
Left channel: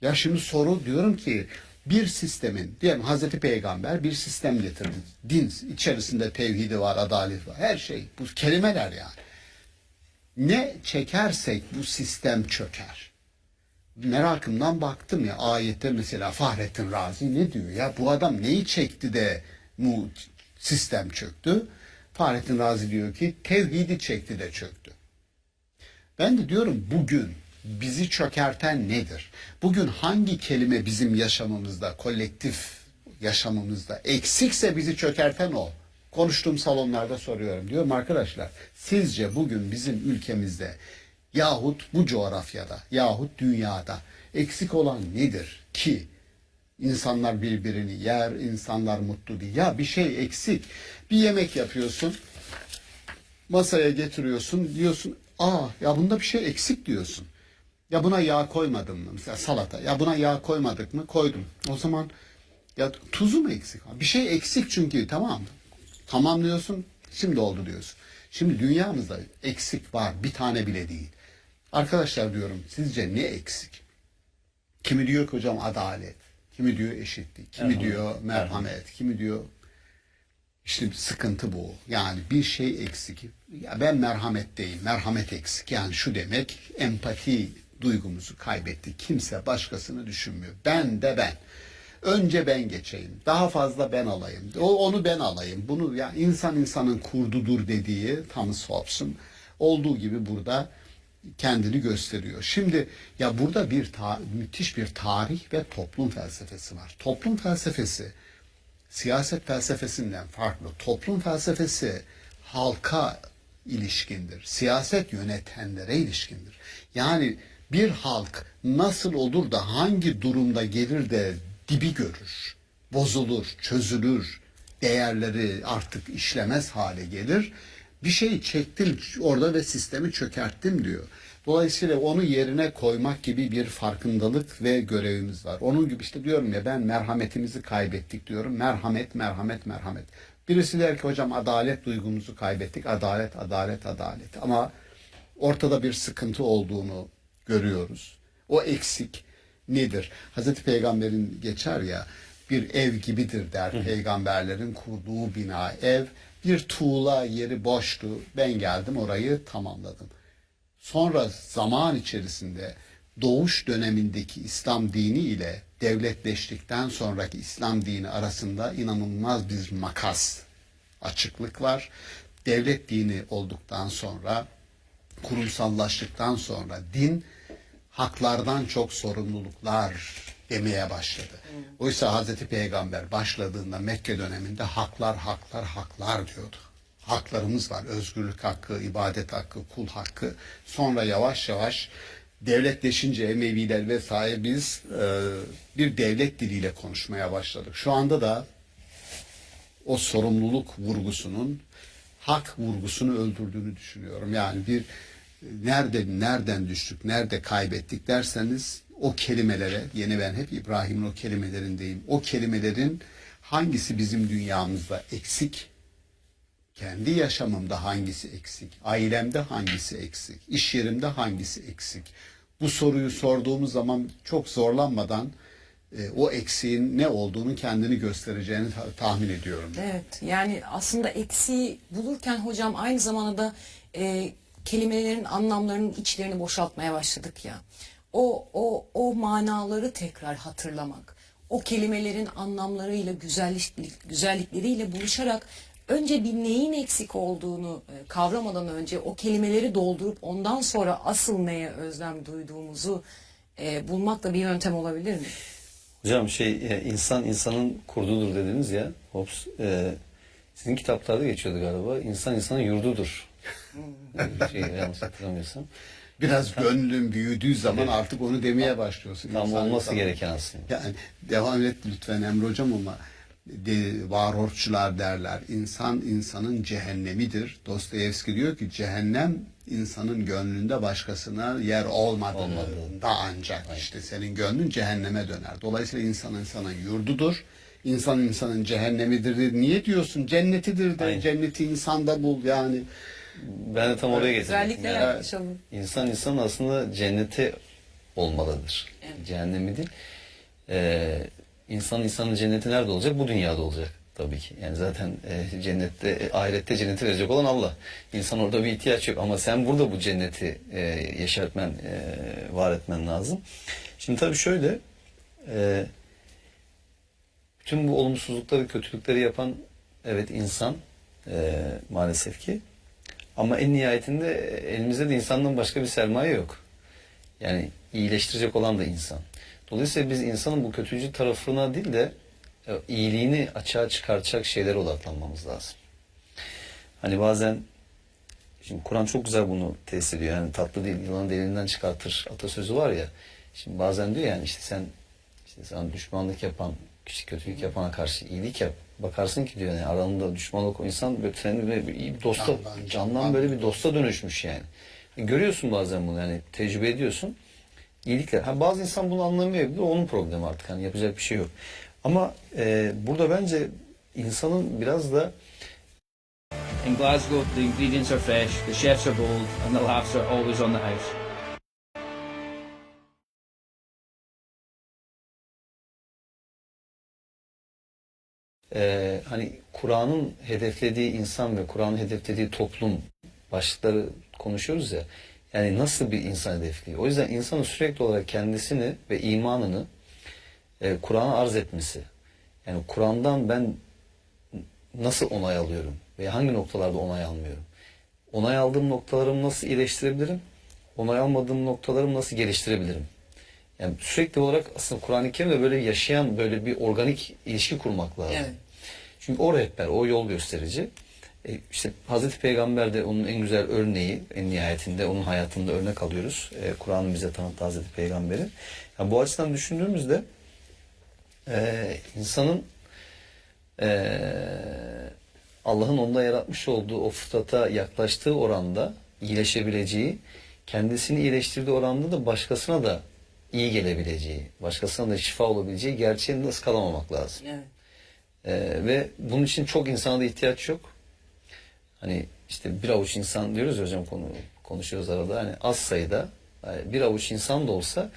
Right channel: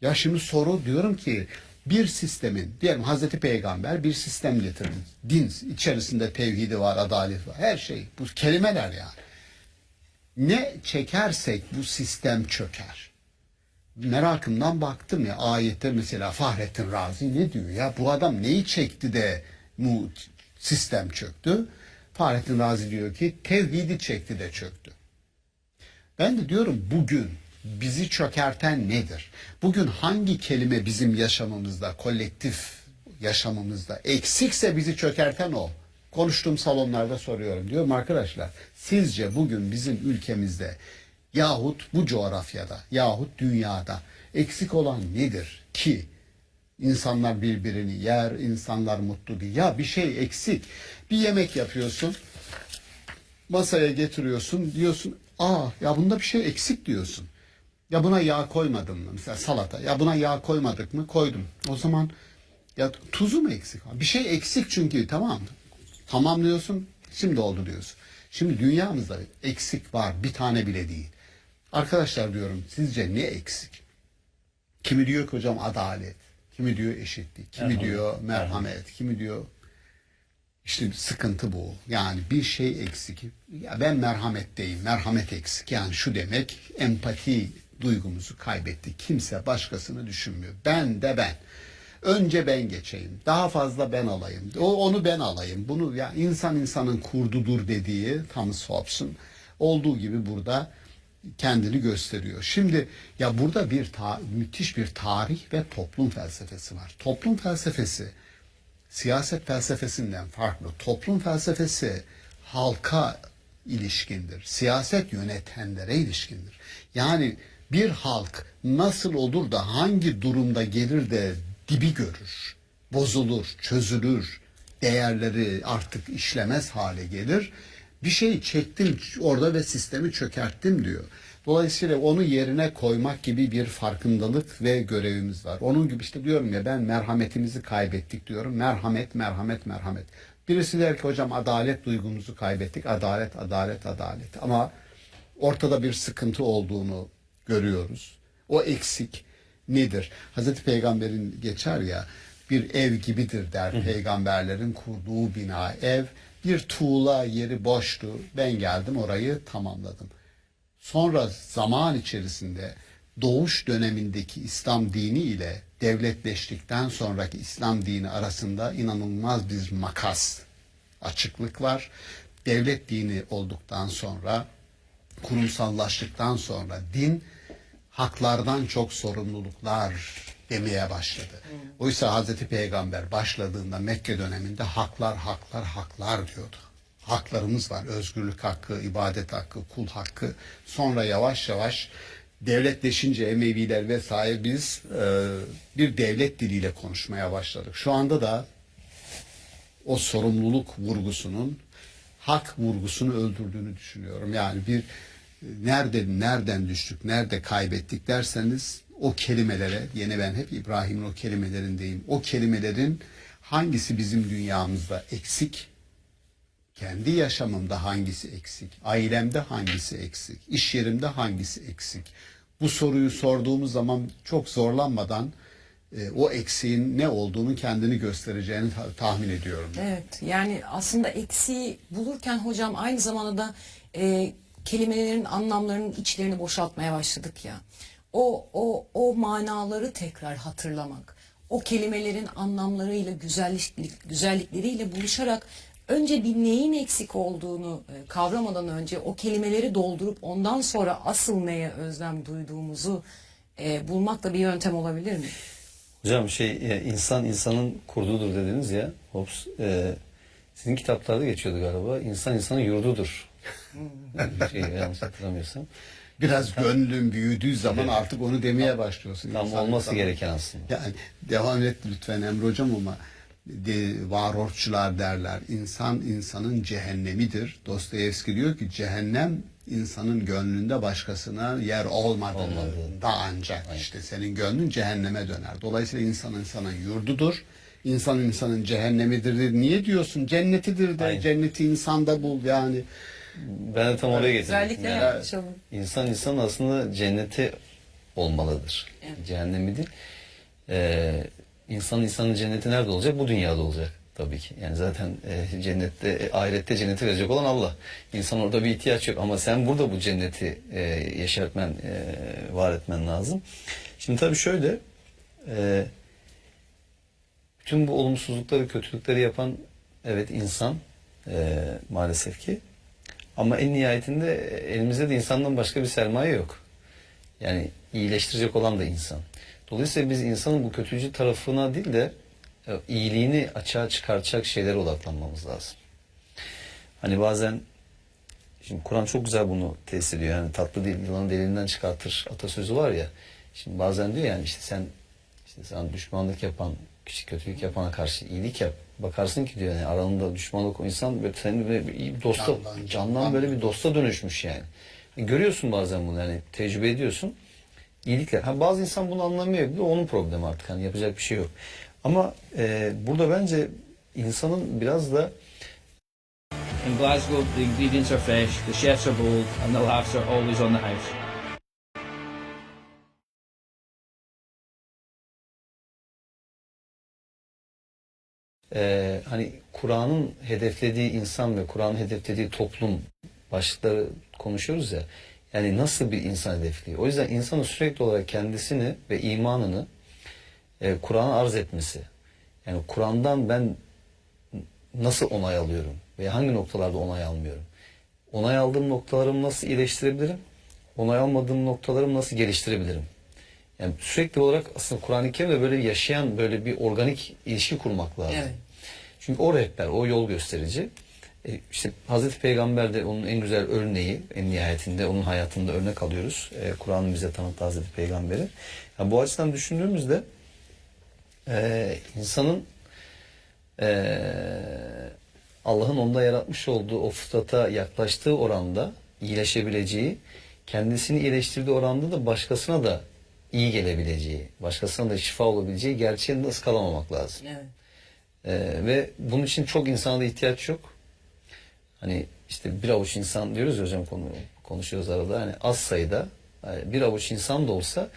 Ya şimdi soru diyorum ki bir sistemin, diyelim Hazreti Peygamber bir sistem getirdi. Din içerisinde tevhidi var, adalet var, her şey. Bu kelimeler yani. Ne çekersek bu sistem çöker. Merakımdan baktım ya ayette mesela Fahrettin Razi ne diyor ya? Bu adam neyi çekti de bu sistem çöktü? Fahrettin Razi diyor ki tevhidi çekti de çöktü. Ben de diyorum bugün bizi çökerten nedir? Bugün hangi kelime bizim yaşamımızda, kolektif yaşamımızda eksikse bizi çökerten o. Konuştuğum salonlarda soruyorum. Diyorum arkadaşlar, sizce bugün bizim ülkemizde yahut bu coğrafyada yahut dünyada eksik olan nedir ki insanlar birbirini yer, insanlar mutlu değil. Ya bir şey eksik. Bir yemek yapıyorsun, masaya getiriyorsun, diyorsun, ya bunda bir şey eksik diyorsun. Ya buna yağ koymadım mı? Mesela salata. Ya buna yağ koymadık mı? Koydum. O zaman ya tuzu mu eksik? Bir şey eksik çünkü, tamam mı? Tamam diyorsun, şimdi oldu diyorsun. Şimdi dünyamızda eksik var, bir tane bile değil. Arkadaşlar diyorum, sizce ne eksik? Kimi diyor ki hocam adalet, kimi diyor eşitlik, kimi diyor merhamet, kimi diyor işte sıkıntı bu. Yani bir şey eksik. Ya ben merhametteyim, merhamet eksik. Yani şu demek, empati duygumuzu kaybettik. Kimse başkasını düşünmüyor. Ben de ben. Önce ben geçeyim. Daha fazla ben alayım. Onu ben alayım. Bunu ya insan insanın kurdudur dediği Thomas Hobbes'un olduğu gibi burada kendini gösteriyor. Şimdi ya burada müthiş bir tarih ve toplum felsefesi var. Toplum felsefesi siyaset felsefesinden farklı. Toplum felsefesi halka ilişkindir. Siyaset yönetenlere ilişkindir. Yani bir halk nasıl olur da hangi durumda gelir de dibi görür, bozulur, çözülür, değerleri artık işlemez hale gelir. Bir şey çektim orada ve sistemi çökerttim diyor. Dolayısıyla onu yerine koymak gibi bir farkındalık ve görevimiz var. Onun gibi işte diyorum ya, ben merhametimizi kaybettik diyorum. Merhamet, merhamet, merhamet. Birisi der ki hocam adalet duygumuzu kaybettik. Adalet, adalet, adalet. Ama ortada bir sıkıntı olduğunu görüyoruz. O eksik nedir? Hazreti Peygamber'in geçer ya, bir ev gibidir der peygamberlerin kurduğu bina. Ev bir tuğla yeri boştu. Ben geldim orayı tamamladım. Sonra zaman içerisinde doğuş dönemindeki İslam dini ile devletleştikten sonraki İslam dini arasında inanılmaz bir makas, açıklık var. Devlet dini olduktan sonra, kurumsallaştıktan sonra din haklardan çok sorumluluklar demeye başladı. Oysa Hazreti Peygamber başladığında Mekke döneminde haklar, haklar, haklar diyordu. haklarımız var. Özgürlük hakkı, ibadet hakkı, kul hakkı. Sonra yavaş yavaş devletleşince Emeviler vesaire biz bir devlet diliyle konuşmaya başladık. Şu anda da o sorumluluk vurgusunun hak vurgusunu öldürdüğünü düşünüyorum. Yani bir nereden düştük, nerede kaybettik derseniz o kelimelere, yine ben hep İbrahim'in o kelimelerindeyim. O kelimelerin hangisi bizim dünyamızda eksik, kendi yaşamımda hangisi eksik, ailemde hangisi eksik, iş yerimde hangisi eksik. Bu soruyu sorduğumuz zaman çok zorlanmadan o eksiğin ne olduğunu kendini göstereceğini tahmin ediyorum. Evet, yani aslında eksiği bulurken hocam aynı zamanda da kelimelerin anlamlarının içlerini boşaltmaya başladık ya. O manaları tekrar hatırlamak, o kelimelerin anlamlarıyla, güzellikleriyle buluşarak önce bir neyin eksik olduğunu kavramadan önce o kelimeleri doldurup ondan sonra asıl neye özlem duyduğumuzu bulmak da bir yöntem olabilir mi? Hocam insan insanın kurdudur dediniz ya. Hobbes, sizin kitaplarda geçiyordu galiba. İnsan insanın yurdudur. Yanlış hatırlamıyorsam. Biraz gönlün büyüdüğü zaman artık onu demeye başlıyorsun. Tam olması gereken aslında. Yani devam et lütfen Emre Hocam ama varoşçular derler. İnsan insanın cehennemidir. Dostoyevski diyor ki cehennem insanın gönlünde başkasına yer olmadığında ancak işte senin gönlün cehenneme döner. Dolayısıyla insan insanın yurdudur. İnsan insanın cehennemidir. Niye diyorsun? Cennetidir de. Aynen. Cenneti insanda bul yani. Ben de tam oraya getirdim. Özellikle yaklaşalım. İnsan aslında cenneti olmalıdır. Evet. Cehennemi değil. İnsanın cenneti nerede olacak? Bu dünyada olacak tabii ki. Yani zaten cennette, ahirette cenneti verecek olan Allah. İnsan orada bir ihtiyaç yok ama sen burada bu cenneti yaşatman, var etmen lazım. Şimdi tabii şöyle, bütün bu olumsuzlukları, kötülükleri yapan evet insan maalesef ki. Ama en nihayetinde elimizde de insandan başka bir sermaye yok. Yani iyileştirecek olan da insan. Dolayısıyla biz insanın bu kötücül tarafına değil de iyiliğini açığa çıkartacak şeylere odaklanmamız lazım. Hani bazen, şimdi Kur'an çok güzel bunu tesis ediyor. Yani tatlı değil, yılanı deliğinden çıkartır atasözü var ya. Şimdi bazen diyor yani işte sana düşmanlık yapan, küçük kötülük yapana karşı iyilik yap. Bakarsın ki diyor yani aralarında düşmanlık o insan böyle senin böyle bir dosta, candan böyle bir dosta dönüşmüş yani. Görüyorsun bazen bunu yani tecrübe ediyorsun. İyilikler. Bazı insan bunu anlamayabilir. Onun problemi artık. Hani yapacak bir şey yok. Ama burada bence insanın biraz da In Glasgow, the ingredients are fresh, the chefs are bold, and the laughs are always on the house. Hani Kur'an'ın hedeflediği insan ve Kur'an'ın hedeflediği toplum başlıkları konuşuyoruz ya. Yani nasıl bir insan hedefliyor? O yüzden insanın sürekli olarak kendisini ve imanını Kur'an'a arz etmesi. Yani Kur'an'dan ben nasıl onay alıyorum? Veya hangi noktalarda onay almıyorum? Onay aldığım noktalarımı nasıl iyileştirebilirim? Onay almadığım noktalarımı nasıl geliştirebilirim? Yani sürekli olarak aslında Kur'an-ı Kerim'de böyle yaşayan böyle bir organik ilişki kurmak lazım. Evet. Çünkü o rehber, o yol gösterici. İşte Hazreti Peygamber de onun en güzel örneği, en nihayetinde onun hayatında örnek alıyoruz. Kur'an'ın bize tanıttığı Hazreti Peygamber'i. Yani bu açıdan düşündüğümüzde insanın Allah'ın onda yaratmış olduğu o fıtrata yaklaştığı oranda iyileşebileceği, kendisini iyileştirdiği oranda da başkasına da iyi gelebileceği, başkasına da şifa olabileceği gerçeğini de ıskalamamak lazım. Evet. Ve bunun için çok insana da ihtiyaç yok. Hani işte bir avuç insan diyoruz ya hocam konuşuyoruz arada. Hani az sayıda bir avuç insan da olsa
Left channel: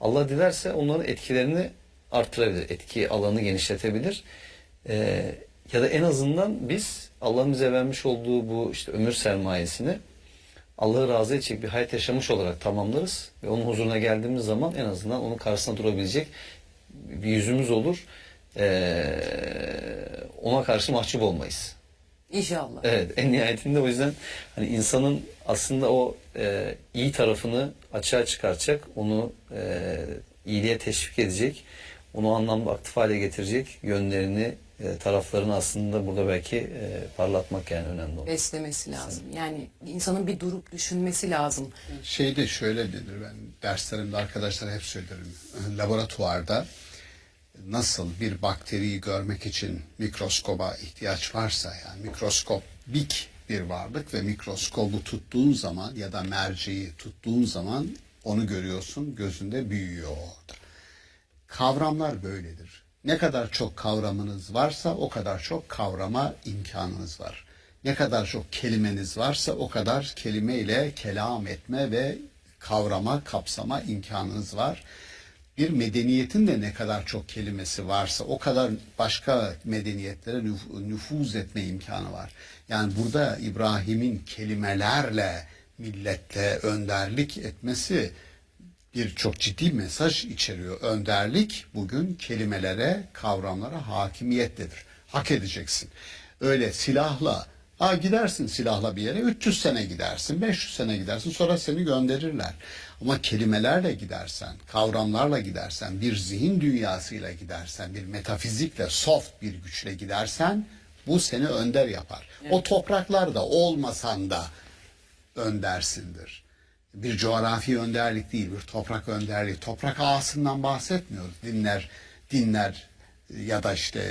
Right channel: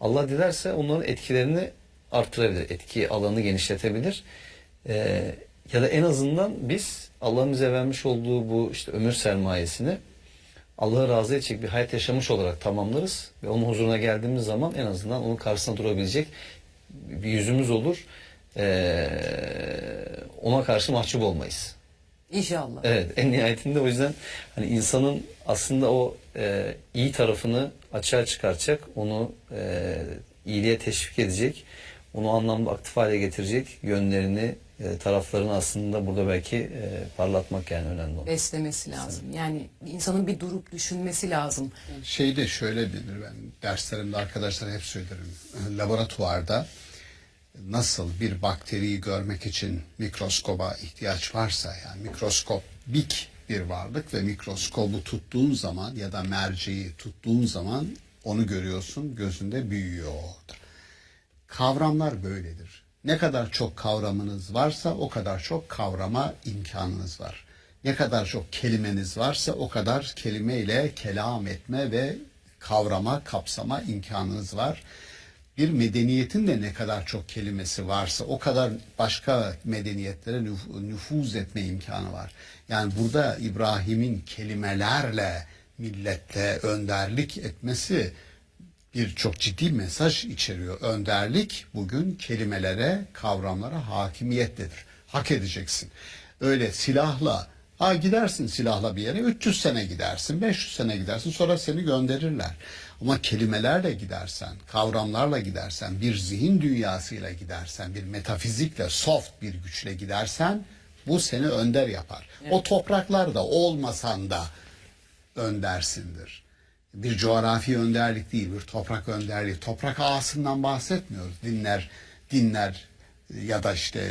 Allah dilerse onların etkilerini artırabilir. Etki alanını genişletebilir. Ya da en azından biz Allah'ın bize vermiş olduğu bu işte ömür sermayesini Allah'ı razı edecek bir hayat yaşamış olarak tamamlarız. Ve onun huzuruna geldiğimiz zaman en azından onun karşısına durabilecek bir yüzümüz olur. Ona karşı mahcup olmayız. İnşallah. Evet, en nihayetinde o yüzden hani insanın aslında o iyi tarafını açığa çıkartacak, onu iyiliğe teşvik edecek, onu anlamda aktif hale getirecek yönlerini taraflarını aslında burada belki parlatmak yani önemli olan. Beslemesi lazım. Yani insanın bir durup düşünmesi lazım. Şeyde şöyle denir, ben derslerimde arkadaşlara hep söylerim. Laboratuvarda nasıl bir bakteriyi görmek için mikroskoba ihtiyaç varsa, yani mikroskobik bir varlık ve mikroskobu tuttuğun zaman ya da merceği tuttuğun zaman onu görüyorsun, gözünde büyüyor orada. Kavramlar böyledir. Ne kadar çok kavramınız varsa o kadar çok kavrama imkanınız var. Ne kadar çok kelimeniz varsa o kadar kelimeyle kelam etme ve kavrama, kapsama imkanınız var. Bir medeniyetin de ne kadar çok kelimesi varsa o kadar başka medeniyetlere nüfuz etme imkanı var. Yani burada İbrahim'in kelimelerle millette önderlik etmesi bir çok ciddi mesaj içeriyor. Önderlik bugün kelimelere, kavramlara hakimiyettedir. Hak edeceksin. Öyle silahla, gidersin silahla bir yere 300 sene gidersin, 500 sene gidersin, sonra seni gönderirler. Ama kelimelerle gidersen, kavramlarla gidersen, bir zihin dünyasıyla gidersen, bir metafizikle, soft bir güçle gidersen bu seni önder yapar. Evet. O topraklarda olmasan da öndersindir. Bir coğrafi önderlik değil, bir toprak önderliği. Toprak ağasından bahsetmiyoruz. Dinler ya da işte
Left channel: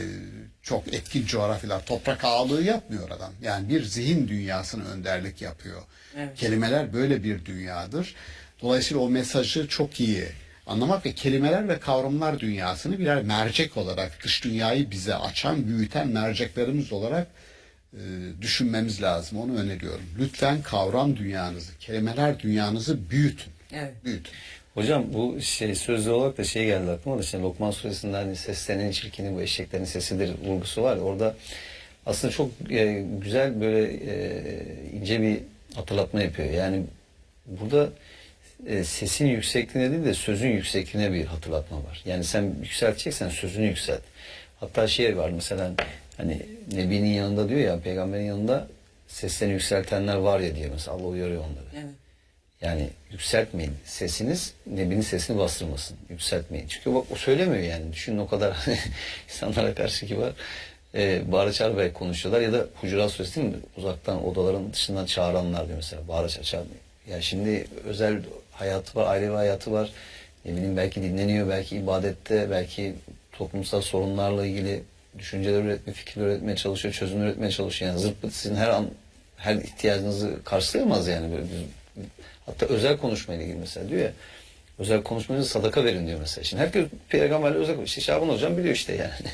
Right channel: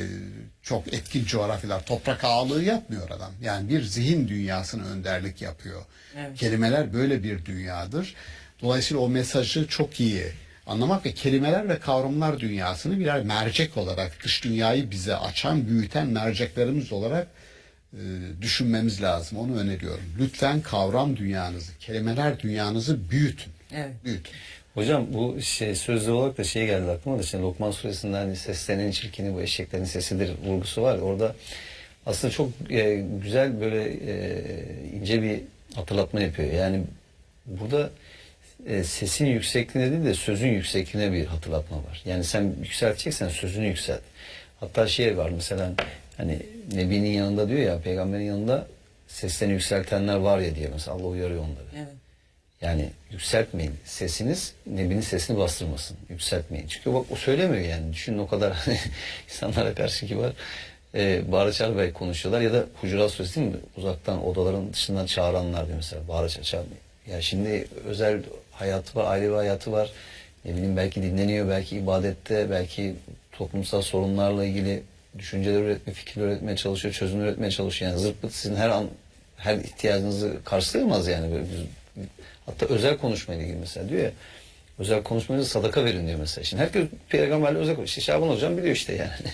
çok etkin coğrafyalar toprak ağalığı yapmıyor adam. Yani bir zihin dünyasına önderlik yapıyor. Evet. Kelimeler böyle bir dünyadır. Dolayısıyla o mesajı çok iyi anlamak ve kelimeler ve kavramlar dünyasını birer mercek olarak, dış dünyayı bize açan, büyüten merceklerimiz olarak düşünmemiz lazım. Onu öneriyorum. Lütfen kavram dünyanızı, kelimeler dünyanızı büyütün. Evet. Büyütün. Hocam bu sözlü olarak da geldi aklıma da, şimdi Lokman Suresi'nden hani seslerinin çirkini bu eşeklerin sesidir vurgusu var. Orada aslında çok güzel böyle ince bir hatırlatma yapıyor. Yani burada sesin yüksekliğine değil de sözün yüksekliğine bir hatırlatma var. Yani sen yükselteceksen sözünü yükselt. Hatta var mesela, hani Nebi'nin yanında diyor ya, peygamberin yanında seslerini yükseltenler var ya diye mesela Allah uyarıyor onları. Evet. Yani yükseltmeyin. Sesiniz Nebi'nin sesini bastırmasın. Yükseltmeyin. Çünkü o söylemiyor yani. Düşünün o kadar insanlara karşı kibar. Bağıra çağır konuşuyorlar ya da Hucurat Suresi değil mi? Uzaktan odaların dışından çağıranlar diyor mesela. Bağıra çağır. Yani şimdi özel hayatı var, ailevi hayatı var. Ne bileyim, belki dinleniyor, belki ibadette, belki toplumsal sorunlarla ilgili düşünceler üretmeye, fikirler üretmeye çalışıyor, çözümler üretmeye çalışıyor. Yani zırt pırt sizin her ihtiyacınızı karşılayamaz yani. Böyle hatta özel konuşmayla ilgili mesela diyor ya, özel konuşmanızı sadaka verin diyor mesela. Şimdi herkes peygamberle özel konuşuyor. Şaban hocam biliyor işte yani.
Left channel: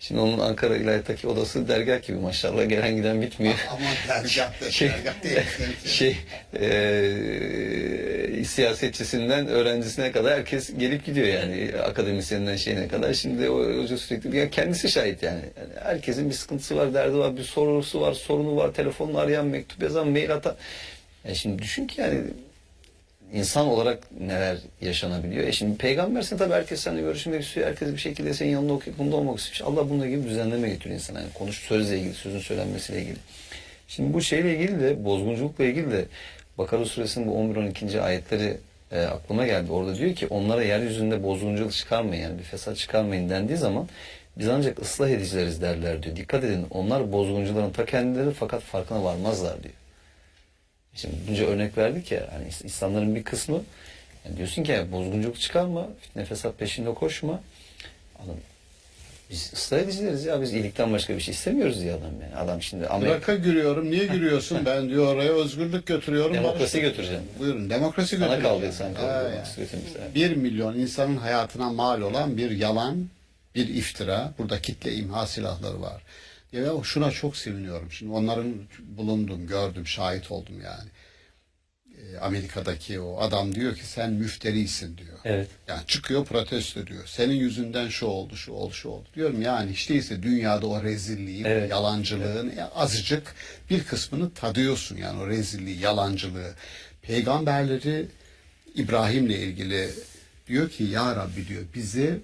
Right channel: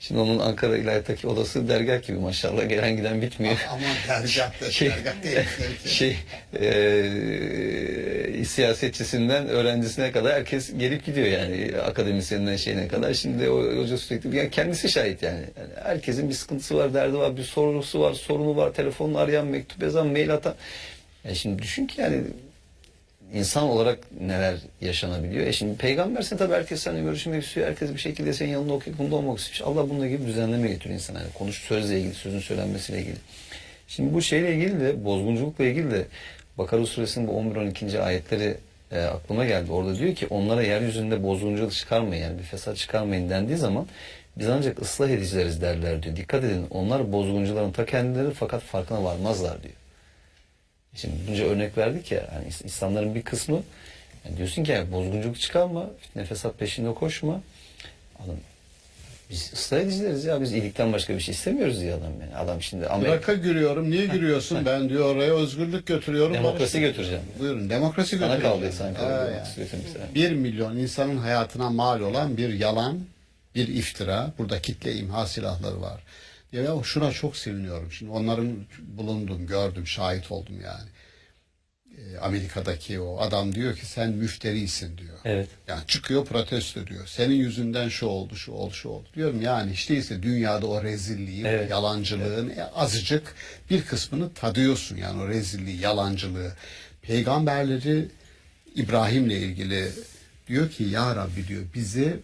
Şimdi onun Ankara İlahiyat'taki odası dergah gibi maşallah, gelen giden bitmiyor. Ama dergah değil. Siyasetçisinden öğrencisine kadar herkes gelip gidiyor yani, akademisyeninden şeyine kadar. Şimdi o hoca sürekli, yani kendisi şahit yani. Herkesin bir sıkıntısı var, derdi var, bir sorusu var, sorunu var, telefonla arayan, mektup yazan, mail atan. Yani şimdi düşün ki yani insan olarak neler yaşanabiliyor. Şimdi peygamberse tabii herkes seninle görüşmek istiyor. Herkes bir şekilde senin yanında okuyup olmak istiyor. Allah bununla ilgili düzenleme getiriyor insana. Yani sözle ilgili, sözün söylenmesiyle ilgili. Şimdi bu şeyle ilgili de, bozgunculukla ilgili de Bakara Suresinin bu 11-12. ayetleri aklıma geldi. Orada diyor ki onlara yeryüzünde bozgunculuk çıkarmayın, yani bir fesat çıkarmayın dendiği zaman biz ancak ıslah edicileriz derler diyor. Dikkat edin, onlar bozguncuların ta kendileri fakat farkına varmazlar diyor. Şimdi bunca örnek verdik ya, hani İslamların bir kısmı yani diyorsun ki ya, bozgunculuk çıkarma, fitne fesat peşinde koşma. Adam, biz ıslah edicileriz ya, biz iyilikten başka bir şey istemiyoruz diye adam yani. Adam şimdi Irak'a giriyorum, niye giriyorsun? Ben diyor oraya özgürlük götürüyorum. Demokrasi götüreceğim. Buyurun, demokrasi götüreceğim. Bana kaldı sanki. Yani. 1 milyon insanın hayatına mal olan bir yalan, bir iftira. Burada kitle imha silahları var. Ya şuna çok seviniyorum. Şimdi onların bulundum, gördüm, şahit oldum yani. Amerika'daki o adam diyor ki sen müfterisin diyor. Evet. Yani çıkıyor protesto diyor. Senin yüzünden şu oldu, şu oldu, şu oldu. Diyorum yani hiç değilse dünyada o rezilliği, o yalancılığın azıcık bir kısmını tadıyorsun yani, o rezilliği, yalancılığı. Peygamberleri İbrahim'le ilgili diyor ki ya Rabbi diyor, bizi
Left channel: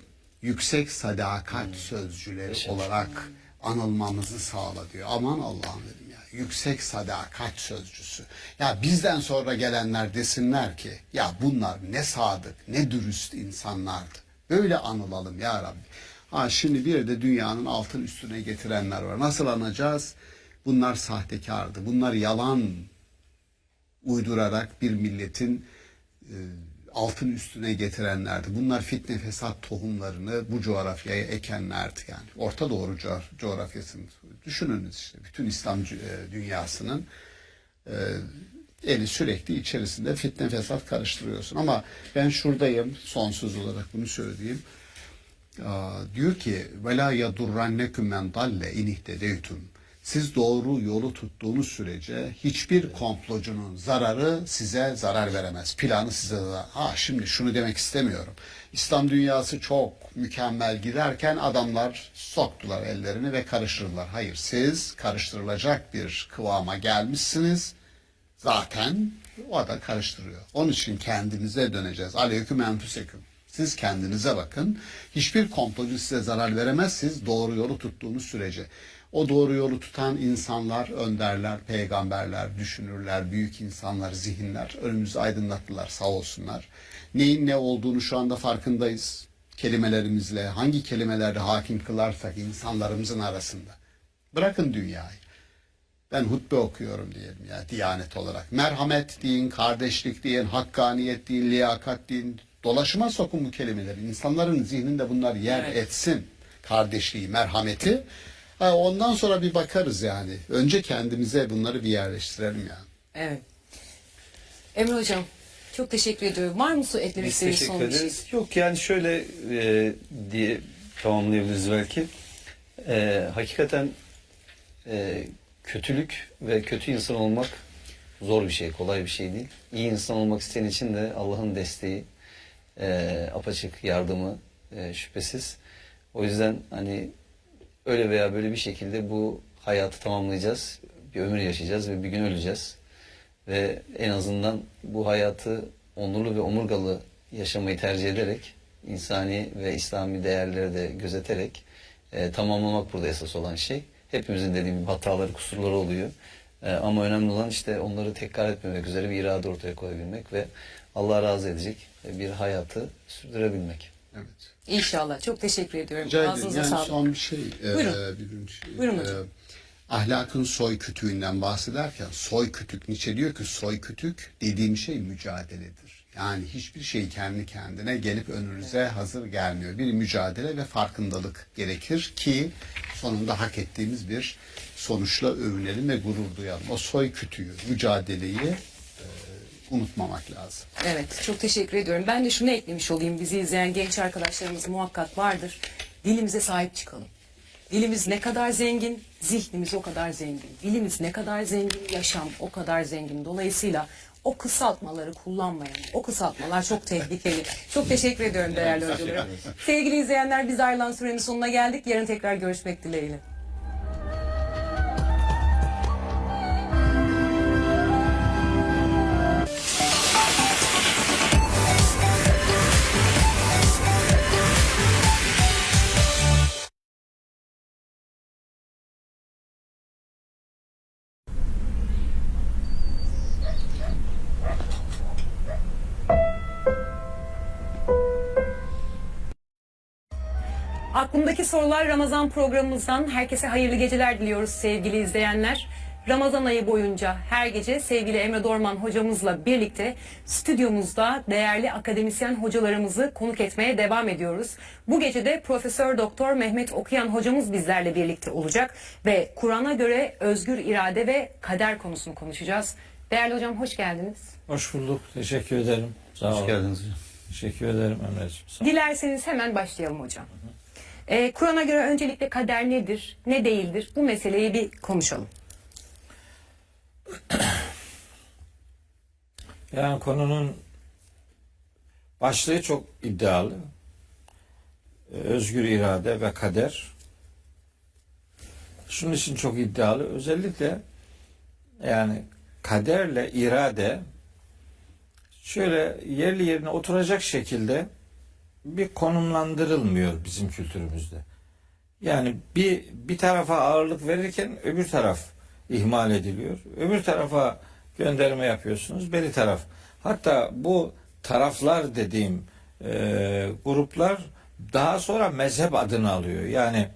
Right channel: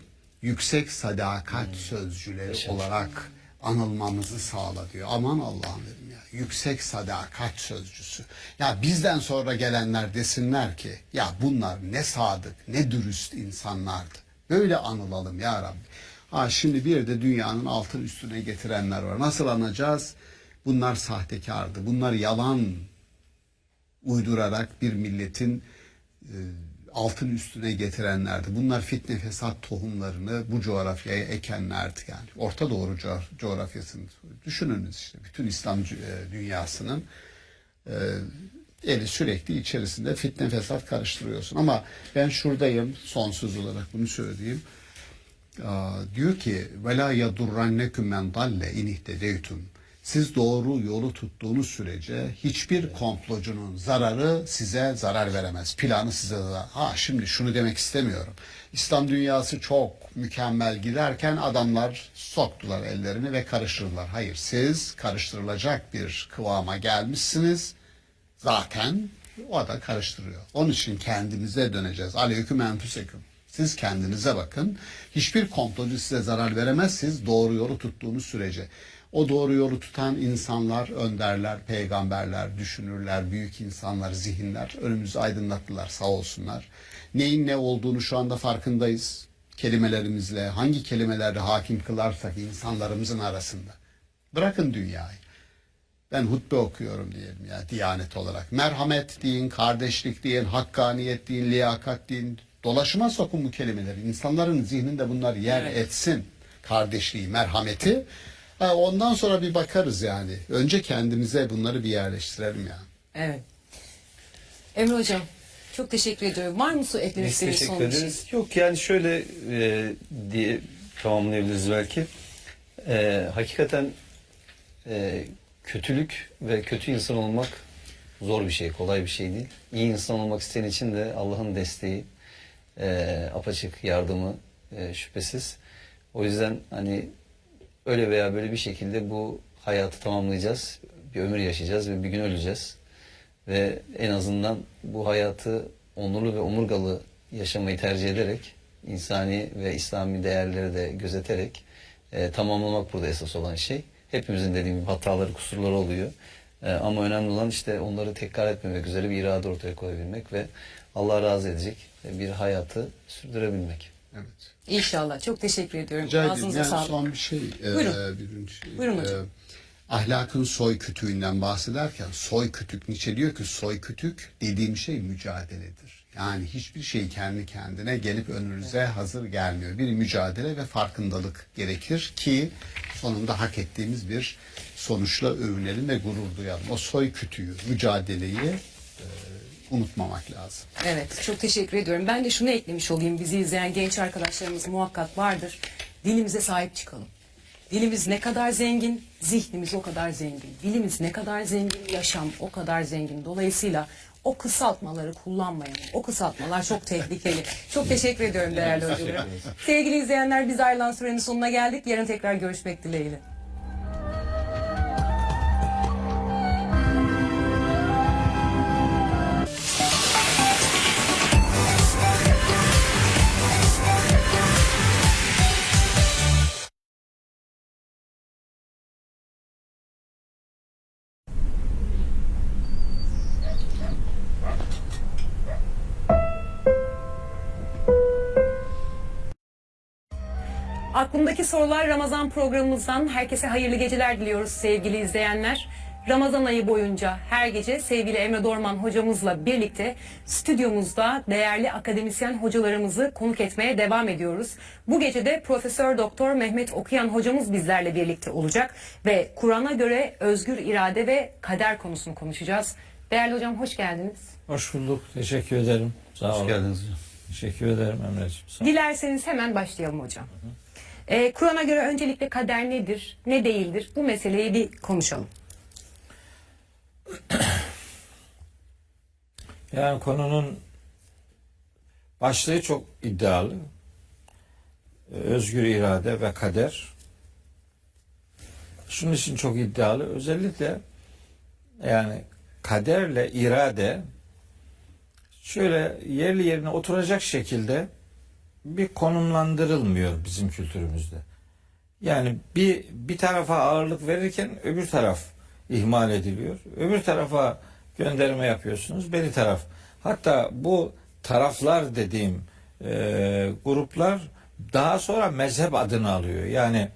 yüksek sadakat sözcüleri olarak anılmamızı sağla diyor. Aman Allah'ım dedim ya. Yüksek sadakat sözcüsü. Ya bizden sonra gelenler desinler ki ya bunlar ne sadık, ne dürüst insanlardı. Böyle anılalım ya Rabbi. Şimdi bir de dünyanın altın üstüne getirenler var. Nasıl anacağız? Bunlar sahtekardı. Bunlar yalan uydurarak bir milletin altın üstüne getirenlerdi. Bunlar fitne fesat tohumlarını bu coğrafyaya ekenlerdi yani. Orta Doğu coğrafyasını düşününüz işte. Bütün İslam dünyasının eli sürekli içerisinde fitne fesat karıştırıyorsun. Ama ben şuradayım, sonsuz olarak bunu söyleyeyim. Diyor ki وَلَا يَدُرَّنَّكُمْ مَنْ ضَلَّ اِنْ اِهْتَدَيْتُمْ. Siz doğru yolu tuttuğunuz sürece hiçbir komplocunun zararı size zarar veremez. Planı size zarar. Şimdi şunu demek istemiyorum. İslam dünyası çok mükemmel giderken adamlar soktular ellerini ve karıştırdılar. Hayır, siz karıştırılacak bir kıvama gelmişsiniz. Zaten o da karıştırıyor. Onun için kendinize döneceğiz. Aleyküm enfüseküm. Siz kendinize bakın. Hiçbir komplocu size zarar veremez. Siz doğru yolu tuttuğunuz sürece. O doğru yolu tutan insanlar, önderler, peygamberler, düşünürler, büyük insanlar, zihinler önümüzü aydınlattılar, sağ olsunlar. Neyin ne olduğunu şu anda farkındayız. Kelimelerimizle, hangi kelimelerle hakim kılarsak insanlarımızın arasında. Bırakın dünyayı. Ben hutbe okuyorum diyelim ya, diyanet olarak. Merhamet deyin, kardeşlik deyin, hakkaniyet deyin, liyakat deyin. Dolaşıma sokun bu kelimeleri. İnsanların zihninde bunlar yer etsin. Kardeşliği, merhameti. Ondan sonra bir bakarız yani. Önce kendimize bunları bir yerleştirelim yani. Evet. Emre Hocam çok teşekkür ediyorum. Var mı eklemek Biz istediğiniz teşekkür son bir şey? ederiz. Yok yani şöyle diye tamamlayabiliriz belki. Hakikaten kötülük ve kötü insan olmak zor bir şey, kolay bir şey değil. İyi insan olmak isteyen için de Allah'ın desteği, apaçık yardımı şüphesiz. O yüzden hani öyle veya böyle bir şekilde bu hayatı tamamlayacağız. Bir ömür yaşayacağız ve bir gün öleceğiz. Ve en azından bu hayatı onurlu ve omurgalı yaşamayı tercih ederek, insani ve İslami değerleri de gözeterek tamamlamak burada esas olan şey. Hepimizin dediğim gibi hataları, kusurları oluyor. Ama önemli olan işte onları tekrar etmemek üzere bir irade ortaya koyabilmek ve Allah razı edecek bir hayatı sürdürebilmek. Evet. İnşallah. Çok teşekkür ediyorum. Rica ederim. Ağzınıza Yani sağlık. son bir şey. Buyurun. Buyurun hocam. Ahlakın soy kütüğünden bahsederken soy kütük, Nietzsche diyor ki soy kütük dediğim şey mücadeledir. Yani hiçbir şey kendi kendine gelip önünüze hazır gelmiyor. Bir mücadele ve farkındalık gerekir ki sonunda hak ettiğimiz bir sonuçla övünelim ve gurur duyalım. O soy kütüğü, mücadeleyi unutmamak lazım. Evet, çok teşekkür ediyorum. Ben de şunu eklemiş olayım. Bizi izleyen genç arkadaşlarımız muhakkak vardır. Dilimize sahip çıkalım. Dilimiz ne kadar zengin, zihnimiz o kadar zengin. Dilimiz ne kadar zengin, yaşam o kadar zengin. Dolayısıyla o kısaltmaları kullanmayalım. O kısaltmalar çok tehlikeli. Çok teşekkür ediyorum değerli hocalarım. Sevgili izleyenler, biz ayrılan sürenin sonuna geldik. Yarın tekrar görüşmek dileğiyle. Aklımdaki sorular Ramazan programımızdan herkese hayırlı geceler diliyoruz sevgili izleyenler. Ramazan ayı boyunca her gece sevgili Emre Dorman hocamızla birlikte stüdyomuzda değerli akademisyen hocalarımızı konuk etmeye devam ediyoruz. Bu gece de Profesör Doktor Mehmet Okuyan hocamız bizlerle birlikte olacak ve Kur'an'a göre özgür irade ve kader konusunu konuşacağız. Değerli hocam hoş geldiniz. Hoş bulduk. Teşekkür ederim. Sağ olun. Hoş geldiniz hocam. Teşekkür ederim Emre'ciğim. Sağ olun. Dilerseniz hemen başlayalım hocam. Kur'an'a göre öncelikle kader nedir, ne değildir? Bu meseleyi bir konuşalım. Yani konunun başlığı çok iddialı. Özgür irade ve kader. Şunun için çok iddialı. Özellikle yani kaderle irade şöyle yerli yerine oturacak şekilde bir konumlandırılmıyor bizim kültürümüzde. Yani bir tarafa ağırlık verirken öbür taraf ihmal ediliyor. Öbür tarafa gönderme yapıyorsunuz. Beri taraf. Hatta bu taraflar dediğim gruplar daha sonra mezhep adını alıyor. Yani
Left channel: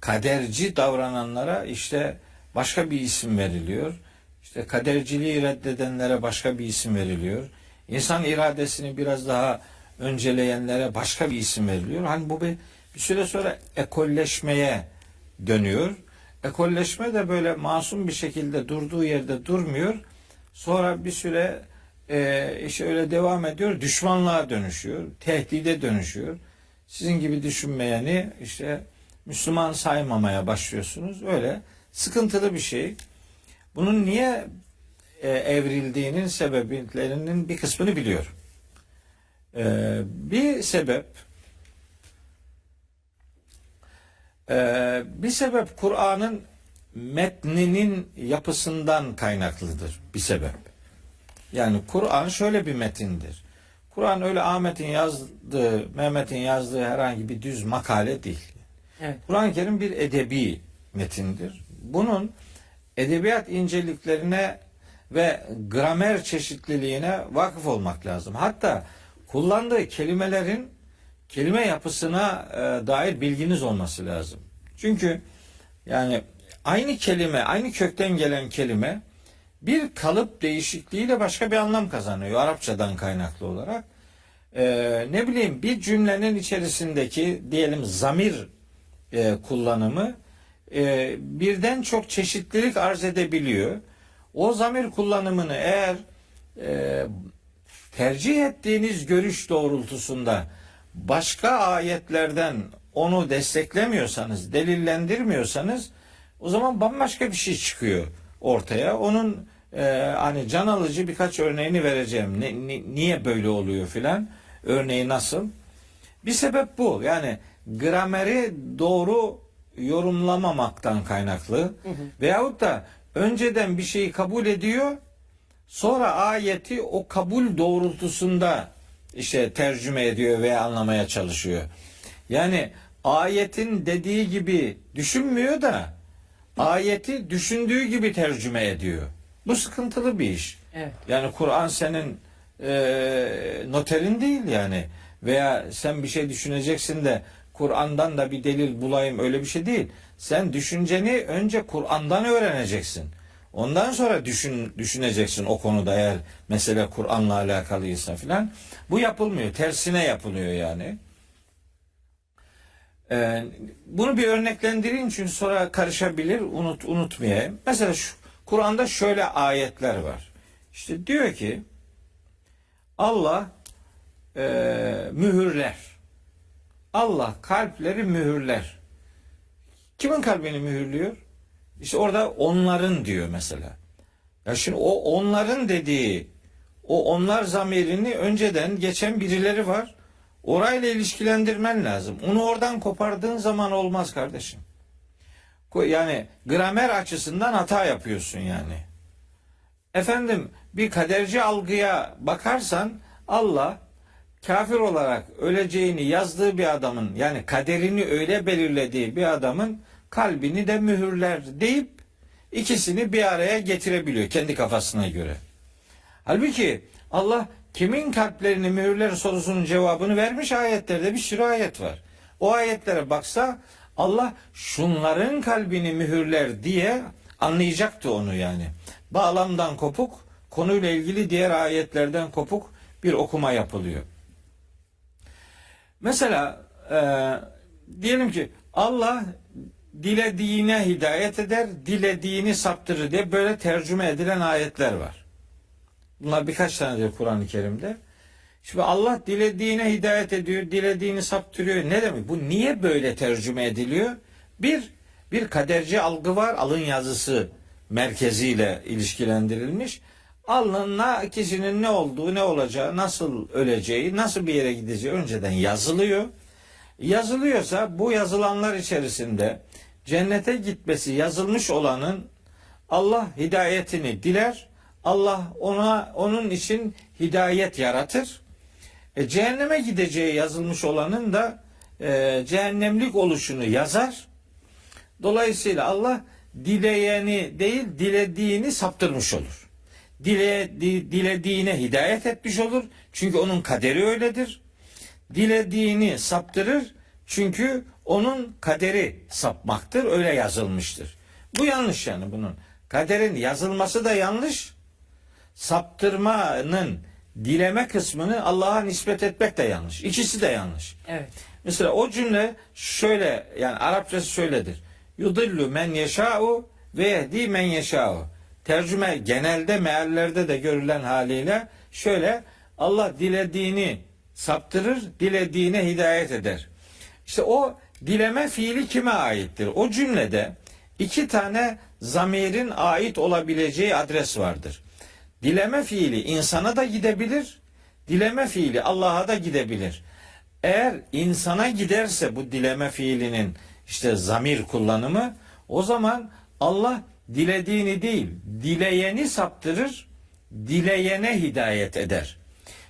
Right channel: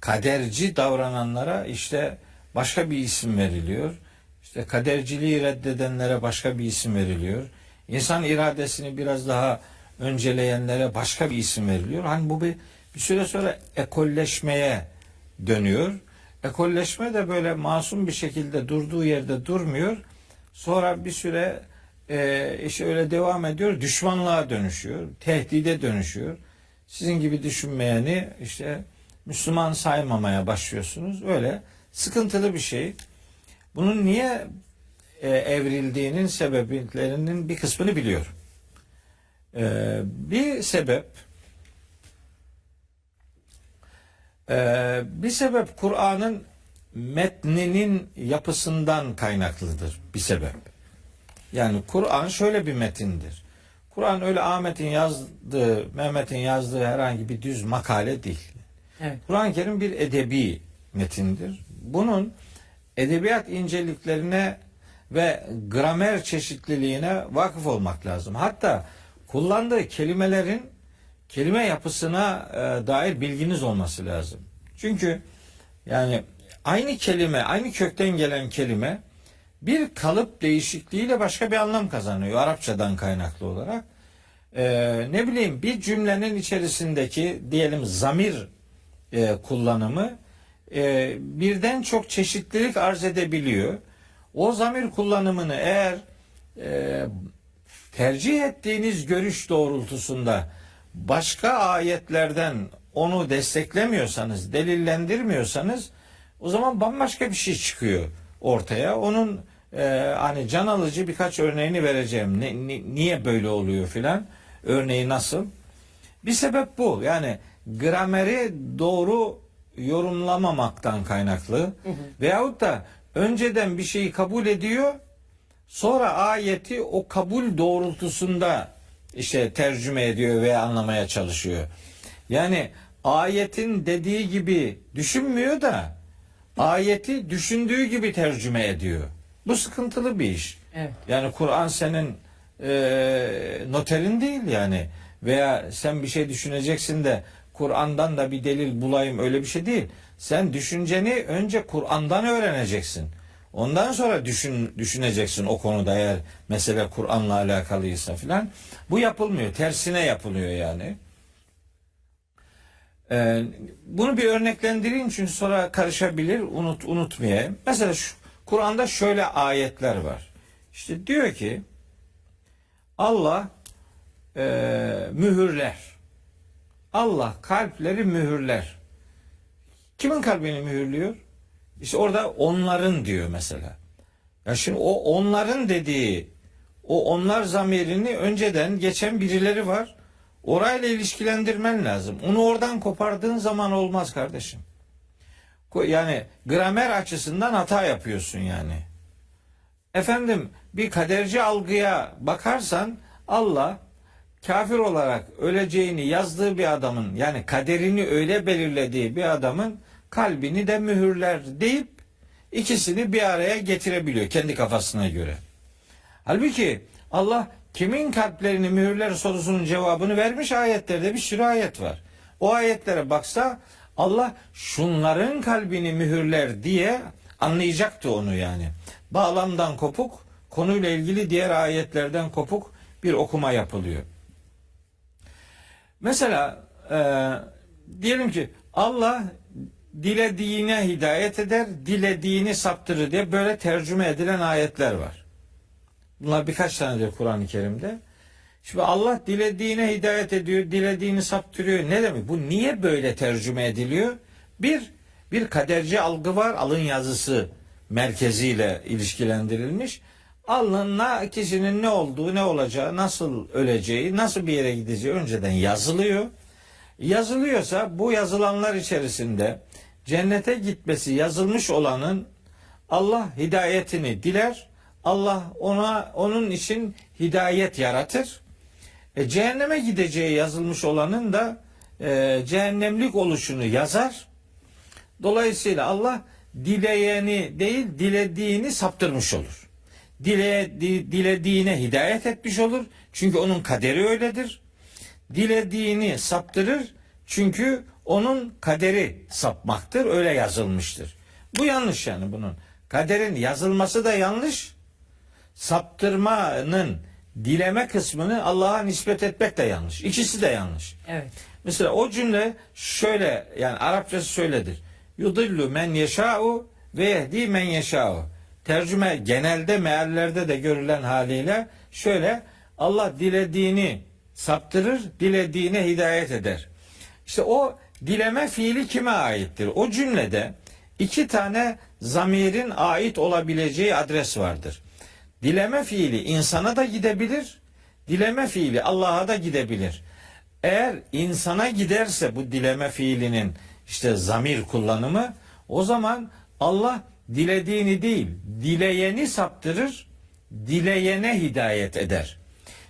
kaderci davrananlara işte başka bir isim veriliyor. İşte kaderciliği reddedenlere başka bir isim veriliyor. İnsan iradesini biraz daha önceleyenlere başka bir isim veriliyor. Hani bu bir süre sonra ekolleşmeye dönüyor. Ekolleşme de böyle masum bir şekilde durduğu yerde durmuyor. Sonra bir süre işte öyle devam ediyor. Düşmanlığa dönüşüyor. Tehdide dönüşüyor. Sizin gibi düşünmeyeni işte Müslüman saymamaya başlıyorsunuz. Öyle sıkıntılı bir şey. Bunun niye evrildiğinin sebeplerinin bir kısmını biliyorum. Bir sebep Kur'an'ın metninin yapısından kaynaklıdır bir sebep. Yani Kur'an şöyle bir metindir. Kur'an öyle Ahmet'in yazdığı, Mehmet'in yazdığı herhangi bir düz makale değil. Evet. Kur'an-ı Kerim bir edebi metindir. Bunun edebiyat inceliklerine ve gramer çeşitliliğine vakıf olmak lazım. Hatta kullandığı kelimelerin kelime yapısına dair bilginiz olması lazım. Çünkü yani aynı kelime, aynı kökten gelen kelime bir kalıp değişikliğiyle başka bir anlam kazanıyor Arapçadan kaynaklı olarak. Ne bileyim bir cümlenin içerisindeki diyelim zamir kullanımı birden çok çeşitlilik arz edebiliyor. O zamir kullanımını eğer tercih ettiğiniz görüş doğrultusunda başka ayetlerden onu desteklemiyorsanız, delillendirmiyorsanız o zaman bambaşka bir şey çıkıyor ortaya. Onun hani can alıcı birkaç örneğini vereceğim. Niye böyle oluyor filan? Örneği nasıl? Bir sebep bu. Yani grameri doğru yorumlamamaktan kaynaklı veyahut da önceden bir şeyi kabul ediyor, sonra ayeti o kabul doğrultusunda işte tercüme ediyor veya anlamaya çalışıyor. Yani ayetin dediği gibi düşünmüyor da ayeti düşündüğü gibi tercüme ediyor. Bu sıkıntılı bir iş. Evet. Yani Kur'an senin noterin değil yani. Veya sen bir şey düşüneceksin de Kur'an'dan da bir delil bulayım, öyle bir şey değil. Sen düşünceni önce Kur'an'dan öğreneceksin. Ondan sonra düşüneceksin o konuda, eğer mesele Kur'an'la alakalıysa filan. Bu yapılmıyor. Tersine yapılıyor yani. Bunu bir örneklendireyim çünkü sonra karışabilir, unutmayayım. Mesela Kur'an'da şöyle ayetler var. İşte diyor ki Allah mühürler. Allah kalpleri mühürler. Kimin kalbini mühürlüyor? İşte orada onların diyor mesela. Ya şimdi o onların dediği, o onlar zamirini önceden geçen birileri var. Orayla ilişkilendirmen lazım. Onu oradan kopardığın zaman olmaz kardeşim. Yani gramer açısından hata yapıyorsun yani. Efendim bir kaderci algıya bakarsan Allah kafir olarak öleceğini yazdığı bir adamın, yani kaderini öyle belirlediği bir adamın kalbini de mühürler deyip ikisini bir araya getirebiliyor kendi kafasına göre. Halbuki Allah kimin kalplerini mühürler sorusunun cevabını vermiş, ayetlerde bir sürü ayet var. O ayetlere baksa Allah şunların kalbini mühürler diye anlayacaktı onu yani. Bağlamdan kopuk, konuyla ilgili diğer ayetlerden kopuk bir okuma yapılıyor. Mesela diyelim ki Allah dilediğine hidayet eder, dilediğini saptırır diye böyle tercüme edilen ayetler var. Bunlar birkaç tanedir Kur'an-ı Kerim'de. Şimdi Allah dilediğine hidayet ediyor, dilediğini saptırıyor. Ne demek? Bu niye böyle tercüme ediliyor? Bir kaderci algı var, alın yazısı merkeziyle ilişkilendirilmiş. Alnına kişinin ne olduğu, ne olacağı, nasıl öleceği, nasıl bir yere gideceği önceden yazılıyor. Yazılıyorsa bu yazılanlar içerisinde cennete gitmesi yazılmış olanın Allah hidayetini diler. Allah onun için hidayet yaratır. Cehenneme gideceği yazılmış olanın da cehennemlik oluşunu yazar. Dolayısıyla Allah dileyeni değil, dilediğini saptırmış olur. Dilediğine hidayet etmiş olur. Çünkü onun kaderi öyledir. dilediğini saptırır. Çünkü onun kaderi sapmaktır. Öyle yazılmıştır. Bu yanlış yani bunun. Kaderin yazılması da yanlış. Saptırmanın dileme kısmını Allah'a nispet etmek de yanlış. İkisi de yanlış. Evet. Mesela o cümle şöyle, yani Arapçası şöyledir. Yudillu men yeşâ'u ve yehdi men yeşâ'u. Tercüme genelde meallerde de görülen haliyle şöyle: Allah dilediğini saptırır, dilediğine hidayet eder. İşte o dileme fiili kime aittir? O cümlede iki tane zamirin ait olabileceği adres vardır. Dileme fiili insana da gidebilir, dileme fiili Allah'a da gidebilir. Eğer insana giderse bu dileme fiilinin işte zamir kullanımı, o zaman Allah dilediğini değil, dileyeni saptırır, dileyene hidayet eder.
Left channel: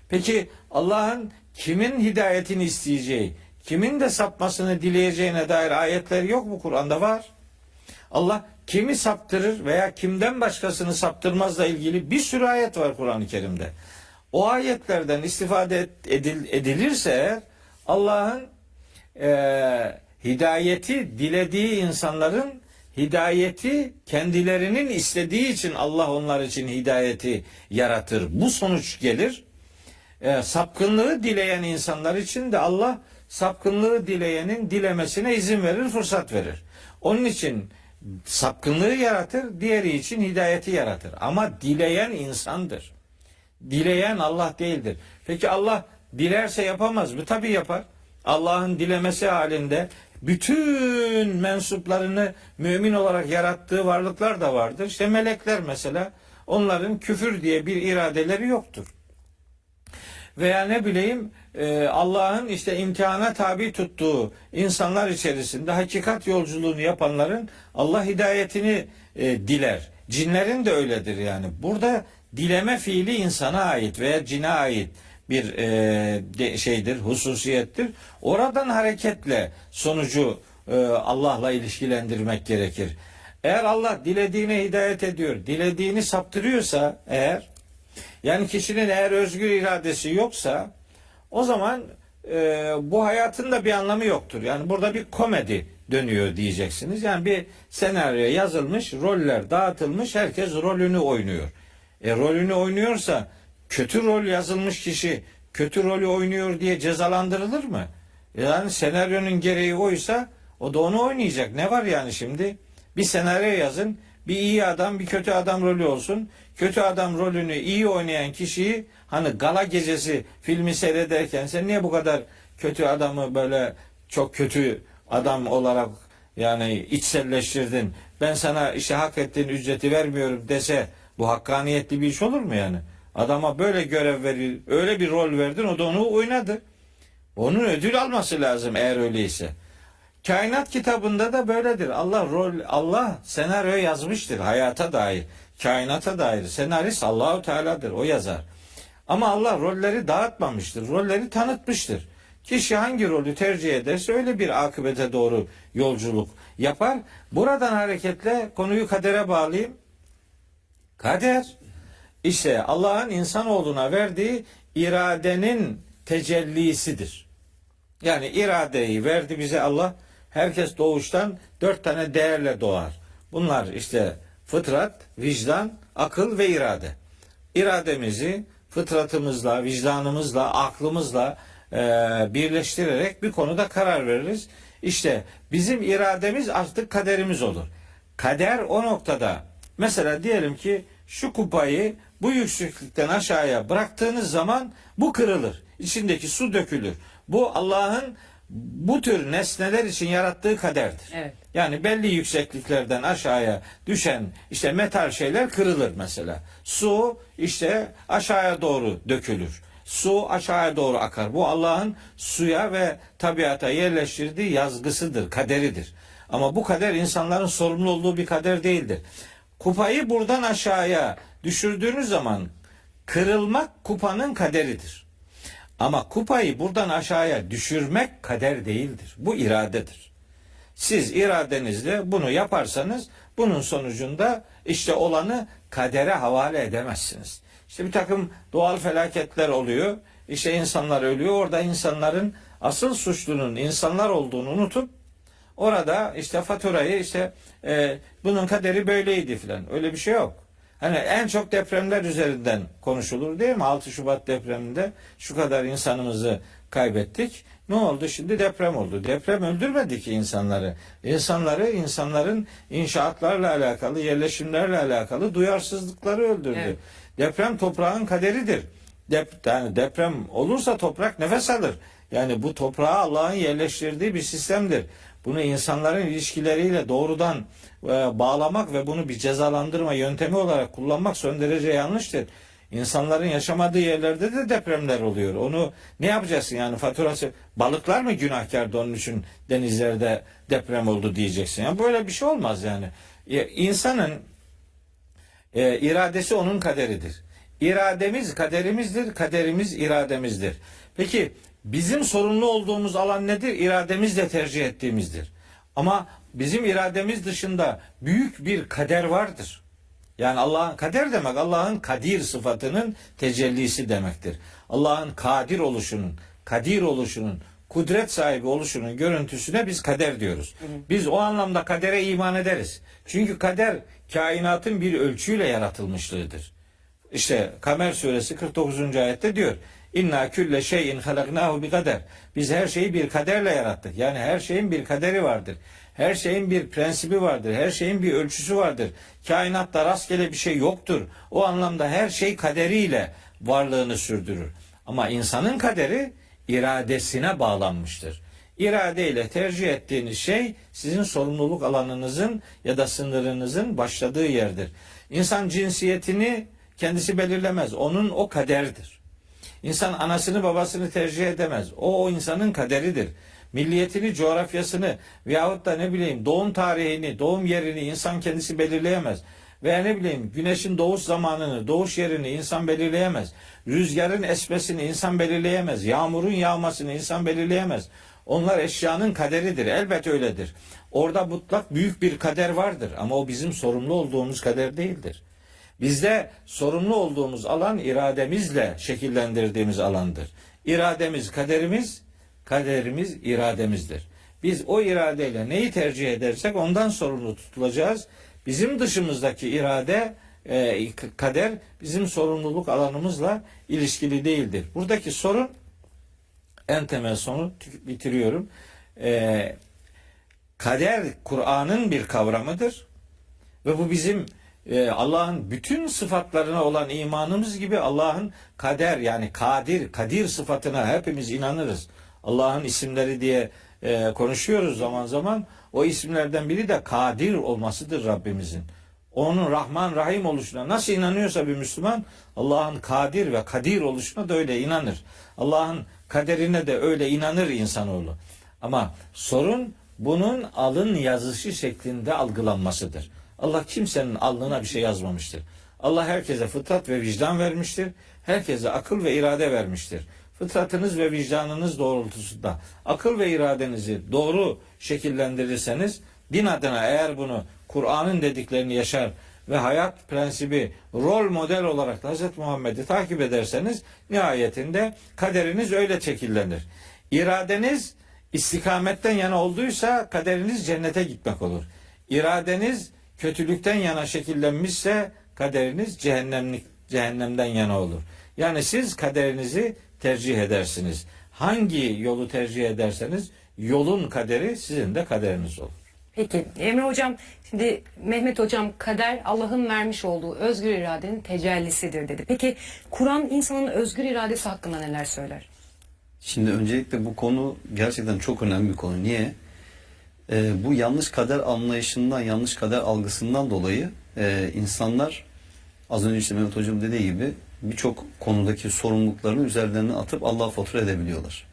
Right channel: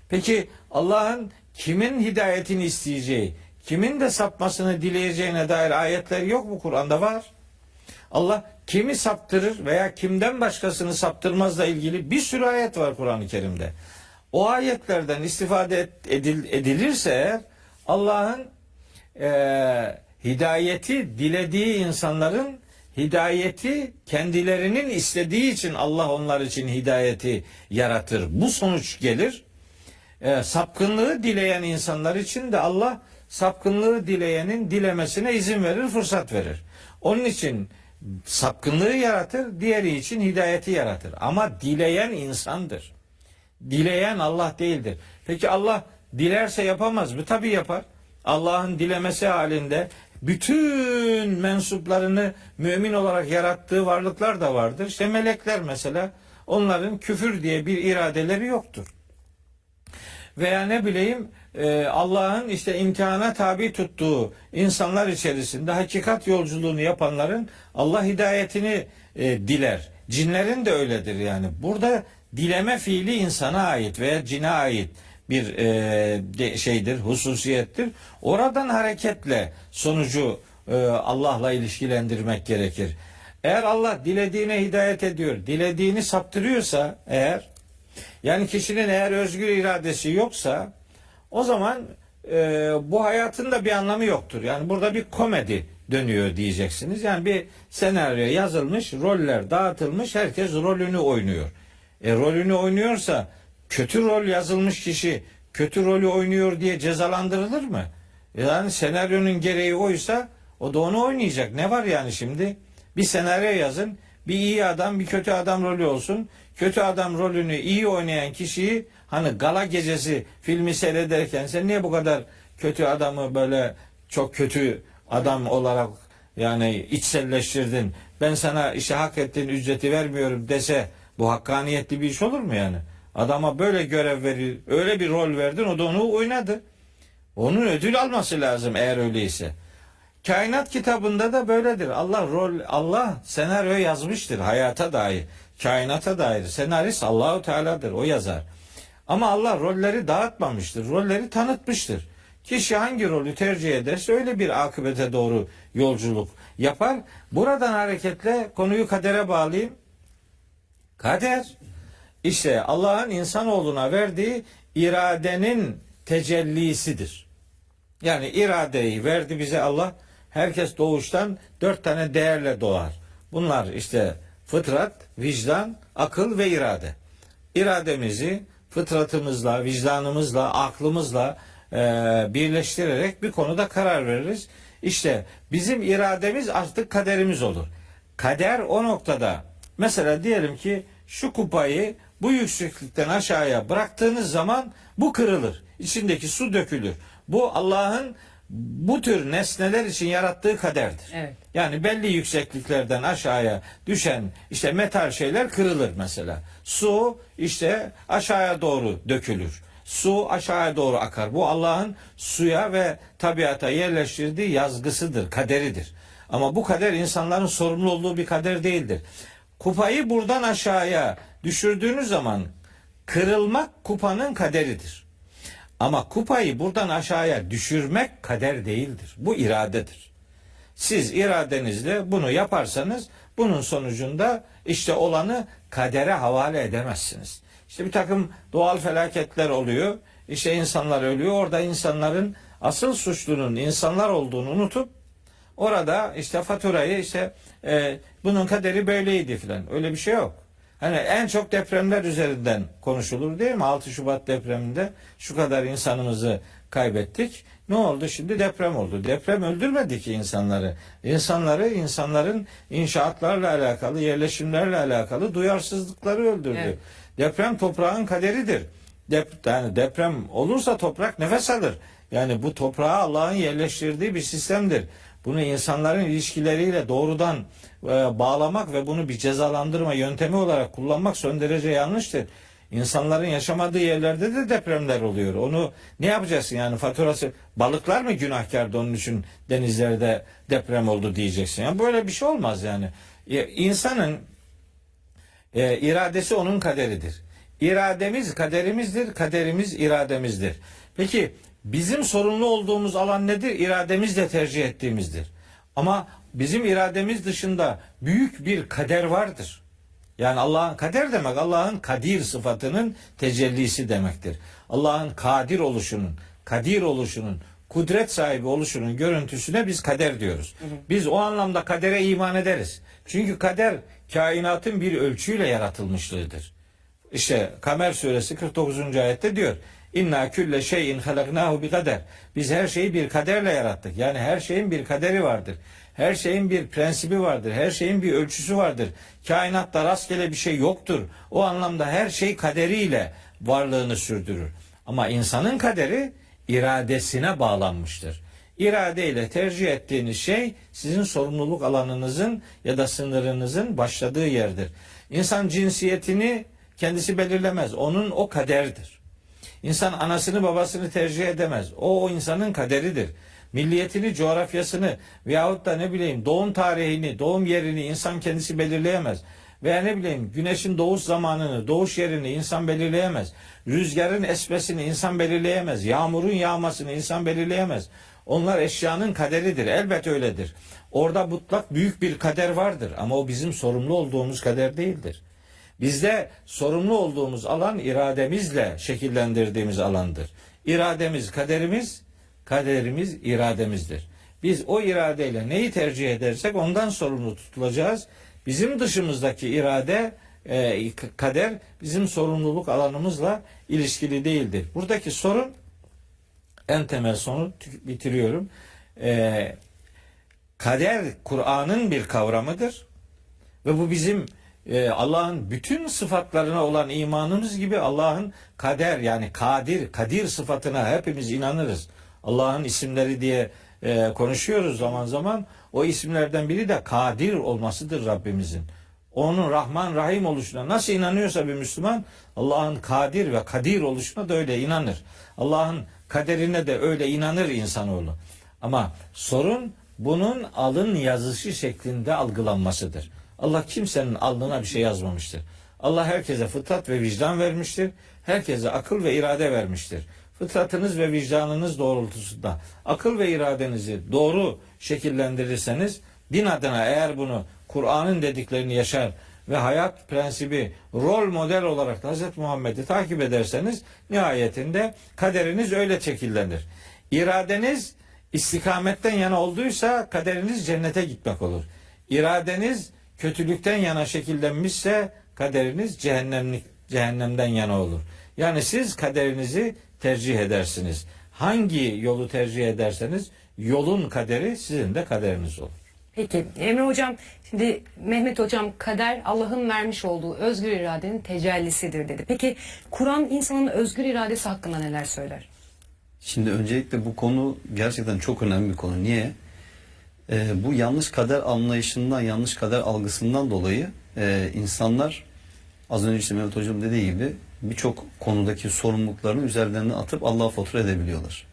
Peki Allah'ın kimin hidayetini isteyeceği, kimin de sapmasını dileyeceğine dair ayetler yok mu Kur'an'da? Var. Allah kimi saptırır veya kimden başkasını saptırmazla ilgili bir sürü ayet var Kur'an-ı Kerim'de. O ayetlerden istifade edilirse eğer, Allah'ın hidayeti dilediği insanların hidayeti kendilerinin istediği için Allah onlar için hidayeti yaratır. Bu sonuç gelir. Sapkınlığı dileyen insanlar için de Allah sapkınlığı dileyenin dilemesine izin verir, fırsat verir. Onun için sapkınlığı yaratır, diğeri için hidayeti yaratır. Ama dileyen insandır. Dileyen Allah değildir. Peki Allah dilerse yapamaz mı? Tabii yapar. Allah'ın dilemesi halinde bütün mensuplarını mümin olarak yarattığı varlıklar da vardır. İşte melekler mesela, onların küfür diye bir iradeleri yoktur. Veya ne bileyim Allah'ın işte imtihana tabi tuttuğu insanlar içerisinde hakikat yolculuğunu yapanların Allah hidayetini diler. Cinlerin de öyledir yani. Burada dileme fiili insana ait veya cine ait bir şeydir, hususiyettir. Oradan hareketle sonucu Allah'la ilişkilendirmek gerekir. Eğer Allah dilediğine hidayet ediyor, dilediğini saptırıyorsa eğer, yani kişinin eğer özgür iradesi yoksa, o zaman bu hayatın da bir anlamı yoktur. Yani burada bir komedi dönüyor diyeceksiniz. Yani bir senaryo yazılmış, roller dağıtılmış, herkes rolünü oynuyor. Rolünü oynuyorsa kötü rol yazılmış kişi kötü rolü oynuyor diye cezalandırılır mı? Yani senaryonun gereği oysa o da onu oynayacak. Ne var yani şimdi? Bir senaryo yazın, bir iyi adam, bir kötü adam rolü olsun. Kötü adam rolünü iyi oynayan kişiyi, hani gala gecesi filmi seyrederken sen niye bu kadar kötü adamı böyle çok kötü adam olarak yani içselleştirdin, ben sana işte hak ettiğin ücreti vermiyorum dese, bu hakkaniyetli bir iş olur mu yani? Adama böyle görev veriyor, öyle bir rol verdin, o da onu oynadı. Onun ödül alması lazım eğer öyleyse. Kainat kitabında da böyledir. Allah senaryo yazmıştır hayata dair, kainata dair. Senarist Allahu Teala'dır, o yazar. Ama Allah rolleri dağıtmamıştır. Rolleri tanıtmıştır. Kişi hangi rolü tercih ederse öyle bir akıbete doğru yolculuk yapar. Buradan hareketle konuyu kadere bağlayayım. Kader işte Allah'ın insanoğluna verdiği iradenin tecellisidir. Yani iradeyi verdi bize Allah. Herkes doğuştan 4 tane değerle doğar. Bunlar işte fıtrat, vicdan, akıl ve irade. İrademizi fıtratımızla, vicdanımızla, aklımızla birleştirerek bir konuda karar veririz. İşte bizim irademiz artık kaderimiz olur. Kader o noktada, mesela diyelim ki şu kupayı bu yükseklikten aşağıya bıraktığınız zaman bu kırılır. İçindeki su dökülür. Bu Allah'ın bu tür nesneler için yarattığı kaderdir. Evet. Yani belli yüksekliklerden aşağıya düşen işte metal şeyler kırılır mesela. Su işte aşağıya doğru dökülür. Su aşağıya doğru akar. Bu Allah'ın suya ve tabiata yerleştirdiği yazgısıdır, kaderidir. Ama bu kader insanların sorumlu olduğu bir kader değildir. Kupayı buradan aşağıya düşürdüğünüz zaman kırılmak kupanın kaderidir. Ama kupayı buradan aşağıya düşürmek kader değildir. Bu iradedir. Siz iradenizle bunu yaparsanız bunun sonucunda işte olanı kadere havale edemezsiniz. İşte bir takım doğal felaketler oluyor. işte insanlar ölüyor. Orada insanların asıl suçlunun insanlar olduğunu unutup orada işte faturayı işte bunun kaderi böyleydi filan. Öyle bir şey yok. Hani en çok depremler üzerinden konuşulur değil mi? 6 Şubat depreminde şu kadar insanımızı kaybettik. Ne oldu? Şimdi deprem oldu. Deprem öldürmedi ki insanları. İnsanların inşaatlarla alakalı, yerleşimlerle alakalı duyarsızlıkları öldürdü. Evet. Deprem toprağın kaderidir. Yani deprem olursa toprak nefes alır. Yani bu toprağa Allah'ın yerleştirdiği bir sistemdir. Bunu insanların ilişkileriyle doğrudan bağlamak ve bunu bir cezalandırma yöntemi olarak kullanmak son derece yanlıştır. İnsanların yaşamadığı yerlerde de depremler oluyor. Onu ne yapacaksın yani faturası? Balıklar mı günahkardı onun için denizlerde deprem oldu diyeceksin. Yani böyle bir şey olmaz yani. İnsanın iradesi onun kaderidir. İrademiz kaderimizdir, kaderimiz irademizdir. Peki bizim sorumlu olduğumuz alan nedir? İrademizle tercih ettiğimizdir. Ama bizim irademiz dışında büyük bir kader vardır. Yani Allah'ın kader demek Allah'ın kadir sıfatının tecellisi demektir. Allah'ın kadir oluşunun, kudret sahibi oluşunun görüntüsüne biz kader diyoruz. Biz o anlamda kadere iman ederiz. Çünkü kader kainatın bir ölçüyle yaratılmışlığıdır. İşte Kamer suresi 49. ayette diyor. İnna külle şeyin halaknahu bi kader. Biz her şeyi bir kaderle yarattık. Yani her şeyin bir kaderi vardır. Her şeyin bir prensibi vardır. Her şeyin bir ölçüsü vardır. Kainatta rastgele bir şey yoktur. O anlamda her şey kaderiyle varlığını sürdürür. Ama insanın kaderi iradesine bağlanmıştır. İradeyle tercih ettiğiniz şey sizin sorumluluk alanınızın ya da sınırınızın başladığı yerdir. İnsan cinsiyetini kendisi belirlemez. Onun o kaderdir. İnsan anasını babasını tercih edemez. O insanın kaderidir. Milliyetini, coğrafyasını veyahut da ne bileyim doğum tarihini, doğum yerini insan kendisi belirleyemez. Veya ne bileyim güneşin doğuş zamanını, doğuş yerini insan belirleyemez. Rüzgarın esmesini insan belirleyemez. Yağmurun yağmasını insan belirleyemez. Onlar eşyanın kaderidir. Elbet öyledir. Orada mutlak büyük bir kader vardır. Ama o bizim sorumlu olduğumuz kader değildir. Bizde sorumlu olduğumuz alan irademizle şekillendirdiğimiz alandır. İrademiz kaderimiz, kaderimiz irademizdir. Biz o iradeyle neyi tercih edersek ondan sorumlu tutulacağız. Bizim dışımızdaki irade, kader bizim sorumluluk alanımızla ilişkili değildir. Buradaki sorun, en temel sorun bitiriyorum. Kader Kur'an'ın bir kavramıdır ve bu bizim Allah'ın bütün sıfatlarına olan imanımız gibi Allah'ın kader yani kadir sıfatına hepimiz inanırız. Allah'ın isimleri diye konuşuyoruz zaman zaman. O isimlerden biri de kadir olmasıdır Rabbimizin. Onun Rahman Rahim oluşuna nasıl inanıyorsa bir Müslüman Allah'ın kadir ve kadir oluşuna da öyle inanır. Allah'ın kaderine de öyle inanır insanoğlu. Ama sorun bunun alın yazısı şeklinde algılanmasıdır. Allah kimsenin alnına bir şey yazmamıştır. Allah herkese fıtrat ve vicdan vermiştir. Herkese akıl ve irade vermiştir. Fıtratınız ve vicdanınız doğrultusunda akıl ve iradenizi doğru şekillendirirseniz din adına eğer bunu Kur'an'ın dediklerini yaşar ve hayat prensibi rol model olarak da Hz. Muhammed'i takip ederseniz nihayetinde kaderiniz öyle şekillenir. İradeniz istikametten yana olduysa kaderiniz cennete gitmek olur. İradeniz kötülükten yana şekillenmişse kaderiniz cehennemden yana olur. Yani siz kaderinizi tercih edersiniz. Hangi yolu tercih ederseniz yolun kaderi sizin de kaderiniz olur. Peki Emre Hocam, şimdi Mehmet Hocam kader Allah'ın vermiş olduğu özgür iradenin tecellisidir dedi. Peki Kur'an insanın özgür iradesi hakkında neler söyler? Şimdi öncelikle bu konu gerçekten çok önemli bir konu. Niye? Bu yanlış kader anlayışından, yanlış kader algısından dolayı insanlar az önce işte Mehmet Hocam dediği gibi birçok konudaki sorumluluklarını üzerlerine atıp Allah'a fatura edebiliyorlar.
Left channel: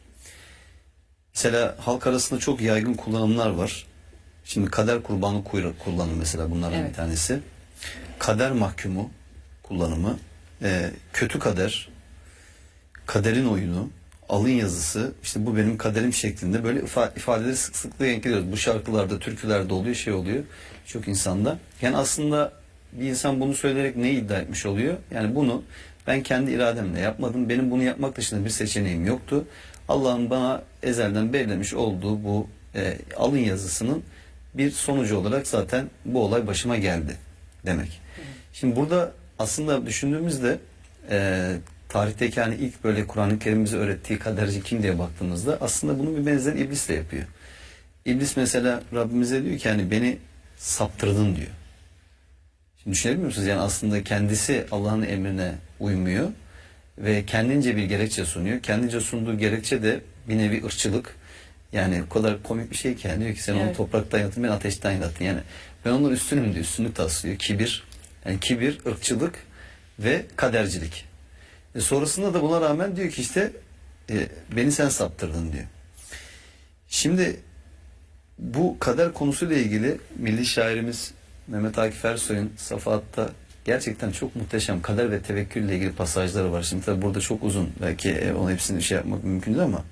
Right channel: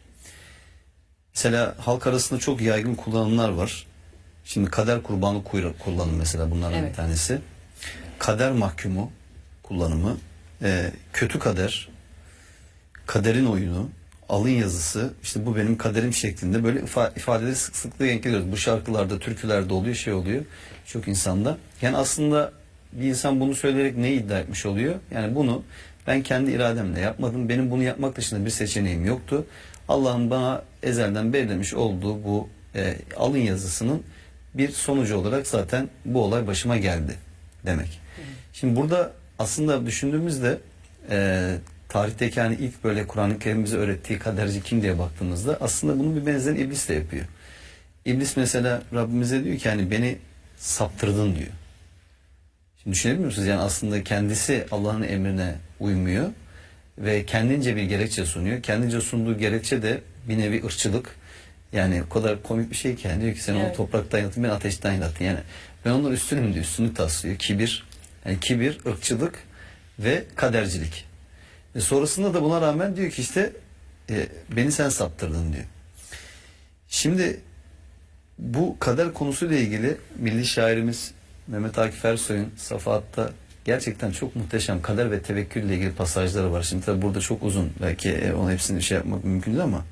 Mesela halk arasında çok yaygın kullanımlar var. Şimdi kader kurbanı kullanımı mesela bunlardan bir tanesi. Kader mahkumu kullanımı, kötü kader, kaderin oyunu, alın yazısı, işte bu benim kaderim şeklinde böyle ifadeleri sıklıkla denk geliyoruz. Bu şarkılarda, türkülerde oluyor, şey oluyor çok insanda. Yani aslında bir insan bunu söyleyerek neyi iddia etmiş oluyor? Yani bunu Ben kendi irademle yapmadım. Benim bunu yapmak dışında bir seçeneğim yoktu. Allah'ın bana ezelden belirlemiş olduğu bu alın yazısının bir sonucu olarak zaten bu olay başıma geldi demek. Şimdi burada aslında düşündüğümüzde tarihteki hani ilk böyle Kur'an-ı Kerim bize öğrettiği kaderci kim diye baktığımızda aslında bunun bir benzerini iblis de yapıyor. İblis mesela Rabbimize diyor ki hani beni saptırdın diyor. Şimdi düşünebiliyor musunuz? Yani aslında kendisi Allah'ın emrine uymuyor ve kendince bir gerekçe sunuyor. Kendince sunduğu gerekçe de bir nevi ırkçılık. Yani o kadar komik bir şey ki yani diyor ki sen onu topraktan yarattın, ben ateşten yarattın. Yani ben onun üstünüm diyor. Üstünlük taslıyor. Kibir. Yani kibir, ırkçılık ve kadercilik. Sonrasında da buna rağmen diyor ki işte beni sen saptırdın diyor. Şimdi bu kader konusuyla ilgili milli şairimiz Mehmet Akif Ersoy'un Safahat'ta gerçekten çok muhteşem kader ve tevekkül ile ilgili pasajları var. Şimdi tabi burada çok uzun, belki onun hepsini şey yapmak mümkün değil ama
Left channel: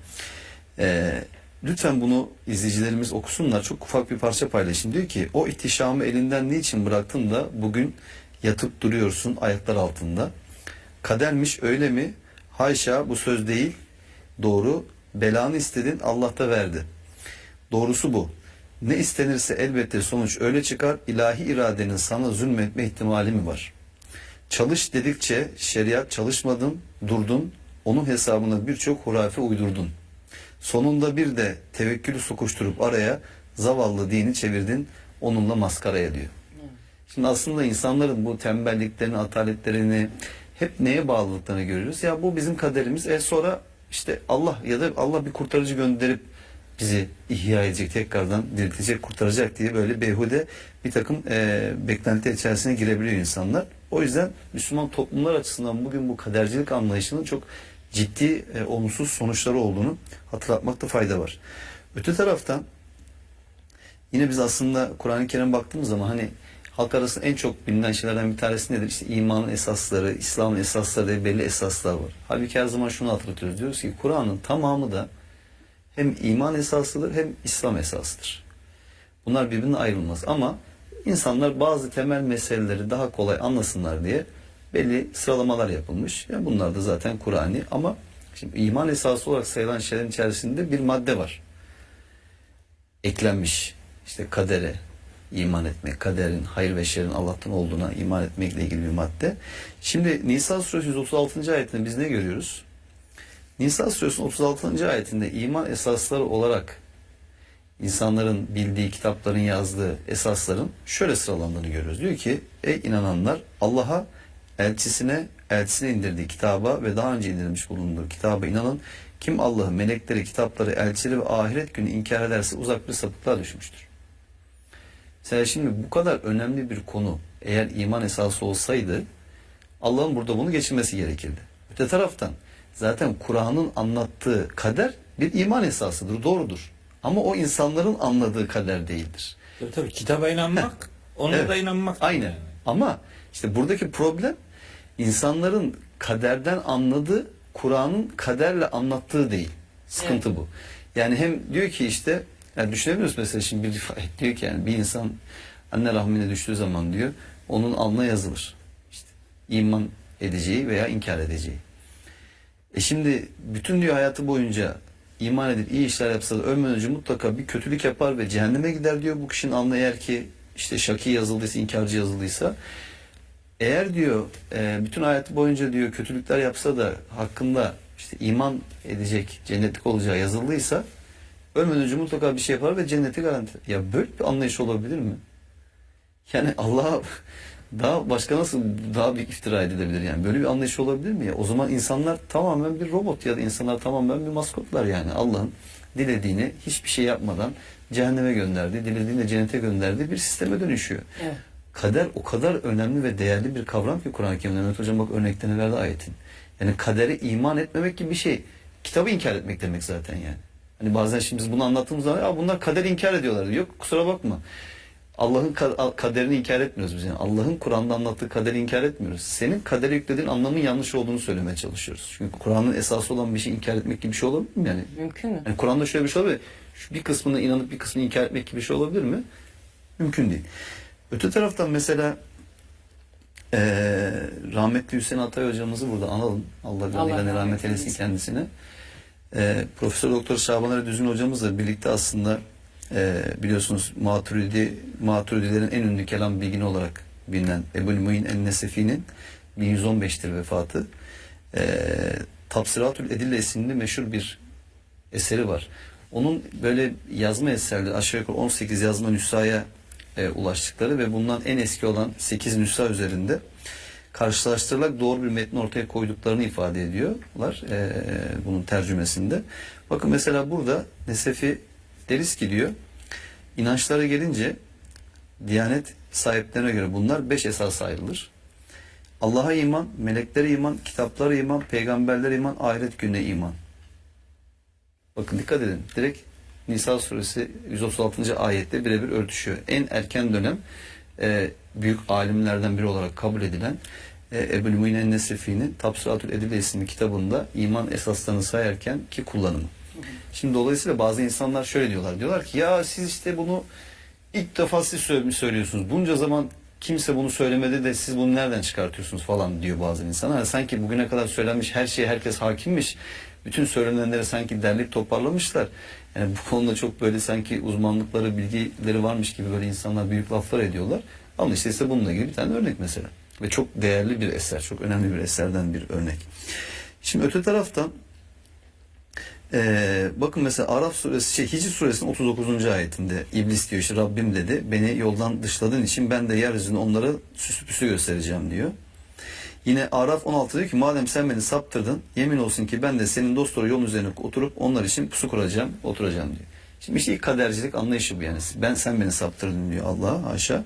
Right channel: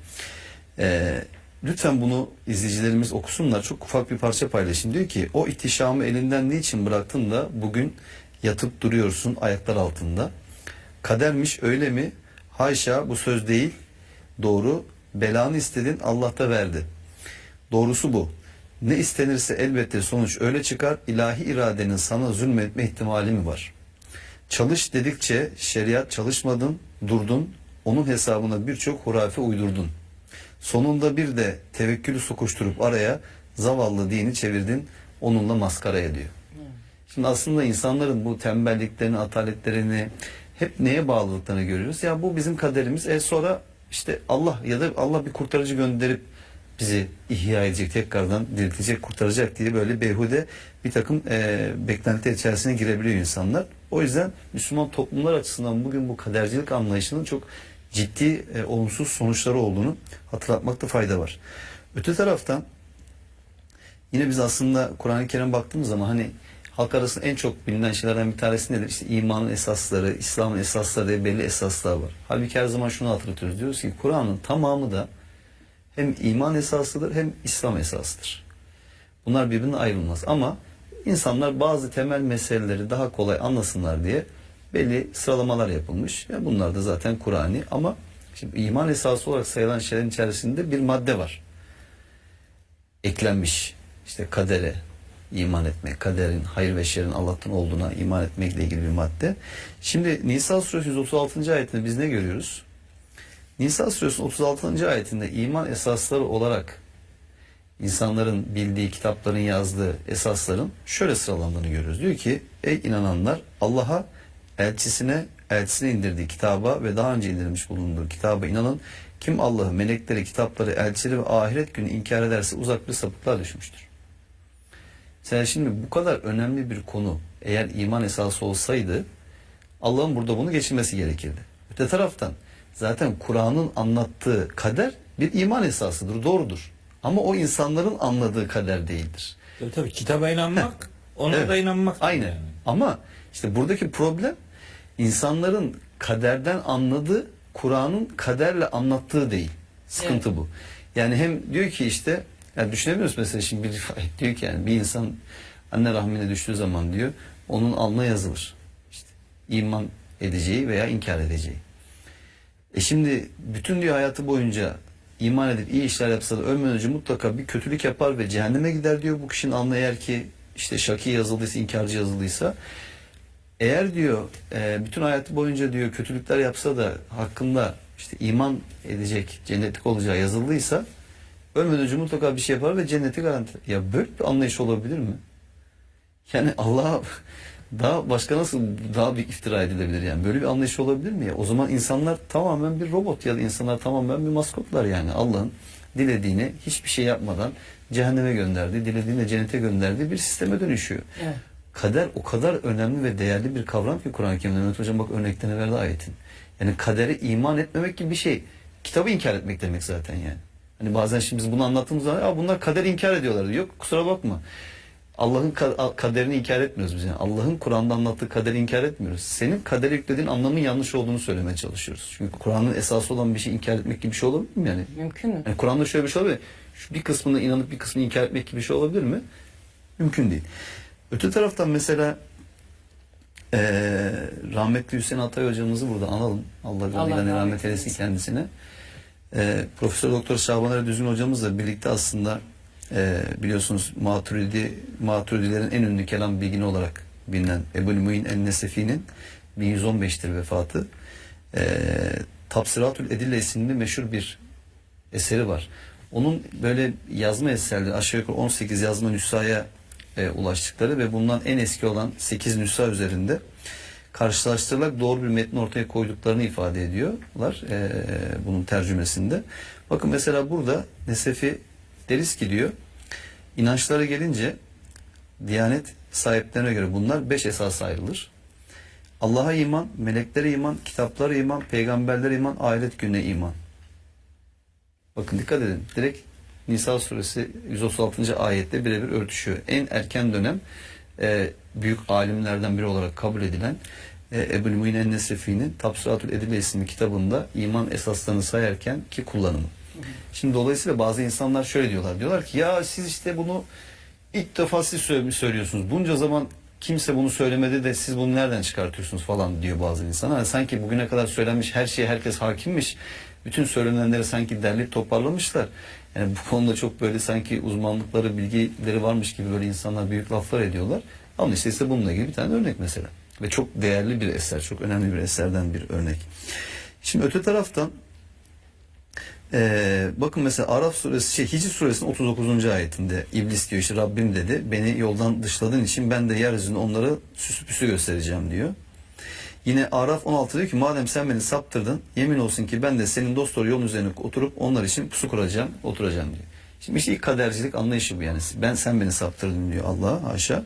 lütfen bunu izleyicilerimiz okusunlar. Çok ufak bir parça paylaşayım. Diyor ki o ihtişamı elinden niçin bıraktın da bugün yatıp duruyorsun ayaklar altında. Kadermiş öyle mi? Haşa, bu söz değil. Doğru. Belanı istedin, Allah da verdi. Doğrusu bu. Ne istenirse elbette sonuç öyle çıkar. İlahi iradenin sana zulmetme ihtimali mi var? Çalış dedikçe şeriat çalışmadın, durdun. Onun hesabına birçok hurafe uydurdun. Sonunda bir de tevekkülü sokuşturup araya zavallı dini çevirdin. Onunla maskaraya diyor. Şimdi aslında insanların bu tembelliklerini, ataletlerini hep neye bağlılıklarını görüyoruz. Ya bu bizim kaderimiz. Sonra işte Allah ya da Allah bir kurtarıcı gönderip bizi ihya edecek, tekrardan diriltecek, kurtaracak diye böyle beyhude bir takım beklentiler içerisine girebiliyor insanlar. O yüzden Müslüman toplumlar açısından bugün bu kadercilik anlayışının çok ciddi olumsuz sonuçları olduğunu hatırlatmakta fayda var. Öte taraftan yine biz aslında Kur'an-ı Kerim'e baktığımız zaman hani halk arasında en çok bilinen şeylerden bir tanesi nedir? İşte imanın esasları, İslam'ın esasları diye belli esaslar var. Halbuki her zaman şunu hatırlatıyoruz. Diyoruz ki Kur'an'ın tamamı da hem iman esasıdır hem İslam esasıdır. Bunlar birbirinden ayrılmaz. Ama insanlar bazı temel meseleleri daha kolay anlasınlar diye belli sıralamalar yapılmış. Yani bunlar da zaten Kur'an'i ama şimdi iman esası olarak sayılan şeylerin içerisinde bir madde var. Eklenmiş. İşte kadere iman etmek, kaderin, hayır ve şerrin Allah'tan olduğuna iman etmekle ilgili bir madde. Şimdi Nisa suresi 136. ayetinde biz ne görüyoruz? Nisa suresinin 36. ayetinde iman esasları olarak insanların bildiği, kitapların yazdığı esasların şöyle sıralandığını görüyoruz. Diyor ki ey inananlar Allah'a, elçisine indirdiği kitaba ve daha önce indirilmiş bulunduğu kitaba inanın. Kim Allah'ı, melekleri, kitapları, elçileri ve ahiret günü inkar ederse uzak bir sapıklığa düşmüştür. Mesela şimdi bu kadar önemli bir konu eğer iman esası olsaydı Allah'ın burada bunu geçirmesi gerekirdi. Öte taraftan zaten Kur'an'ın anlattığı kader bir iman esasıdır, doğrudur. Ama o insanların anladığı kader değildir. Tabii kitaba inanmak, ona da inanmak. Aynen. Yani. Ama işte buradaki problem insanların kaderden anladığı, Kur'an'ın kaderle anlattığı değil. Sıkıntı bu. Yani hem diyor ki işte, yani düşünebiliyoruz mesela şimdi bir rivayet diyor ki yani bir insan anne rahmine düştüğü zaman diyor onun alnına yazılır. İşte iman edeceği veya inkar edeceği. Şimdi bütün diyor hayatı boyunca iman edip iyi işler yapsa da ölmeden önce mutlaka bir kötülük yapar ve cehenneme gider diyor bu kişinin alnına, eğer ki işte şaki yazıldıysa, inkarcı yazıldıysa. Eğer diyor bütün hayatı boyunca diyor kötülükler yapsa da hakkında işte iman edecek, cennetlik olacağı yazıldıysa ölmeden önce mutlaka bir şey yapar ve cenneti garanti. Ya böyle bir anlayış olabilir mi? Yani Allah'a daha başka nasıl daha bir iftira edilebilir yani? Böyle bir anlayış olabilir mi ya? O zaman insanlar tamamen bir robot ya da insanlar tamamen bir maskotlar yani. Allah'ın dilediğini hiçbir şey yapmadan cehenneme gönderdiği, dilediğini cennete gönderdiği bir sisteme dönüşüyor. Evet. Kader o kadar önemli ve değerli bir kavram ki Kur'an-ı Kerim'de. Mehmet Hocam bak örneklerini verdi ayetin. Yani kadere iman etmemek gibi bir şey. Kitabı inkar etmek demek zaten yani. Hani bazen şimdi biz bunu anlattığımız zaman ya bunlar kader inkar ediyorlar. Yok kusura bakma. Allah'ın kaderini inkar etmiyoruz biz. Yani Allah'ın Kur'an'da anlattığı kaderi inkar etmiyoruz. Senin kadere yüklediğin anlamın yanlış olduğunu söylemeye çalışıyoruz. Çünkü Kur'an'ın esası olan bir şey inkar etmek gibi bir şey olabilir mi yani? Mümkün mü? Yani Kur'an'da şöyle bir şey olabilir mi? Bir kısmına inanıp bir kısmını inkar etmek gibi bir şey olabilir mi? Mümkün değil. Öte taraftan mesela Rahmetli Hüseyin Atay hocamızı burada analım. Allah gani rahmet eylesin kendisine. Profesör Doktor Şaban Ali Düzgün hocamızla birlikte aslında biliyorsunuz Maturidilerin en ünlü kelam bilgini olarak bilinen Ebu'l-Mu'in en-Nesefi'nin 1115'tir vefatı. Tafsiratül Edille isimli meşhur bir eseri var. Onun böyle yazma eserleri aşağı yukarı 18 yazma nüshaya ulaştıkları ve bundan en eski olan 8 nüsha üzerinde karşılaştırılarak doğru bir metni ortaya koyduklarını ifade ediyorlar bunun tercümesinde. Bakın mesela burada Nesefi deriz ki diyor, inançlara gelince Diyanet sahiplerine göre bunlar 5 esas ayrılır. Allah'a iman, meleklere iman, kitaplara iman, peygamberlere iman, ahiret gününe iman. Bakın dikkat edin. Direkt Nisa suresi 136. ayette birebir örtüşüyor. En erken dönem büyük alimlerden biri olarak kabul edilen Ebu'l-Mu'in en-Nesefi'nin Tafsiratül Edille isimli kitabında iman esaslarını sayarken ki kullanımı. Şimdi dolayısıyla bazı insanlar şöyle diyorlar. Diyorlar ki ya siz işte bunu ilk defa siz söylüyorsunuz. Bunca zaman kimse bunu söylemedi de siz bunu nereden çıkartıyorsunuz falan diyor bazı insanlar. Sanki bugüne kadar söylenmiş her şeye herkes hakimmiş. Bütün söylenenleri sanki derleyip toparlamışlar. Yani bu konuda çok böyle sanki uzmanlıkları, bilgileri varmış gibi böyle insanlar büyük laflar ediyorlar. Ama işte bununla ilgili bir tane örnek mesela. Ve çok değerli bir eser, çok önemli bir eserden bir örnek. Şimdi öte taraftan bakın mesela Araf suresi, Hicr suresinin 39. ayetinde İblis diyor işte Rabbim dedi beni yoldan dışladığın için ben de yeryüzünde onları süsü püsü göstereceğim diyor. Yine Araf 16 diyor ki madem sen beni saptırdın yemin olsun ki ben de senin dosdoğru yolun üzerine oturup onlar için pusu kuracağım, oturacağım diyor. Şimdi işte ilk kadercilik anlayışı bu yani. Sen beni saptırdın diyor Allah haşa.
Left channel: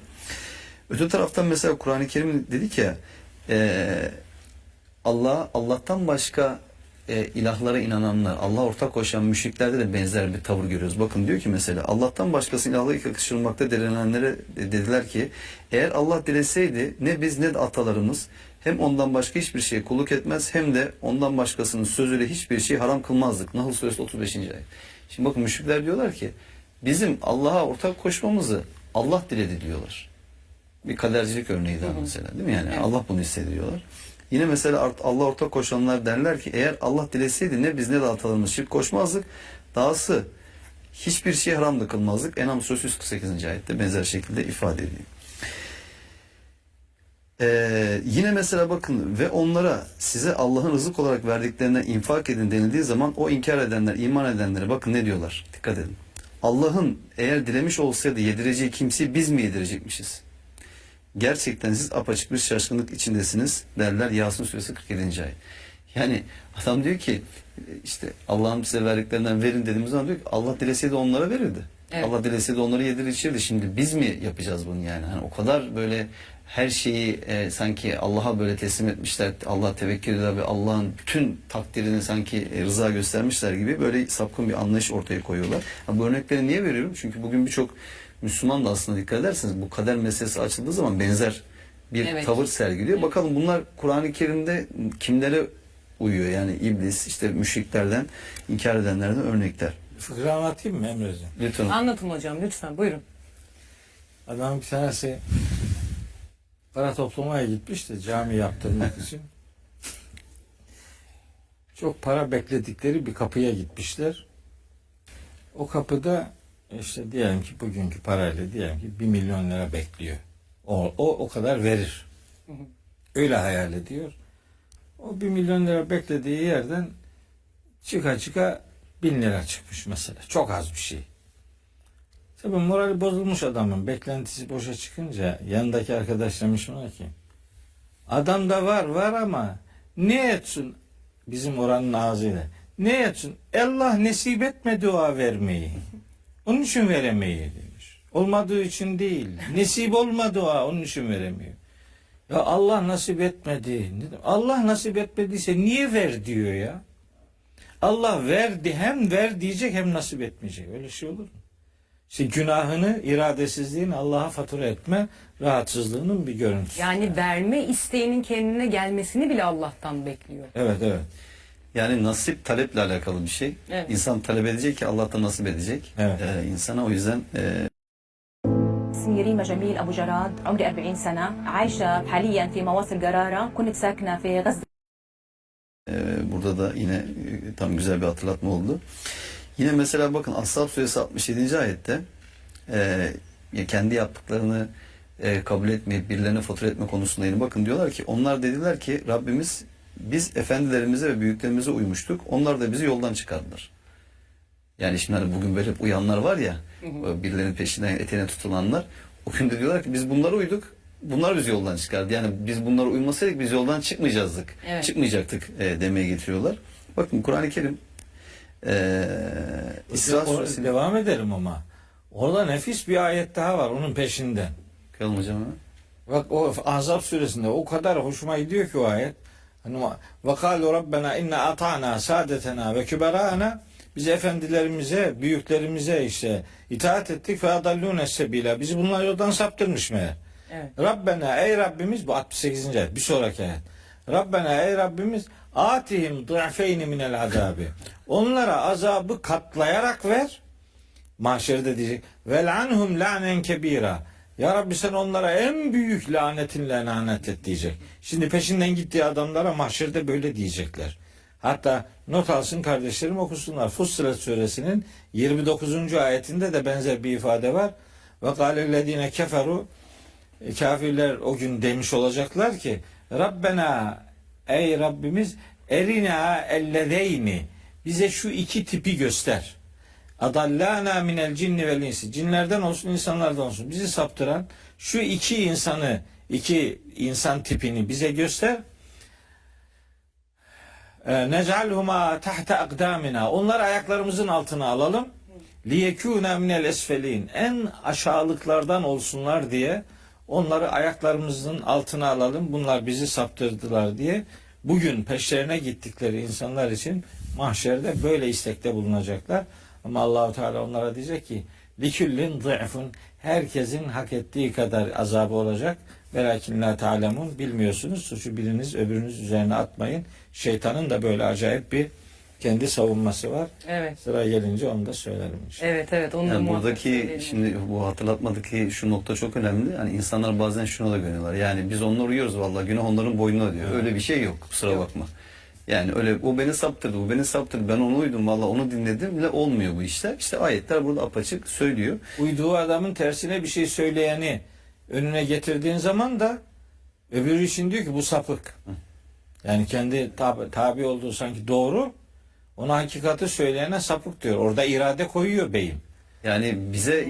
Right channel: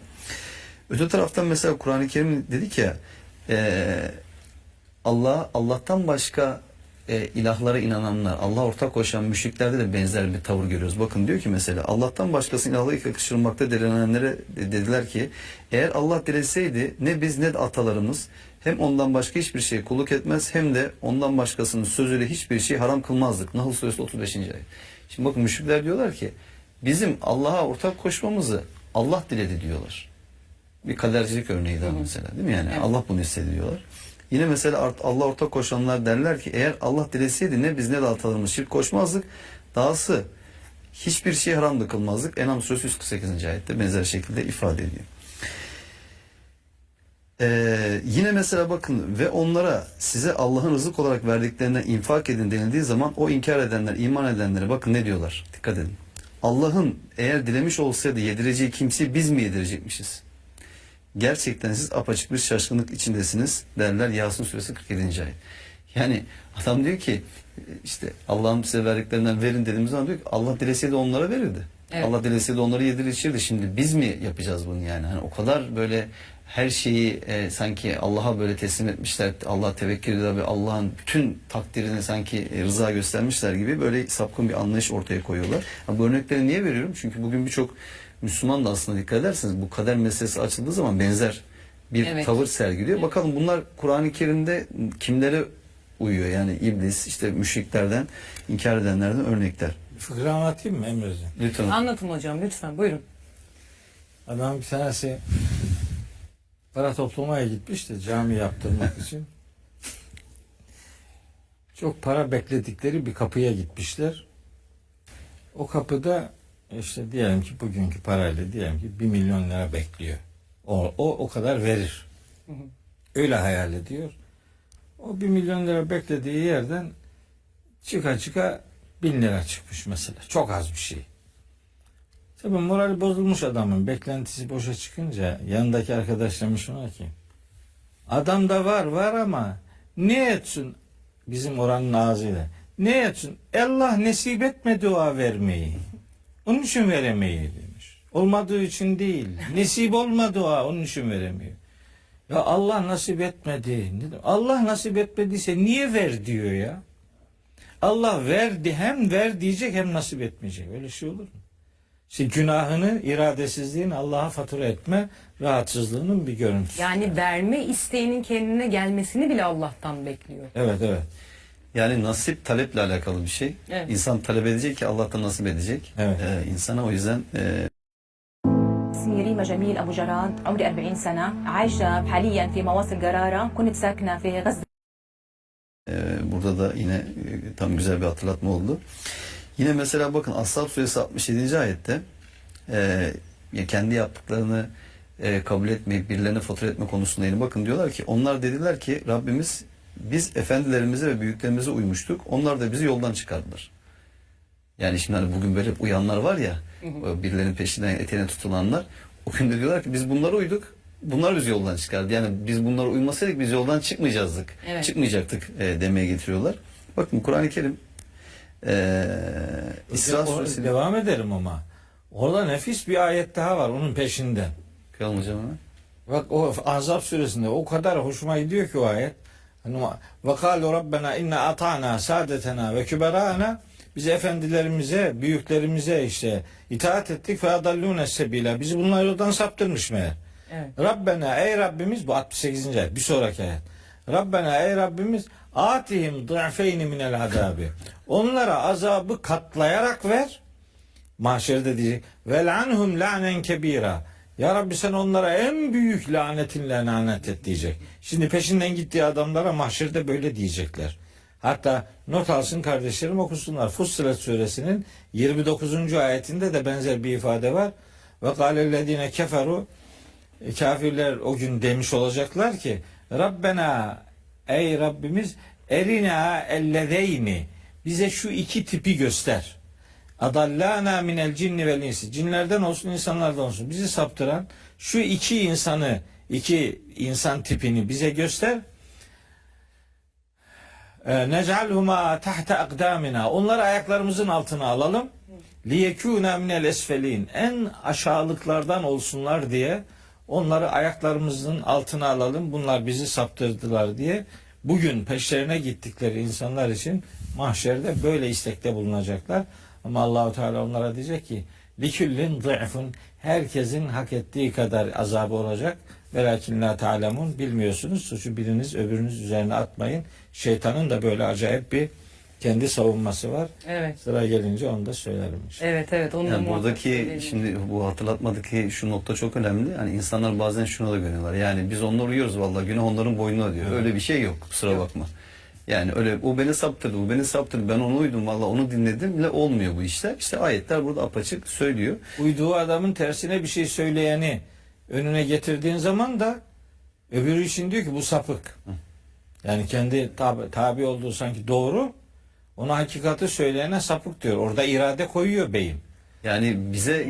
Öte taraftan mesela Kur'an-ı Kerim dedik ya Allah'tan başka ilahlara inananlar, Allah ortak koşan müşriklerde de benzer bir tavır görüyoruz. Bakın diyor ki mesela Allah'tan başkasının ilahları yakıştırmakta direnenlere dediler ki eğer Allah dileseydi ne biz ne de atalarımız hem ondan başka hiçbir şeye kulluk etmez hem de ondan başkasının sözüyle hiçbir şey haram kılmazdık. Nahl suresi 35. ayet. Şimdi bakın müşrikler diyorlar ki bizim Allah'a ortak koşmamızı Allah diledi diyorlar. Bir kadercilik örneği daha mesela değil mi yani? Evet. Allah bunu istedi diyorlar. Yine mesela Allah ortak koşanlar derler ki eğer Allah dileseydi ne biz ne de atalarımız şirk koşmazdık. Dahası hiçbir şey haram da kılmazdık. En'am suresi 148. ayette benzer şekilde ifade ediyor. Yine mesela bakın ve onlara size Allah'ın rızık olarak verdiklerinden infak edin denildiği zaman o inkar edenler, iman edenlere bakın ne diyorlar. Dikkat edin. Allah'ın eğer dilemiş olsaydı yedireceği kimseyi biz mi yedirecekmişiz? Gerçekten siz apaçık bir şaşkınlık içindesiniz derler Yasin suresi 47. ayet. Yani adam diyor ki işte Allah'ın size verdiklerinden verin dediğimiz zaman diyor ki Allah dileseydi onlara verirdi. Evet. Allah dileseydi onları yedirir içirdi. Şimdi biz mi yapacağız bunu yani? Hani o kadar böyle her şeyi sanki Allah'a böyle teslim etmişler. Allah'a tevekkül ediyor ve Allah'ın bütün takdirini sanki rıza göstermişler gibi böyle sapkın bir anlayış ortaya koyuyorlar. Bu örnekleri niye veriyorum? Çünkü bugün birçok Müslüman da aslında dikkat ederseniz bu kader meselesi açıldığı zaman benzer bir tavır sergiliyor. Evet. Bakalım bunlar Kur'an-ı Kerim'de kimlere uyuyor? Yani iblis, işte müşriklerden, inkar edenlerden örnekler. Fıkra anlatayım mı Emre'ciğim? Lütfen. Anlatın hocam lütfen buyurun. Adam bir tanesi para toplamaya gitmiş de cami yaptırmak için. Çok para bekledikleri bir kapıya gitmişler. O kapıda işte diyelim ki bugünkü parayla diyelim ki 1 milyon lira bekliyor. O kadar verir. Öyle hayal ediyor. O 1 milyon lira beklediği yerden çıka 1000 lira çıkmış mesela. Çok az bir şey. Tabii morali bozulmuş adamın. Beklentisi boşa çıkınca yanındaki arkadaş demiş ona ki adamda var ama ne etsin bizim oranın ağzıyla ne etsin Allah nasip etmedi o vermeyi. Onun için veremeyi demiş. Olmadığı için değil. Nasip olmadı o onun için veremiyor. Ya Allah nasip etmedi. Allah nasip etmediyse niye ver diyor ya. Allah verdi hem ver diyecek hem nasip etmeyecek. Öyle şey olur mu? İşte günahını, iradesizliğini Allah'a fatura etme rahatsızlığının bir görüntüsü. Yani verme isteğinin kendine gelmesini bile Allah'tan bekliyor. Evet. Yani nasip taleple alakalı bir şey. Evet. İnsan talep edecek ki Allah da nasip edecek. Evet. İnsana o yüzden يريما جميل أبو جراد عمري 40 سنة عايشة حاليا في مواصل قرارة كنت ساكنة في غزة. Burada da yine tam güzel bir hatırlatma oldu. Yine mesela bakın Ashab suresi 67. ayette kendi yaptıklarını kabul etmeyip birilerine fatura etme konusunda yine bakın diyorlar ki onlar dediler ki Rabbimiz biz efendilerimize ve büyüklerimize uymuştuk. Onlar da bizi yoldan çıkardılar. Yani şimdi hani bugün böyle uyanlar var ya birilerinin peşinden eteğine tutulanlar o gün de diyorlar ki biz bunlara uyduk. Bunlar bizi yoldan çıkardı. Yani biz bunlara uymasaydık biz yoldan çıkmayacaktık. Evet. Çıkmayacaktık demeye getiriyorlar. Bakın Kur'an-ı Kerim İsra suresi devam ederim ama orada nefis bir ayet daha var onun peşinden. Kıyalım hocam hemen. Bak o Ahzab suresinde o kadar hoşuma gidiyor ki o ayet. Ve kâlu rabbena inna ata'na saadetena ve küberâna biz efendilerimize, büyüklerimize işte itaat ettik ve adallûne sebîlâ. Bizi bunlar yoldan saptırmış meğer. Evet. Rabbena ey Rabbimiz bu 68. ayet bir sonraki ayet. Rabbena ey Rabbimiz atihim dı'feyni minel azabi. Onlara azabı katlayarak ver. Mahşerde diyecek. Vel'anhum la'nen kebira. Ya Rabbi sen onlara en büyük lanetinle lanet et diyecek. Şimdi peşinden gittiği adamlara mahşerde böyle diyecekler. Hatta not alsın kardeşlerim okusunlar. Fussilet suresinin 29. ayetinde de benzer bir ifade var. Ve kâlellezîne keferu kafirler o gün demiş olacaklar ki Rabbena ey Rabbimiz erina ellezeyni bize şu iki tipi göster. Adallana minel cinni vel insi. Cinlerden olsun insanlardan olsun. Bizi saptıran şu iki insan tipini bize göster. Nec'alhuma tahta akdamina. Onları ayaklarımızın altına alalım. Liyekûne minel esfelin. En aşağılıklardan olsunlar diye onları ayaklarımızın altına alalım. Bunlar bizi saptırdılar diye bugün peşlerine gittikleri insanlar için mahşerde böyle istekte bulunacaklar. Ama Allahu Teala onlara diyecek ki liküllin zı'fun herkesin hak ettiği kadar azabı olacak. Velakin la ta'lemun bilmiyorsunuz. Suçu biriniz öbürünüz üzerine atmayın. Şeytanın da böyle acayip bir kendi savunması var. Evet. Sıra gelince onu da söylerim. Evet. Onu yani buradaki şimdi bu hatırlatmadaki şu nokta çok önemli. Hani insanlar bazen şunu da görüyorlar. Yani biz onlara uyuyoruz vallahi günah onların boynuna ödüyor. Evet. Öyle bir şey yok. Kusura bakma. Yani öyle o beni saptırdı, bu beni saptırdı. Ben onu uydum vallahi onu dinledim bile olmuyor bu işler. İşte ayetler burada apaçık söylüyor. Uyduğu adamın tersine bir şey söyleyeni önüne getirdiğin zaman da öbürü için diyor ki bu sapık. Yani kendi tabi olduğu sanki doğru. Ona hakikati söyleyene sapık diyor. Orada irade koyuyor beyim. Yani bize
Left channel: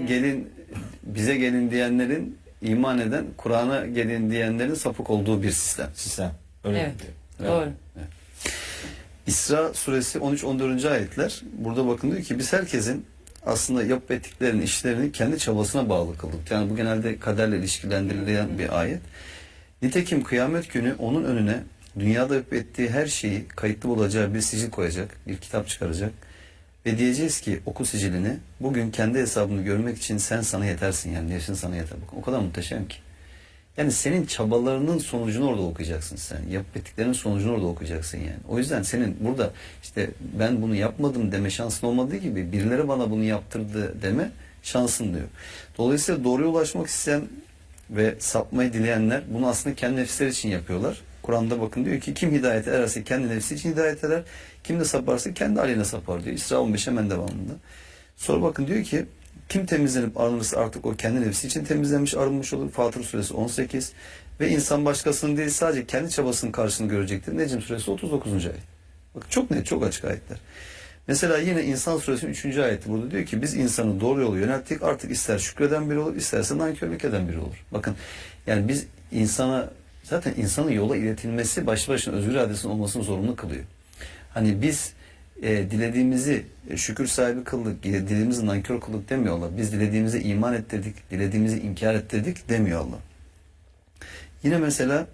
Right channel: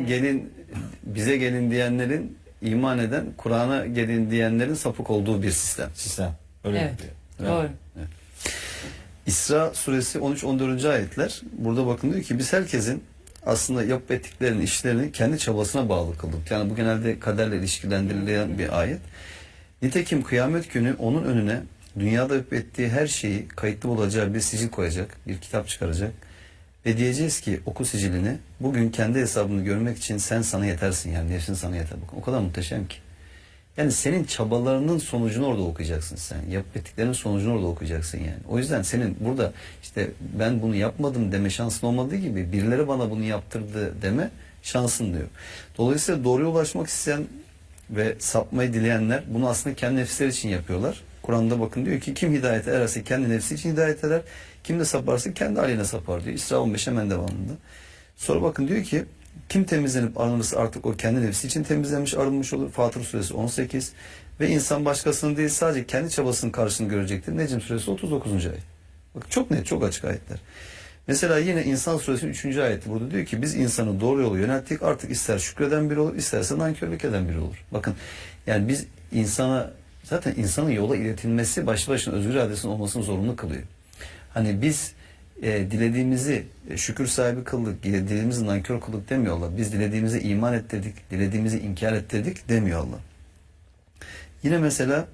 gelin diyenlerin iman eden, Kur'an'a gelin diyenlerin sapık olduğu bir sistem. Öyle evet. diyor. Doğru. Evet. İsra suresi 13-14. ayetler burada bakın diyor ki biz herkesin aslında yapıp ettiklerinin işlerini kendi çabasına bağlı kıldık. Yani bu genelde kaderle ilişkilendirilen bir ayet. Nitekim kıyamet günü onun önüne dünyada yapıp ettiği her şeyi kayıtlı olacağı bir sicil koyacak, bir kitap çıkaracak ve diyeceğiz ki oku sicilini bugün kendi hesabını görmek için sen sana yetersin yani yaşın sana yeter. Bakın, o kadar muhteşem ki. Yani senin çabalarının sonucunu orada okuyacaksın sen. Yapıp ettiklerinin sonucunu orada okuyacaksın yani. O yüzden senin burada işte ben bunu yapmadım deme şansın olmadığı gibi birileri bana bunu yaptırdı deme şansın diyor. Dolayısıyla doğruya ulaşmak isteyen ve sapmayı dileyenler bunu aslında kendi nefisleri için yapıyorlar. Kur'an'da bakın diyor ki kim hidayete ererse kendi nefsi için hidayet eder. Kim de saparsa kendi aleyhine sapar diyor. İsra 15 hemen devamında. Sonra bakın diyor ki kim temizlenip arınırsa artık o kendi nefsi için temizlenmiş, arınmış olur. Fatır suresi 18. Ve insan başkasının değil sadece kendi çabasının karşılığını görecektir. Necm suresi 39. ayet. Bak çok net, çok açık ayetler. Mesela yine İnsan suresinin 3. ayeti burada diyor ki biz insanı doğru yolu yönelttik. Artık ister şükreden biri olur, isterse nankörlük eden biri olur. Bakın yani biz zaten insanın yola iletilmesi başlı başına özgür iradesinin olmasını zorunlu kılıyor. Hani biz dilediğimizi şükür sahibi kıldık, dilediğimizi nankör kıldık demiyor Allah. Biz dilediğimize iman ettirdik, dilediğimizi inkar ettirdik demiyor Allah. Yine mesela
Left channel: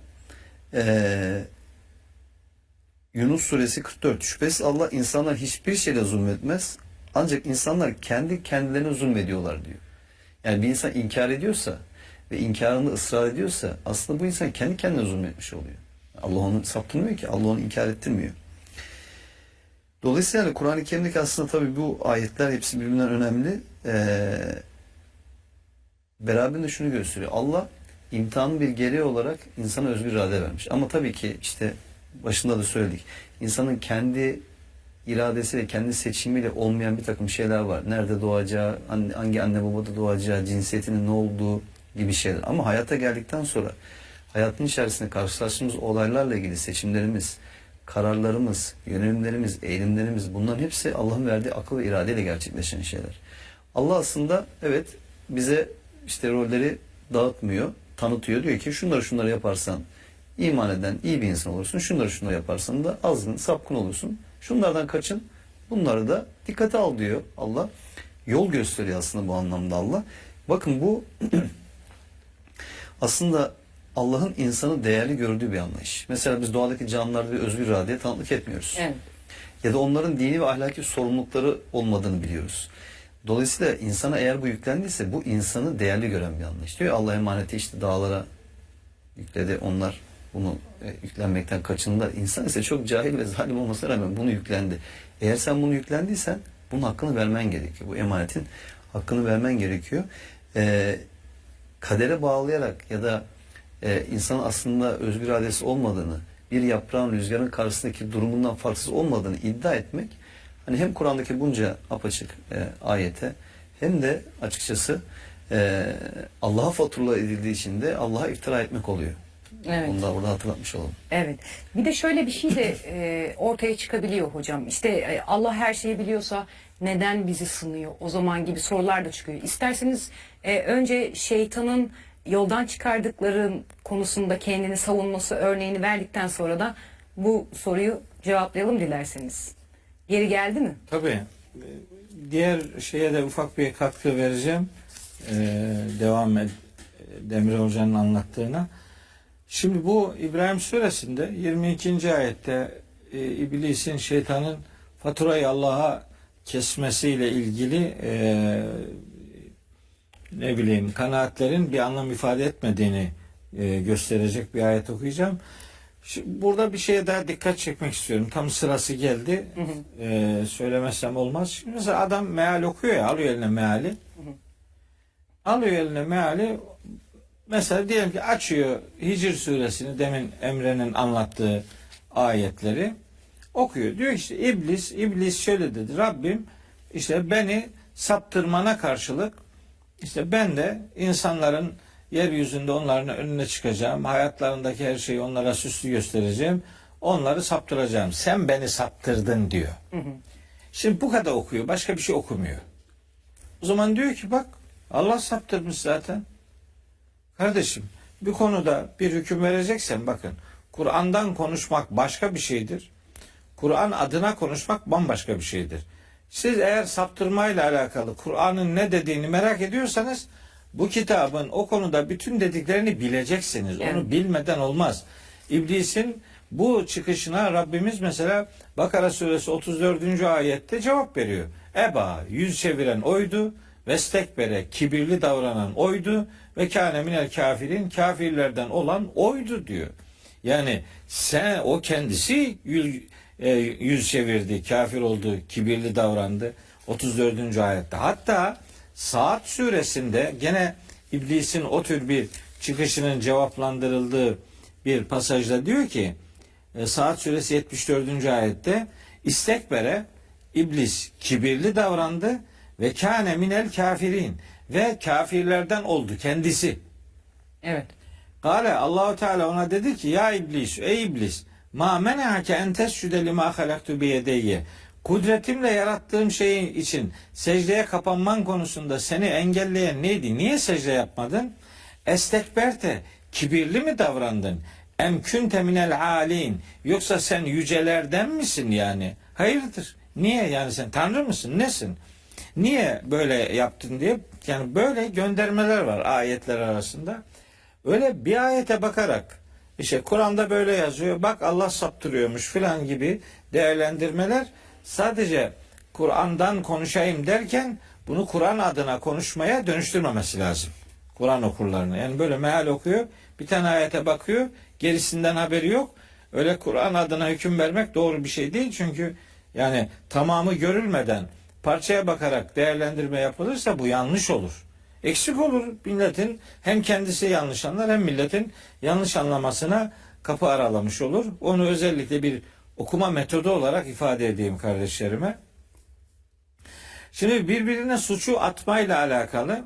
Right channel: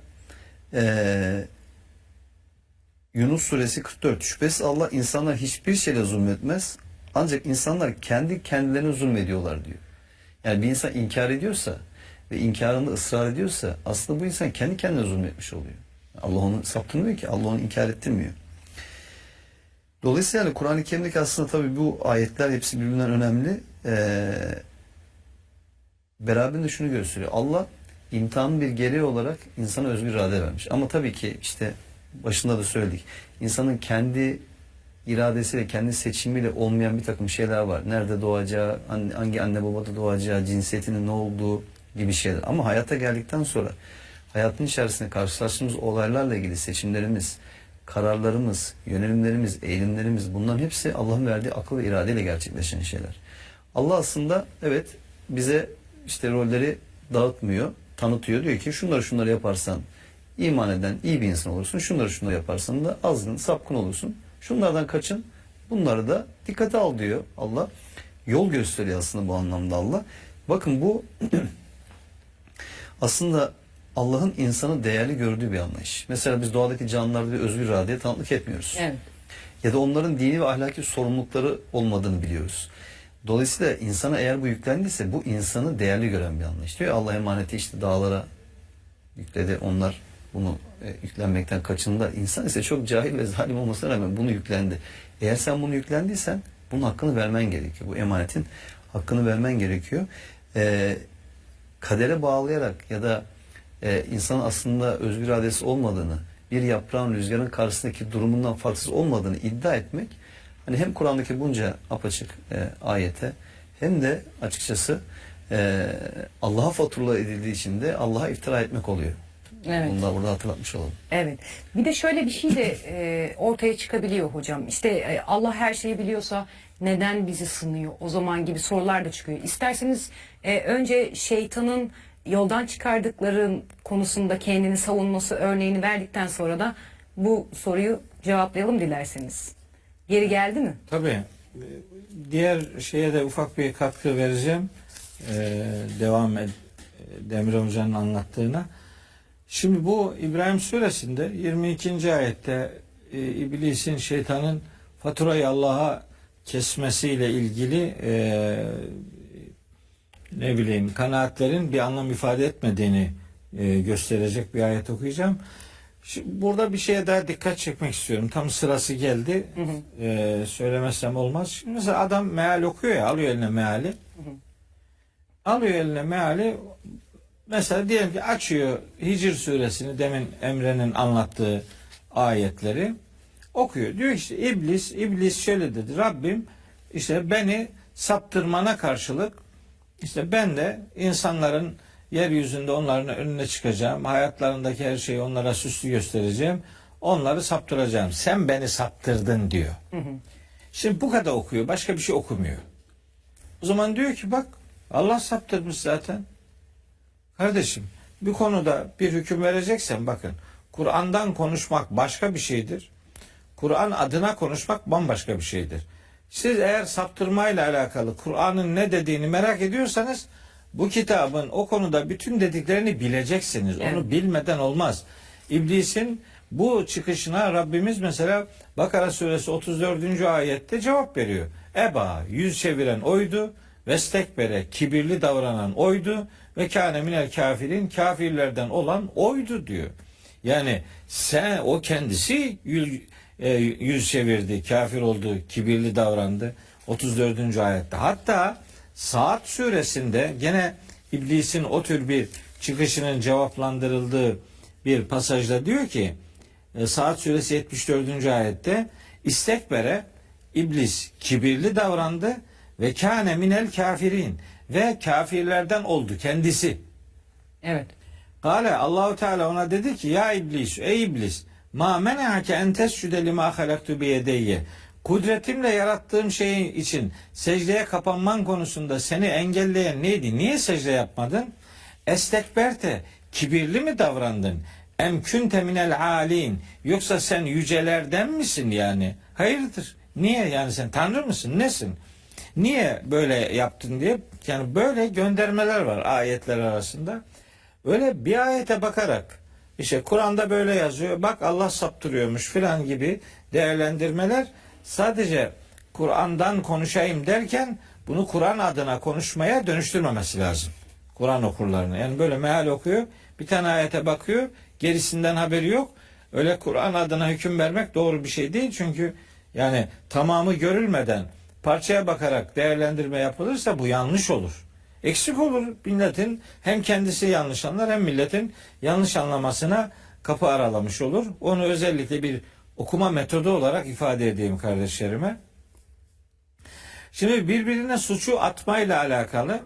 Yunus suresi 44. Şüphesiz Allah insanlar hiçbir şeyle zulmetmez. Ancak insanlar kendi kendilerine zulmediyorlar diyor. Yani bir insan inkar ediyorsa ve inkarında ısrar ediyorsa aslında bu insan kendi kendine zulmetmiş oluyor. Allah onu saptırmıyor ki. Allah onu inkar ettirmiyor. Dolayısıyla Kur'an-ı Kerim'deki aslında tabii bu ayetler hepsi birbirinden önemli. beraberinde şunu gösteriyor. Allah imtihanın bir gereği olarak insana özgür irade vermiş. Ama tabii ki işte başında da söyledik. İnsanın kendi iradesi ve kendi seçimiyle olmayan bir takım şeyler var. Nerede doğacağı, hangi anne babada doğacağı, cinsiyetinin ne olduğu gibi şeyler. Ama hayata geldikten sonra hayatın içerisinde karşılaştığımız olaylarla ilgili seçimlerimiz, kararlarımız, yönelimlerimiz, eğilimlerimiz, bunların hepsi Allah'ın verdiği akıl ve iradeyle gerçekleşen şeyler. Allah aslında evet bize işte rolleri dağıtmıyor, tanıtıyor. Diyor ki şunları yaparsan iman eden iyi bir insan olursun. Şunları yaparsan da azgın, sapkın olursun. Şunlardan kaçın. Bunları da dikkate al diyor Allah. Yol gösteriyor aslında bu anlamda Allah. Bakın bu aslında Allah'ın insanı değerli gördüğü bir anlayış. Mesela biz doğadaki canlılarda bir özgür iradeye tanıklık etmiyoruz. Evet. Ya da onların dini ve ahlaki sorumlulukları olmadığını biliyoruz. Dolayısıyla insana eğer bu yüklendiyse bu insanı değerli gören bir anlayış. Diyor Allah emaneti işte dağlara yükledi. Onlar bunu yüklenmekten kaçındılar. İnsan ise çok cahil ve zalim olmasına rağmen bunu yüklendi. Eğer sen bunu yüklendiysen bunun hakkını vermen gerekiyor. Bu emanetin hakkını vermen gerekiyor. Kadere bağlayarak ya da insanın aslında özgür iradesi olmadığını, bir yaprağın rüzgarın karşısındaki durumundan farksız olmadığını iddia etmek, hani hem Kur'an'daki bunca apaçık ayete hem de açıkçası Allah'a fatura edildiği için de Allah'a iftira etmek oluyor. Evet. Bunu da burada hatırlatmış olalım. Evet. Bir de şöyle bir şey de ortaya çıkabiliyor hocam. İşte Allah her şeyi biliyorsa neden bizi sınıyor? O zaman gibi sorular da çıkıyor. İsterseniz önce şeytanın yoldan çıkardıkların konusunda kendini savunması örneğini verdikten sonra da bu soruyu cevaplayalım dilerseniz. Geri geldi mi? Tabii. Diğer şeye de ufak bir katkı vereceğim. Devam et. Demir Hoca'nın anlattığına. Şimdi bu İbrahim Suresi'nde 22. ayette iblisin, şeytanın faturayı Allah'a kesmesiyle ilgili kanaatlerin bir anlam ifade etmediğini gösterecek bir ayet okuyacağım. Şimdi burada bir şeye daha dikkat çekmek istiyorum. Tam sırası geldi. Söylemezsem olmaz. Şimdi mesela adam meal okuyor ya, alıyor eline meali. Alıyor eline meali. Mesela diyelim ki açıyor Hicr suresini, demin Emre'nin anlattığı ayetleri okuyor. Diyor işte iblis şöyle dedi. Rabbim işte beni saptırmana karşılık işte ben de insanların yeryüzünde onların önüne çıkacağım. Hayatlarındaki her şeyi onlara süslü göstereceğim. Onları saptıracağım. Sen beni saptırdın diyor. Şimdi bu kadar okuyor. Başka bir şey okumuyor. O zaman diyor ki bak Allah saptırmış zaten. Kardeşim bir konuda bir hüküm vereceksen bakın Kur'an'dan konuşmak başka bir şeydir. Kur'an adına konuşmak bambaşka bir şeydir. Siz eğer saptırmayla alakalı Kur'an'ın ne dediğini merak ediyorsanız bu kitabın o konuda bütün dediklerini bileceksiniz. Evet. Onu bilmeden olmaz. İblisin bu çıkışına Rabbimiz mesela Bakara suresi 34. ayette cevap veriyor. Eba, yüz çeviren oydu. Vestekbere, kibirli davranan oydu. Ve kâne minel kafirin, kafirlerden olan oydu diyor. Yani o kendisi yüz çevirdi, kafir oldu, kibirli davrandı. 34. ayette. Hatta Saat suresinde gene iblisin o tür bir çıkışının cevaplandırıldığı bir pasajda diyor ki Saat suresi 74. ayette istekbere iblis kibirli davrandı ve kâne minel kafirin ve kafirlerden oldu kendisi. Evet. Kale Allahu Teala ona dedi ki ya iblis, ey iblis, ma mena'ake en tescude lima halaktu bi yedeyye. Kudretimle yarattığım şeyin için secdeye kapanman konusunda seni engelleyen neydi? Niye secde yapmadın? Estekberte, kibirli mi davrandın? Em kunte minel alin. Yoksa sen yücelerden misin yani? Hayırdır? Niye yani sen tanrı mısın? Nesin? Niye böyle yaptın diye, yani böyle göndermeler var ayetler arasında. Öyle bir ayete bakarak işte Kur'an'da böyle yazıyor, bak Allah saptırıyormuş filan gibi değerlendirmeler sadece Kur'an'dan konuşayım derken bunu Kur'an adına konuşmaya dönüştürmemesi lazım. Kur'an okurlarını. Yani böyle meal okuyor, bir tane ayete bakıyor, gerisinden haberi yok. Öyle Kur'an adına hüküm vermek doğru bir şey değil, çünkü yani tamamı görülmeden parçaya bakarak değerlendirme yapılırsa bu yanlış olur. Eksik olur milletin, hem kendisi yanlış anlar hem milletin yanlış anlamasına kapı aralamış olur. Onu özellikle bir okuma metodu olarak ifade edeyim kardeşlerime. Şimdi birbirine suçu atmayla alakalı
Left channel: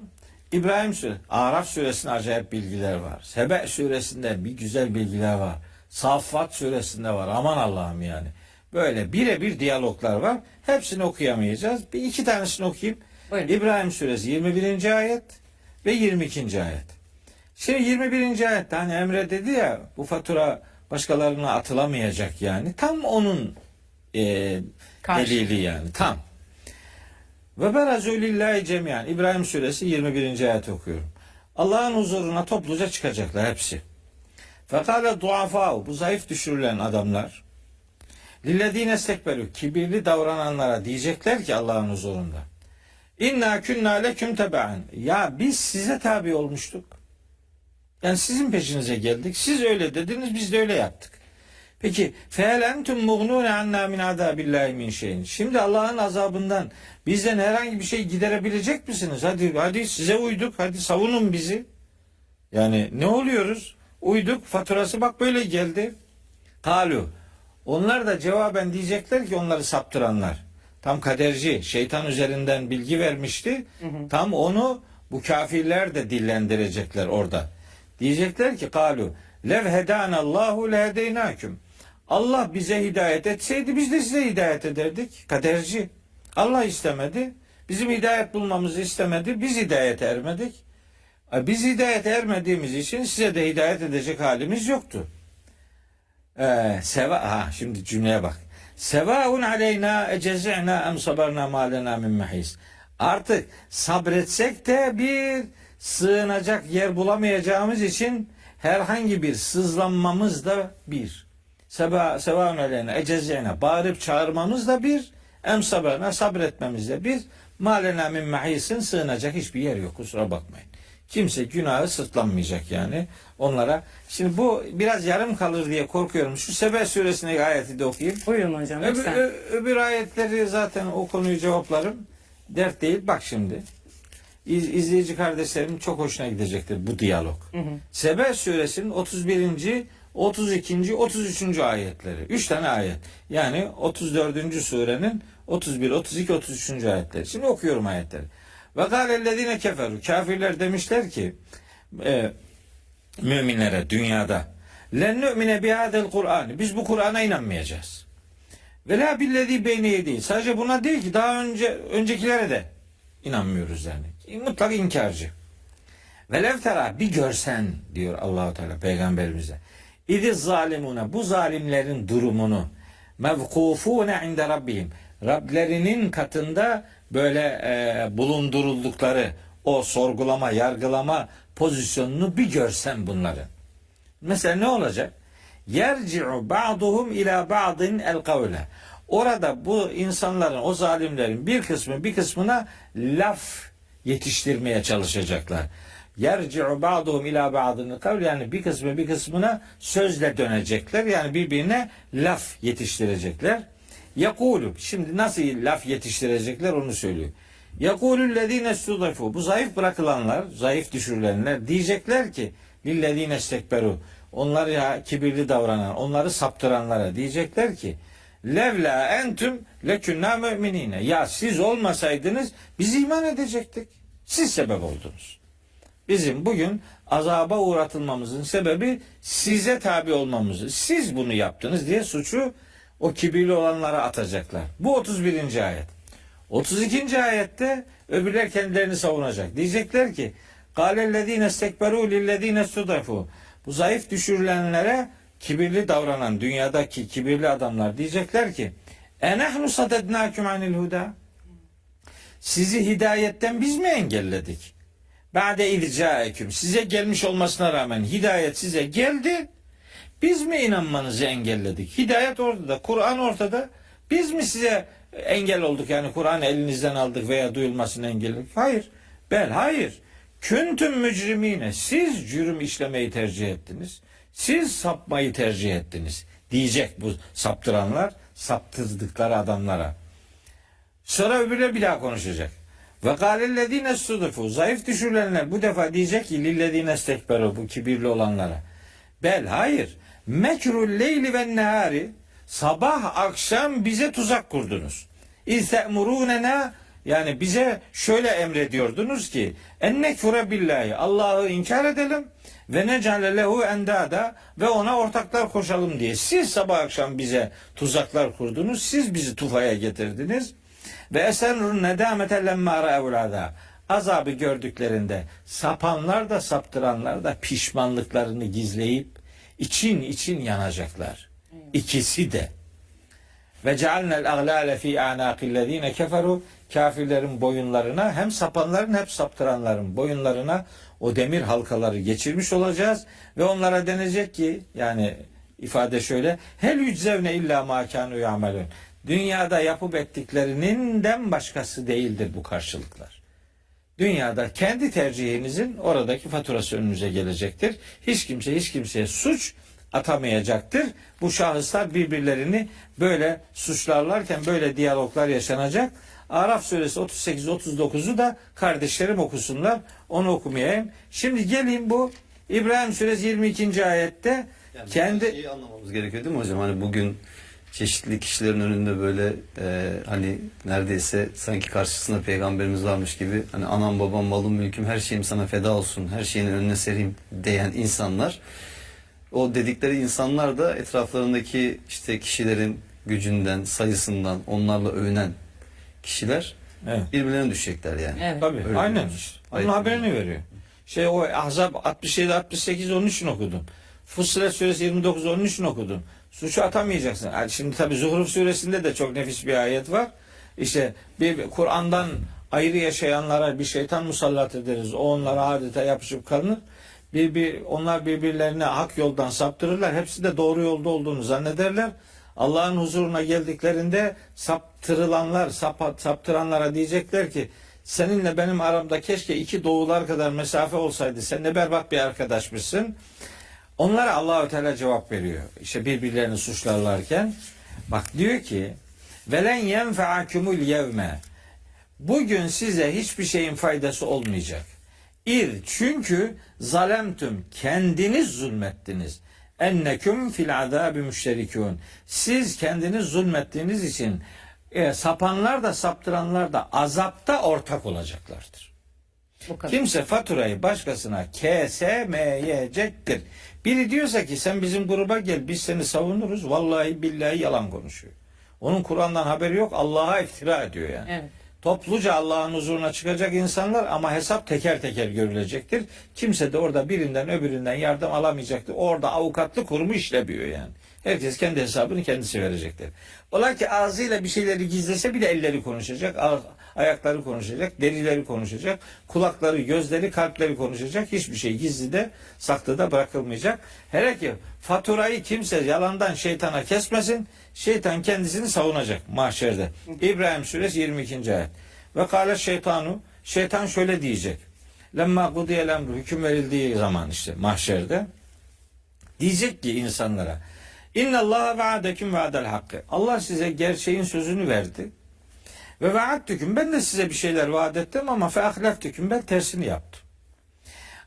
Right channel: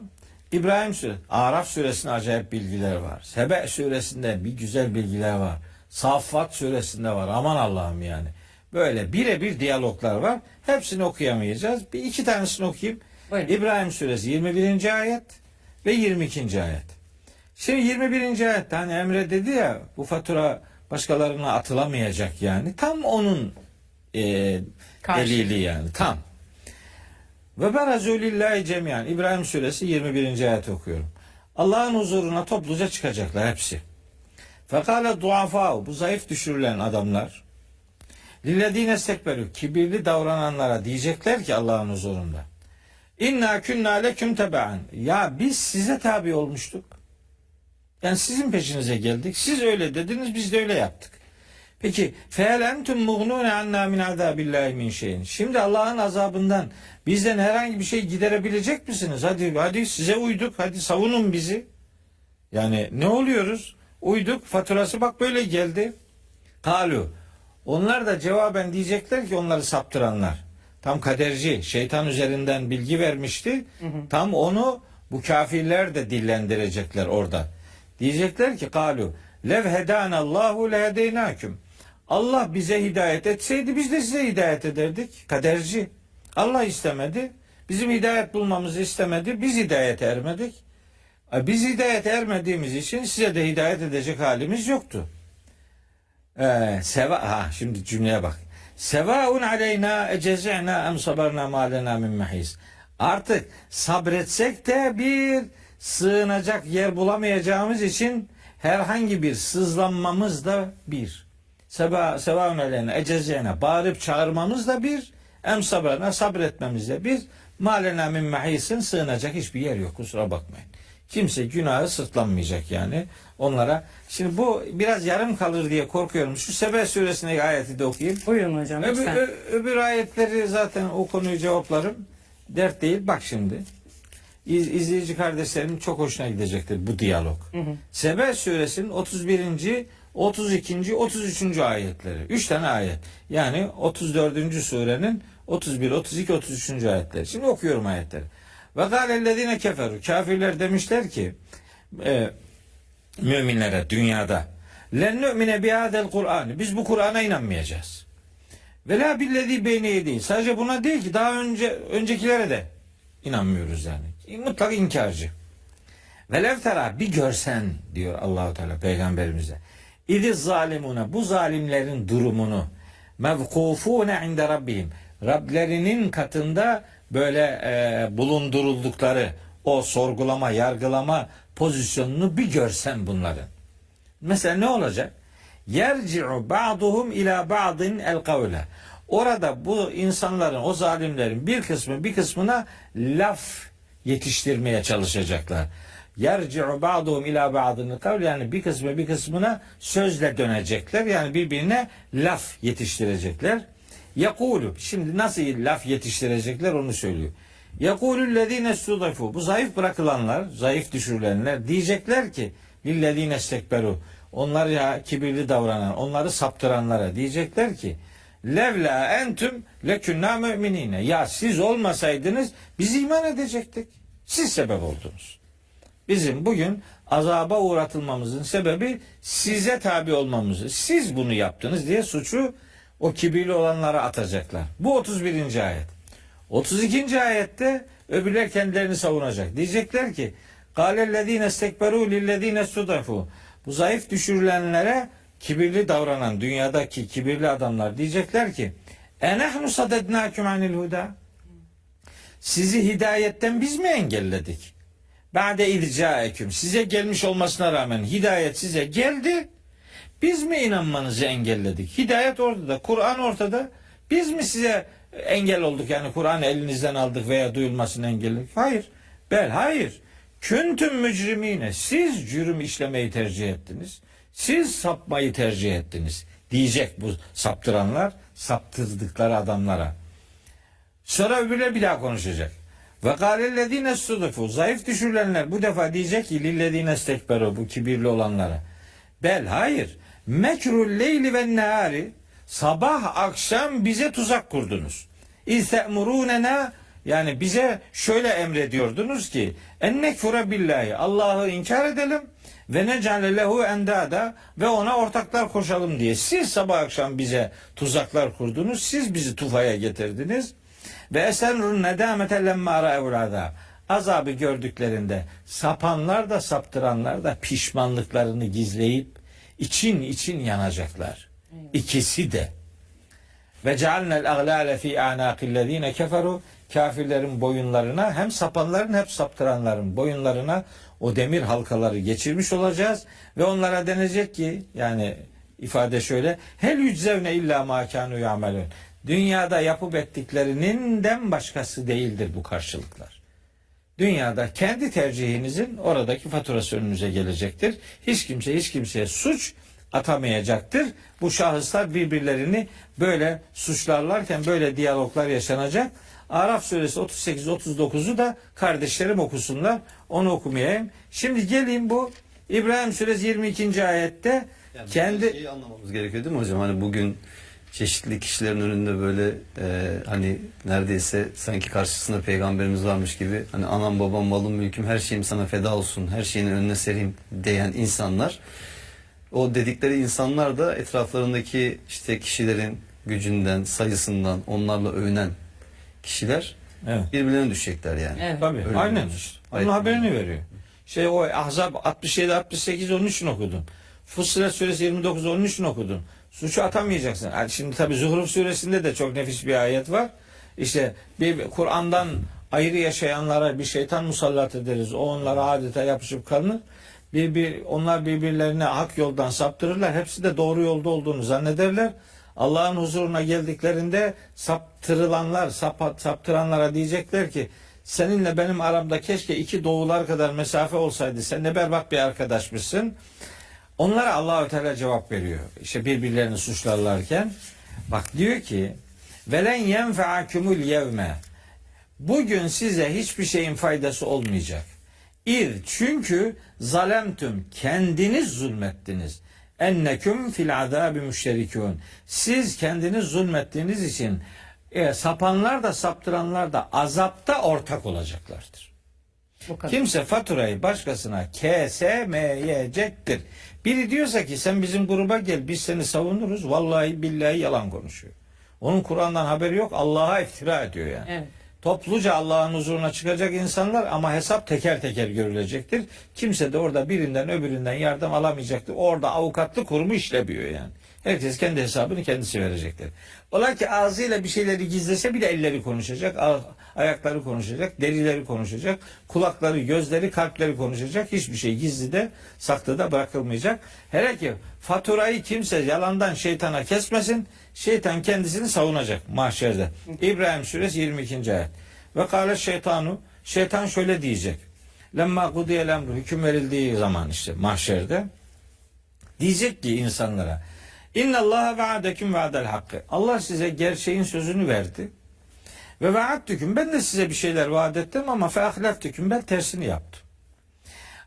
İbrahim Suresi, Araf Suresinde acayip bilgiler var. Sebe Suresinde bir güzel bilgiler var. Saffat Suresinde var. Aman Allah'ım yani. Böyle birebir diyaloglar var. Hepsini okuyamayacağız. Bir iki tanesini okuyayım. Buyurun. İbrahim Suresi 21. ayet ve 22. ayet. Şimdi 21. ayette hani Emre dedi ya, bu fatura başkalarına atılamayacak yani. Tam onun delili yani. Tam. Ve berazu lillahi cemiyan. İbrahim Suresi 21. ayet okuyorum. Allah'ın huzuruna topluca çıkacaklar hepsi. Fekale duafâ, bu zayıf düşürülen adamlar, lillezîne istekberû, kibirli davrananlara diyecekler ki Allah'ın huzurunda, İnna künnâ leküm tebe'an, ya biz size tabi olmuştuk. Yani sizin peşinize geldik. Siz öyle dediniz, biz de öyle yaptık. Peki fehel entum muğnûne annâ min azâbillâhi min şeyin. Şimdi Allah'ın azabından bizden herhangi bir şey giderebilecek misiniz? Hadi size uyduk. Hadi savunun bizi. Yani ne oluyoruz? Uyduk. Faturası bak böyle geldi. Kalu. Onlar da cevaben diyecekler ki, onları saptıranlar. Tam kaderci, şeytan üzerinden bilgi vermişti. Tam onu bu kafirler de dillendirecekler orada. Diyecekler ki kalu lev hedanallahu lehedeynâküm. Allah bize hidayet etseydi biz de size hidayet ederdik. Kaderci. Allah istemedi. Bizim hidayet bulmamızı istemedi. Biz hidayete ermedik. Biz hidayete ermediğimiz için size de hidayet edecek halimiz yoktu. Şimdi cümleye bak. Sevaun aleyna ecezi'na em sabarna ma lena min mahis. Artık sabretsek de bir sığınacak yer bulamayacağımız için herhangi bir sızlanmamız da bir. Sevaun aleyna ecezi'na, bağırıp çağırmamız da bir. Em sabarna, sabretmemiz de bir. Ma lena min mahisin, sığınacak hiçbir yer yok, kusura bakmayın. Kimse günahı sırtlanmayacak yani onlara. Şimdi bu biraz yarım kalır diye korkuyorum. Şu Sebe suresindeki ayeti de okuyayım. Buyurun hocam lütfen. Öbür ayetleri zaten o konuyu cevaplarım. Dert değil. Bak şimdi. İzleyici kardeşlerim çok hoşuna gidecektir bu diyalog. Sebe suresinin 31. 32. 33. ayetleri. 3 tane ayet. Yani 34. surenin 31, 32, 33. ayetleri. Şimdi okuyorum ayetleri. Ve gâlellezîne keferu, kafirler demişler ki müminlere dünyada, len nu'mine bihâdel Kur'an, biz bu Kur'an'a inanmayacağız. Ve la billezî beyne yedî, sadece buna değil ki daha öncekilere de inanmıyoruz yani. Mutlak inkarcı. Ve lev tera, bir görsen diyor Allahu Teala peygamberimize. İdiz zalimune, bu zalimlerin durumunu, mevkufune inde rabbihim, Rablerinin katında böyle bulunduruldukları o sorgulama, yargılama pozisyonunu bir görsen bunların. Mesela ne olacak? Yerci'u ba'duhum ila ba'din el kavle. Orada bu insanların, o zalimlerin bir kısmı bir kısmına laf yetiştirmeye çalışacaklar. Yerci'u ba'duhum ila ba'din el kavle, yani bir kısmı bir kısmına sözle dönecekler. Yani birbirine laf yetiştirecekler. Yakulu, şimdi nasıl laf yetiştirecekler onu söylüyor. Yekulü'llezîne studifû, bu zayıf bırakılanlar, zayıf düşürülenler diyecekler ki lillezîne istekberû, onlar ya kibirli davranan, onları saptıranlara diyecekler ki levla entüm lekünnâ müminîne, ya siz olmasaydınız biz iman edecektik. Siz sebep oldunuz. Bizim bugün azaba uğratılmamızın sebebi size tabi olmamızı. Siz bunu yaptınız diye suçu o kibirli olanlara atacaklar. Bu 31. ayet. 32. ayette öbürler kendilerini savunacak. Diyecekler ki قَالَ istekberu lillezîne studifû, bu zayıf düşürülenlere kibirli davranan dünyadaki kibirli adamlar diyecekler ki اَنَحْنُ صَدَدْنَاكُمْ عَنِ الْهُدَى, sizi hidayetten biz mi engelledik? بَعْدَ اِذْ size gelmiş olmasına rağmen hidayet size geldi. Biz mi inanmanızı engelledik? Hidayet ortada, Kur'an ortada. Biz mi size engel olduk, yani Kur'an'ı elinizden aldık veya duyulmasını engelledik? Hayır. Hayır. Küntüm mücrimine, siz cürüm işlemeyi tercih ettiniz. Siz sapmayı tercih ettiniz. Diyecek bu saptıranlar, saptırdıkları adamlara. Sonra öbürler bir daha konuşacak. Ve kâlellezîne sudufu, zayıf düşürülenler bu defa diyecek ki lillezîne istekberu, bu kibirli olanlara. Bel, hayır. Mekrul leyli ve nehari, sabah akşam bize tuzak kurdunuz. İstemurûnena, yani bize şöyle emrediyordunuz ki ennekfure billahi, Allah'ı inkar edelim ve necale lehu endada, ve ona ortaklar koşalım diye. Siz sabah akşam bize tuzaklar kurdunuz. Siz bizi tufaya getirdiniz. Ve esenrun nedamete lemma ra'ul azab. Azabı gördüklerinde sapanlar da saptıranlar da pişmanlıklarını gizleyip için yanacaklar. İkisi de. Ve cealnel aglale fi anaqillezine keferu, kafirlerin boyunlarına, hem sapanların hem saptıranların boyunlarına o demir halkaları geçirmiş olacağız ve onlara denecek ki, yani ifade şöyle, hel yüczevne illa ma kanu yamelun. Dünyada yapıp ettiklerinden başkası değildir bu karşılıklar. Dünyada kendi tercihinizin oradaki faturası önünüze gelecektir. Hiç kimse hiç kimseye suç atamayacaktır. Bu şahıslar birbirlerini böyle suçlarlarken böyle diyaloglar yaşanacak. Araf suresi 38-39'u da kardeşlerim okusunlar. Onu okumayayım. Şimdi geleyim bu İbrahim suresi 22. ayette yani kendi şeyi anlamamız gerekiyor değil mi hocam? Hani bugün çeşitli kişilerin önünde böyle hani neredeyse sanki karşısında peygamberimiz varmış gibi, hani anam babam malım mülküm her şeyim sana feda olsun, her şeyin önüne sereyim diyen insanlar, o dedikleri insanlar da etraflarındaki işte kişilerin gücünden, sayısından onlarla övünen kişiler, evet, birbirlerine düşecekler yani. Evet. tabii Öyle aynen. diyoruz. Onun Ayet haberini veriyor. O Ahzab 67-68 onun için okudum. Fussilet suresi 29 onun için okudum. Suçu atamayacaksın. Yani şimdi tabii Zuhruf suresinde de çok nefis bir ayet var. İşte bir Kur'an'dan ayrı yaşayanlara bir şeytan musallat ederiz. O onlara adeta yapışıp kalır. Onlar birbirlerine hak yoldan saptırırlar. Hepsi de doğru yolda olduğunu zannederler. Allah'ın huzuruna geldiklerinde saptıranlara diyecekler ki seninle benim aramda keşke 2 doğular kadar mesafe olsaydı. Sen ne berbat bir arkadaşmışsın. Onlara Allah-u Teala cevap veriyor. İşte birbirlerini suçlarlarken bak diyor ki velen yenfeakumul yevme, bugün size hiçbir şeyin faydası olmayacak. Çünkü zalemtüm, kendiniz zulmettiniz. Enneküm fil azabi müşterikûn. Siz kendiniz zulmettiğiniz için sapanlar da saptıranlar da azapta ortak olacaklardır. Kimse faturayı başkasına kesemeyecektir. Biri diyorsa ki sen bizim gruba gel biz seni savunuruz, vallahi billahi yalan konuşuyor. Onun Kur'an'dan haberi yok, Allah'a iftira ediyor yani. Evet. Topluca Allah'ın huzuruna çıkacak insanlar ama hesap teker teker görülecektir. Kimse de orada birinden öbüründen yardım alamayacaktır. Orada avukatlık kurumu işlemiyor yani. Herkes kendi hesabını kendisi verecektir. Ola ki ağzıyla bir şeyleri gizlese bile elleri konuşacak, ayakları konuşacak, derileri konuşacak, kulakları, gözleri, kalpleri konuşacak. Hiçbir şey gizli de saklı da bırakılmayacak. Hele ki faturayı kimse yalandan şeytana kesmesin. Şeytan kendisini savunacak mahşerde. İbrahim suresi 22. ayet. Ve kâle şeytanu, şeytan şöyle diyecek. Lemma kudiyel emru, hüküm verildiği zaman işte mahşerde diyecek ki insanlara İnnallâhe ve'adeküm ve'adel hakkı. Allah size gerçeğin sözünü verdi. Ve ve'addüküm, ben de size bir şeyler vaat ettim ama feahlaftüküm, ben tersini yaptım.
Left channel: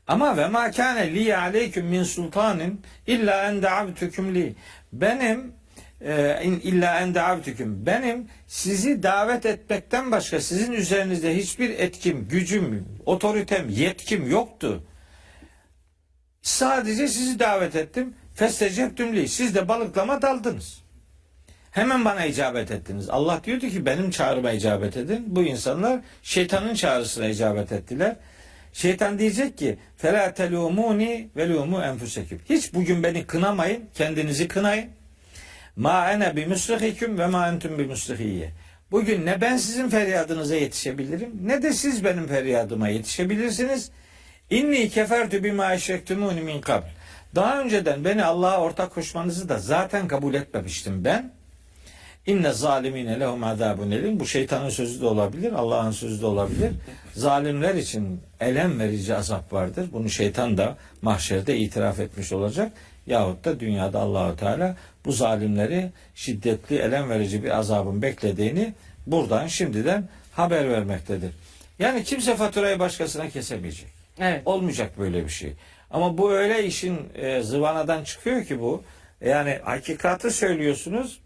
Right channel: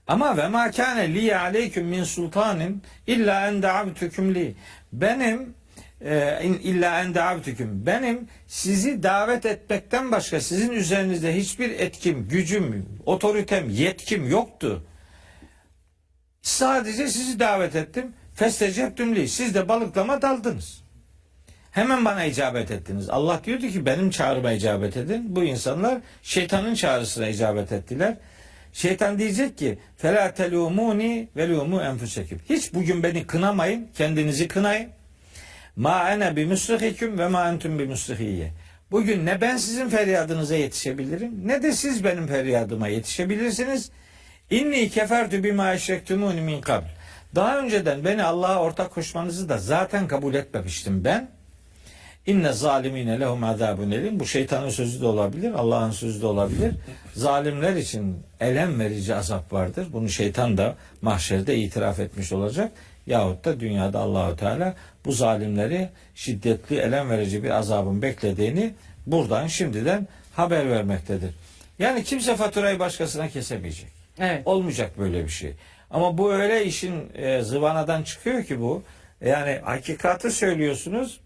Ama ve mâ kâne liye aleyküm min sultanin illa en da'avtüküm li. Benim sizi davet etmekten başka sizin üzerinizde hiçbir etkim, gücüm, otoritem, yetkim yoktu. Sadece sizi davet ettim. Festecebtüm li. Siz de balıklama daldınız. Hemen bana icabet ettiniz. Allah diyordu ki benim çağrıma icabet edin. Bu insanlar şeytanın çağrısına icabet ettiler. Şeytan diyecek ki فَلَا تَلُومُونِ وَلُومُوا اَنْفُسَكُمْ. Hiç bugün beni kınamayın. Kendinizi kınayın. Ma ene bi musrihiküm ve ma entum bi musrihiyye. Bugün ne ben sizin feryadınıza yetişebilirim ne de siz benim feryadıma yetişebilirsiniz. İnni kefertu bima eşrektumuni min kabl. Daha önceden beni Allah'a ortak koşmanızı da zaten kabul etmemiştim ben. İnne zalimine lehum azabun elim. Bu şeytanın sözü de olabilir, Allah'ın sözü de olabilir. Zalimler için elem verici azap vardır. Bunu şeytan da mahşerde itiraf etmiş olacak. Yahut da dünyada Allahu Teala bu zalimleri şiddetli, elem verici bir azabın beklediğini buradan şimdiden haber vermektedir. Yani kimse faturayı başkasına kesemeyecek. Evet. Olmayacak böyle bir şey. Ama bu öyle işin zıvanadan çıkıyor ki bu. Yani hakikati söylüyorsunuz.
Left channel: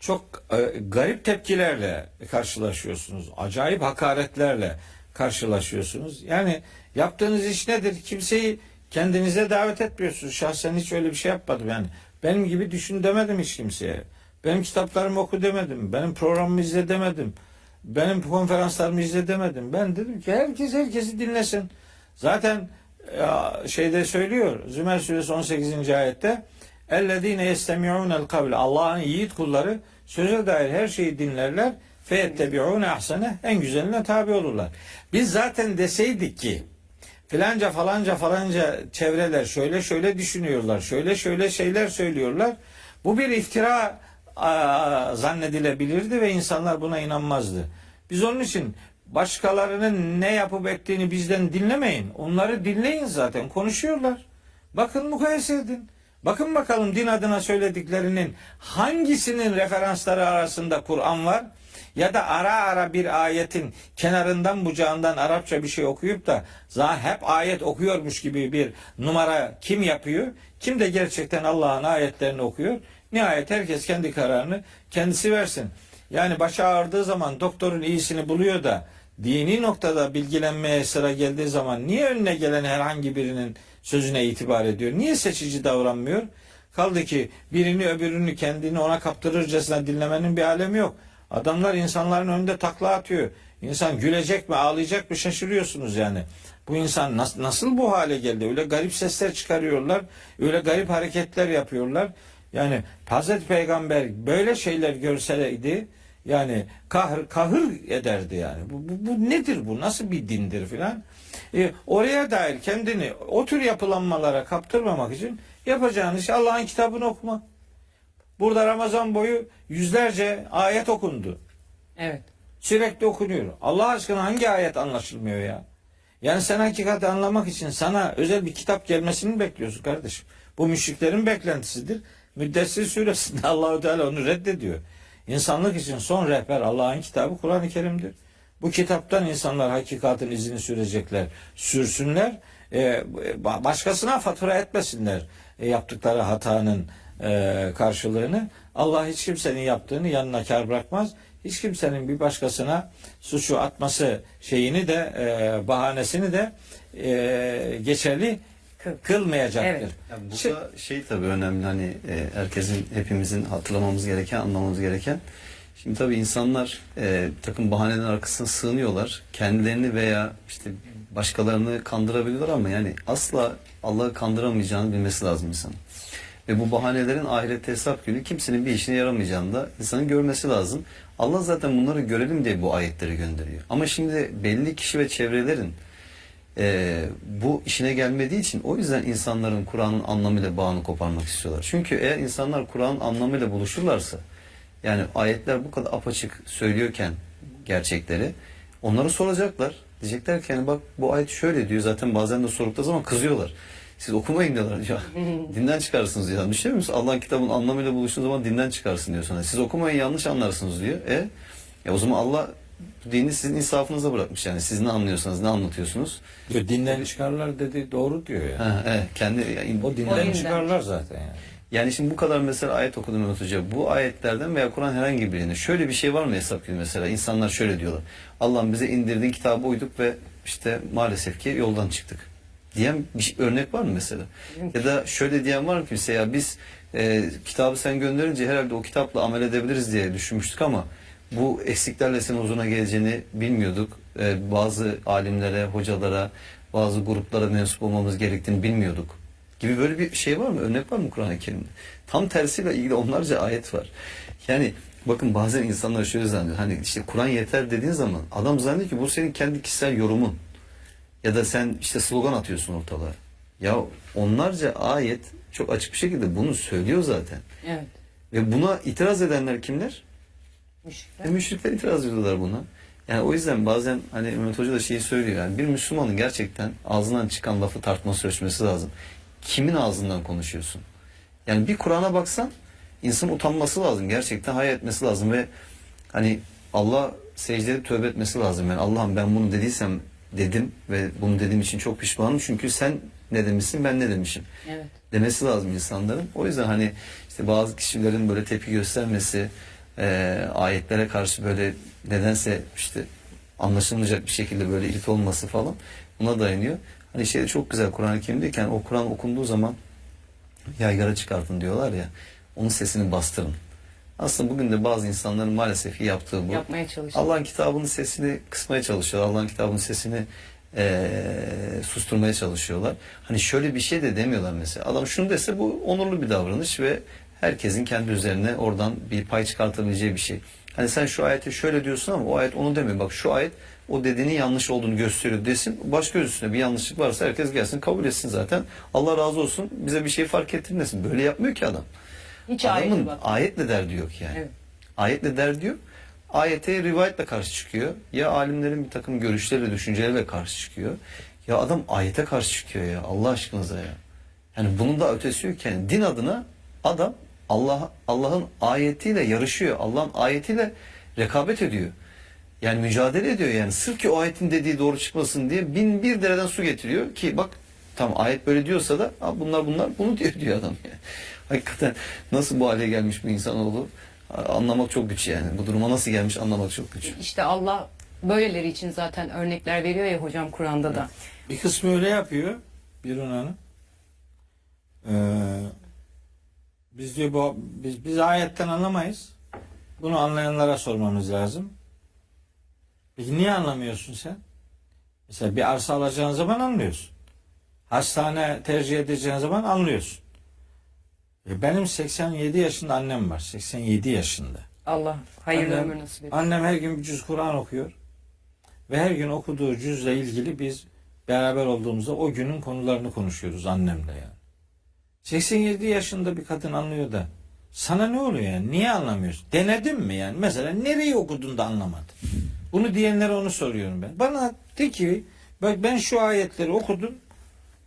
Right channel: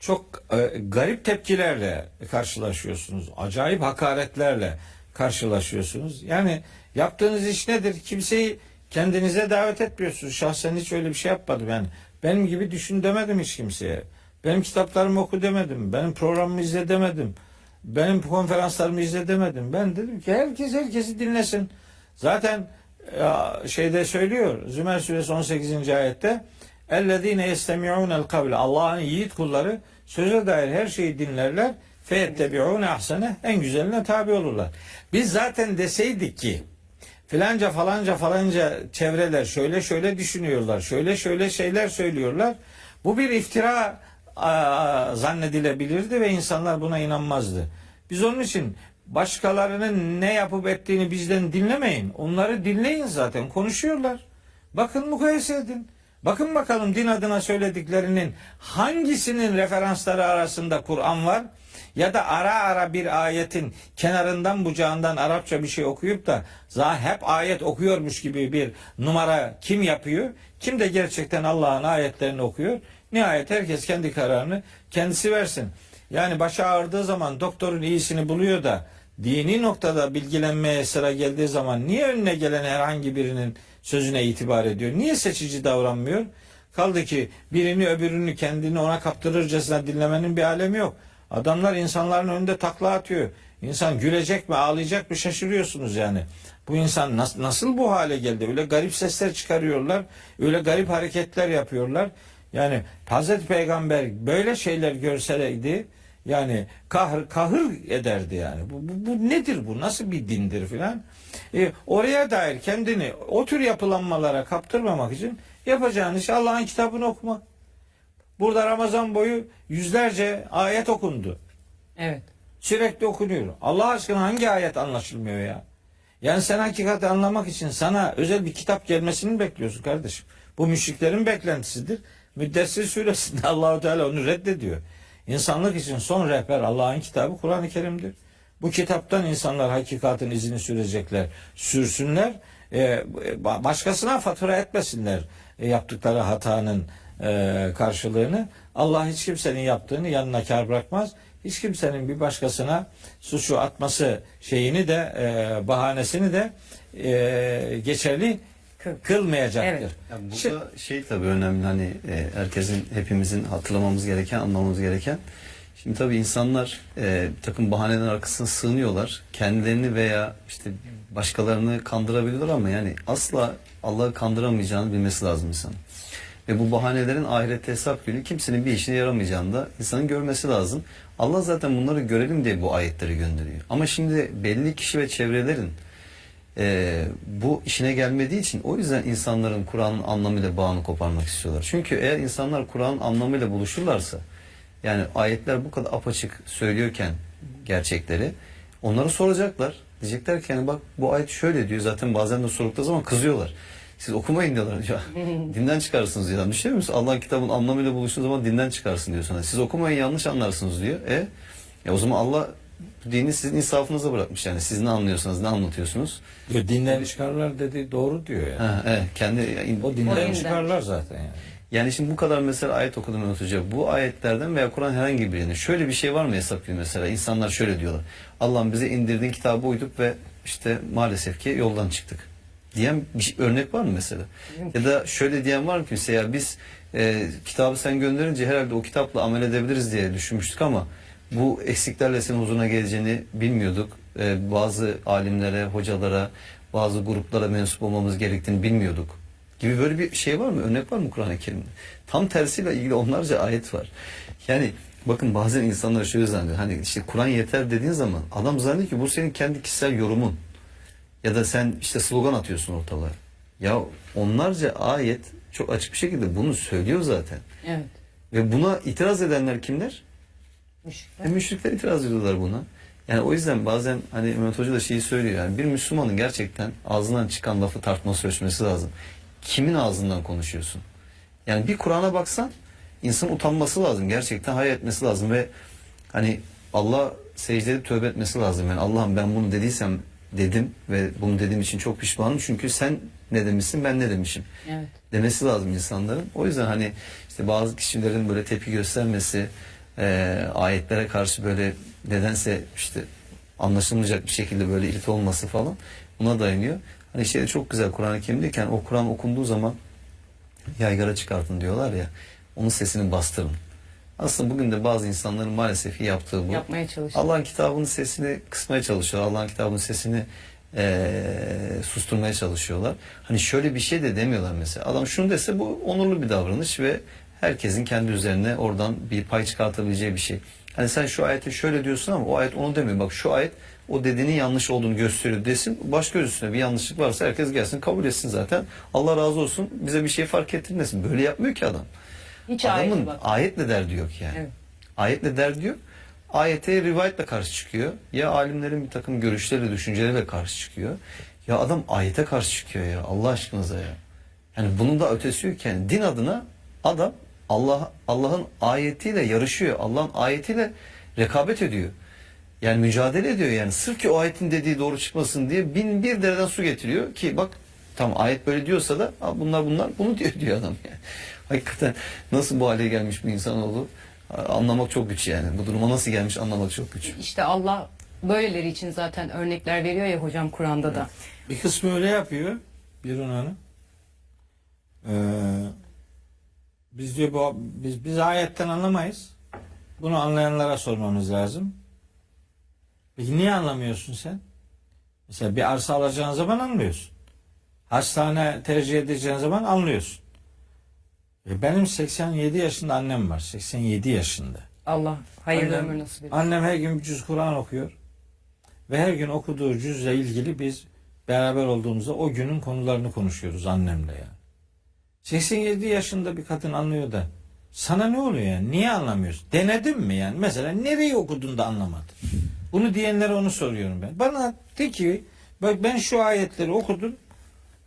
Çok garip tepkilerle karşılaşıyorsunuz. Acayip hakaretlerle karşılaşıyorsunuz. Yani yaptığınız iş nedir? Kimseyi kendinize davet etmiyorsunuz. Şahsen hiç öyle bir şey yapmadım. Yani benim gibi düşün demedim hiç kimseye. Benim kitaplarımı oku demedim. Benim programımı izle demedim. Benim konferanslarımı izle demedim. Ben dedim ki herkes herkesi dinlesin. Zaten şeyde söylüyor. Zümer suresi 18. ayette اَلَّذ۪ينَ يَسْتَمِعُونَ الْقَوْلَ Allah'ın yiğit kulları söze dair her şeyi dinlerler. فَيَتَّبِعُونَ اَحْسَنَهِ En güzeline tabi olurlar. Biz zaten deseydik ki filanca falanca çevreler şöyle şöyle düşünüyorlar. Şöyle şöyle şeyler söylüyorlar. Bu bir iftira zannedilebilirdi ve insanlar buna inanmazdı. Biz onun için başkalarının ne yapıp ettiğini bizden dinlemeyin. Onları dinleyin zaten. Konuşuyorlar. Bakın mukayese edin. Bakın bakalım din adına söylediklerinin hangisinin referansları arasında Kur'an var? Ya da ara ara bir ayetin kenarından bucağından Arapça bir şey okuyup da hep ayet okuyormuş gibi bir numara kim yapıyor? Kim de gerçekten Allah'ın ayetlerini okuyor? Nihayet herkes kendi kararını kendisi versin. Yani başı ağrıdığı zaman doktorun iyisini buluyor da dini noktada bilgilenmeye sıra geldiği zaman niye önüne gelen herhangi birinin sözüne itibar ediyor? Niye seçici davranmıyor? Kaldı ki birini öbürünü kendini ona kaptırırcasına dinlemenin bir alemi yok. Adamlar insanların önünde takla atıyor. İnsan gülecek mi ağlayacak mı şaşırıyorsunuz yani. Bu insan nasıl bu hale geldi? Öyle garip sesler çıkarıyorlar. Öyle garip hareketler yapıyorlar. Yani Hazreti Peygamber böyle şeyler görseydi yani kahır ederdi yani. Bu nedir bu? Nasıl bir dindir filan? Oraya dair kendini o tür yapılanmalara kaptırmamak için yapacağınız şey Allah'ın kitabını okumak. Burada Ramazan boyu yüzlerce ayet okundu. Evet. Sürekli okunuyor. Allah aşkına hangi ayet anlaşılmıyor ya? Yani sen hakikati anlamak için sana özel bir kitap gelmesini bekliyorsun kardeşim. Bu müşriklerin beklentisidir. Müddessir suresinde Allah-u Teala onu reddediyor. İnsanlık için son rehber Allah'ın kitabı Kur'an-ı Kerim'dir. Bu kitaptan insanlar hakikatin izini sürecekler. Sürsünler. Başkasına fatura etmesinler yaptıkları hatanın karşılığını. Allah hiç kimsenin yaptığını yanına kar bırakmaz. Hiç kimsenin bir başkasına suçu atması şeyini de bahanesini de geçerli kılmayacaktır. Evet. Yani burada şey tabii önemli, hani herkesin, hepimizin hatırlamamız gereken, anlamamız gereken. Şimdi tabii insanlar takım bahanelerin arkasına sığınıyorlar. Kendilerini veya işte başkalarını kandırabiliyorlar ama yani asla Allah'ı kandıramayacağını bilmesi lazım insanın. Ve bu bahanelerin ahirette hesap günü kimsenin bir işine yaramayacağını da insanın görmesi lazım. Allah zaten bunları görelim diye bu ayetleri gönderiyor. Ama şimdi belli kişi ve çevrelerin bu işine gelmediği için o yüzden insanların Kur'an'ın anlamıyla bağını koparmak istiyorlar. Çünkü eğer insanlar Kur'an'ın anlamıyla buluşurlarsa, yani ayetler bu kadar apaçık söylüyorken gerçekleri, onları soracaklar. Diyecekler ki yani bak bu ayet şöyle diyor, zaten bazen de sordukları zaman kızıyorlar. Siz okumayın diyorlar ya. Dinden çıkarsınız diyor. Düşünüyor musun? Allah'ın kitabının anlamıyla buluştuğu zaman dinden çıkarsın diyor sana. Siz okumayın, yanlış anlarsınız diyor. O zaman Allah dini sizin insafınıza bırakmış yani. Siz ne anlıyorsanız, ne anlatıyorsunuz? Dinden çıkarlar dedi, doğru diyor yani. Evet, o dinden çıkarlar zaten yani. Yani şimdi bu kadar mesela ayet okudum Hocam. Bu ayetlerden veya Kur'an herhangi birine şöyle bir şey var mı hesap günü mesela? İnsanlar şöyle diyorlar. Allah'ım bize indirdiğin kitabı uyduk ve işte maalesef ki yoldan çıktık diyen bir örnek var mı mesela? Ya da şöyle diyen var mı ki ya biz kitabı sen gönderince herhalde o kitapla amel edebiliriz diye düşünmüştük ama bu eksiklerle senin huzuruna geleceğini bilmiyorduk. Bazı alimlere, hocalara, bazı gruplara mensup olmamız gerektiğini bilmiyorduk gibi böyle bir şey var mı? Örnek var mı Kur'an-ı Kerim'de? Tam tersiyle ilgili onlarca ayet var. Yani bakın bazen insanlar şöyle zannediyor. Hani işte Kur'an yeter dediğin zaman adam zannediyor ki bu senin kendi kişisel yorumun. Ya da sen işte slogan atıyorsun ortalığa. Ya onlarca ayet çok açık bir şekilde bunu söylüyor zaten. Evet. Ve buna itiraz edenler kimler? Müşrikler. Müşrikler itiraz ediyorlar buna. Yani o yüzden bazen hani Mehmet Hoca da şeyi söylüyor. Yani bir Müslümanın gerçekten ağzından çıkan lafı tartması ölçmesi lazım. Kimin ağzından konuşuyorsun? Yani bir Kur'an'a baksan insan utanması lazım. Gerçekten hayal etmesi lazım ve hani Allah secdede tövbe etmesi lazım. Yani Allah'ım ben bunu dediysem dedim ve bunu dediğim için çok pişmanım. Çünkü sen ne demişsin, ben ne demişim. Evet. Demesi lazım insanların. O yüzden hani işte bazı kişilerin böyle tepki göstermesi, ayetlere karşı böyle nedense işte anlaşılmayacak bir şekilde böyle ilit olması falan buna dayanıyor. Hani şey de çok güzel Kur'an-ı Kerim'deyken o Kur'an okunduğu zaman yaygara çıkartın diyorlar ya, onun sesini bastırın. Aslında bugün de bazı insanların maalesef yaptığı bu. Yapmaya çalışıyor. Allah'ın kitabının sesini kısmaya çalışıyorlar. Allah'ın kitabının sesini susturmaya çalışıyorlar. Hani şöyle bir şey de demiyorlar mesela. Adam şunu dese bu onurlu bir davranış ve herkesin kendi üzerine oradan bir pay çıkartabileceği bir şey. Hani sen şu ayeti şöyle diyorsun ama o ayet onu demiyor. Bak şu ayet o dediğinin yanlış olduğunu gösteriyor desin. Başka üstüne bir yanlışlık varsa herkes gelsin kabul etsin zaten. Allah razı olsun, bize bir şey fark ettirmesin. Böyle yapmıyor ki adam. Hiç Adamın ayetle derdi yok yani. Evet. Ayetle derdi yok. Ayete rivayetle karşı çıkıyor. Ya alimlerin bir takım görüşleriyle, düşünceleriyle karşı çıkıyor. Ya adam ayete karşı çıkıyor ya Allah aşkınıza ya. Yani bunun da ötesi yok yani. Din adına adam Allah'ın ayetiyle yarışıyor. Allah'ın ayetiyle rekabet ediyor. Yani mücadele ediyor yani. Sırf ki o ayetin dediği doğru çıkmasın diye 1001 dereden su getiriyor ki bak tam ayet böyle diyorsa da bunlar bunu diyor adam yani. Hakikaten nasıl bu hale gelmiş bu insanoğlu anlamak çok güç yani. Bu duruma nasıl gelmiş anlamak çok güç. İşte Allah böyleleri için zaten örnekler veriyor ya hocam Kur'an'da da. Bir kısmı öyle yapıyor. Bir Hanım. Biz diyor biz ayetten anlamayız. Bunu anlayanlara sormamız lazım. Peki niye anlamıyorsun sen? Mesela bir arsa alacağın zaman anlıyorsun. Hastane tercih edeceğin zaman anlıyorsun. Benim 87 yaşında annem var. 87 yaşında. Allah hayırlı ömür nasip etsin. Annem her gün bir cüz Kur'an okuyor. Ve her gün okuduğu cüzle ilgili biz beraber olduğumuzda o günün konularını konuşuyoruz annemle yani. 87 yaşında bir kadın anlıyor da sana ne oluyor yani? Niye anlamıyorsun? Denedin mi yani? Mesela nereyi okudun da anlamadın? Bunu diyenlere onu soruyorum ben. Bana de ki bak ben şu ayetleri okudum.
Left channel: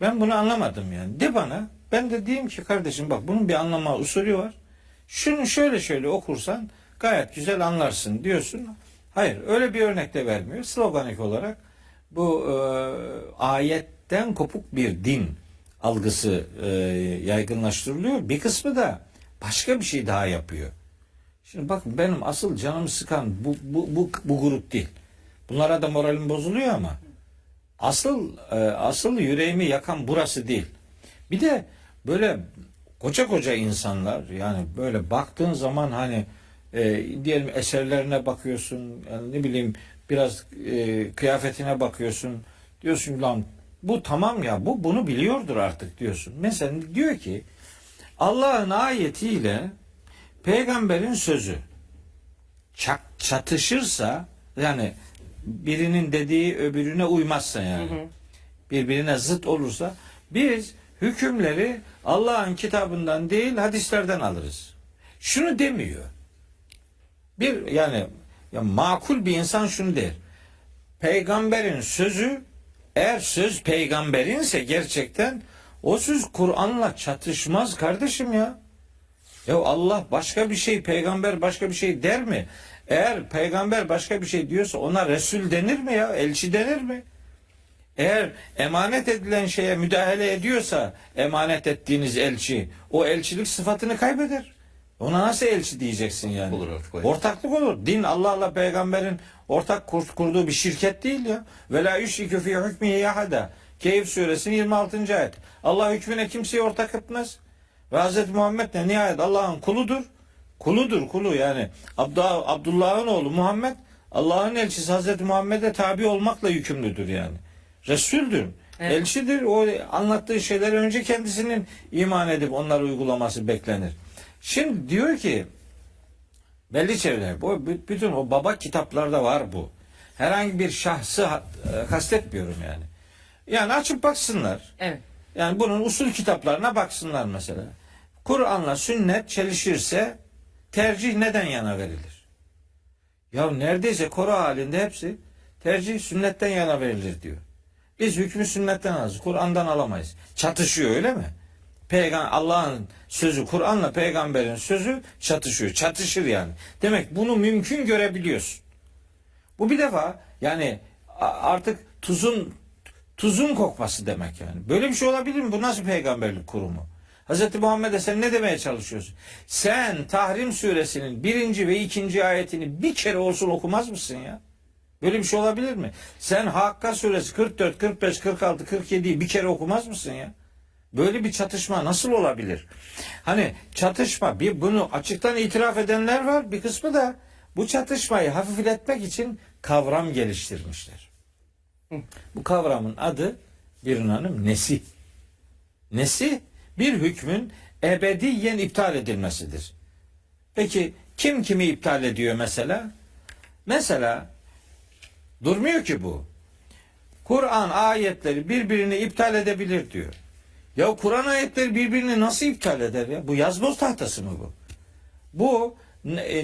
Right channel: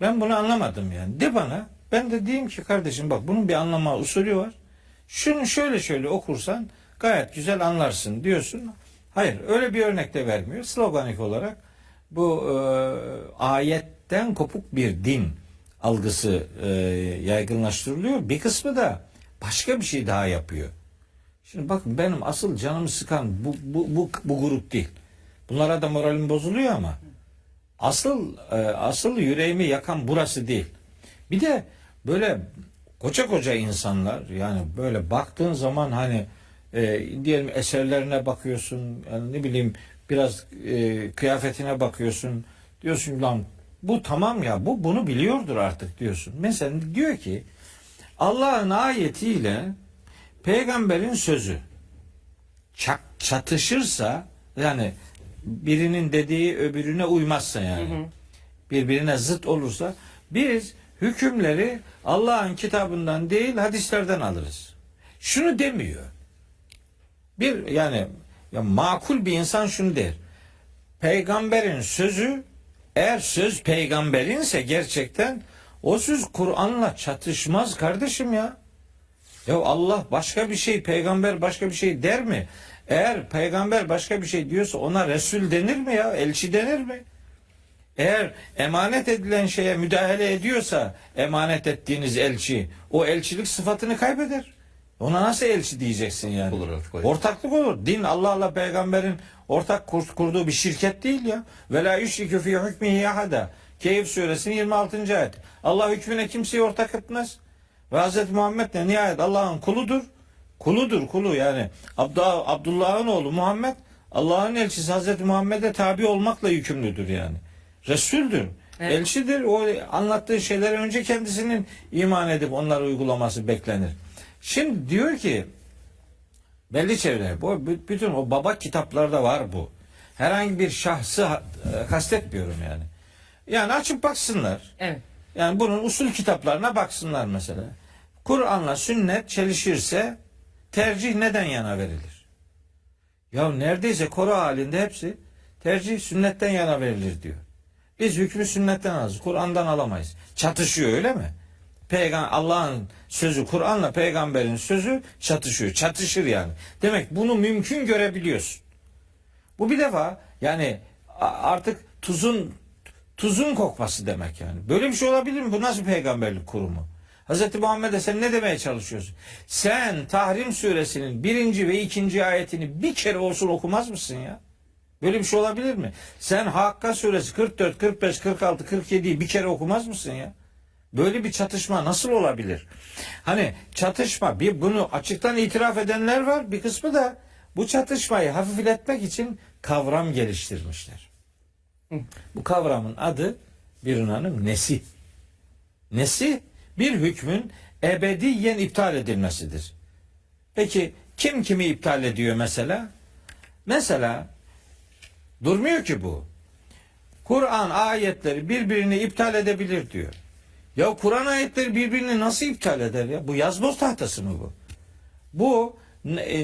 Ben bunu anlamadım yani. De bana. Ben de diyeyim ki kardeşim bak bunun bir anlama usulü var. Şunu şöyle okursan gayet güzel anlarsın diyorsun. Hayır öyle bir örnek de vermiyor. Sloganik olarak bu ayetten kopuk bir din algısı yaygınlaştırılıyor. Bir kısmı da başka bir şey daha yapıyor. Şimdi bakın benim asıl canımı sıkan bu grup değil. Bunlara da moralim bozuluyor ama asıl yüreğimi yakan burası değil. Bir de böyle koca insanlar yani böyle baktığın zaman hani diyelim eserlerine bakıyorsun yani ne bileyim biraz kıyafetine bakıyorsun diyorsun lan bu tamam ya bunu biliyordur artık diyorsun. Mesela diyor ki Allah'ın ayetiyle peygamberin sözü çatışırsa yani birinin dediği öbürüne uymazsa yani birbirine zıt olursa biz hükümleri Allah'ın kitabından değil hadislerden alırız. Şunu demiyor. Ya makul bir insan şunu der. Peygamberin sözü eğer söz peygamberinse gerçekten o söz Kur'an'la çatışmaz kardeşim ya. Ya Allah başka bir şey, peygamber başka bir şey der mi? Eğer peygamber başka bir şey diyorsa ona Resul denir mi ya? Elçi denir mi? Eğer emanet edilen şeye müdahale ediyorsa emanet ettiğiniz elçi o elçilik sıfatını kaybeder. Ona nasıl elçi diyeceksin yani? Olur artık. Ortaklık olur. Din Allah'la peygamberin ortak kurduğu bir şirket değil ya. Ve la yüşrikü fî hükmihi ahada. Kehf suresinin 26. ayet. Allah hükmüne kimseyi ortak etmez. Ve Hz. Muhammed de nihayet Allah'ın kuludur. Kulu yani. Abdullah'ın oğlu Muhammed Allah'ın elçisi Hz. Muhammed'e tabi olmakla yükümlüdür yani. Resul'dür. Evet. Elçidir. O anlattığı şeyler önce kendisinin iman edip onları uygulaması beklenir. Şimdi diyor ki belli çevreler bütün o baba kitaplarda var bu. Herhangi bir şahsı kastetmiyorum yani. Yani açıp baksınlar. Evet. Yani bunun usul kitaplarına baksınlar mesela. Kur'an'la sünnet çelişirse tercih neden yana verilir? Ya neredeyse koro halinde hepsi tercih sünnetten yana verilir diyor. Biz hükmü sünnetten alırız. Kur'an'dan alamayız. Çatışıyor öyle mi? Allah'ın sözü Kur'an'la peygamberin sözü çatışıyor. Çatışır yani. Demek bunu mümkün görebiliyorsun. Bu bir defa yani artık tuzun kokması demek yani. Böyle bir şey olabilir mi? Bu nasıl peygamberlik kurumu? Hz. Muhammed'e sen ne demeye çalışıyorsun? Sen Tahrim suresinin 1. ve 2. ayetini bir kere olsun okumaz mısın ya? Böyle bir şey olabilir mi? Sen Hakka suresi 44, 45, 46, 47'yi bir kere okumaz mısın ya? Böyle bir çatışma nasıl olabilir? Hani çatışma, bunu açıktan itiraf edenler var, bir kısmı da bu çatışmayı hafifletmek için kavram geliştirmişler. Bu kavramın adı Birun Hanım nesih. Nesih bir hükmün ebediyen iptal edilmesidir. Peki kim kimi iptal ediyor mesela? Mesela durmuyor ki bu. Kur'an ayetleri birbirini iptal edebilir diyor. Ya Kur'an ayetleri birbirini nasıl iptal eder ya? Bu yazboz tahtası mı bu? Bu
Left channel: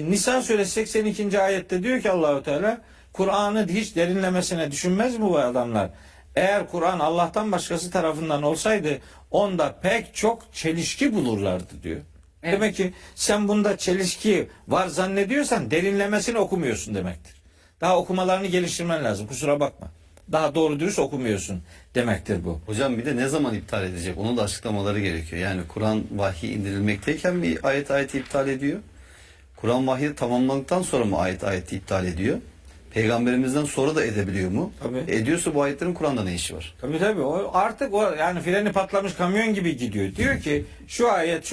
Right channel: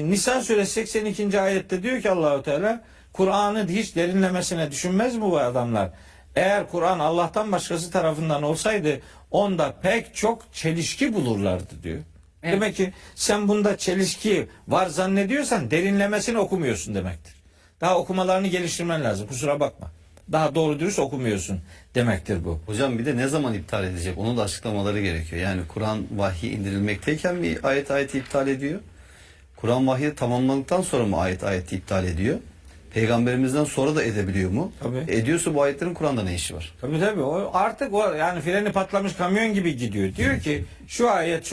Nisa suresi 82. ayette diyor ki Allahu Teala Kur'an'ı hiç derinlemesine düşünmez mi bu adamlar? Eğer Kur'an Allah'tan başkası tarafından olsaydı onda pek çok çelişki bulurlardı diyor. Evet. Demek ki sen bunda çelişki var zannediyorsan derinlemesine okumuyorsun demektir. Daha okumalarını geliştirmen lazım. Kusura bakma. Daha doğru dürüst okumuyorsun demektir bu. Hocam bir de ne zaman iptal edecek? Onu da açıklamaları gerekiyor. Yani Kur'an vahyi indirilmekteyken bir ayeti iptal ediyor. Kur'an vahyi tamamlandıktan sonra mı ayeti iptal ediyor? Peygamberimizden sonra da edebiliyor mu? Tabii. Ediyorsa bu ayetlerin Kur'an'da ne işi var? Tabii. O artık o yani freni patlamış kamyon gibi gidiyor. Diyor ki şu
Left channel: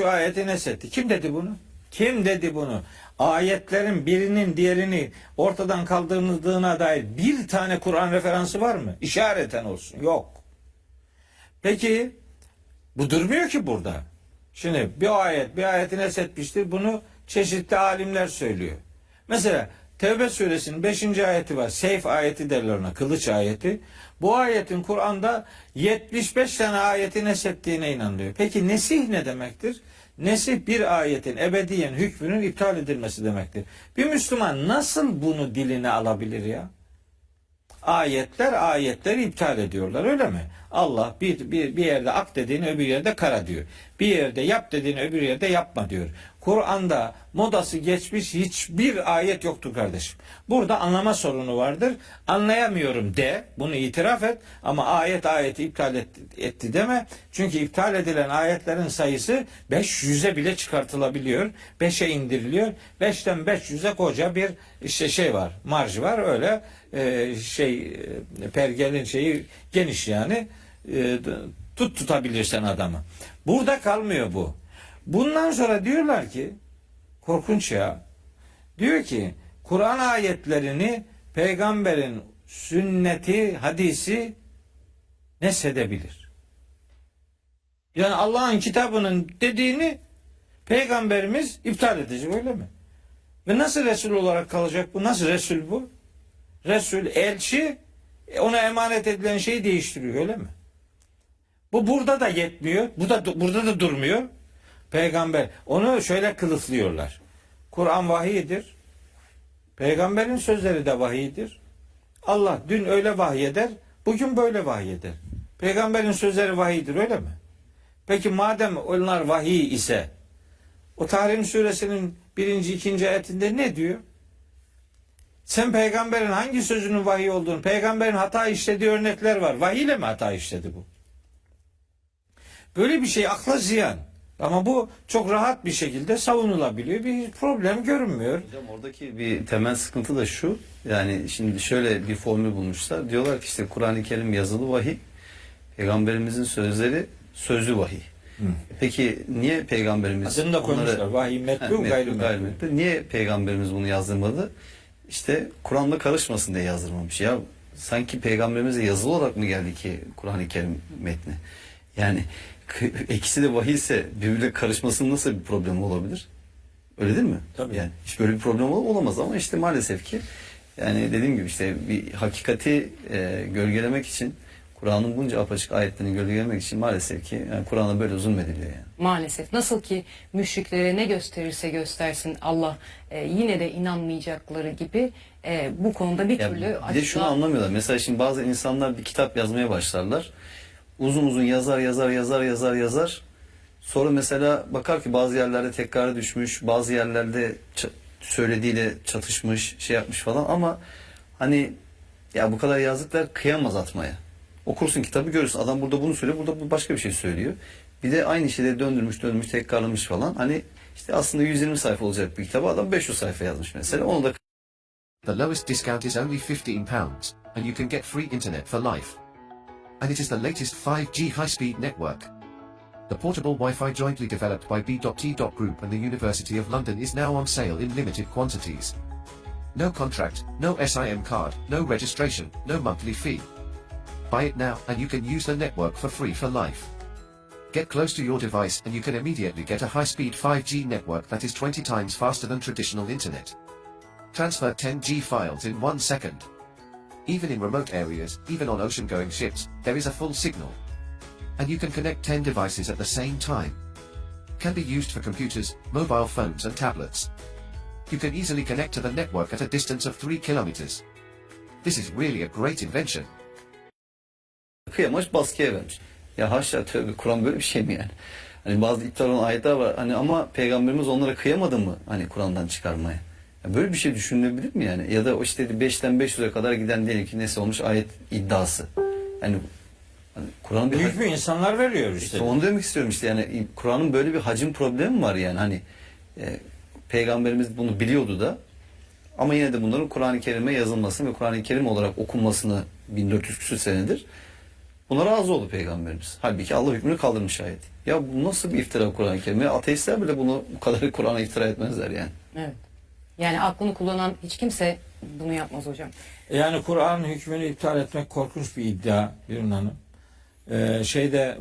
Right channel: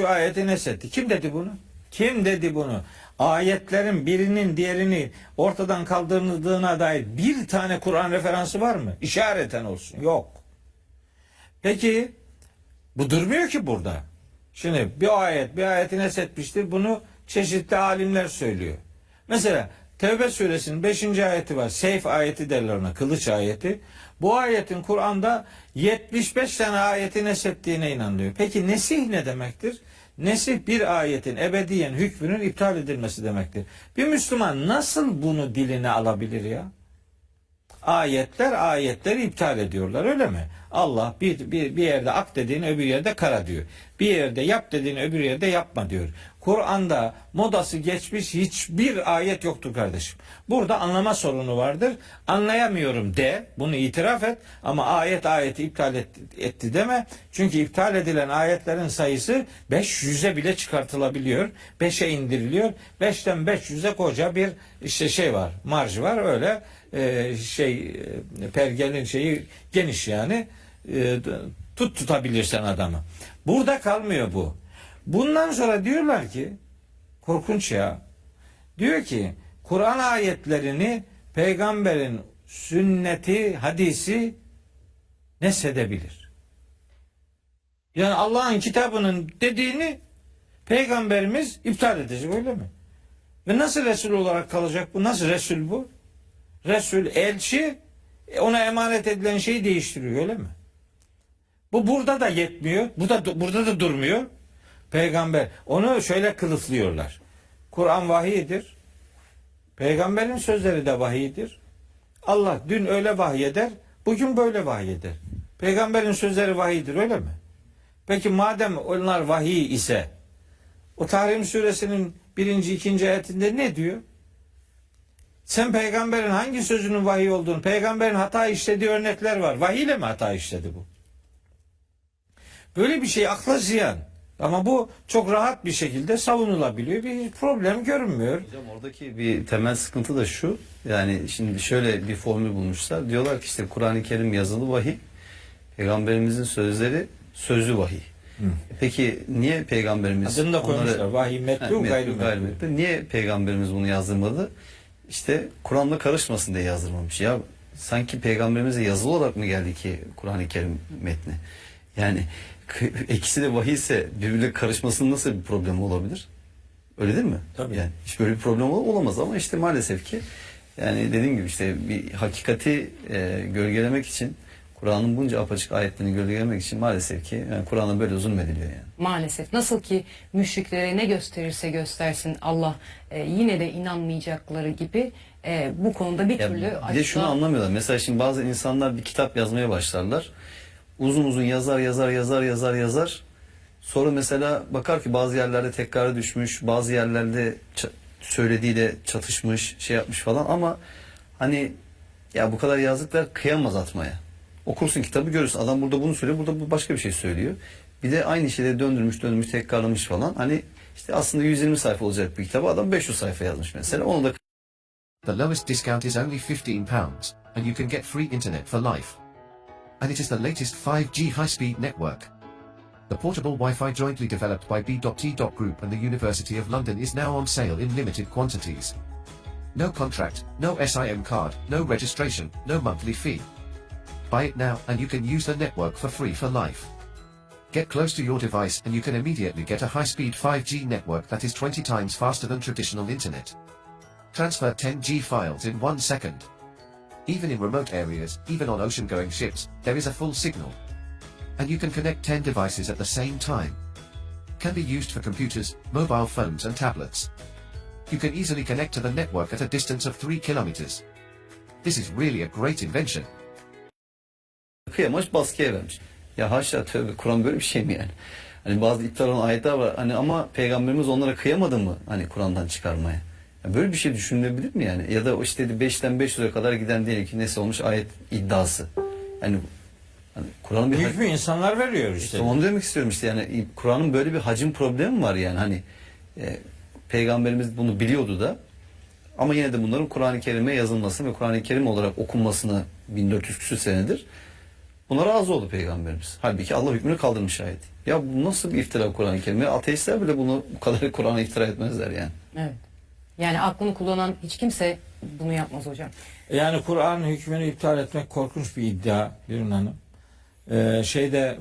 ayeti nesetti. Kim dedi bunu? Kim dedi bunu? Ayetlerin birinin diğerini ortadan kaldırıldığına dair bir tane Kur'an referansı var mı? İşareten olsun. Yok. Peki bu durmuyor ki burada. Şimdi bir ayeti nesetmiştir. Bunu çeşitli alimler söylüyor. Mesela Tevbe suresinin 5. ayeti var. Seyf ayeti derler ona. Kılıç ayeti. Bu ayetin Kur'an'da 75 tane ayeti nesettiğine inanılıyor. Peki nesih ne demektir? Nesih bir ayetin ebediyen hükmünün iptal edilmesi demektir. Bir Müslüman nasıl bunu diline alabilir ya? Ayetleri iptal ediyorlar öyle mi? Allah bir yerde ak dediğini öbür yerde kara diyor. Bir yerde yap dediğini öbür yerde yapma diyor. Kur'an'da modası geçmiş hiçbir ayet yoktur kardeşim. Burada anlama sorunu vardır. Anlayamıyorum de, bunu itiraf et ama ayeti iptal etti deme. Çünkü iptal edilen ayetlerin sayısı 500'e bile çıkartılabiliyor. 5'e indiriliyor. 5'ten 500'e koca bir şey var, marj var öyle. Pergelin şeyi geniş yani tutabilirsen adamı. Burada kalmıyor bu. Bundan sonra diyorlar ki korkunç ya. Diyor ki Kur'an ayetlerini peygamberin sünneti, hadisi neshedebilir. Yani Allah'ın kitabının dediğini peygamberimiz iptal edecek öyle mi? Ve nasıl Resul olarak kalacak bu? Nasıl Resul bu? Resul, elçi ona emanet edilen şeyi değiştiriyor öyle mi? Bu burada da yetmiyor. Burada da durmuyor. Peygamber onu şöyle kılıflıyorlar. Kur'an vahiyidir. Peygamberin sözleri de vahiyidir. Allah dün öyle vahyeder, bugün böyle vahyeder. Peygamberin sözleri vahiyidir öyle mi? Peki madem onlar vahiy ise o Tahrim suresinin 1. 2. ayetinde ne diyor? Sen peygamberin hangi sözünün vahiy olduğunu, peygamberin hata işlediği örnekler var. Vahiy ile mi hata işledi bu? Böyle bir şey akla ziyan. Ama bu çok rahat bir şekilde savunulabiliyor. Bir problem görünmüyor. Hocam oradaki bir temel sıkıntı da şu. Yani şimdi şöyle bir formül bulmuşlar. Diyorlar ki işte Kur'an-ı Kerim yazılı vahiy, peygamberimizin sözleri sözlü vahiy. Peki niye peygamberimiz adını da koymuşlar. Vahiy metlu gayrimetlu. Niye peygamberimiz bunu yazdırmadı? İşte Kur'an'la karışmasın diye yazdırmamış. Ya sanki peygamberimize yazılı olarak mı geldi ki Kur'an-ı Kerim metni? Yani ikisi de vahiy ise birbirine karışmasının nasıl bir problem olabilir? Öyle değil mi? Tabii. Yani hiç böyle bir problem olamaz ama işte maalesef ki yani dediğim gibi işte bir hakikati gölgelemek için Kur'an'ın bunca apaçık ayetlerini gölgelemek için maalesef ki yani Kur'an'a böyle zulmediliyor yani. Maalesef. Nasıl ki müşriklere ne gösterirse göstersin Allah yine de inanmayacakları gibi bu konuda bir türlü Bir de şunu anlamıyorlar. Mesela şimdi bazı insanlar bir kitap yazmaya başlarlar. Uzun uzun yazar. Sonra mesela bakar ki bazı yerlerde tekrara düşmüş, bazı yerlerde söylediğiyle çatışmış, şey yapmış falan ama Hani ya bu kadar yazdıklar kıyamaz atmaya. Okursun kitabı görürsün. Adam burada bunu söylüyor, burada bu başka bir şey söylüyor. Bir de aynı şeyleri döndürmüş, tekrarlamış falan. Hani işte aslında 120 sayfa olacak bir kitabı adam 500 sayfa yazmış mesela. Onu da The lowest discount is only £15, and you can get free internet for life. And it is the latest 5G high-speed network. The portable Wi-Fi jointly developed by B.T. Group and the University of London is now on sale in limited quantities. No contract, no SIM card, no registration, no monthly fee. Buy it now and you can use the network for free for life. Get close to your device and you can immediately get a high-speed 5G network that is 20 times faster than traditional internet. Transfer 10G files in 1 second. Even in remote areas, even on ocean-going ships, there is a full signal. And you can connect 10 devices at the same time. Can be used for computers, mobile phones and tablets. You can easily connect to the network at a distance of 3 kilometers. This is really a great invention. kıyamamış, baskıya vermiş. Ya haşa, tövbe, Kur'an böyle bir şey mi yani? Hani bazı iptal olan ayetler var. Hani ama Peygamberimiz onlara kıyamadı mı hani Kur'an'dan çıkarmaya? Ya böyle bir şey düşünülebilir mi yani? Ya da o işte 5'ten 500'e kadar giden diyelim ki neyse olmuş ayet iddiası. Yani hani Kur'an'ın bir hükmü insanlar veriyor işte. Onu demek istiyorum işte, yani Kur'an'ın böyle bir hacim problemi var yani, hani Peygamberimiz bunu biliyordu da ama yine de bunların Kur'an-ı Kerim'e yazılmasını ve Kur'an-ı Kerim olarak okunmasını 1400 küsur senedir buna razı oldu Peygamberimiz. Halbuki Allah hükmünü kaldırmış ayet. Ya bu nasıl bir iftira Kur'an-ı Kerim'e? Ateistler bile bunu bu kadar Kur'an'a iftira etmezler yani. Evet. Yani aklını kullanan hiç kimse bunu yapmaz hocam. Yani Kur'an'ın hükmünü iptal etmek korkunç bir iddia Birun Hanım.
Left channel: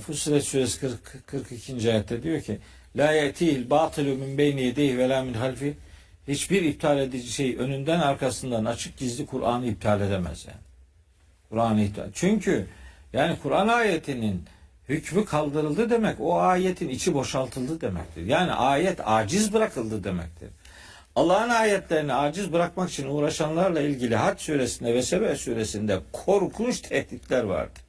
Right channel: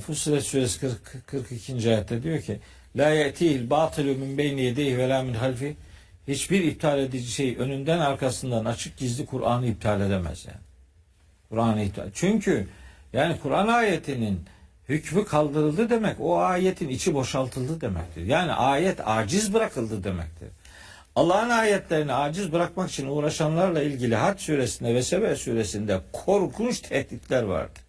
Fussilet suresi 42. ayette diyor ki la ye'tihil batilu min beyni yedeyhi ve la min halfi, hiçbir iptal edici şey önünden arkasından açık gizli Kur'an'ı iptal edemez yani. Kur'an'ı iptal. Çünkü yani Kur'an ayetinin hükmü kaldırıldı demek o ayetin içi boşaltıldı demektir. Yani ayet aciz bırakıldı demektir. Allah'ın ayetlerini aciz bırakmak için uğraşanlarla ilgili Hac suresinde ve Sebe suresinde korkunç tehditler vardı.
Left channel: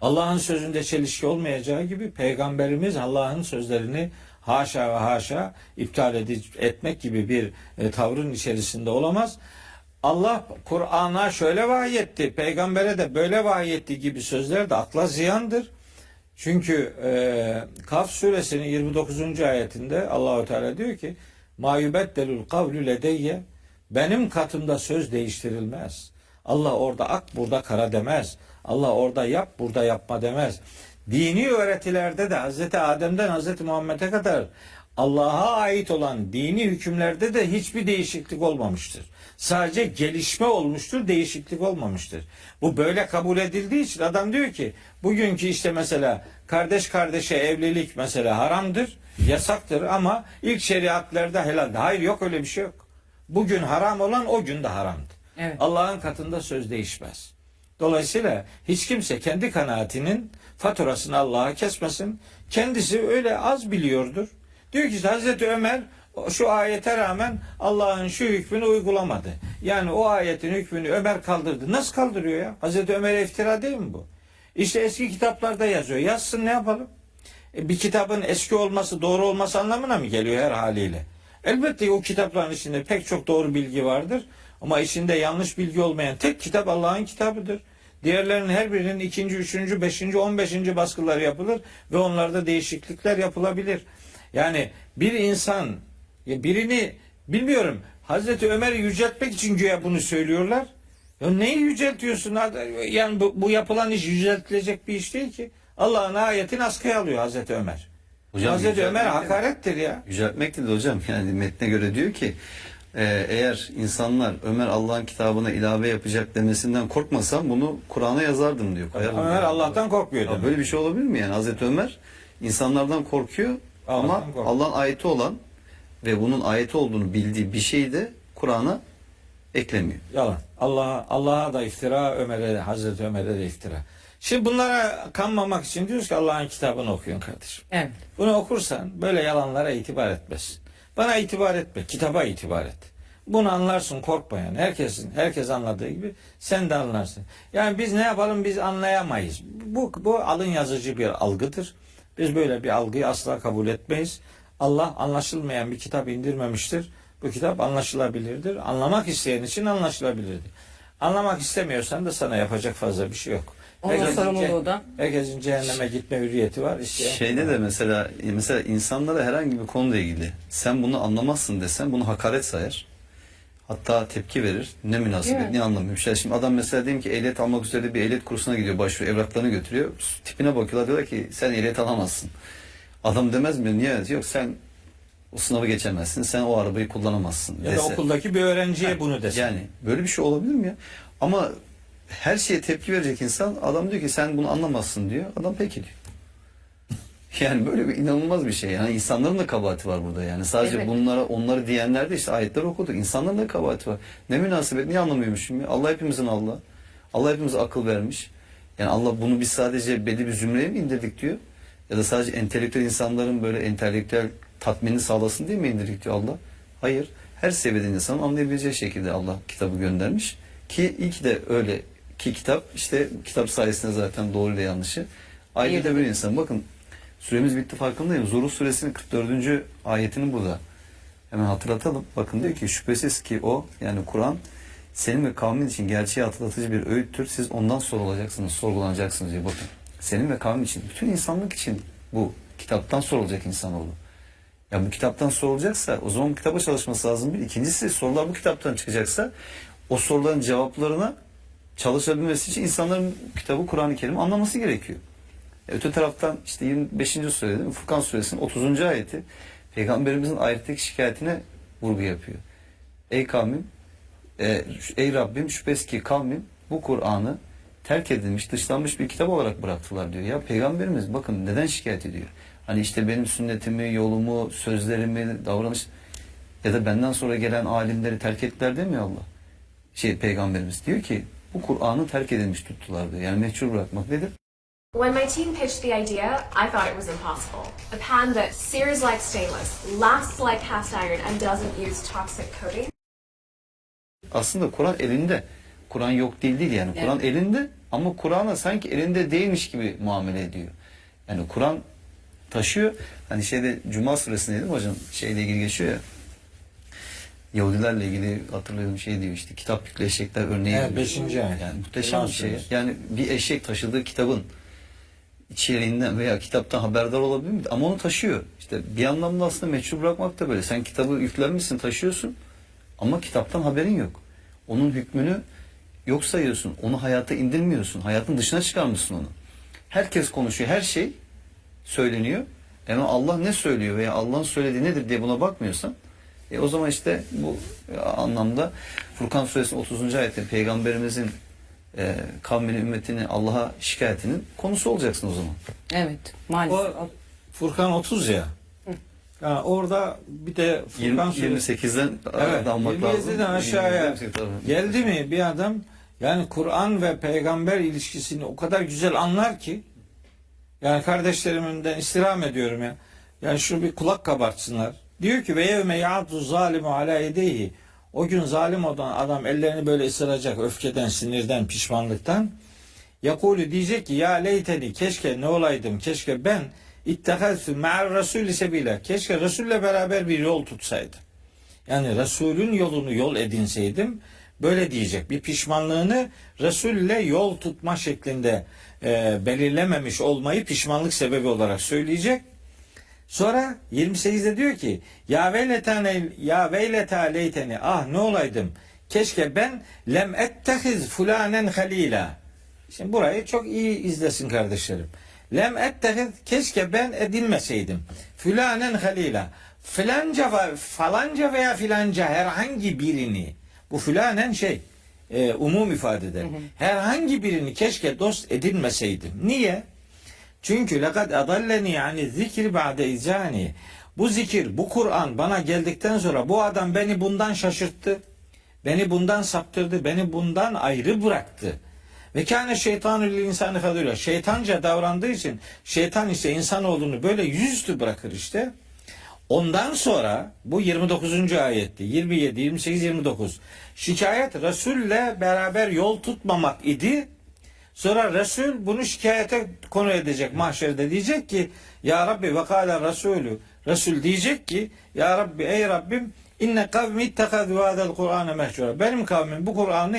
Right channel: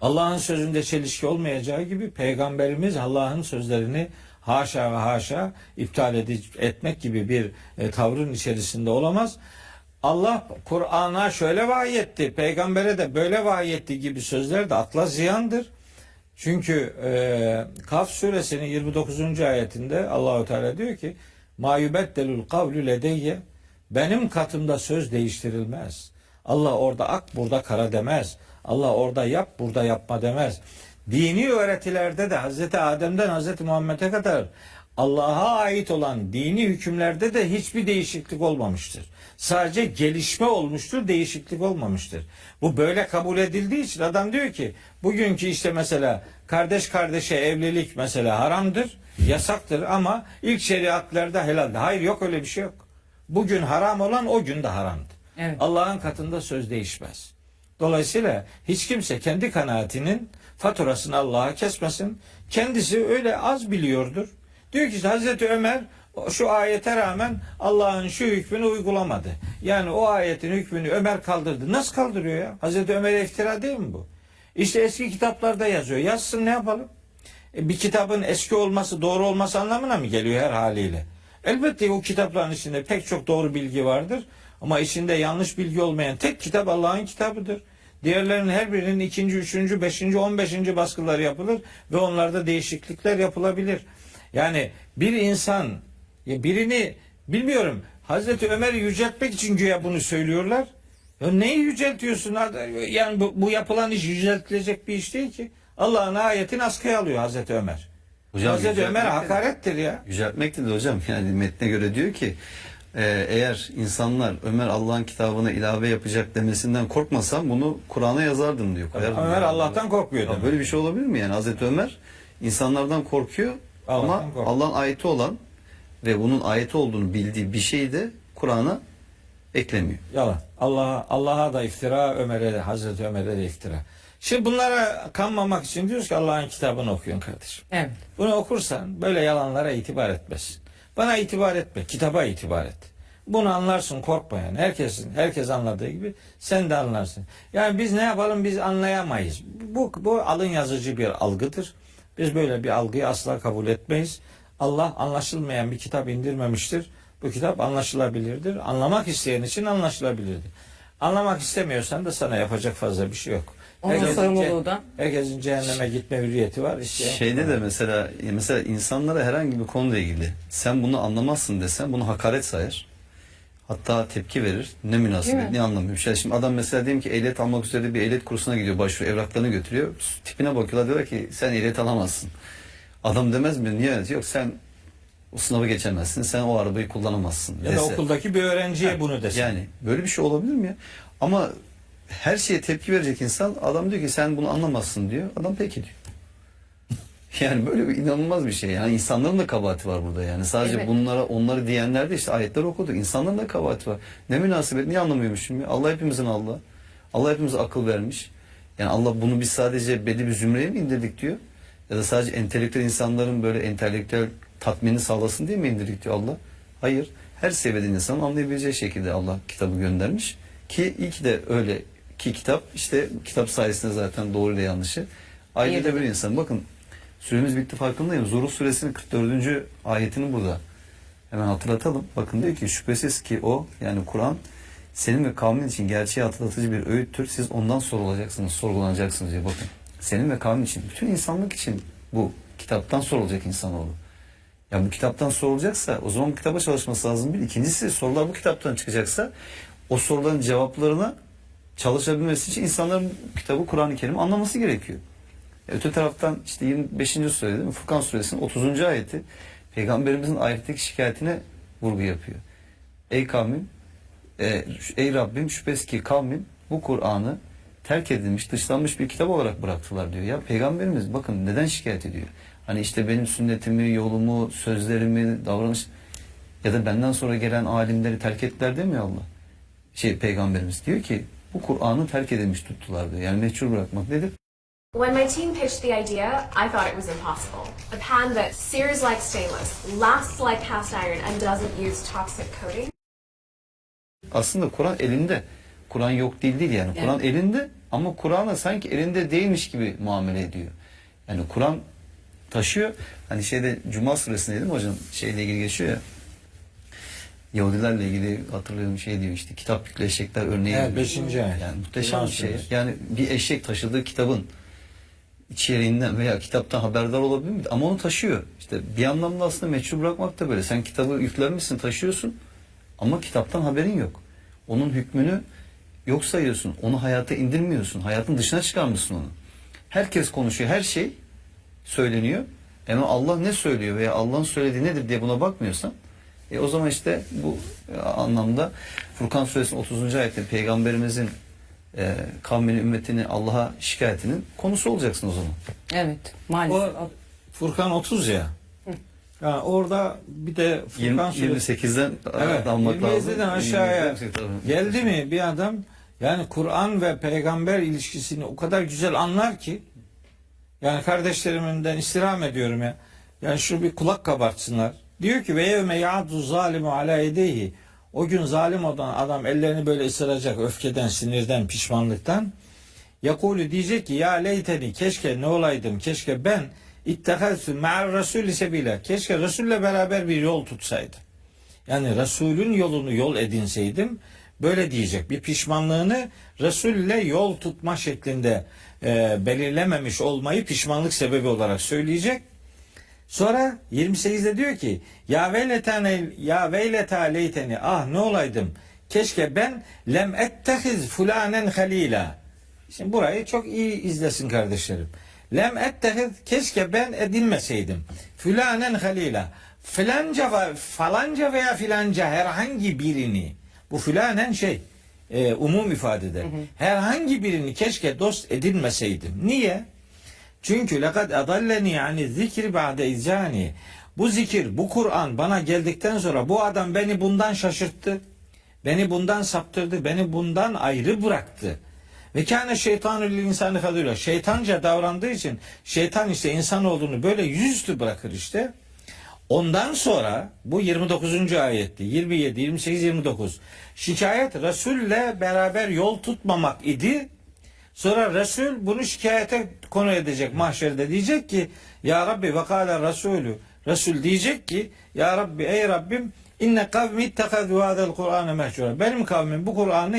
Allah'ın sözünde çelişki olmayacağı gibi Peygamberimiz Allah'ın sözlerini haşa ve haşa iptal etmek gibi bir tavrın içerisinde olamaz. Allah Kur'an'a şöyle vahyetti, peygambere de böyle vahyetti gibi sözler de akla ziyandır. Çünkü Kaf suresinin 29. ayetinde Allahu Teala diyor ki ma yubeddelul kavlu ledeyye, benim katımda söz değiştirilmez. Allah orada ak burada kara demez. Allah orada yap burada yapma demez. Dini öğretilerde de Hazreti Adem'den Hazreti Muhammed'e kadar Allah'a ait olan dini hükümlerde de hiçbir değişiklik olmamıştır. Sadece gelişme olmuştur, değişiklik olmamıştır. Bu böyle kabul edildiği için adam diyor ki bugünkü işte mesela kardeş kardeşe evlilik mesela haramdır, yasaktır ama ilk şeriatlarda helaldir. Hayır, yok öyle bir şey yok. Bugün haram olan o gün de haramdır. Evet. Allah'ın katında söz değişmez. Dolayısıyla hiç kimse kendi kanaatinin faturasını Allah'a kesmesin. Kendisi öyle az biliyordur. Diyor ki Hazreti Ömer şu ayete rağmen Allah'ın şu hükmünü uygulamadı. Yani o ayetin hükmünü Ömer kaldırdı. Nasıl kaldırıyor ya? Hazreti Ömer'e iftira değil mi bu? İşte eski kitaplarda yazıyor. Yazsın, ne yapalım? Bir kitabın eski olması doğru olması anlamına mı geliyor her haliyle? Elbette o kitapların içinde pek çok doğru bilgi vardır. Ama içinde yanlış bilgi olmayan tek kitap Allah'ın kitabıdır. Diğerlerinin her birinin 2., 3., 5., 15. baskıları yapılır ve onlarda değişiklikler yapılabilir. Yani bir insan birini bilmiyorum Hazreti Ömer'i yüceltmek için güya bunu söylüyorlar. Ya neyi yüceltiyorsun? Yani bu yapılan iş yüceltilecek bir iş değil ki. Allah'ın ayetini askıya alıyor Hazreti Ömer. Hocam, Hazreti Ömer'e hakarettir ya. Yüceltmek dedi hocam. Yani metne göre diyor ki eğer insanlar Ömer Allah'ın kitabına ilave yapacak demesinden korkmasam bunu Kur'an'a yazardım diyor. Ömer yani Allah'tan korkmuyor. Ya böyle bir şey olabilir mi yani? Hazreti Ömer insanlardan korkuyor ama Allah'ın ayeti olan ve bunun ayeti olduğunu bildiği bir şeyi de Kur'an'a eklemiyor. Yalan. Allah'a da iftira, Ömer'e de, Hazreti Ömer'e de iftira. Şimdi bunlara kanmamak için diyoruz ki Allah'ın kitabını okuyun kardeşim. Evet. Bunu okursan böyle yalanlara itibar etmezsin. Bana itibar etme, kitaba itibar et. Bunu anlarsın, korkma yani. Herkes anladığı gibi sen de anlarsın. Yani biz ne yapalım, biz anlayamayız. Bu alın yazıcı bir algıdır. Biz böyle bir algıyı asla kabul etmeyiz. Allah anlaşılmayan bir kitap indirmemiştir. Bu kitap anlaşılabilirdir. Anlamak isteyen için anlaşılabilirdir. Anlamak istemiyorsan da sana yapacak fazla bir şey yok. Onun sorumluluğu da. Herkesin cehenneme gitme hürriyeti var. Şeyde de mesela insanlara herhangi bir konuyla ilgili sen bunu anlamazsın desen bunu hakaret sayar. Hatta tepki verir. Ne münasebet, ne anlamıyor. Şimdi adam mesela diyelim ki ehliyet almak üzere bir ehliyet kursuna gidiyor, başvuruyor, evraklarını götürüyor. Tipine bakıyorlar, diyorlar ki sen ehliyet alamazsın. Adam demez mi? Niye? Yok, sen o sınavı geçemezsin, sen o arabayı kullanamazsın. Ya da okuldaki bir öğrenciye bunu desin. Yani böyle bir şey olabilir mi ya? Ama her şeye tepki verecek insan, adam diyor ki sen bunu anlamazsın diyor. Adam peki diyor. Yani böyle bir inanılmaz bir şey. Yani insanların da kabahati var burada yani. Sadece Evet. onları diyenler de işte ayetleri okuduk. İnsanların da kabahati var. Ne münasebet, niye anlamıyormuşum ya? Allah hepimizin Allah'ı. Allah hepimize akıl vermiş. Yani Allah bunu biz sadece belli bir zümreye mi indirdik diyor? Ya da sadece entelektüel insanların böyle entelektüel tatminini sağlasın diye mi indirdik diyor Allah? Hayır. Her seviyede insanın anlayabileceği şekilde Allah kitabı göndermiş. Ki iyi ki de öyle ki kitap işte kitap sayesinde zaten doğru ile yanlışı ayrı bir insan. Bakın süremiz bitti farkındayım. Zuhruf suresinin 44. ayetini burada hemen hatırlatalım. Bakın diyor ki şüphesiz ki o yani Kur'an senin ve kavmin için gerçeği hatırlatıcı bir öğüttür. Siz ondan sorulacaksınız, sorgulanacaksınız diyor. Bakın senin ve kavmin için, bütün insanlık için bu kitaptan sorulacak insanoğlu. Ya bu kitaptan sorulacaksa o zaman bu kitaba çalışması lazım. Bir. İkincisi sorular bu kitaptan çıkacaksa o soruların cevaplarına çalışabilmesi için insanların kitabı Kur'an-ı Kerim anlaması gerekiyor. Öte taraftan işte 25. sure değil mi? Furkan suresinin 30. ayeti Peygamberimizin ayetteki şikayetine vurgu yapıyor. Ey kavmim, ey Rabbim şüphesiz ki kavmim bu Kur'an'ı terk edilmiş, dışlanmış bir kitap olarak bıraktılar diyor. Ya Peygamberimiz bakın neden şikayet ediyor? Hani işte benim sünnetimi, yolumu, sözlerimi, davranış ya da benden sonra gelen alimleri terk ettiler demiyor Allah. Peygamberimiz diyor ki bu Kur'an'ı terk edilmiş tuttular diyor. Yani meçhul bırakmak nedir? When my team pitched the idea, I thought it was impossible. A pan that sears like stainless, lasts like cast iron, and doesn't use toxic coating. Aslında Kur'an elinde. Kur'an yok değil yani. Evet. Kur'an elinde ama Kur'an'a sanki elinde değilmiş gibi muamele ediyor. Yani Kur'an taşıyor. Hani Cuma suresinde değil mi hocam? Şeyle ilgili geçiyor ya. Yahudilerle ilgili hatırlıyorum diyor işte kitap yüklü eşekler örneği. Evet, 5. ayet. Yani muhteşem bir şey. Yani bir eşek taşıdığı kitabın içeriğinden veya kitaptan haberdar olabilir mi? Ama onu taşıyor. İşte bir anlamda aslında meçhul bırakmak da böyle. Sen kitabı yüklenmişsin, taşıyorsun ama kitaptan haberin yok. Onun hükmünü yok sayıyorsun. Onu hayata indirmiyorsun. Hayatın dışına çıkarmışsın onu. Herkes konuşuyor. Her şey söyleniyor. Ama Allah ne söylüyor veya Allah'ın söylediği nedir diye buna bakmıyorsan o zaman işte bu anlamda Furkan suresinin 30. ayette Peygamberimizin kavmini, ümmetini Allah'a şikayetinin konusu olacaksın o zaman. Evet, maalesef. O Furkan 30 ya. Yani orada bir de Furkan 28'den evet, almak lazım. 27'den aşağıya geldi mi bir adam yani Kur'an ve peygamber ilişkisini o kadar güzel anlar ki yani kardeşlerimden istirham ediyorum ya. Yani şu bir kulak kabartsınlar. Diyor ki ve yevme ya'du zalimu ala yedeyhi. O gün zalim olan adam ellerini böyle ısıracak öfkeden, sinirden, pişmanlıktan. Yakulu diyecek ki ya leyteni keşke ne olaydım, keşke ben ittehaztu ma'ar rasulü sebila. Keşke Resul'le beraber bir yol tutsaydım. Yani Resul'ün yolunu yol edinseydim. Böyle diyecek. Bir pişmanlığını Resul'le yol tutma şeklinde belirlememiş olmayı pişmanlık sebebi olarak söyleyecek. Sonra 28'de diyor ki ya veyleta leyteni ah ne olaydım keşke ben lem ettehiz fulanen halila. Şimdi burayı çok iyi izlesin kardeşlerim. Lem ettehiz keşke ben edinmeseydim fulanen halila. Falanca veya filanca herhangi birini bu fulanen umum ifade eder. Herhangi birini keşke dost edinmeseydim. Niye? Çünkü lekad adalleni yani zikri ba'de izani. Bu zikir, bu Kur'an bana geldikten sonra bu adam beni bundan şaşırttı. Beni bundan saptırdı. Beni bundan ayrı bıraktı. Ve kâne şeytanü lil insanı kadıyla. Şeytanca davrandığı için şeytan işte insanoğlunu böyle yüzüstü bırakır işte. Ondan sonra bu 29. ayetti. 27, 28, 29. Şikayet Resul'le beraber yol tutmamak idi. Sonra Resul bunu şikayete konu edecek mahşerde diyecek ki ya Rabbi ve kâle Resulü Resul diyecek ki ya Rabbi ey Rabbim İnne kavmi ittehadu hadel Kur'ane mehcura. Benim kavmim bu Kur'an'ı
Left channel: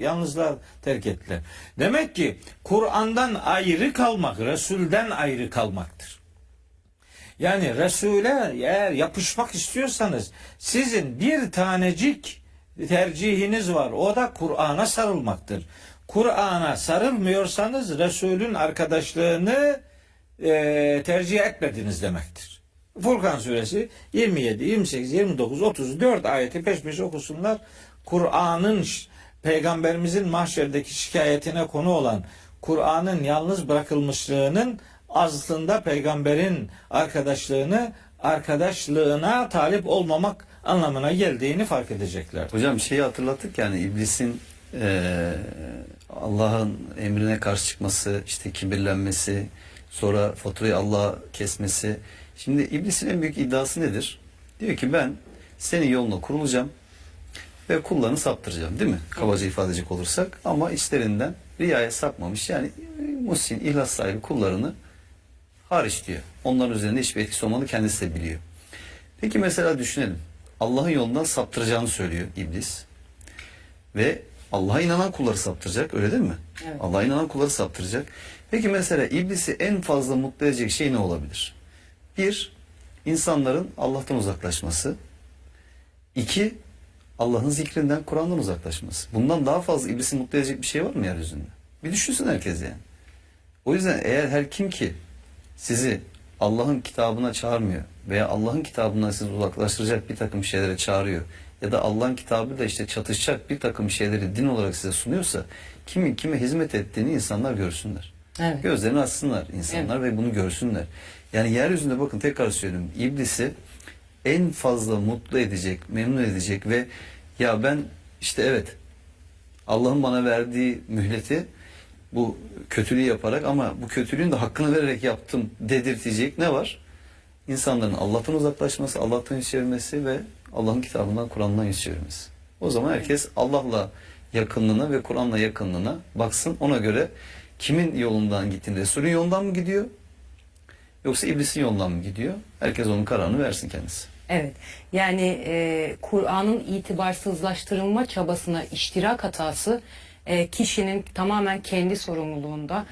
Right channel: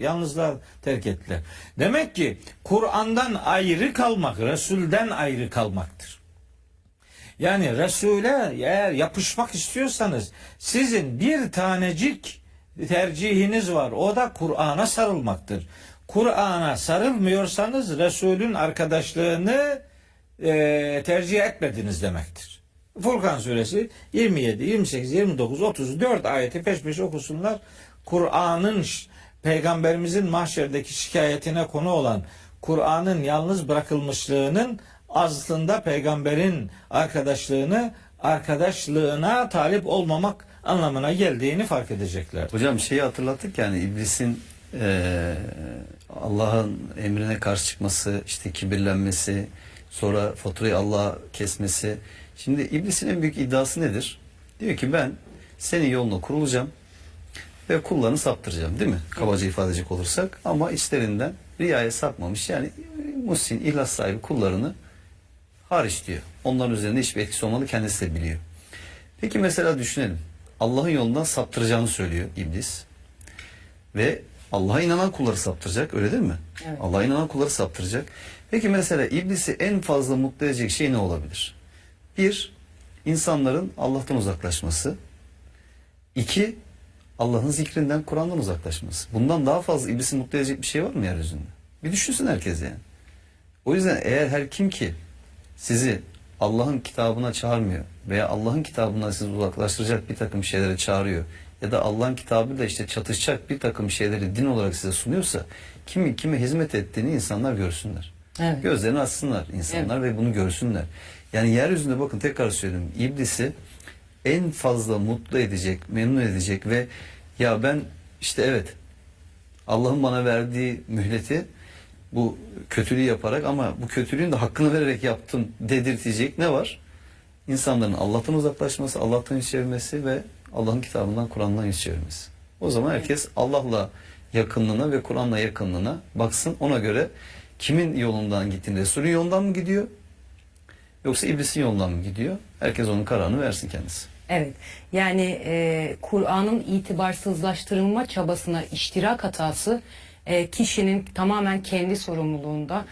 yalnızlar terk ettiler. Demek ki Kur'an'dan ayrı kalmak, Resul'den ayrı kalmaktır. Yani Resul'e eğer yapışmak istiyorsanız sizin bir tanecik tercihiniz var. O da Kur'an'a sarılmaktır. Kur'an'a sarılmıyorsanız Resul'ün arkadaşlığını tercih etmediniz demektir. Furkan suresi 27, 28, 29, 34 ayeti peş peşe okusunlar. Kur'an'ın peygamberimizin mahşerdeki şikayetine konu olan Kur'an'ın yalnız bırakılmışlığının aslında peygamberin arkadaşlığına talip olmamak anlamına geldiğini fark edecekler. Hocam şeyi hatırlattık, yani iblisin Allah'ın emrine karşı çıkması, işte kibirlenmesi, sonra faturayı Allah'a kesmesi. Şimdi iblisin en büyük iddiası nedir? Diyor ki ben senin yoluna kurulacağım ve kullarını saptıracağım, değil mi? Kabaca ifade edecek olursak, ama içlerinden riyaya sapmamış, yani muhsin, ihlas sahibi kullarını hariç diyor. Onların üzerinde hiçbir etkisi olmadığı kendisi de biliyor. Peki mesela düşünelim. Allah'ın yolundan saptıracağını söylüyor iblis. Ve Allah'a inanan kulları saptıracak, öyle değil mi? Evet. Allah'a inanan kulları saptıracak. Peki mesela iblisi en fazla mutlu edecek şey ne olabilir? 1, insanların Allah'tan uzaklaşması. 2, Allah'ın zikrinden, Kur'an'dan uzaklaşması. Bundan daha fazla iblisi mutlu edecek bir şey var mı yeryüzünde? Bir düşünsün herkes yani. O yüzden eğer her kim ki sizi Allah'ın kitabına çağırmıyor veya Allah'ın kitabından sizi uzaklaştıracak bir takım şeylere çağırıyor ya da Allah'ın kitabıyla işte çatışacak bir takım şeyleri din olarak size sunuyorsa, kimin kime hizmet ettiğini insanlar görsünler. Evet. Gözlerini açsınlar insanlar ve bunu görsünler. Yani yeryüzünde, bakın tekrar söylüyorum, iblisi en fazla mutlu edecek, memnun edecek ve ya ben işte evet Allah'ın bana verdiği mühleti bu kötülüğü yaparak, ama bu kötülüğün de hakkını vererek yaptım dedirtecek ne var? İnsanların Allah'tan uzaklaşması, Allah'tan yüz çevirmesi ve Allah'ın kitabından, Kur'an'dan yüz çevirmesi. O zaman herkes Allah'la yakınlığına ve Kur'an'la yakınlığına baksın. Ona göre kimin yolundan gittiğinde, Resul'ün yolundan mı gidiyor? Yoksa iblisin yolundan mı gidiyor? Herkes onun kararını versin kendisi. Evet. Yani Kur'an'ın itibarsızlaştırılma çabasına iştirak hatası kişinin tamamen kendi sorumluluğunda.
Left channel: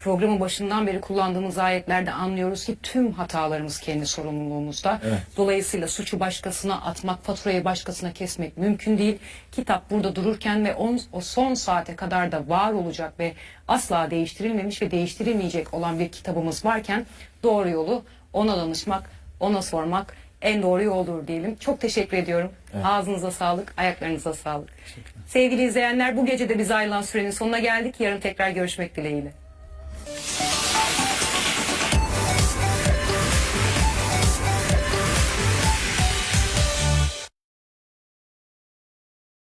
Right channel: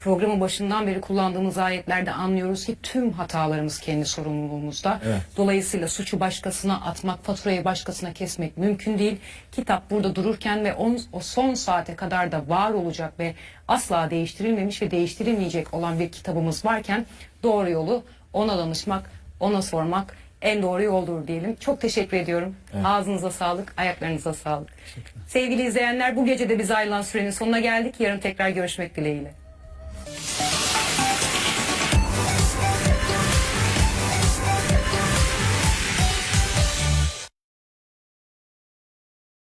Programın başından beri kullandığımız ayetlerde anlıyoruz ki tüm hatalarımız kendi sorumluluğumuzda. Evet. Dolayısıyla suçu başkasına atmak, faturayı başkasına kesmek mümkün değil. Kitap burada dururken ve o son saate kadar da var olacak ve asla değiştirilmemiş ve değiştirilmeyecek olan bir kitabımız varken doğru yolu ona danışmak, ona sormak en doğru yoldur diyelim. Çok teşekkür ediyorum. Evet. Ağzınıza sağlık, ayaklarınıza sağlık. Sevgili izleyenler, bu gece de biz ayrılan sürenin sonuna geldik. Yarın tekrar görüşmek dileğiyle.